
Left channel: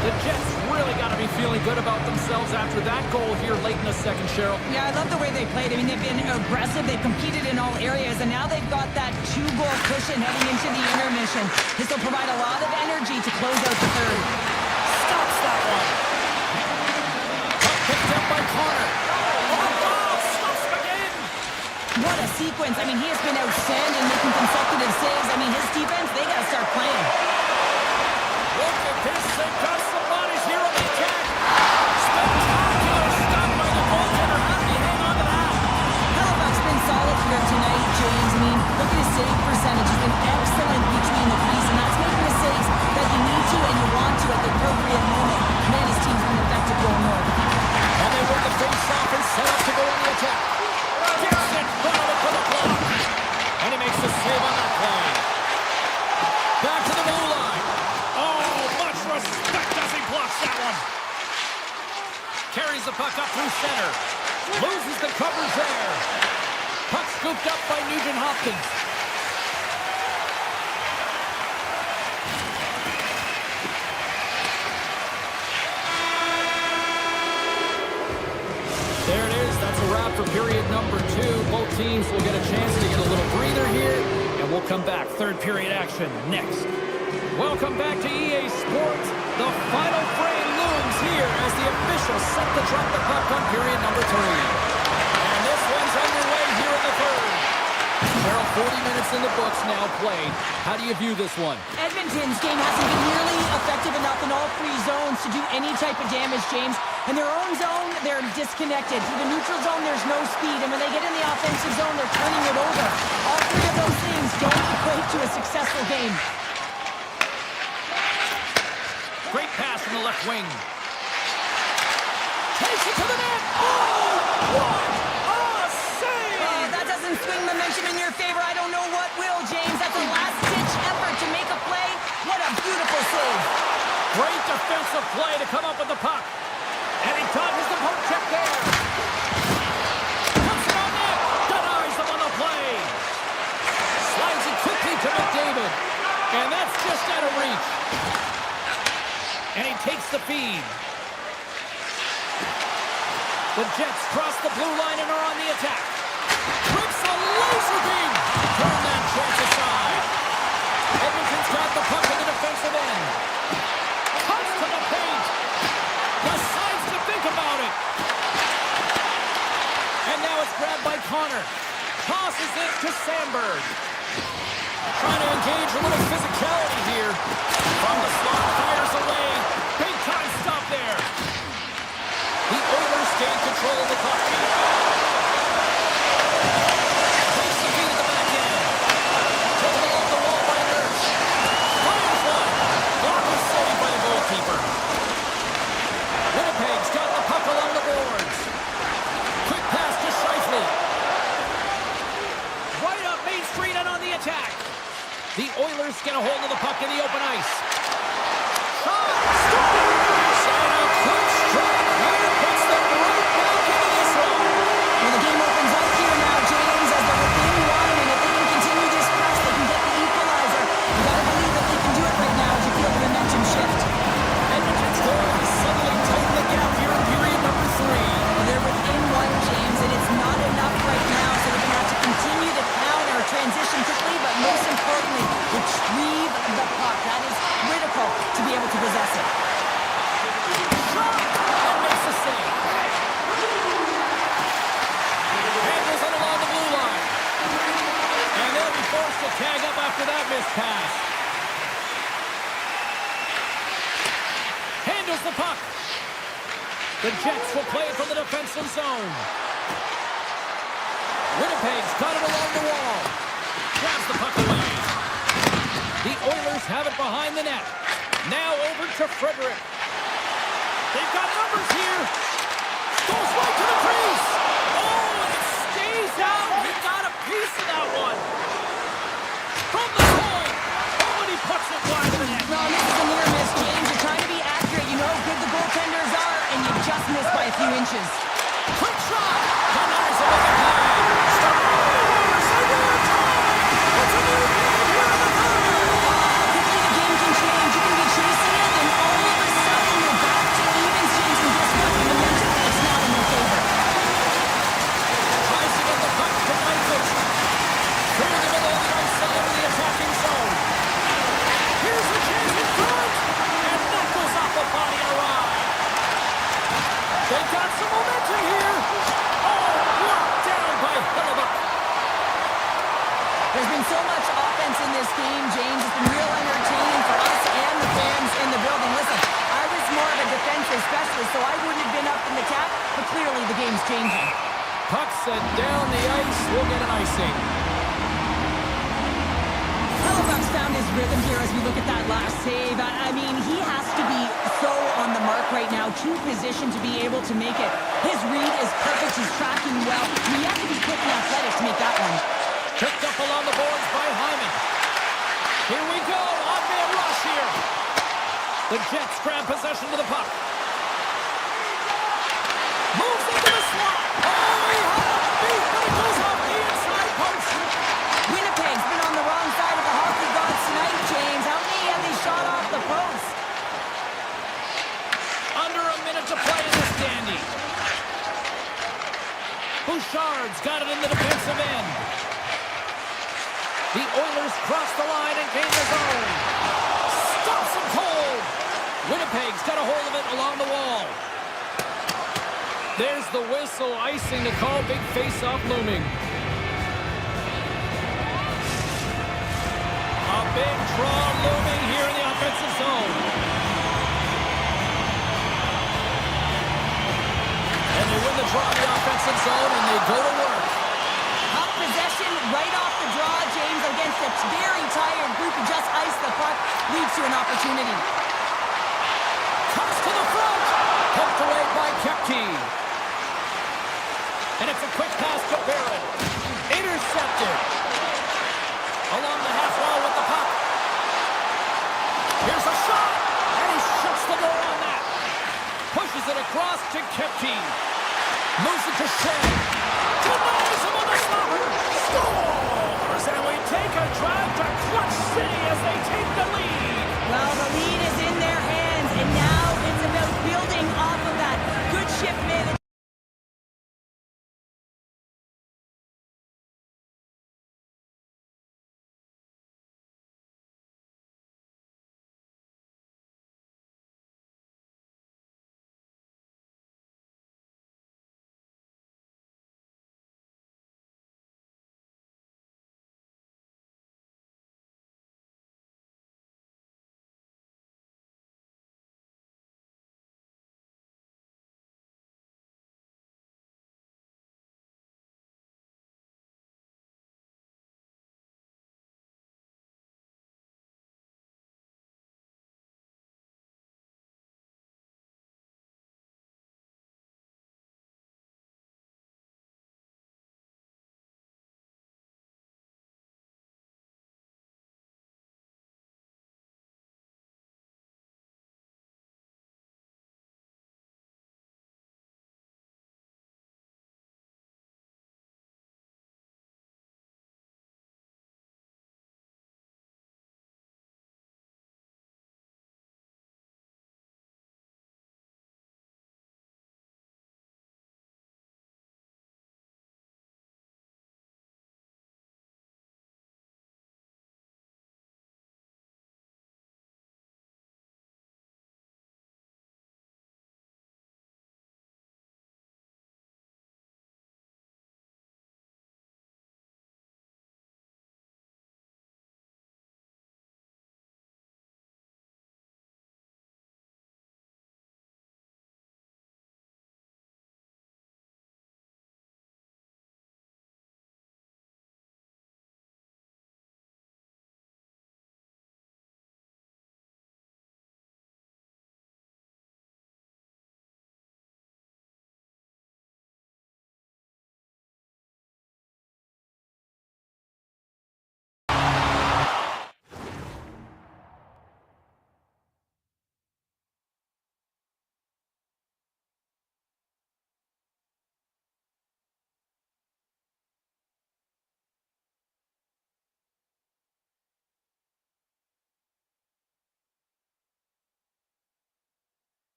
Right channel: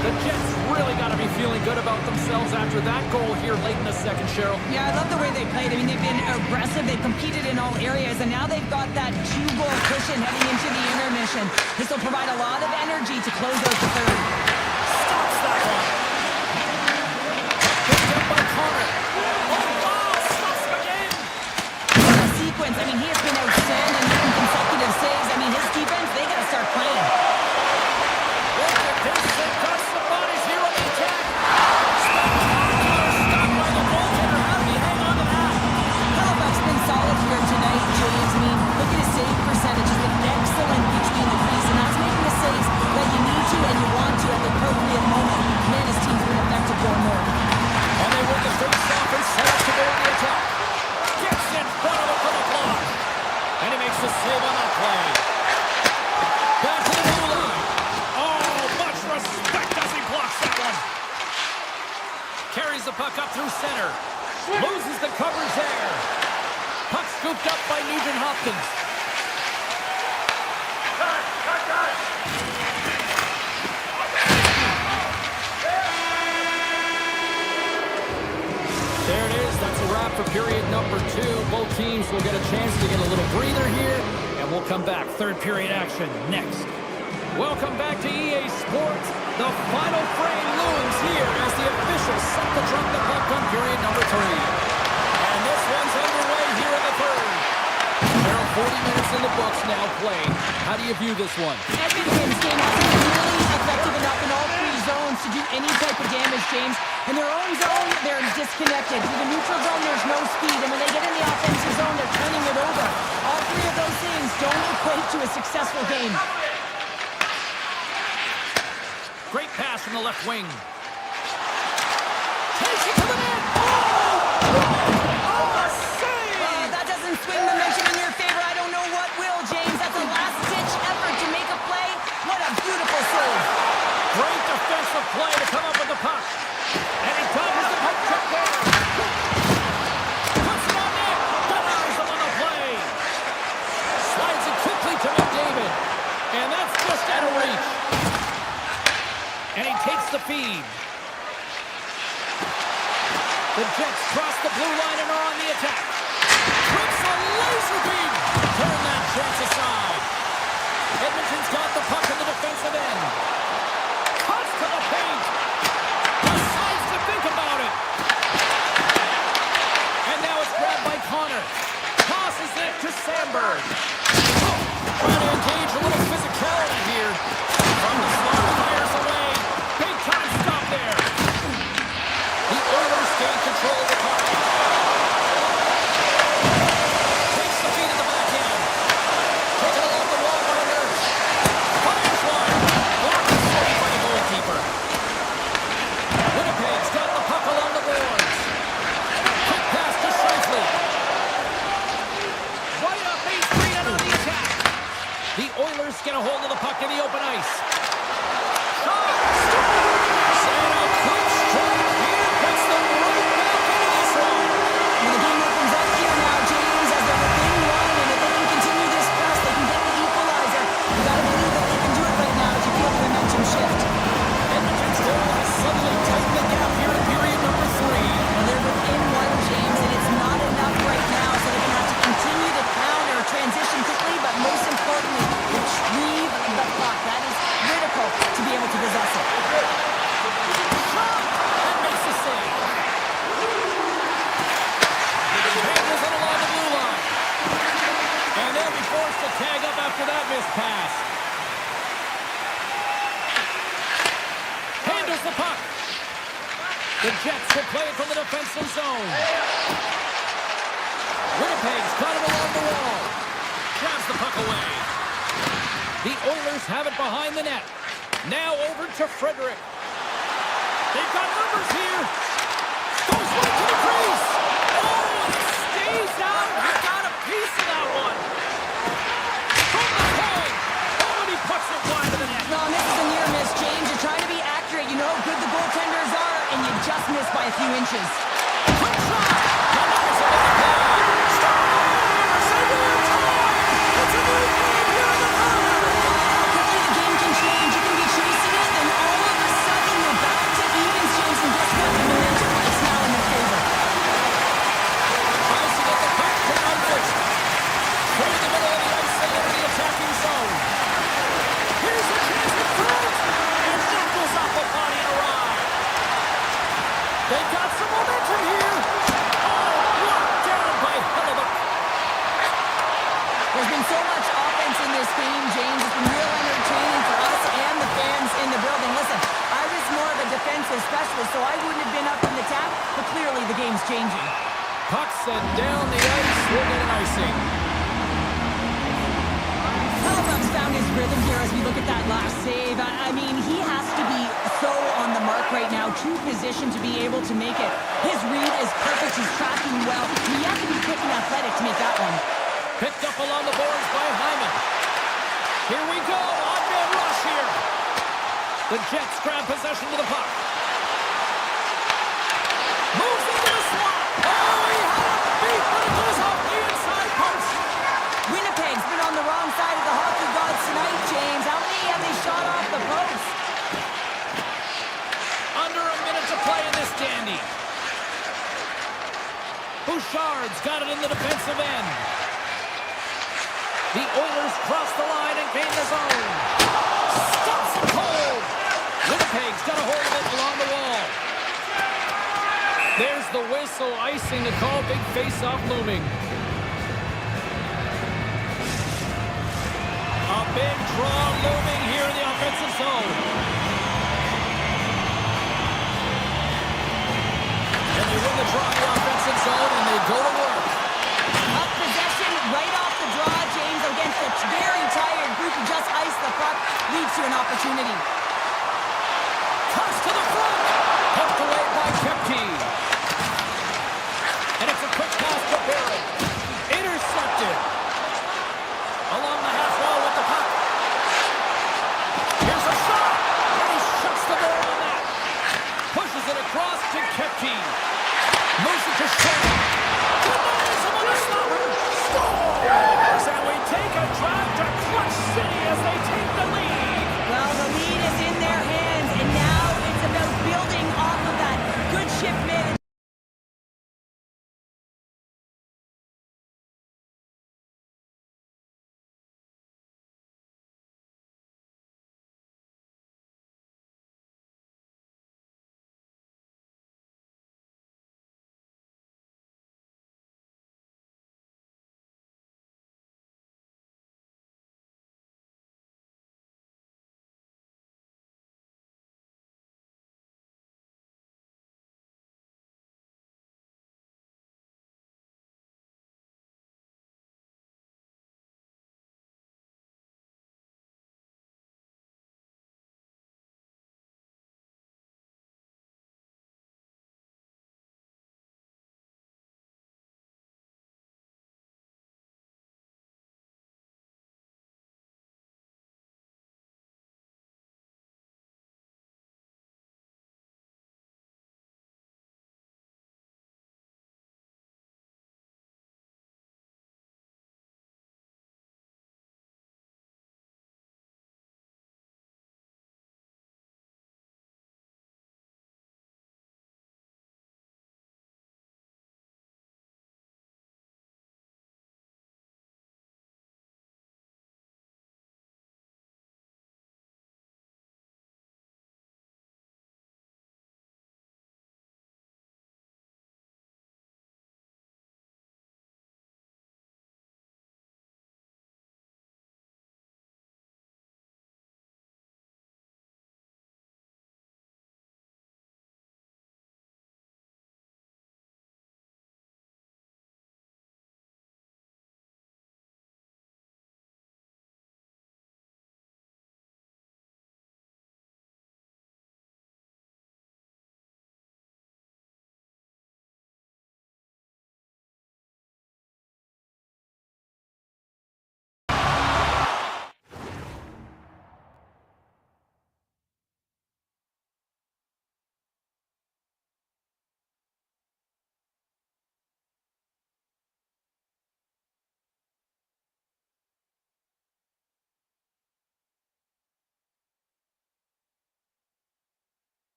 The Jets really got to be feeling good about themselves after that goal here late in the second, Cheryl. Yeah, I love the way they played. I mean, they've been aggressive. They've competed in all areas, and now they've got that 2-goal cushion heading into the intermission. This will provide a lot of energy to close out the third. Stops that one. Picked up by Connor. Oh, wow, stops him again. What a sequence. I mean, he has been outstanding, making consecutive saves. I mean, his defense, they got to start playing. Look at this. They've got some bodies here on the attack. Spectacular stop by the goaltender. How did he hang on to that? Hellebuyck's been solid here tonight, James. I mean, look at his save percentage. It's been excellent between the crease, and that's making the saves that you need to and you want to at the appropriate moment. Man, his team's been effective going north. And they win the face-off and set up to go on the attack. Gets in front of it for the block. And he makes the save on that play. Back to the blue line. Oh, much respect as he blocks that one. Carries the puck up through center. Loses the coverage there. Puck scooped up by Nugent Hopkins. There it is. That's a wrap for period number 2. Both teams will get a chance to get a little breather here, and we'll come back. Third period action next. Welcome back to EA Sports. The final frame looms here as the officials set to drop the puck on period number 3. And this one's underway here in the third. Carol, 40 minutes in the books now played. How do you view this one? Edmonton's game hasn't been nearly effective enough in all 3 zones to do any type of damage, James. In their own zone, they're disconnected. Through the neutral zone, there's no speed. And when they get in the offensive zone, they're turning it over. All 3 of those things don't equate to a successful game. Great pass from the left wing. Takes it to the net. Oh, what a save! That doesn't swing momentum in your favor. I don't know what will, James. That's a last-ditch effort to make a play. What a beautiful save. Great defensive play to come up with the puck. And he dodges the poke check there. Puts it on net. Denies him on the play. Slides it quickly to McDavid. And that's just out of reach. And he takes the feed. The Jets cross the blue line and are on the attack. Trips a laser beam. Turn that chance aside. Edmonton's got the puck in the defensive end. Cuts to the paint. Decides to think about it. And now it's grabbed by Connor. Tosses it to Sandberg. Trying to engage a little physicality here. From the slot, fires away. Big time stop there. The Oilers gain control of the puck. Takes the feed at the back end. Taken along the wall by Nurse. Fires one. Blocked the save by the goalkeeper. Winnipeg's got the puck along the boards. Quick pass to Scheifele. Right up Main Street and on the attack. The Oilers get a hold of the puck in the open ice. Shot! Scores! And a quick strike here puts them right back into this one. Well, the game opens up here now, James, as they're within 1, and if they can continue this press, they can get the equalizer. You got to believe that they can do it right now as you feel the momentum shift. Edmonton's goal has suddenly tightened the gap here in period number 3. Well, they're within 1, James, and it's not enough right now, so they're going to have to continue to counter, transition quickly, but most importantly, retrieve the puck. That is critical to be able to possess it. Shot! And makes the save. Handles it along the blue line. And they'll be forced to tag up after that missed pass. Handles the puck. The Jets will play it from the defensive zone. Winnipeg's got it along the wall. Grabs the puck away. The Oilers have it behind the net. Now over to Frederick. They've got numbers here. Goes right to the crease. Oh, and it stays out. He got a piece of that one. From the point. Oh, and he puts it wide of the net. No, this is a near miss, James. You're trying to be accurate. You know how good the goaltenders are, and you just miss by a few inches. Quick shot. Denies him with the pad. Stars! And we're tied. It's a new game here in the third. How quickly the game can change. You can be chasing it, and all of a sudden you're back to evens, James. And guess what? The momentum is now in their favor. Tries to get the puck to Nyquist. Through the middle of the ice, they enter the attacking zone. Here's a chance in front. And that goes off the body and a ride. They've got some momentum here. Oh, locked down by Hellebuyck. There's been so much offense in this game, James. It's been real entertaining for us and the fans in the building. Listen, I was more of a defensive specialist, so I wouldn't have been up in the tap, but clearly the game's changing. Puck sent down the ice. We'll get an icing. Hellebuyck's found his rhythm here as we look at that last save. I mean, he has to be so on the mark right now, true position to be able to make it. His read is perfect. He's tracking well. He has to be quick and athletic to make that one. Picked up along the boards by Hyman. Here we go. Odd-man rush here. The Jets grab possession to the puck. Moves into the slot. Oh, he had him beat, but it goes off the inside post. Winnipeg's been on the wrong side of the hockey gods tonight, James. How many have they shot off the post? Under a minute to play in this dandy. Bouchard's got it in the defensive end. The Oilers cross the line and gain the zone. Stops him cold. Winnipeg's got a hold of it along the wall. There's the whistle, icing to call. Big face-off looming. A big draw looming here in the offensive zone. And they win the draw in the offensive zone, and they go to work. Up possession right off the draw, James, against a very tired group who just iced the puck, leads to an opportunity. Toss to the front. Poked away by Kepke. And it's a quick pass to Barron. Intercepted. Along the half wall with the puck. Here's a shot. And he shuts the door on that. Pushes it across to Kepke. Moves it to Shea. Denies him on the stopper. Scores! And we take a drive to Clutch City as they take the lead. Well, the lead is in their hands, and now it's about building off of that. Good shift management.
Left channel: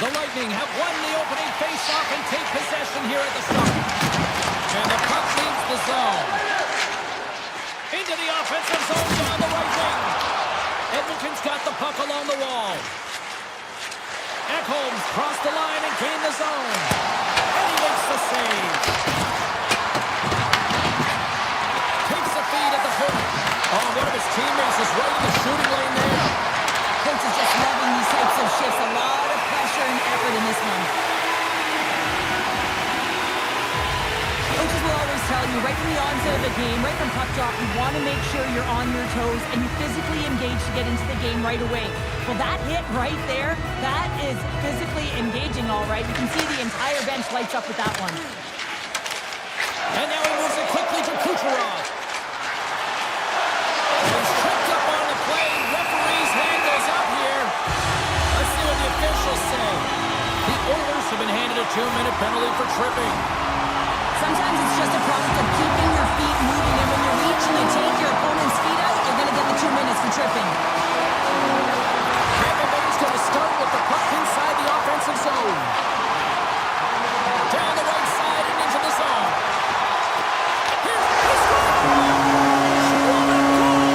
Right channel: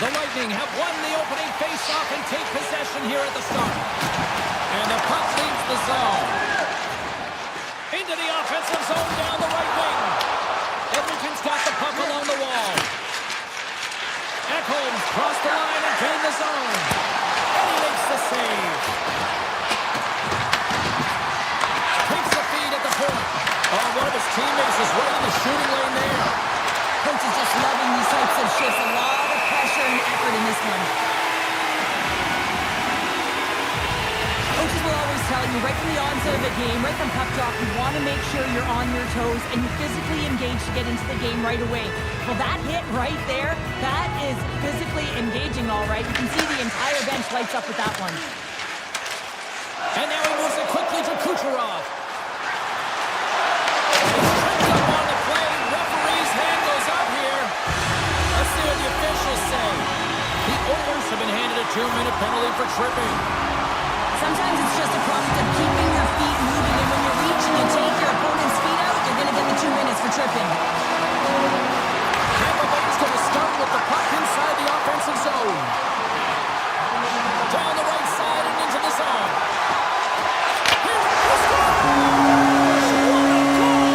The Lightning have won the opening face-off and take possession here at the start. And the puck leaves the zone. Into the offensive zone down the right wing. Edmonton's got the puck along the wall. Ekholm's crossed the line and gained the zone. And he makes the save. Takes the feed at the point. Oh, one of his teammates is right in the shooting lane there. Coach is just loving these types of shifts. A lot of pressure and effort in this one. Coaches will always tell you, right from the onset of the game, right from puck drop, you want to make sure you're on your toes and you physically engage to get into the game right away. Well, that hit right there, that is physically engaging, all right. You can see the entire bench lights up with that one. And now he moves it quickly to Kucherov. It's tripped up on the play. Referee's hand goes up here. Let's see what the officials say. The Oilers have been handed a 2-minute penalty for tripping. Sometimes it's just a product of keeping your feet moving, and when you reach and you take your opponent's feet out, you're going to get the 2 minutes for tripping. Tampa Bay's going to start with the puck inside the offensive zone. Down the right side and into the zone. Here's the score! What a goal!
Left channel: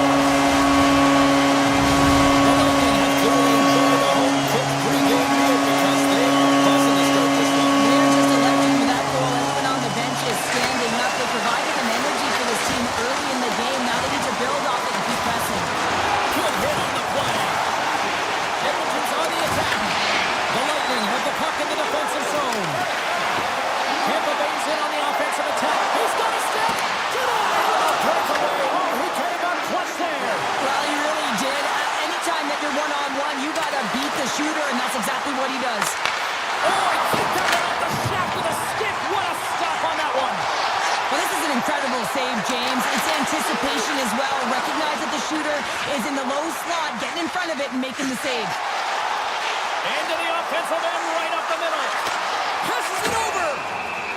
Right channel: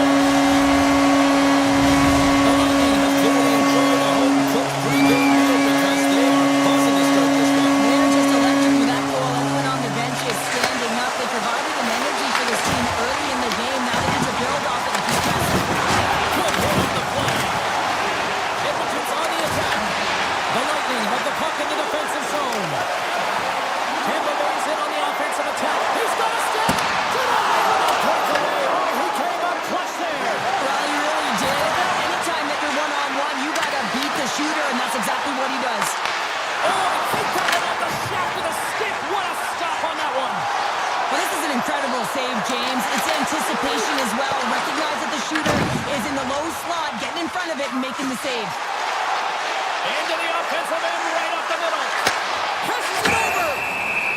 The Lightning have clearly enjoyed a home-cooked pregame meal because they are buzzing to start this one. They're just electric with that goal. Everyone on the bench is standing up. They provided an energy for this team early in the game. Now they need to build off it and keep pressing. Good hit on the play. Edmonton's on the attack. The Lightning have the puck in the defensive zone. Tampa Bay's in on the offensive attack. He's got a step. Denied with a breakaway. Oh, he came up clutch there. Well, he really did. Anytime that you're one-on-one, you got to beat the shooter, and that's exactly what he does. Oh, I think that went off the shaft of the stick. What a stop on that one. Well, this is an incredible save, James. It's anticipation as well. Recognize that the shooter is in the low slot, getting in front of it and making the save. Into the offensive end, right up the middle. Passes it over.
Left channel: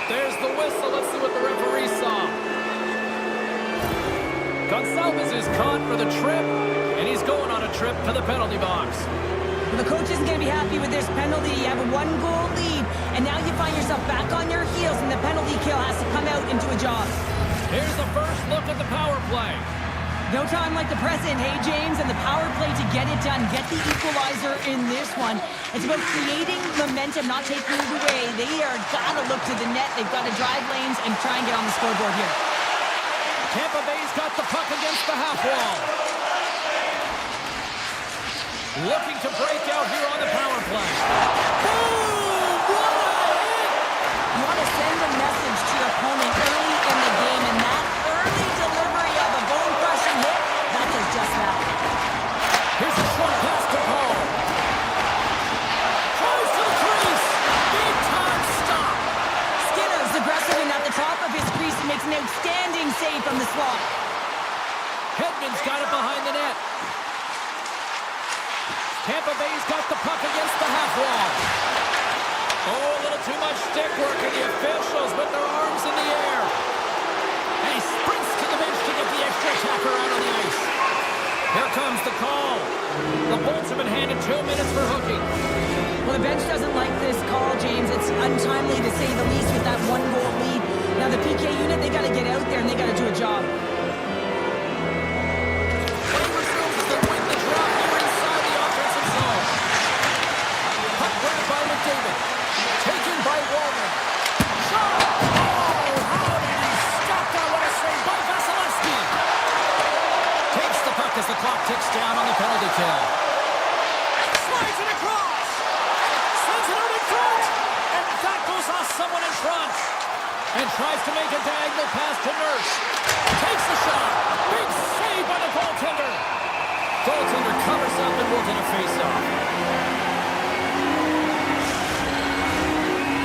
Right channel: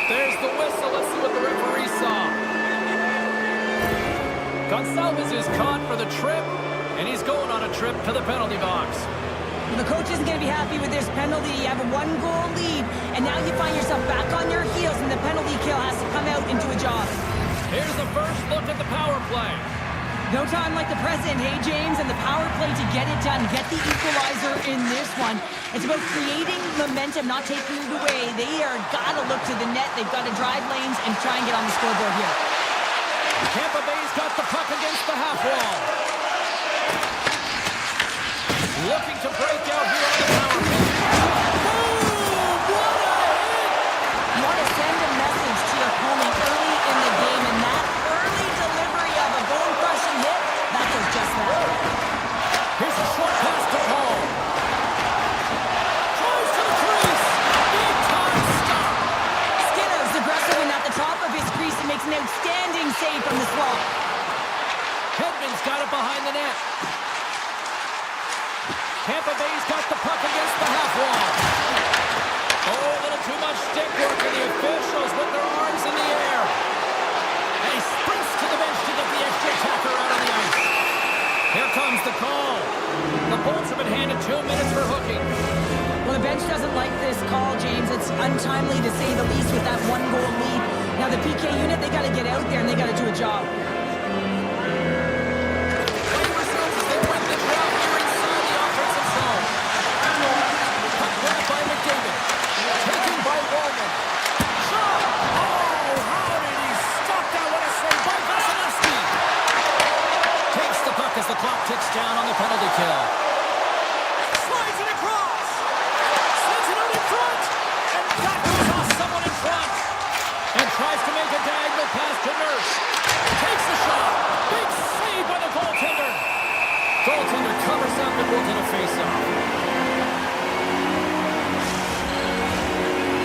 There's the whistle. Let's see what the referee saw. Gonçalves is caught for the trip, and he's going on a trip to the penalty box. Well, the coach isn't going to be happy with this penalty. You have a 1-goal lead, and now you find yourself back on your heels, and the penalty kill has to come out and do a job. Here's the first look at the power play. No time like the present, hey, James, and the power play to get it done. Get the equalizer in this one. It's about creating momentum, not taking it away. They are got to look to the net. They've got to drive lanes and try and get on the scoreboard here. Tampa Bay's got the puck against the half wall. Looking to break out here on the power play. Boom! What a hit! You want to send a message to your opponent early in the game, and that early delivery of a bone-crushing hit, that does just that. Here's a short pass to Paul. Close to the crease. Big time stop. Skinner's aggressive and at the top of his crease and makes an outstanding save from the slot. Hedman's got it behind the net. Tampa Bay's got the puck against the half wall. Oh, a little too much stick work, and the officials with their arms in the air. And he sprints to the bench to get the extra attacker out on the ice. Here comes the call. The Bolts have been handed 2 minutes for hooking. Well, the bench doesn't like this call, James. It's untimely to say the least with that 1-goal lead. Now, the PK unit, they got to get out there, and they got to do a job. Play resumes as they win the draw here inside the offensive zone. Puck grabbed by McDavid. Taken by Wallman. Shot! Oh, how did he stop that? What a save by Vasilevsky. Takes the puck as the clock ticks down on the penalty kill. Slides it across. Sends it out in front. And that goes off someone in front. And tries to make a diagonal pass to Nurse. Takes the shot. Big save by the goaltender. Goaltender covers up and will get a face-off.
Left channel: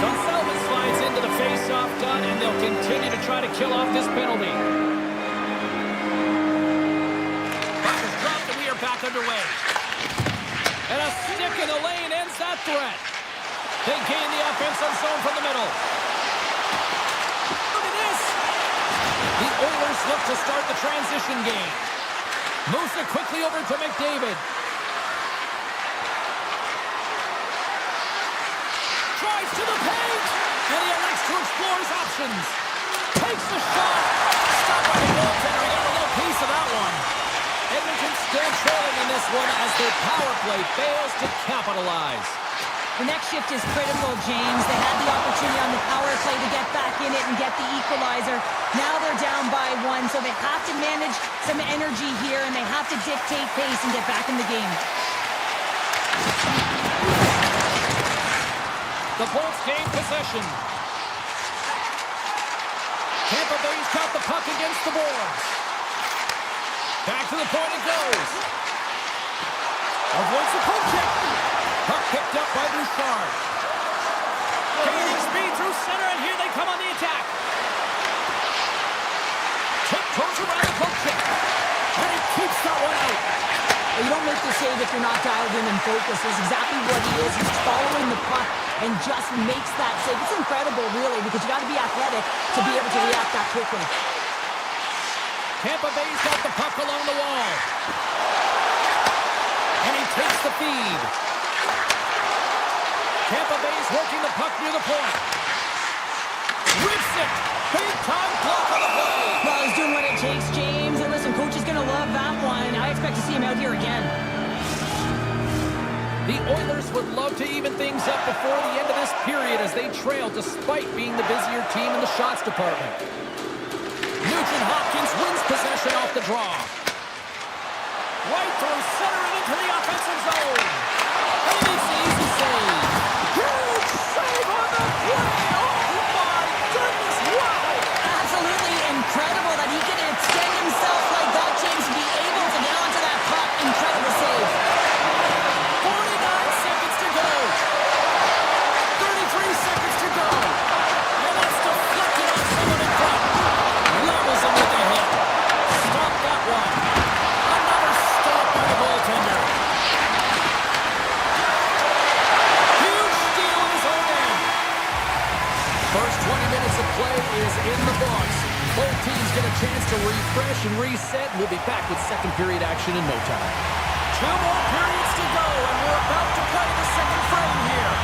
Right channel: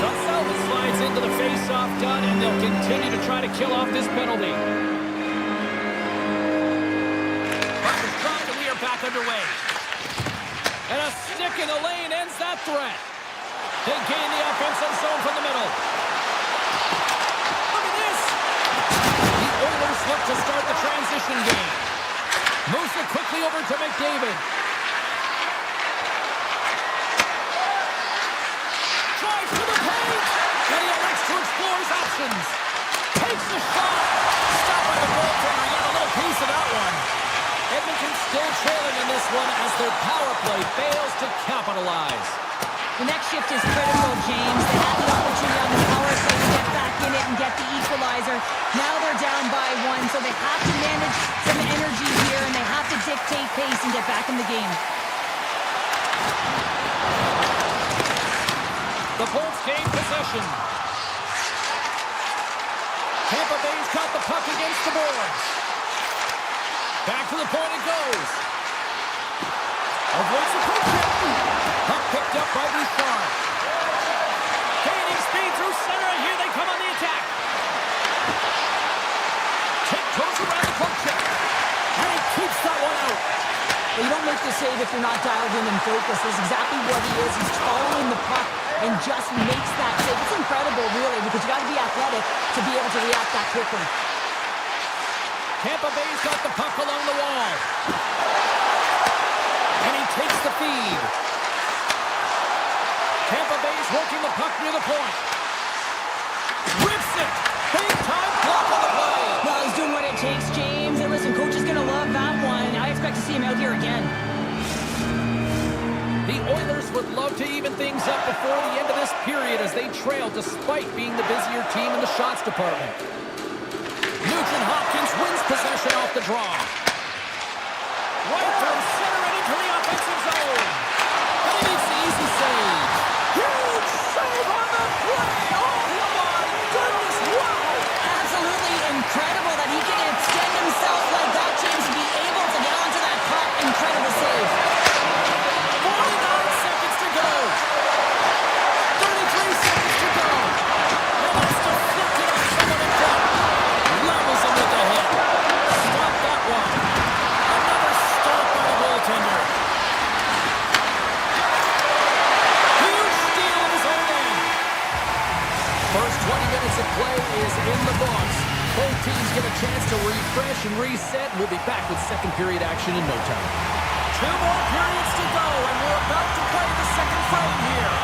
Gonçalves slides into the face-off done, and they'll continue to try to kill off this penalty. Puck is dropped, and we are back underway. And a stick in the lane ends that threat. They gain the offensive zone from the middle. Look at this. The Oilers look to start the transition game. Moves it quickly over to McDavid. drives to the paint, and he elects to explore his options. Takes the shot. Stopped by the goaltender. He got a little piece of that one. Edmonton still trailing in this one as their power play fails to capitalize. The next shift is critical, James. They had the opportunity on the power play to get back in it and get the equalizer. Now they're down by 1, so they have to manage some energy here, and they have to dictate pace and get back in the game. The Bolts gain possession. Tampa Bay's got the puck against the boards. Back to the point it goes. Avoids the poke check. Puck picked up by Bouchard. Gaining speed through center, and here they come on the attack. Tiptoes around the poke check. And he keeps that one out. Well, you don't make the save if you're not dialed in and focused. That's exactly what he is. He's following the puck and just makes that save. It's incredible, really, because you got to be athletic to be able to react that quickly. Tampa Bay's got the puck along the wall. And he takes the feed. Tampa Bay's working the puck near the point. Rips it. Big time block on the play. Well, he's doing what it takes, James. And listen, coach is going to love that one. I expect to see him out here again. The Oilers would love to even things up before the end of this period as they trail despite being the busier team in the shots department. Nugent Hopkins wins possession off the draw. Right through center and into the offensive zone. And he makes the easy save. Huge save on the play. Oh my goodness, wow. Absolutely incredible that he can extend himself like that, James, to be able to get onto that puck. Incredible save. 49 seconds to go. 33 seconds to go. And that's deflected on someone in front. Levels him with the hit. Stop that one. Another stop by the goaltender. Huge steal in his own end. First 20 minutes of play is in the books. Both teams get a chance to refresh and reset. We'll be back with second period action in no time. 2 more periods to go, and we're about to play the second frame here.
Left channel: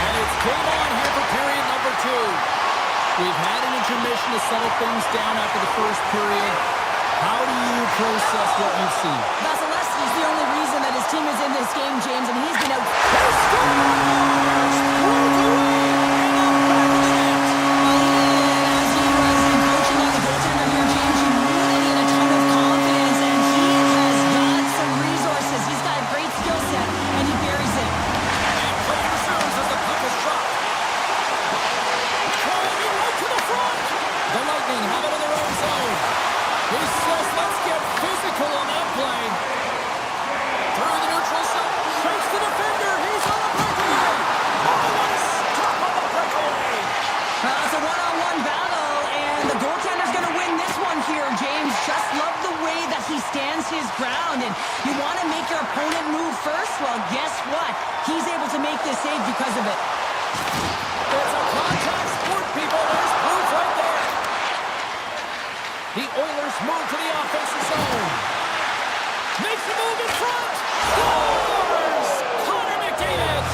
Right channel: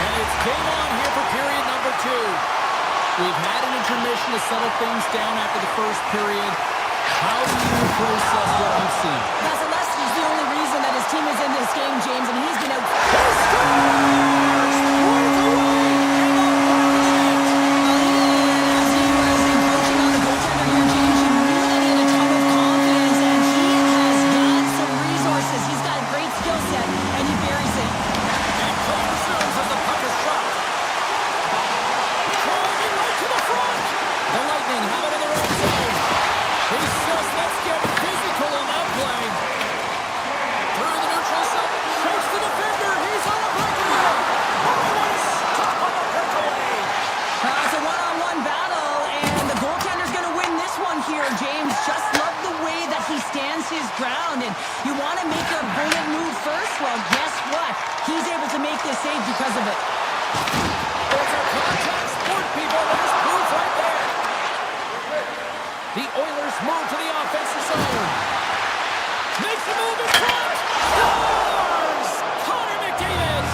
And it's game on here for period number 2. We've had an intermission to settle things down after the first period. How do you process what you've seen? Vasilevsky's the only reason that his team is in this game, James, and he's been out. He scores! Breakaway! And the back of the net! Well, even as he was encroaching on the goaltender here, James, you knew that he had a ton of confidence, and he has got some resources. He's got a great skill set, and he buries it. And play resumes as the puck is dropped. Driving right to the front! The Lightning have it in their own zone. He says, let's get physical on that play. Through the neutral zone. Shakes the defender. He's on a breakaway. Oh, what a stop on the breakaway. It's a one-on-one battle, and the goaltender's going to win this one here, James. Just love the way that he stands his ground, and you want to make your opponent move first? Well, guess what? He's able to make this save because of it. It's a contact sport, people. There's proof right there. The Oilers move to the offensive zone. Makes a move in front. Scores! Connor McDavid.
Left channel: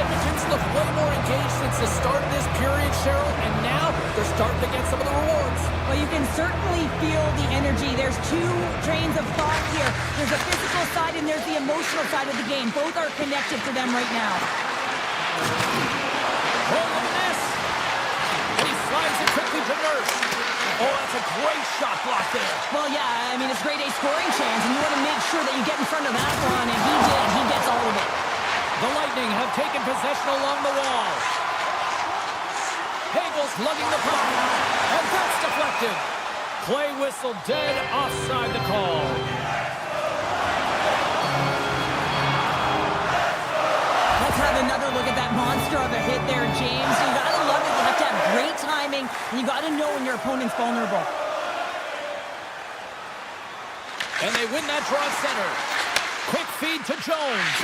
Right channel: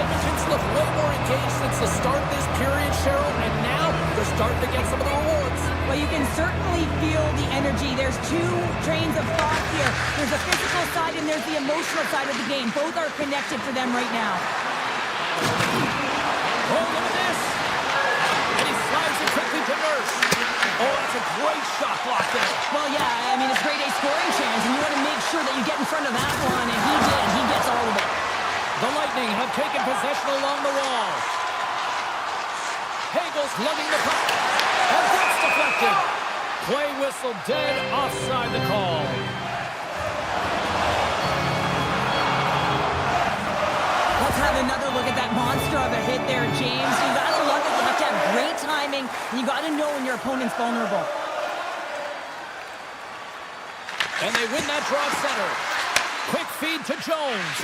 Edmonton's looked way more engaged since the start of this period, Cheryl, and now they're starting to get some of the rewards. Well, you can certainly feel the energy. There's 2 trains of thought here. There's a physical side and there's the emotional side of the game. Both are connected for them right now. Oh, look at this. And he slides it quickly to Nurse. Oh, that's a great shot block there. Well, yeah, I mean, it's grade A scoring chance, and you want to make sure that you get in front of that one, and he did. He gets all of it. The Lightning have taken possession along the wall. Hagel's lugging the puck, and that's deflected. Play whistle dead, offside the call. Let's have another look at that monster of a hit there, James. You got to love it. You have to have great timing, and you got to know when your opponent's vulnerable. And they win that draw at center. Quick feed to Jones.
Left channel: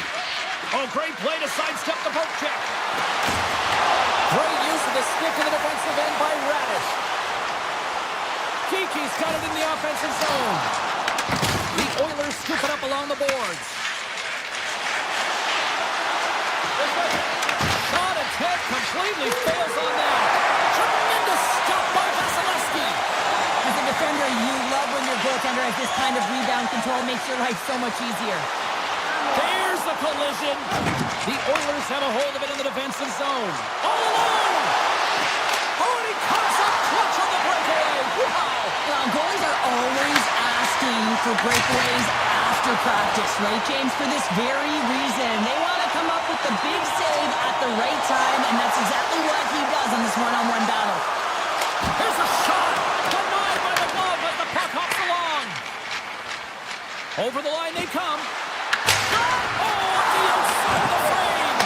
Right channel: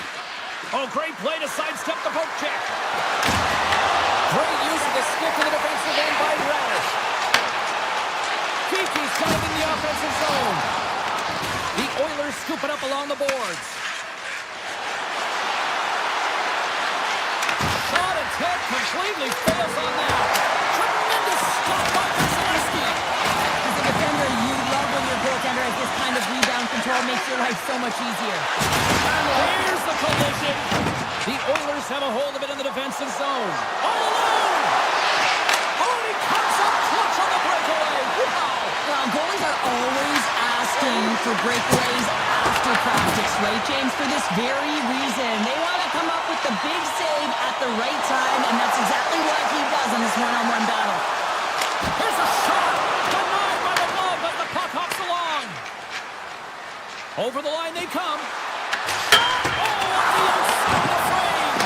Oh, great play to sidestep the poke check. Great use of the stick in the defensive end by Radish. Kiki's got it in the offensive zone. The Oilers scoop it up along the boards. completely fails on that. Tremendous stop by Vasilevsky. As a defender, you love when your goaltender has this kind of rebound control. Makes your life so much easier. There's the collision. The Oilers have a hold of it in the defensive zone. All alone. Oh, and he comes up clutch on the breakaway. Wow. Well, goalies are always asking for breakaways after practice, right, James? For this very reason. They want to come up with the big save at the right time, and that's exactly what he does on this one-on-one battle. Here's a shot. Denied by the glove as the puck hops along. Over the line they come. Oh, on the outside of the frame.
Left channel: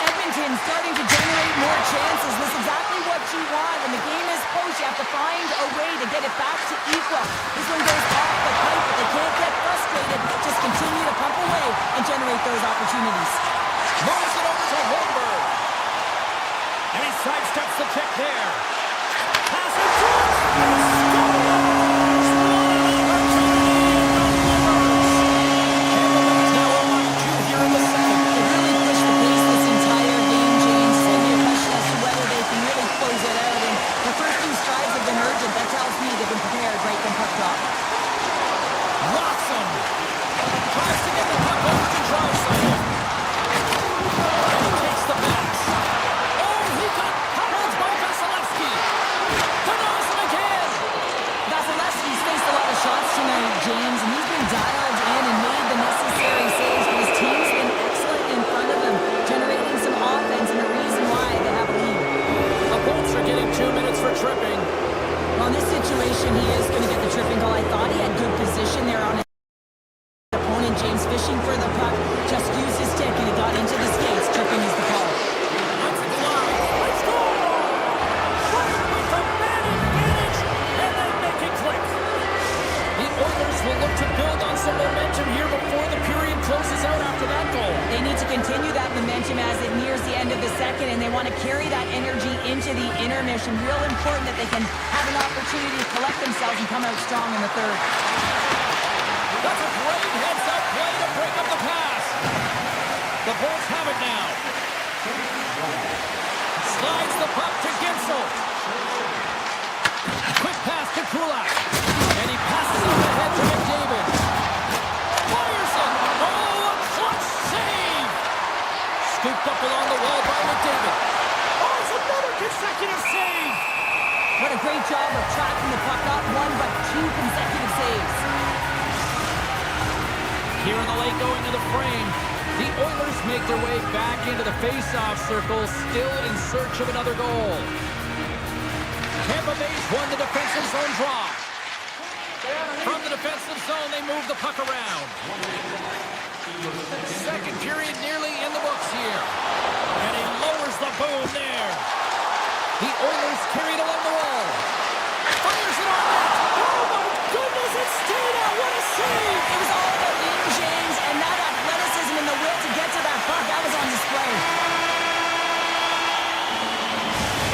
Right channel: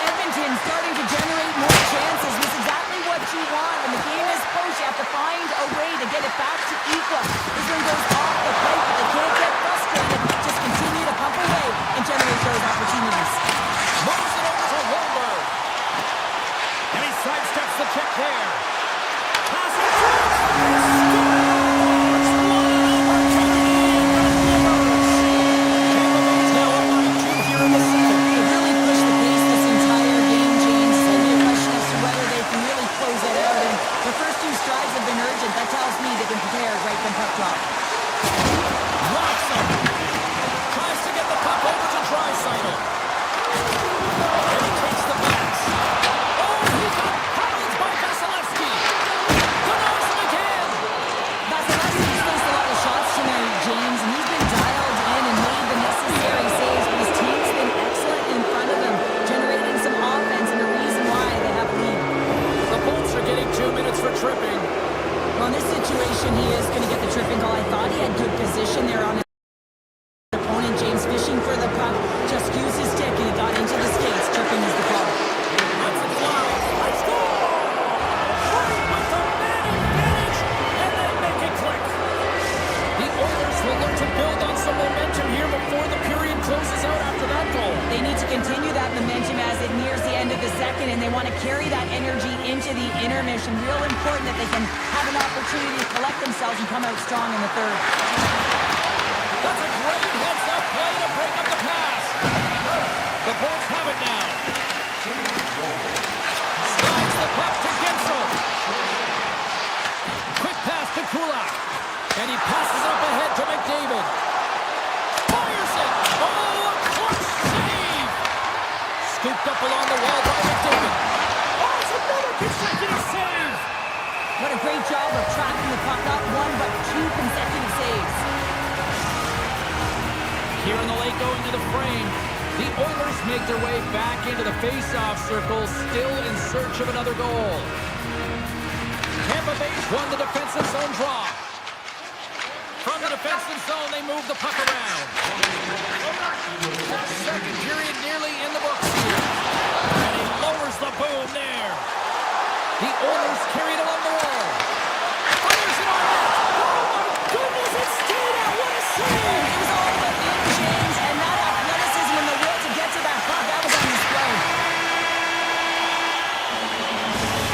Edmonton starting to generate more chances. This is exactly what you want. When the game is close, you have to find a way to get it back to equal. This one goes off the pipe, but they can't get frustrated. Just continue to pump away and generate those opportunities. Moves it over to Holmberg. And he sidesteps the check there. Pass it through. And scores! What an opportunity and delivers. Tampa Bay's now on line 2 here in the second. They really pushed the pace this entire game, James. It's going to be a question as to whether they can really close it out. And their first 2 strides have been urgent. That tells me they've been prepared right from puck drop. Rocks him. Tries to get the puck over to Draisaitl. And he takes the pass. Oh, he got howled by Vasilevsky. Denies him again. Vasilevsky's faced a lot of shots tonight, James, and he's been dialed in and made the necessary saves, but his team's been excellent in front of him, generating some offense and a reason why they have a lead. The Bolts are getting 2 minutes for tripping. Well, in this situation, he is going to get the tripping goal. I thought he had good position there on his opponent. James fishing for the puck, just used his stick and it got into the skates. Tripping is the call. Lets it fly. Let's go! Right with the man advantage, and they make it click. The Oilers will look to build on some momentum here before the period closes out after that goal. They need to continue that momentum as it nears the end of the second, and they want to carry that energy into the intermission. Real important that they can have an opportunity to collect themselves and come out strong in the third. That's a great heads-up play to break up the pass. The Bolts have it now. Slides the puck to Gensel. Quick pass to Kulak. And he passes up ahead to McDavid. Fires it. Oh, a clutch save. Scooped up along the wall by McDavid. Oh, it's another consecutive save. What a great job of tracking the puck. Not 1, but 2 consecutive saves. Here in the late going to the frame, the Oilers make their way back into the face-off circle, still in search of another goal. Tampa Bay's won the defensive zone draw. From the defensive zone, they move the puck around. Second period nearly in the books here. And he lowers the boom there. The Oilers carry it along the wall. Fires it on net. Oh, my goodness, it stayed out. What a save. It was all but in, James, and that athleticism and the will to get to that puck, that was on display.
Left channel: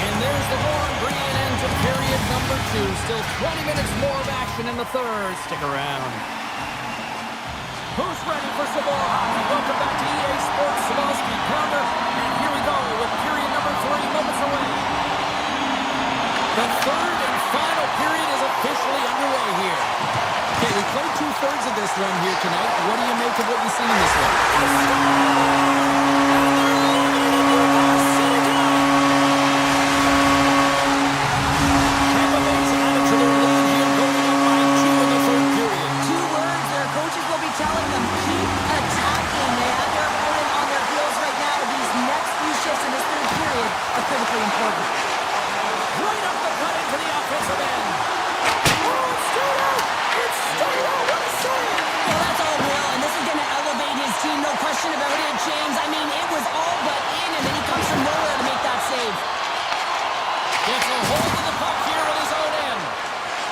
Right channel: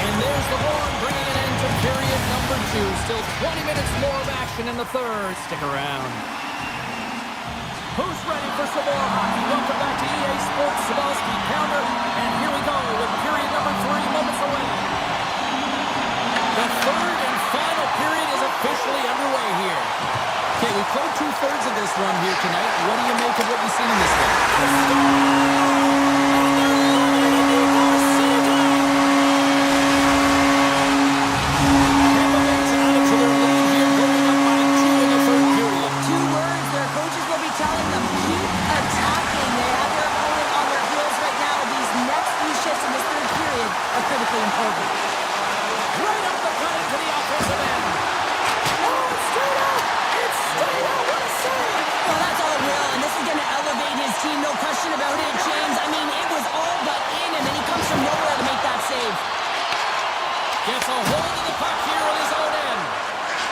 And there's the horn, bringing an end to period number 2. Still 20 minutes more of action in the third. Stick around. Who's ready for some more hockey? Welcome back to EA Sports Sabalski Pounder. And here we go with period number 3 moments away. The third and final period is officially underway here. Okay, we played 2/3 of this one here tonight. What do you make of what you've seen in this one? And they're living it in New York City tonight. Tampa Bay's added to their lead here, going up by 2 in the third period. 2 words their coaches will be telling them: keep attacking. They have their opponent on their heels right now. These next few shifts in this third period are critically important. Right up the cut into the offensive end. Oh, it's straight out! It's straight out! What a save! Well, that's all Will, and this is going to elevate his team, no question about it, James. I mean, it was all but in, and then he comes from nowhere to make that save. Gets a hold of the puck here at his own end.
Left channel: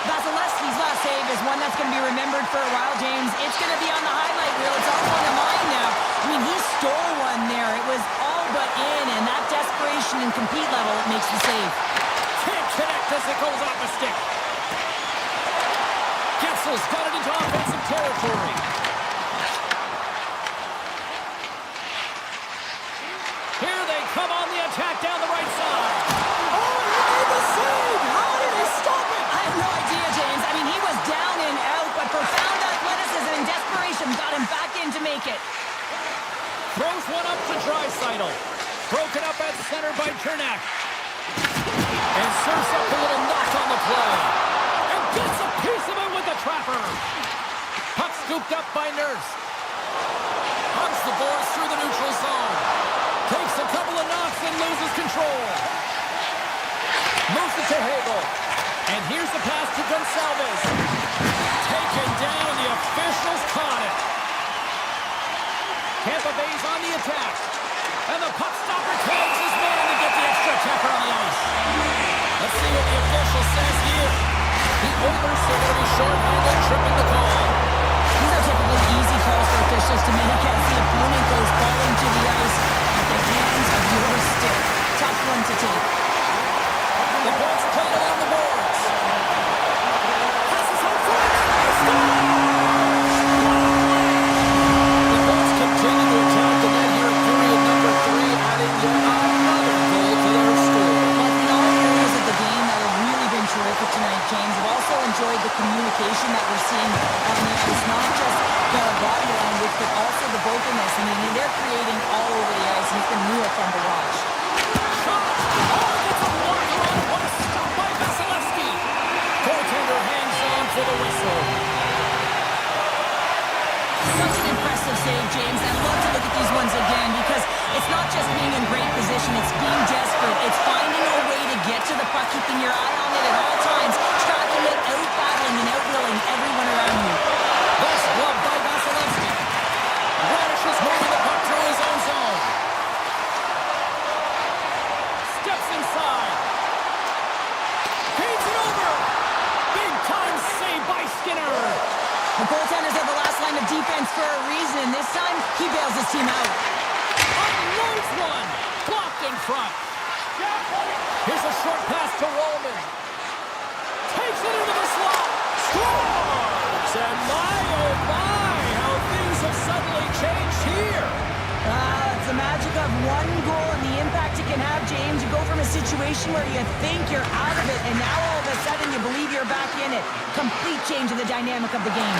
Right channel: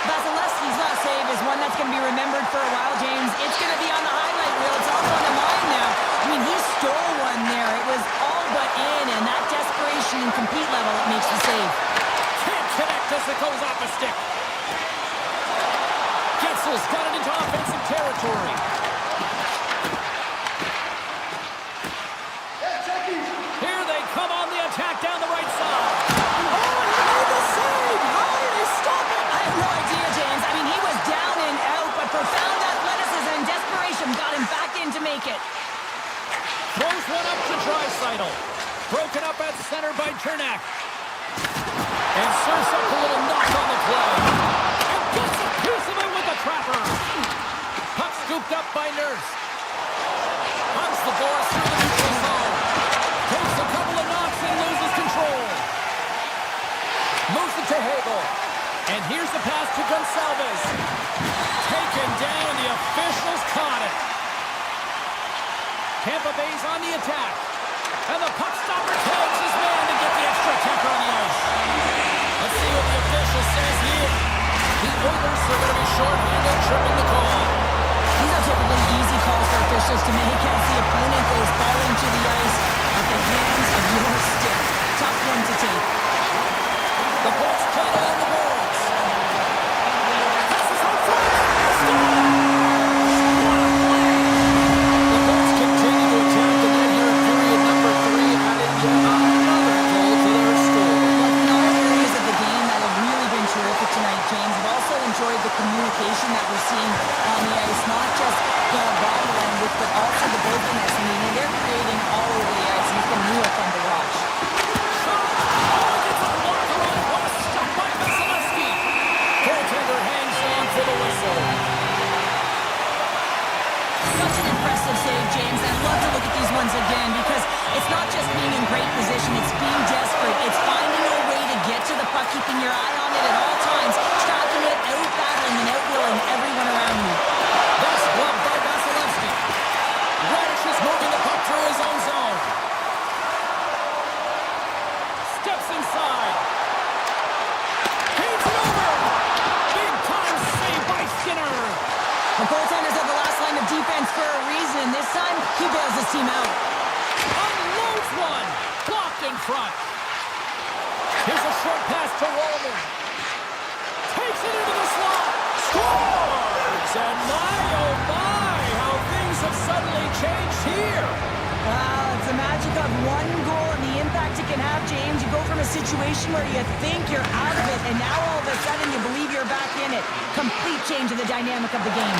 Vasilevsky's last save is one that's going to be remembered for a while, James. It's going to be on the highlight reel. It's on one of mine now. I mean, he stole one there. It was all but in, and that desperation and compete level, it makes the save. Can't connect as it goes off a stick. Getzel's got it into offensive territory. Here they come on the attack down the right side. Oh, and he made the save! How did he stop it? I have no idea, James. I mean, he was down and out, but profound athleticism and desperation got him back in to make it. Throws one up to Draisaitl. Broken up at center by Cernak. And serves up a little knock on the play. And gets a piece of it with the trapper. Puck scooped up by Nurse. Hugs the boards through the neutral zone. Takes a couple of knocks and loses control. Moves it to Hagel. And here's the pass to Gonçalves. Taken down, the officials caught it. Tampa Bay's on the attack. And the puck stopper tags his man to get the extra attacker on the ice. Let's see what the official says here. The Oilers are going to be shorthanded, tripping the call. These are typically easy calls for officials to make as the opponent goes falling to the ice at the hands of your stick. Tough one to take. The Bolts played along the boards. Passes out front. Score! What a play! The Bolts continue to attack the net here in period number 3, adding yet another goal to their score. But in all areas of the game that have really been terrific tonight, James, I've also enjoyed the communication that we're seeing on the ice. Not just the body language, but also the vocalness. I mean, they're creating all over the ice, and it's been real fun to watch. Shot! Oh, it gets a blocker on it. What a stop by Vasilevsky. Goaltender hangs on for the whistle. Such an impressive save, James. I'd love to look at these ones again because it's not just being in great position, it's being desperate. It's finding a way to get to the puck, keeping your eye on it at all times, tracking it, out-battling and out-willing everyone around you. That's gloved by Vasilevsky. Radish is moving the puck through his own zone. Steps inside. Feeds it over. Big time save by Skinner. The goaltenders are the last line of defense for a reason. This time, he bails his team out. Unloads one. Blocked in front. Here's a short pass to Roman. Takes it into the slot. Scores! And my, oh my, how things have suddenly changed here. It's the magic of one goal and the impact it can have, James. You go from a situation where you think you're out of it, and now all of a sudden you believe you're back in it. Complete change of the dynamic of the game.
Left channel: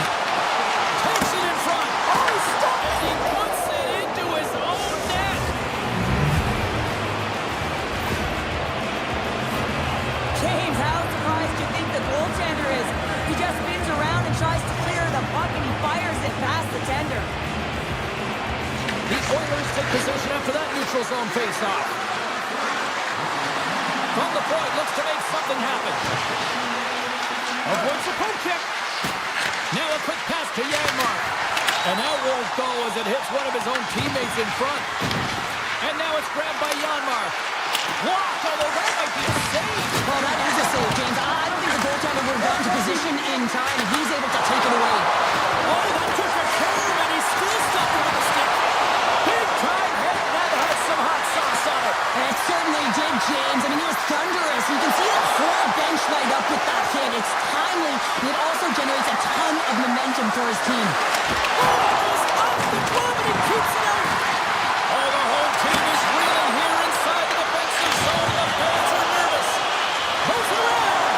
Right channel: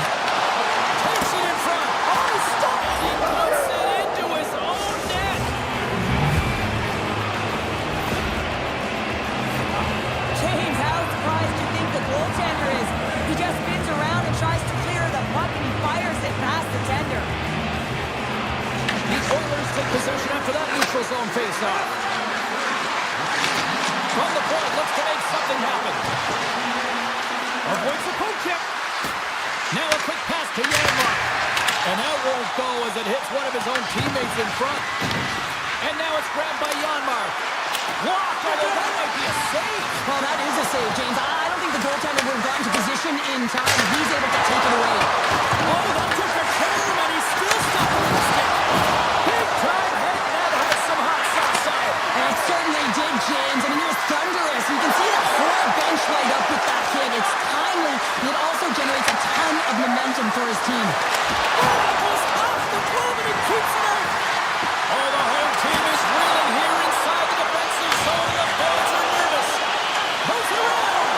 Takes it in front. Oh, stop! And he puts it into his own net. James, how surprised do you think the goaltender is? He just spins around and tries to clear the puck, and he fires it past the tender. The Oilers take possession after that neutral zone face-off. From the point, looks to make something happen. Avoids the poke check. Now a quick pass to Janmark. And that won't go as it hits one of his own teammates in front. And now it's grabbed by Janmark. Blocked, although that might be a save. Well, that is a save, James. I don't think the goaltender would have gotten to position in time, and he's able to take it away. Oh, that took a turn, and he's still stopping with a stick. Big time hit, that had some hot sauce on it. And it certainly did, James. I mean, he was thunderous. You can see the whole bench light up with that hit. It's timely, and it also generates a ton of momentum for his team. Oh, that goes off the glove, and he keeps it out. Oh, the home team is reeling here inside the defensive zone. The Bills are nervous. Moves it around.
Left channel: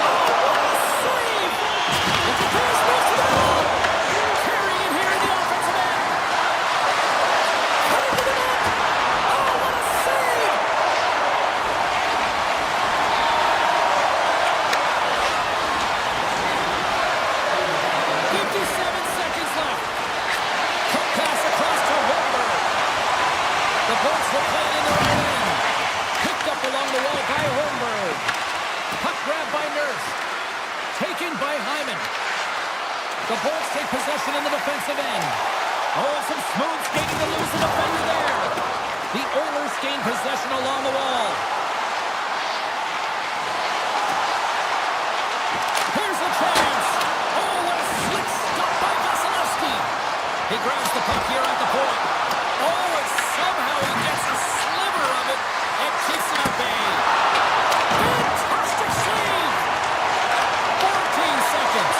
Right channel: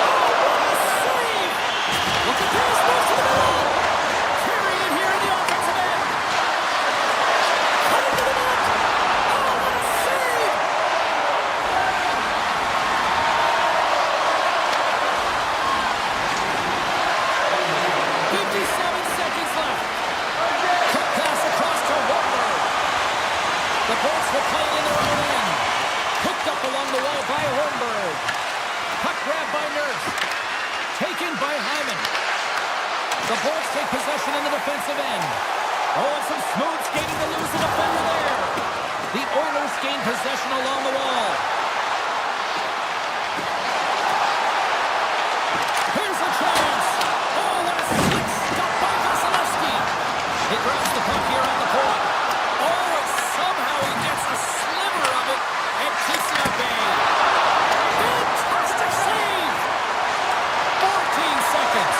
Oh, what a save. Look at this. Moves to the middle. Carrying it here in the offensive end. Cutting to the net. Oh, what a save. 57 seconds left. Quick pass across to Holmberg. The Bolts will play it in their own end. Picked up along the wall by Holmberg. Puck grabbed by Nurse. Taken by Hyman. The Bolts take possession in the defensive end. Oh, and some smooth skating to lose the defender there. The Oilers gain possession along the wall. Here's a chance. Oh, what a slick stop by Vasilevsky. He grabs the puck here at the point. Oh, and somehow he gets a sliver of it and keeps it at bay. Fantastic save. 14 seconds.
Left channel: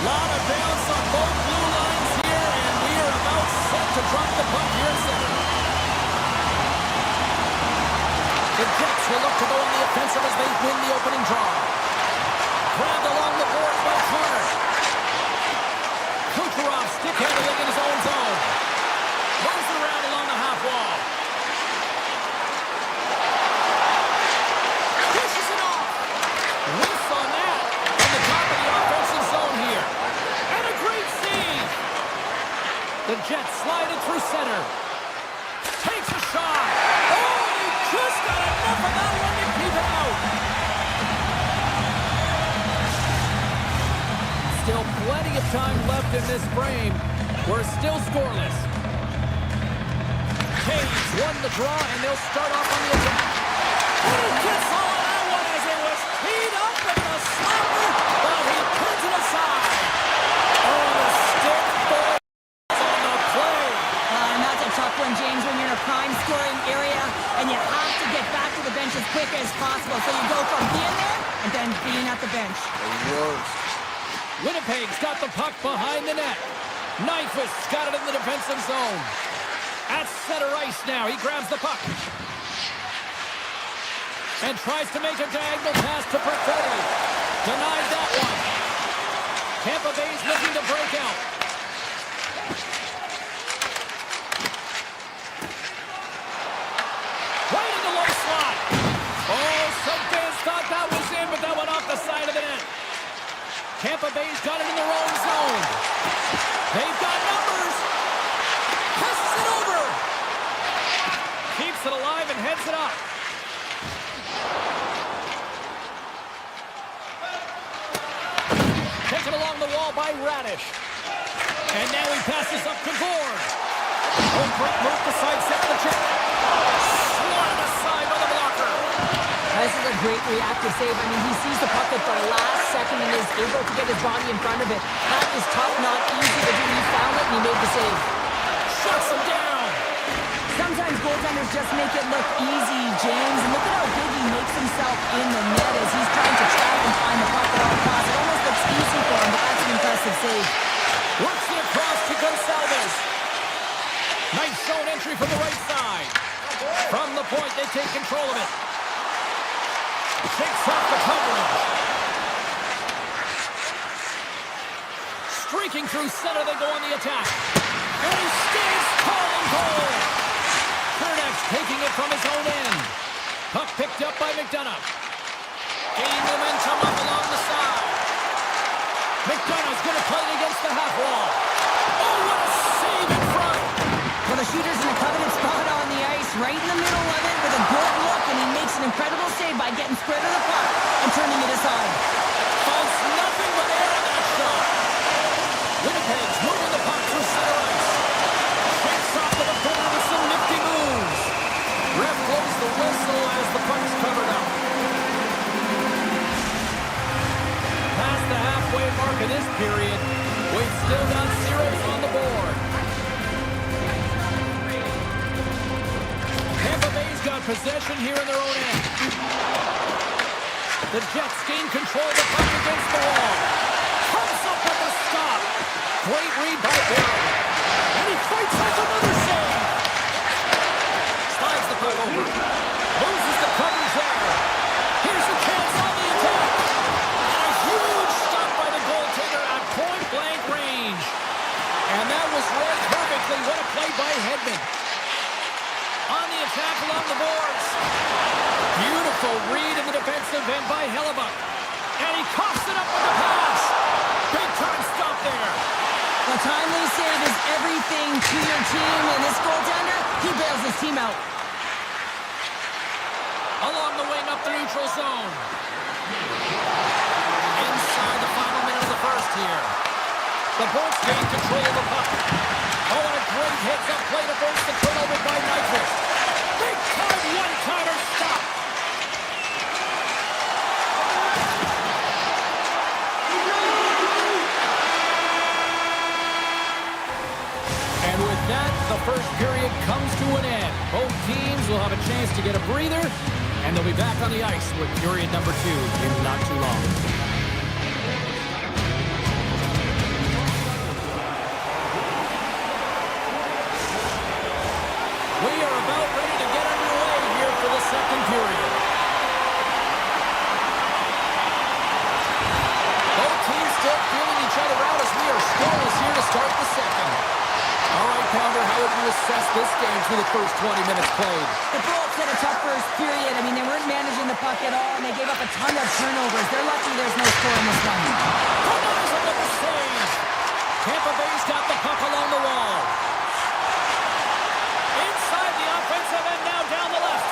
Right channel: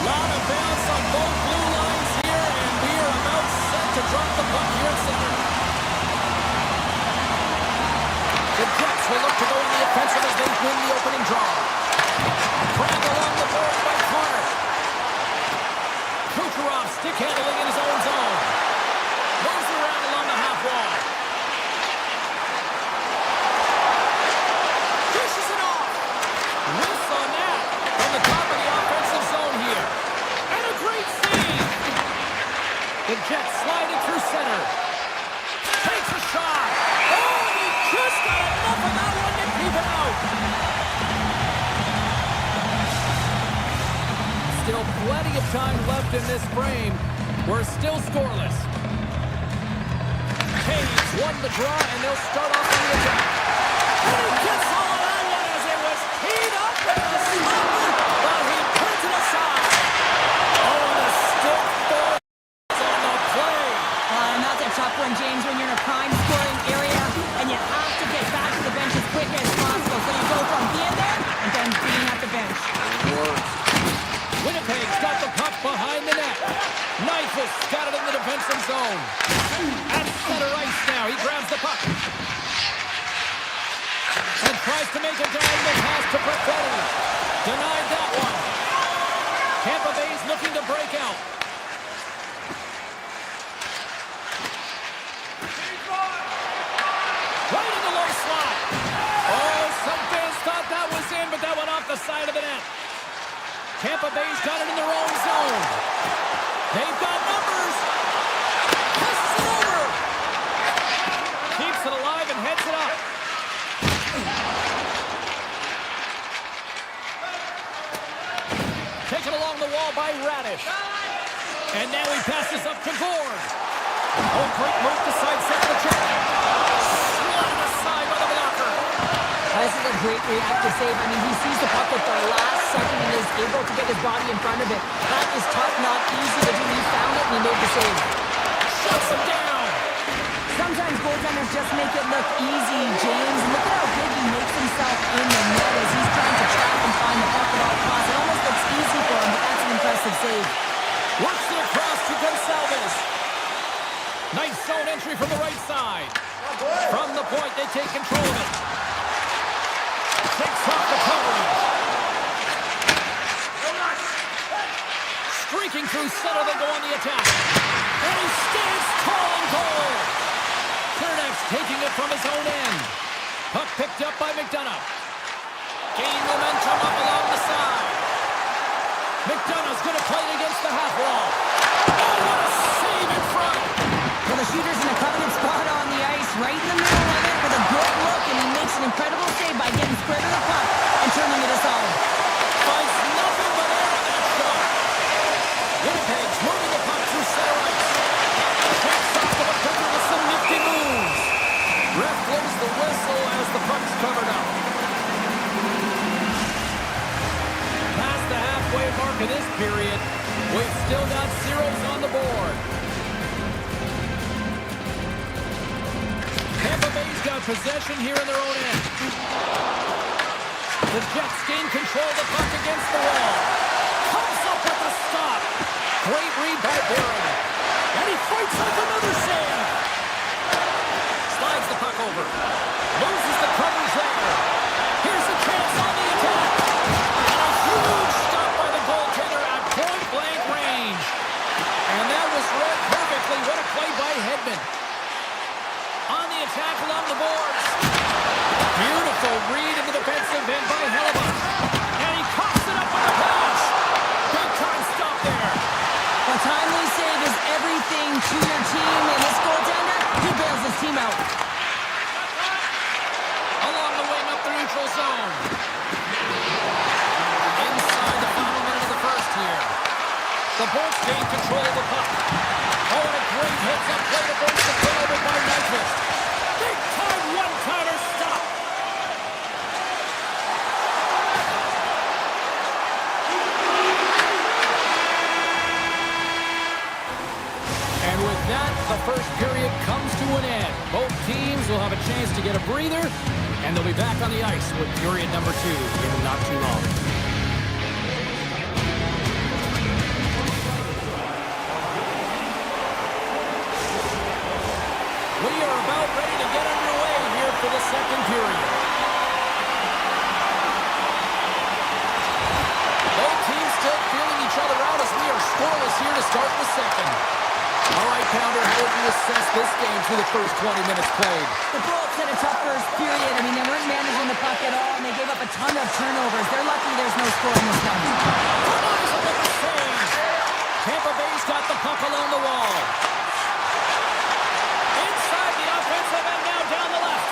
Lot of bounce on both blue lines here, and we are about set to drop the puck here at center. The Jets will look to go on the offensive as they win the opening draw. Grabbed along the boards by Connor. Kucherov stick handling in his own zone. Moves it around along the half wall. Dishes it off. Whiffs on that from the top of the offensive zone here. And a great save. The Jets slide it through center. Takes a shot. Oh, he just got enough of that one to keep it out. Still plenty of time left in this frame. We're still scoreless. Caves won the draw, and they'll start off on the attack. And he gets all of that one as it was teed up with the slapper, but he turns it aside. Oh, the stick falls on the play. And that's a tough one, James, when you're in a prime scoring area, and you have to get back to the bench as quick as possible. So you go from being there and then being at the bench. The worst. Winnipeg's got the puck behind the net. Nyquist's got it in the defensive zone. At center ice now, he grabs the puck. And tries to make a diagonal pass to Perfetti. Denied that one. Tampa Bay's looking to break out. Right in the low slot. Oh, some fans thought that was in, but that went off the side of the net. Tampa Bay's got it in their own zone. They've got numbers. Passes it over. Keeps it alive and heads it up. Taken along the wall by Radish. And now he passes up to Gord. Oh, great move to sidestep the check. Swatted aside by the blocker. This is a great reactive save. I mean, he sees the puck at the last second and is able to get his body in front of it. That is tough, not easy to do. He found it and he made the save. Shuts him down. Sometimes goaltenders just make it look easy, James. And look at how big he makes himself in the net as he's trying to trap and find the puck at all costs. It almost looks easy for him, but that's an impressive save. Works it across to Gonsalves. Nice zone entry from the right side. From the point, they take control of it. Takes off the coverage. Streaking through center, they go on the attack. And he stands tall in goal. Cernak's taking it from his own end. Puck picked up by McDonough. Gain momentum up along the side. McDonough's going to play it against the half wall. Oh, what a save in front. Well, the shooter's in a coveted spot on the ice, right in the middle of it with a good look, and he makes an incredible save by getting square to the puck and turning it aside. Finds nothing but air on that shot. Winnipeg's moving the puck through center ice. Shakes off the defender with some nifty moves. Ref blows the whistle as the puck's covered up. Past the halfway mark of this period, we've still got zeros on the board. Tampa Bay's got possession here in their own end. The Jets gain control of the puck against the wall. Comes up with a stop. Great read by Barron. And he fights off another save. Slides the puck over. Loses the coverage there. Here's a chance on the attack. And a huge stop by the goaltender at point-blank range. And that was read perfectly. What a play by Edmont. On the attack along the boards. Beautiful read in the defensive end by Hellebuck. And he coughs it up with the pass. Big time stop there. A timely save is everything to your team, and this goaltender, he bails his team out. Along the wing up the neutral zone. Inside the final minute of the first here. The Bolts gain control of the puck. Oh, and a great heads-up play to force the turnover by Nyquist. Big-time one-timer stop. And with that, the first period comes to an end. Both teams will have a chance to get a breather, and they'll be back on the ice with period number 2 in not too long. still feeling each other out as we are scoreless here to start the second. All right, Pounder, how would you assess this game through the first 20 minutes played? The Bolts had a tough first period. I mean, they weren't managing the puck at all, and they gave up a ton of turnovers. They're lucky there's no score in this one. Kamaisa with the save. Tampa Bay's got the puck along the wall. Inside the offensive end, now down the left.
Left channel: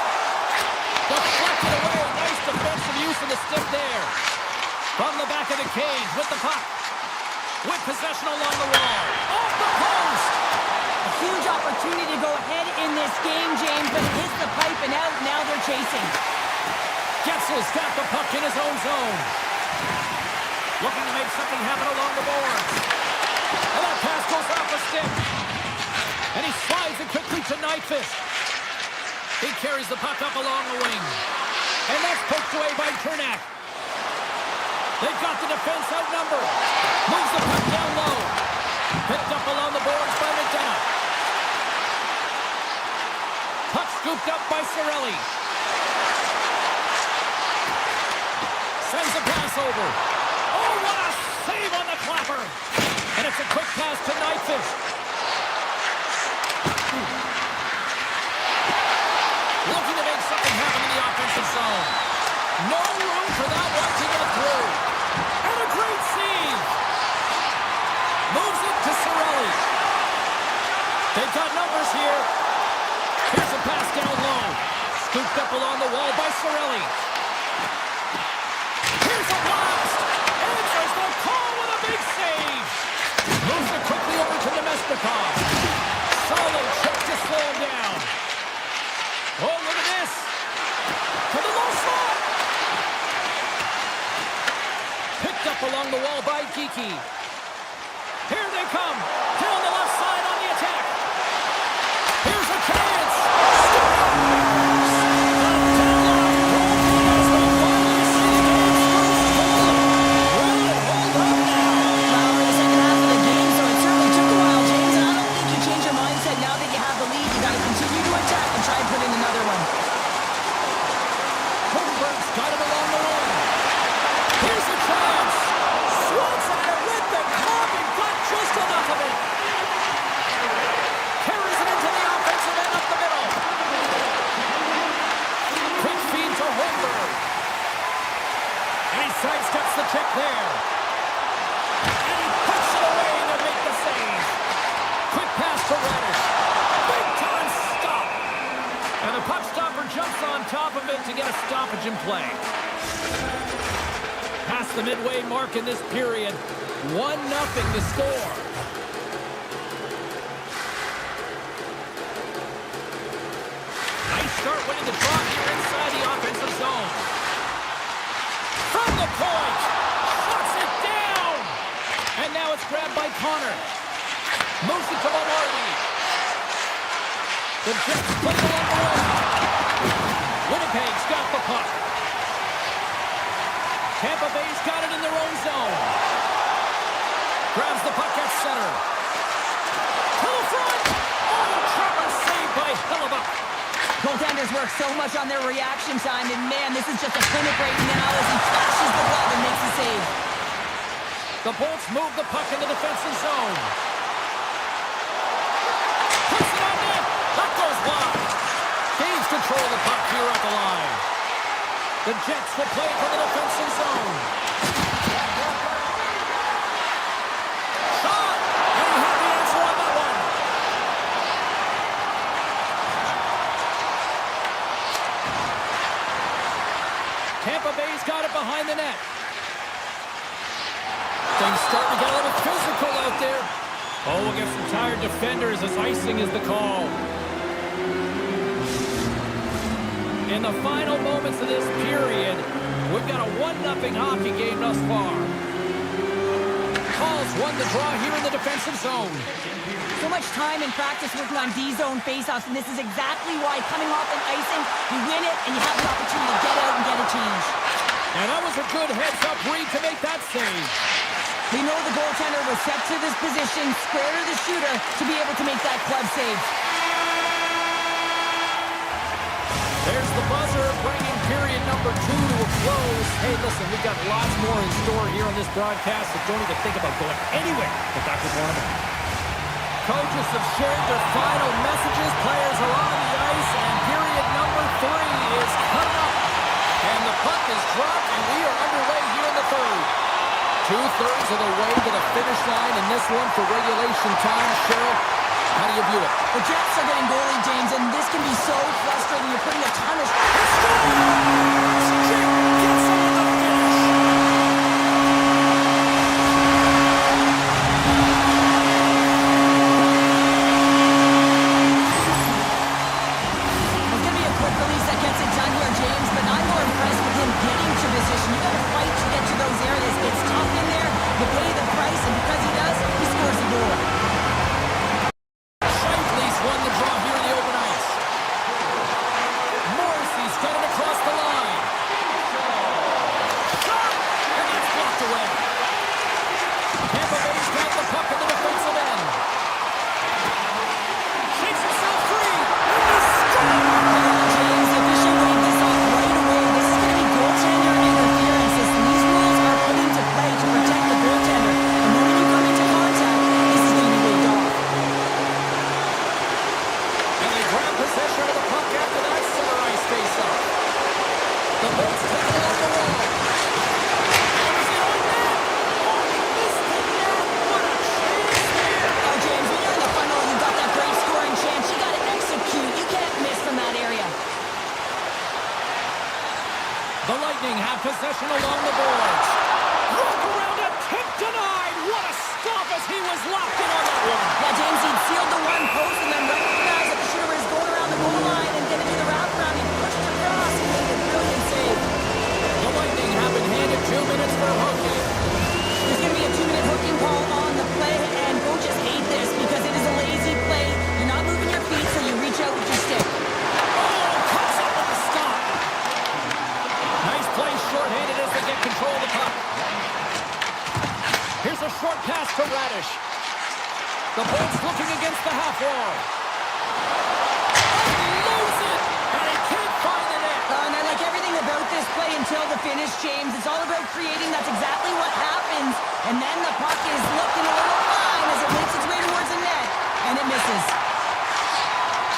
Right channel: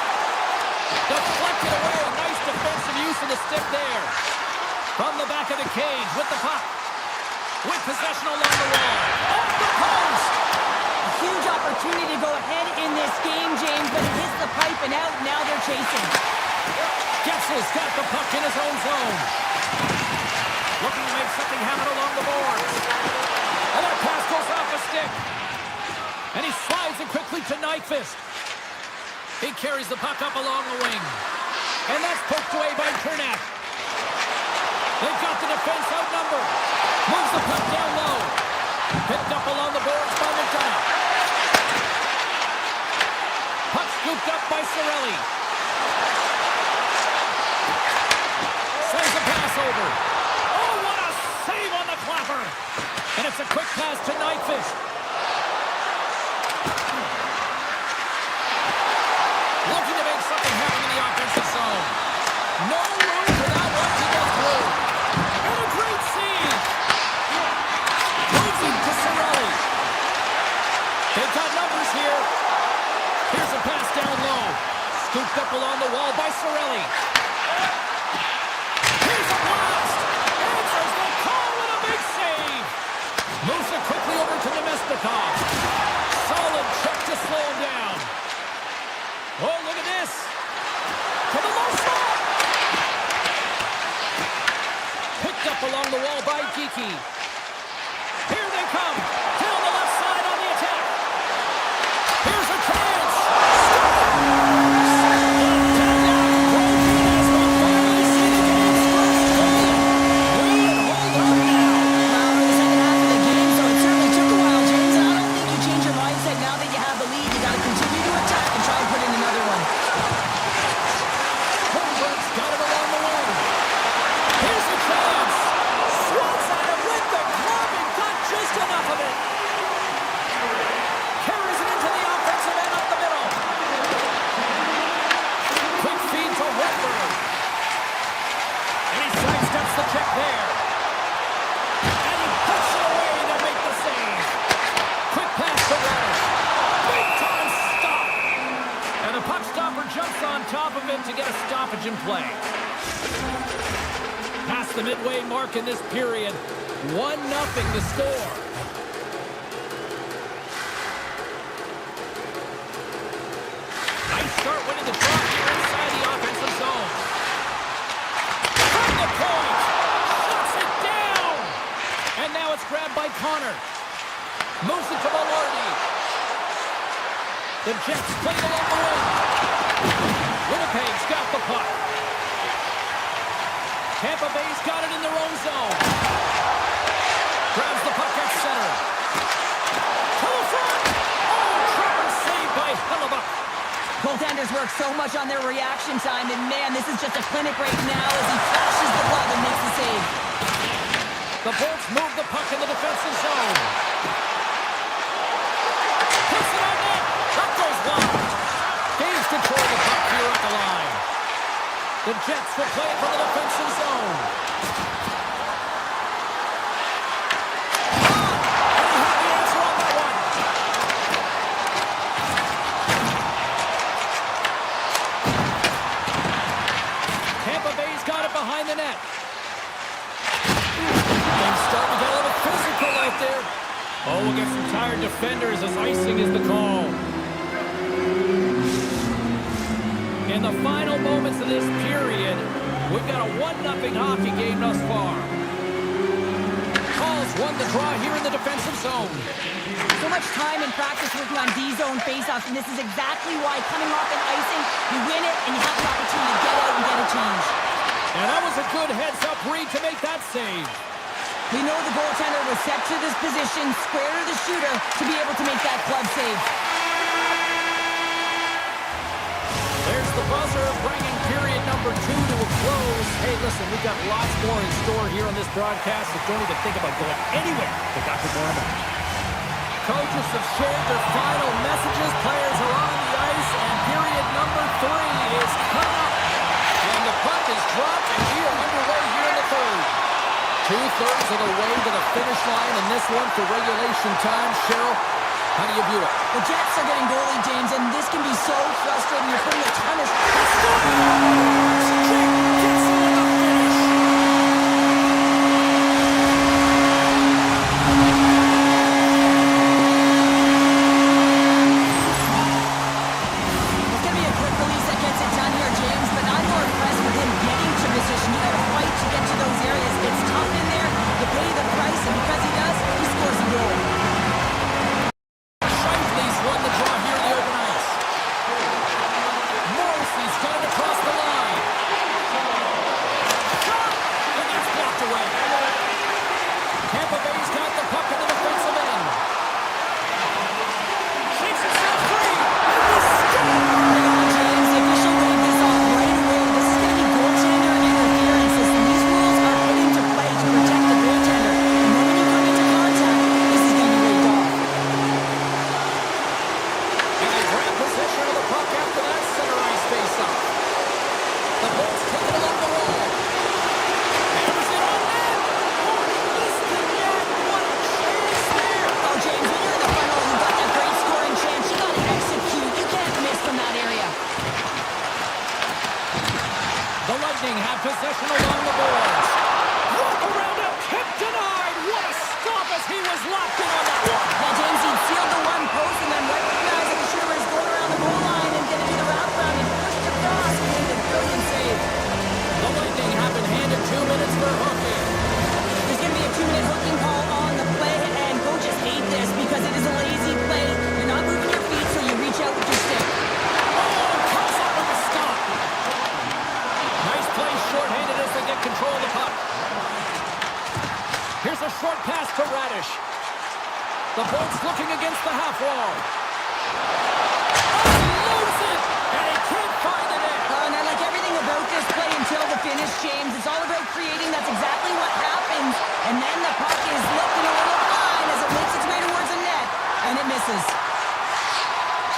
Deflected away. Nice defensive use of the stick there. From the back of the cage with the puck. With possession along the wall. Off the post. A huge opportunity to go ahead in this game, James, but it hits the pipe and out. Now they're chasing. Getzel's got the puck in his own zone. Looking to make something happen along the boards. And that pass goes off a stick. And he slides it quickly to Nyquist. He carries the puck up along the wing. And that's poked away by Kernak. They've got the defense outnumbered. Moves the puck down low. Picked up along the boards by McDonough. Puck scooped up by Cirelli. Sends a pass over. Oh, what a save on the clapper. And it's a quick pass to Nyquist. Looking to make something happen in the offensive zone. No room for that one to get through. And a great save. Moves it to Cirelli. They've got numbers here. Here's a pass down low. Scooped up along the wall by Cirelli. Here's a blast. Answers the call with a big save. Moves it quickly over to Nemestikov. Solid check to slow him down. Oh, look at this. To the low slot. Picked up along the wall by Geekie. Here they come. Down the left side on the attack. Here's a chance. Scores! The deadlock broken as we finally see the game's first goal. Will it hold up now? Well, we're in the second half of the game, so it certainly took a while, James. And I don't think you change your mindset now that you have the lead. You got to continue to attack and try and put in another one. Holmberg's got it along the wing. Here's a chance. Swats at it with the glove and got just enough of it. Carries it into the offensive end up the middle. Quick feed to Holmberg. And he sidesteps the check there. And he puts it away to make the save. Quick pass to Radish. Big time stop. And the puck stopper jumps on top of it to get a stoppage in play. Past the midway mark in this period. 1-0 to score. Nice start winning the draw here inside the offensive zone. From the point. Shuts it down. And now it's grabbed by Connor. Moves it to Velarde. The Jets play it along the wing. Winnipeg's got the puck. Tampa Bay's got it in their own zone. Grabs the puck at center. To the front. Oh, trapper saved by Hellebuyck. Goaltenders work so much on their reaction time, and man, this is just a clinic right now as he flashes the glove and makes the save. The Bolts move the puck in the defensive zone. Puts it on net. That goes wide. Gains control of the puck here at the line. The Jets will play it from the defensive zone. And he had the answer on that one. Tampa Bay's got it behind the net. Things starting to get a little physical out there. Oh, we'll get some tired defenders as icing is the call. In the final moments of this period, we've got a 1-0 hockey game thus far. Calls won the draw here in the defensive zone. So much time and practice working on D-zone faceoffs, and this is exactly why coming off an icing, you win it, and you have the opportunity to get out and get a change. And that was a good heads-up read to make that save. We know the goaltender was set to this position, square to the shooter, to be able to make that glove save. There's the buzzer, bringing period number 2 to a close. Hey, listen, we've got lots more in store here on this broadcast, so don't even think about going anywhere. But Dr. Borneman. Coaches have shared their final messages. Players are on the ice, and period number 3 is coming up. And the puck is dropped, and we are underway here in the third. 2/3 of the way to the finish line in this one for regulation time. Cheryl, how do you view it? The Jets are getting goalie, James, and this can be so frustrating. You're putting a ton of... Scores! Jake gets on the finish. It's going to be a quick release that gets it done here, James, but I'm more impressed with him getting to position. You got to fight to get to those areas. It's tough in there. You pay the price, and because he does, he scores a goal. Won the draw here in the open ice. Morrissey's got it across the line. Shot! And that's blocked away. Tampa Bay's got the puck in the defensive end. Shakes himself free. And he scores! James, the official waved this off right away. This is going to be goaltender interference. These rules are put into play to protect the goaltender. The moment you come into contact, this is going to be waved off. Grab possession of the puck after that center ice face-off. The Bolts take it along the wall. Hammers it on net. Oh, he missed the net. What a chance there. Oh, James, when you're in the final, you've got that great scoring chance. You got to execute. You can't miss from that area. The Lightning have possession along the boards. Rope around him. Tip denied. What a stop as he was locked in on that one. Yeah, James, he'd sealed the one post and then recognized that the shooter was going around the goal line and going to do the wraparound. He pushed across and made a brilliant save. The Lightning have been handed 2 minutes for hooking. There's going to be a 2-minute hooking call on the play, and coaches hate this because it is a lazy play. You're not moving your feet, so you reach out with your stick. Oh, comes up with the stop. Nice play shorthanded as they get control of the puck. Here's a short pass to Radish. The Bolts looking against the half wall. Unloads it, and he can't find the net. And I like everything about this play until the finish, James. It's all about creating. That's exactly what happens. And then the puck is looking a little fine as it makes its way towards the net, and it misses.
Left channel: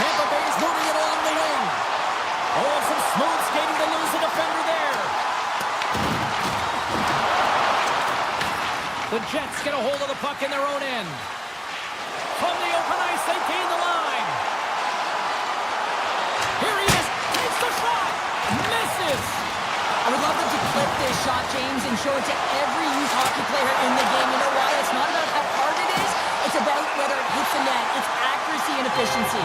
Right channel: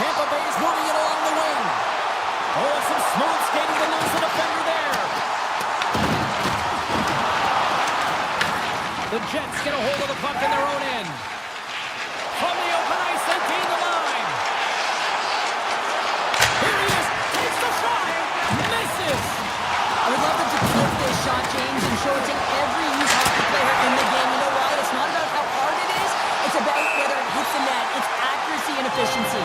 Tampa Bay's moving it along the wing. Oh, and some smooth skating to lose the defender there. The Jets get a hold of the puck in their own end. From the open ice, they gain the line. Here he is, takes the shot, misses. I would love them to clip this shot, James, and show it to every youth hockey player in the game. You know why? It's not about how hard it is. It's about whether it hits the net. It's accuracy and efficiency.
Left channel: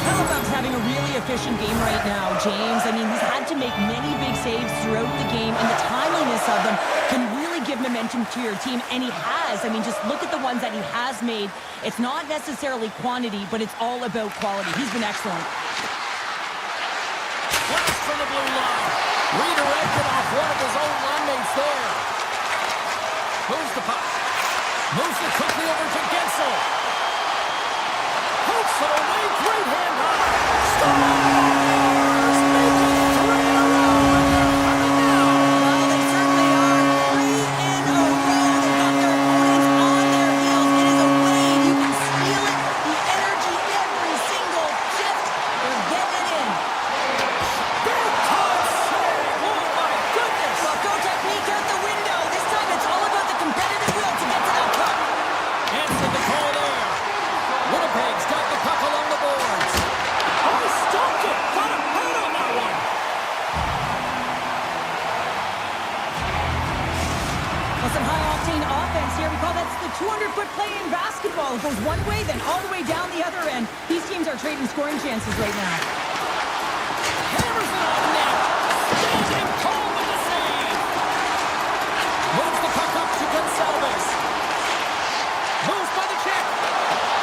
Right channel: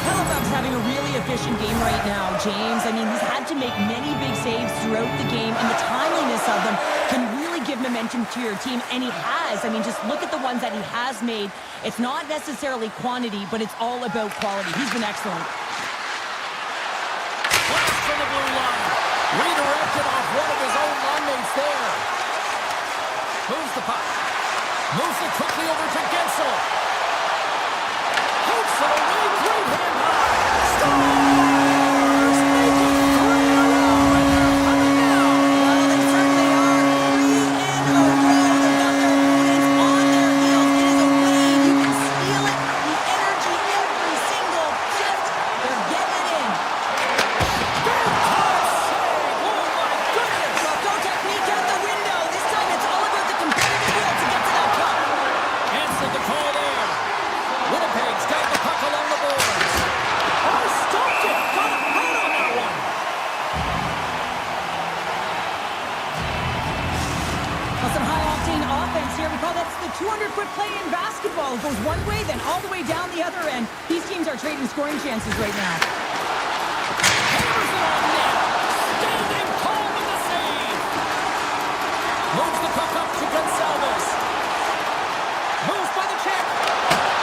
Halifax having a really efficient game right now, James. I mean, he's had to make many big saves throughout the game, and the timeliness of them can really give momentum to your team, and he has. I mean, just look at the ones that he has made. It's not necessarily quantity, but it's all about quality. He's been excellent. Blast from the blue line. Redirected off one of his own line mates there. Moves the puck. Moves it quickly over to Gensel. Hooks it away, great hand high. Stars! Make it 3 in a row, and they're coming now. Well, they certainly are. 3 in a row. They've got their opponents on their heels. It is a wave. You can feel it. The energy every single shift. They're getting it in. Big time save. Oh, my goodness. Well, go technique out the window. This time it's all about the competitive will to get to that puck. Answered the call there. Winnipeg's got the puck along the boards. Oh, stopped it. Got a head on that one. Well, some high-octane offense here. We call that the 200-foot play in basketball. It goes one way, then all the way down the other end. These teams are trading scoring chances right now. Hammers it on net. Standing tall with the save. Moves the puck up to Gonsalves. Moves by the check.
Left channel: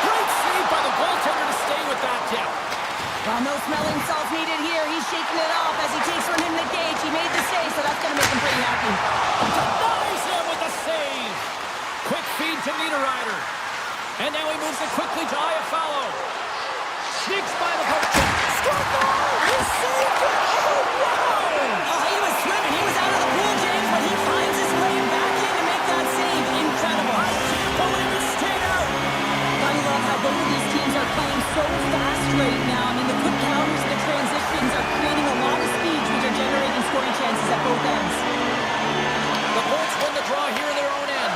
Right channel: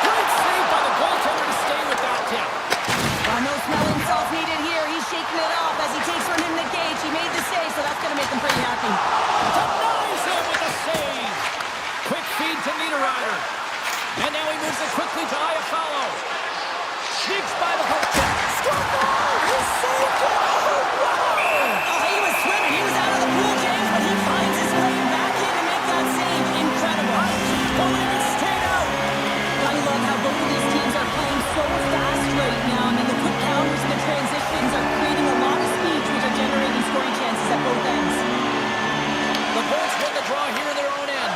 Great save by the goaltender to stay with that tip. Well, no smelling salts needed here. He's shaking it off as he takes one in the gauge. He made the save, so that's going to make him pretty happy. Denies him with the save. Quick feed to Niederreiter. And now he moves it quickly to Iafallo. Sneaks by the poke check. Scored goal! He saved it! Oh, wow! Oh, he was swimming. He was out of the pool, James, but he finds his way back in to make that save. Incredible. I can't believe it stayed out! Gotta love how both of these teams are playing so fast right now. I mean, the quick counters and the transitions are creating a lot of speeds, which are generating scoring chances at both ends. The Bolts win the draw here in their own end.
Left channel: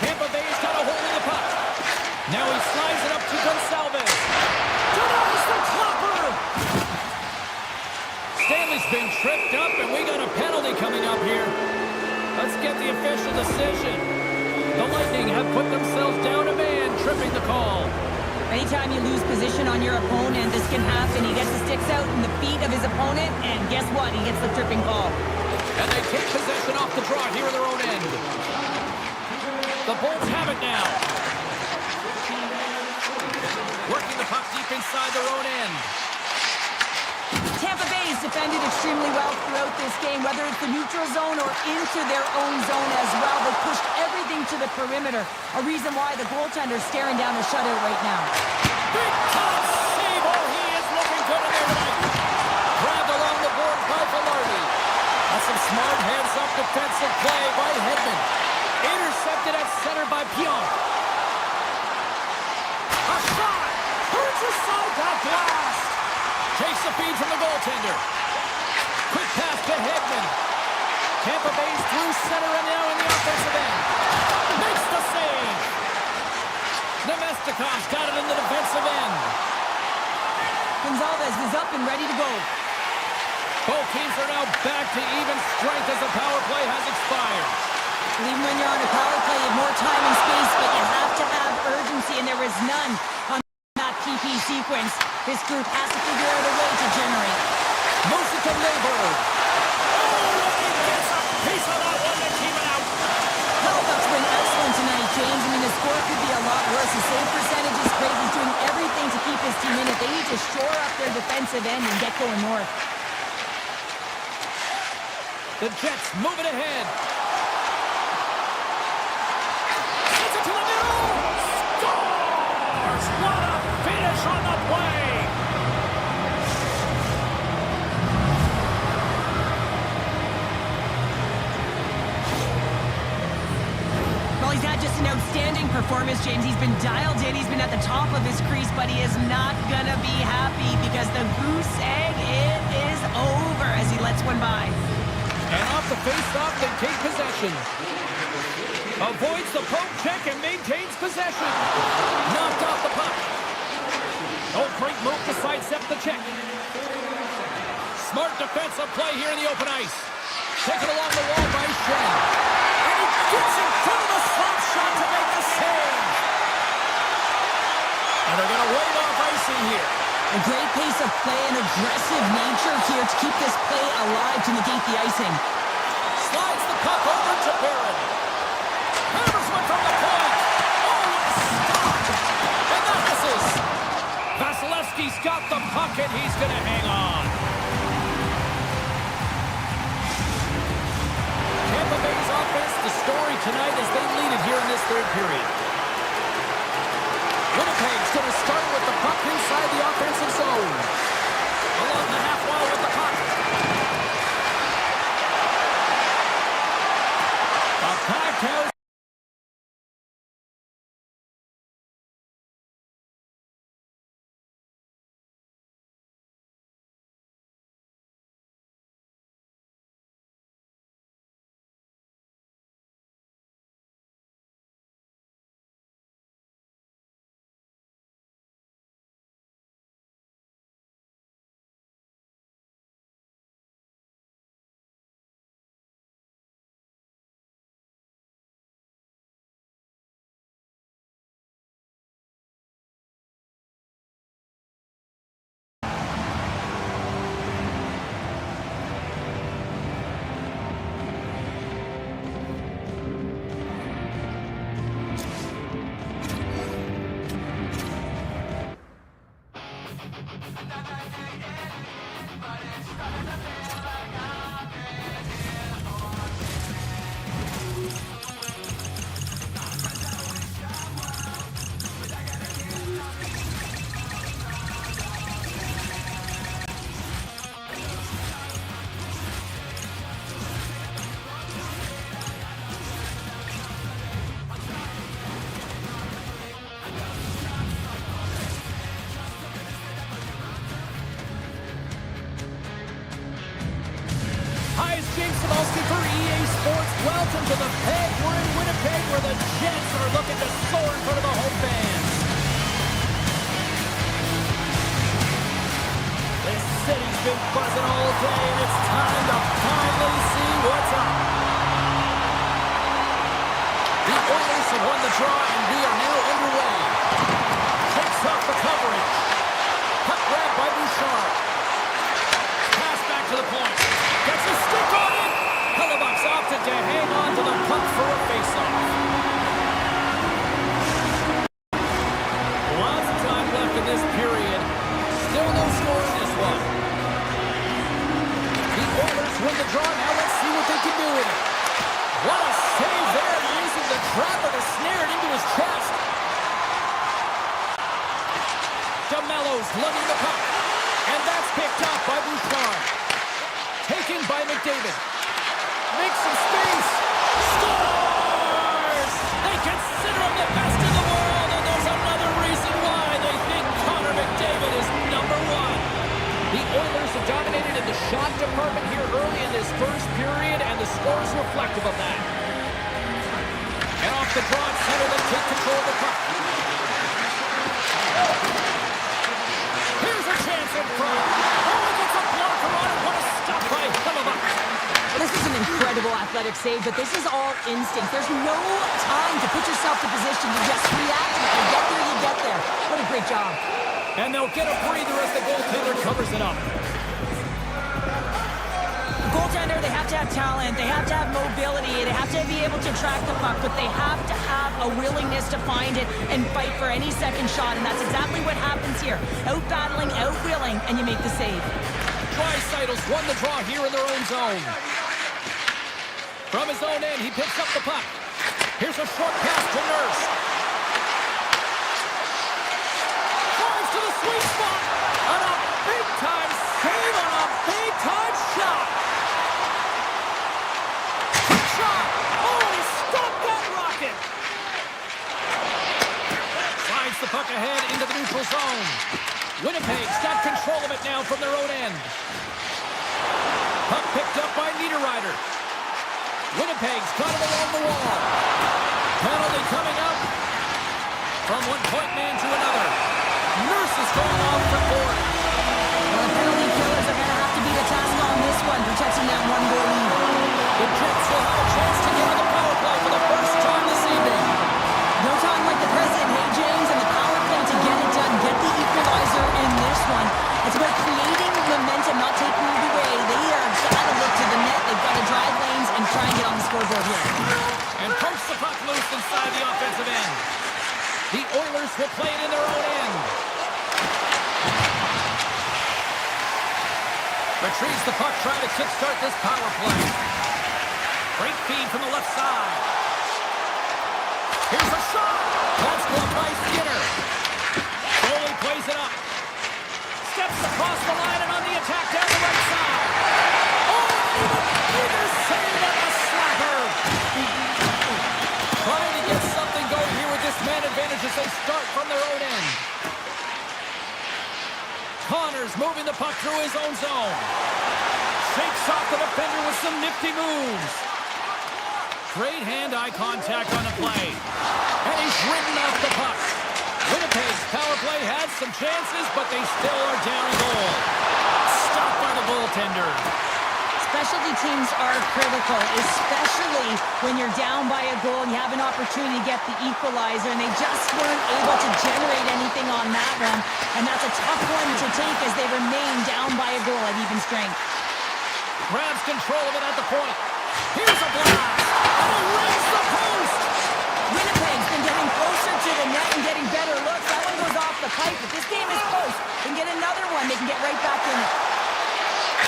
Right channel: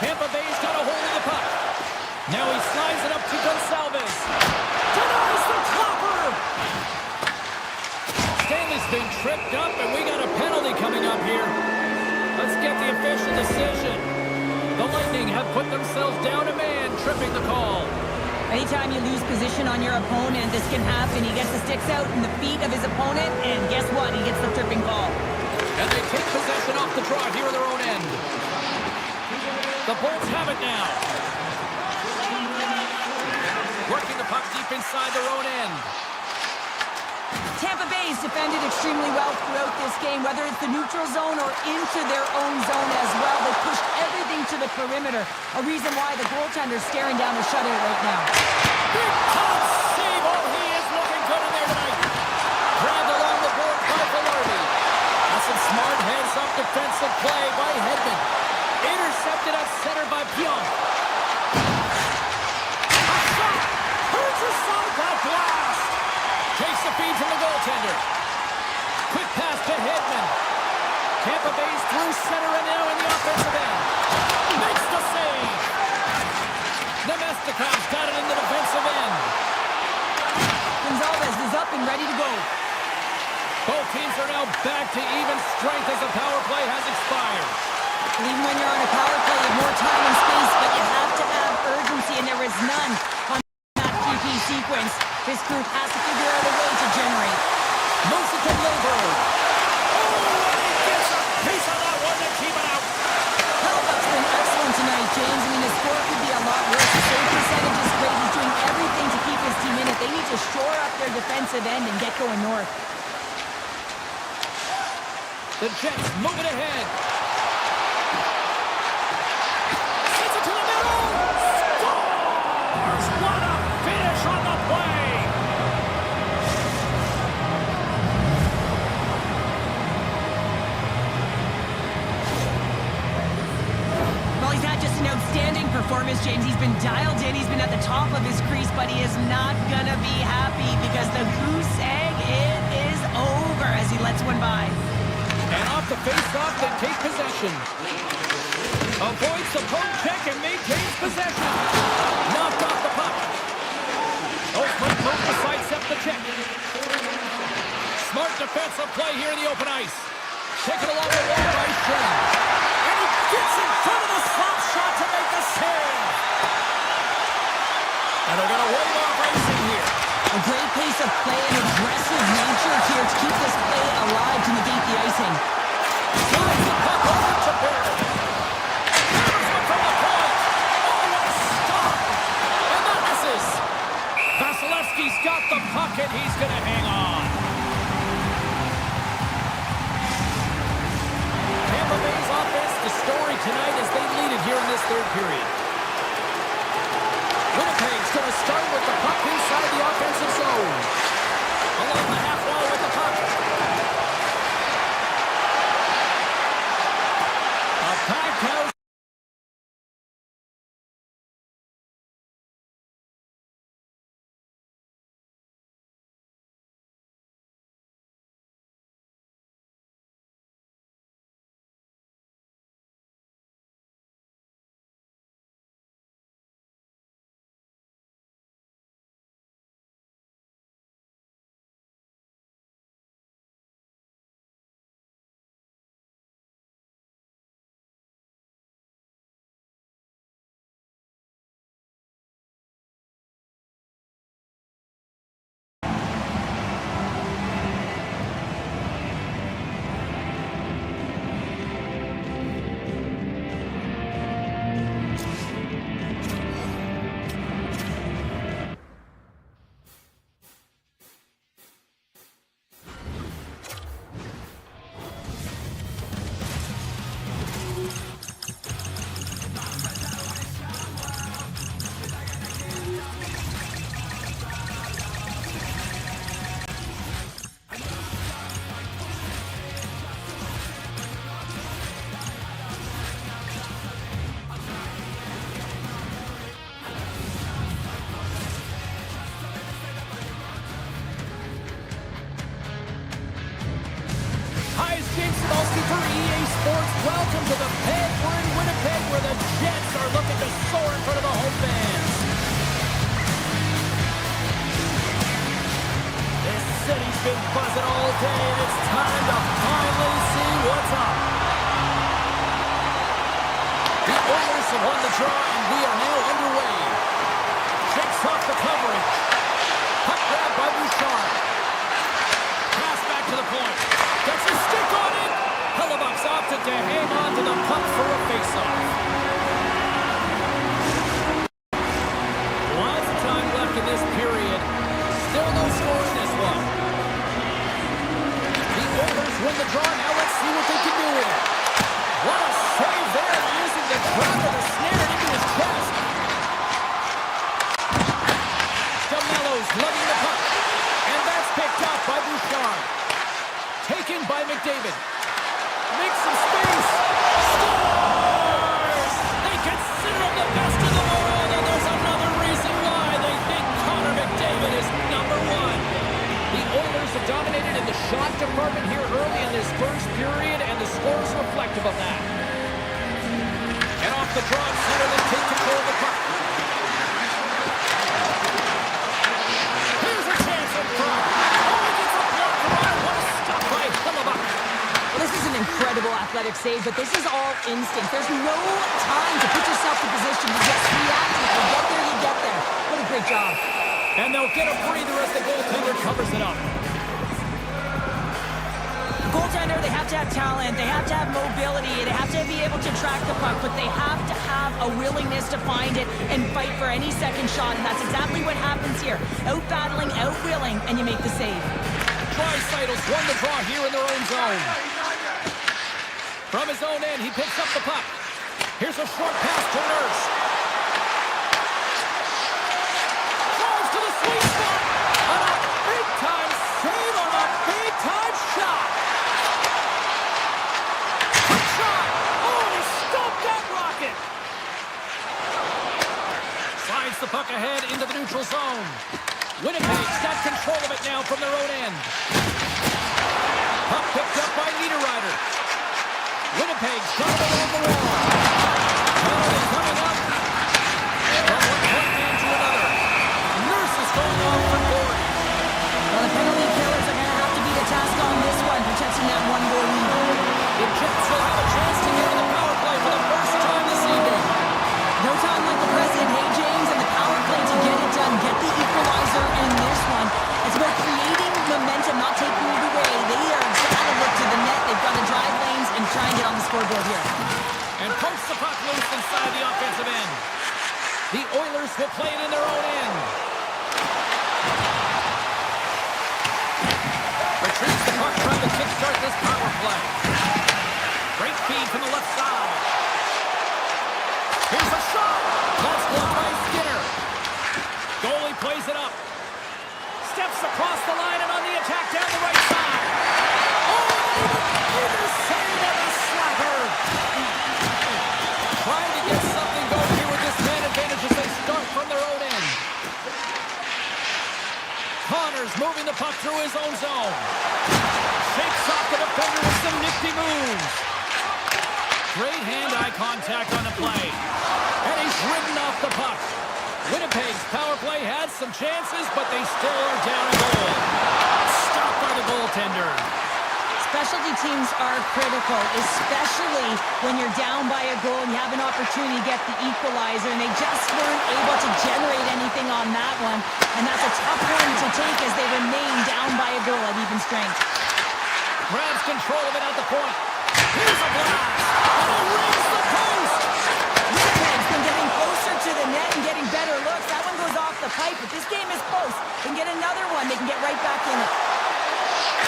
Tampa Bay's got a hold of the puck. Now he slides it up to Gonsalves. Denies the topper! Stanley's been tripped up, and we got a penalty coming up here. Let's get the official decision. The Lightning have put themselves down a man, tripping the call. Anytime you lose position on your opponent, this can happen. He gets the sticks out in the feet of his opponent, and guess what? He gets the tripping call. And they take possession off the draw here in their own end. The Bolts have it now. Working the puck deep inside their own end. Tampa Bay's defended extremely well throughout this game, whether it's the neutral zone or into their own zone as well. They pushed everything to the perimeter, a reason why the goaltender's staring down a shutout right now. Big time save! Oh, he is looking good in there tonight. Grabbed along the boards by Velarde. That's some smart heads-up defensive play by Edmont. Intercepted at center by Pionk. A shot! Turns aside that blast! Takes the feed from the goaltender. Quick pass to Edmont. Tampa Bay's through center and now in the offensive end. Makes the save! Nemestikov's got it in the defensive end. Gonsalves is up and ready to go. Both teams are now back to even strength as the power play has expired. And even when you're on a power play, you have more time and space, but you have to have urgency, and there is none on that PP sequence. This group has to figure out a way to generate. Moves it to Lilburg. Oh, and he gets a piece of that one to keep it out. Hellbuck's been excellent tonight, James. I mean, the score could be a lot worse. The save percentage is great. He's doing everything to keep his team in it. They need to shore up their defensive end and get going north. The Jets move it ahead. Sends it to the middle. Scores! What a finish on the play. Well, he's had just an outstanding performance, James. He's been dialed in. He's been at the top of his crease, but he is not going to be happy because the goose egg, it is over as he lets one by. And off the face-off, they take possession. Avoids the poke check and maintains possession. Knocked off the puck. Oldbrink move to sidestep the check. Smart defensive play here in the open ice. Taken along the wall by Shen. And he gets in front of the slap shot to make the save. And they're going to wave off icing here. A great pace of play and aggressive nature here to keep this play alive to negate the icing. Slides the puck over to Barrett. Hammers one from the point. Oh, what a stop. And that misses. Vasilevsky's got the puck and he's going to hang on. Tampa Bay's offense, the story tonight as they lead it here in this third period. Winnipeg's going to start with the puck inside the offensive zone. Along the half wall with the puck. A packed house. sports, welcome to the Peg. We're in Winnipeg where the Jets are looking to soar in front of the home fans. This city's been buzzing all day, and it's time to finally see what's up. The Oilers have won the draw, and we are now underway. Shakes off the coverage. Puck grab by Bouchard. Pass back to the point. Gets a stick on it. Hellebuck's opted to hang on to the puck for a faceoff. Lots of time left in this period. Still no score in this one. The Oilers win the draw. Now let's see what they can do with it. What a save there, using the trapper to snare it into his chest. DeMello's lugging the puck. And that's picked up by Bouchard. Taken by McDavid. Makes some space. Scores! They consider him the best in the world, and there's another reason why they think Connor McDavid is number one. The Oilers have dominated in the shot department here early in this first period, and the score is reflective of that. And off the draw center, they take control of the puck. Here's a chance in front. Oh, he gets a blocker on it. What a stop by Hellebuck. Well, this is an incredible athletic save, but this is all instinct. There's no time to put yourself in position to just react. If you get there, you get there. What a great job. And they'll get a breather as the goaltender covers it up. Goaltender, they have to have talent, they have to have mobility, they have to be able to track the puck, but they have to have a willingness to find it and fight for any second shot, and that's exactly what happens here. Out-battling, out-willing, and you make the save. Draisaitl's won the draw here in their own zone. From his own end, he picks up the puck. Here's a short pass to Nurse. Drives to the sweet spot. On a big-time save on a big-time shot. Quick shot. Oh, and he stopped that rocket. Slides the puck ahead into the neutral zone. Winnipeg's got control of it now from their own end. Puck picked up by Niederreiter. Winnipeg's got it along the wall. Penalty coming up. From one point man to another. Nurse is going off for 40. Well, the penalty killers are going to have to beat a task on this one, protecting that one-goal lead. The Jets will have a chance to get on the power play for the first time this evening. No time like the present, hey, James, and the power play to get it done, get the equalizer in this one. It's about creating momentum, not taking it away. They are got to look to the net. They've got to drive lanes and try and get on the scoreboard here. And pokes the puck loose inside the offensive end. The Oilers will play it in their own end. Retrieves the puck, trying to kickstart this power play. Great feed from the left side. Here's a shot. That's blocked by Skinner. Goalie plays it up. Steps across the line and on the attack down the right side. Oh, bigger save on a slapper. Trying to get something going here with this man advantage as they start from their own end. Connors moving the puck through his own zone. Shakes off the defender with some nifty moves. Great hand-eye contact on the play. And he's ridden off the puck. Winnipeg's power play had some chances, but they still are down a goal. Stopped by the goaltender. Specialty teams are critical, especially when you're down by a goal and you have an opportunity to get the equalizer, and they just weren't able to generate anything on that one. And that's a tough one to take as they remain down by a goal at even strength. Grabs control of it at the point. Here's a blast. And he rings the post. Winnipeg's been getting closer to the net and getting better looks. That one goes off the pipe, but this game is close. They can get another one. They can get right back in it.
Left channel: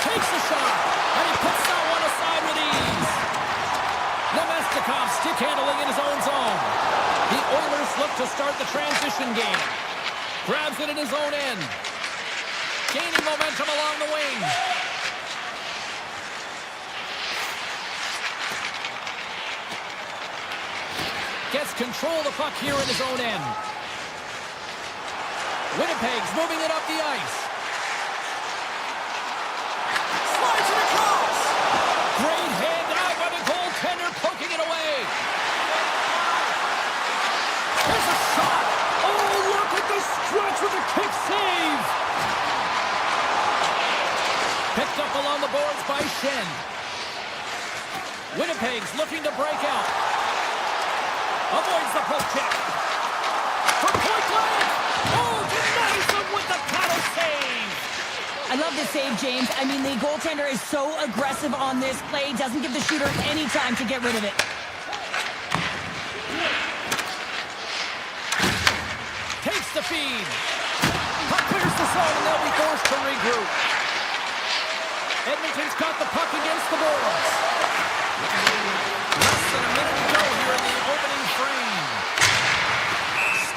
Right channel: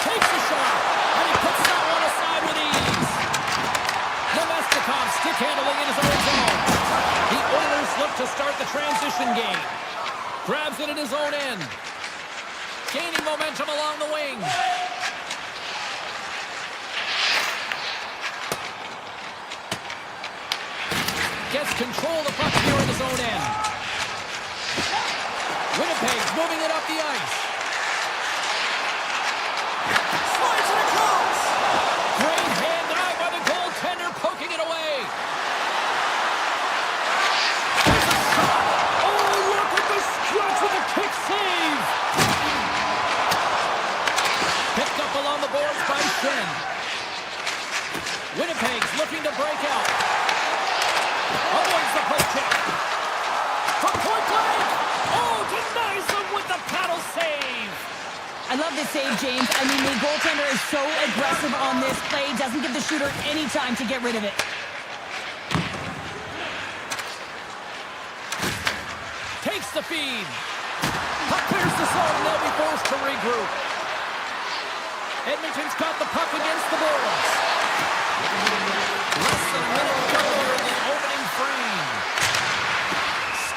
Takes a shot, and he puts that one aside with ease. Nemestikov stick handling in his own zone. The Oilers look to start the transition game. Grabs it in his own end. Gaining momentum along the wing. Gets control of the puck here in his own end. Winnipeg's moving it up the ice. Slides it across. Great hand-eye by the goaltender, Winnipegs looking to break out. Avoids the poke check. From point blank. Oh, denies him with the paddle save. I love this save, James. I mean, the goaltender is so aggressive on this play. Doesn't give the shooter any time to get rid of it. Takes the feed. Puck clears the zone, and they'll be forced to regroup. Edmonton's got the puck against the boards. Less than a minute to go here in the opening frame.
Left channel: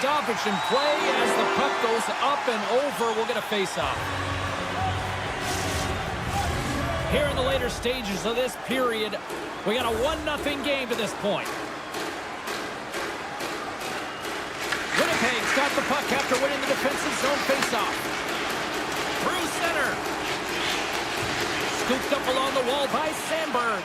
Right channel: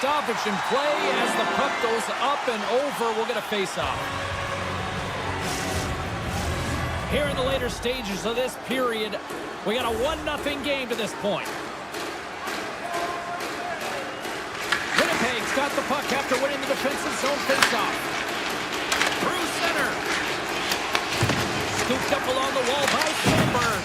Stoppage in play as the puck goes up and over. We'll get a face-off. Here in the later stages of this period, we got a 1-0 game to this point. Winnipeg's got the puck after winning the defensive zone face-off. Through center. Scooped up along the wall by Sandberg.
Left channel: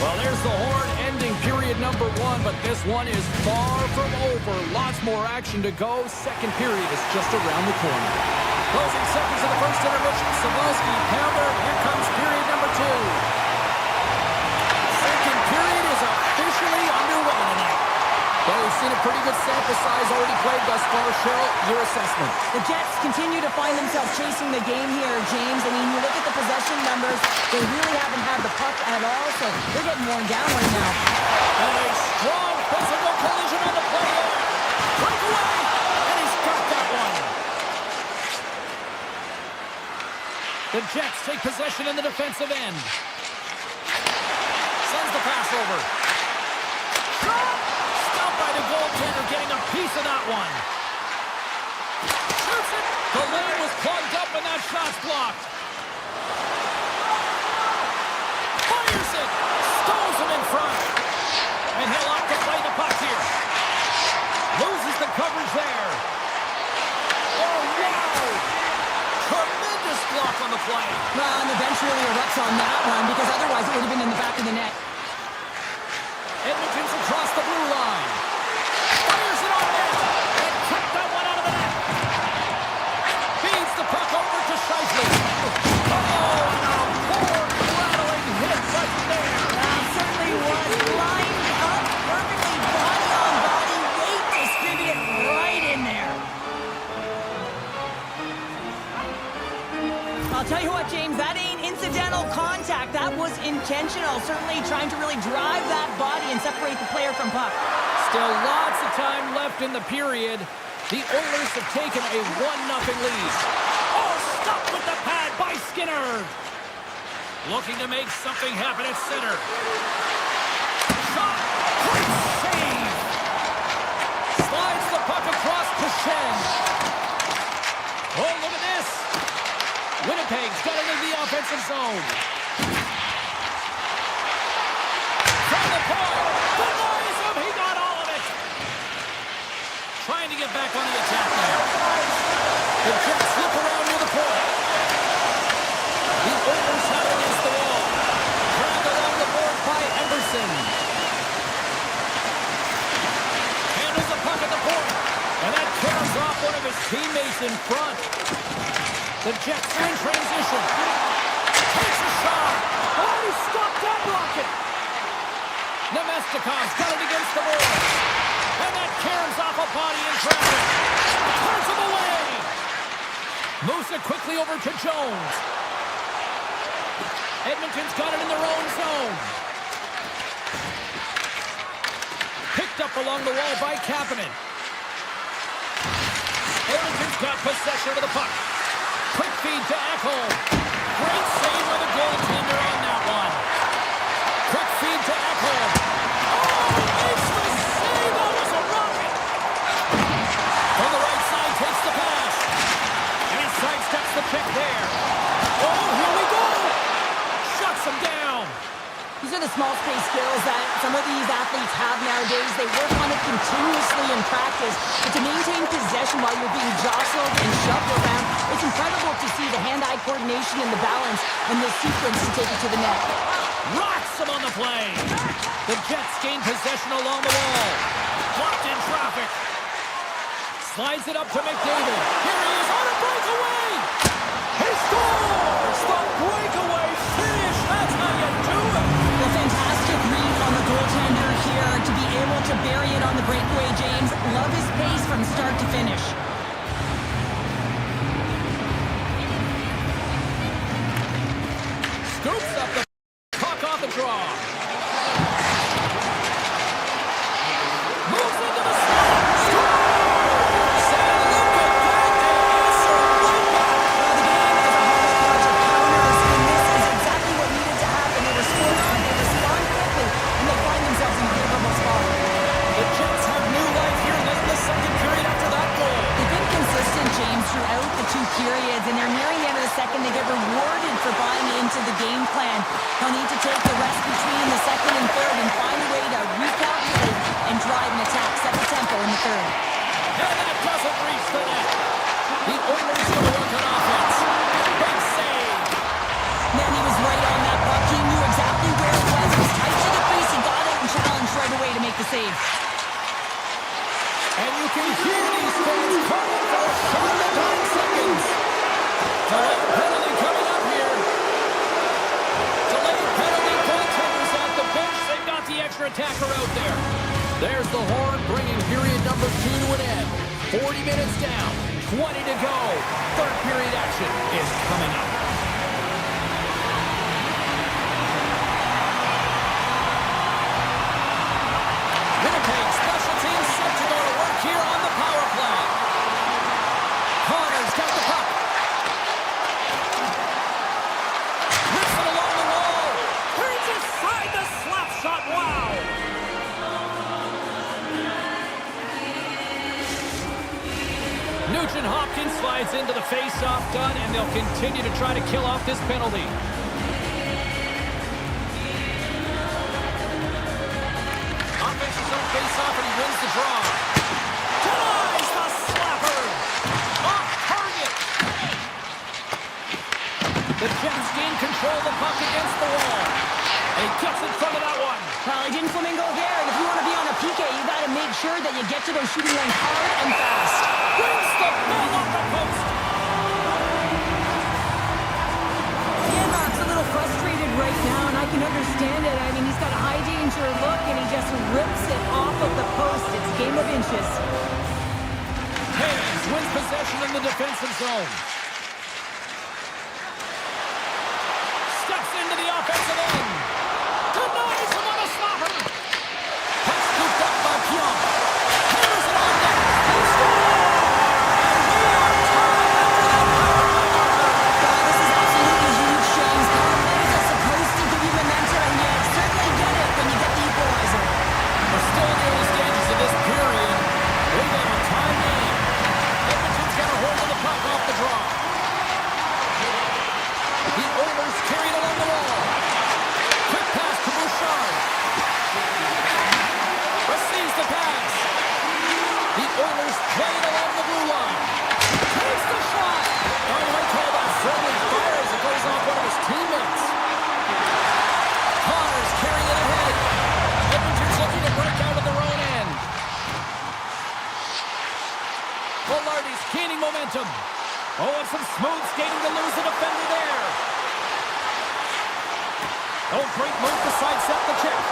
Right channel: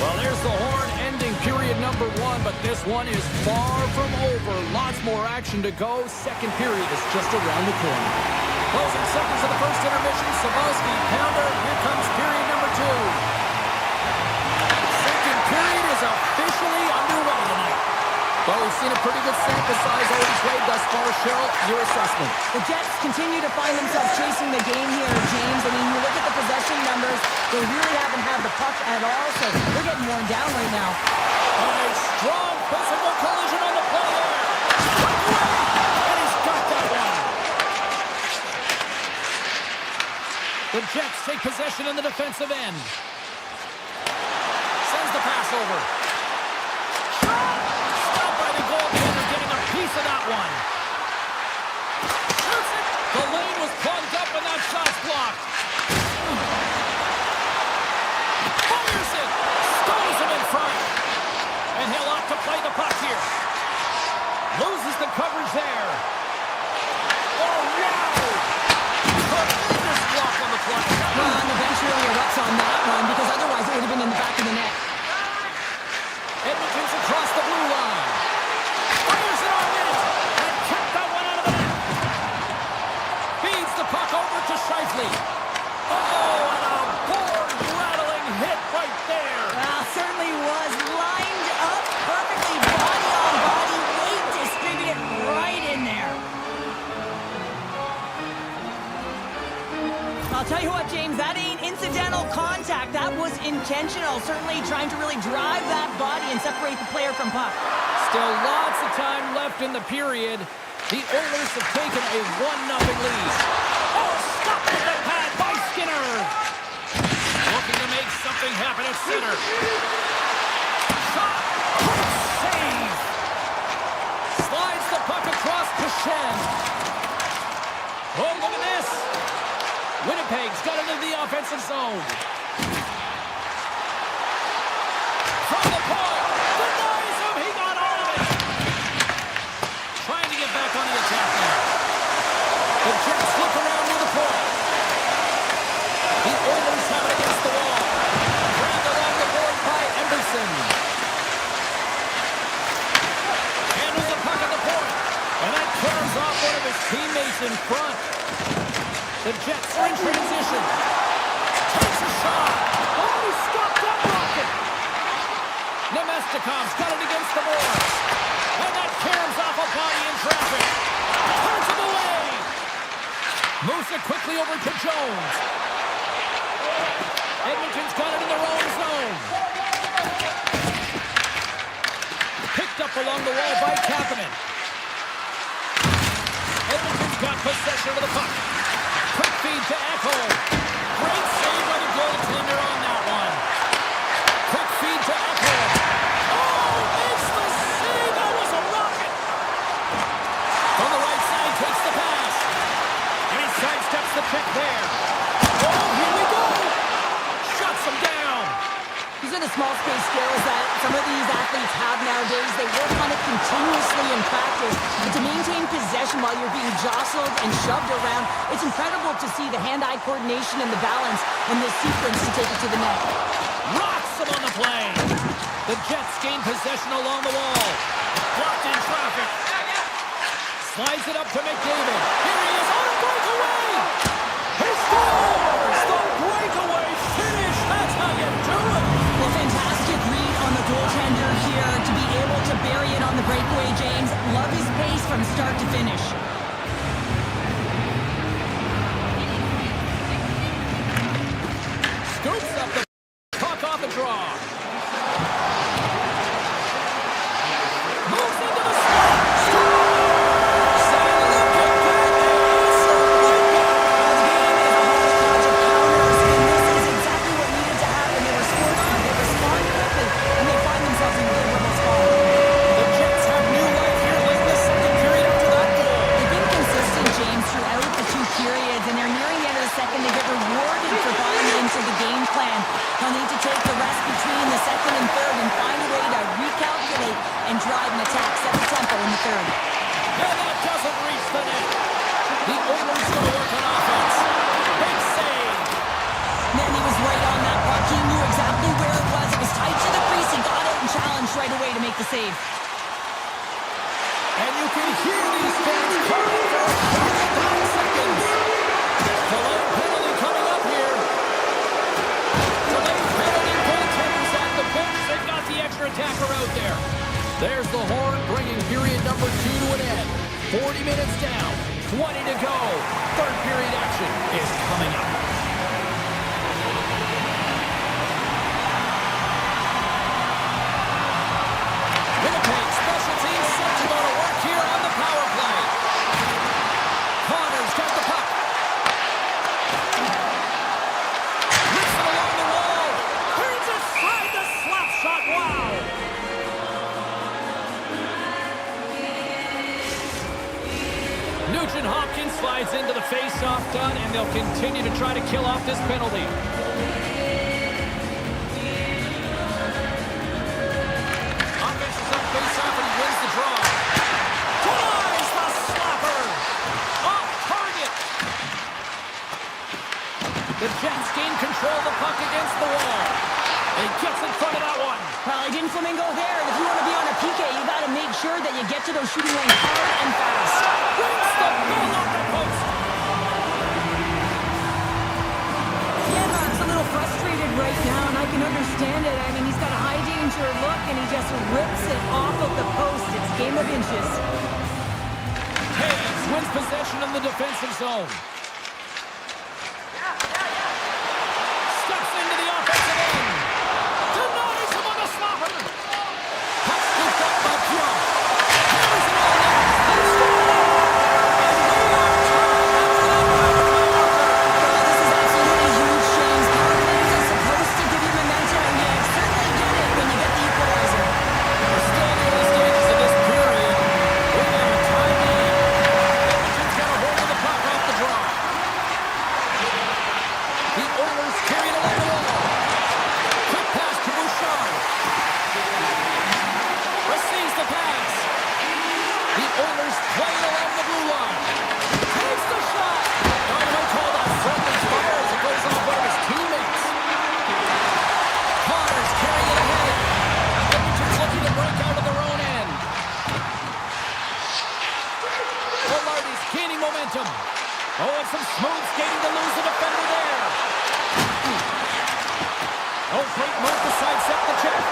Well, there's the horn ending period number 1, but this one is far from over. Lots more action to go. Second period is just around the corner. Closing seconds of the first intermission. Sabalski, pounder. Here comes period number 2. Second period is officially underway tonight. Well, we've seen a pretty good sample size already played thus far. Cheryl, your assessment. The Jets continue to find themselves chasing the game here, James. I mean, you look at the possession numbers, they really haven't had the puck at all, so they're getting worn down right now. And a strong physical collision on the play there. Breakaway, and he's got that one. The Jets take possession in the defensive end. Sends the pass over. Shot! Stopped by the goaltender, getting a piece of that one. Shoots it! The lane was plugged up and that shot's blocked. Fires it! Stows him in front. And he'll opt to play the puck here. Loses the coverage there. Oh, wow! Tremendous block on the play. Well, and the bench really erupts on that one because otherwise it would have been in the back of the net. Edmonton's across the blue line. Fires it on net. And kept that one out of the net. Feeds the puck over to Scheifele. Oh, and a board-rattling hit right there. Well, certainly was lined up perfectly, body on body, weight distributed right in there. I'll tell you what, James, that ain't incidental contact. That was intentional. Certainly trying to really drive that body and separate the player from puck. Still lots of time left in the period. The Oilers have taken a 1-0 lead. Oh, stopped with the pad by Skinner. Looking to make something happen at center. Shot. Great save. Slides the puck across to Shen. Oh, look at this. Winnipeg's got it into the offensive zone. From the point. Denies him. He got all of it. Trying to get back on the attack now. The Jets look around near the point. The Oilers have it against the wall. Dragged along the board by Emberson. Handles the puck at the point. And that tears off one of his teammates in front. The Jets are in transition. Takes a shot. Oh, he stopped that rocket. Nemestikov's got it against the boards. And that caroms off a body in traffic. Turns him away. Moves it quickly over to Jones. Edmonton's got it in their own zone. Picked up along the wall by Kapanen. Edmonton's got possession of the puck. Quick feed to Ekholm. Great save by the goaltender on that one. Quick feed to Ekholm. Oh, makes the save. That was a rocket. From the right side, takes the pass. And he sidesteps the pick there. Oh, here we go. Shuts him down. These are the small space skills that some of these athletes have nowadays. They work on it continuously in practice. But to maintain possession while you're being jostled and shoved around, it's incredible to see the hand-eye coordination and the balance in this sequence to take it to the net. Rocks him on the play. The Jets gain possession along the wall. Blocked in traffic. Slides it up to McDavid. Here he is on a breakaway. He scores! The breakaway finish. That's how you do it. Well, fantastic read on the goaltender here to be able to bury it on the breakaway, James. Love his pace from start to finish. Scoops up the puck off the draw. Moves into the slot. Scores! And look at that. They answer right back. Well, the game is a hodgepodge of counters, and this is exactly what needed to happen. They were scored on, they respond quickly, and they find themselves in a favorable spot. The Jets have new life here late in the second period after that goal. They've been consistent, James, throughout the two periods, and they're nearing the end of the second. They get rewarded for buying into the game plan. They'll need to take the rest between the second and third and find a way to recalculate and drive an attack, set the tempo in the third. And that doesn't reach the net. The Oilers going to work on offense. Big save. Man, he was right on that puck. He knew exactly where it was. It was tight to the crease. He got out and challenged right away to make the save. And you can hear these fans calling for a shot in the 9 seconds. Delayed penalty coming up here. Delayed penalty, goaltenders at the bench. They've got the extra attacker out there. There's the horn bringing period number 2 to an end. 40 minutes down, 20 to go. Third period action is coming up. Winnipeg special teams set to go to work here on the power play. Connor's got the puck. Rips it along the wall. Turns aside the slap shot. Wow. Nugent Hopkins slides into the face-off done, and they'll continue to try to kill off this penalty. Offensive zone face-off, and he wins the draw. Denies the slapper. Off target. The Jets gain control of the puck against the wall. And he gets in front of that one. Well, he didn't flamingo there, and if you want to be on a PK, you got to make sure that you get to those shooting lanes hard and fast. Brings the ball off the post. Yanmark's a little frustrated right now, and I can understand it. I mean, he's got a high danger look, and he just rips it off of the post. It's a game of inches. Hayes wins possession in the defensive zone. Steps into the offensive end. Denies him on the slapper. Puck scooped up by Pion. Hammers it on net. He scores! And we are tied after that power play marker. Oh, this is absolutely huge, James. Power plays are supposed to give you momentum, and you certainly get it when you get the equalizer. We're still in the early stages of this period. We got a tie game. Edmonton's got a hold of the puck off the draw. The Oilers carry it along the wall. Quick pass to Bouchard. Receives the pass. The Oilers play it along the blue line. Takes the shot. Now you might call that friendly fire as it goes off one of his teammates. Connor's carrying it ahead. Edmonton's looking to break out of their own end. Velarde's gaining momentum. Oh, and some smooth skating to lose the defender there. Oh, great move to sidestep the check.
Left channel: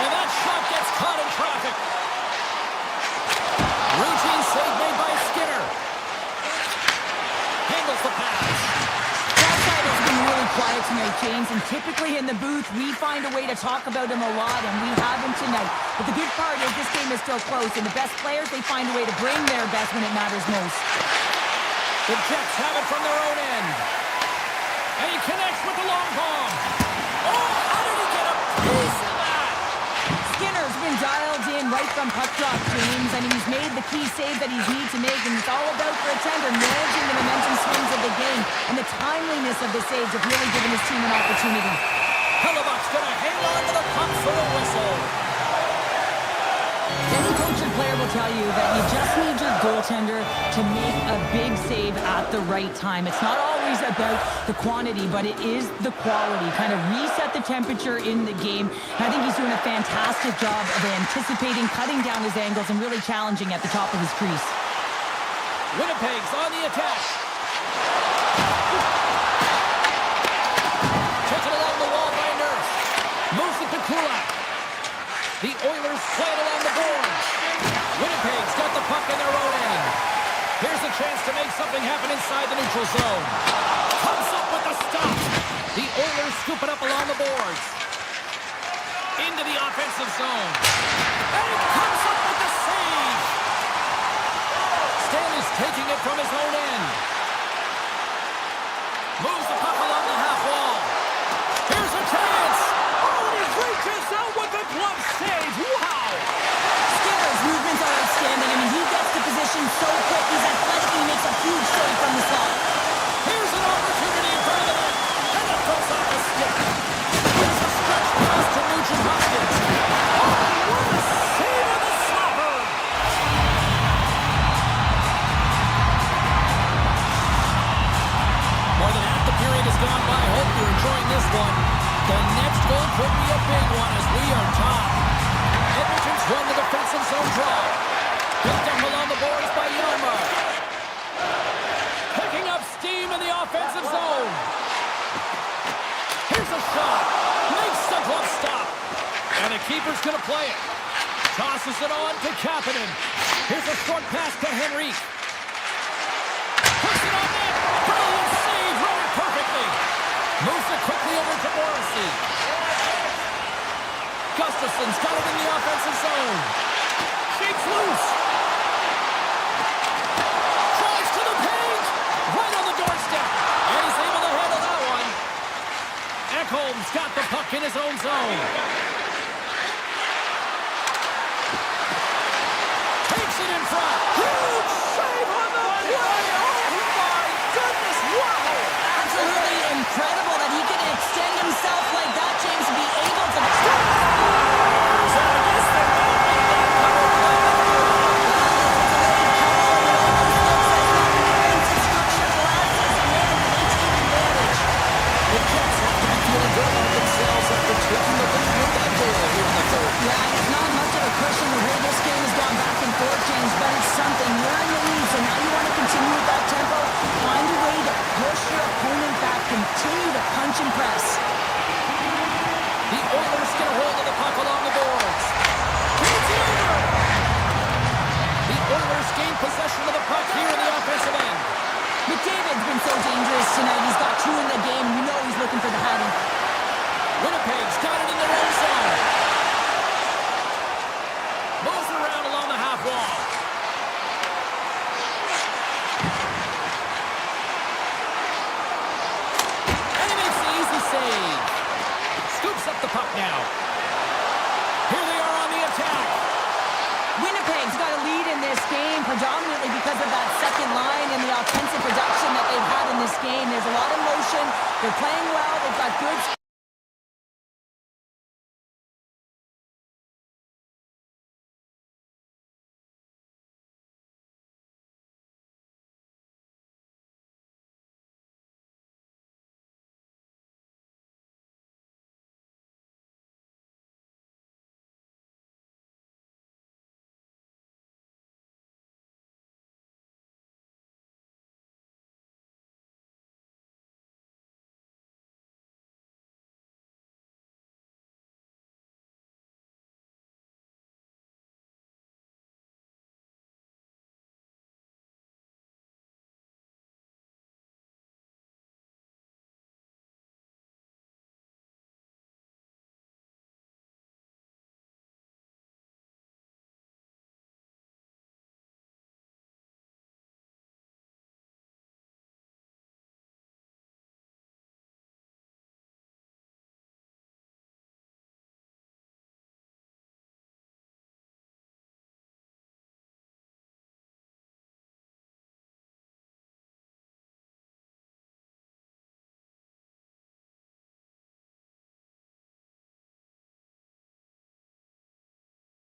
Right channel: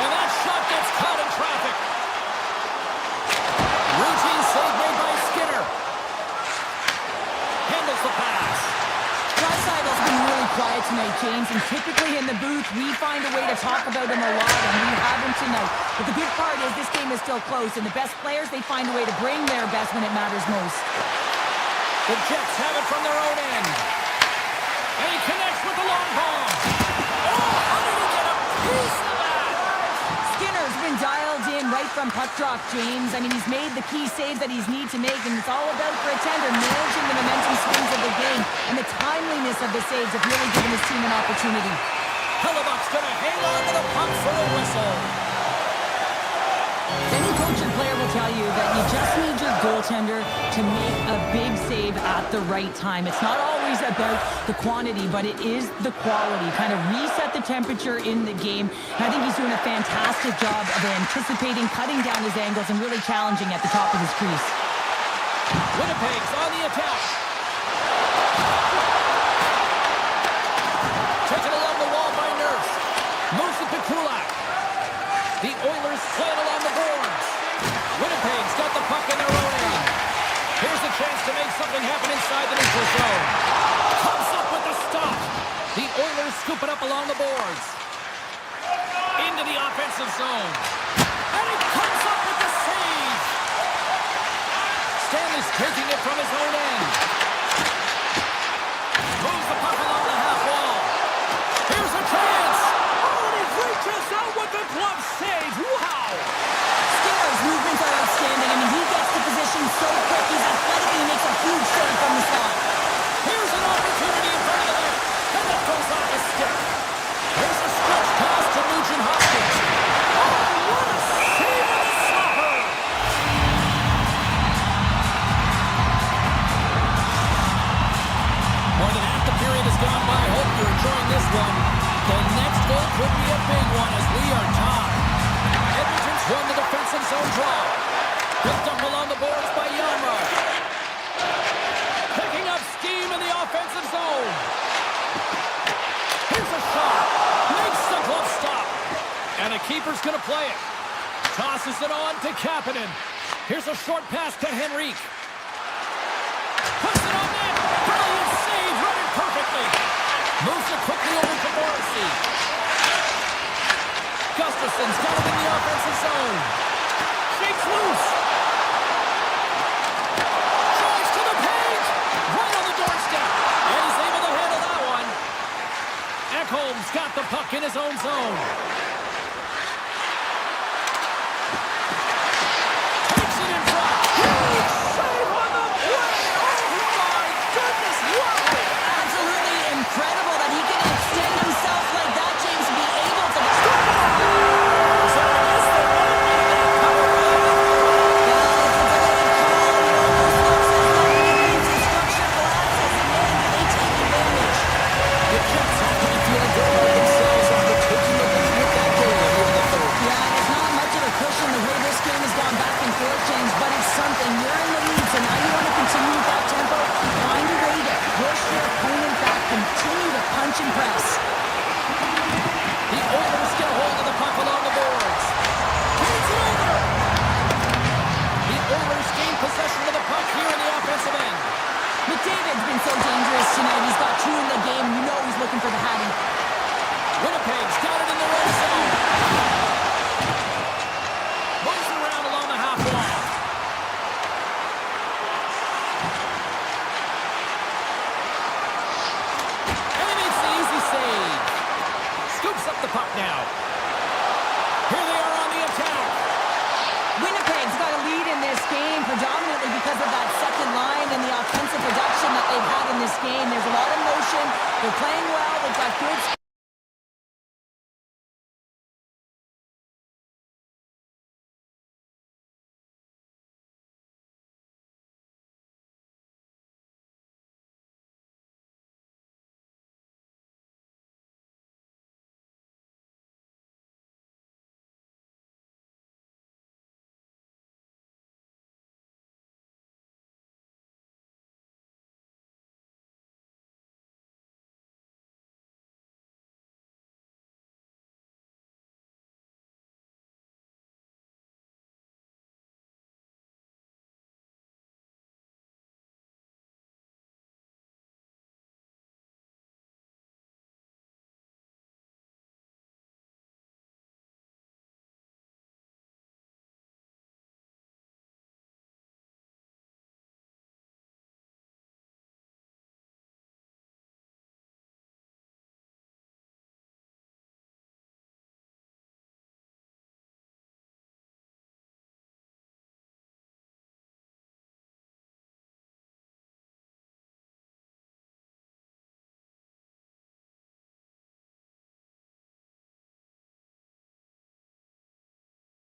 And that shot gets caught in traffic. Routine save made by Skinner. Handles the pass. Draisaitl has been really quiet tonight, James, and typically in the booth, we find a way to talk about him a lot, and we haven't tonight. But the good part is this game is still close, and the best players, they find a way to bring their best when it matters most. The Jets have it from their own end. And he connects with the long bomb. Oh, how did he get a piece of that? Skinner's been dialed in right from puck drop, James. I mean, he's made the key save that he's need to make, and it's all about for a tender managing the momentum swings of the game, and the timeliness of the saves have really given his team an opportunity. Hellebuck's going to hang on to the puck for a whistle. Any coach or player will tell you that you just need your goaltender to make a big save at the right time. It's not always about the quantity, but it is the quality. Kind of reset the temperature in the game. And I think he's doing a fantastic job of anticipating, cutting down his angles, and really challenging at the top of his crease. Winnipeg's on the attack. Taken along the wall by Nurse. Moves it to Kulak. The Oilers play it along the boards. Winnipeg's got the puck in their own end. Here's a chance to make something happen inside the neutral zone. Comes up with the stop. The Oilers scoop it up along the boards. Into the offensive zone. And he comes up with the save. Stanley's taking it from his own end. Moves the puck along the half wall. Here's a chance. Oh, and he reaches out with the glove save. Wow. Skinner's movements are outstanding. I mean, he gets to position so quick. He's athletic and he makes a huge save from the slot. Here's an opportunity in front of the net. And it goes off the stick. Here's a stretch pass to Nugent Hopkins. Oh, what a save of the stopper. More than half the period has gone by. Hope you're enjoying this one. The next goal could be a big one as we are tied. Edmonton's won the defensive zone draw. Picked up along the boards by Yarmouth. Picking up steam in the offensive zone. Here's a shot. Makes the glove stop. And the keeper's going to play it. Tosses it on to Kapanen. Here's a short pass to Henrique. Puts it on net. Brilliant save. Read it perfectly. Moves it quickly over to Morrissey. Gustafson's got it in the offensive zone. Shakes loose. Drives to the paint. Right on the doorstep. And he's able to handle that one. Ekholm's got the puck in his own zone. Takes it in front. Huge save on the play. Oh, my goodness. Wow. Absolutely incredible that he can extend himself like that, James, to be able to... Scores! And I guess they won't make that cover play after all. Well, it's a delayed call, and it almost looks as though the defensive structure collapses, and man, do they take advantage. The Jets have to be feeling good about themselves after taking the lead with that goal here in the third. Yeah, and it's not much of a cushion the way this game has gone back and forth, James, but it's something. You're in the lead, so now you want to continue with that tempo. Find a way to push your opponent back. Continue to punch and press. The Oilers get a hold of the puck along the boards. Feeds it over. The Oilers gain possession of the puck here in the offensive end. McDavid's been so dangerous tonight. He's got two in the game. You know he's looking for the hattie. Winnipeg's got it in their own zone. Moves it around along the half wall. And he makes the easy save. Scoops up the puck now. Here they are on the attack. Winnipeg's got a lead in this game predominantly because of that second line and the offensive production that they've had in this game. There's a lot of motion. They're playing well. They've got good...